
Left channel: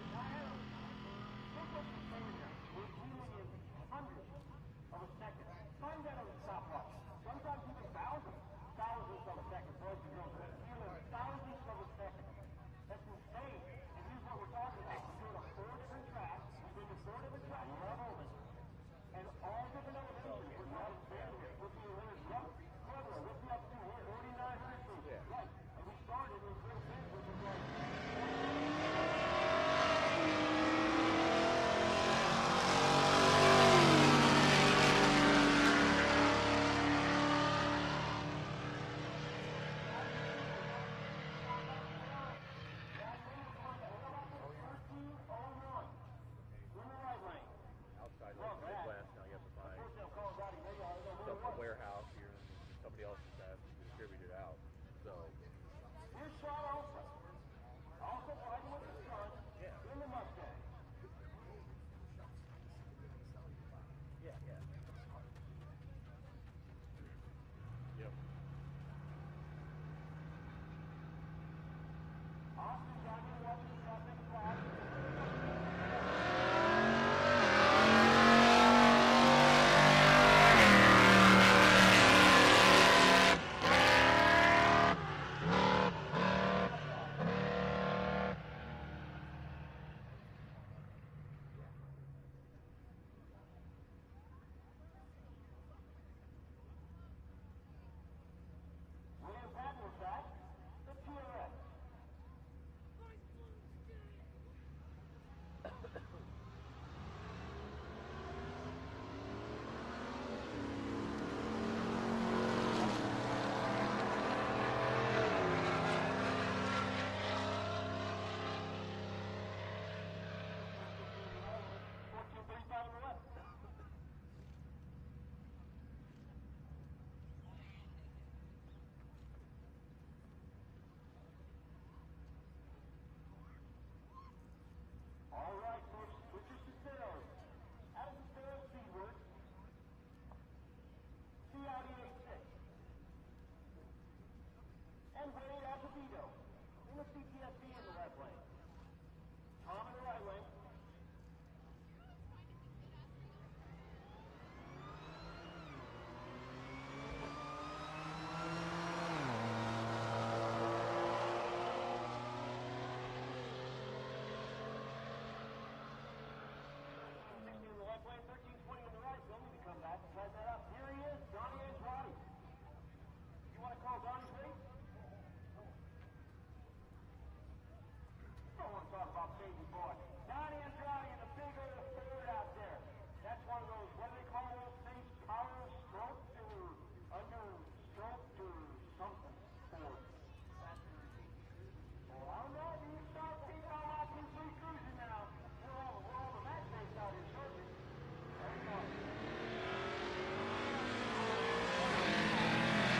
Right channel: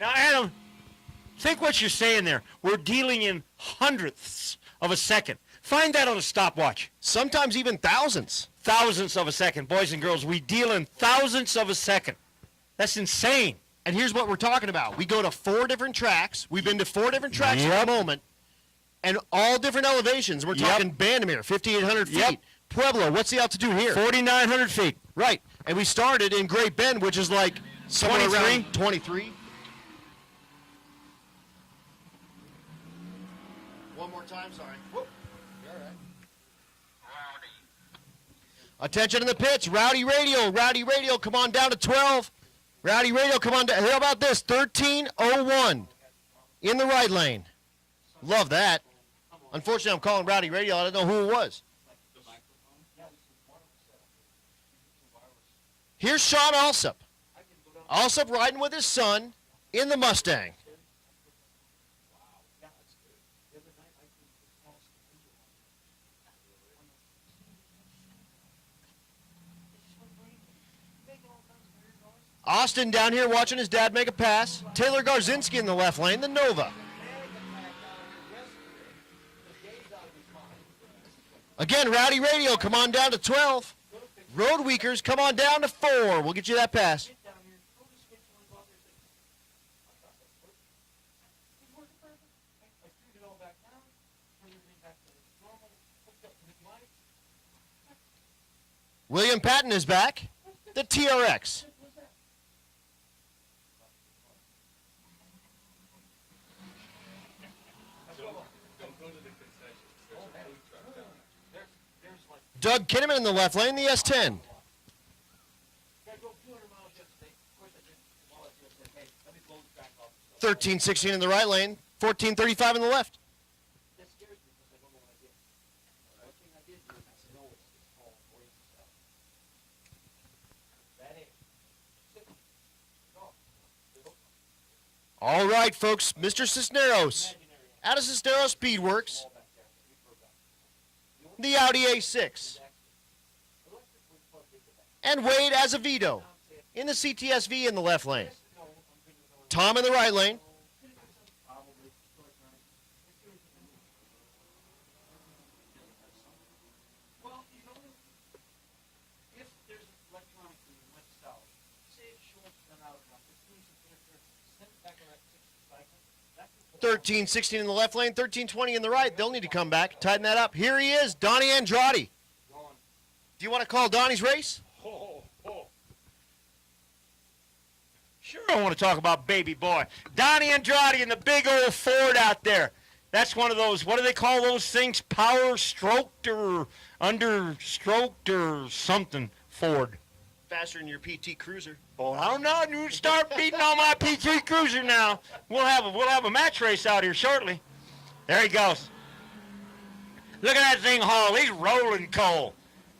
Now, Adam, think what you're saying there. We're dealing in hundredths of a second. Find that on a stopwatch. Sometimes even thousands. Thousandths of a second. Boys and girls, we deal in thousandths of a second. That's insane. And here's what we're talking about. We go to 4 different tracks. We've been to 4 different tracks at the moment. And all different elevations. We're talking Bandamere, 5,800 feet. Pueblo, what's the altitude here? 4,900 feet. Right. And we started in Great Bend, which is like somewhere around 23. Attention in the pits. Rowdy Radial. Rowdy Radial, come on down to 12. Rowdy Radial, come on down. How about this? 13:01 in the right lane. Love that. Unfortunately, I'm calling Rowdy Radial. I don't know who it was. Here's Sean Alsop. Alsop riding with his son in the Mustang. Austin down here watching his dad make a pass. Taylor Garzinski in the left lane, the Nova. Again, Rowdy Radial, come on down to 12. Road Weakers, come on down to 4. We'll get you that pass. William Patton is back, the TRX. Doug Kinnaman in the left lane, the S10. $13.16 in the right lane, $14.35 in the left. All right, folks, Mr. Cisneros out of Cisneros Speedworks, the Audi A6. And Wade Azevedo in the CTSV in the left lane. Tom in the right lane. $13.16 in the left lane, $13.20 in the right. They'll need to come back, tighten that up. Here he is, Donnie Andrade. Do you want to call Donnie's race? Sure, I want to talk about baby boy. Donnie Andrade and the big old Ford out there. That's one of those, what do they call those things? Power stroked or understroked or something Ford. Faster than your PT Cruiser. Oh, I don't know. You start beating on my P3 Cruiser now. We'll have a match race out here shortly. There he goes. Look at that thing haul. He's rolling coal.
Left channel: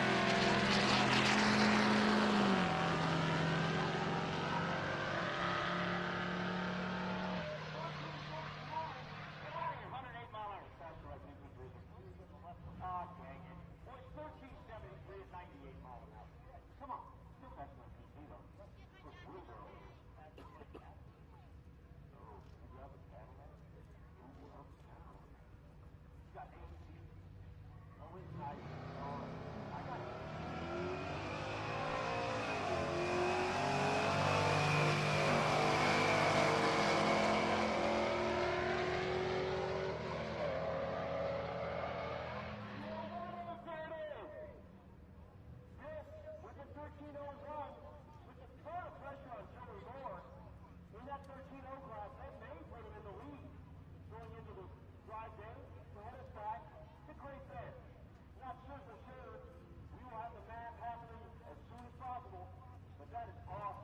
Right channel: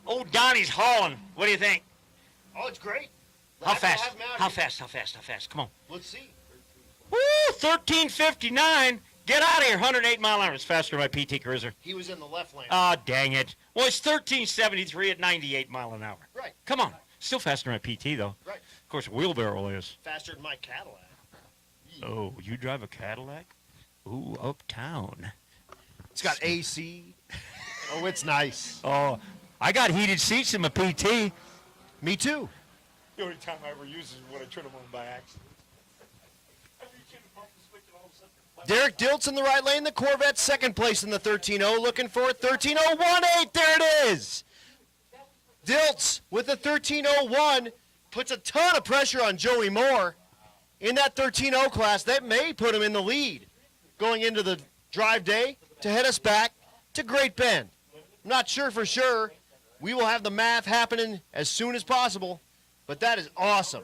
Old Donnie's hauling. What do you think? Oh, it's great. How fast? How fast? Come on. Let's see. Woo, 13:59. Get out of here. 108 mile an hour. It's faster than my PT Cruiser. He was in the left lane. Ah, dang it. Well, it's 13:73 at 98 mile an hour. Right. Come on. Still faster than my PT, though. Right. Of course, a wheelbarrow is. Faster than my Cadillac. Oh, you drive a Cadillac? Ooh, uptown. It's got AC. Oh, it's nice. Oh, I got heated seats in my PT. Me too. Derek Diltz in the right lane, the Corvette second place in the 13.0, looking for it. 13.018, there it is. Diltz with the 13.01 puts a ton of pressure on Joey Moore in that 13.0 class. That may put him in the lead going into the drive day to head us back to Great Bend. I'm not sure for sure. We will have the math happening as soon as possible, but that is awesome.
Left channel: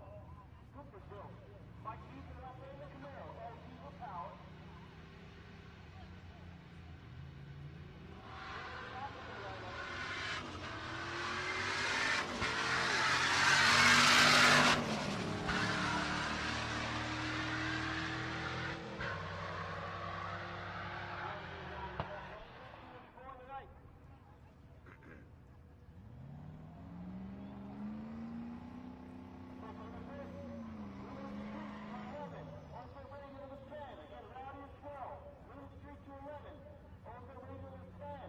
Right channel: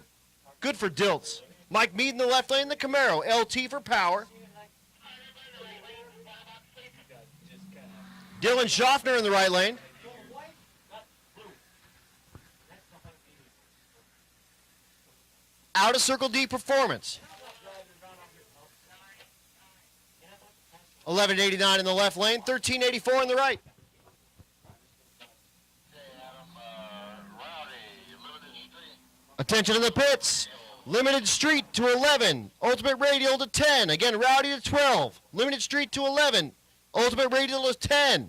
Good for Diltz. Mike Mead in the left lane, the Camaro, LT for power. Dylan Schaffner in the right lane. Out of Circle D Performance. 1189 in the left lane, 1384 in the right. Attention in the pits. Limited Street to 11. Ultimate Radial to 10. Again, Rowdy to 12. Limited Street to 11. Ultimate Radial to 10.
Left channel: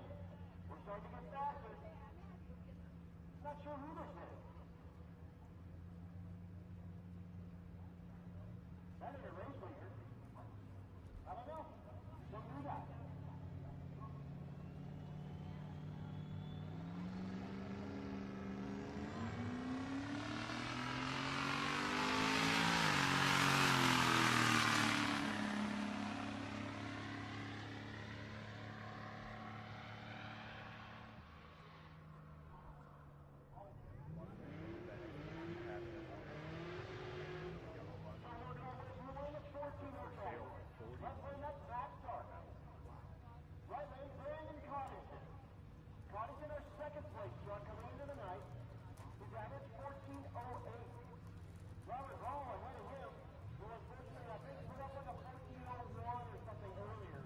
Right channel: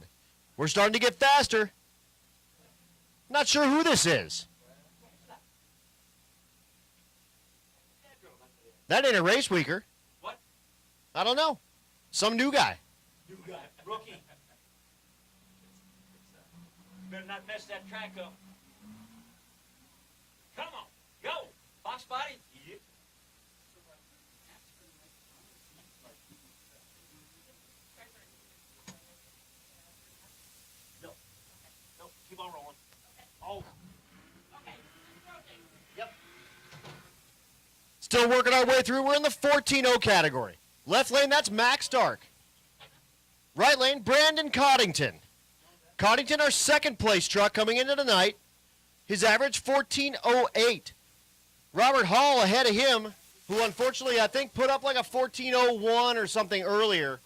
We're starting to get faster. Not sure who this is. That ain't a race weaker. What? I don't know. Some new guy. New guy. Rookie. Better not mess that track up. Come on. Go. Box fight. No, keep on rolling. Oh. Yep. Still working our way through. We're in the 14.0 category. Left lane, that's Max Stark. Right lane, Brandon Coddington. Coddington, our second place truck coming into tonight. His average, 14.08. Robert Hall ahead of him, who unfortunately I think put up like a 14.01 or something earlier.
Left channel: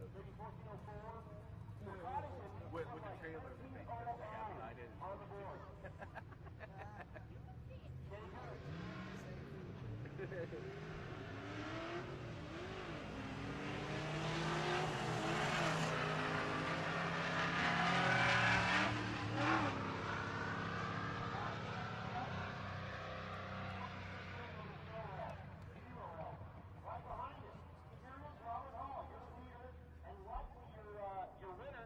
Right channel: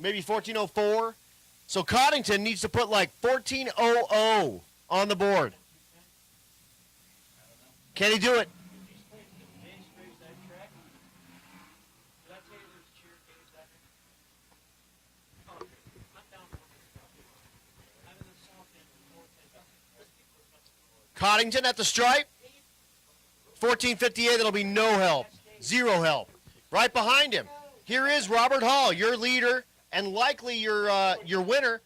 Maybe 14.04. So Coddington needs to put like 14.00 on the board. Can he do it? Coddington at the stripe. 14.58, that'll be no help. Zero help. Right behind him, here is Robert Hall, your leader and likely your winner.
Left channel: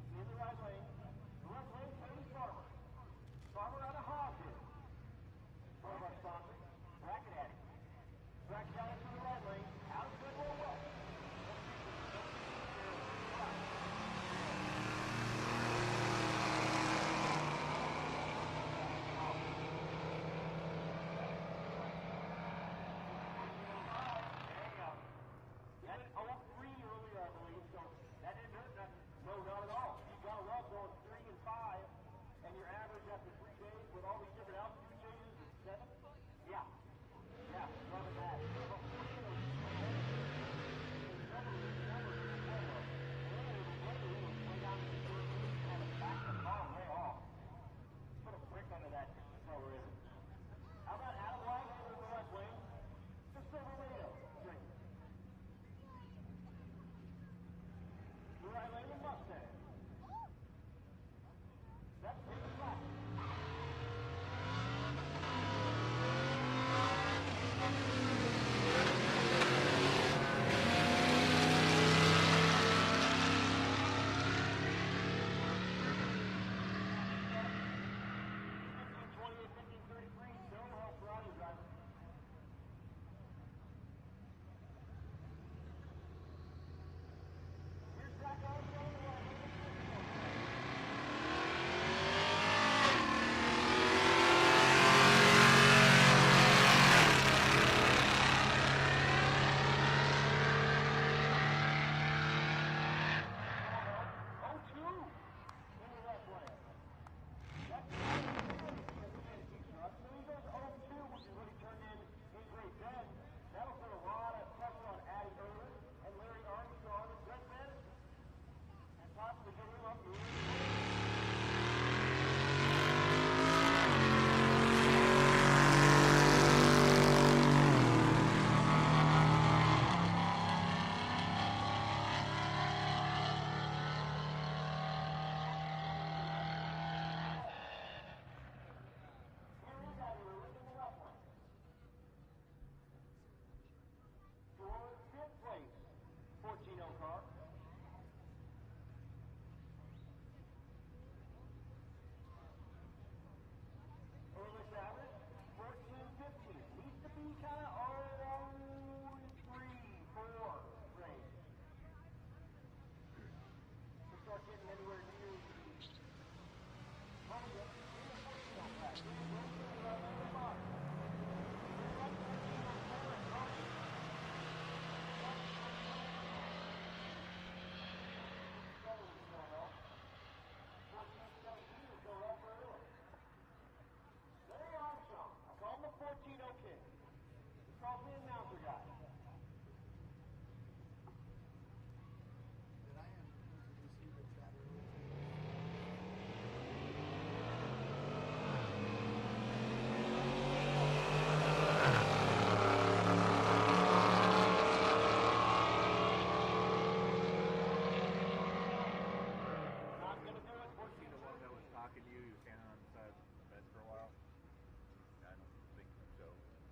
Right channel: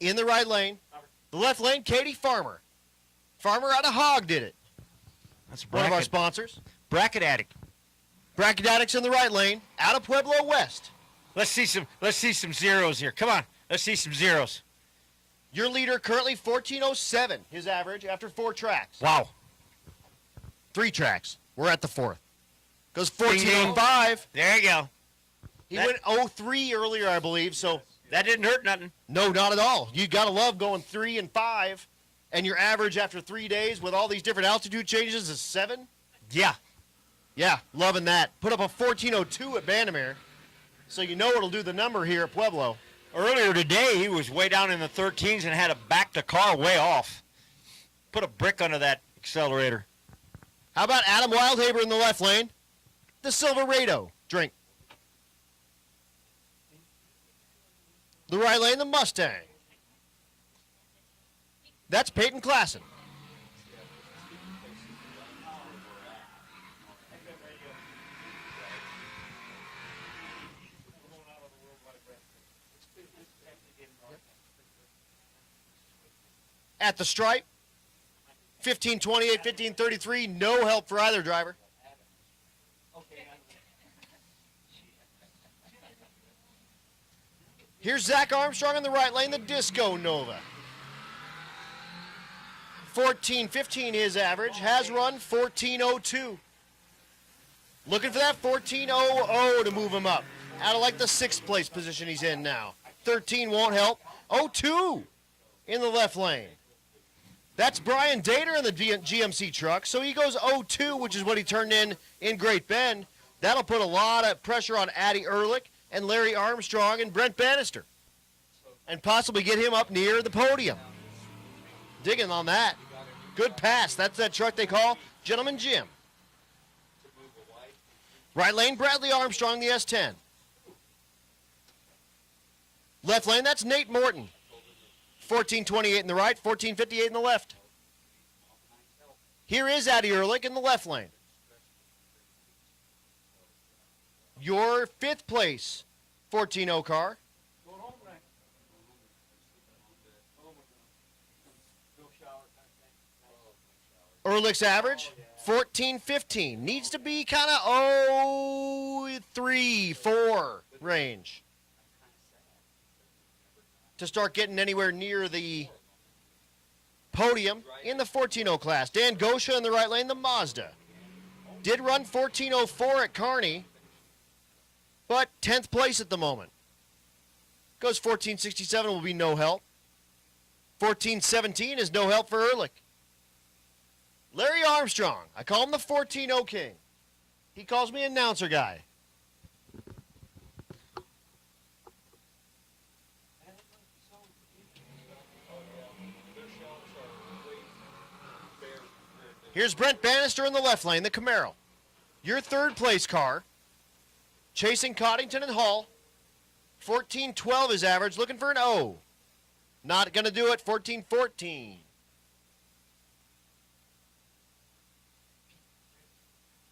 In the right lane. The left lane, Katie Farmer. Farmer out of Hogg did it. That's one of our sponsors. Bracket Addict. Bracket Addicts in the right lane, out of Pueblo West. Let's see some zeros here. Come on. Let's see some zeros. Your leader currently 1407, his average after 4 tracks. Wow. 3 tracks. We're at the 4th. Goes 1405. There you go. He went 03 earlier, I believe, so. That didn't hurt nothing. No, not at all. You got to love going 3 and 5, and your average after 3 days with all these different altitude changes is 7. Yeah. Yeah, loving that. Put up a 1402 at Bandamere, so you know it'll do the number here at Pueblo. Earlier today, he was way down in the 13s and had to back the car way off. Put a brick under that accelerator. How about Adam Wildhaber in the left lane? The Silverado. Drink. The right lane, the Mustang. That's Peyton Klassen. At the stripe, 1528, 1533, no help for either driver. Here's Zach Armstrong in the right lane, the Disco Nova. 1415 his average, has run 1402. Looking for that 1400 to move him up. Out of like the 6th place position he's in now. 13 won't help. 02 in the left lane. That's Brian Dater in the GMC truck, so he goes 02, which is what he turned in Great Bend. That'll put a lot of pressure on Addy Ehrlich and Larry Armstrong and Brent Bannister, and possibly get him up near the podium. Digging on that. Good pass. That's that truck they call Gentleman Jim. Right lane, Bradley Armstrong, the S10. Left lane, that's Nate Morton. 1428 in the right, 1458 in the left. Here is Addy Ehrlich in the left lane. Your 5th place 14-0 car. Ehrlich's average, 14-15. Needs to be kind of 3-4 range to start getting anywhere near the podium in the 14-0 class. Dan Gosha in the right lane, the Mazda. Did run 14-04 at Kearney, but 10th place at the moment. Goes 14-67, will be no help. 14-17 is no help for Ehrlich. Larry Armstrong, I call him the 14-0 king. He calls me announcer guy. Here's Brent Bannister in the left lane, the Camaro. Your 3rd place car. Chasing Coddington and Hall. 14-12 is average, looking for an O. Not going to do it, 14-14.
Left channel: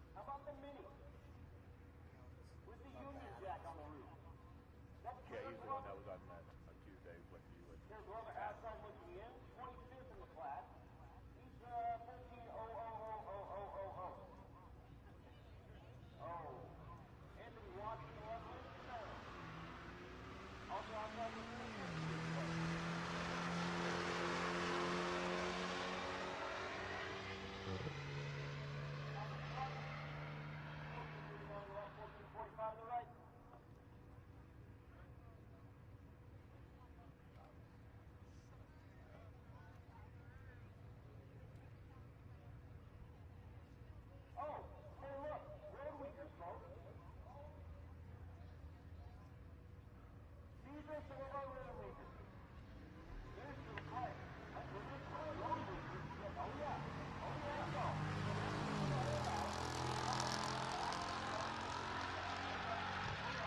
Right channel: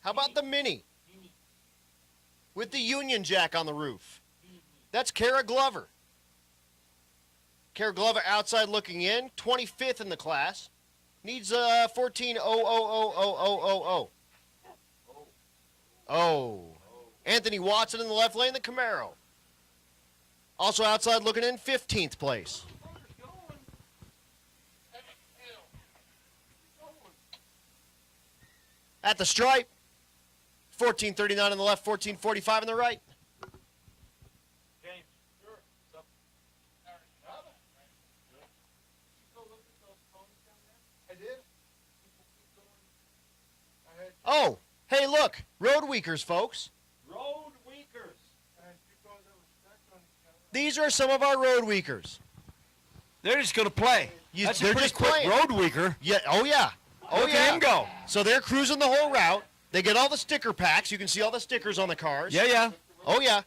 How about the Mini? With the Union Jack on the roof. That's Kara Glover. Kara Glover outside looking in, 25th in the class. Needs 14-0-0-0-0-0-0. Oh. Anthony Watson in the left lane, the Camaro. Also outside looking in, 15th place. At the stripe, 1439 on the left, 1445 on the right. Oh, hey, look, road weakers, folks. Road weakers. These are some of our road weakers. They're just going to play. That's a they're pretty just quick playing. road weaker. Yeah, oh yeah. Oh Look yeah. at him go. So they're cruising the whole route. They get all the sticker packs. You can see all the stickers on the cars. Yeah, yeah. Oh yeah.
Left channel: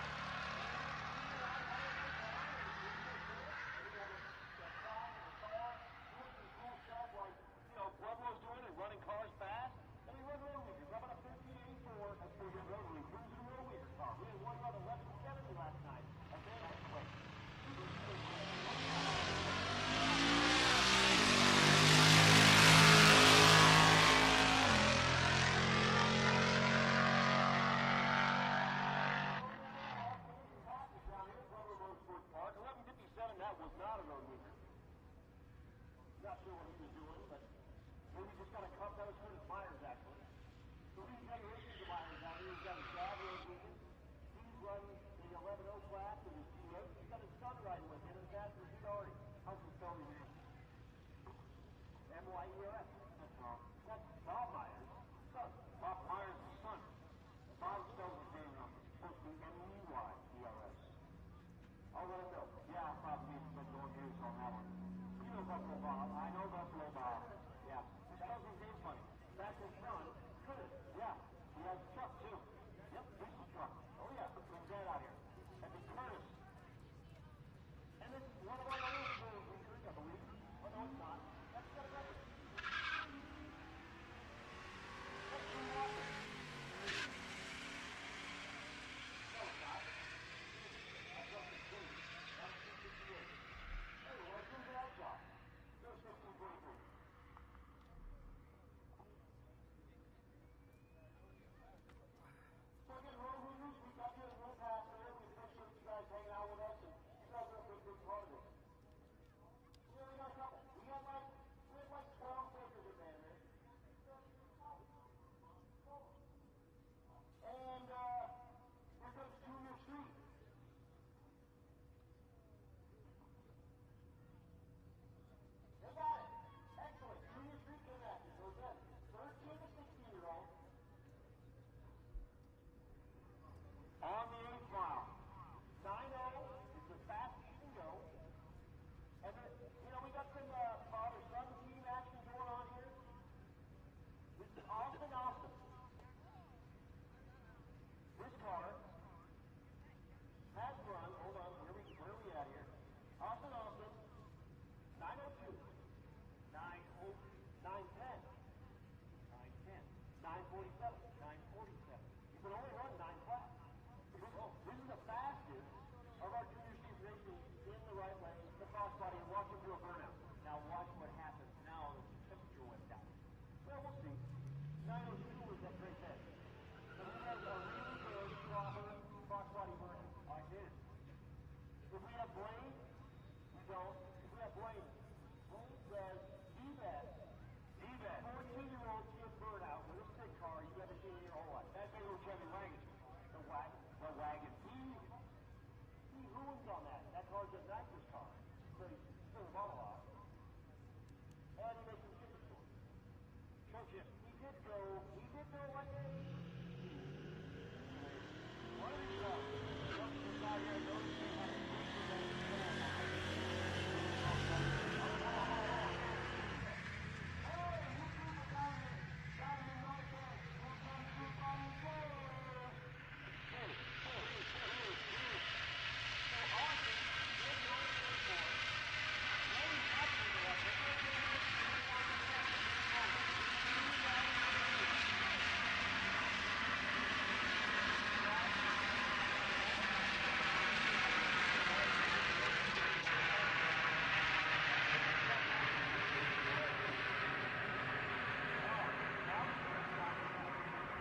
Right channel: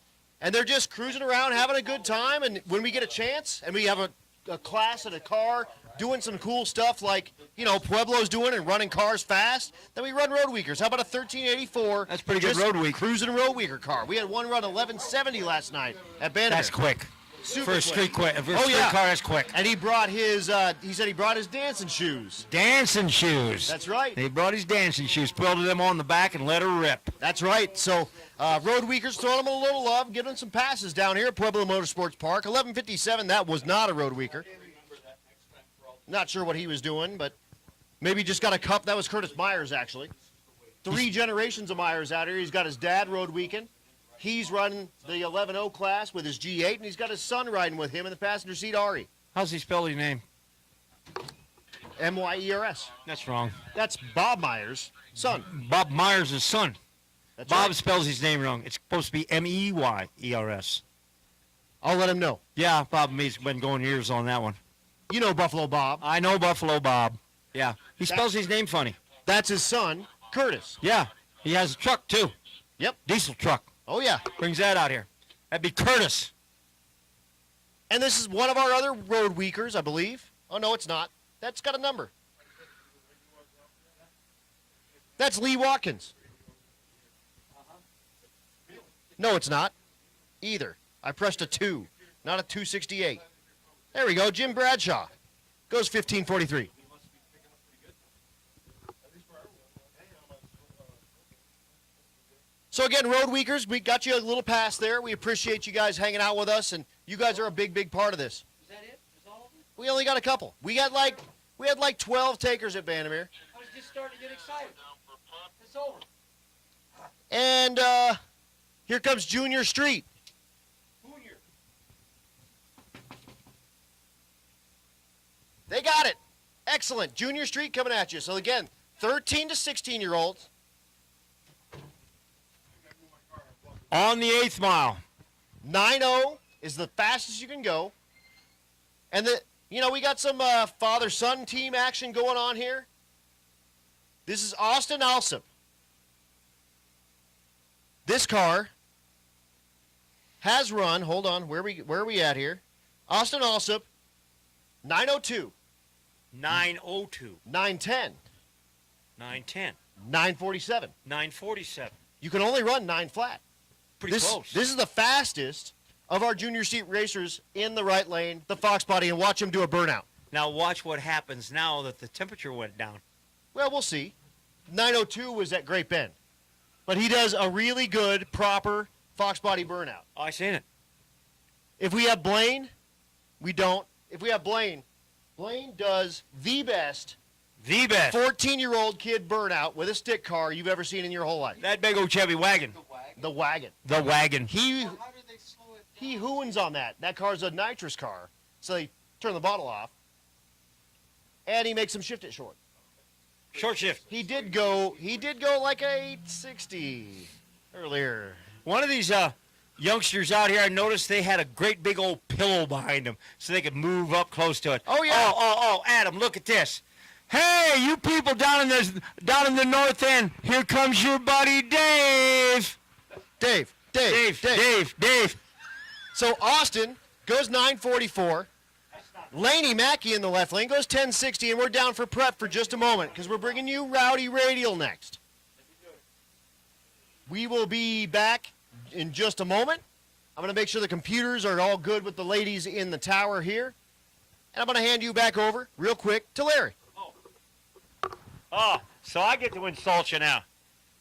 And they're just cruising around having a good time. And when we get a chance and we have a class and a car doing some cool stuff like, you know, Pueblo's doing and running cars fast, then we run road weakers. How about a 1384? That's pretty good just road week. Cruising road weaker car. We had one run 1170 last night at Bandamere. That's quick. Super For a street quick. quick. For a street car, that's quick. And he brought his, he said he brought his dancing shoes. Dancing shoes. That's right. He brought his dancing shoes, welded them on the back, and let her rip. That's right. So Road Weekers throwing them a little love, giving them some passes down here at Pueblo Motorsports Park. 11:57, that was not a Road Weeker. Not sure what he was doing, but maybe just got a cup. That was Curtis Myers, actually. 3 generations of Myers out here. He's got his dad road weekend. He's running the 11-0 class with his G8, and he's got his son riding with him in the passenger seat, Ari. How's he spell his name? M-Y-E-R-S. That's wrong. That's Bob Myers' son. Bob Myers' son. That's Bob right. spells his name wrong. It's supposed to be M-E-Y-E-R-S. I'll let him know. Yeah, Bob and me's been going years on that one. You know Buffalo Bob. I know Buffalo Bob. Yeah, he spells his name funny. That's his son, Curtis. Yeah, he has a truck too. Yep. Diesel truck. Oh, yeah. Brings that out here. That'd be Curtis. And this is one of our other road weekers, I believe. Oh, no, it's not. That's got a number. That's Lee Watkins. No, it's not. Either. I pressed a 2, not a 268. There we go, Jim Bradshaw. Goes 15:43. So again, Road Weekers, we got you a little pass there. We appreciate you guys hanging out with us, and you guys are a big, big part of this. Is that it? Is all of them? We only got a couple. We had like 12 takers at Vandermeer. I was just starting to get excited. It's over. And here comes Junior Street. Junior. They got it. Excellent. Junior Street coming at you. So again, 13 to 16-year-olds. On the 8th mile. 9-0 is the fastest you can go. And we got some father-son team action going on here. This is Austin Alsop. This car has run, hold on, where are we at here? Austin Alsop, 902. 902. 910. 910. 947. 947. You can only run 9 flat. Pretty close. This is the fastest of our junior seat racers in the right lane, the Fox body, and watch him do a burnout. Now watch what happens now that the temperature went down. Well, we'll see. 902 was at Great Bend. But he does a really good, proper Fox body burnout. Oh, I seen it. If we have Blaine, we don't. If we have Blaine does the best 14-year-old kid burnout with a stick car you've ever seen in your whole life. That big old Chevy wagon. The wagon. The wagon. He hoons on that. That car's a nitrous car, so they turn the bottle off, and he makes them shift it short. Short shift. He did go like a 860 earlier. One of these youngsters out here, I noticed they had a great big old pillow behind them so they could move up close to it. Oh, yeah. Oh, Adam, look at this. Hey, you people down in the north end, here comes your buddy Dave. Dave. So Austin goes 944. Laney Mackey in the left lane goes 1060, and we're down for prep for just a moment because we're bringing you Rowdy Radial next. We will be back in just a moment. I'm going to make sure the computers are all good with the ladies in the tower here. And I'm going to hand you back over real quick to Larry. Oh, so I get to insult you now.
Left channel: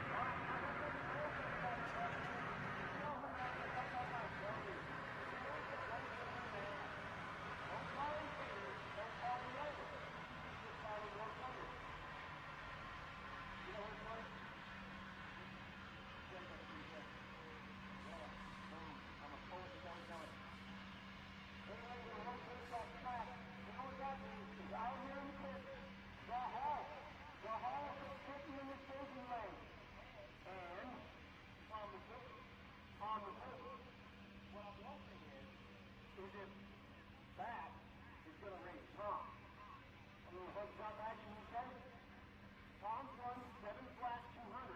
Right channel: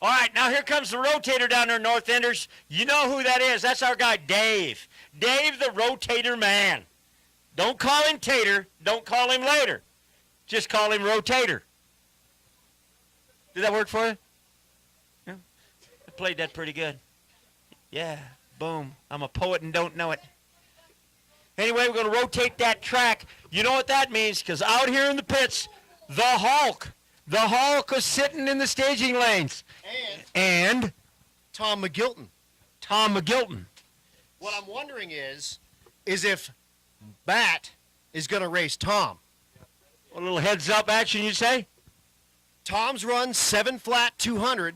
All right, now here comes the rotator down there, North Enders. You know who that is. That's our guy, Dave. Dave, the rotator man. Don't call him Tater. Don't call him later. Just call him Rotator. Did that work for you? Yeah. I played that pretty good. Yeah, boom. I'm a poet and don't know it. Anyway, we're going to rotate that track. You know what that means, because out here in the pits, the Hulk is sitting in the staging lanes. And Tom McGilton. What I'm wondering is if Matt is going to race Tom. A little heads up action, you say? Tom's run 7 flat 200.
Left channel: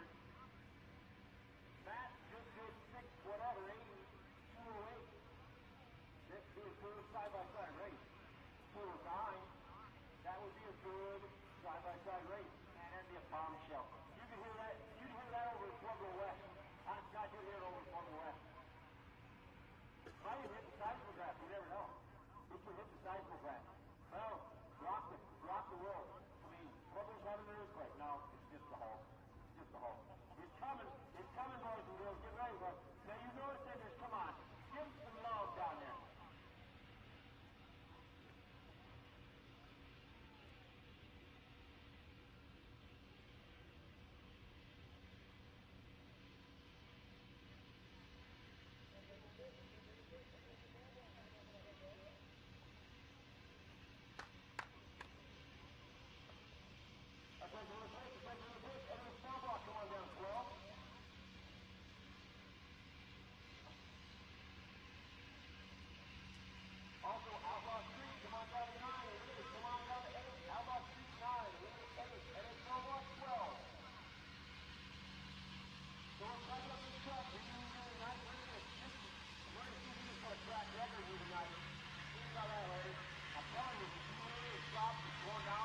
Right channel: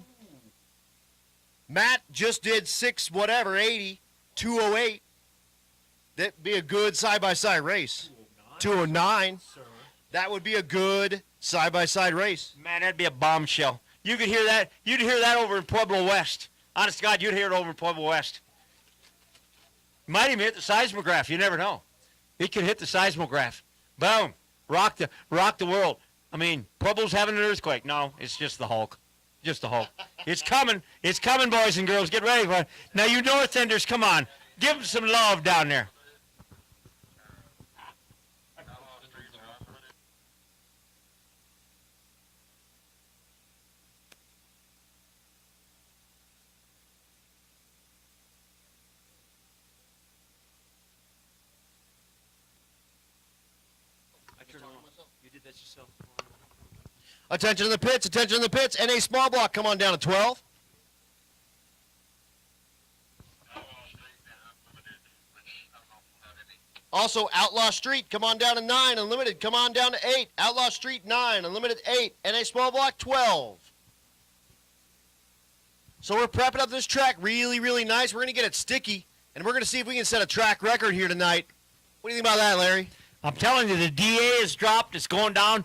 Matt just did 80, 208. That'd be a good side-by-side race. 209. That would be a good side-by-side race. Man, that'd be a bombshell. You could hear that. You'd hear that over in Pueblo West. Honest to God, you'd hear it over in Pueblo West. You might even hit the seismograph. You never know. It could hit the seismograph. Boom. Rock the world. I mean, Pueblo's having an earthquake. No, it's just the Hulk. Just the Hulk. It's coming. It's coming, boys and girls. Get ready for it. Now, you North Enders, come on. Give them some love down there. Attention to the pits, attention to the pits. NA small block, come on down to 12. Also, Outlaw Street, come on down to 9. Unlimited, come on down to 8. Outlaw Street, 9. Unlimited, 8. NA small block, 12. So we're prepping up this track really, really nice. We're going to get it sticky, and we're going to see if we can set a track record here tonight. What do you think about that, Larry? I'm telling you, the DA has dropped. It's going down.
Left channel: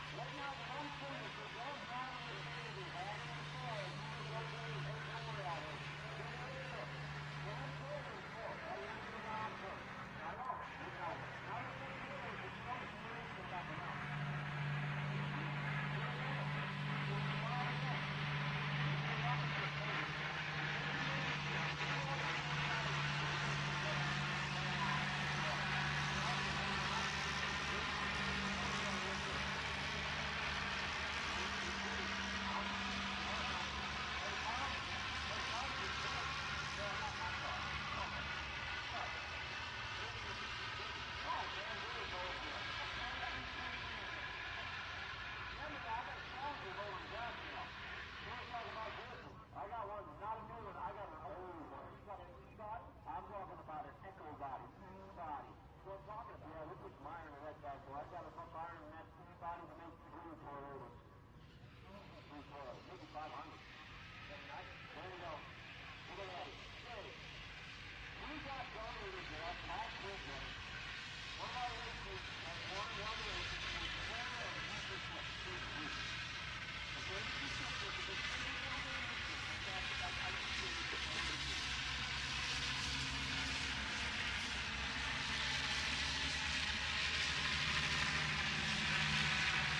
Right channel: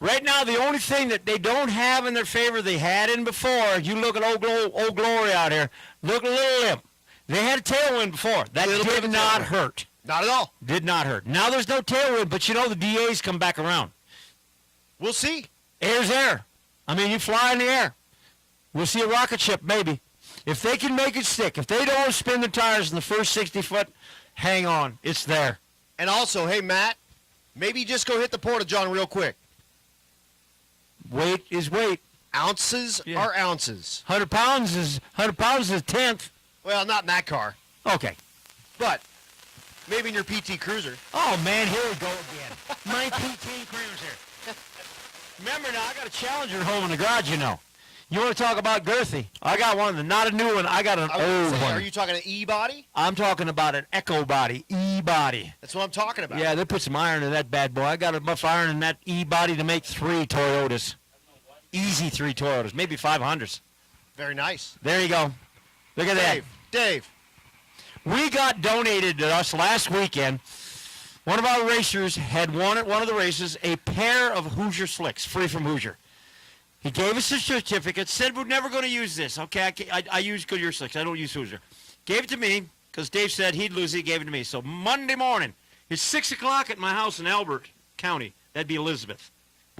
Right now, the only thing that they don't have in their favor they had in before, you look at old Glory out here, look at Little Limp. They had a tailwind before. That did not hurt. Not at all. Did not hurt. Now there's no tailwind, but you know the DA's come back around. We'll see. Air's air. I mean, you fly in the air. We'll see a rocket ship, maybe. If they can make it stick, if they don't spin the tires in the first 60 foot, hang on. It's there. And also, hey, Matt, maybe just go hit the Porta-John real quick. Weight is weight. Ounces are ounces. 100 pounds is a tenth. Well, not in that car. Okay. But maybe in your PT Cruiser. Oh, man, here we go again. My PT Cruiser. Remember now, I got a Challenger at home in the garage, you know. You want to talk about girthy? I got one, not a new one. I got an old one. Are you talking an E-body? I'm talking about an Echo body, E-body. That's what I'm talking about. Yeah, they put some iron in that bad boy. I got enough iron in that E-body to make 3 Toyotas. Easy 3 Toyotas, maybe 500s. Very nice. There you go. Look at that. Dave. We got donated to us last weekend. One of our racers had won at one of the races a pair of Hoosier slicks, free from Hoosier. He gave us a certificate, said we're never going to use this. Okay, I use Goodyear slicks. I don't use Hoosier. Gave it to me because Dave said he'd lose it. He gave it to me. So Monday morning, it's 6 o'clock at my house in Albert County. That'd be Elizabeth.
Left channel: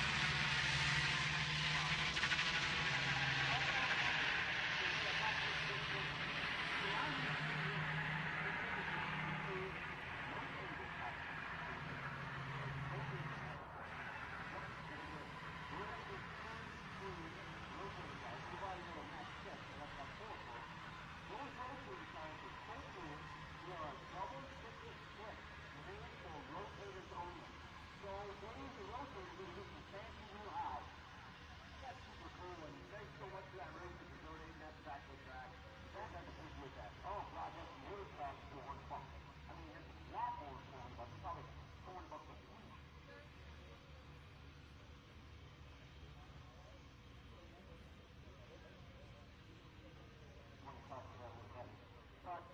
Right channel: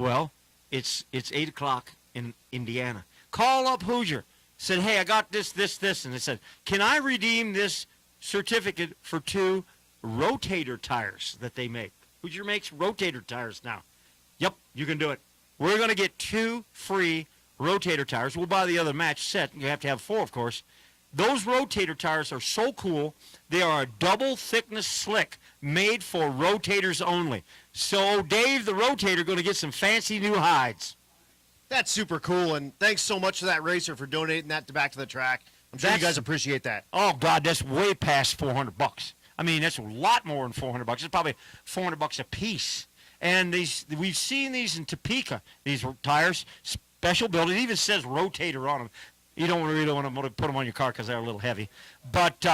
Well, it's 8 o'clock in Indiana. Call up Hoosier. Said, hey, I got this. And they said, can I redeem this certificate for 2 rotator tires that they make? Hoosier makes rotator tires now. Yep, you can do it. We're going to get 2 free rotator tires. We'll buy the other match set. You have to have 4, of course. Those rotator tires are so cool. They are a double thickness slick made for rotators only. So Dave, the rotator, going to get some fancy new hides. That's super cool, and thanks so much to that racer for donating that back to the track. I'm sure you guys appreciate that. Oh, God, that's way past $400. I mean, that's a lot more than $400. It's probably $400 a piece. And we've seen these in Topeka, these tires, special build. It even says rotator on them. You don't really want to put them on your car because they're a little heavy. But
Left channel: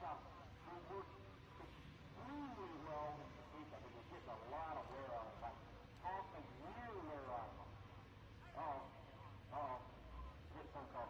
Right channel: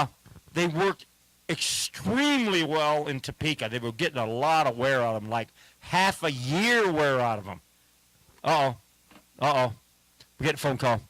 they worked extremely well in Topeka. They were getting a lot of wear out of them, like half a year wear out of them. Uh-oh. We're getting a phone call.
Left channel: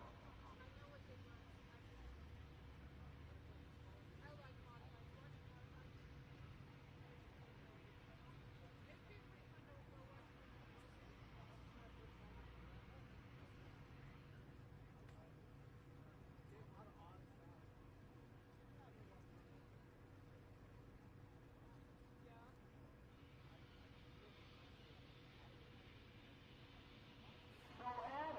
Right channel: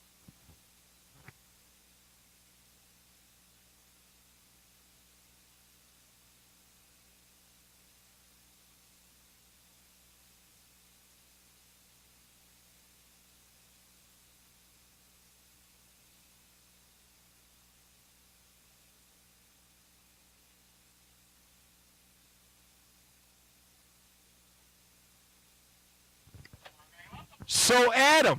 So, Adam,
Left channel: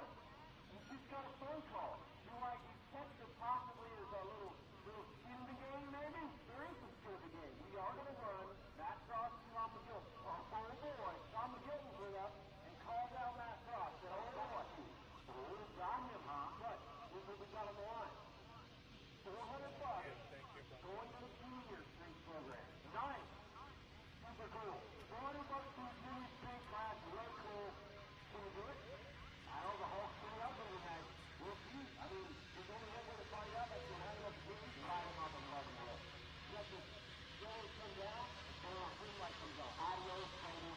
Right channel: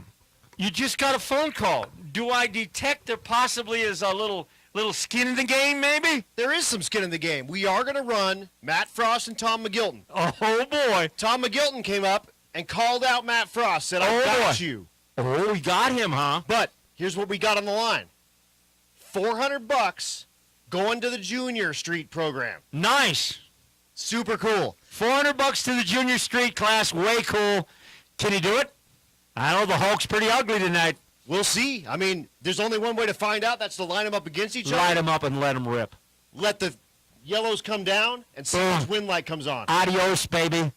you just got a phone call. Do I detect there possibly is a little skin in the game, maybe? There is some skin in the game. We are going to run Matt Frost and Tom McGilton. Oh, boy. Tom McGilton came up and called out Matt Frost, said, I got you. Oh, we got him, huh? But here's what we got on the line. $400 going to the Junior Street program. Nice. Super cool. $400 to the Junior Street class, way cool. Can he do it? I know the Hulk's pretty ugly tonight. We'll see. I mean, there's only one way to find out. That's to line them up against each other. Line them up and let them rip. Let the yellows come down and see which wind light comes on. Adios, baby.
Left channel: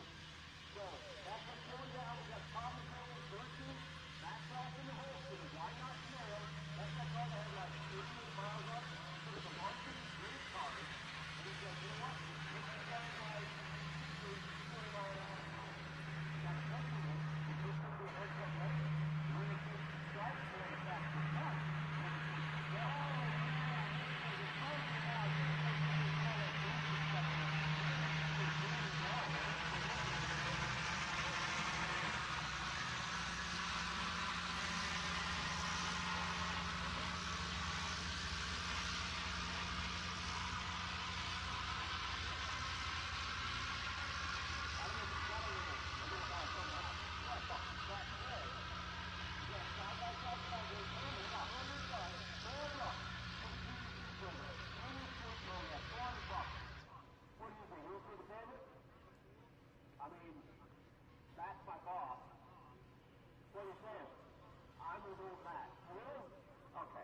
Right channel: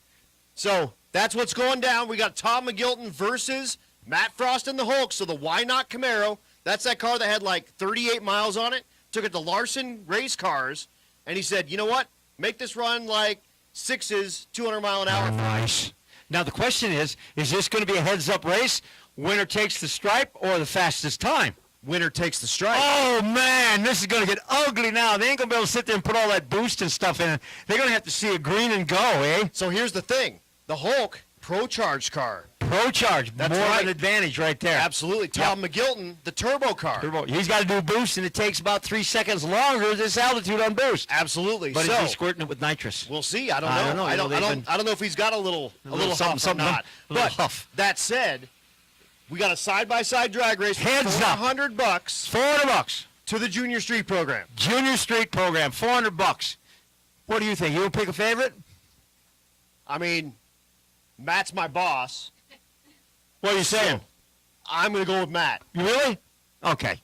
So that's what's going down. We got Tom McGilton versus Matt Frost and the Hulk. So the Why Not Camaro, that's that car that had like 38 miles on it. Took it to Larson Race Cars, and he said, you know what? Make this run like 6s, 200 mile an hour. Oh, nice. Now the question is this going to be a heads-up race, Winner takes the stripe or the fastest time? Winner takes the stripe. Oh, man, this is going to get ugly now. They ain't going to be able to sit there and put all that boost and stuff in it. They're going to have to see a green and go, eh? So here's the thing. The Hulk Pro Charged car. Pro Charge. That's more right. of an advantage right there. Absolutely. Tom McGilton, the turbo car. He's got to do boost, and it takes about 3 seconds longer this altitude on boost. Absolutely. But so, is he squirting it with nitrous? We'll see. I don't know. I don't know if he's got a little huff or not. But that said, we got a side-by-side drag race. Heads up. $400. $400 to the Junior Street program. Junior Street program. $400. What do you think? You want to pick a favorite? I mean, Matt's my boss. What are you saying? I'm going to go with Matt. You really? Okay.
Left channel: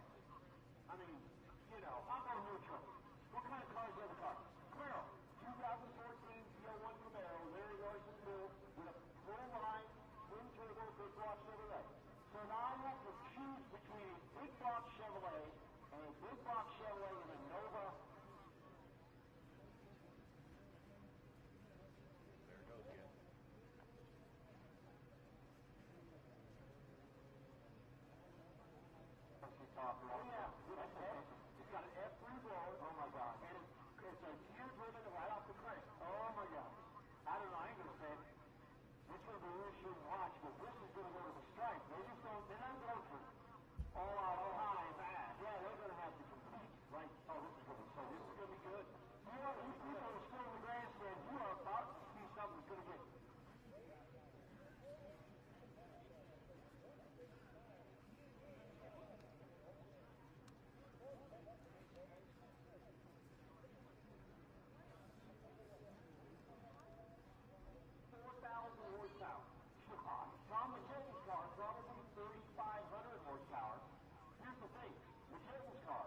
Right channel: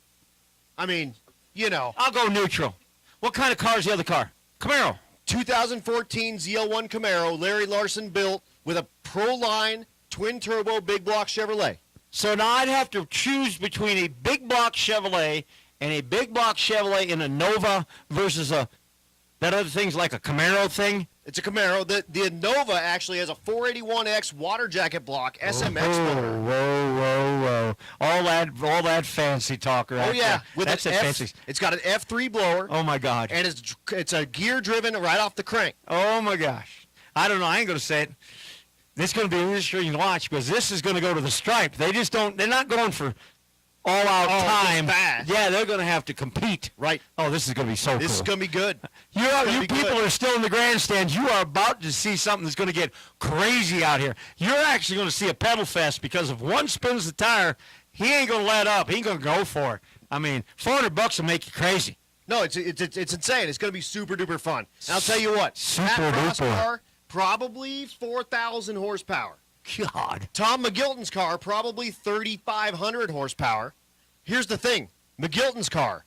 I mean, you know. I'll go neutral. What kind of car is the other car? Camaro. 2014 ZL1 Camaro, Larry Larson built with a Pro-Line twin-turbo big block Chevrolet. So now I'd have to choose between a big block Chevrolet and a big block Chevrolet in a Nova versus that other thing's like a Camaro thing. It's a Camaro. The Nova actually has a 481X water jacket block SMX motor. Whoa. All that fancy talk right Oh yeah, there. That's fancy. It's got an F3 blower. Oh my God. And it's a gear driven right off the crank. Oh my gosh. I don't know. I ain't gonna say it. This is going to be an interesting watch because this is going to go to the stripe. They're not going for all-out time. Fast. Yeah, they're going to have to compete. Right. Oh, this is going to be so cool. This is going to be good. You people are still in the grandstands. You are about to see something that's going to get crazy out here. You're actually going to see a pedal fest because if one spins the tire, he ain't going to let up. He ain't going to go for it. I mean, $400 will make you crazy. No, it's insane. It's going to be super-duper fun. And I'll tell you what. Super-duper. Car, probably 4,000 horsepower. God. Tom McGilton's car, probably 3,500 horsepower. Here's the thing. McGilton's car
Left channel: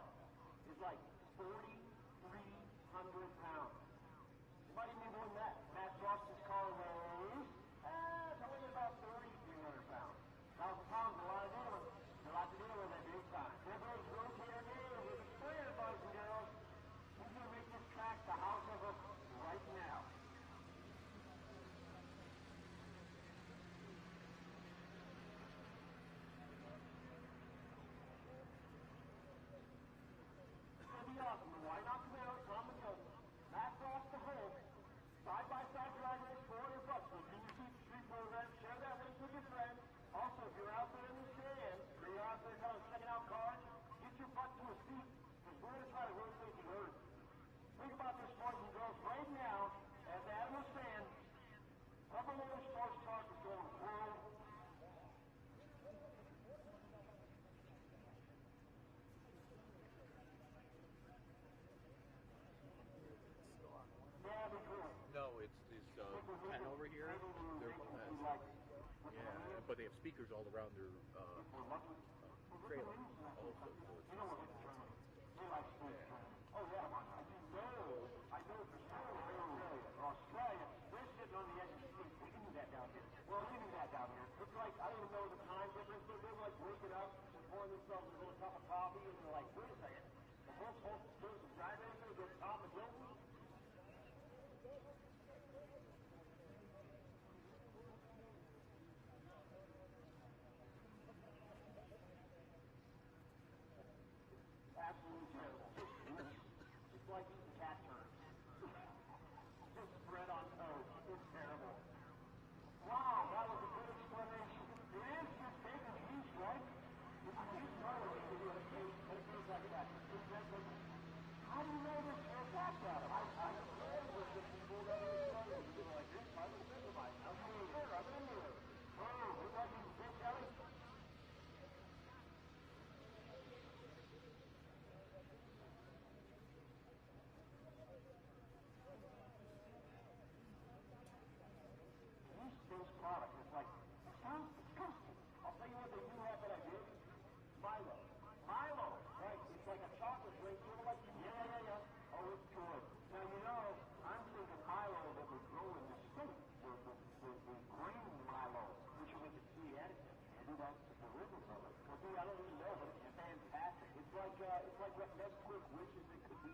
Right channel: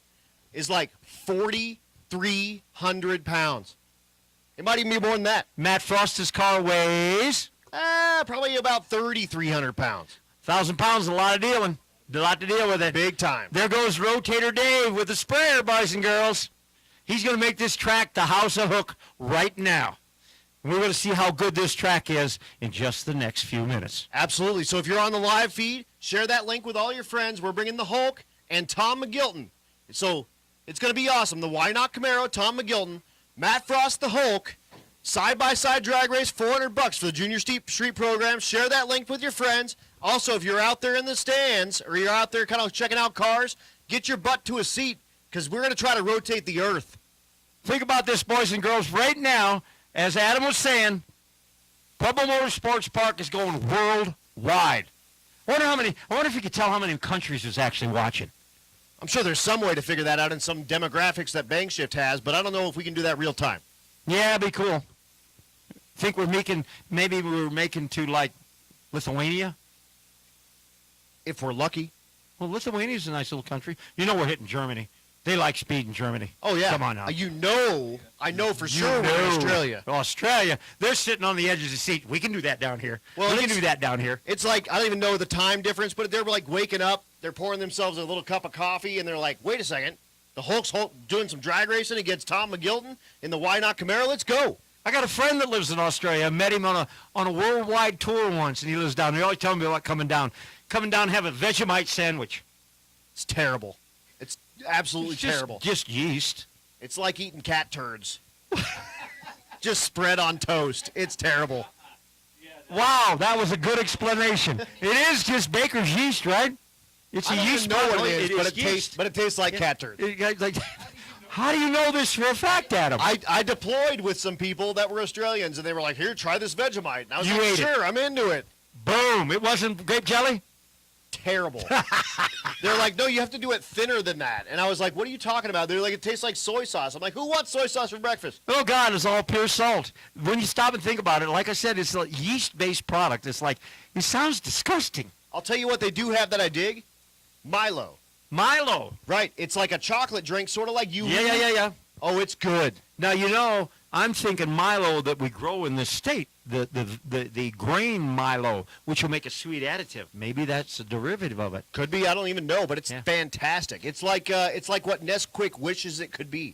is like 4,300 pounds. It might even be more than that. Matt Frost's car weighs? Probably about 3,300 pounds. 1,000 pounds is a lot of dealing. A lot to deal with it. Big time. There goes Rotator Dave with the sprayer, boys and girls. He's going to make this track the house of hook right now. We're going to see how good this track is in just the next few minutes. Absolutely. So if you're on the live feed, share that link with all your friends. We're bringing the Hulk and Tom McGilton. So it's going to be awesome. The Why Not Camaro, Tom McGilton, Matt Frost, the Hulk, side-by-side drag race, $400 for the Junior Street program. Share that link with your friends. Also, if you're out there in the stands or you're out there kind of checking out cars, get your butt to a seat because we're going to try to rotate the earth. Think about this, boys and girls. Right now, as Adam was saying, Pueblo Motorsports Park is going worldwide. I wonder if you could tell how many countries is actually watching. I'm sure there's some way to figure that out in some demographics that Bangshift has, but I don't know if we can do that real time. Yeah, it'd be cool. Think maybe we're making to like Lithuania? If we're lucky. Well, Lithuania's a nice little country. You know we're hitting Germany. They like speed in Germany. Oh, yeah. Come on now. I know for sure we're in Australia. Australia, they're sitting on the edge of the seat. We can do that down here. Well, we can do that down here. It's like, I don't even know the time difference, but they're like waking up, they're pouring themselves a little cup of coffee, and they're like, wait a second, the Hulk's doing some drag racing against Tom McGilton in the Why Not Camaro, let's go. I got a friend that lives in Australia. I met him on a worldwide tour once, and he lives down there. He always telling me about coming down, have a Vegemite sandwich. It's terrible. It's absolutely terrible. Just yeast. It's like eating cat turds. Just spread on toast. It's terrible. Wow, that was a good explanation. It is just baker's yeast, right? It's I a don't yeast even know what it is, yeast. but it tastes like cat turd. How do you know this for a fact, Adam? I deployed with some people that were Australians, and they were like, here, try this Vegemite. And I was You like, ate sure, I'm into it. Boom. It wasn't grape jelly? Terrible. They're like, no, you have to do it thinner than that. And I was like, what are you talking about? They're like, it tastes like soy sauce. I'm like, who wants soy sauce for breakfast? Oh, God, it's all pure salt. When you stop and think about it, like I said, it's a yeast-based product. It's like, it sounds disgusting. I'll tell you what they do have that I dig. Milo. Milo. Right. It's like a chocolate drink, sort of like you. Yeah. Oh, it's good. Now, you know, I'm thinking Milo that we grow in this state, the grain Milo, which will make a sweet additive. Maybe that's a derivative of it. Could be. I don't even know, but it's fantastic. It's like what Nesquik wishes it could be.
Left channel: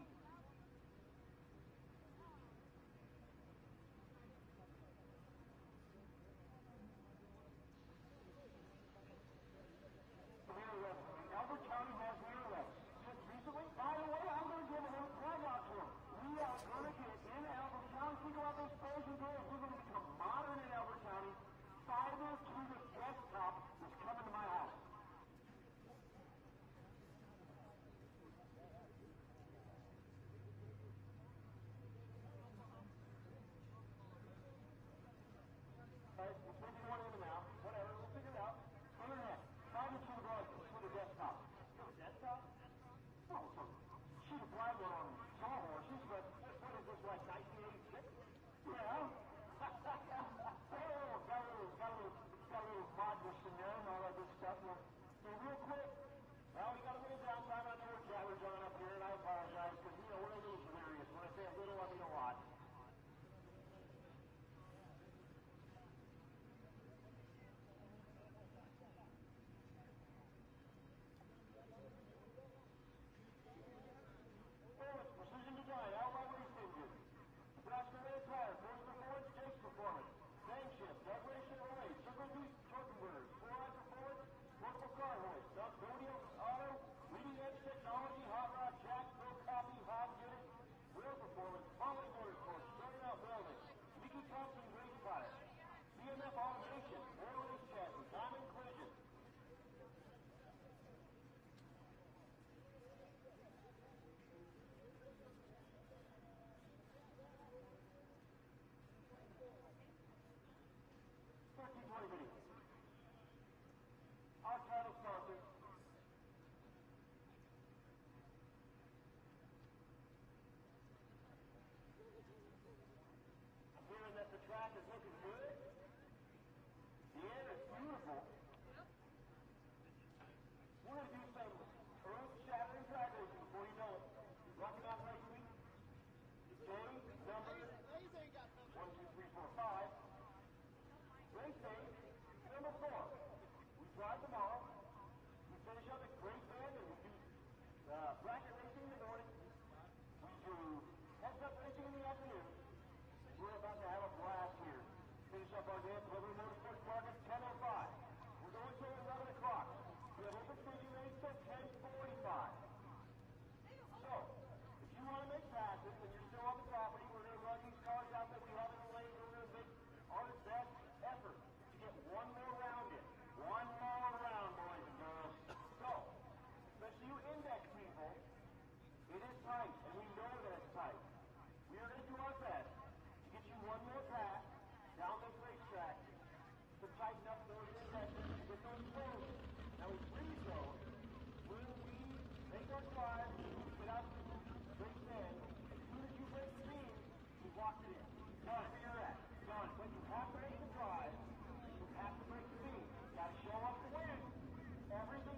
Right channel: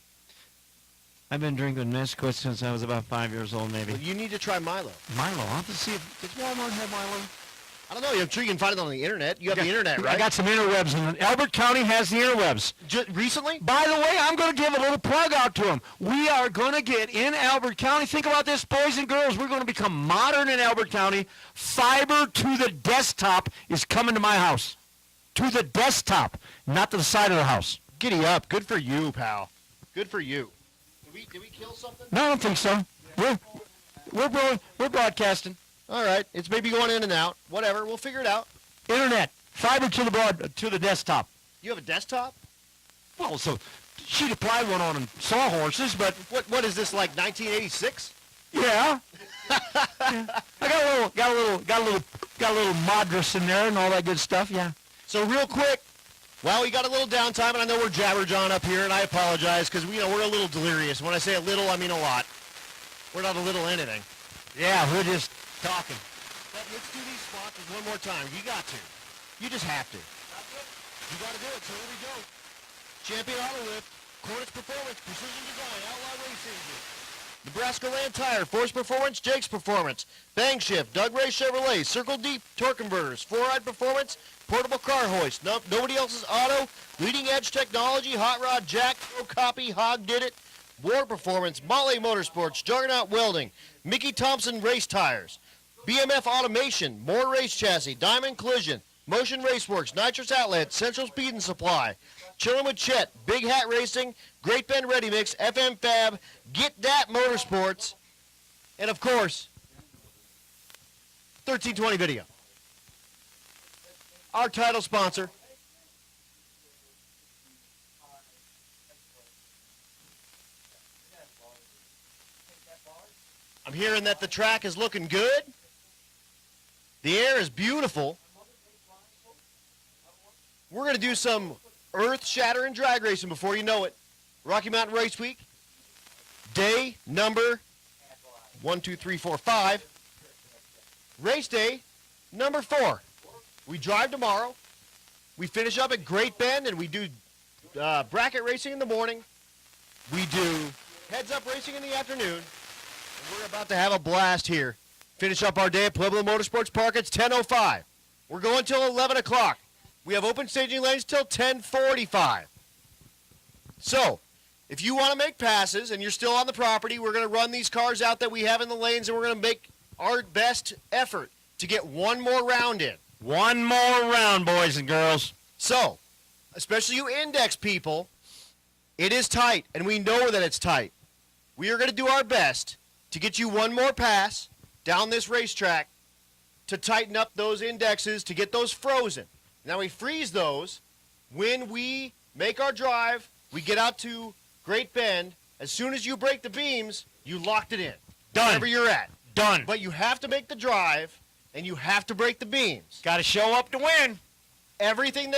I've been drinking Nesquik since I was about 5 years old, maybe. Well, you need to try Milo. Milo. I'll have to see does Walmart have Milo? I don't know. I'm sure you can find it on the internet. You have the internet, right? I got some interwebs, and Elbert County has the interwebs. Recently? By the way, I'm going to give a little plug out to them. We are going to get in Elbert County. Think about this, boys and girls. We're going to become modern in Elbert County. Fiber to the desktop is coming to my house. To the desktop, not to the side of the house. Giddy up. Good for you, pal. Good for you. Did we kill something? No, I don't think so. We're broadcasting. All right. It's maybe going in and out. Whatever. We'll figure it out. Internet. Fiber to the desktop. You have a desktop? Well, so she'd apply one on sawhorses, but What is this, like 1986? yeah. Yeah. I got a little Madras in there and all that good stuff. Yeah. So real quick, well, we got a little downtime, and I know we're jabberjawing up here, and I apologize because we're a little delirious. When I say a little, I mean a lot. We're not a little anything. Yeah, we're just talking. But let's do these sponsors one more time. You got to. You just have to. You got to do it. So here we go. Champion Auto Lift, Cornish Performance, Precision Design, Outlaw Racing, Nebraska Land Tire, Force Performance, Jake's Performance, Bang Shift, Doug Ray Chevrolet, Circle Deep, Torque Converters, Four-Ride Performance, Portable Car Hoist, Nobody Else's Auto, Leading Edge Technology, Hot Rod Jack, Pro Copy, Hog Did It, War Performance, Motley Motorsports, Juggernaut Welding, Mickey Thompson Race Tires, BMF Automation, Moore Race Chassis, Diamond Collision, Motion Raceworks, Nitrous Outlet, Central Speed and Supply, Chillin' with Chet, Big Hat Racing, Great Bend Ready Mix, FM Fab, Get That Motorsports, and of course, 1320 Video. Our title sponsor. I'm hearing that the track is looking good. The air is beautiful. We're going to do some earth-shattering drag racing before you know it. Rocky Mountain Race Week, day number 1, 2, 3, 4, 5. Race day number 4. We drive tomorrow. We finish up at Great Bend, and we do bracket racing in the morning. We do heads-up racing in the afternoon. And we're about to have a blast here. Finish up our day at Pueblo Motorsports Park. It's 10:05. We're going till 11 o'clock. We have open staging lanes till 10:45. So, if you want to make passes and you're still on the property, we're going to run these cars out that we have in the lanes, and we're going to make our best effort to get one more round in. One more round, boys and girls. So, especially you index people, it is tight, and we know that it's tight. We are going to do our best to get you one more pass down this racetrack to tighten up those indexes, to get those frozen. Now we freeze those when we make our drive, we get out to Great Bend. As soon as you break the beams, you locked it in. Done. Wherever you're at. Done. But you have to make the drive, and you have to break the beams. Got to show up to win. Everything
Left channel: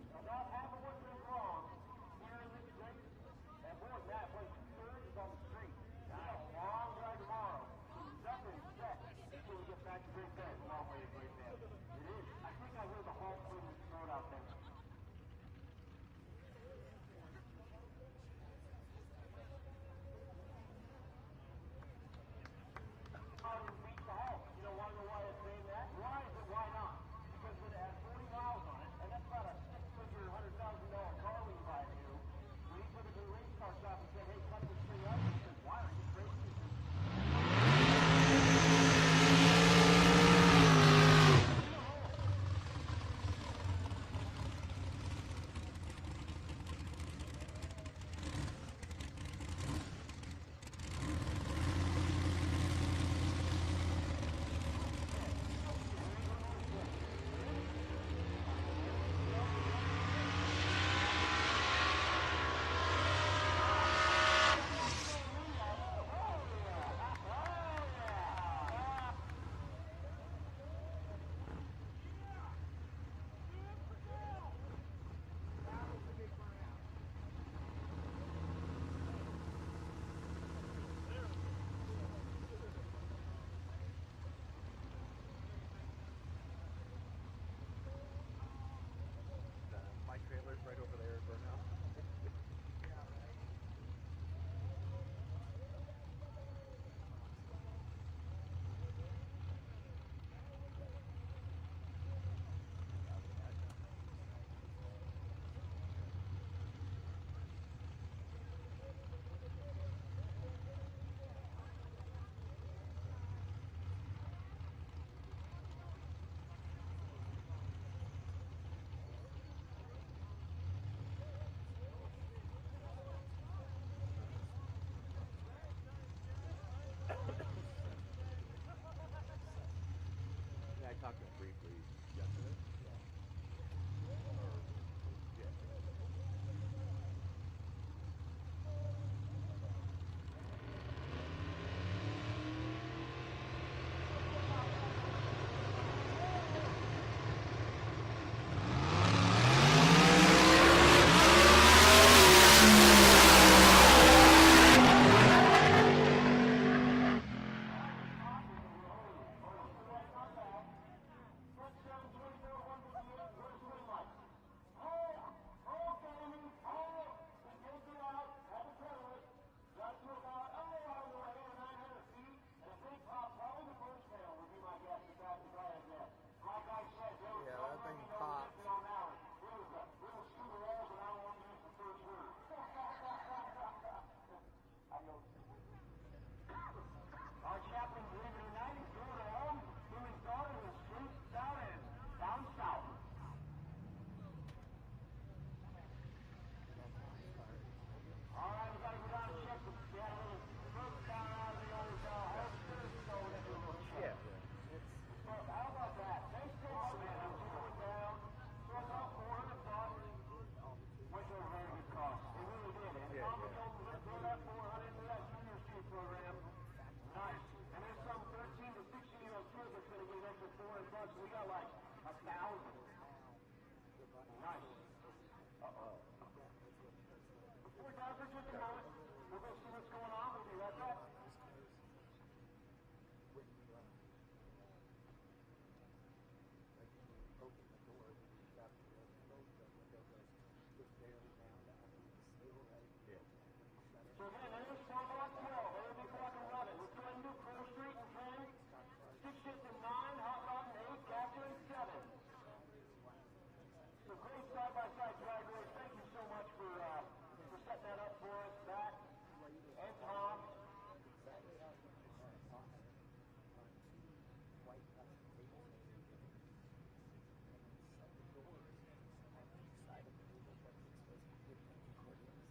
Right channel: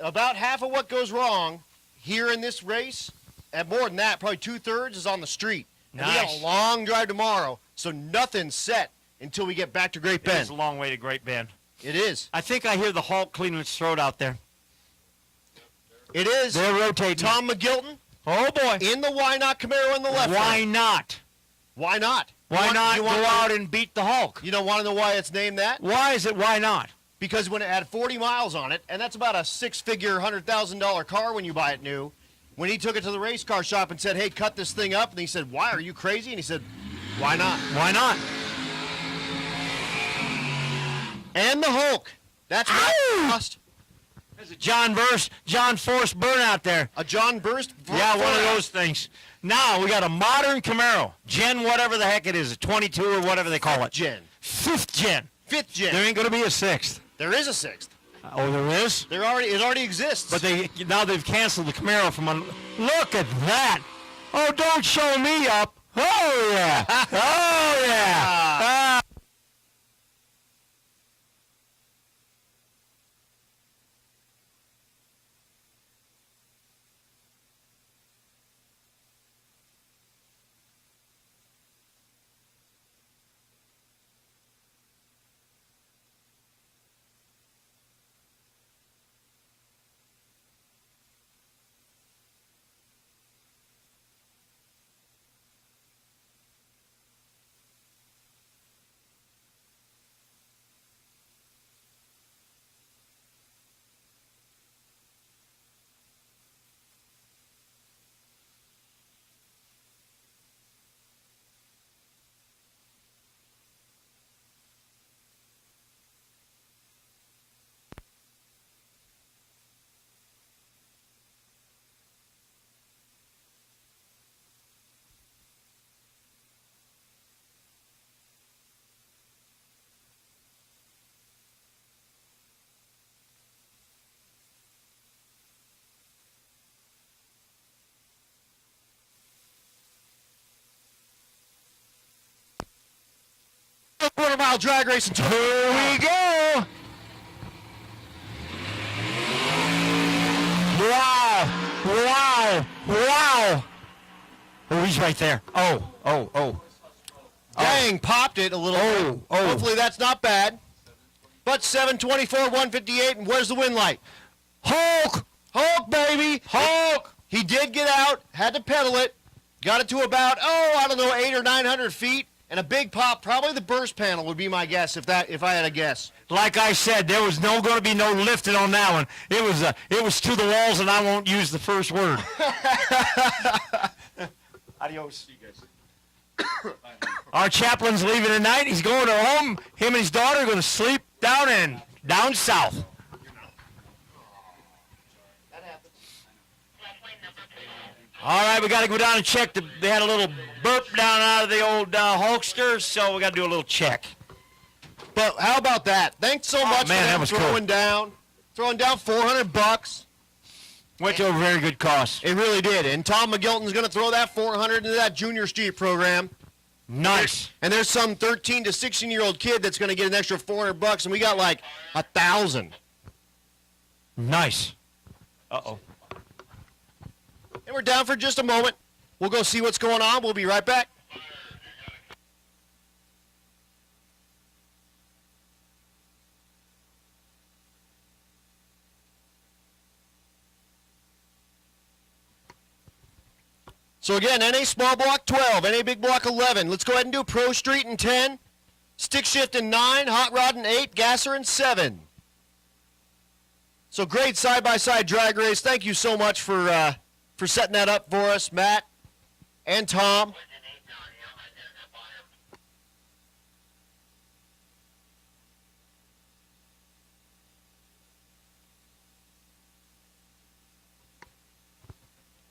about half of what goes wrong here in this race, and more than that, probably 2/3 is on the street. And we got Nice. a long drive tomorrow, so nothing's set until we get back to Great Bend. It's a long way to Great Bend. It is. I think I hear the Hulk cleaning its throat out there. It is. They're rotating. Tom McGilton. Oh, boy. In the Why Not Camaro in the left. Why lane. not? Why not? Why not go out and beat the Hulk? You don't want to know why it's named that? Why is it why not? Because when it had 40 miles on it, and that's about a six-figure, $100,000 car when you buy it new, when he took it to the race car shop and said, hey, cut this thing up, and he said, why, are you crazy? And he said, why not? Why not? And the Hulk. That's what it cost. There's a John Force burnout there. A John Burst? Yeah, one of those things. Now we got a modern Camaro, Gen whatever the heck it is, a 22 or whatever they call it. Gen. 5th gen. 5th gen. There ain't gonna be a 6th. There is a 6th. Oh, there is? It already exists. But now they've canceled the Camaro from on. Look at that! Oh, don't show me up. Oh yeah. Oh yeah. My trailer's right over there, burnout. quarter-mile drag racing. Here we go. Wow. Oh, he's right there. Oh. Dang, popped it a little. Hopefully that's not bad. But 724, 158, and where's the wind light? Hulk, baby, Hulk. He did get out, had to pedal it, got it to about, 800 or 900 feet, and a big pop. Probably the burst panel would be my guess if I had a guess. Like I said, there was going to be no lifting on that one. It was to the walls, and I won't use the first word. Adios. Our chaplain's leaving tonight. He's going to home. Him and his daughter are going to sleep down south. All right, we got to go down and check. They had a little burp down out of the old Hulkster, so we got to do a little check. But how about that? Thanks so much man, for that was throwing cool. down $400. Went to a very good cause. It really did. And Tom McGilton's going to throw that $400 into that Junior Street program. Nice. And there's some 13 to 16-year-old kid that's going to get an extra $400, and we got like 1,000. Nice. Uh-oh. And we're down for just a moment. We'll go see what's going on. We'll be right back. So again, NA Small Block 12, NA Big Block 11. Let's go ahead and do Pro Street in 10, Stick Shift in 9, Hot Rod in 8, Gasser in 7. So great side-by-side drag race. Thank you so much for setting that up for us, Matt and Tom.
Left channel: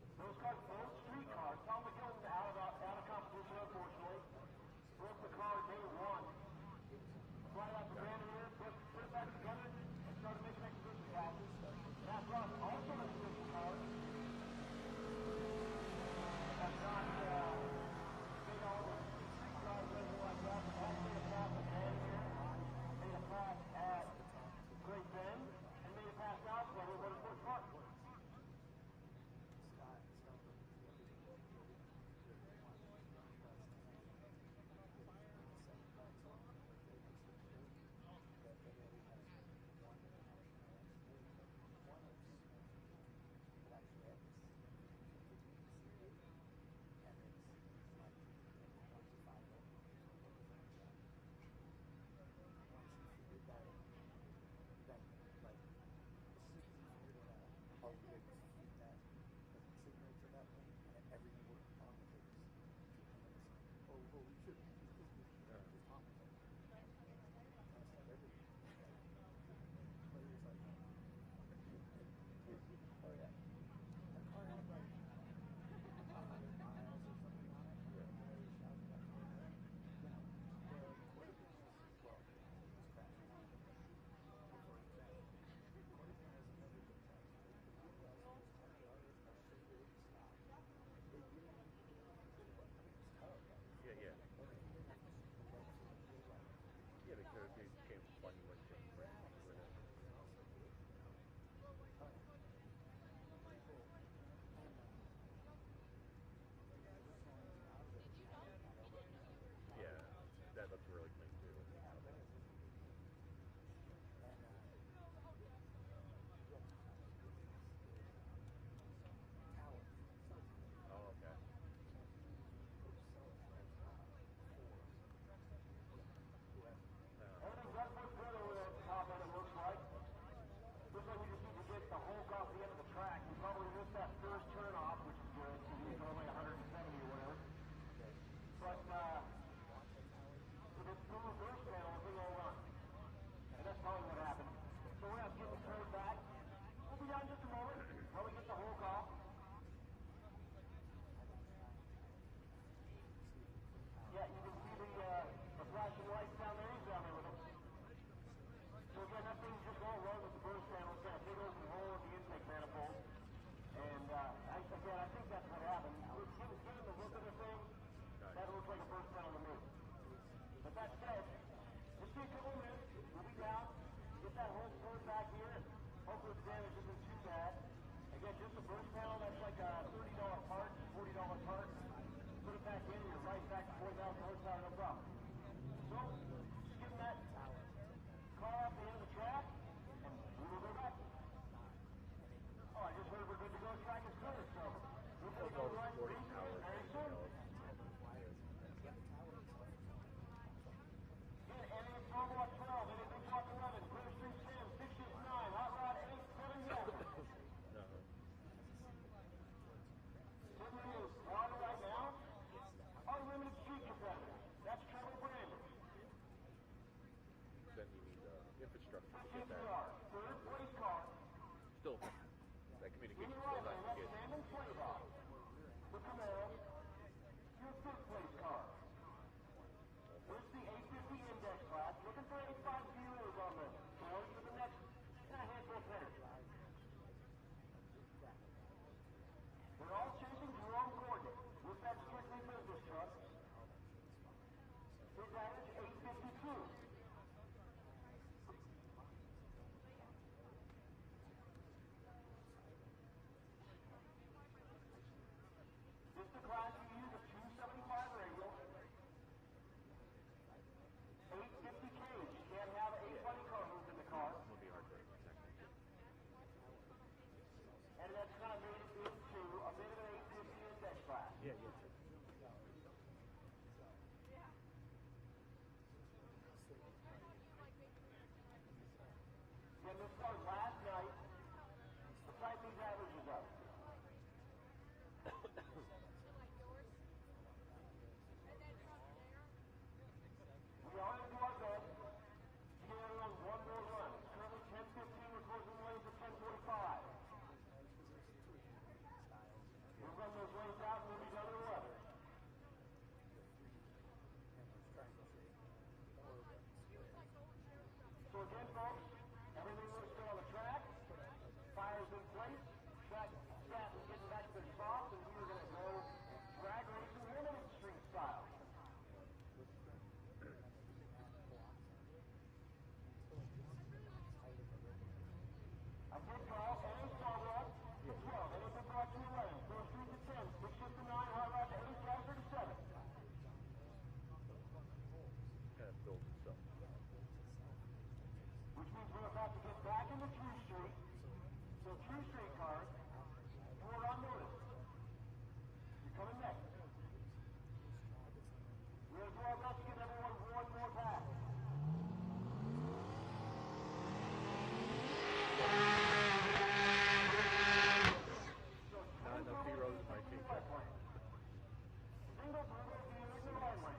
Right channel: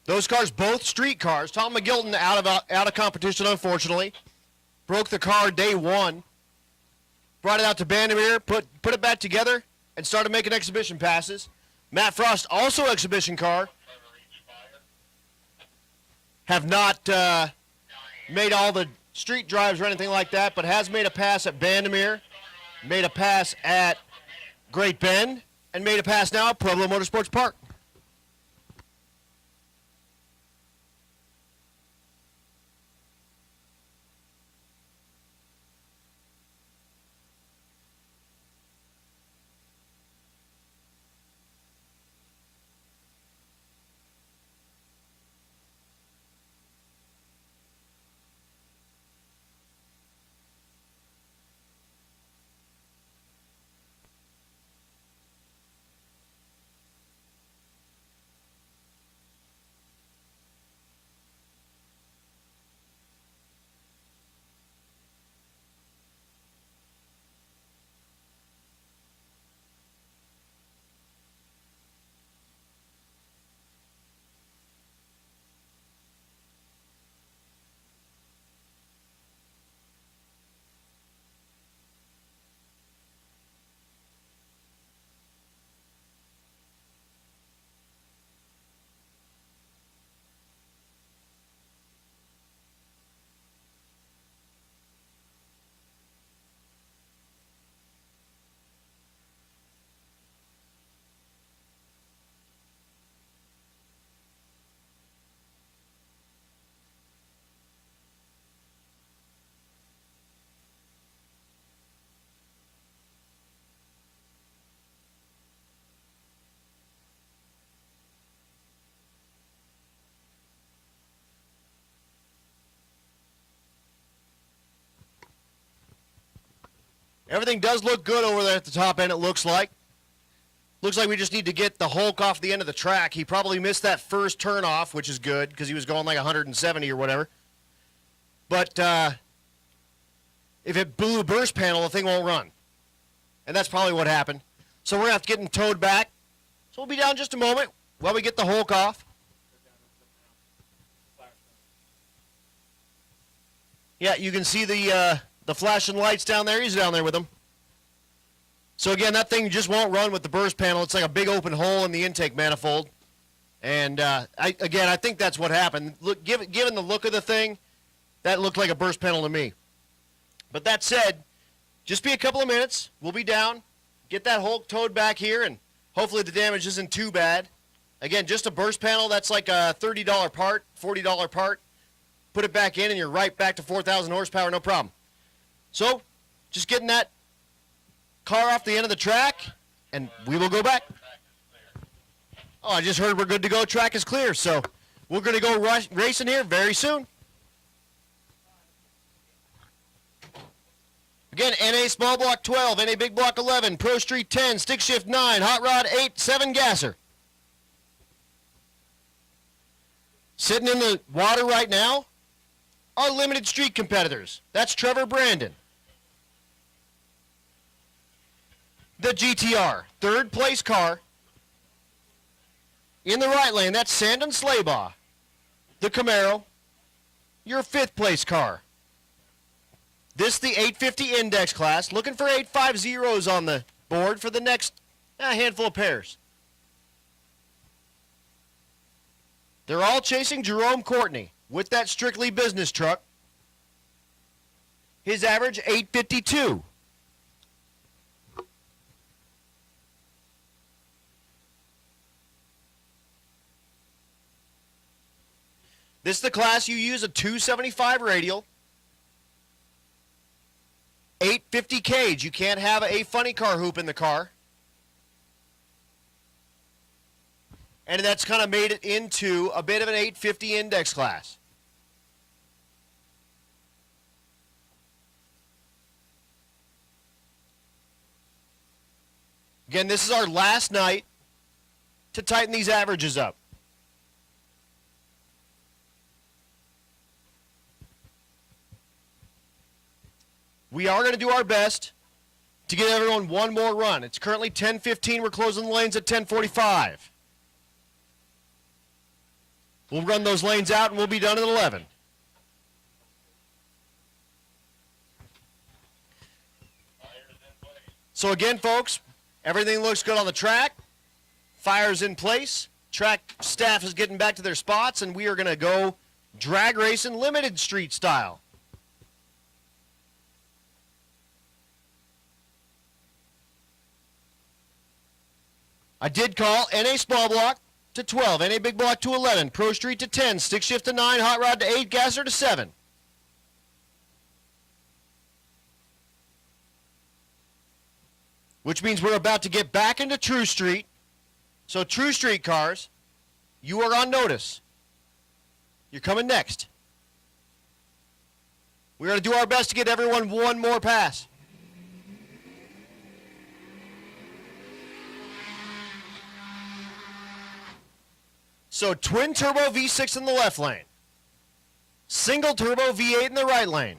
Those cars, both street cars. Tom McGilton out of competition, unfortunately. Broke the car day one. Brought it out to Bandamere, put it back together, and started making exhibition passes. Matt Frost, also exhibition car. Have not made all the street drives or anything like that, but has made a pass at Bandamere, made a pass at Great Bend, and made a pass now at Pueblo Motorsports Park. Everything does look good over there at the top end, it looks like. Looks like we just need to get the Hulk off the end of the track. He probably missed that first turn off, which is good, because he was going like 170 or whatever. But if it blew a burst panel, the thing won't run. And that's probably what happened. So we're going to have to get him towed back. So we'll be down just a moment while we get the Hulk off. Yeah, you can see the flashing lights down there. He's down there with them. So again, that thing just won't run with the burst panel. It's like a big open hole in the intake manifold. And I think that's what happened. Look, given the look of the thing, that looked like a burst panel to me. But that said, Just be a couple of minutes. We'll be down. Get that Hulk towed back here, and hopefully the damage isn't too bad. Again, just a burst panel, that's like a $30 part, $40 part. Put it back in, and you're right back to 4,000 horsepower, no problem. So, just getting that car off the end of the track, and we will go back. Oh, I just heard we're good to go. Track is clear, so we're going to go racing here very soon. Again, NA Small Block 12, NA Big Block 11, Pro Street 10, Stick Shift 9, Hot Rod 8, 7 Gasser. Sitting in the water right now are limited street competitors. That's Trevor Brandon. The GTR, third place car. In the right lane, that's Sandon Slaybaugh. The Camaro, your fifth place car. This the 850 index class. Looking for 850s on the board for the next handful of pairs. They're all chasing Jerome Courtney with that strictly business truck. His average 852. This is the class you use a 275 radial, 850 cage. You can't have a funny car hoop in the car. And that's kind of made it into a bit of an 850 index class. Again, this is our last night to tighten these averages up. We are going to do our best to get everyone one more run. It's currently 10:15. We're closing the lanes at 10:45. We'll run those lanes out and we'll be done at 11. So again, folks, everything looks good on the track. Fire's in place. Track staff is getting back to their spots, and we are going to go drag racing limited street style. I did call NA Small Block to 12, NA Big Block to 11, Pro Street to 10, Stick Shift to 9, Hot Rod to 8, Gasser to 7. Which means we're about to get back into True Street. So True Street cars, you are on notice. You're coming next. We're going to do our best to get everyone one more pass. So twin turbo V6 in the left lane. Single turbo V8 in the right lane.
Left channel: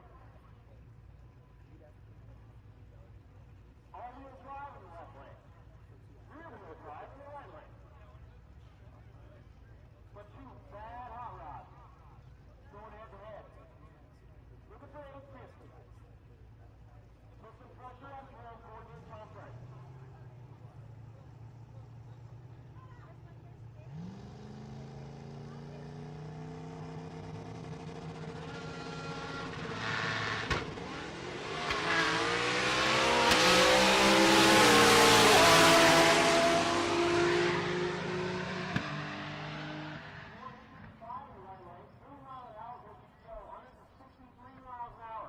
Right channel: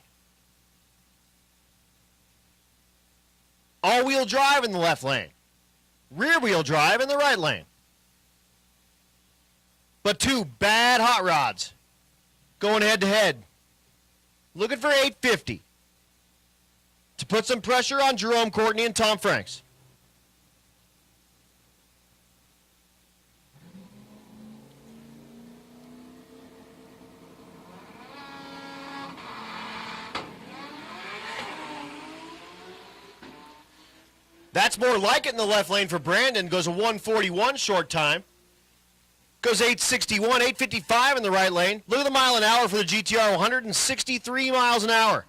All-wheel drive in the left lane. Rear-wheel drive in the right lane. But two bad hot rods going head-to-head. Looking for 850 to put some pressure on Jerome Courtney and Tom Franks. That's more like it in the left lane for Brandon. Goes a 141 short time. Goes 861, 855 in the right lane. Look at the mile an hour for the GTR, 163 miles an hour.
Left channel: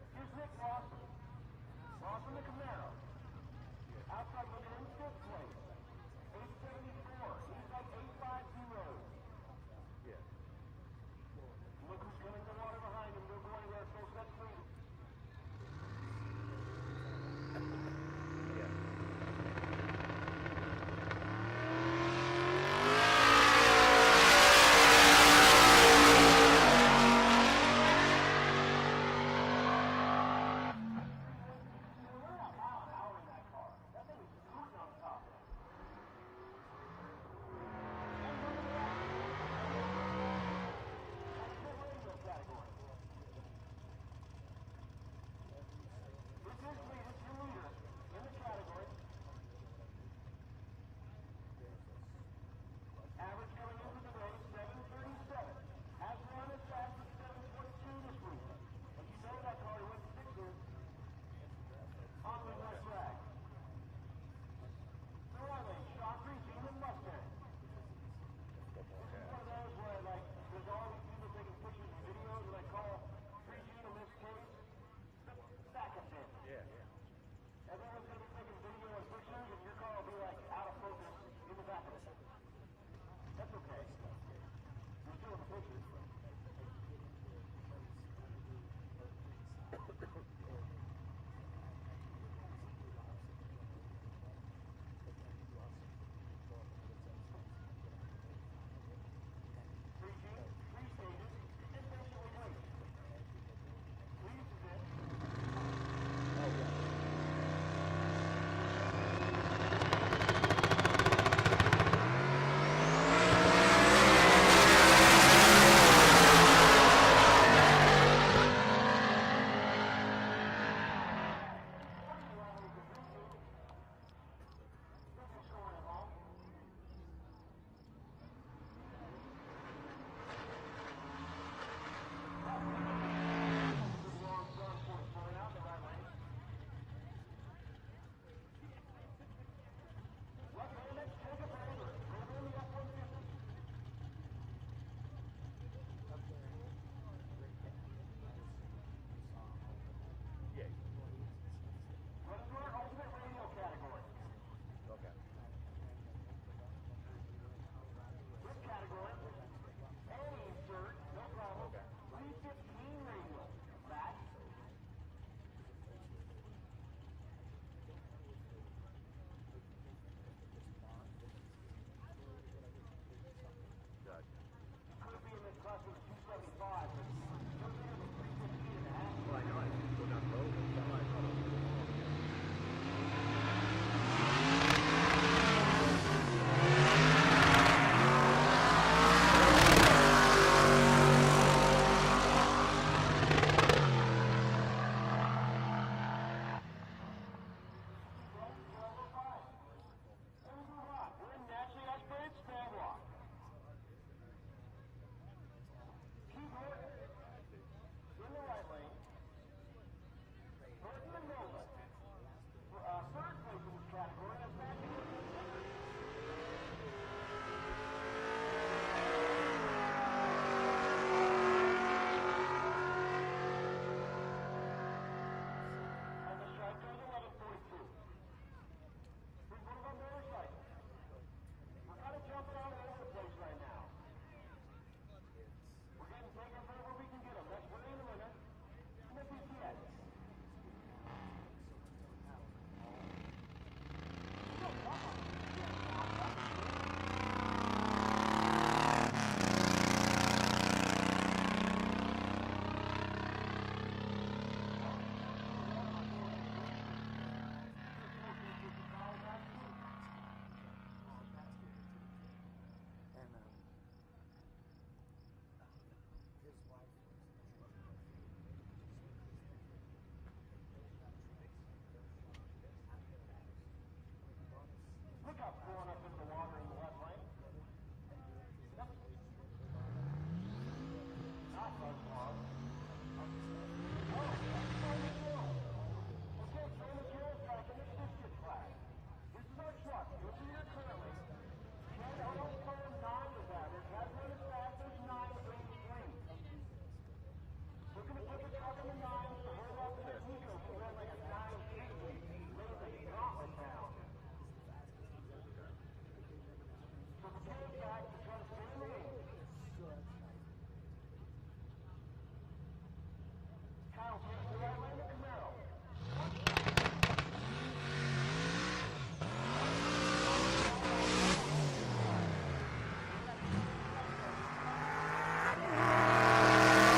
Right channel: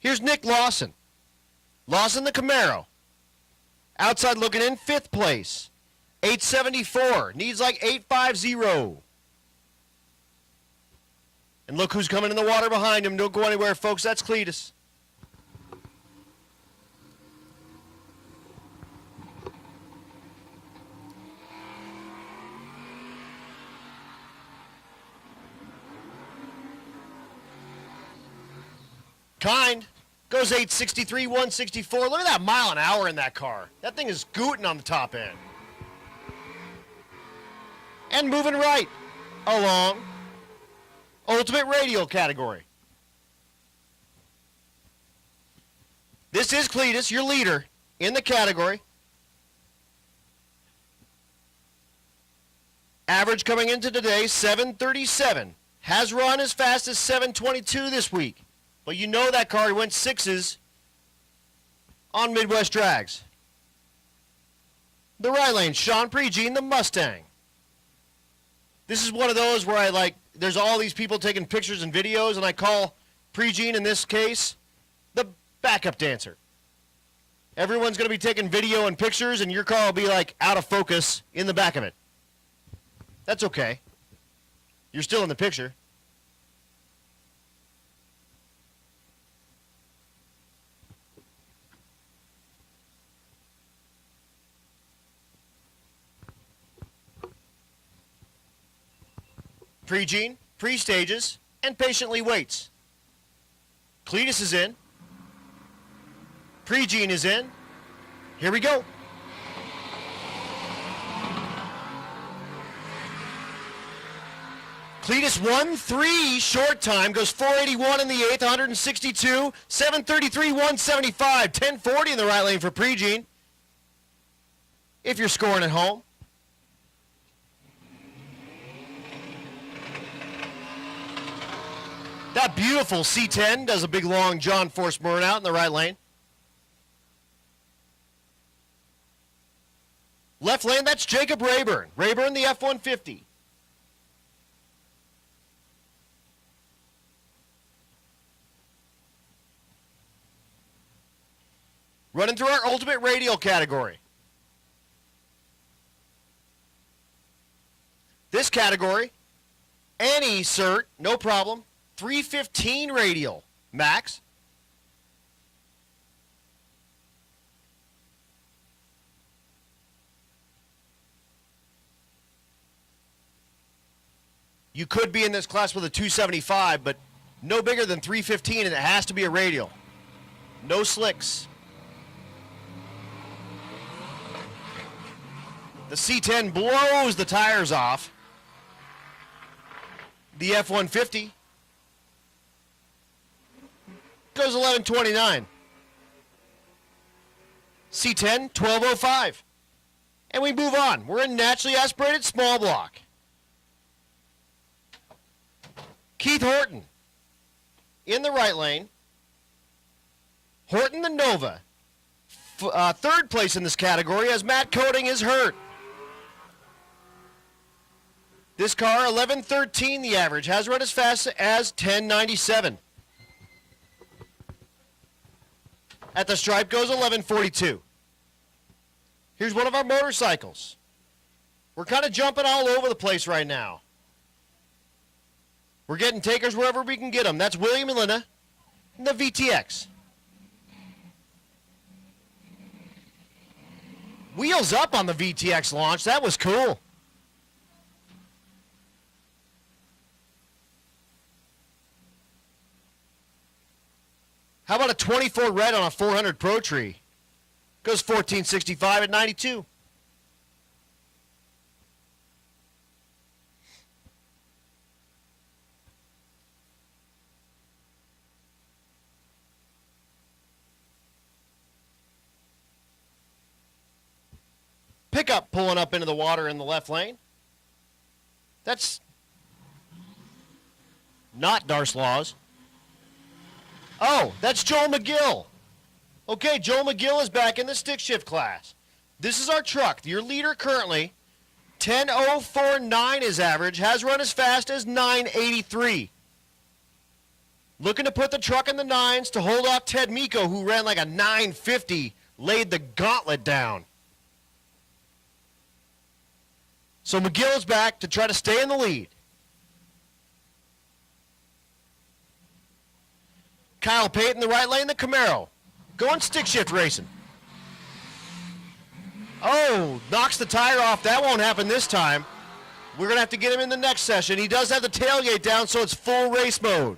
Here's Nick Lawson. Lawson the Camaro. Outside looking in, 5th place. 874, needs like 850. And look who's coming in the water behind him. Don't go anywhere, folks. That's Cletus. Kind goes 863, 164. Look at that mile an hour in that car. That thing is scooting on the top end. And moving right along Ultimate Radial category. This is Cletus, your leader in the category. Average coming into today, 737. Has run as fast as 722 this week. But you know that car went sixes on Midwest drags. The right lane, Sean Pregene, the Mustang. This is one of those where there's all these people taking pictures and videos, and I call Pregene, in this case, the backup dancer. Everyone's going to be taking video and pictures, and your car will be out of focus in the back of it. That's okay. You're still in the picture. Pregene, pre-stages, and patiently waits. Cletus is in. Pregene is in. Here we go. Cletus 1-3 short time, goes 481 in the 8th, 162, 733, 175, 1040 in the right lane for Pregene. If you're scoring at home. That beautiful C10 does a big long John Force burnout in the right lane. Left lane, that's Jacob Rayburn. Rayburn, the F-150. Running through our ultimate radial category. This category, any cert, no problem. 315 radial max. You could be in this class with a 275, but no bigger than 315, and it has to be a radial. No slicks. The C10 blows the tires off. The F-150 goes 1129. C10, 1205. And we move on. We're in naturally aspirated small block. Keith Horton in the right lane. Horton the Nova. Third place in this category as Matt Coating is hurt. This car, 1113 the average, has run as fast as 1097. At the stripe goes 1142. Here's one of our motorcycles. We're kind of jumping all over the place right now. We're getting takers wherever we can get them. That's William and Linda and the VTX. Wheels up on the VTX launch. That was cool. How about a 24 red on a 400 Pro Tree? Goes 1465 at 92. Pickup pulling up into the water in the left lane. That's not Darce Laws. Oh, that's Joel McGill. Okay, Joel McGill is back in the stick shift class. This is our truck. Your leader currently, 10.049 is average, has run as fast as 983. Looking to put the truck in the nines to hold off Ted Miko, who ran like a 950, laid the gauntlet down. So McGill is back to try to stay in the lead. Kyle Payton, the right lane, the Camaro. Going stick shift racing. Oh, knocks the tire off. That won't happen this time. We're going to have to get him in the next session. He does have the tailgate down, so it's full race mode.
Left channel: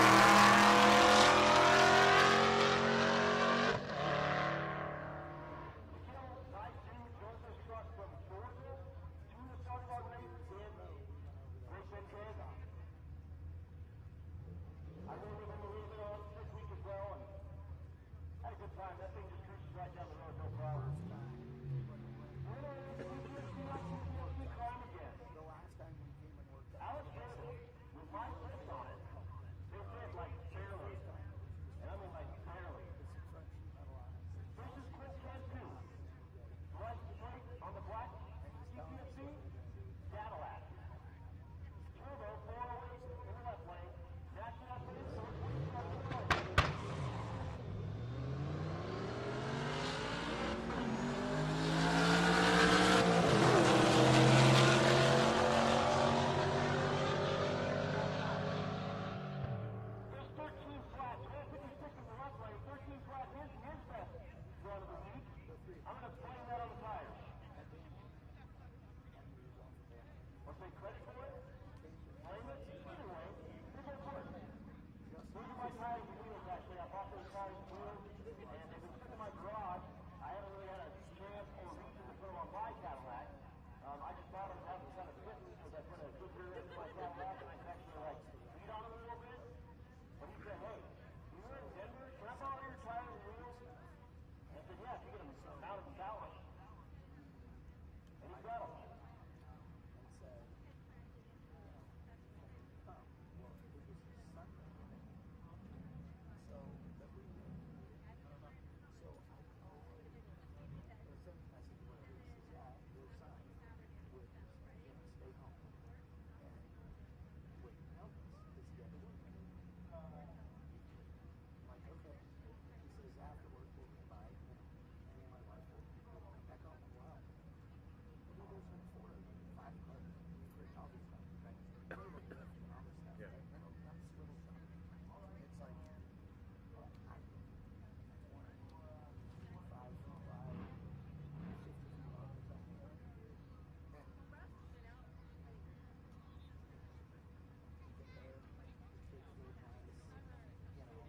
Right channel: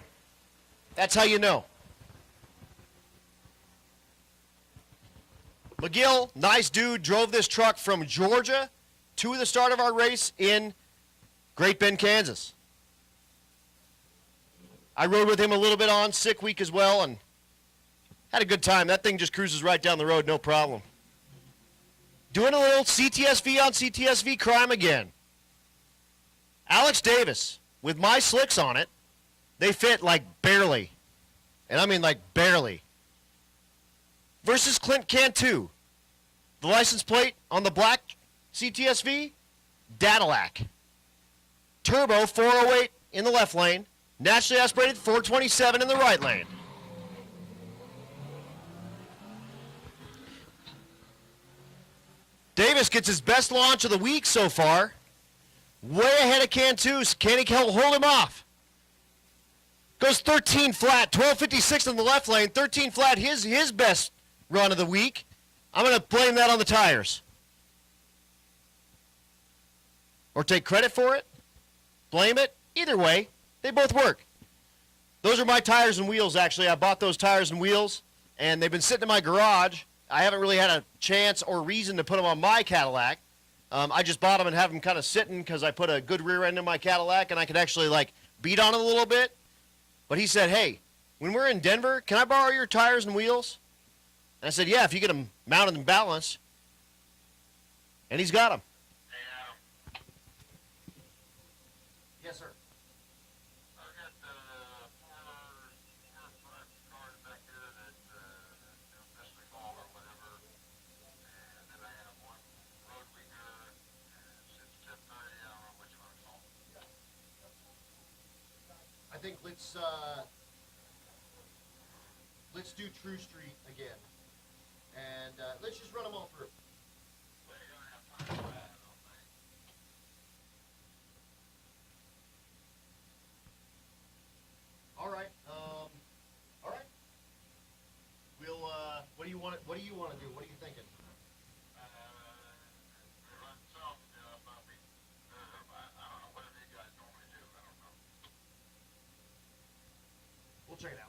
That's how you know. McGill, nice dude, drove this truck from Georgia to the start of our race in Great Bend, Kansas. I rode with him a little bit on sick week as well and had a good time. That thing just cruises right down the road, no problem. Doing a little CTSV on CTSV crime again. Alex Davis, with my slicks on it, they fit like barely. And I mean like barely. Versus Clint Cantu. The license plate on the black CTSV, Cadillac. Turbo 408 in the left lane, naturally aspirated 427 in the right lane. Davis gets his best launch of the week so far. Way ahead of Cantu's. Can he hold him off? Goes 13 flat, 1256 in the left lane, 13 flat, his best run of the week. I'm going to blame that on the tires. Or take credit for it, blame it. Either way, they both work. Those are my tires and wheels, actually. I bought those tires and wheels, and they've been sitting in my garage. I haven't really had a chance or reason to put them on my Cadillac. I just bought them and have them kind of sitting because I put a good rear end in my Cadillac, and I could actually, like, beat on it a little bit. But he said, hey, when we're in Denver, can I borrow your tires and wheels? And I said, yeah, if you get them mounted and balanced. And he's got them. Yes, sir. I think let's do True Street again. And let's just run them all through. All right. All right. We'll. What do you want? What do you want to do? What are you thinking? We'll check it out.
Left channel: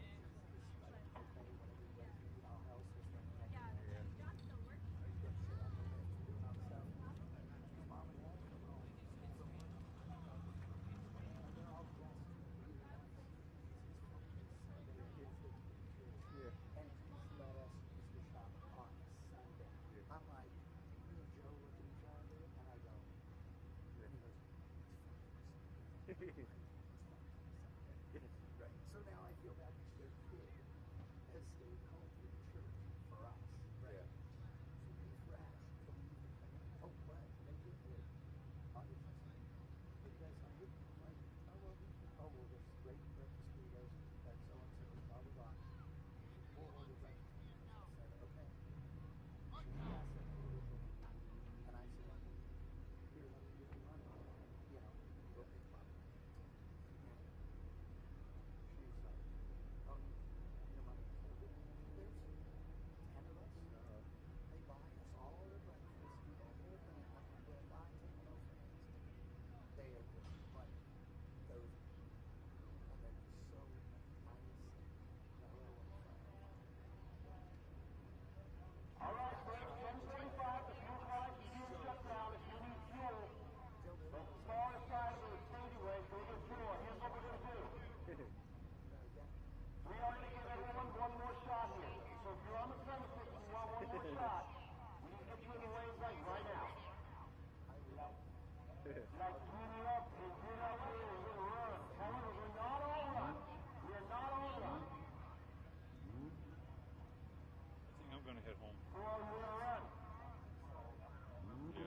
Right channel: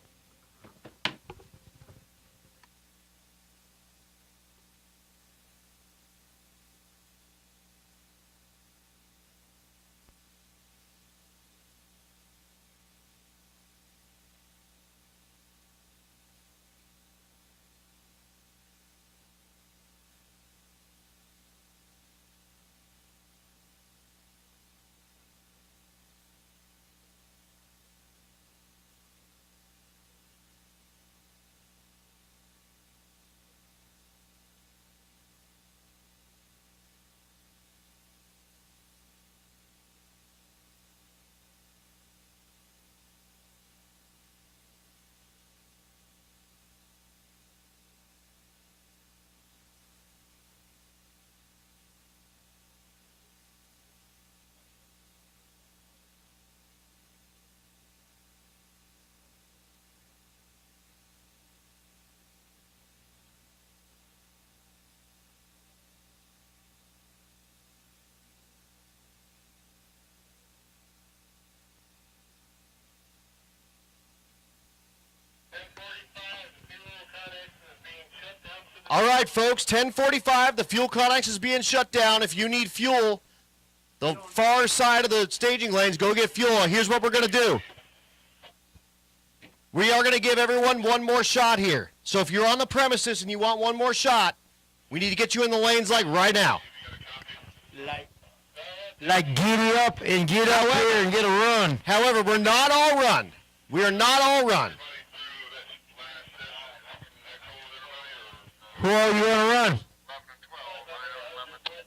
All right, folks, 10:45, the fuel connex is being shut down. If you need fuel, the far side of the staging lanes, go get fuel. Here's what we're going to do. We are going to give everyone one more shot here. So if you're on the premises and you want one more shot, we need to get you in the lanes like right now. Like giddy up and get out here and get a run. However, we're not all run. We are not all run. Who are you going to run?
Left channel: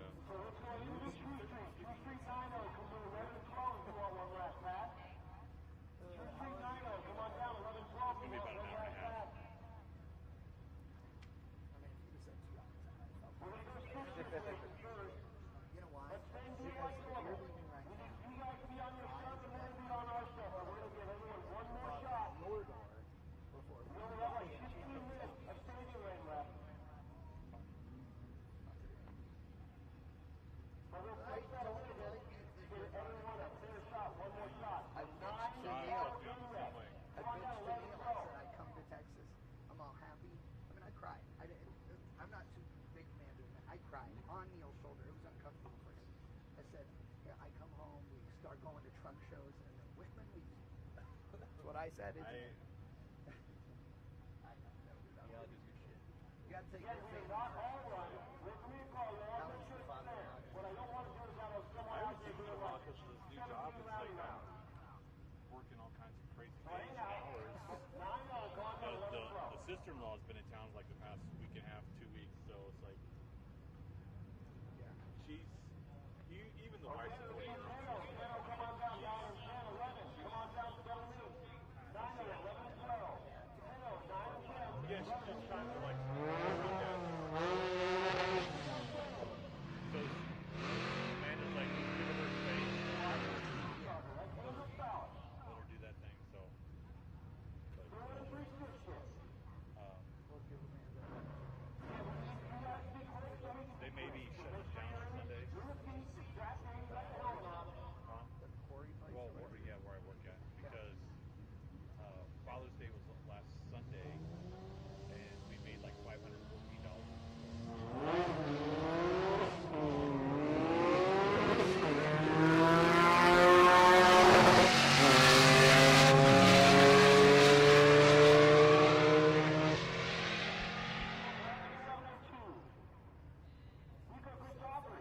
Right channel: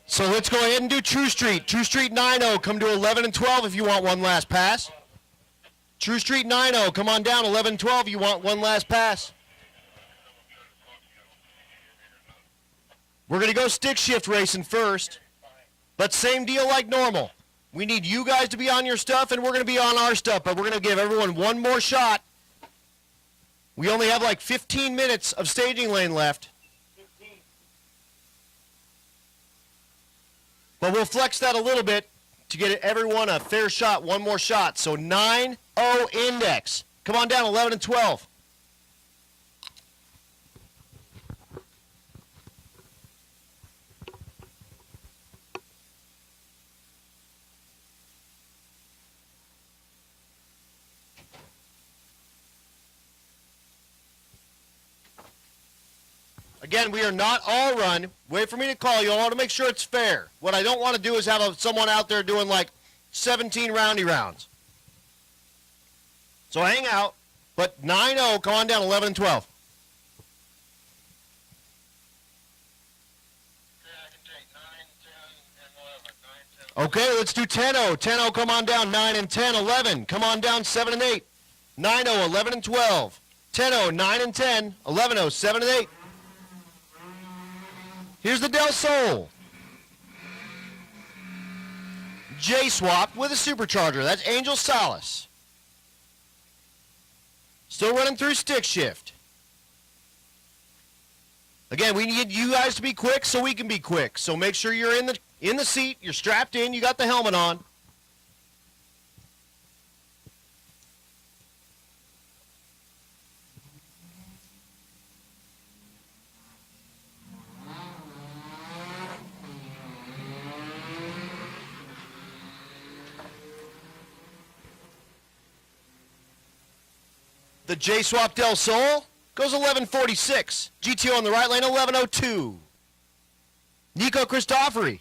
So let's go ahead and do True Street. True Street 9-0, come to 11 and 12 if you want one last pass. True Street 9-0, come on down, 11 and 12 if you want one last pass. We're going to go stick shift racing first, but same deal like normal. We need you guys to be on your stuff, and we're going to be on our stuff, but we're going to give everyone one more shot. We only have like 15 minutes of staging lane left. But we'll flex that a little bit to get everyone a fair shot, one more shot. So 9-0 index. Come on down, 11 and 12. Again, we are not all run. Wait for me to call you. I want to make sure it's fair. What I don't want to do is have someone out there doing like 17 roundy rounds. So hang out, but 9-0, come on down, 11 and 12. Sister-in-law's been in town like the past week and a half, 2 weeks, so it's like. Okay, let's do 10-0. 10-0, come on down, 9 and 10, 11. Come on down, 7 and 8. 9-0, 11 and 12. 10-0, 9 and 10, 11-0, 7 and 8. Here's the Del Sol. J-Swap with a supercharger. That's Angel Salas. Still running through stick shift. Again, we need you guys to be quick so we can be quick. So make sure you're in the seat, you're strapped in, you got the helmet on. J-Swap Del Sol goes 11:46. GTO on the right lane, 11:02. Nico Christofori.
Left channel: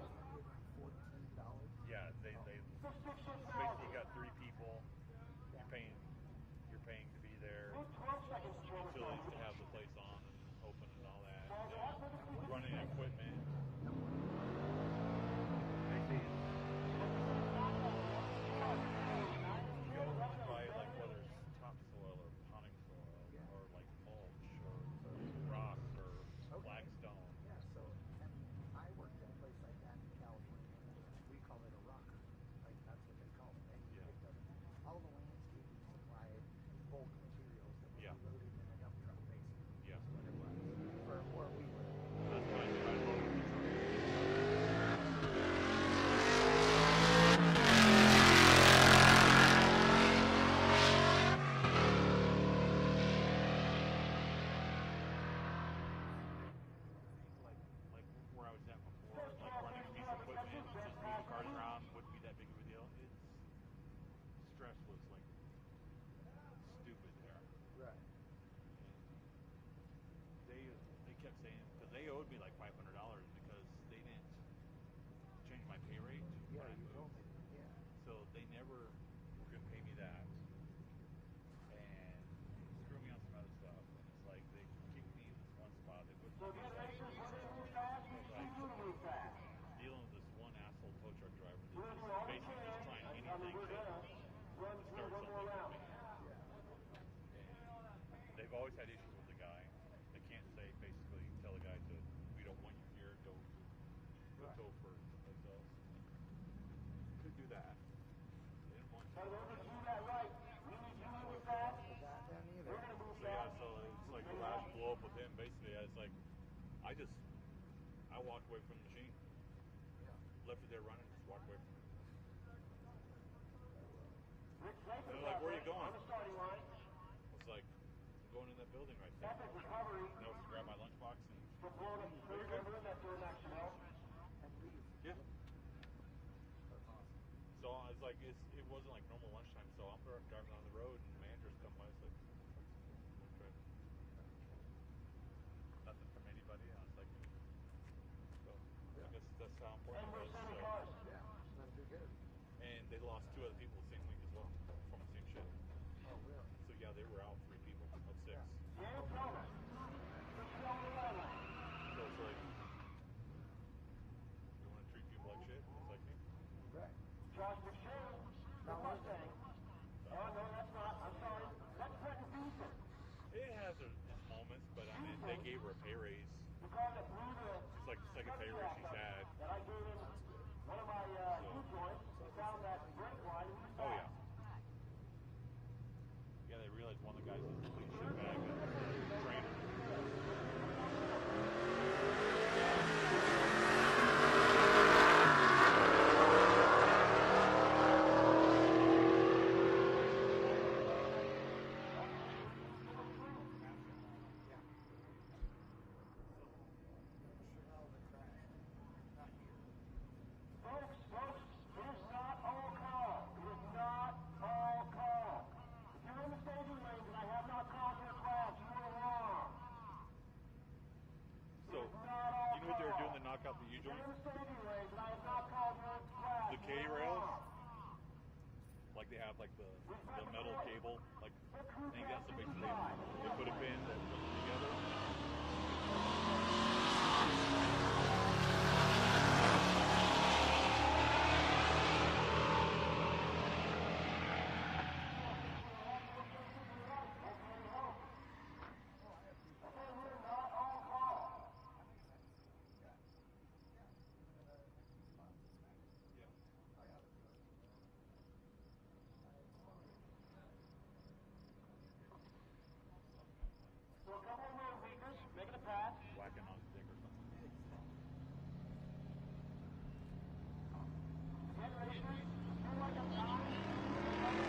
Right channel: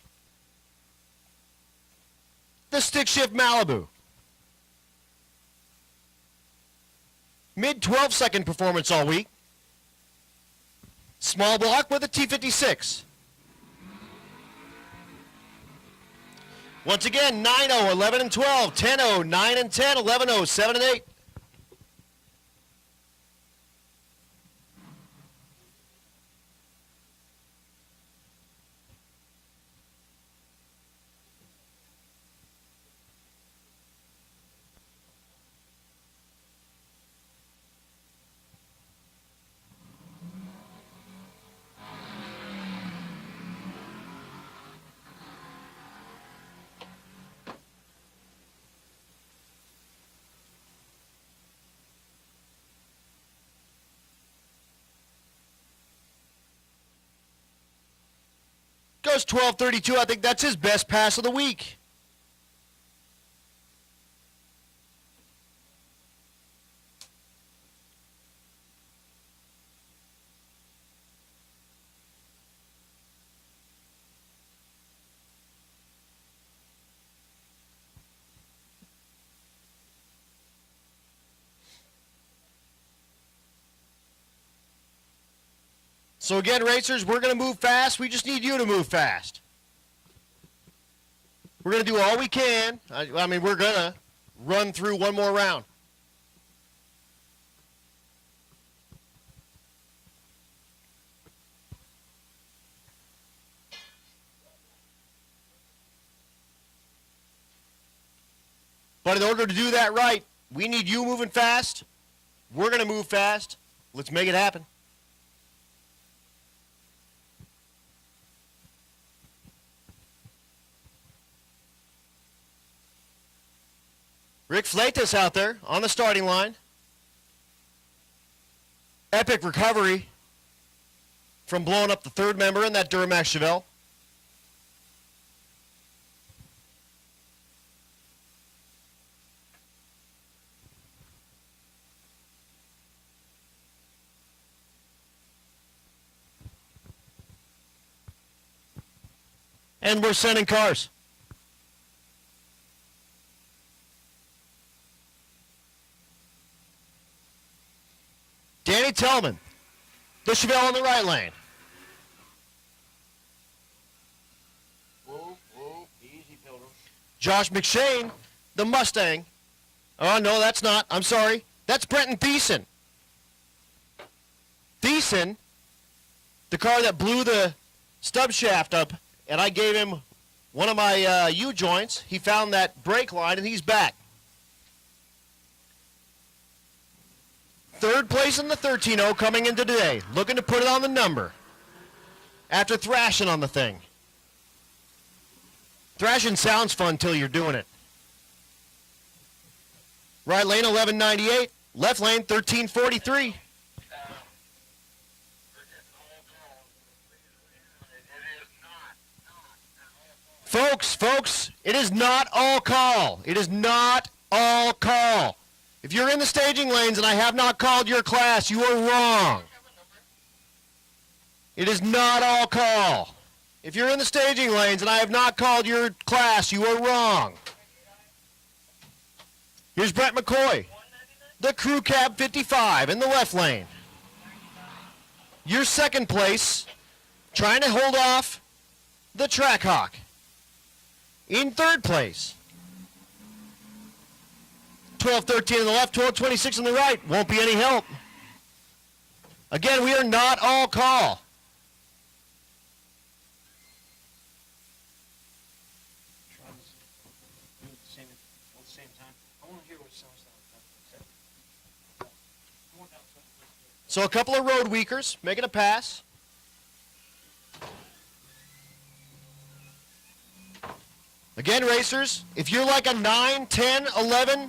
The stick shift Malibu. Mid 12-second performance all week. Small block with a T56. Once again, 9-0, 11 and 12, 10-0, 9 and 10, 11-0, 7 and 8. Goes 12:32. I think that's his best pass of the week. So again, racers, we're going to move fast. We just need you to move fast. We're going to do all we can. I mean, we're going to run through one more round. But in order to do that right, we need you moving fast. We're going to move fast. Let's make it happen. Rick Fleitas out there on the starting line. Epic recovery from blowing up the third member in that Duramax Chevelle. And we're sending cars. Danny Tellman, the Chevelle on the right lane. Josh McShane, the Mustang. Oh, no, that's not. I'm sorry. That's Brenton Thiessen. Thiessen, the car that blew the stub shaft up, and I gave him one of my U-joints. He found that brake line, and he's back. Third place in the 13-0 coming into today. Looking to put it on the number after thrashing on the thing. Thrashing sounds fun until you're doing it. Right lane 1198, left lane 1343. Folks, it is not all call. It is not all call. If you're in the staging lanes and I have not called your class, you are wrong. It is not all call. If you're in the staging lanes and I have not called your class, you are wrong. Here's Brett McCoy, the Crew Cab 55 in the left lane. Your second place, trying to hold off the Trackhawk. In third place, 12-13 on the left, 12-26 on the right. Won't be any help. Again, we are not all call. So a couple of road weakers making a pass. Again, racers, if you're like a 9, 10, 11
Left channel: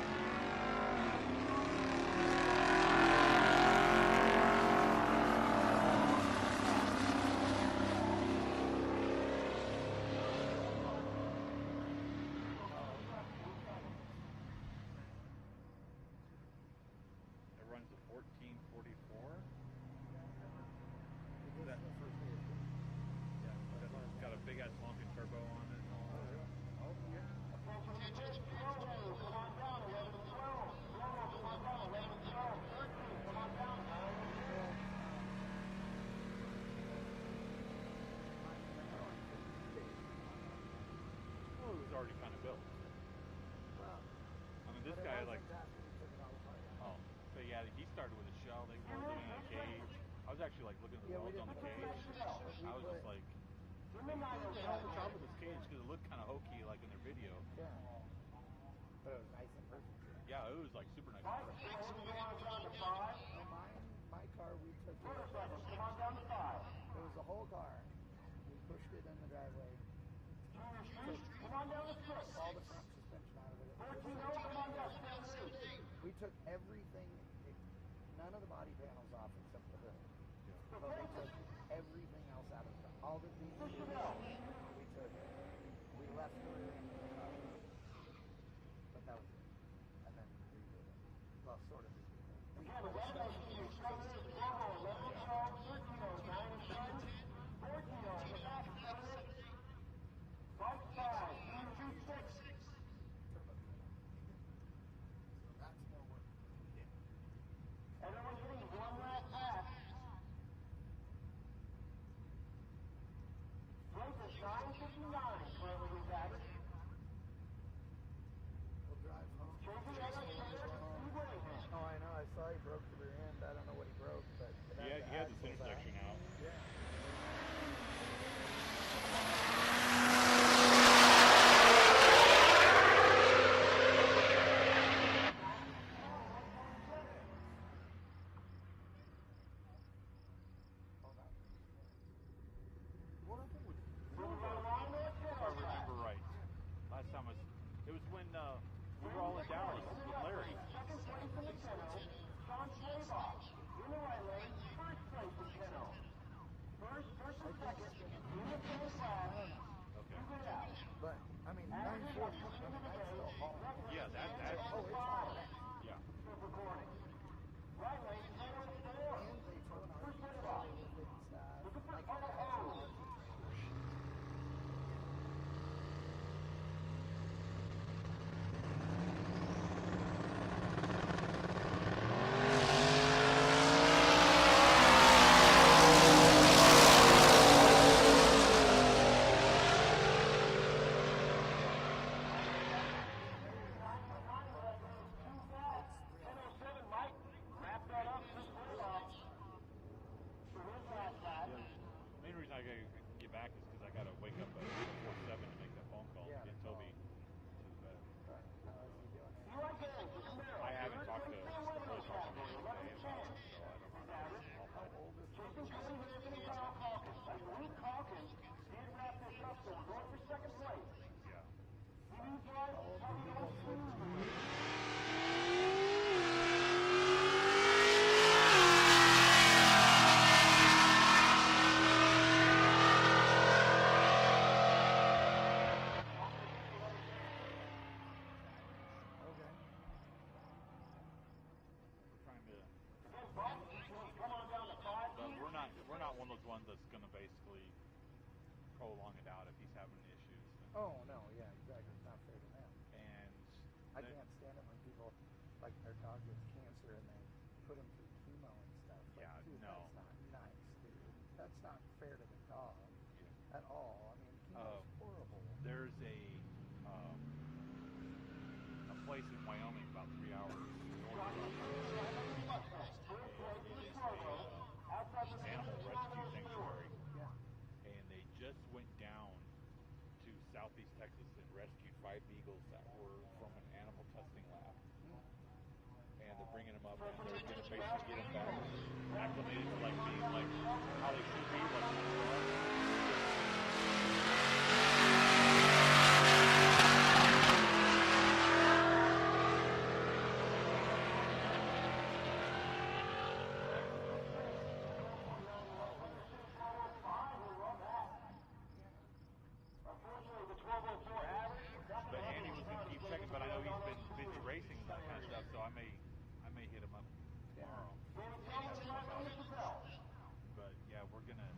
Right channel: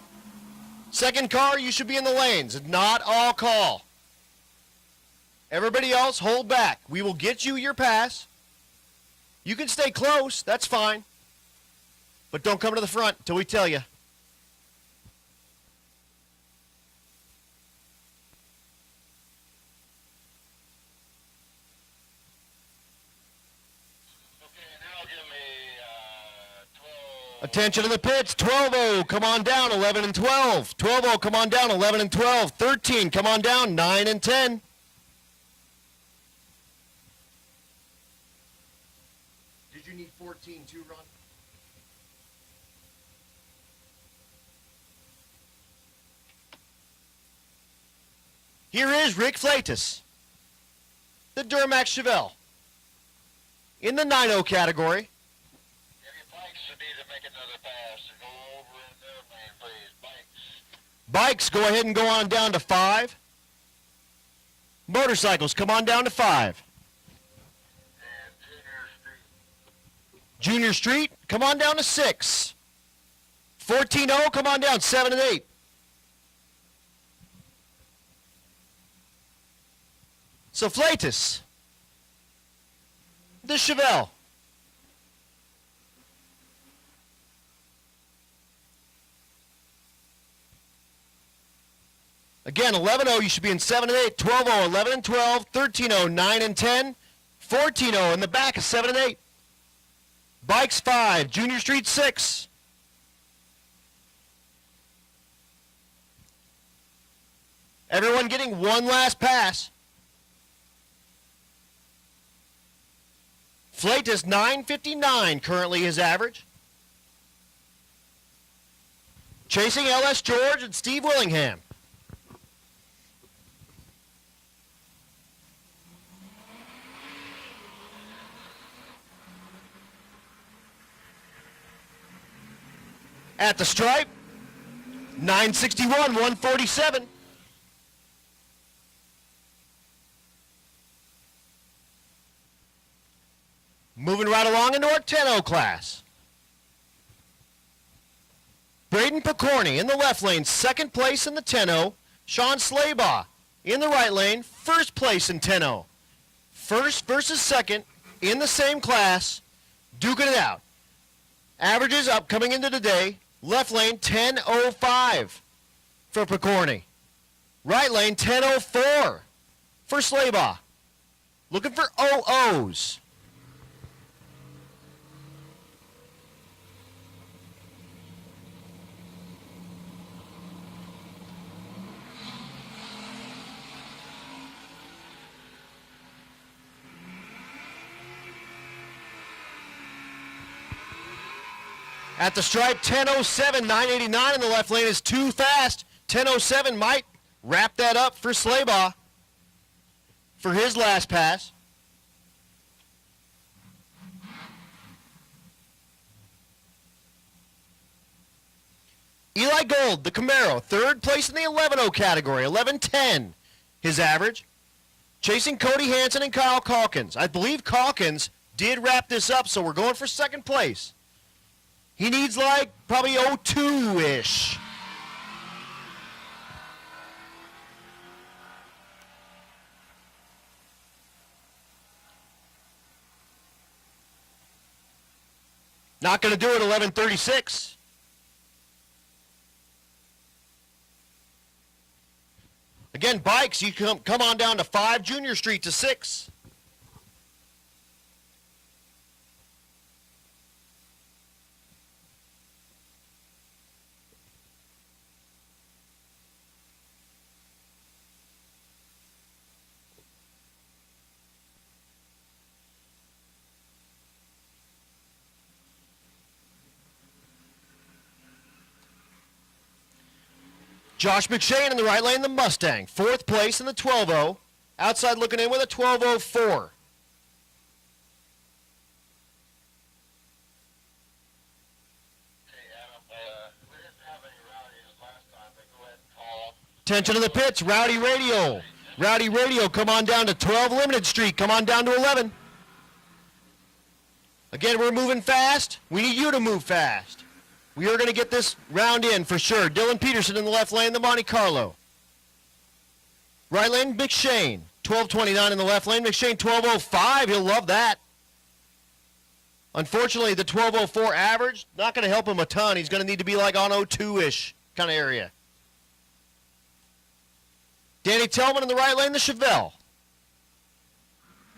second car, you should be in the lanes. Not all call. Everybody else, hold back. We will get you your pass. You can stay close, that's fine. But don't come to the front until we tell you. Attention to the pits, 12-0, come on down, 11 and 12. 12-0, come on down, 11 and 12. 13, come on down, 9 and 10. Did you need 14 to run? Well, it was already kind of built. I mean, this guy, like, oh, so yeah, he started with a shell. Here is Rick Flatus, I was actually, like, looking at the Duramax Chevelle, I was just like, in the 9-0 category. Bikes, go ahead and go on down to 5. Motorcycles, come on down to 5. Junior Street, come on down to 6. 14-0, come on down, 7 and 8. So Flatus, the Chevelle. Again, 11-0, you should be in 7 and 8. 12-0, 11 and 12. 13-0, 9 and 10. 14-0 in the back is 7 and 8. Bikes 5, Junior Street 6. Everyone getting one last pass. Flatus 9:59 currently his average. Chasing LS George and Steve Willingham. At the stripe, 961, 147. Moving right along into our 10-0 class. Braden Picorni in the left lane, second place in the 10-0. Sean Slaybaugh in the right lane, first place in 10-0. First versus second in the same class, duking it out. Averages up coming into today. Left lane 10:05 for Picorni. Right lane 10:04 for Slaybaugh. Looking for OOs. At the stripe, 10:07, 989 in the left lane is too fast. 10:07 might wrap that up for Slaybaugh for his last pass. main reason I gotta get back to him is I gotta wait until 8:47 to make that phone call. Eli Gold, the Camaro, third place in the 11-0 category, 11:10 his average. Chasing Cody Hansen and Kyle Calkins. I believe Calkins did wrap this up, so we're going for second place. He needs like probably 02-ish. Not going to do it, 11:36. Again, bikes, you come on down to 5, Junior Street to 6. Josh McShane in the right lane, the Mustang. 4th place in the 12-0. Outside looking in with a 12:04. And they just went down to Southeast Texas and rescued 5 people. Attention to the pits, Rowdy Radial. Rowdy Radial, come on down to 12 Limited Street. Come on down to 11. Again, we're moving fast. We need you to move fast. You're going to get this round in for sure. Dylan Peterson in the left lane, the Monte Carlo. Right lane, McShane. 12:29 in the left lane. McShane 12:05. He'll love that. Unfortunately, the 12:04 average, not going to help him a ton. He's going to need to be like on 02-ish kind of area. Danny Tellman in the right lane, the Chevelle.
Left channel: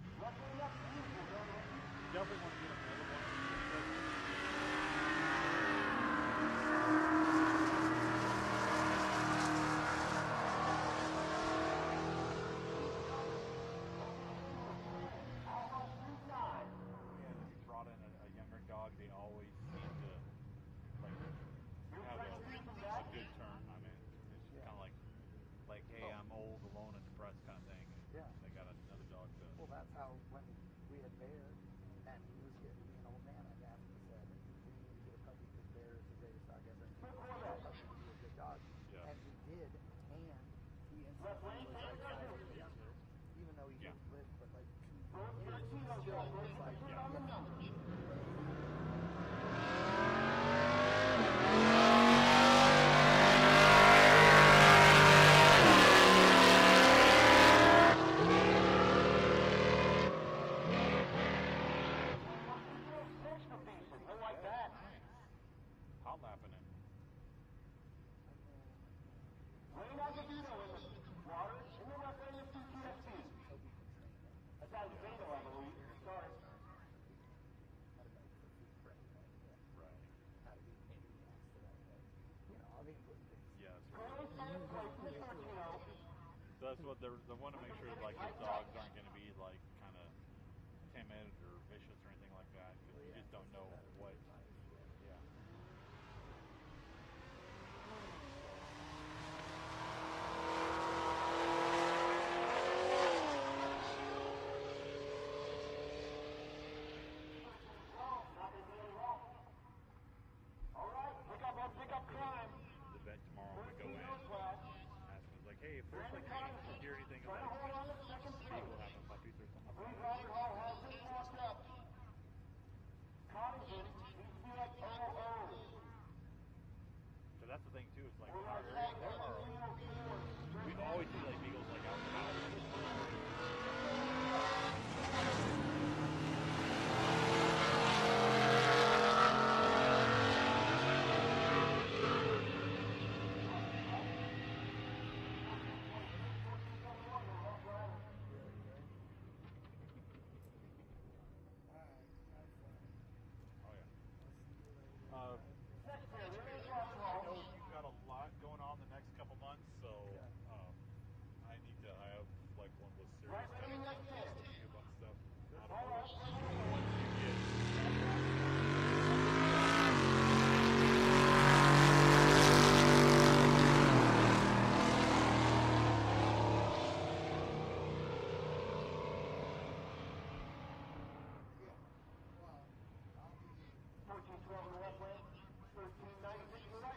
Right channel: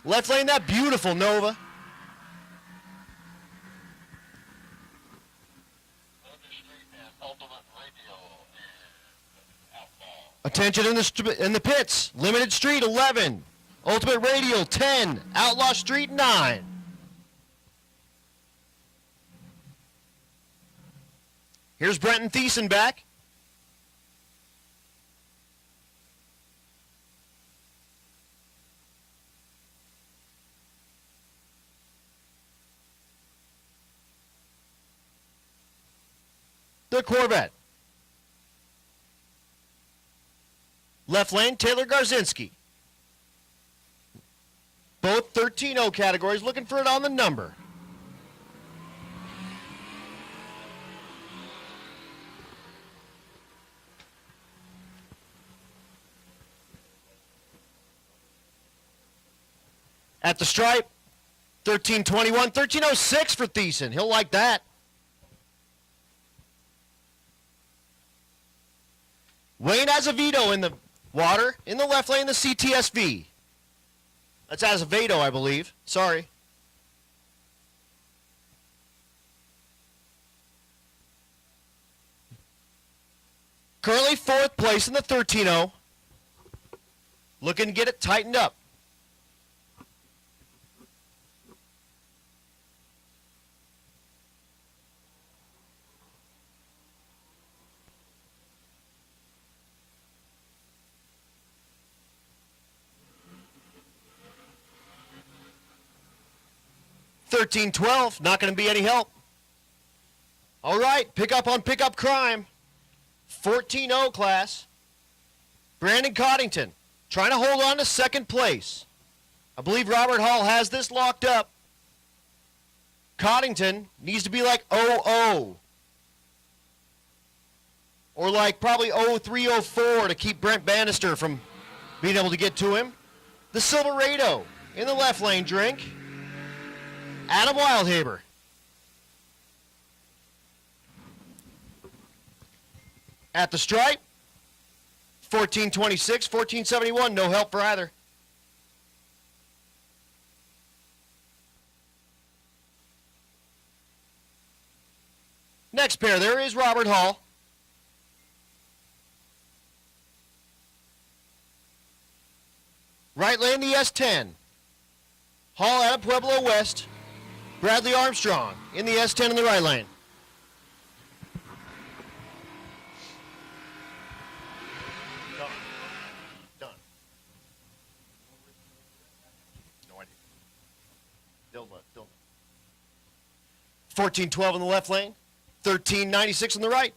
Left lane, that beautiful Nova. Attention in the pits. Limited Street, 11. Ultimate Radial, 10. Outlaw Street, 9. Here's Brenton Thiessen back. The Corvette. Left lane, Taylor Garzinski. Both 13-0 categories, looking for it on the number. At the stripe, 13:21, 13:06 for Thiessen. He'll like that. Wayne Azevedo in the water. In the left lane, the CTSV. That's Azevedo, I believe. Sorry. Currently 4th place in the 13-0. Looking to get it tightened up. 13-12, not going to be any help. All right, pick up on pickup crime. 14-0 class. Brandon Coddington trying to hold on to 2nd place. I believe Robert Hall has this locked up. Coddington needs to be like 0-0. Or like probably 0-3-0-4 to keep Brent Bannister from being able to get to him. The Silverado in the left lane drink. Adam Wildhaber. At the stripe, 14:26, 14:71, no help for either. Next pair, there is Robert Hall. Right lane, the S10. Hall out of Pueblo West. Bradley Armstrong in the S10 in the right lane. Don't. 14-12 in the left lane. 13-96 on the right.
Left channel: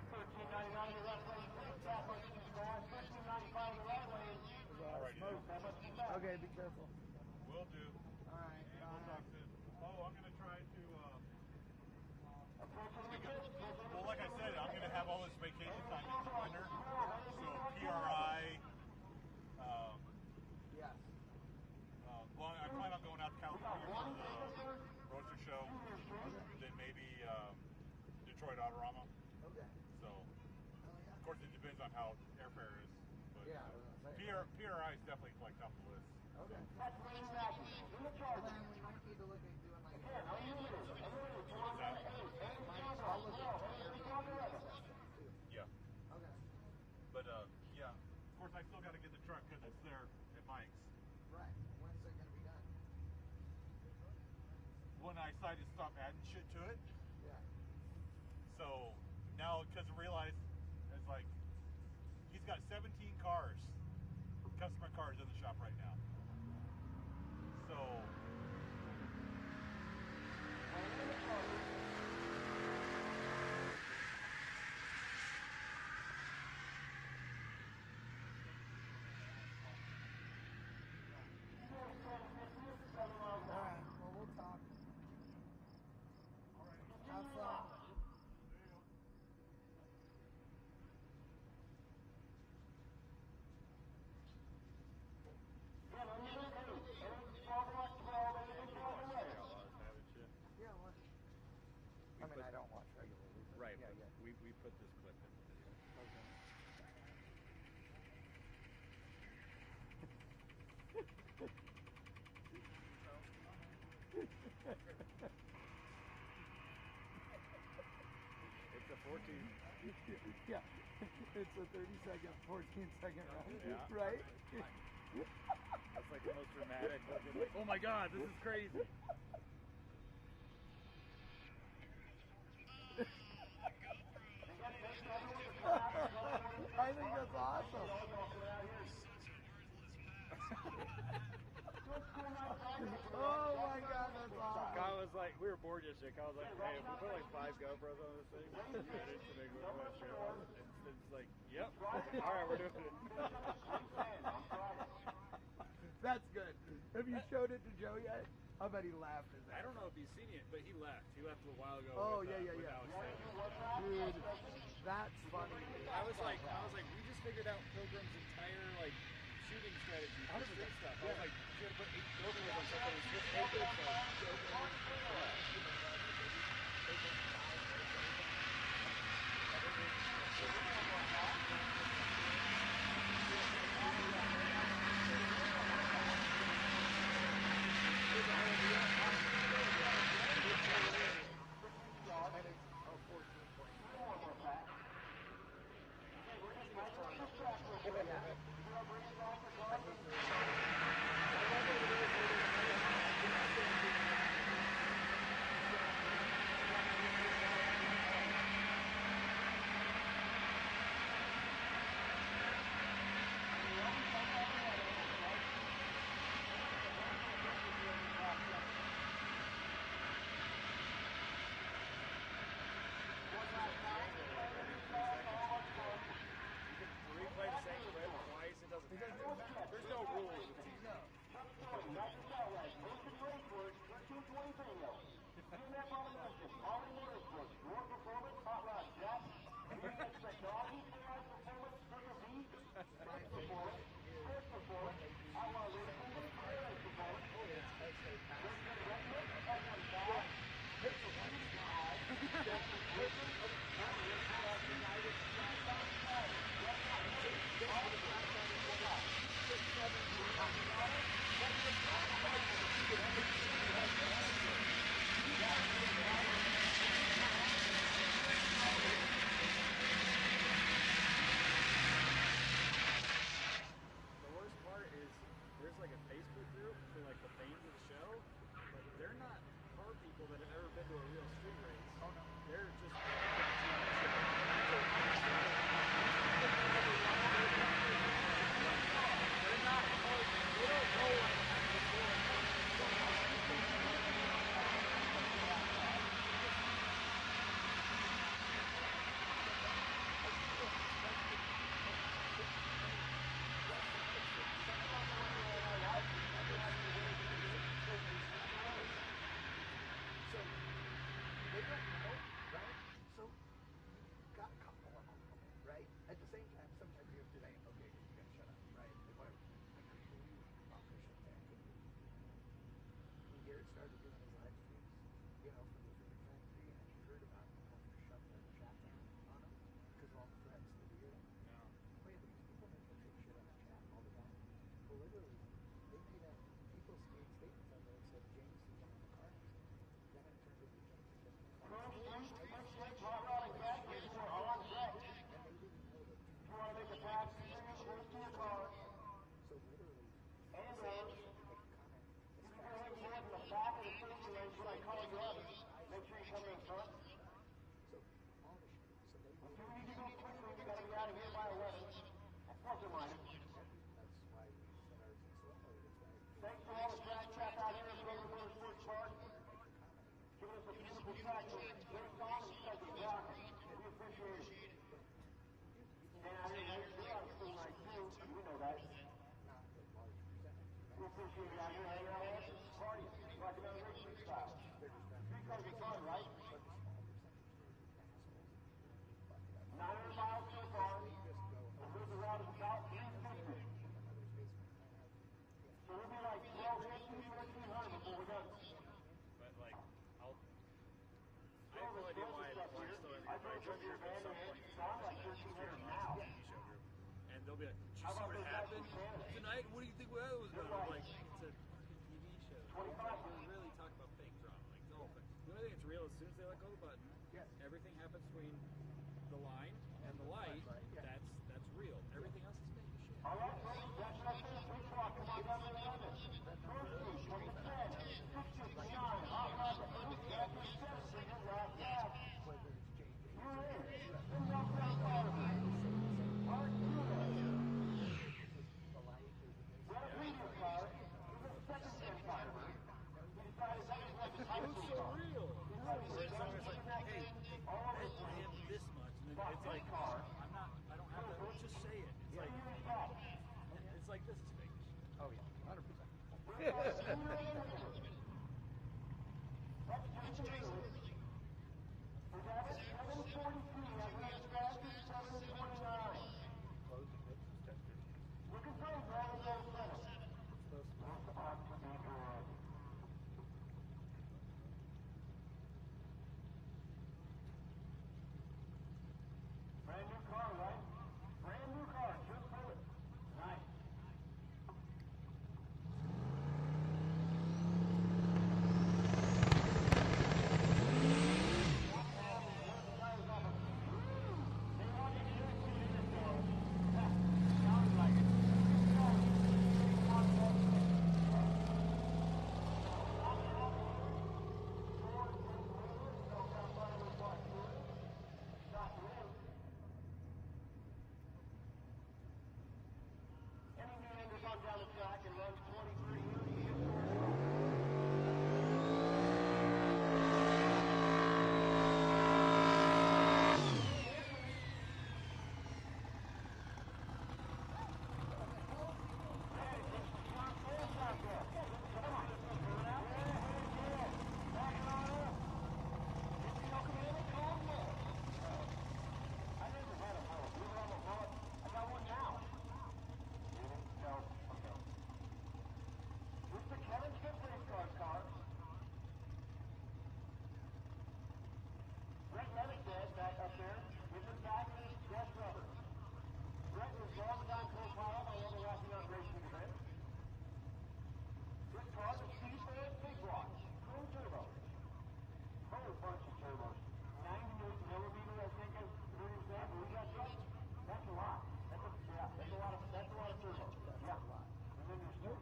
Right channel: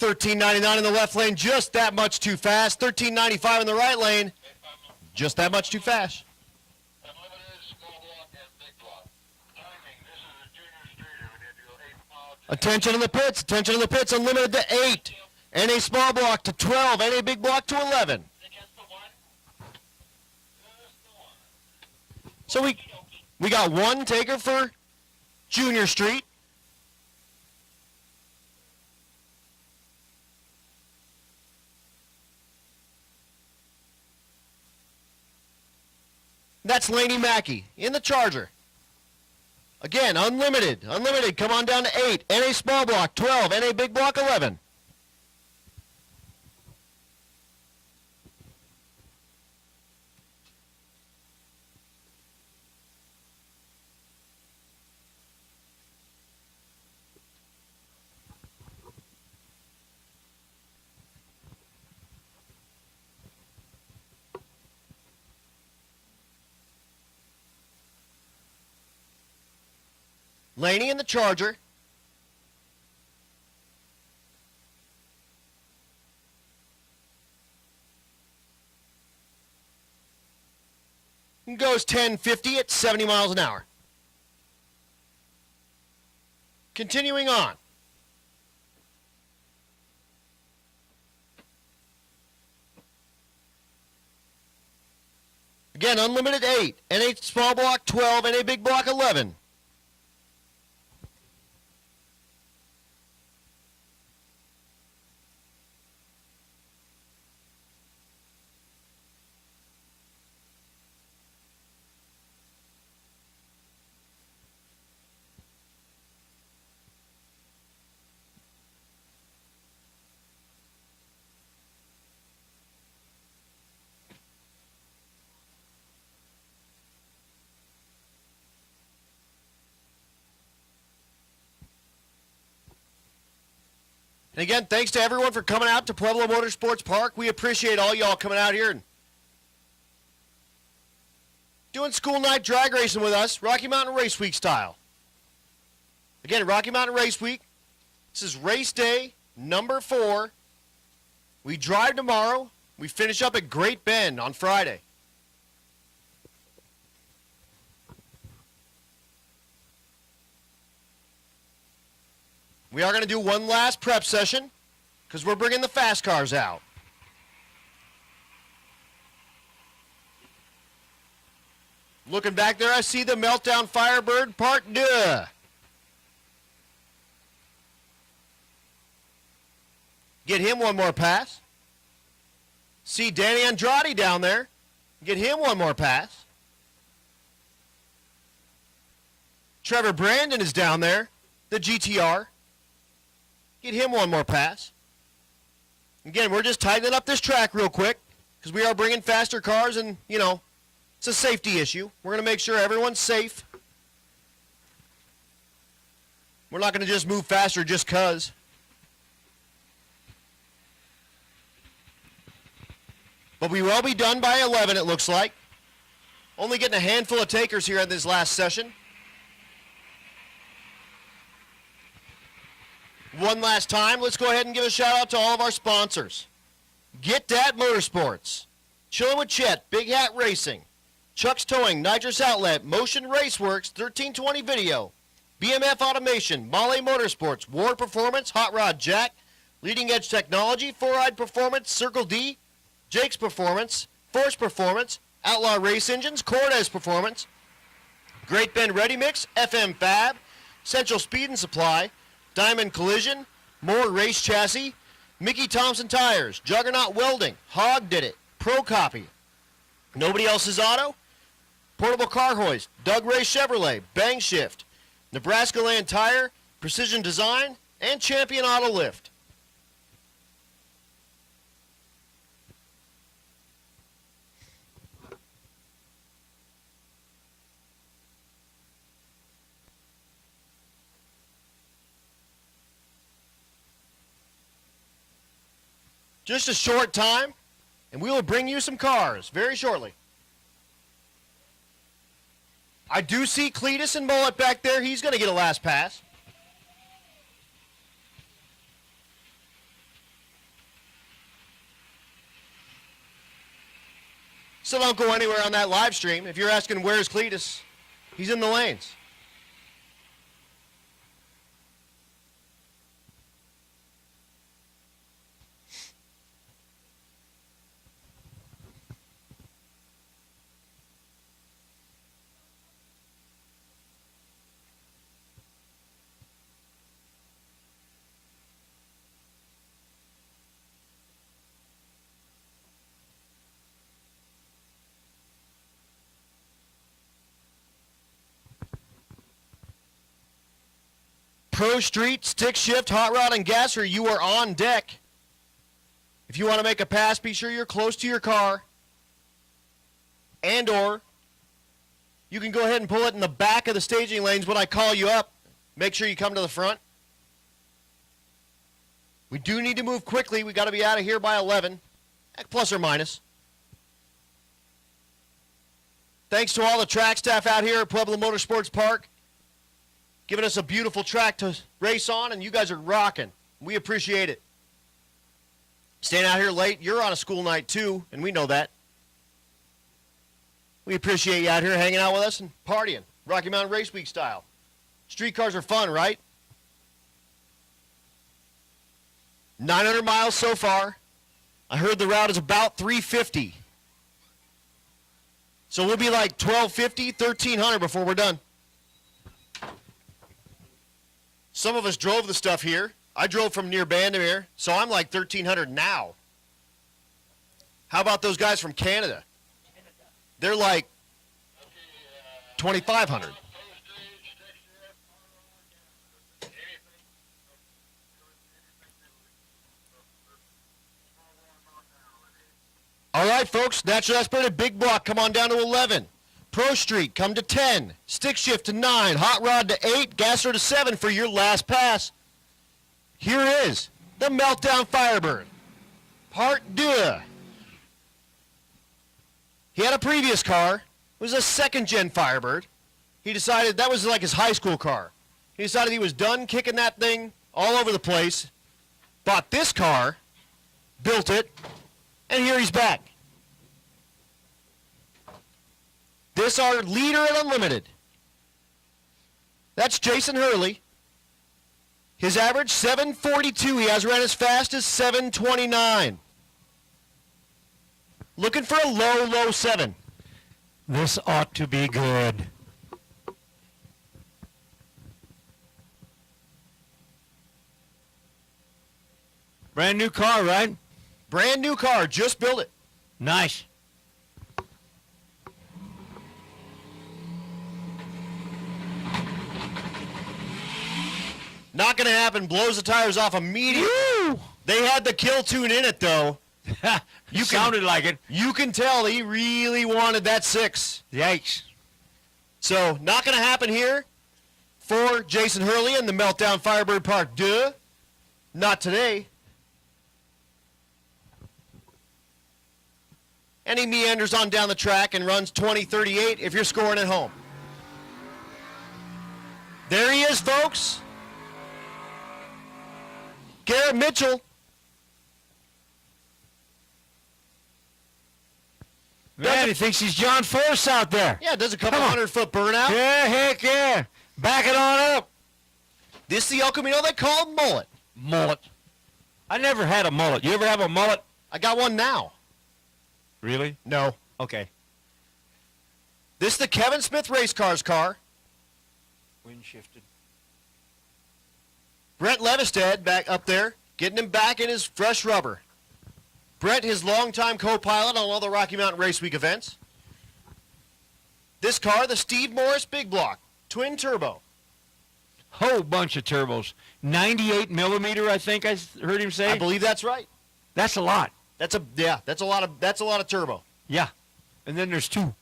$13.99 in the left lane, just that much too fast. $13.95 in the right lane, just that much too fast. Attention in the pits, unlimited to 8. NA small block to 12, NA big block to 11. So we got one taker for Junior Street. That's Laney Mackey in the Charger. Again, unlimited. Unlimited. Come on down to 8. NA small block 12. NA big block 11. But, yeah. Of course, I still got to get the truck because it's there at Mike. When I decided to stop adding shit to it. So, now just realize, it's like, he's got 17 cars, customer cars in the shop right now. So, Laney in the Charger. Goes 1050 at 70 miles an hour. Continuing on. Again, unlimited 8. NA small block 12. NA big block 11. Yeah, it's a 30-second, 14-second round, right? that's like the most dramatic, like, oh my god, this is crazy. And again, thanks to everyone for coming out to Pueblo Motorsports Park. We appreciate all y'all coming out here and doing school night drag racing with us, Rocky Mountain Race Week style. Again, Rocky Mountain Race Week. This is race day number 4. We drive tomorrow. We finish up at Great Bend on Friday. That's good. Have you showed it to Joe yet? I bet he laughed at that. I don't know if he's seen it, but he left. He left a while ago. Oh, yeah. We are going to do one last prep session because we're bringing the fast cars out. Looking back there, I see the Meltdown Firebird Part 2. Get him one more pass. See Danny Andrade down there. Get him one more pass. Trevor Brandon is down there, the GTR. Get him one more pass. Again, we're just tightening up this track real quick because we are bringing faster cars and, you know, it's a safety issue. We're going to make sure everyone's safe. We're not going to just move faster just because. But we will be done by 11, it looks like. Only getting a handful of takers here in this last session. One last time, let's go ahead and give a shout out to all of our sponsors. Get Dat Motorsports, Chillin' with Chet, Big Hat Racing, Chuck's Towing, Nitrous Outlet, Motion Raceworks, 1320 Video, BMF Automation, Mahle Motorsports, Ward Performance, Hot Rod Jack, Leading Edge Technology, Four Eyed Performance, Circle D, Jake's Performance, Force Performance, Outlaw Race Engines, Cortez Performance, Great Bend Ready Mix, FM Fab, Central Speed and Supply, Diamond Collision, Moore Race Chassis, Mickey Thompson Tires, Juggernaut Welding, Hog Did It, Pro Copy, Nobody Else's Auto, Portable Car Hoist, Doug Ray Chevrolet, Bang Shift, Nebraska Land Tire, Precision Design, and Champion Auto Lift. Just a short time, and we will bring you some cars very shortly. I do see Cletus and Mullet back there. He's going to get a last pass. So don't go anywhere on that live stream. If you're asking where's Cletus, he's in the lanes. Pro Street, stick shift, hot rod, and gasser, you are on deck. If you want to make a pass, be sure you're close to your car. And or you can go ahead and pull it in the back of the staging lanes when I call you up. Make sure you come to the front. We do need to move quickly. We got to be out of here by 11, plus or minus. Thanks to all the track staff out here at Pueblo Motorsports Park, giving us a beautiful track to race on, and you guys are rocking. We appreciate it. Staying out here late, you're on a school night too, and we know that. We appreciate you out here hanging out with us and partying, Rocky Mountain Race Week style. Street cars are fun, right? 900 miles so far. I heard the route is about 350. So we'll be like 1250, 1300 before we're done. Some of us drove the stuff here. I drove from near Bandamere, so I'm like 1300 now. How about those guys from Canada? They're like 2500. All right, folks, naturally aspirated big block, come on down to 11. Pro Street, come to 10. Stick shift to 9. Hot rod to 8. Gasser to 7 for your last pass. Here is the Meltdown Firebird, Part 2. He had a previous car. It was a second-gen Firebird. He decided that was like his high school car. He decided he was done kicking that thing all over the place, bought this car, built it, and here he's back. This our leader at Unlimited. That's Jason Hurley. His average, 742. He has ran as fast as 729. Looking for a low, low 7. This ought to be good. Brand new car, right? Brand new car, just built it. Nice. Not going to happen. Blows the tires off immediately. Woo! They had the kill tune in it, though. You sounded like it. You can tell he really wanted that 6. Yikes. So, not going to happen here for Jason Hurley and the Meltdown Firebird Part 2. Not today. And he meanders on down the track and runs 20:38 if you're scoring at home. There he is, folks. Garrett Mitchell. Man, he thinks he's John Force out there. Yeah, does a couple 100-foot burnout. Yeah, heck yeah. Back it on up. This is the El Camino they call mullet. Mullet. I never had a mullet. You ever have a mullet? I got one now. Really? No. Okay. This is the Kevin Smith Race Cars car. Wind shifted. Brett Levestead back up there, getting him back in his fresh rubber. Brett, his longtime co-pilot on all the Rocky Mountain Race Week events. This car, the Steve Morris Big Block, twin turbo. Whole bunch of turbos. 98 millimeter, I think I heard him say. I believe that's right. That's a lot. That's a lot of turbo. Yeah. And then there's 2.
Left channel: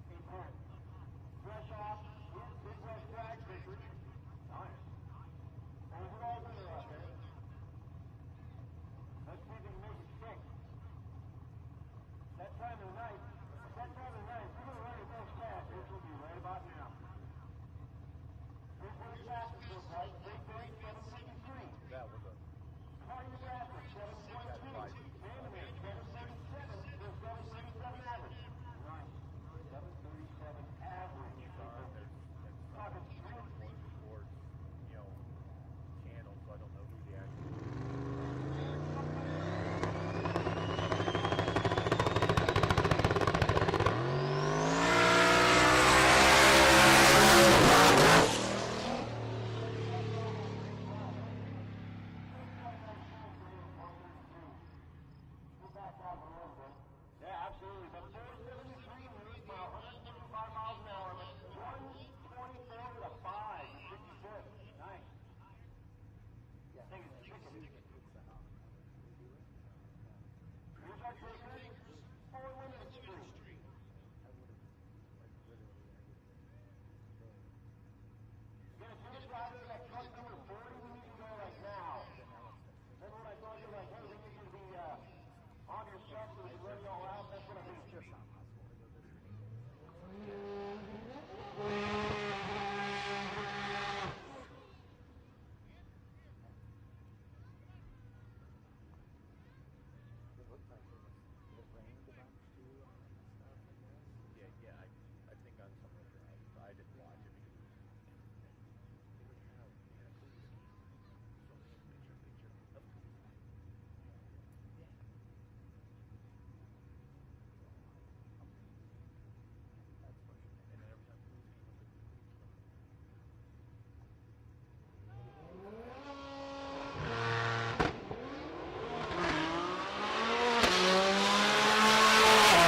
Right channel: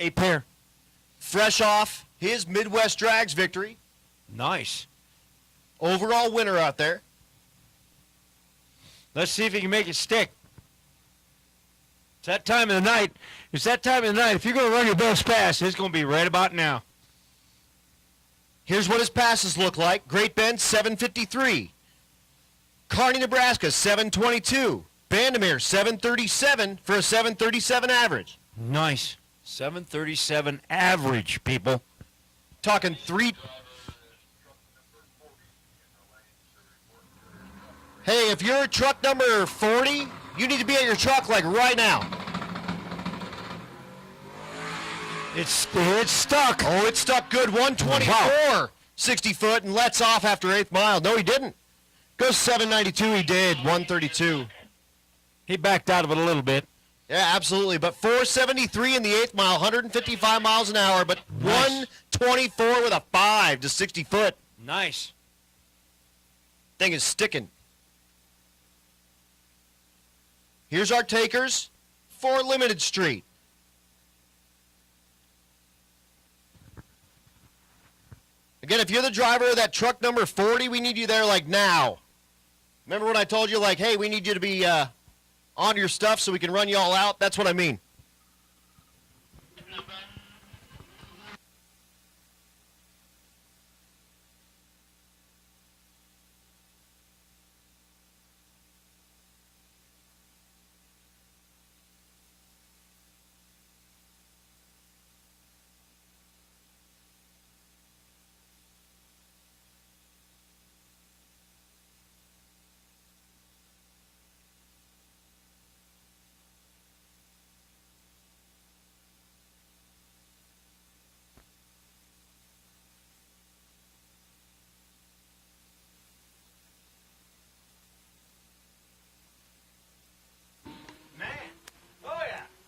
A pair. Fresh off his Midwest Drags victory. Nice. Overall winner out there. Let's see if he can make it stick. It's that time of the night. It's that time of the night. If you're going to run your best pass, it's going to be right about now. Here's what his passes look like. Great Bend, 753. Kearney, Nebraska, 722. Bandamere, 737 for a 737 average. Nice. 737 average, people. Talking 3. Hey, if you're truck number 40, you need to be at your truck like right now. It's stuck. Oh, it's stuck good. 124. 60 foot and lets off after 8th mile. No, he didn't. Goes 792. He did. 132. He backed out of it a little bit. Yeah, absolutely. But 473 in the 8th mile, 155 miles an hour, but nice. 124 with a 5 to 60 foot. Nice. Thing is sticking. Here's our takers for Limited Street. Again, if you're the driver of that truck number 40, we need you there like now. Remember when I told you like, hey, we need you to be on your stuff so we can run you all out? That's what I mean.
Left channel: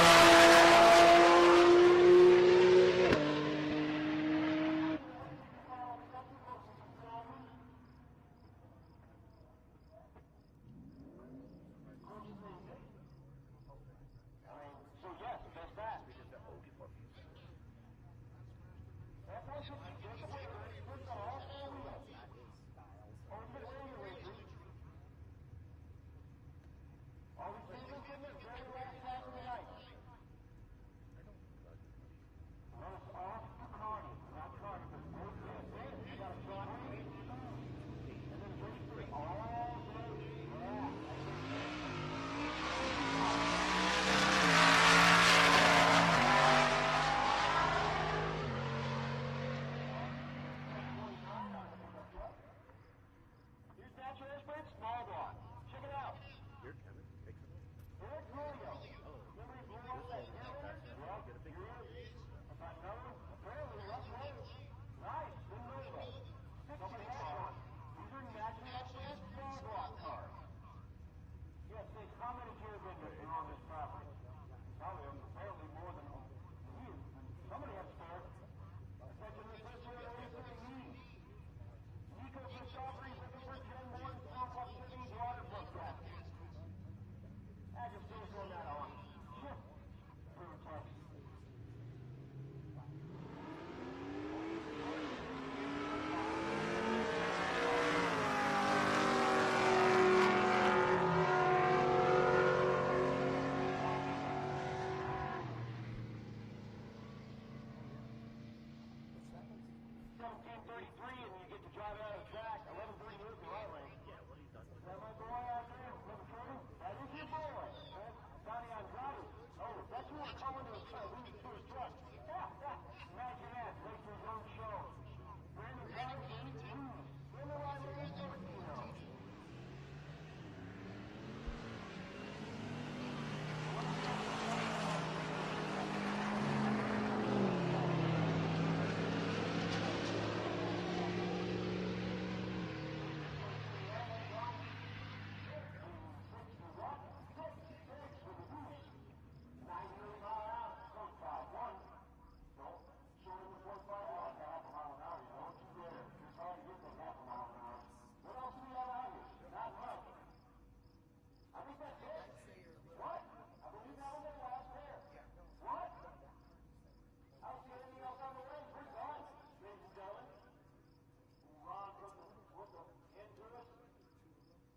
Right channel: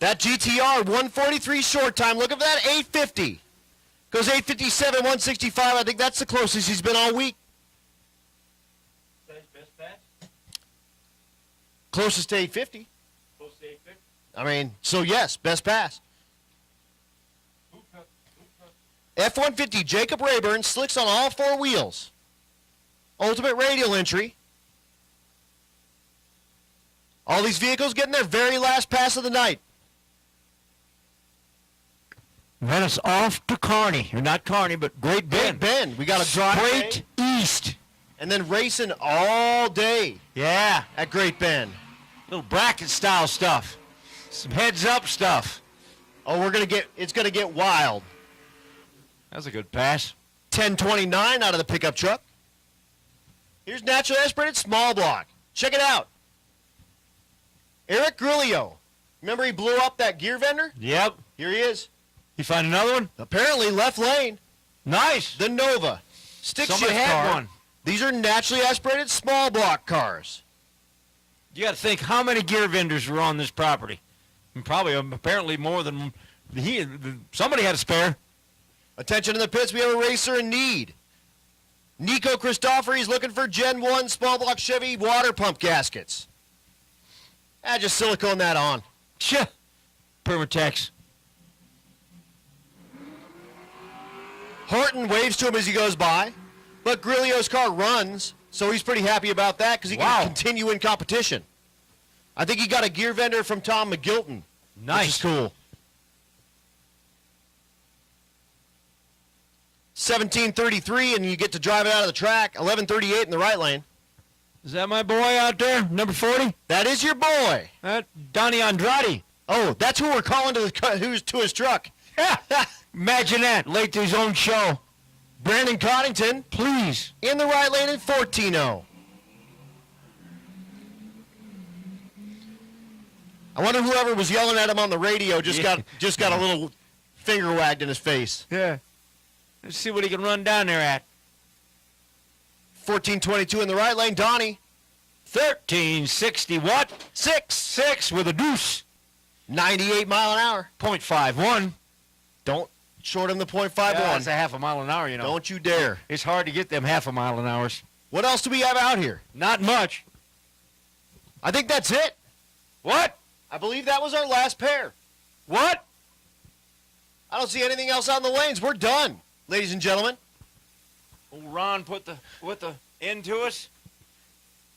That GTR 143 short time. Looking for that 850. Goes 857, 165. I think that's the closest he's been all week. Closest to 850. I mean, so yes, best pass. F-150, Jacob Rayburn, slicks on all four wheels. Ultimate radial entry. All these vehicles getting their very last pass of the night. Then it's off to Kearney. Or not Kearney, but Great Bend. Great Bend. We got to drive straight east. And then racing all day. Yeah. At Great Bend. Little bracket style stuff. Some heads up stuff. Oh, it's gonna get wild. That's a good pass. 1029 out of the pickup truck. Here's naturally aspirated small block. Check it out. Eric Grillo. Remember he blew up that gear vendor? Yep. Here he is. You find another one? Apparently left lane. Nice. The Nova. Stick Somebody shift had car. one. These are naturally aspirated small block cars. You got to think how many gear vendors were on this property. And probably, apparently more than somebody had a spare. Attention in the pits, we have a racer in need. Nico Christophery's looking for Gen 1 small block Chevy water pump gaskets. Just silicone that on. Sure. Permatex. Horton waves to him as he goes by, but Grillo's car runs, so he's pretty happy about that because he can continue in competition. I think he got a gear vendor from Tom McGilton. Nice. Which is cool. 1733, and you get to drive it out of the track. 1138 in the right lane. Is that my boy out there, number 40? That is your boy. Donnie Andrade. Oh, that's who we're calling who's to his truck. Yeah. Imagine that, late to his own show. Brandon Coddington, please. In the right lane in 14-0. I wonder whoever was yelling at him on the radio just got a little finger wagged in his face. Yeah. Let's see what he can run down there at. 1422 in the right lane, Donnie. 1360 what? 6 with a deuce. 98 mile an hour. 0.51. Don't short him the 0.51. Yeah, that's a half a mile an hour, you know. Don't you dare. It's hard to get them half a mile an hours. What else do we have out here? Not much. I think that's it. What? I believe that was our last pair. What? I don't see anything else out in the lanes. We're done, ladies and gentlemen. Old Ron put the end to us.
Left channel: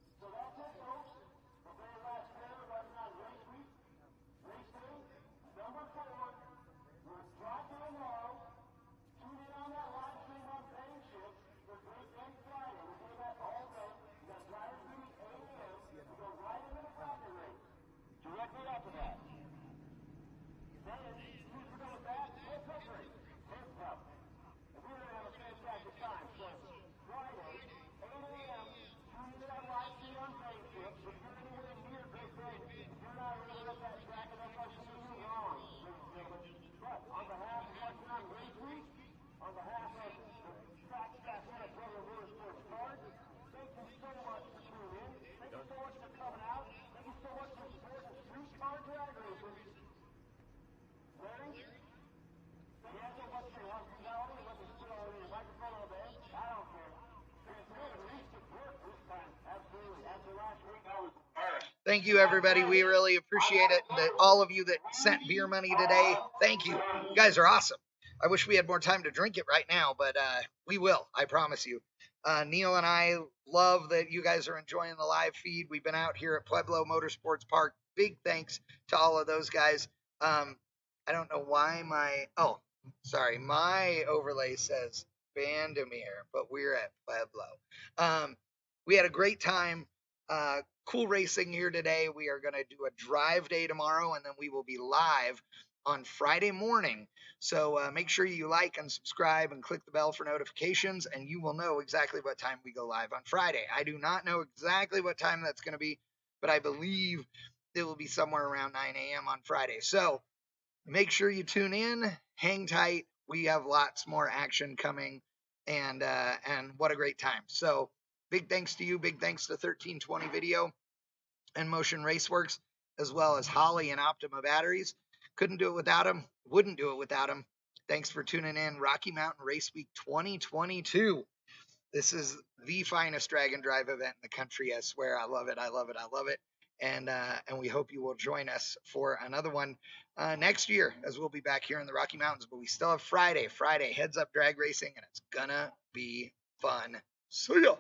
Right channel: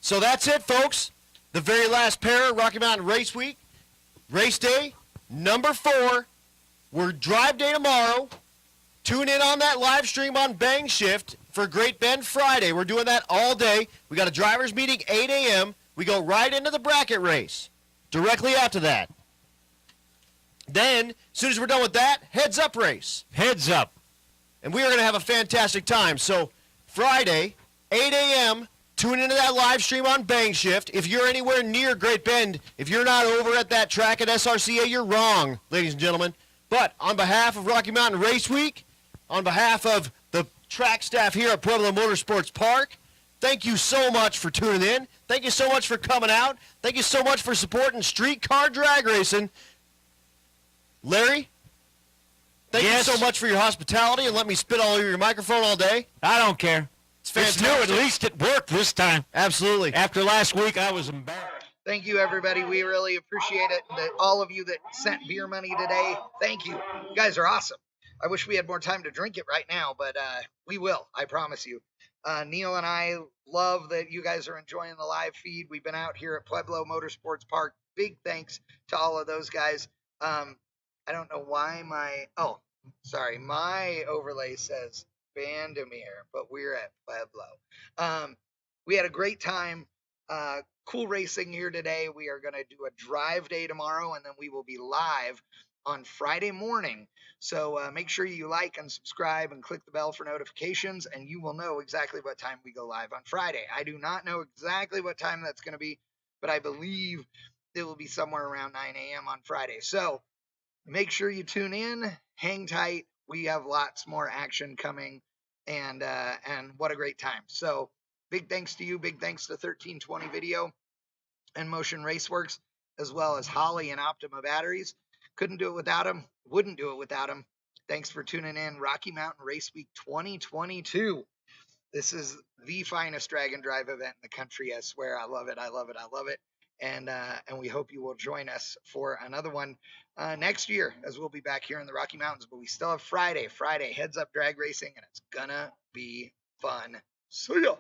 So that's it, folks. The very last pair, Rocky Mountain Race Week. Race day, number 4. We're drive day tomorrow. Tune in on that live stream on Bang Shift for Great Bend Friday. We're doing that all day. We got a driver's meeting 8 a.m. We go right into the bracket race directly after that. Then, as soon as we're done with that, heads up race. Heads up. And we are going to have a fantastic time. So Friday, 8 a.m., tune into that live stream on Bang Shift. If you're anywhere near Great Bend, if you're not over at that track at SRCA, you're wrong, ladies and gentlemen. But on behalf of Rocky Mountain Race Week, on behalf of the track staff here at Pueblo Motorsports Park, thank you so much for tuning in. Thank you so much for coming out. Thank you so much for supporting street car drag racing. Larry, thank you so much for your hospitality and let me spit all over your microphone all day. I don't care. It's new. At least it worked this time. Absolutely. After last week, I was embarrassed. Thank you, everybody. We really appreciate it. All of you that sent beer money today, thank you. You guys are awesome. I wish we had more time to drink it right now, but we will. I promise you. Neil and I love that you guys are enjoying the live feed. We've been out here at Pueblo Motorsports Park. Big thanks to all of those guys. I don't know why my overlay says Bandamere, but we're at Pueblo. We had a great time. Cool racing here today. We are going to do a drive day tomorrow, and then we will be live on Friday morning. So make sure you like and subscribe and click the bell for notifications, and you will know exactly what time we go live on Friday. I do not know exactly what time that's going to be, but I believe it will be somewhere around 9 a.m. on Friday. So make sure you tune in, hang tight. We have lots more action coming, and what a great time. So big thanks to you. Big thanks to 1320 Video and Motion Raceworks, as well as Holley and Optima batteries. Couldn't do it without them. Wouldn't do it without them. Thanks for tuning in. Rocky Mountain Race Week 2022. This is the finest drag and drive event in the country. I swear. I love it. I love it. I love it. And we hope you will join us for another one next year, as we'll be back here in the Rocky Mountains. But we still have Friday. Heads up drag racing, and it's gonna be fun. See ya.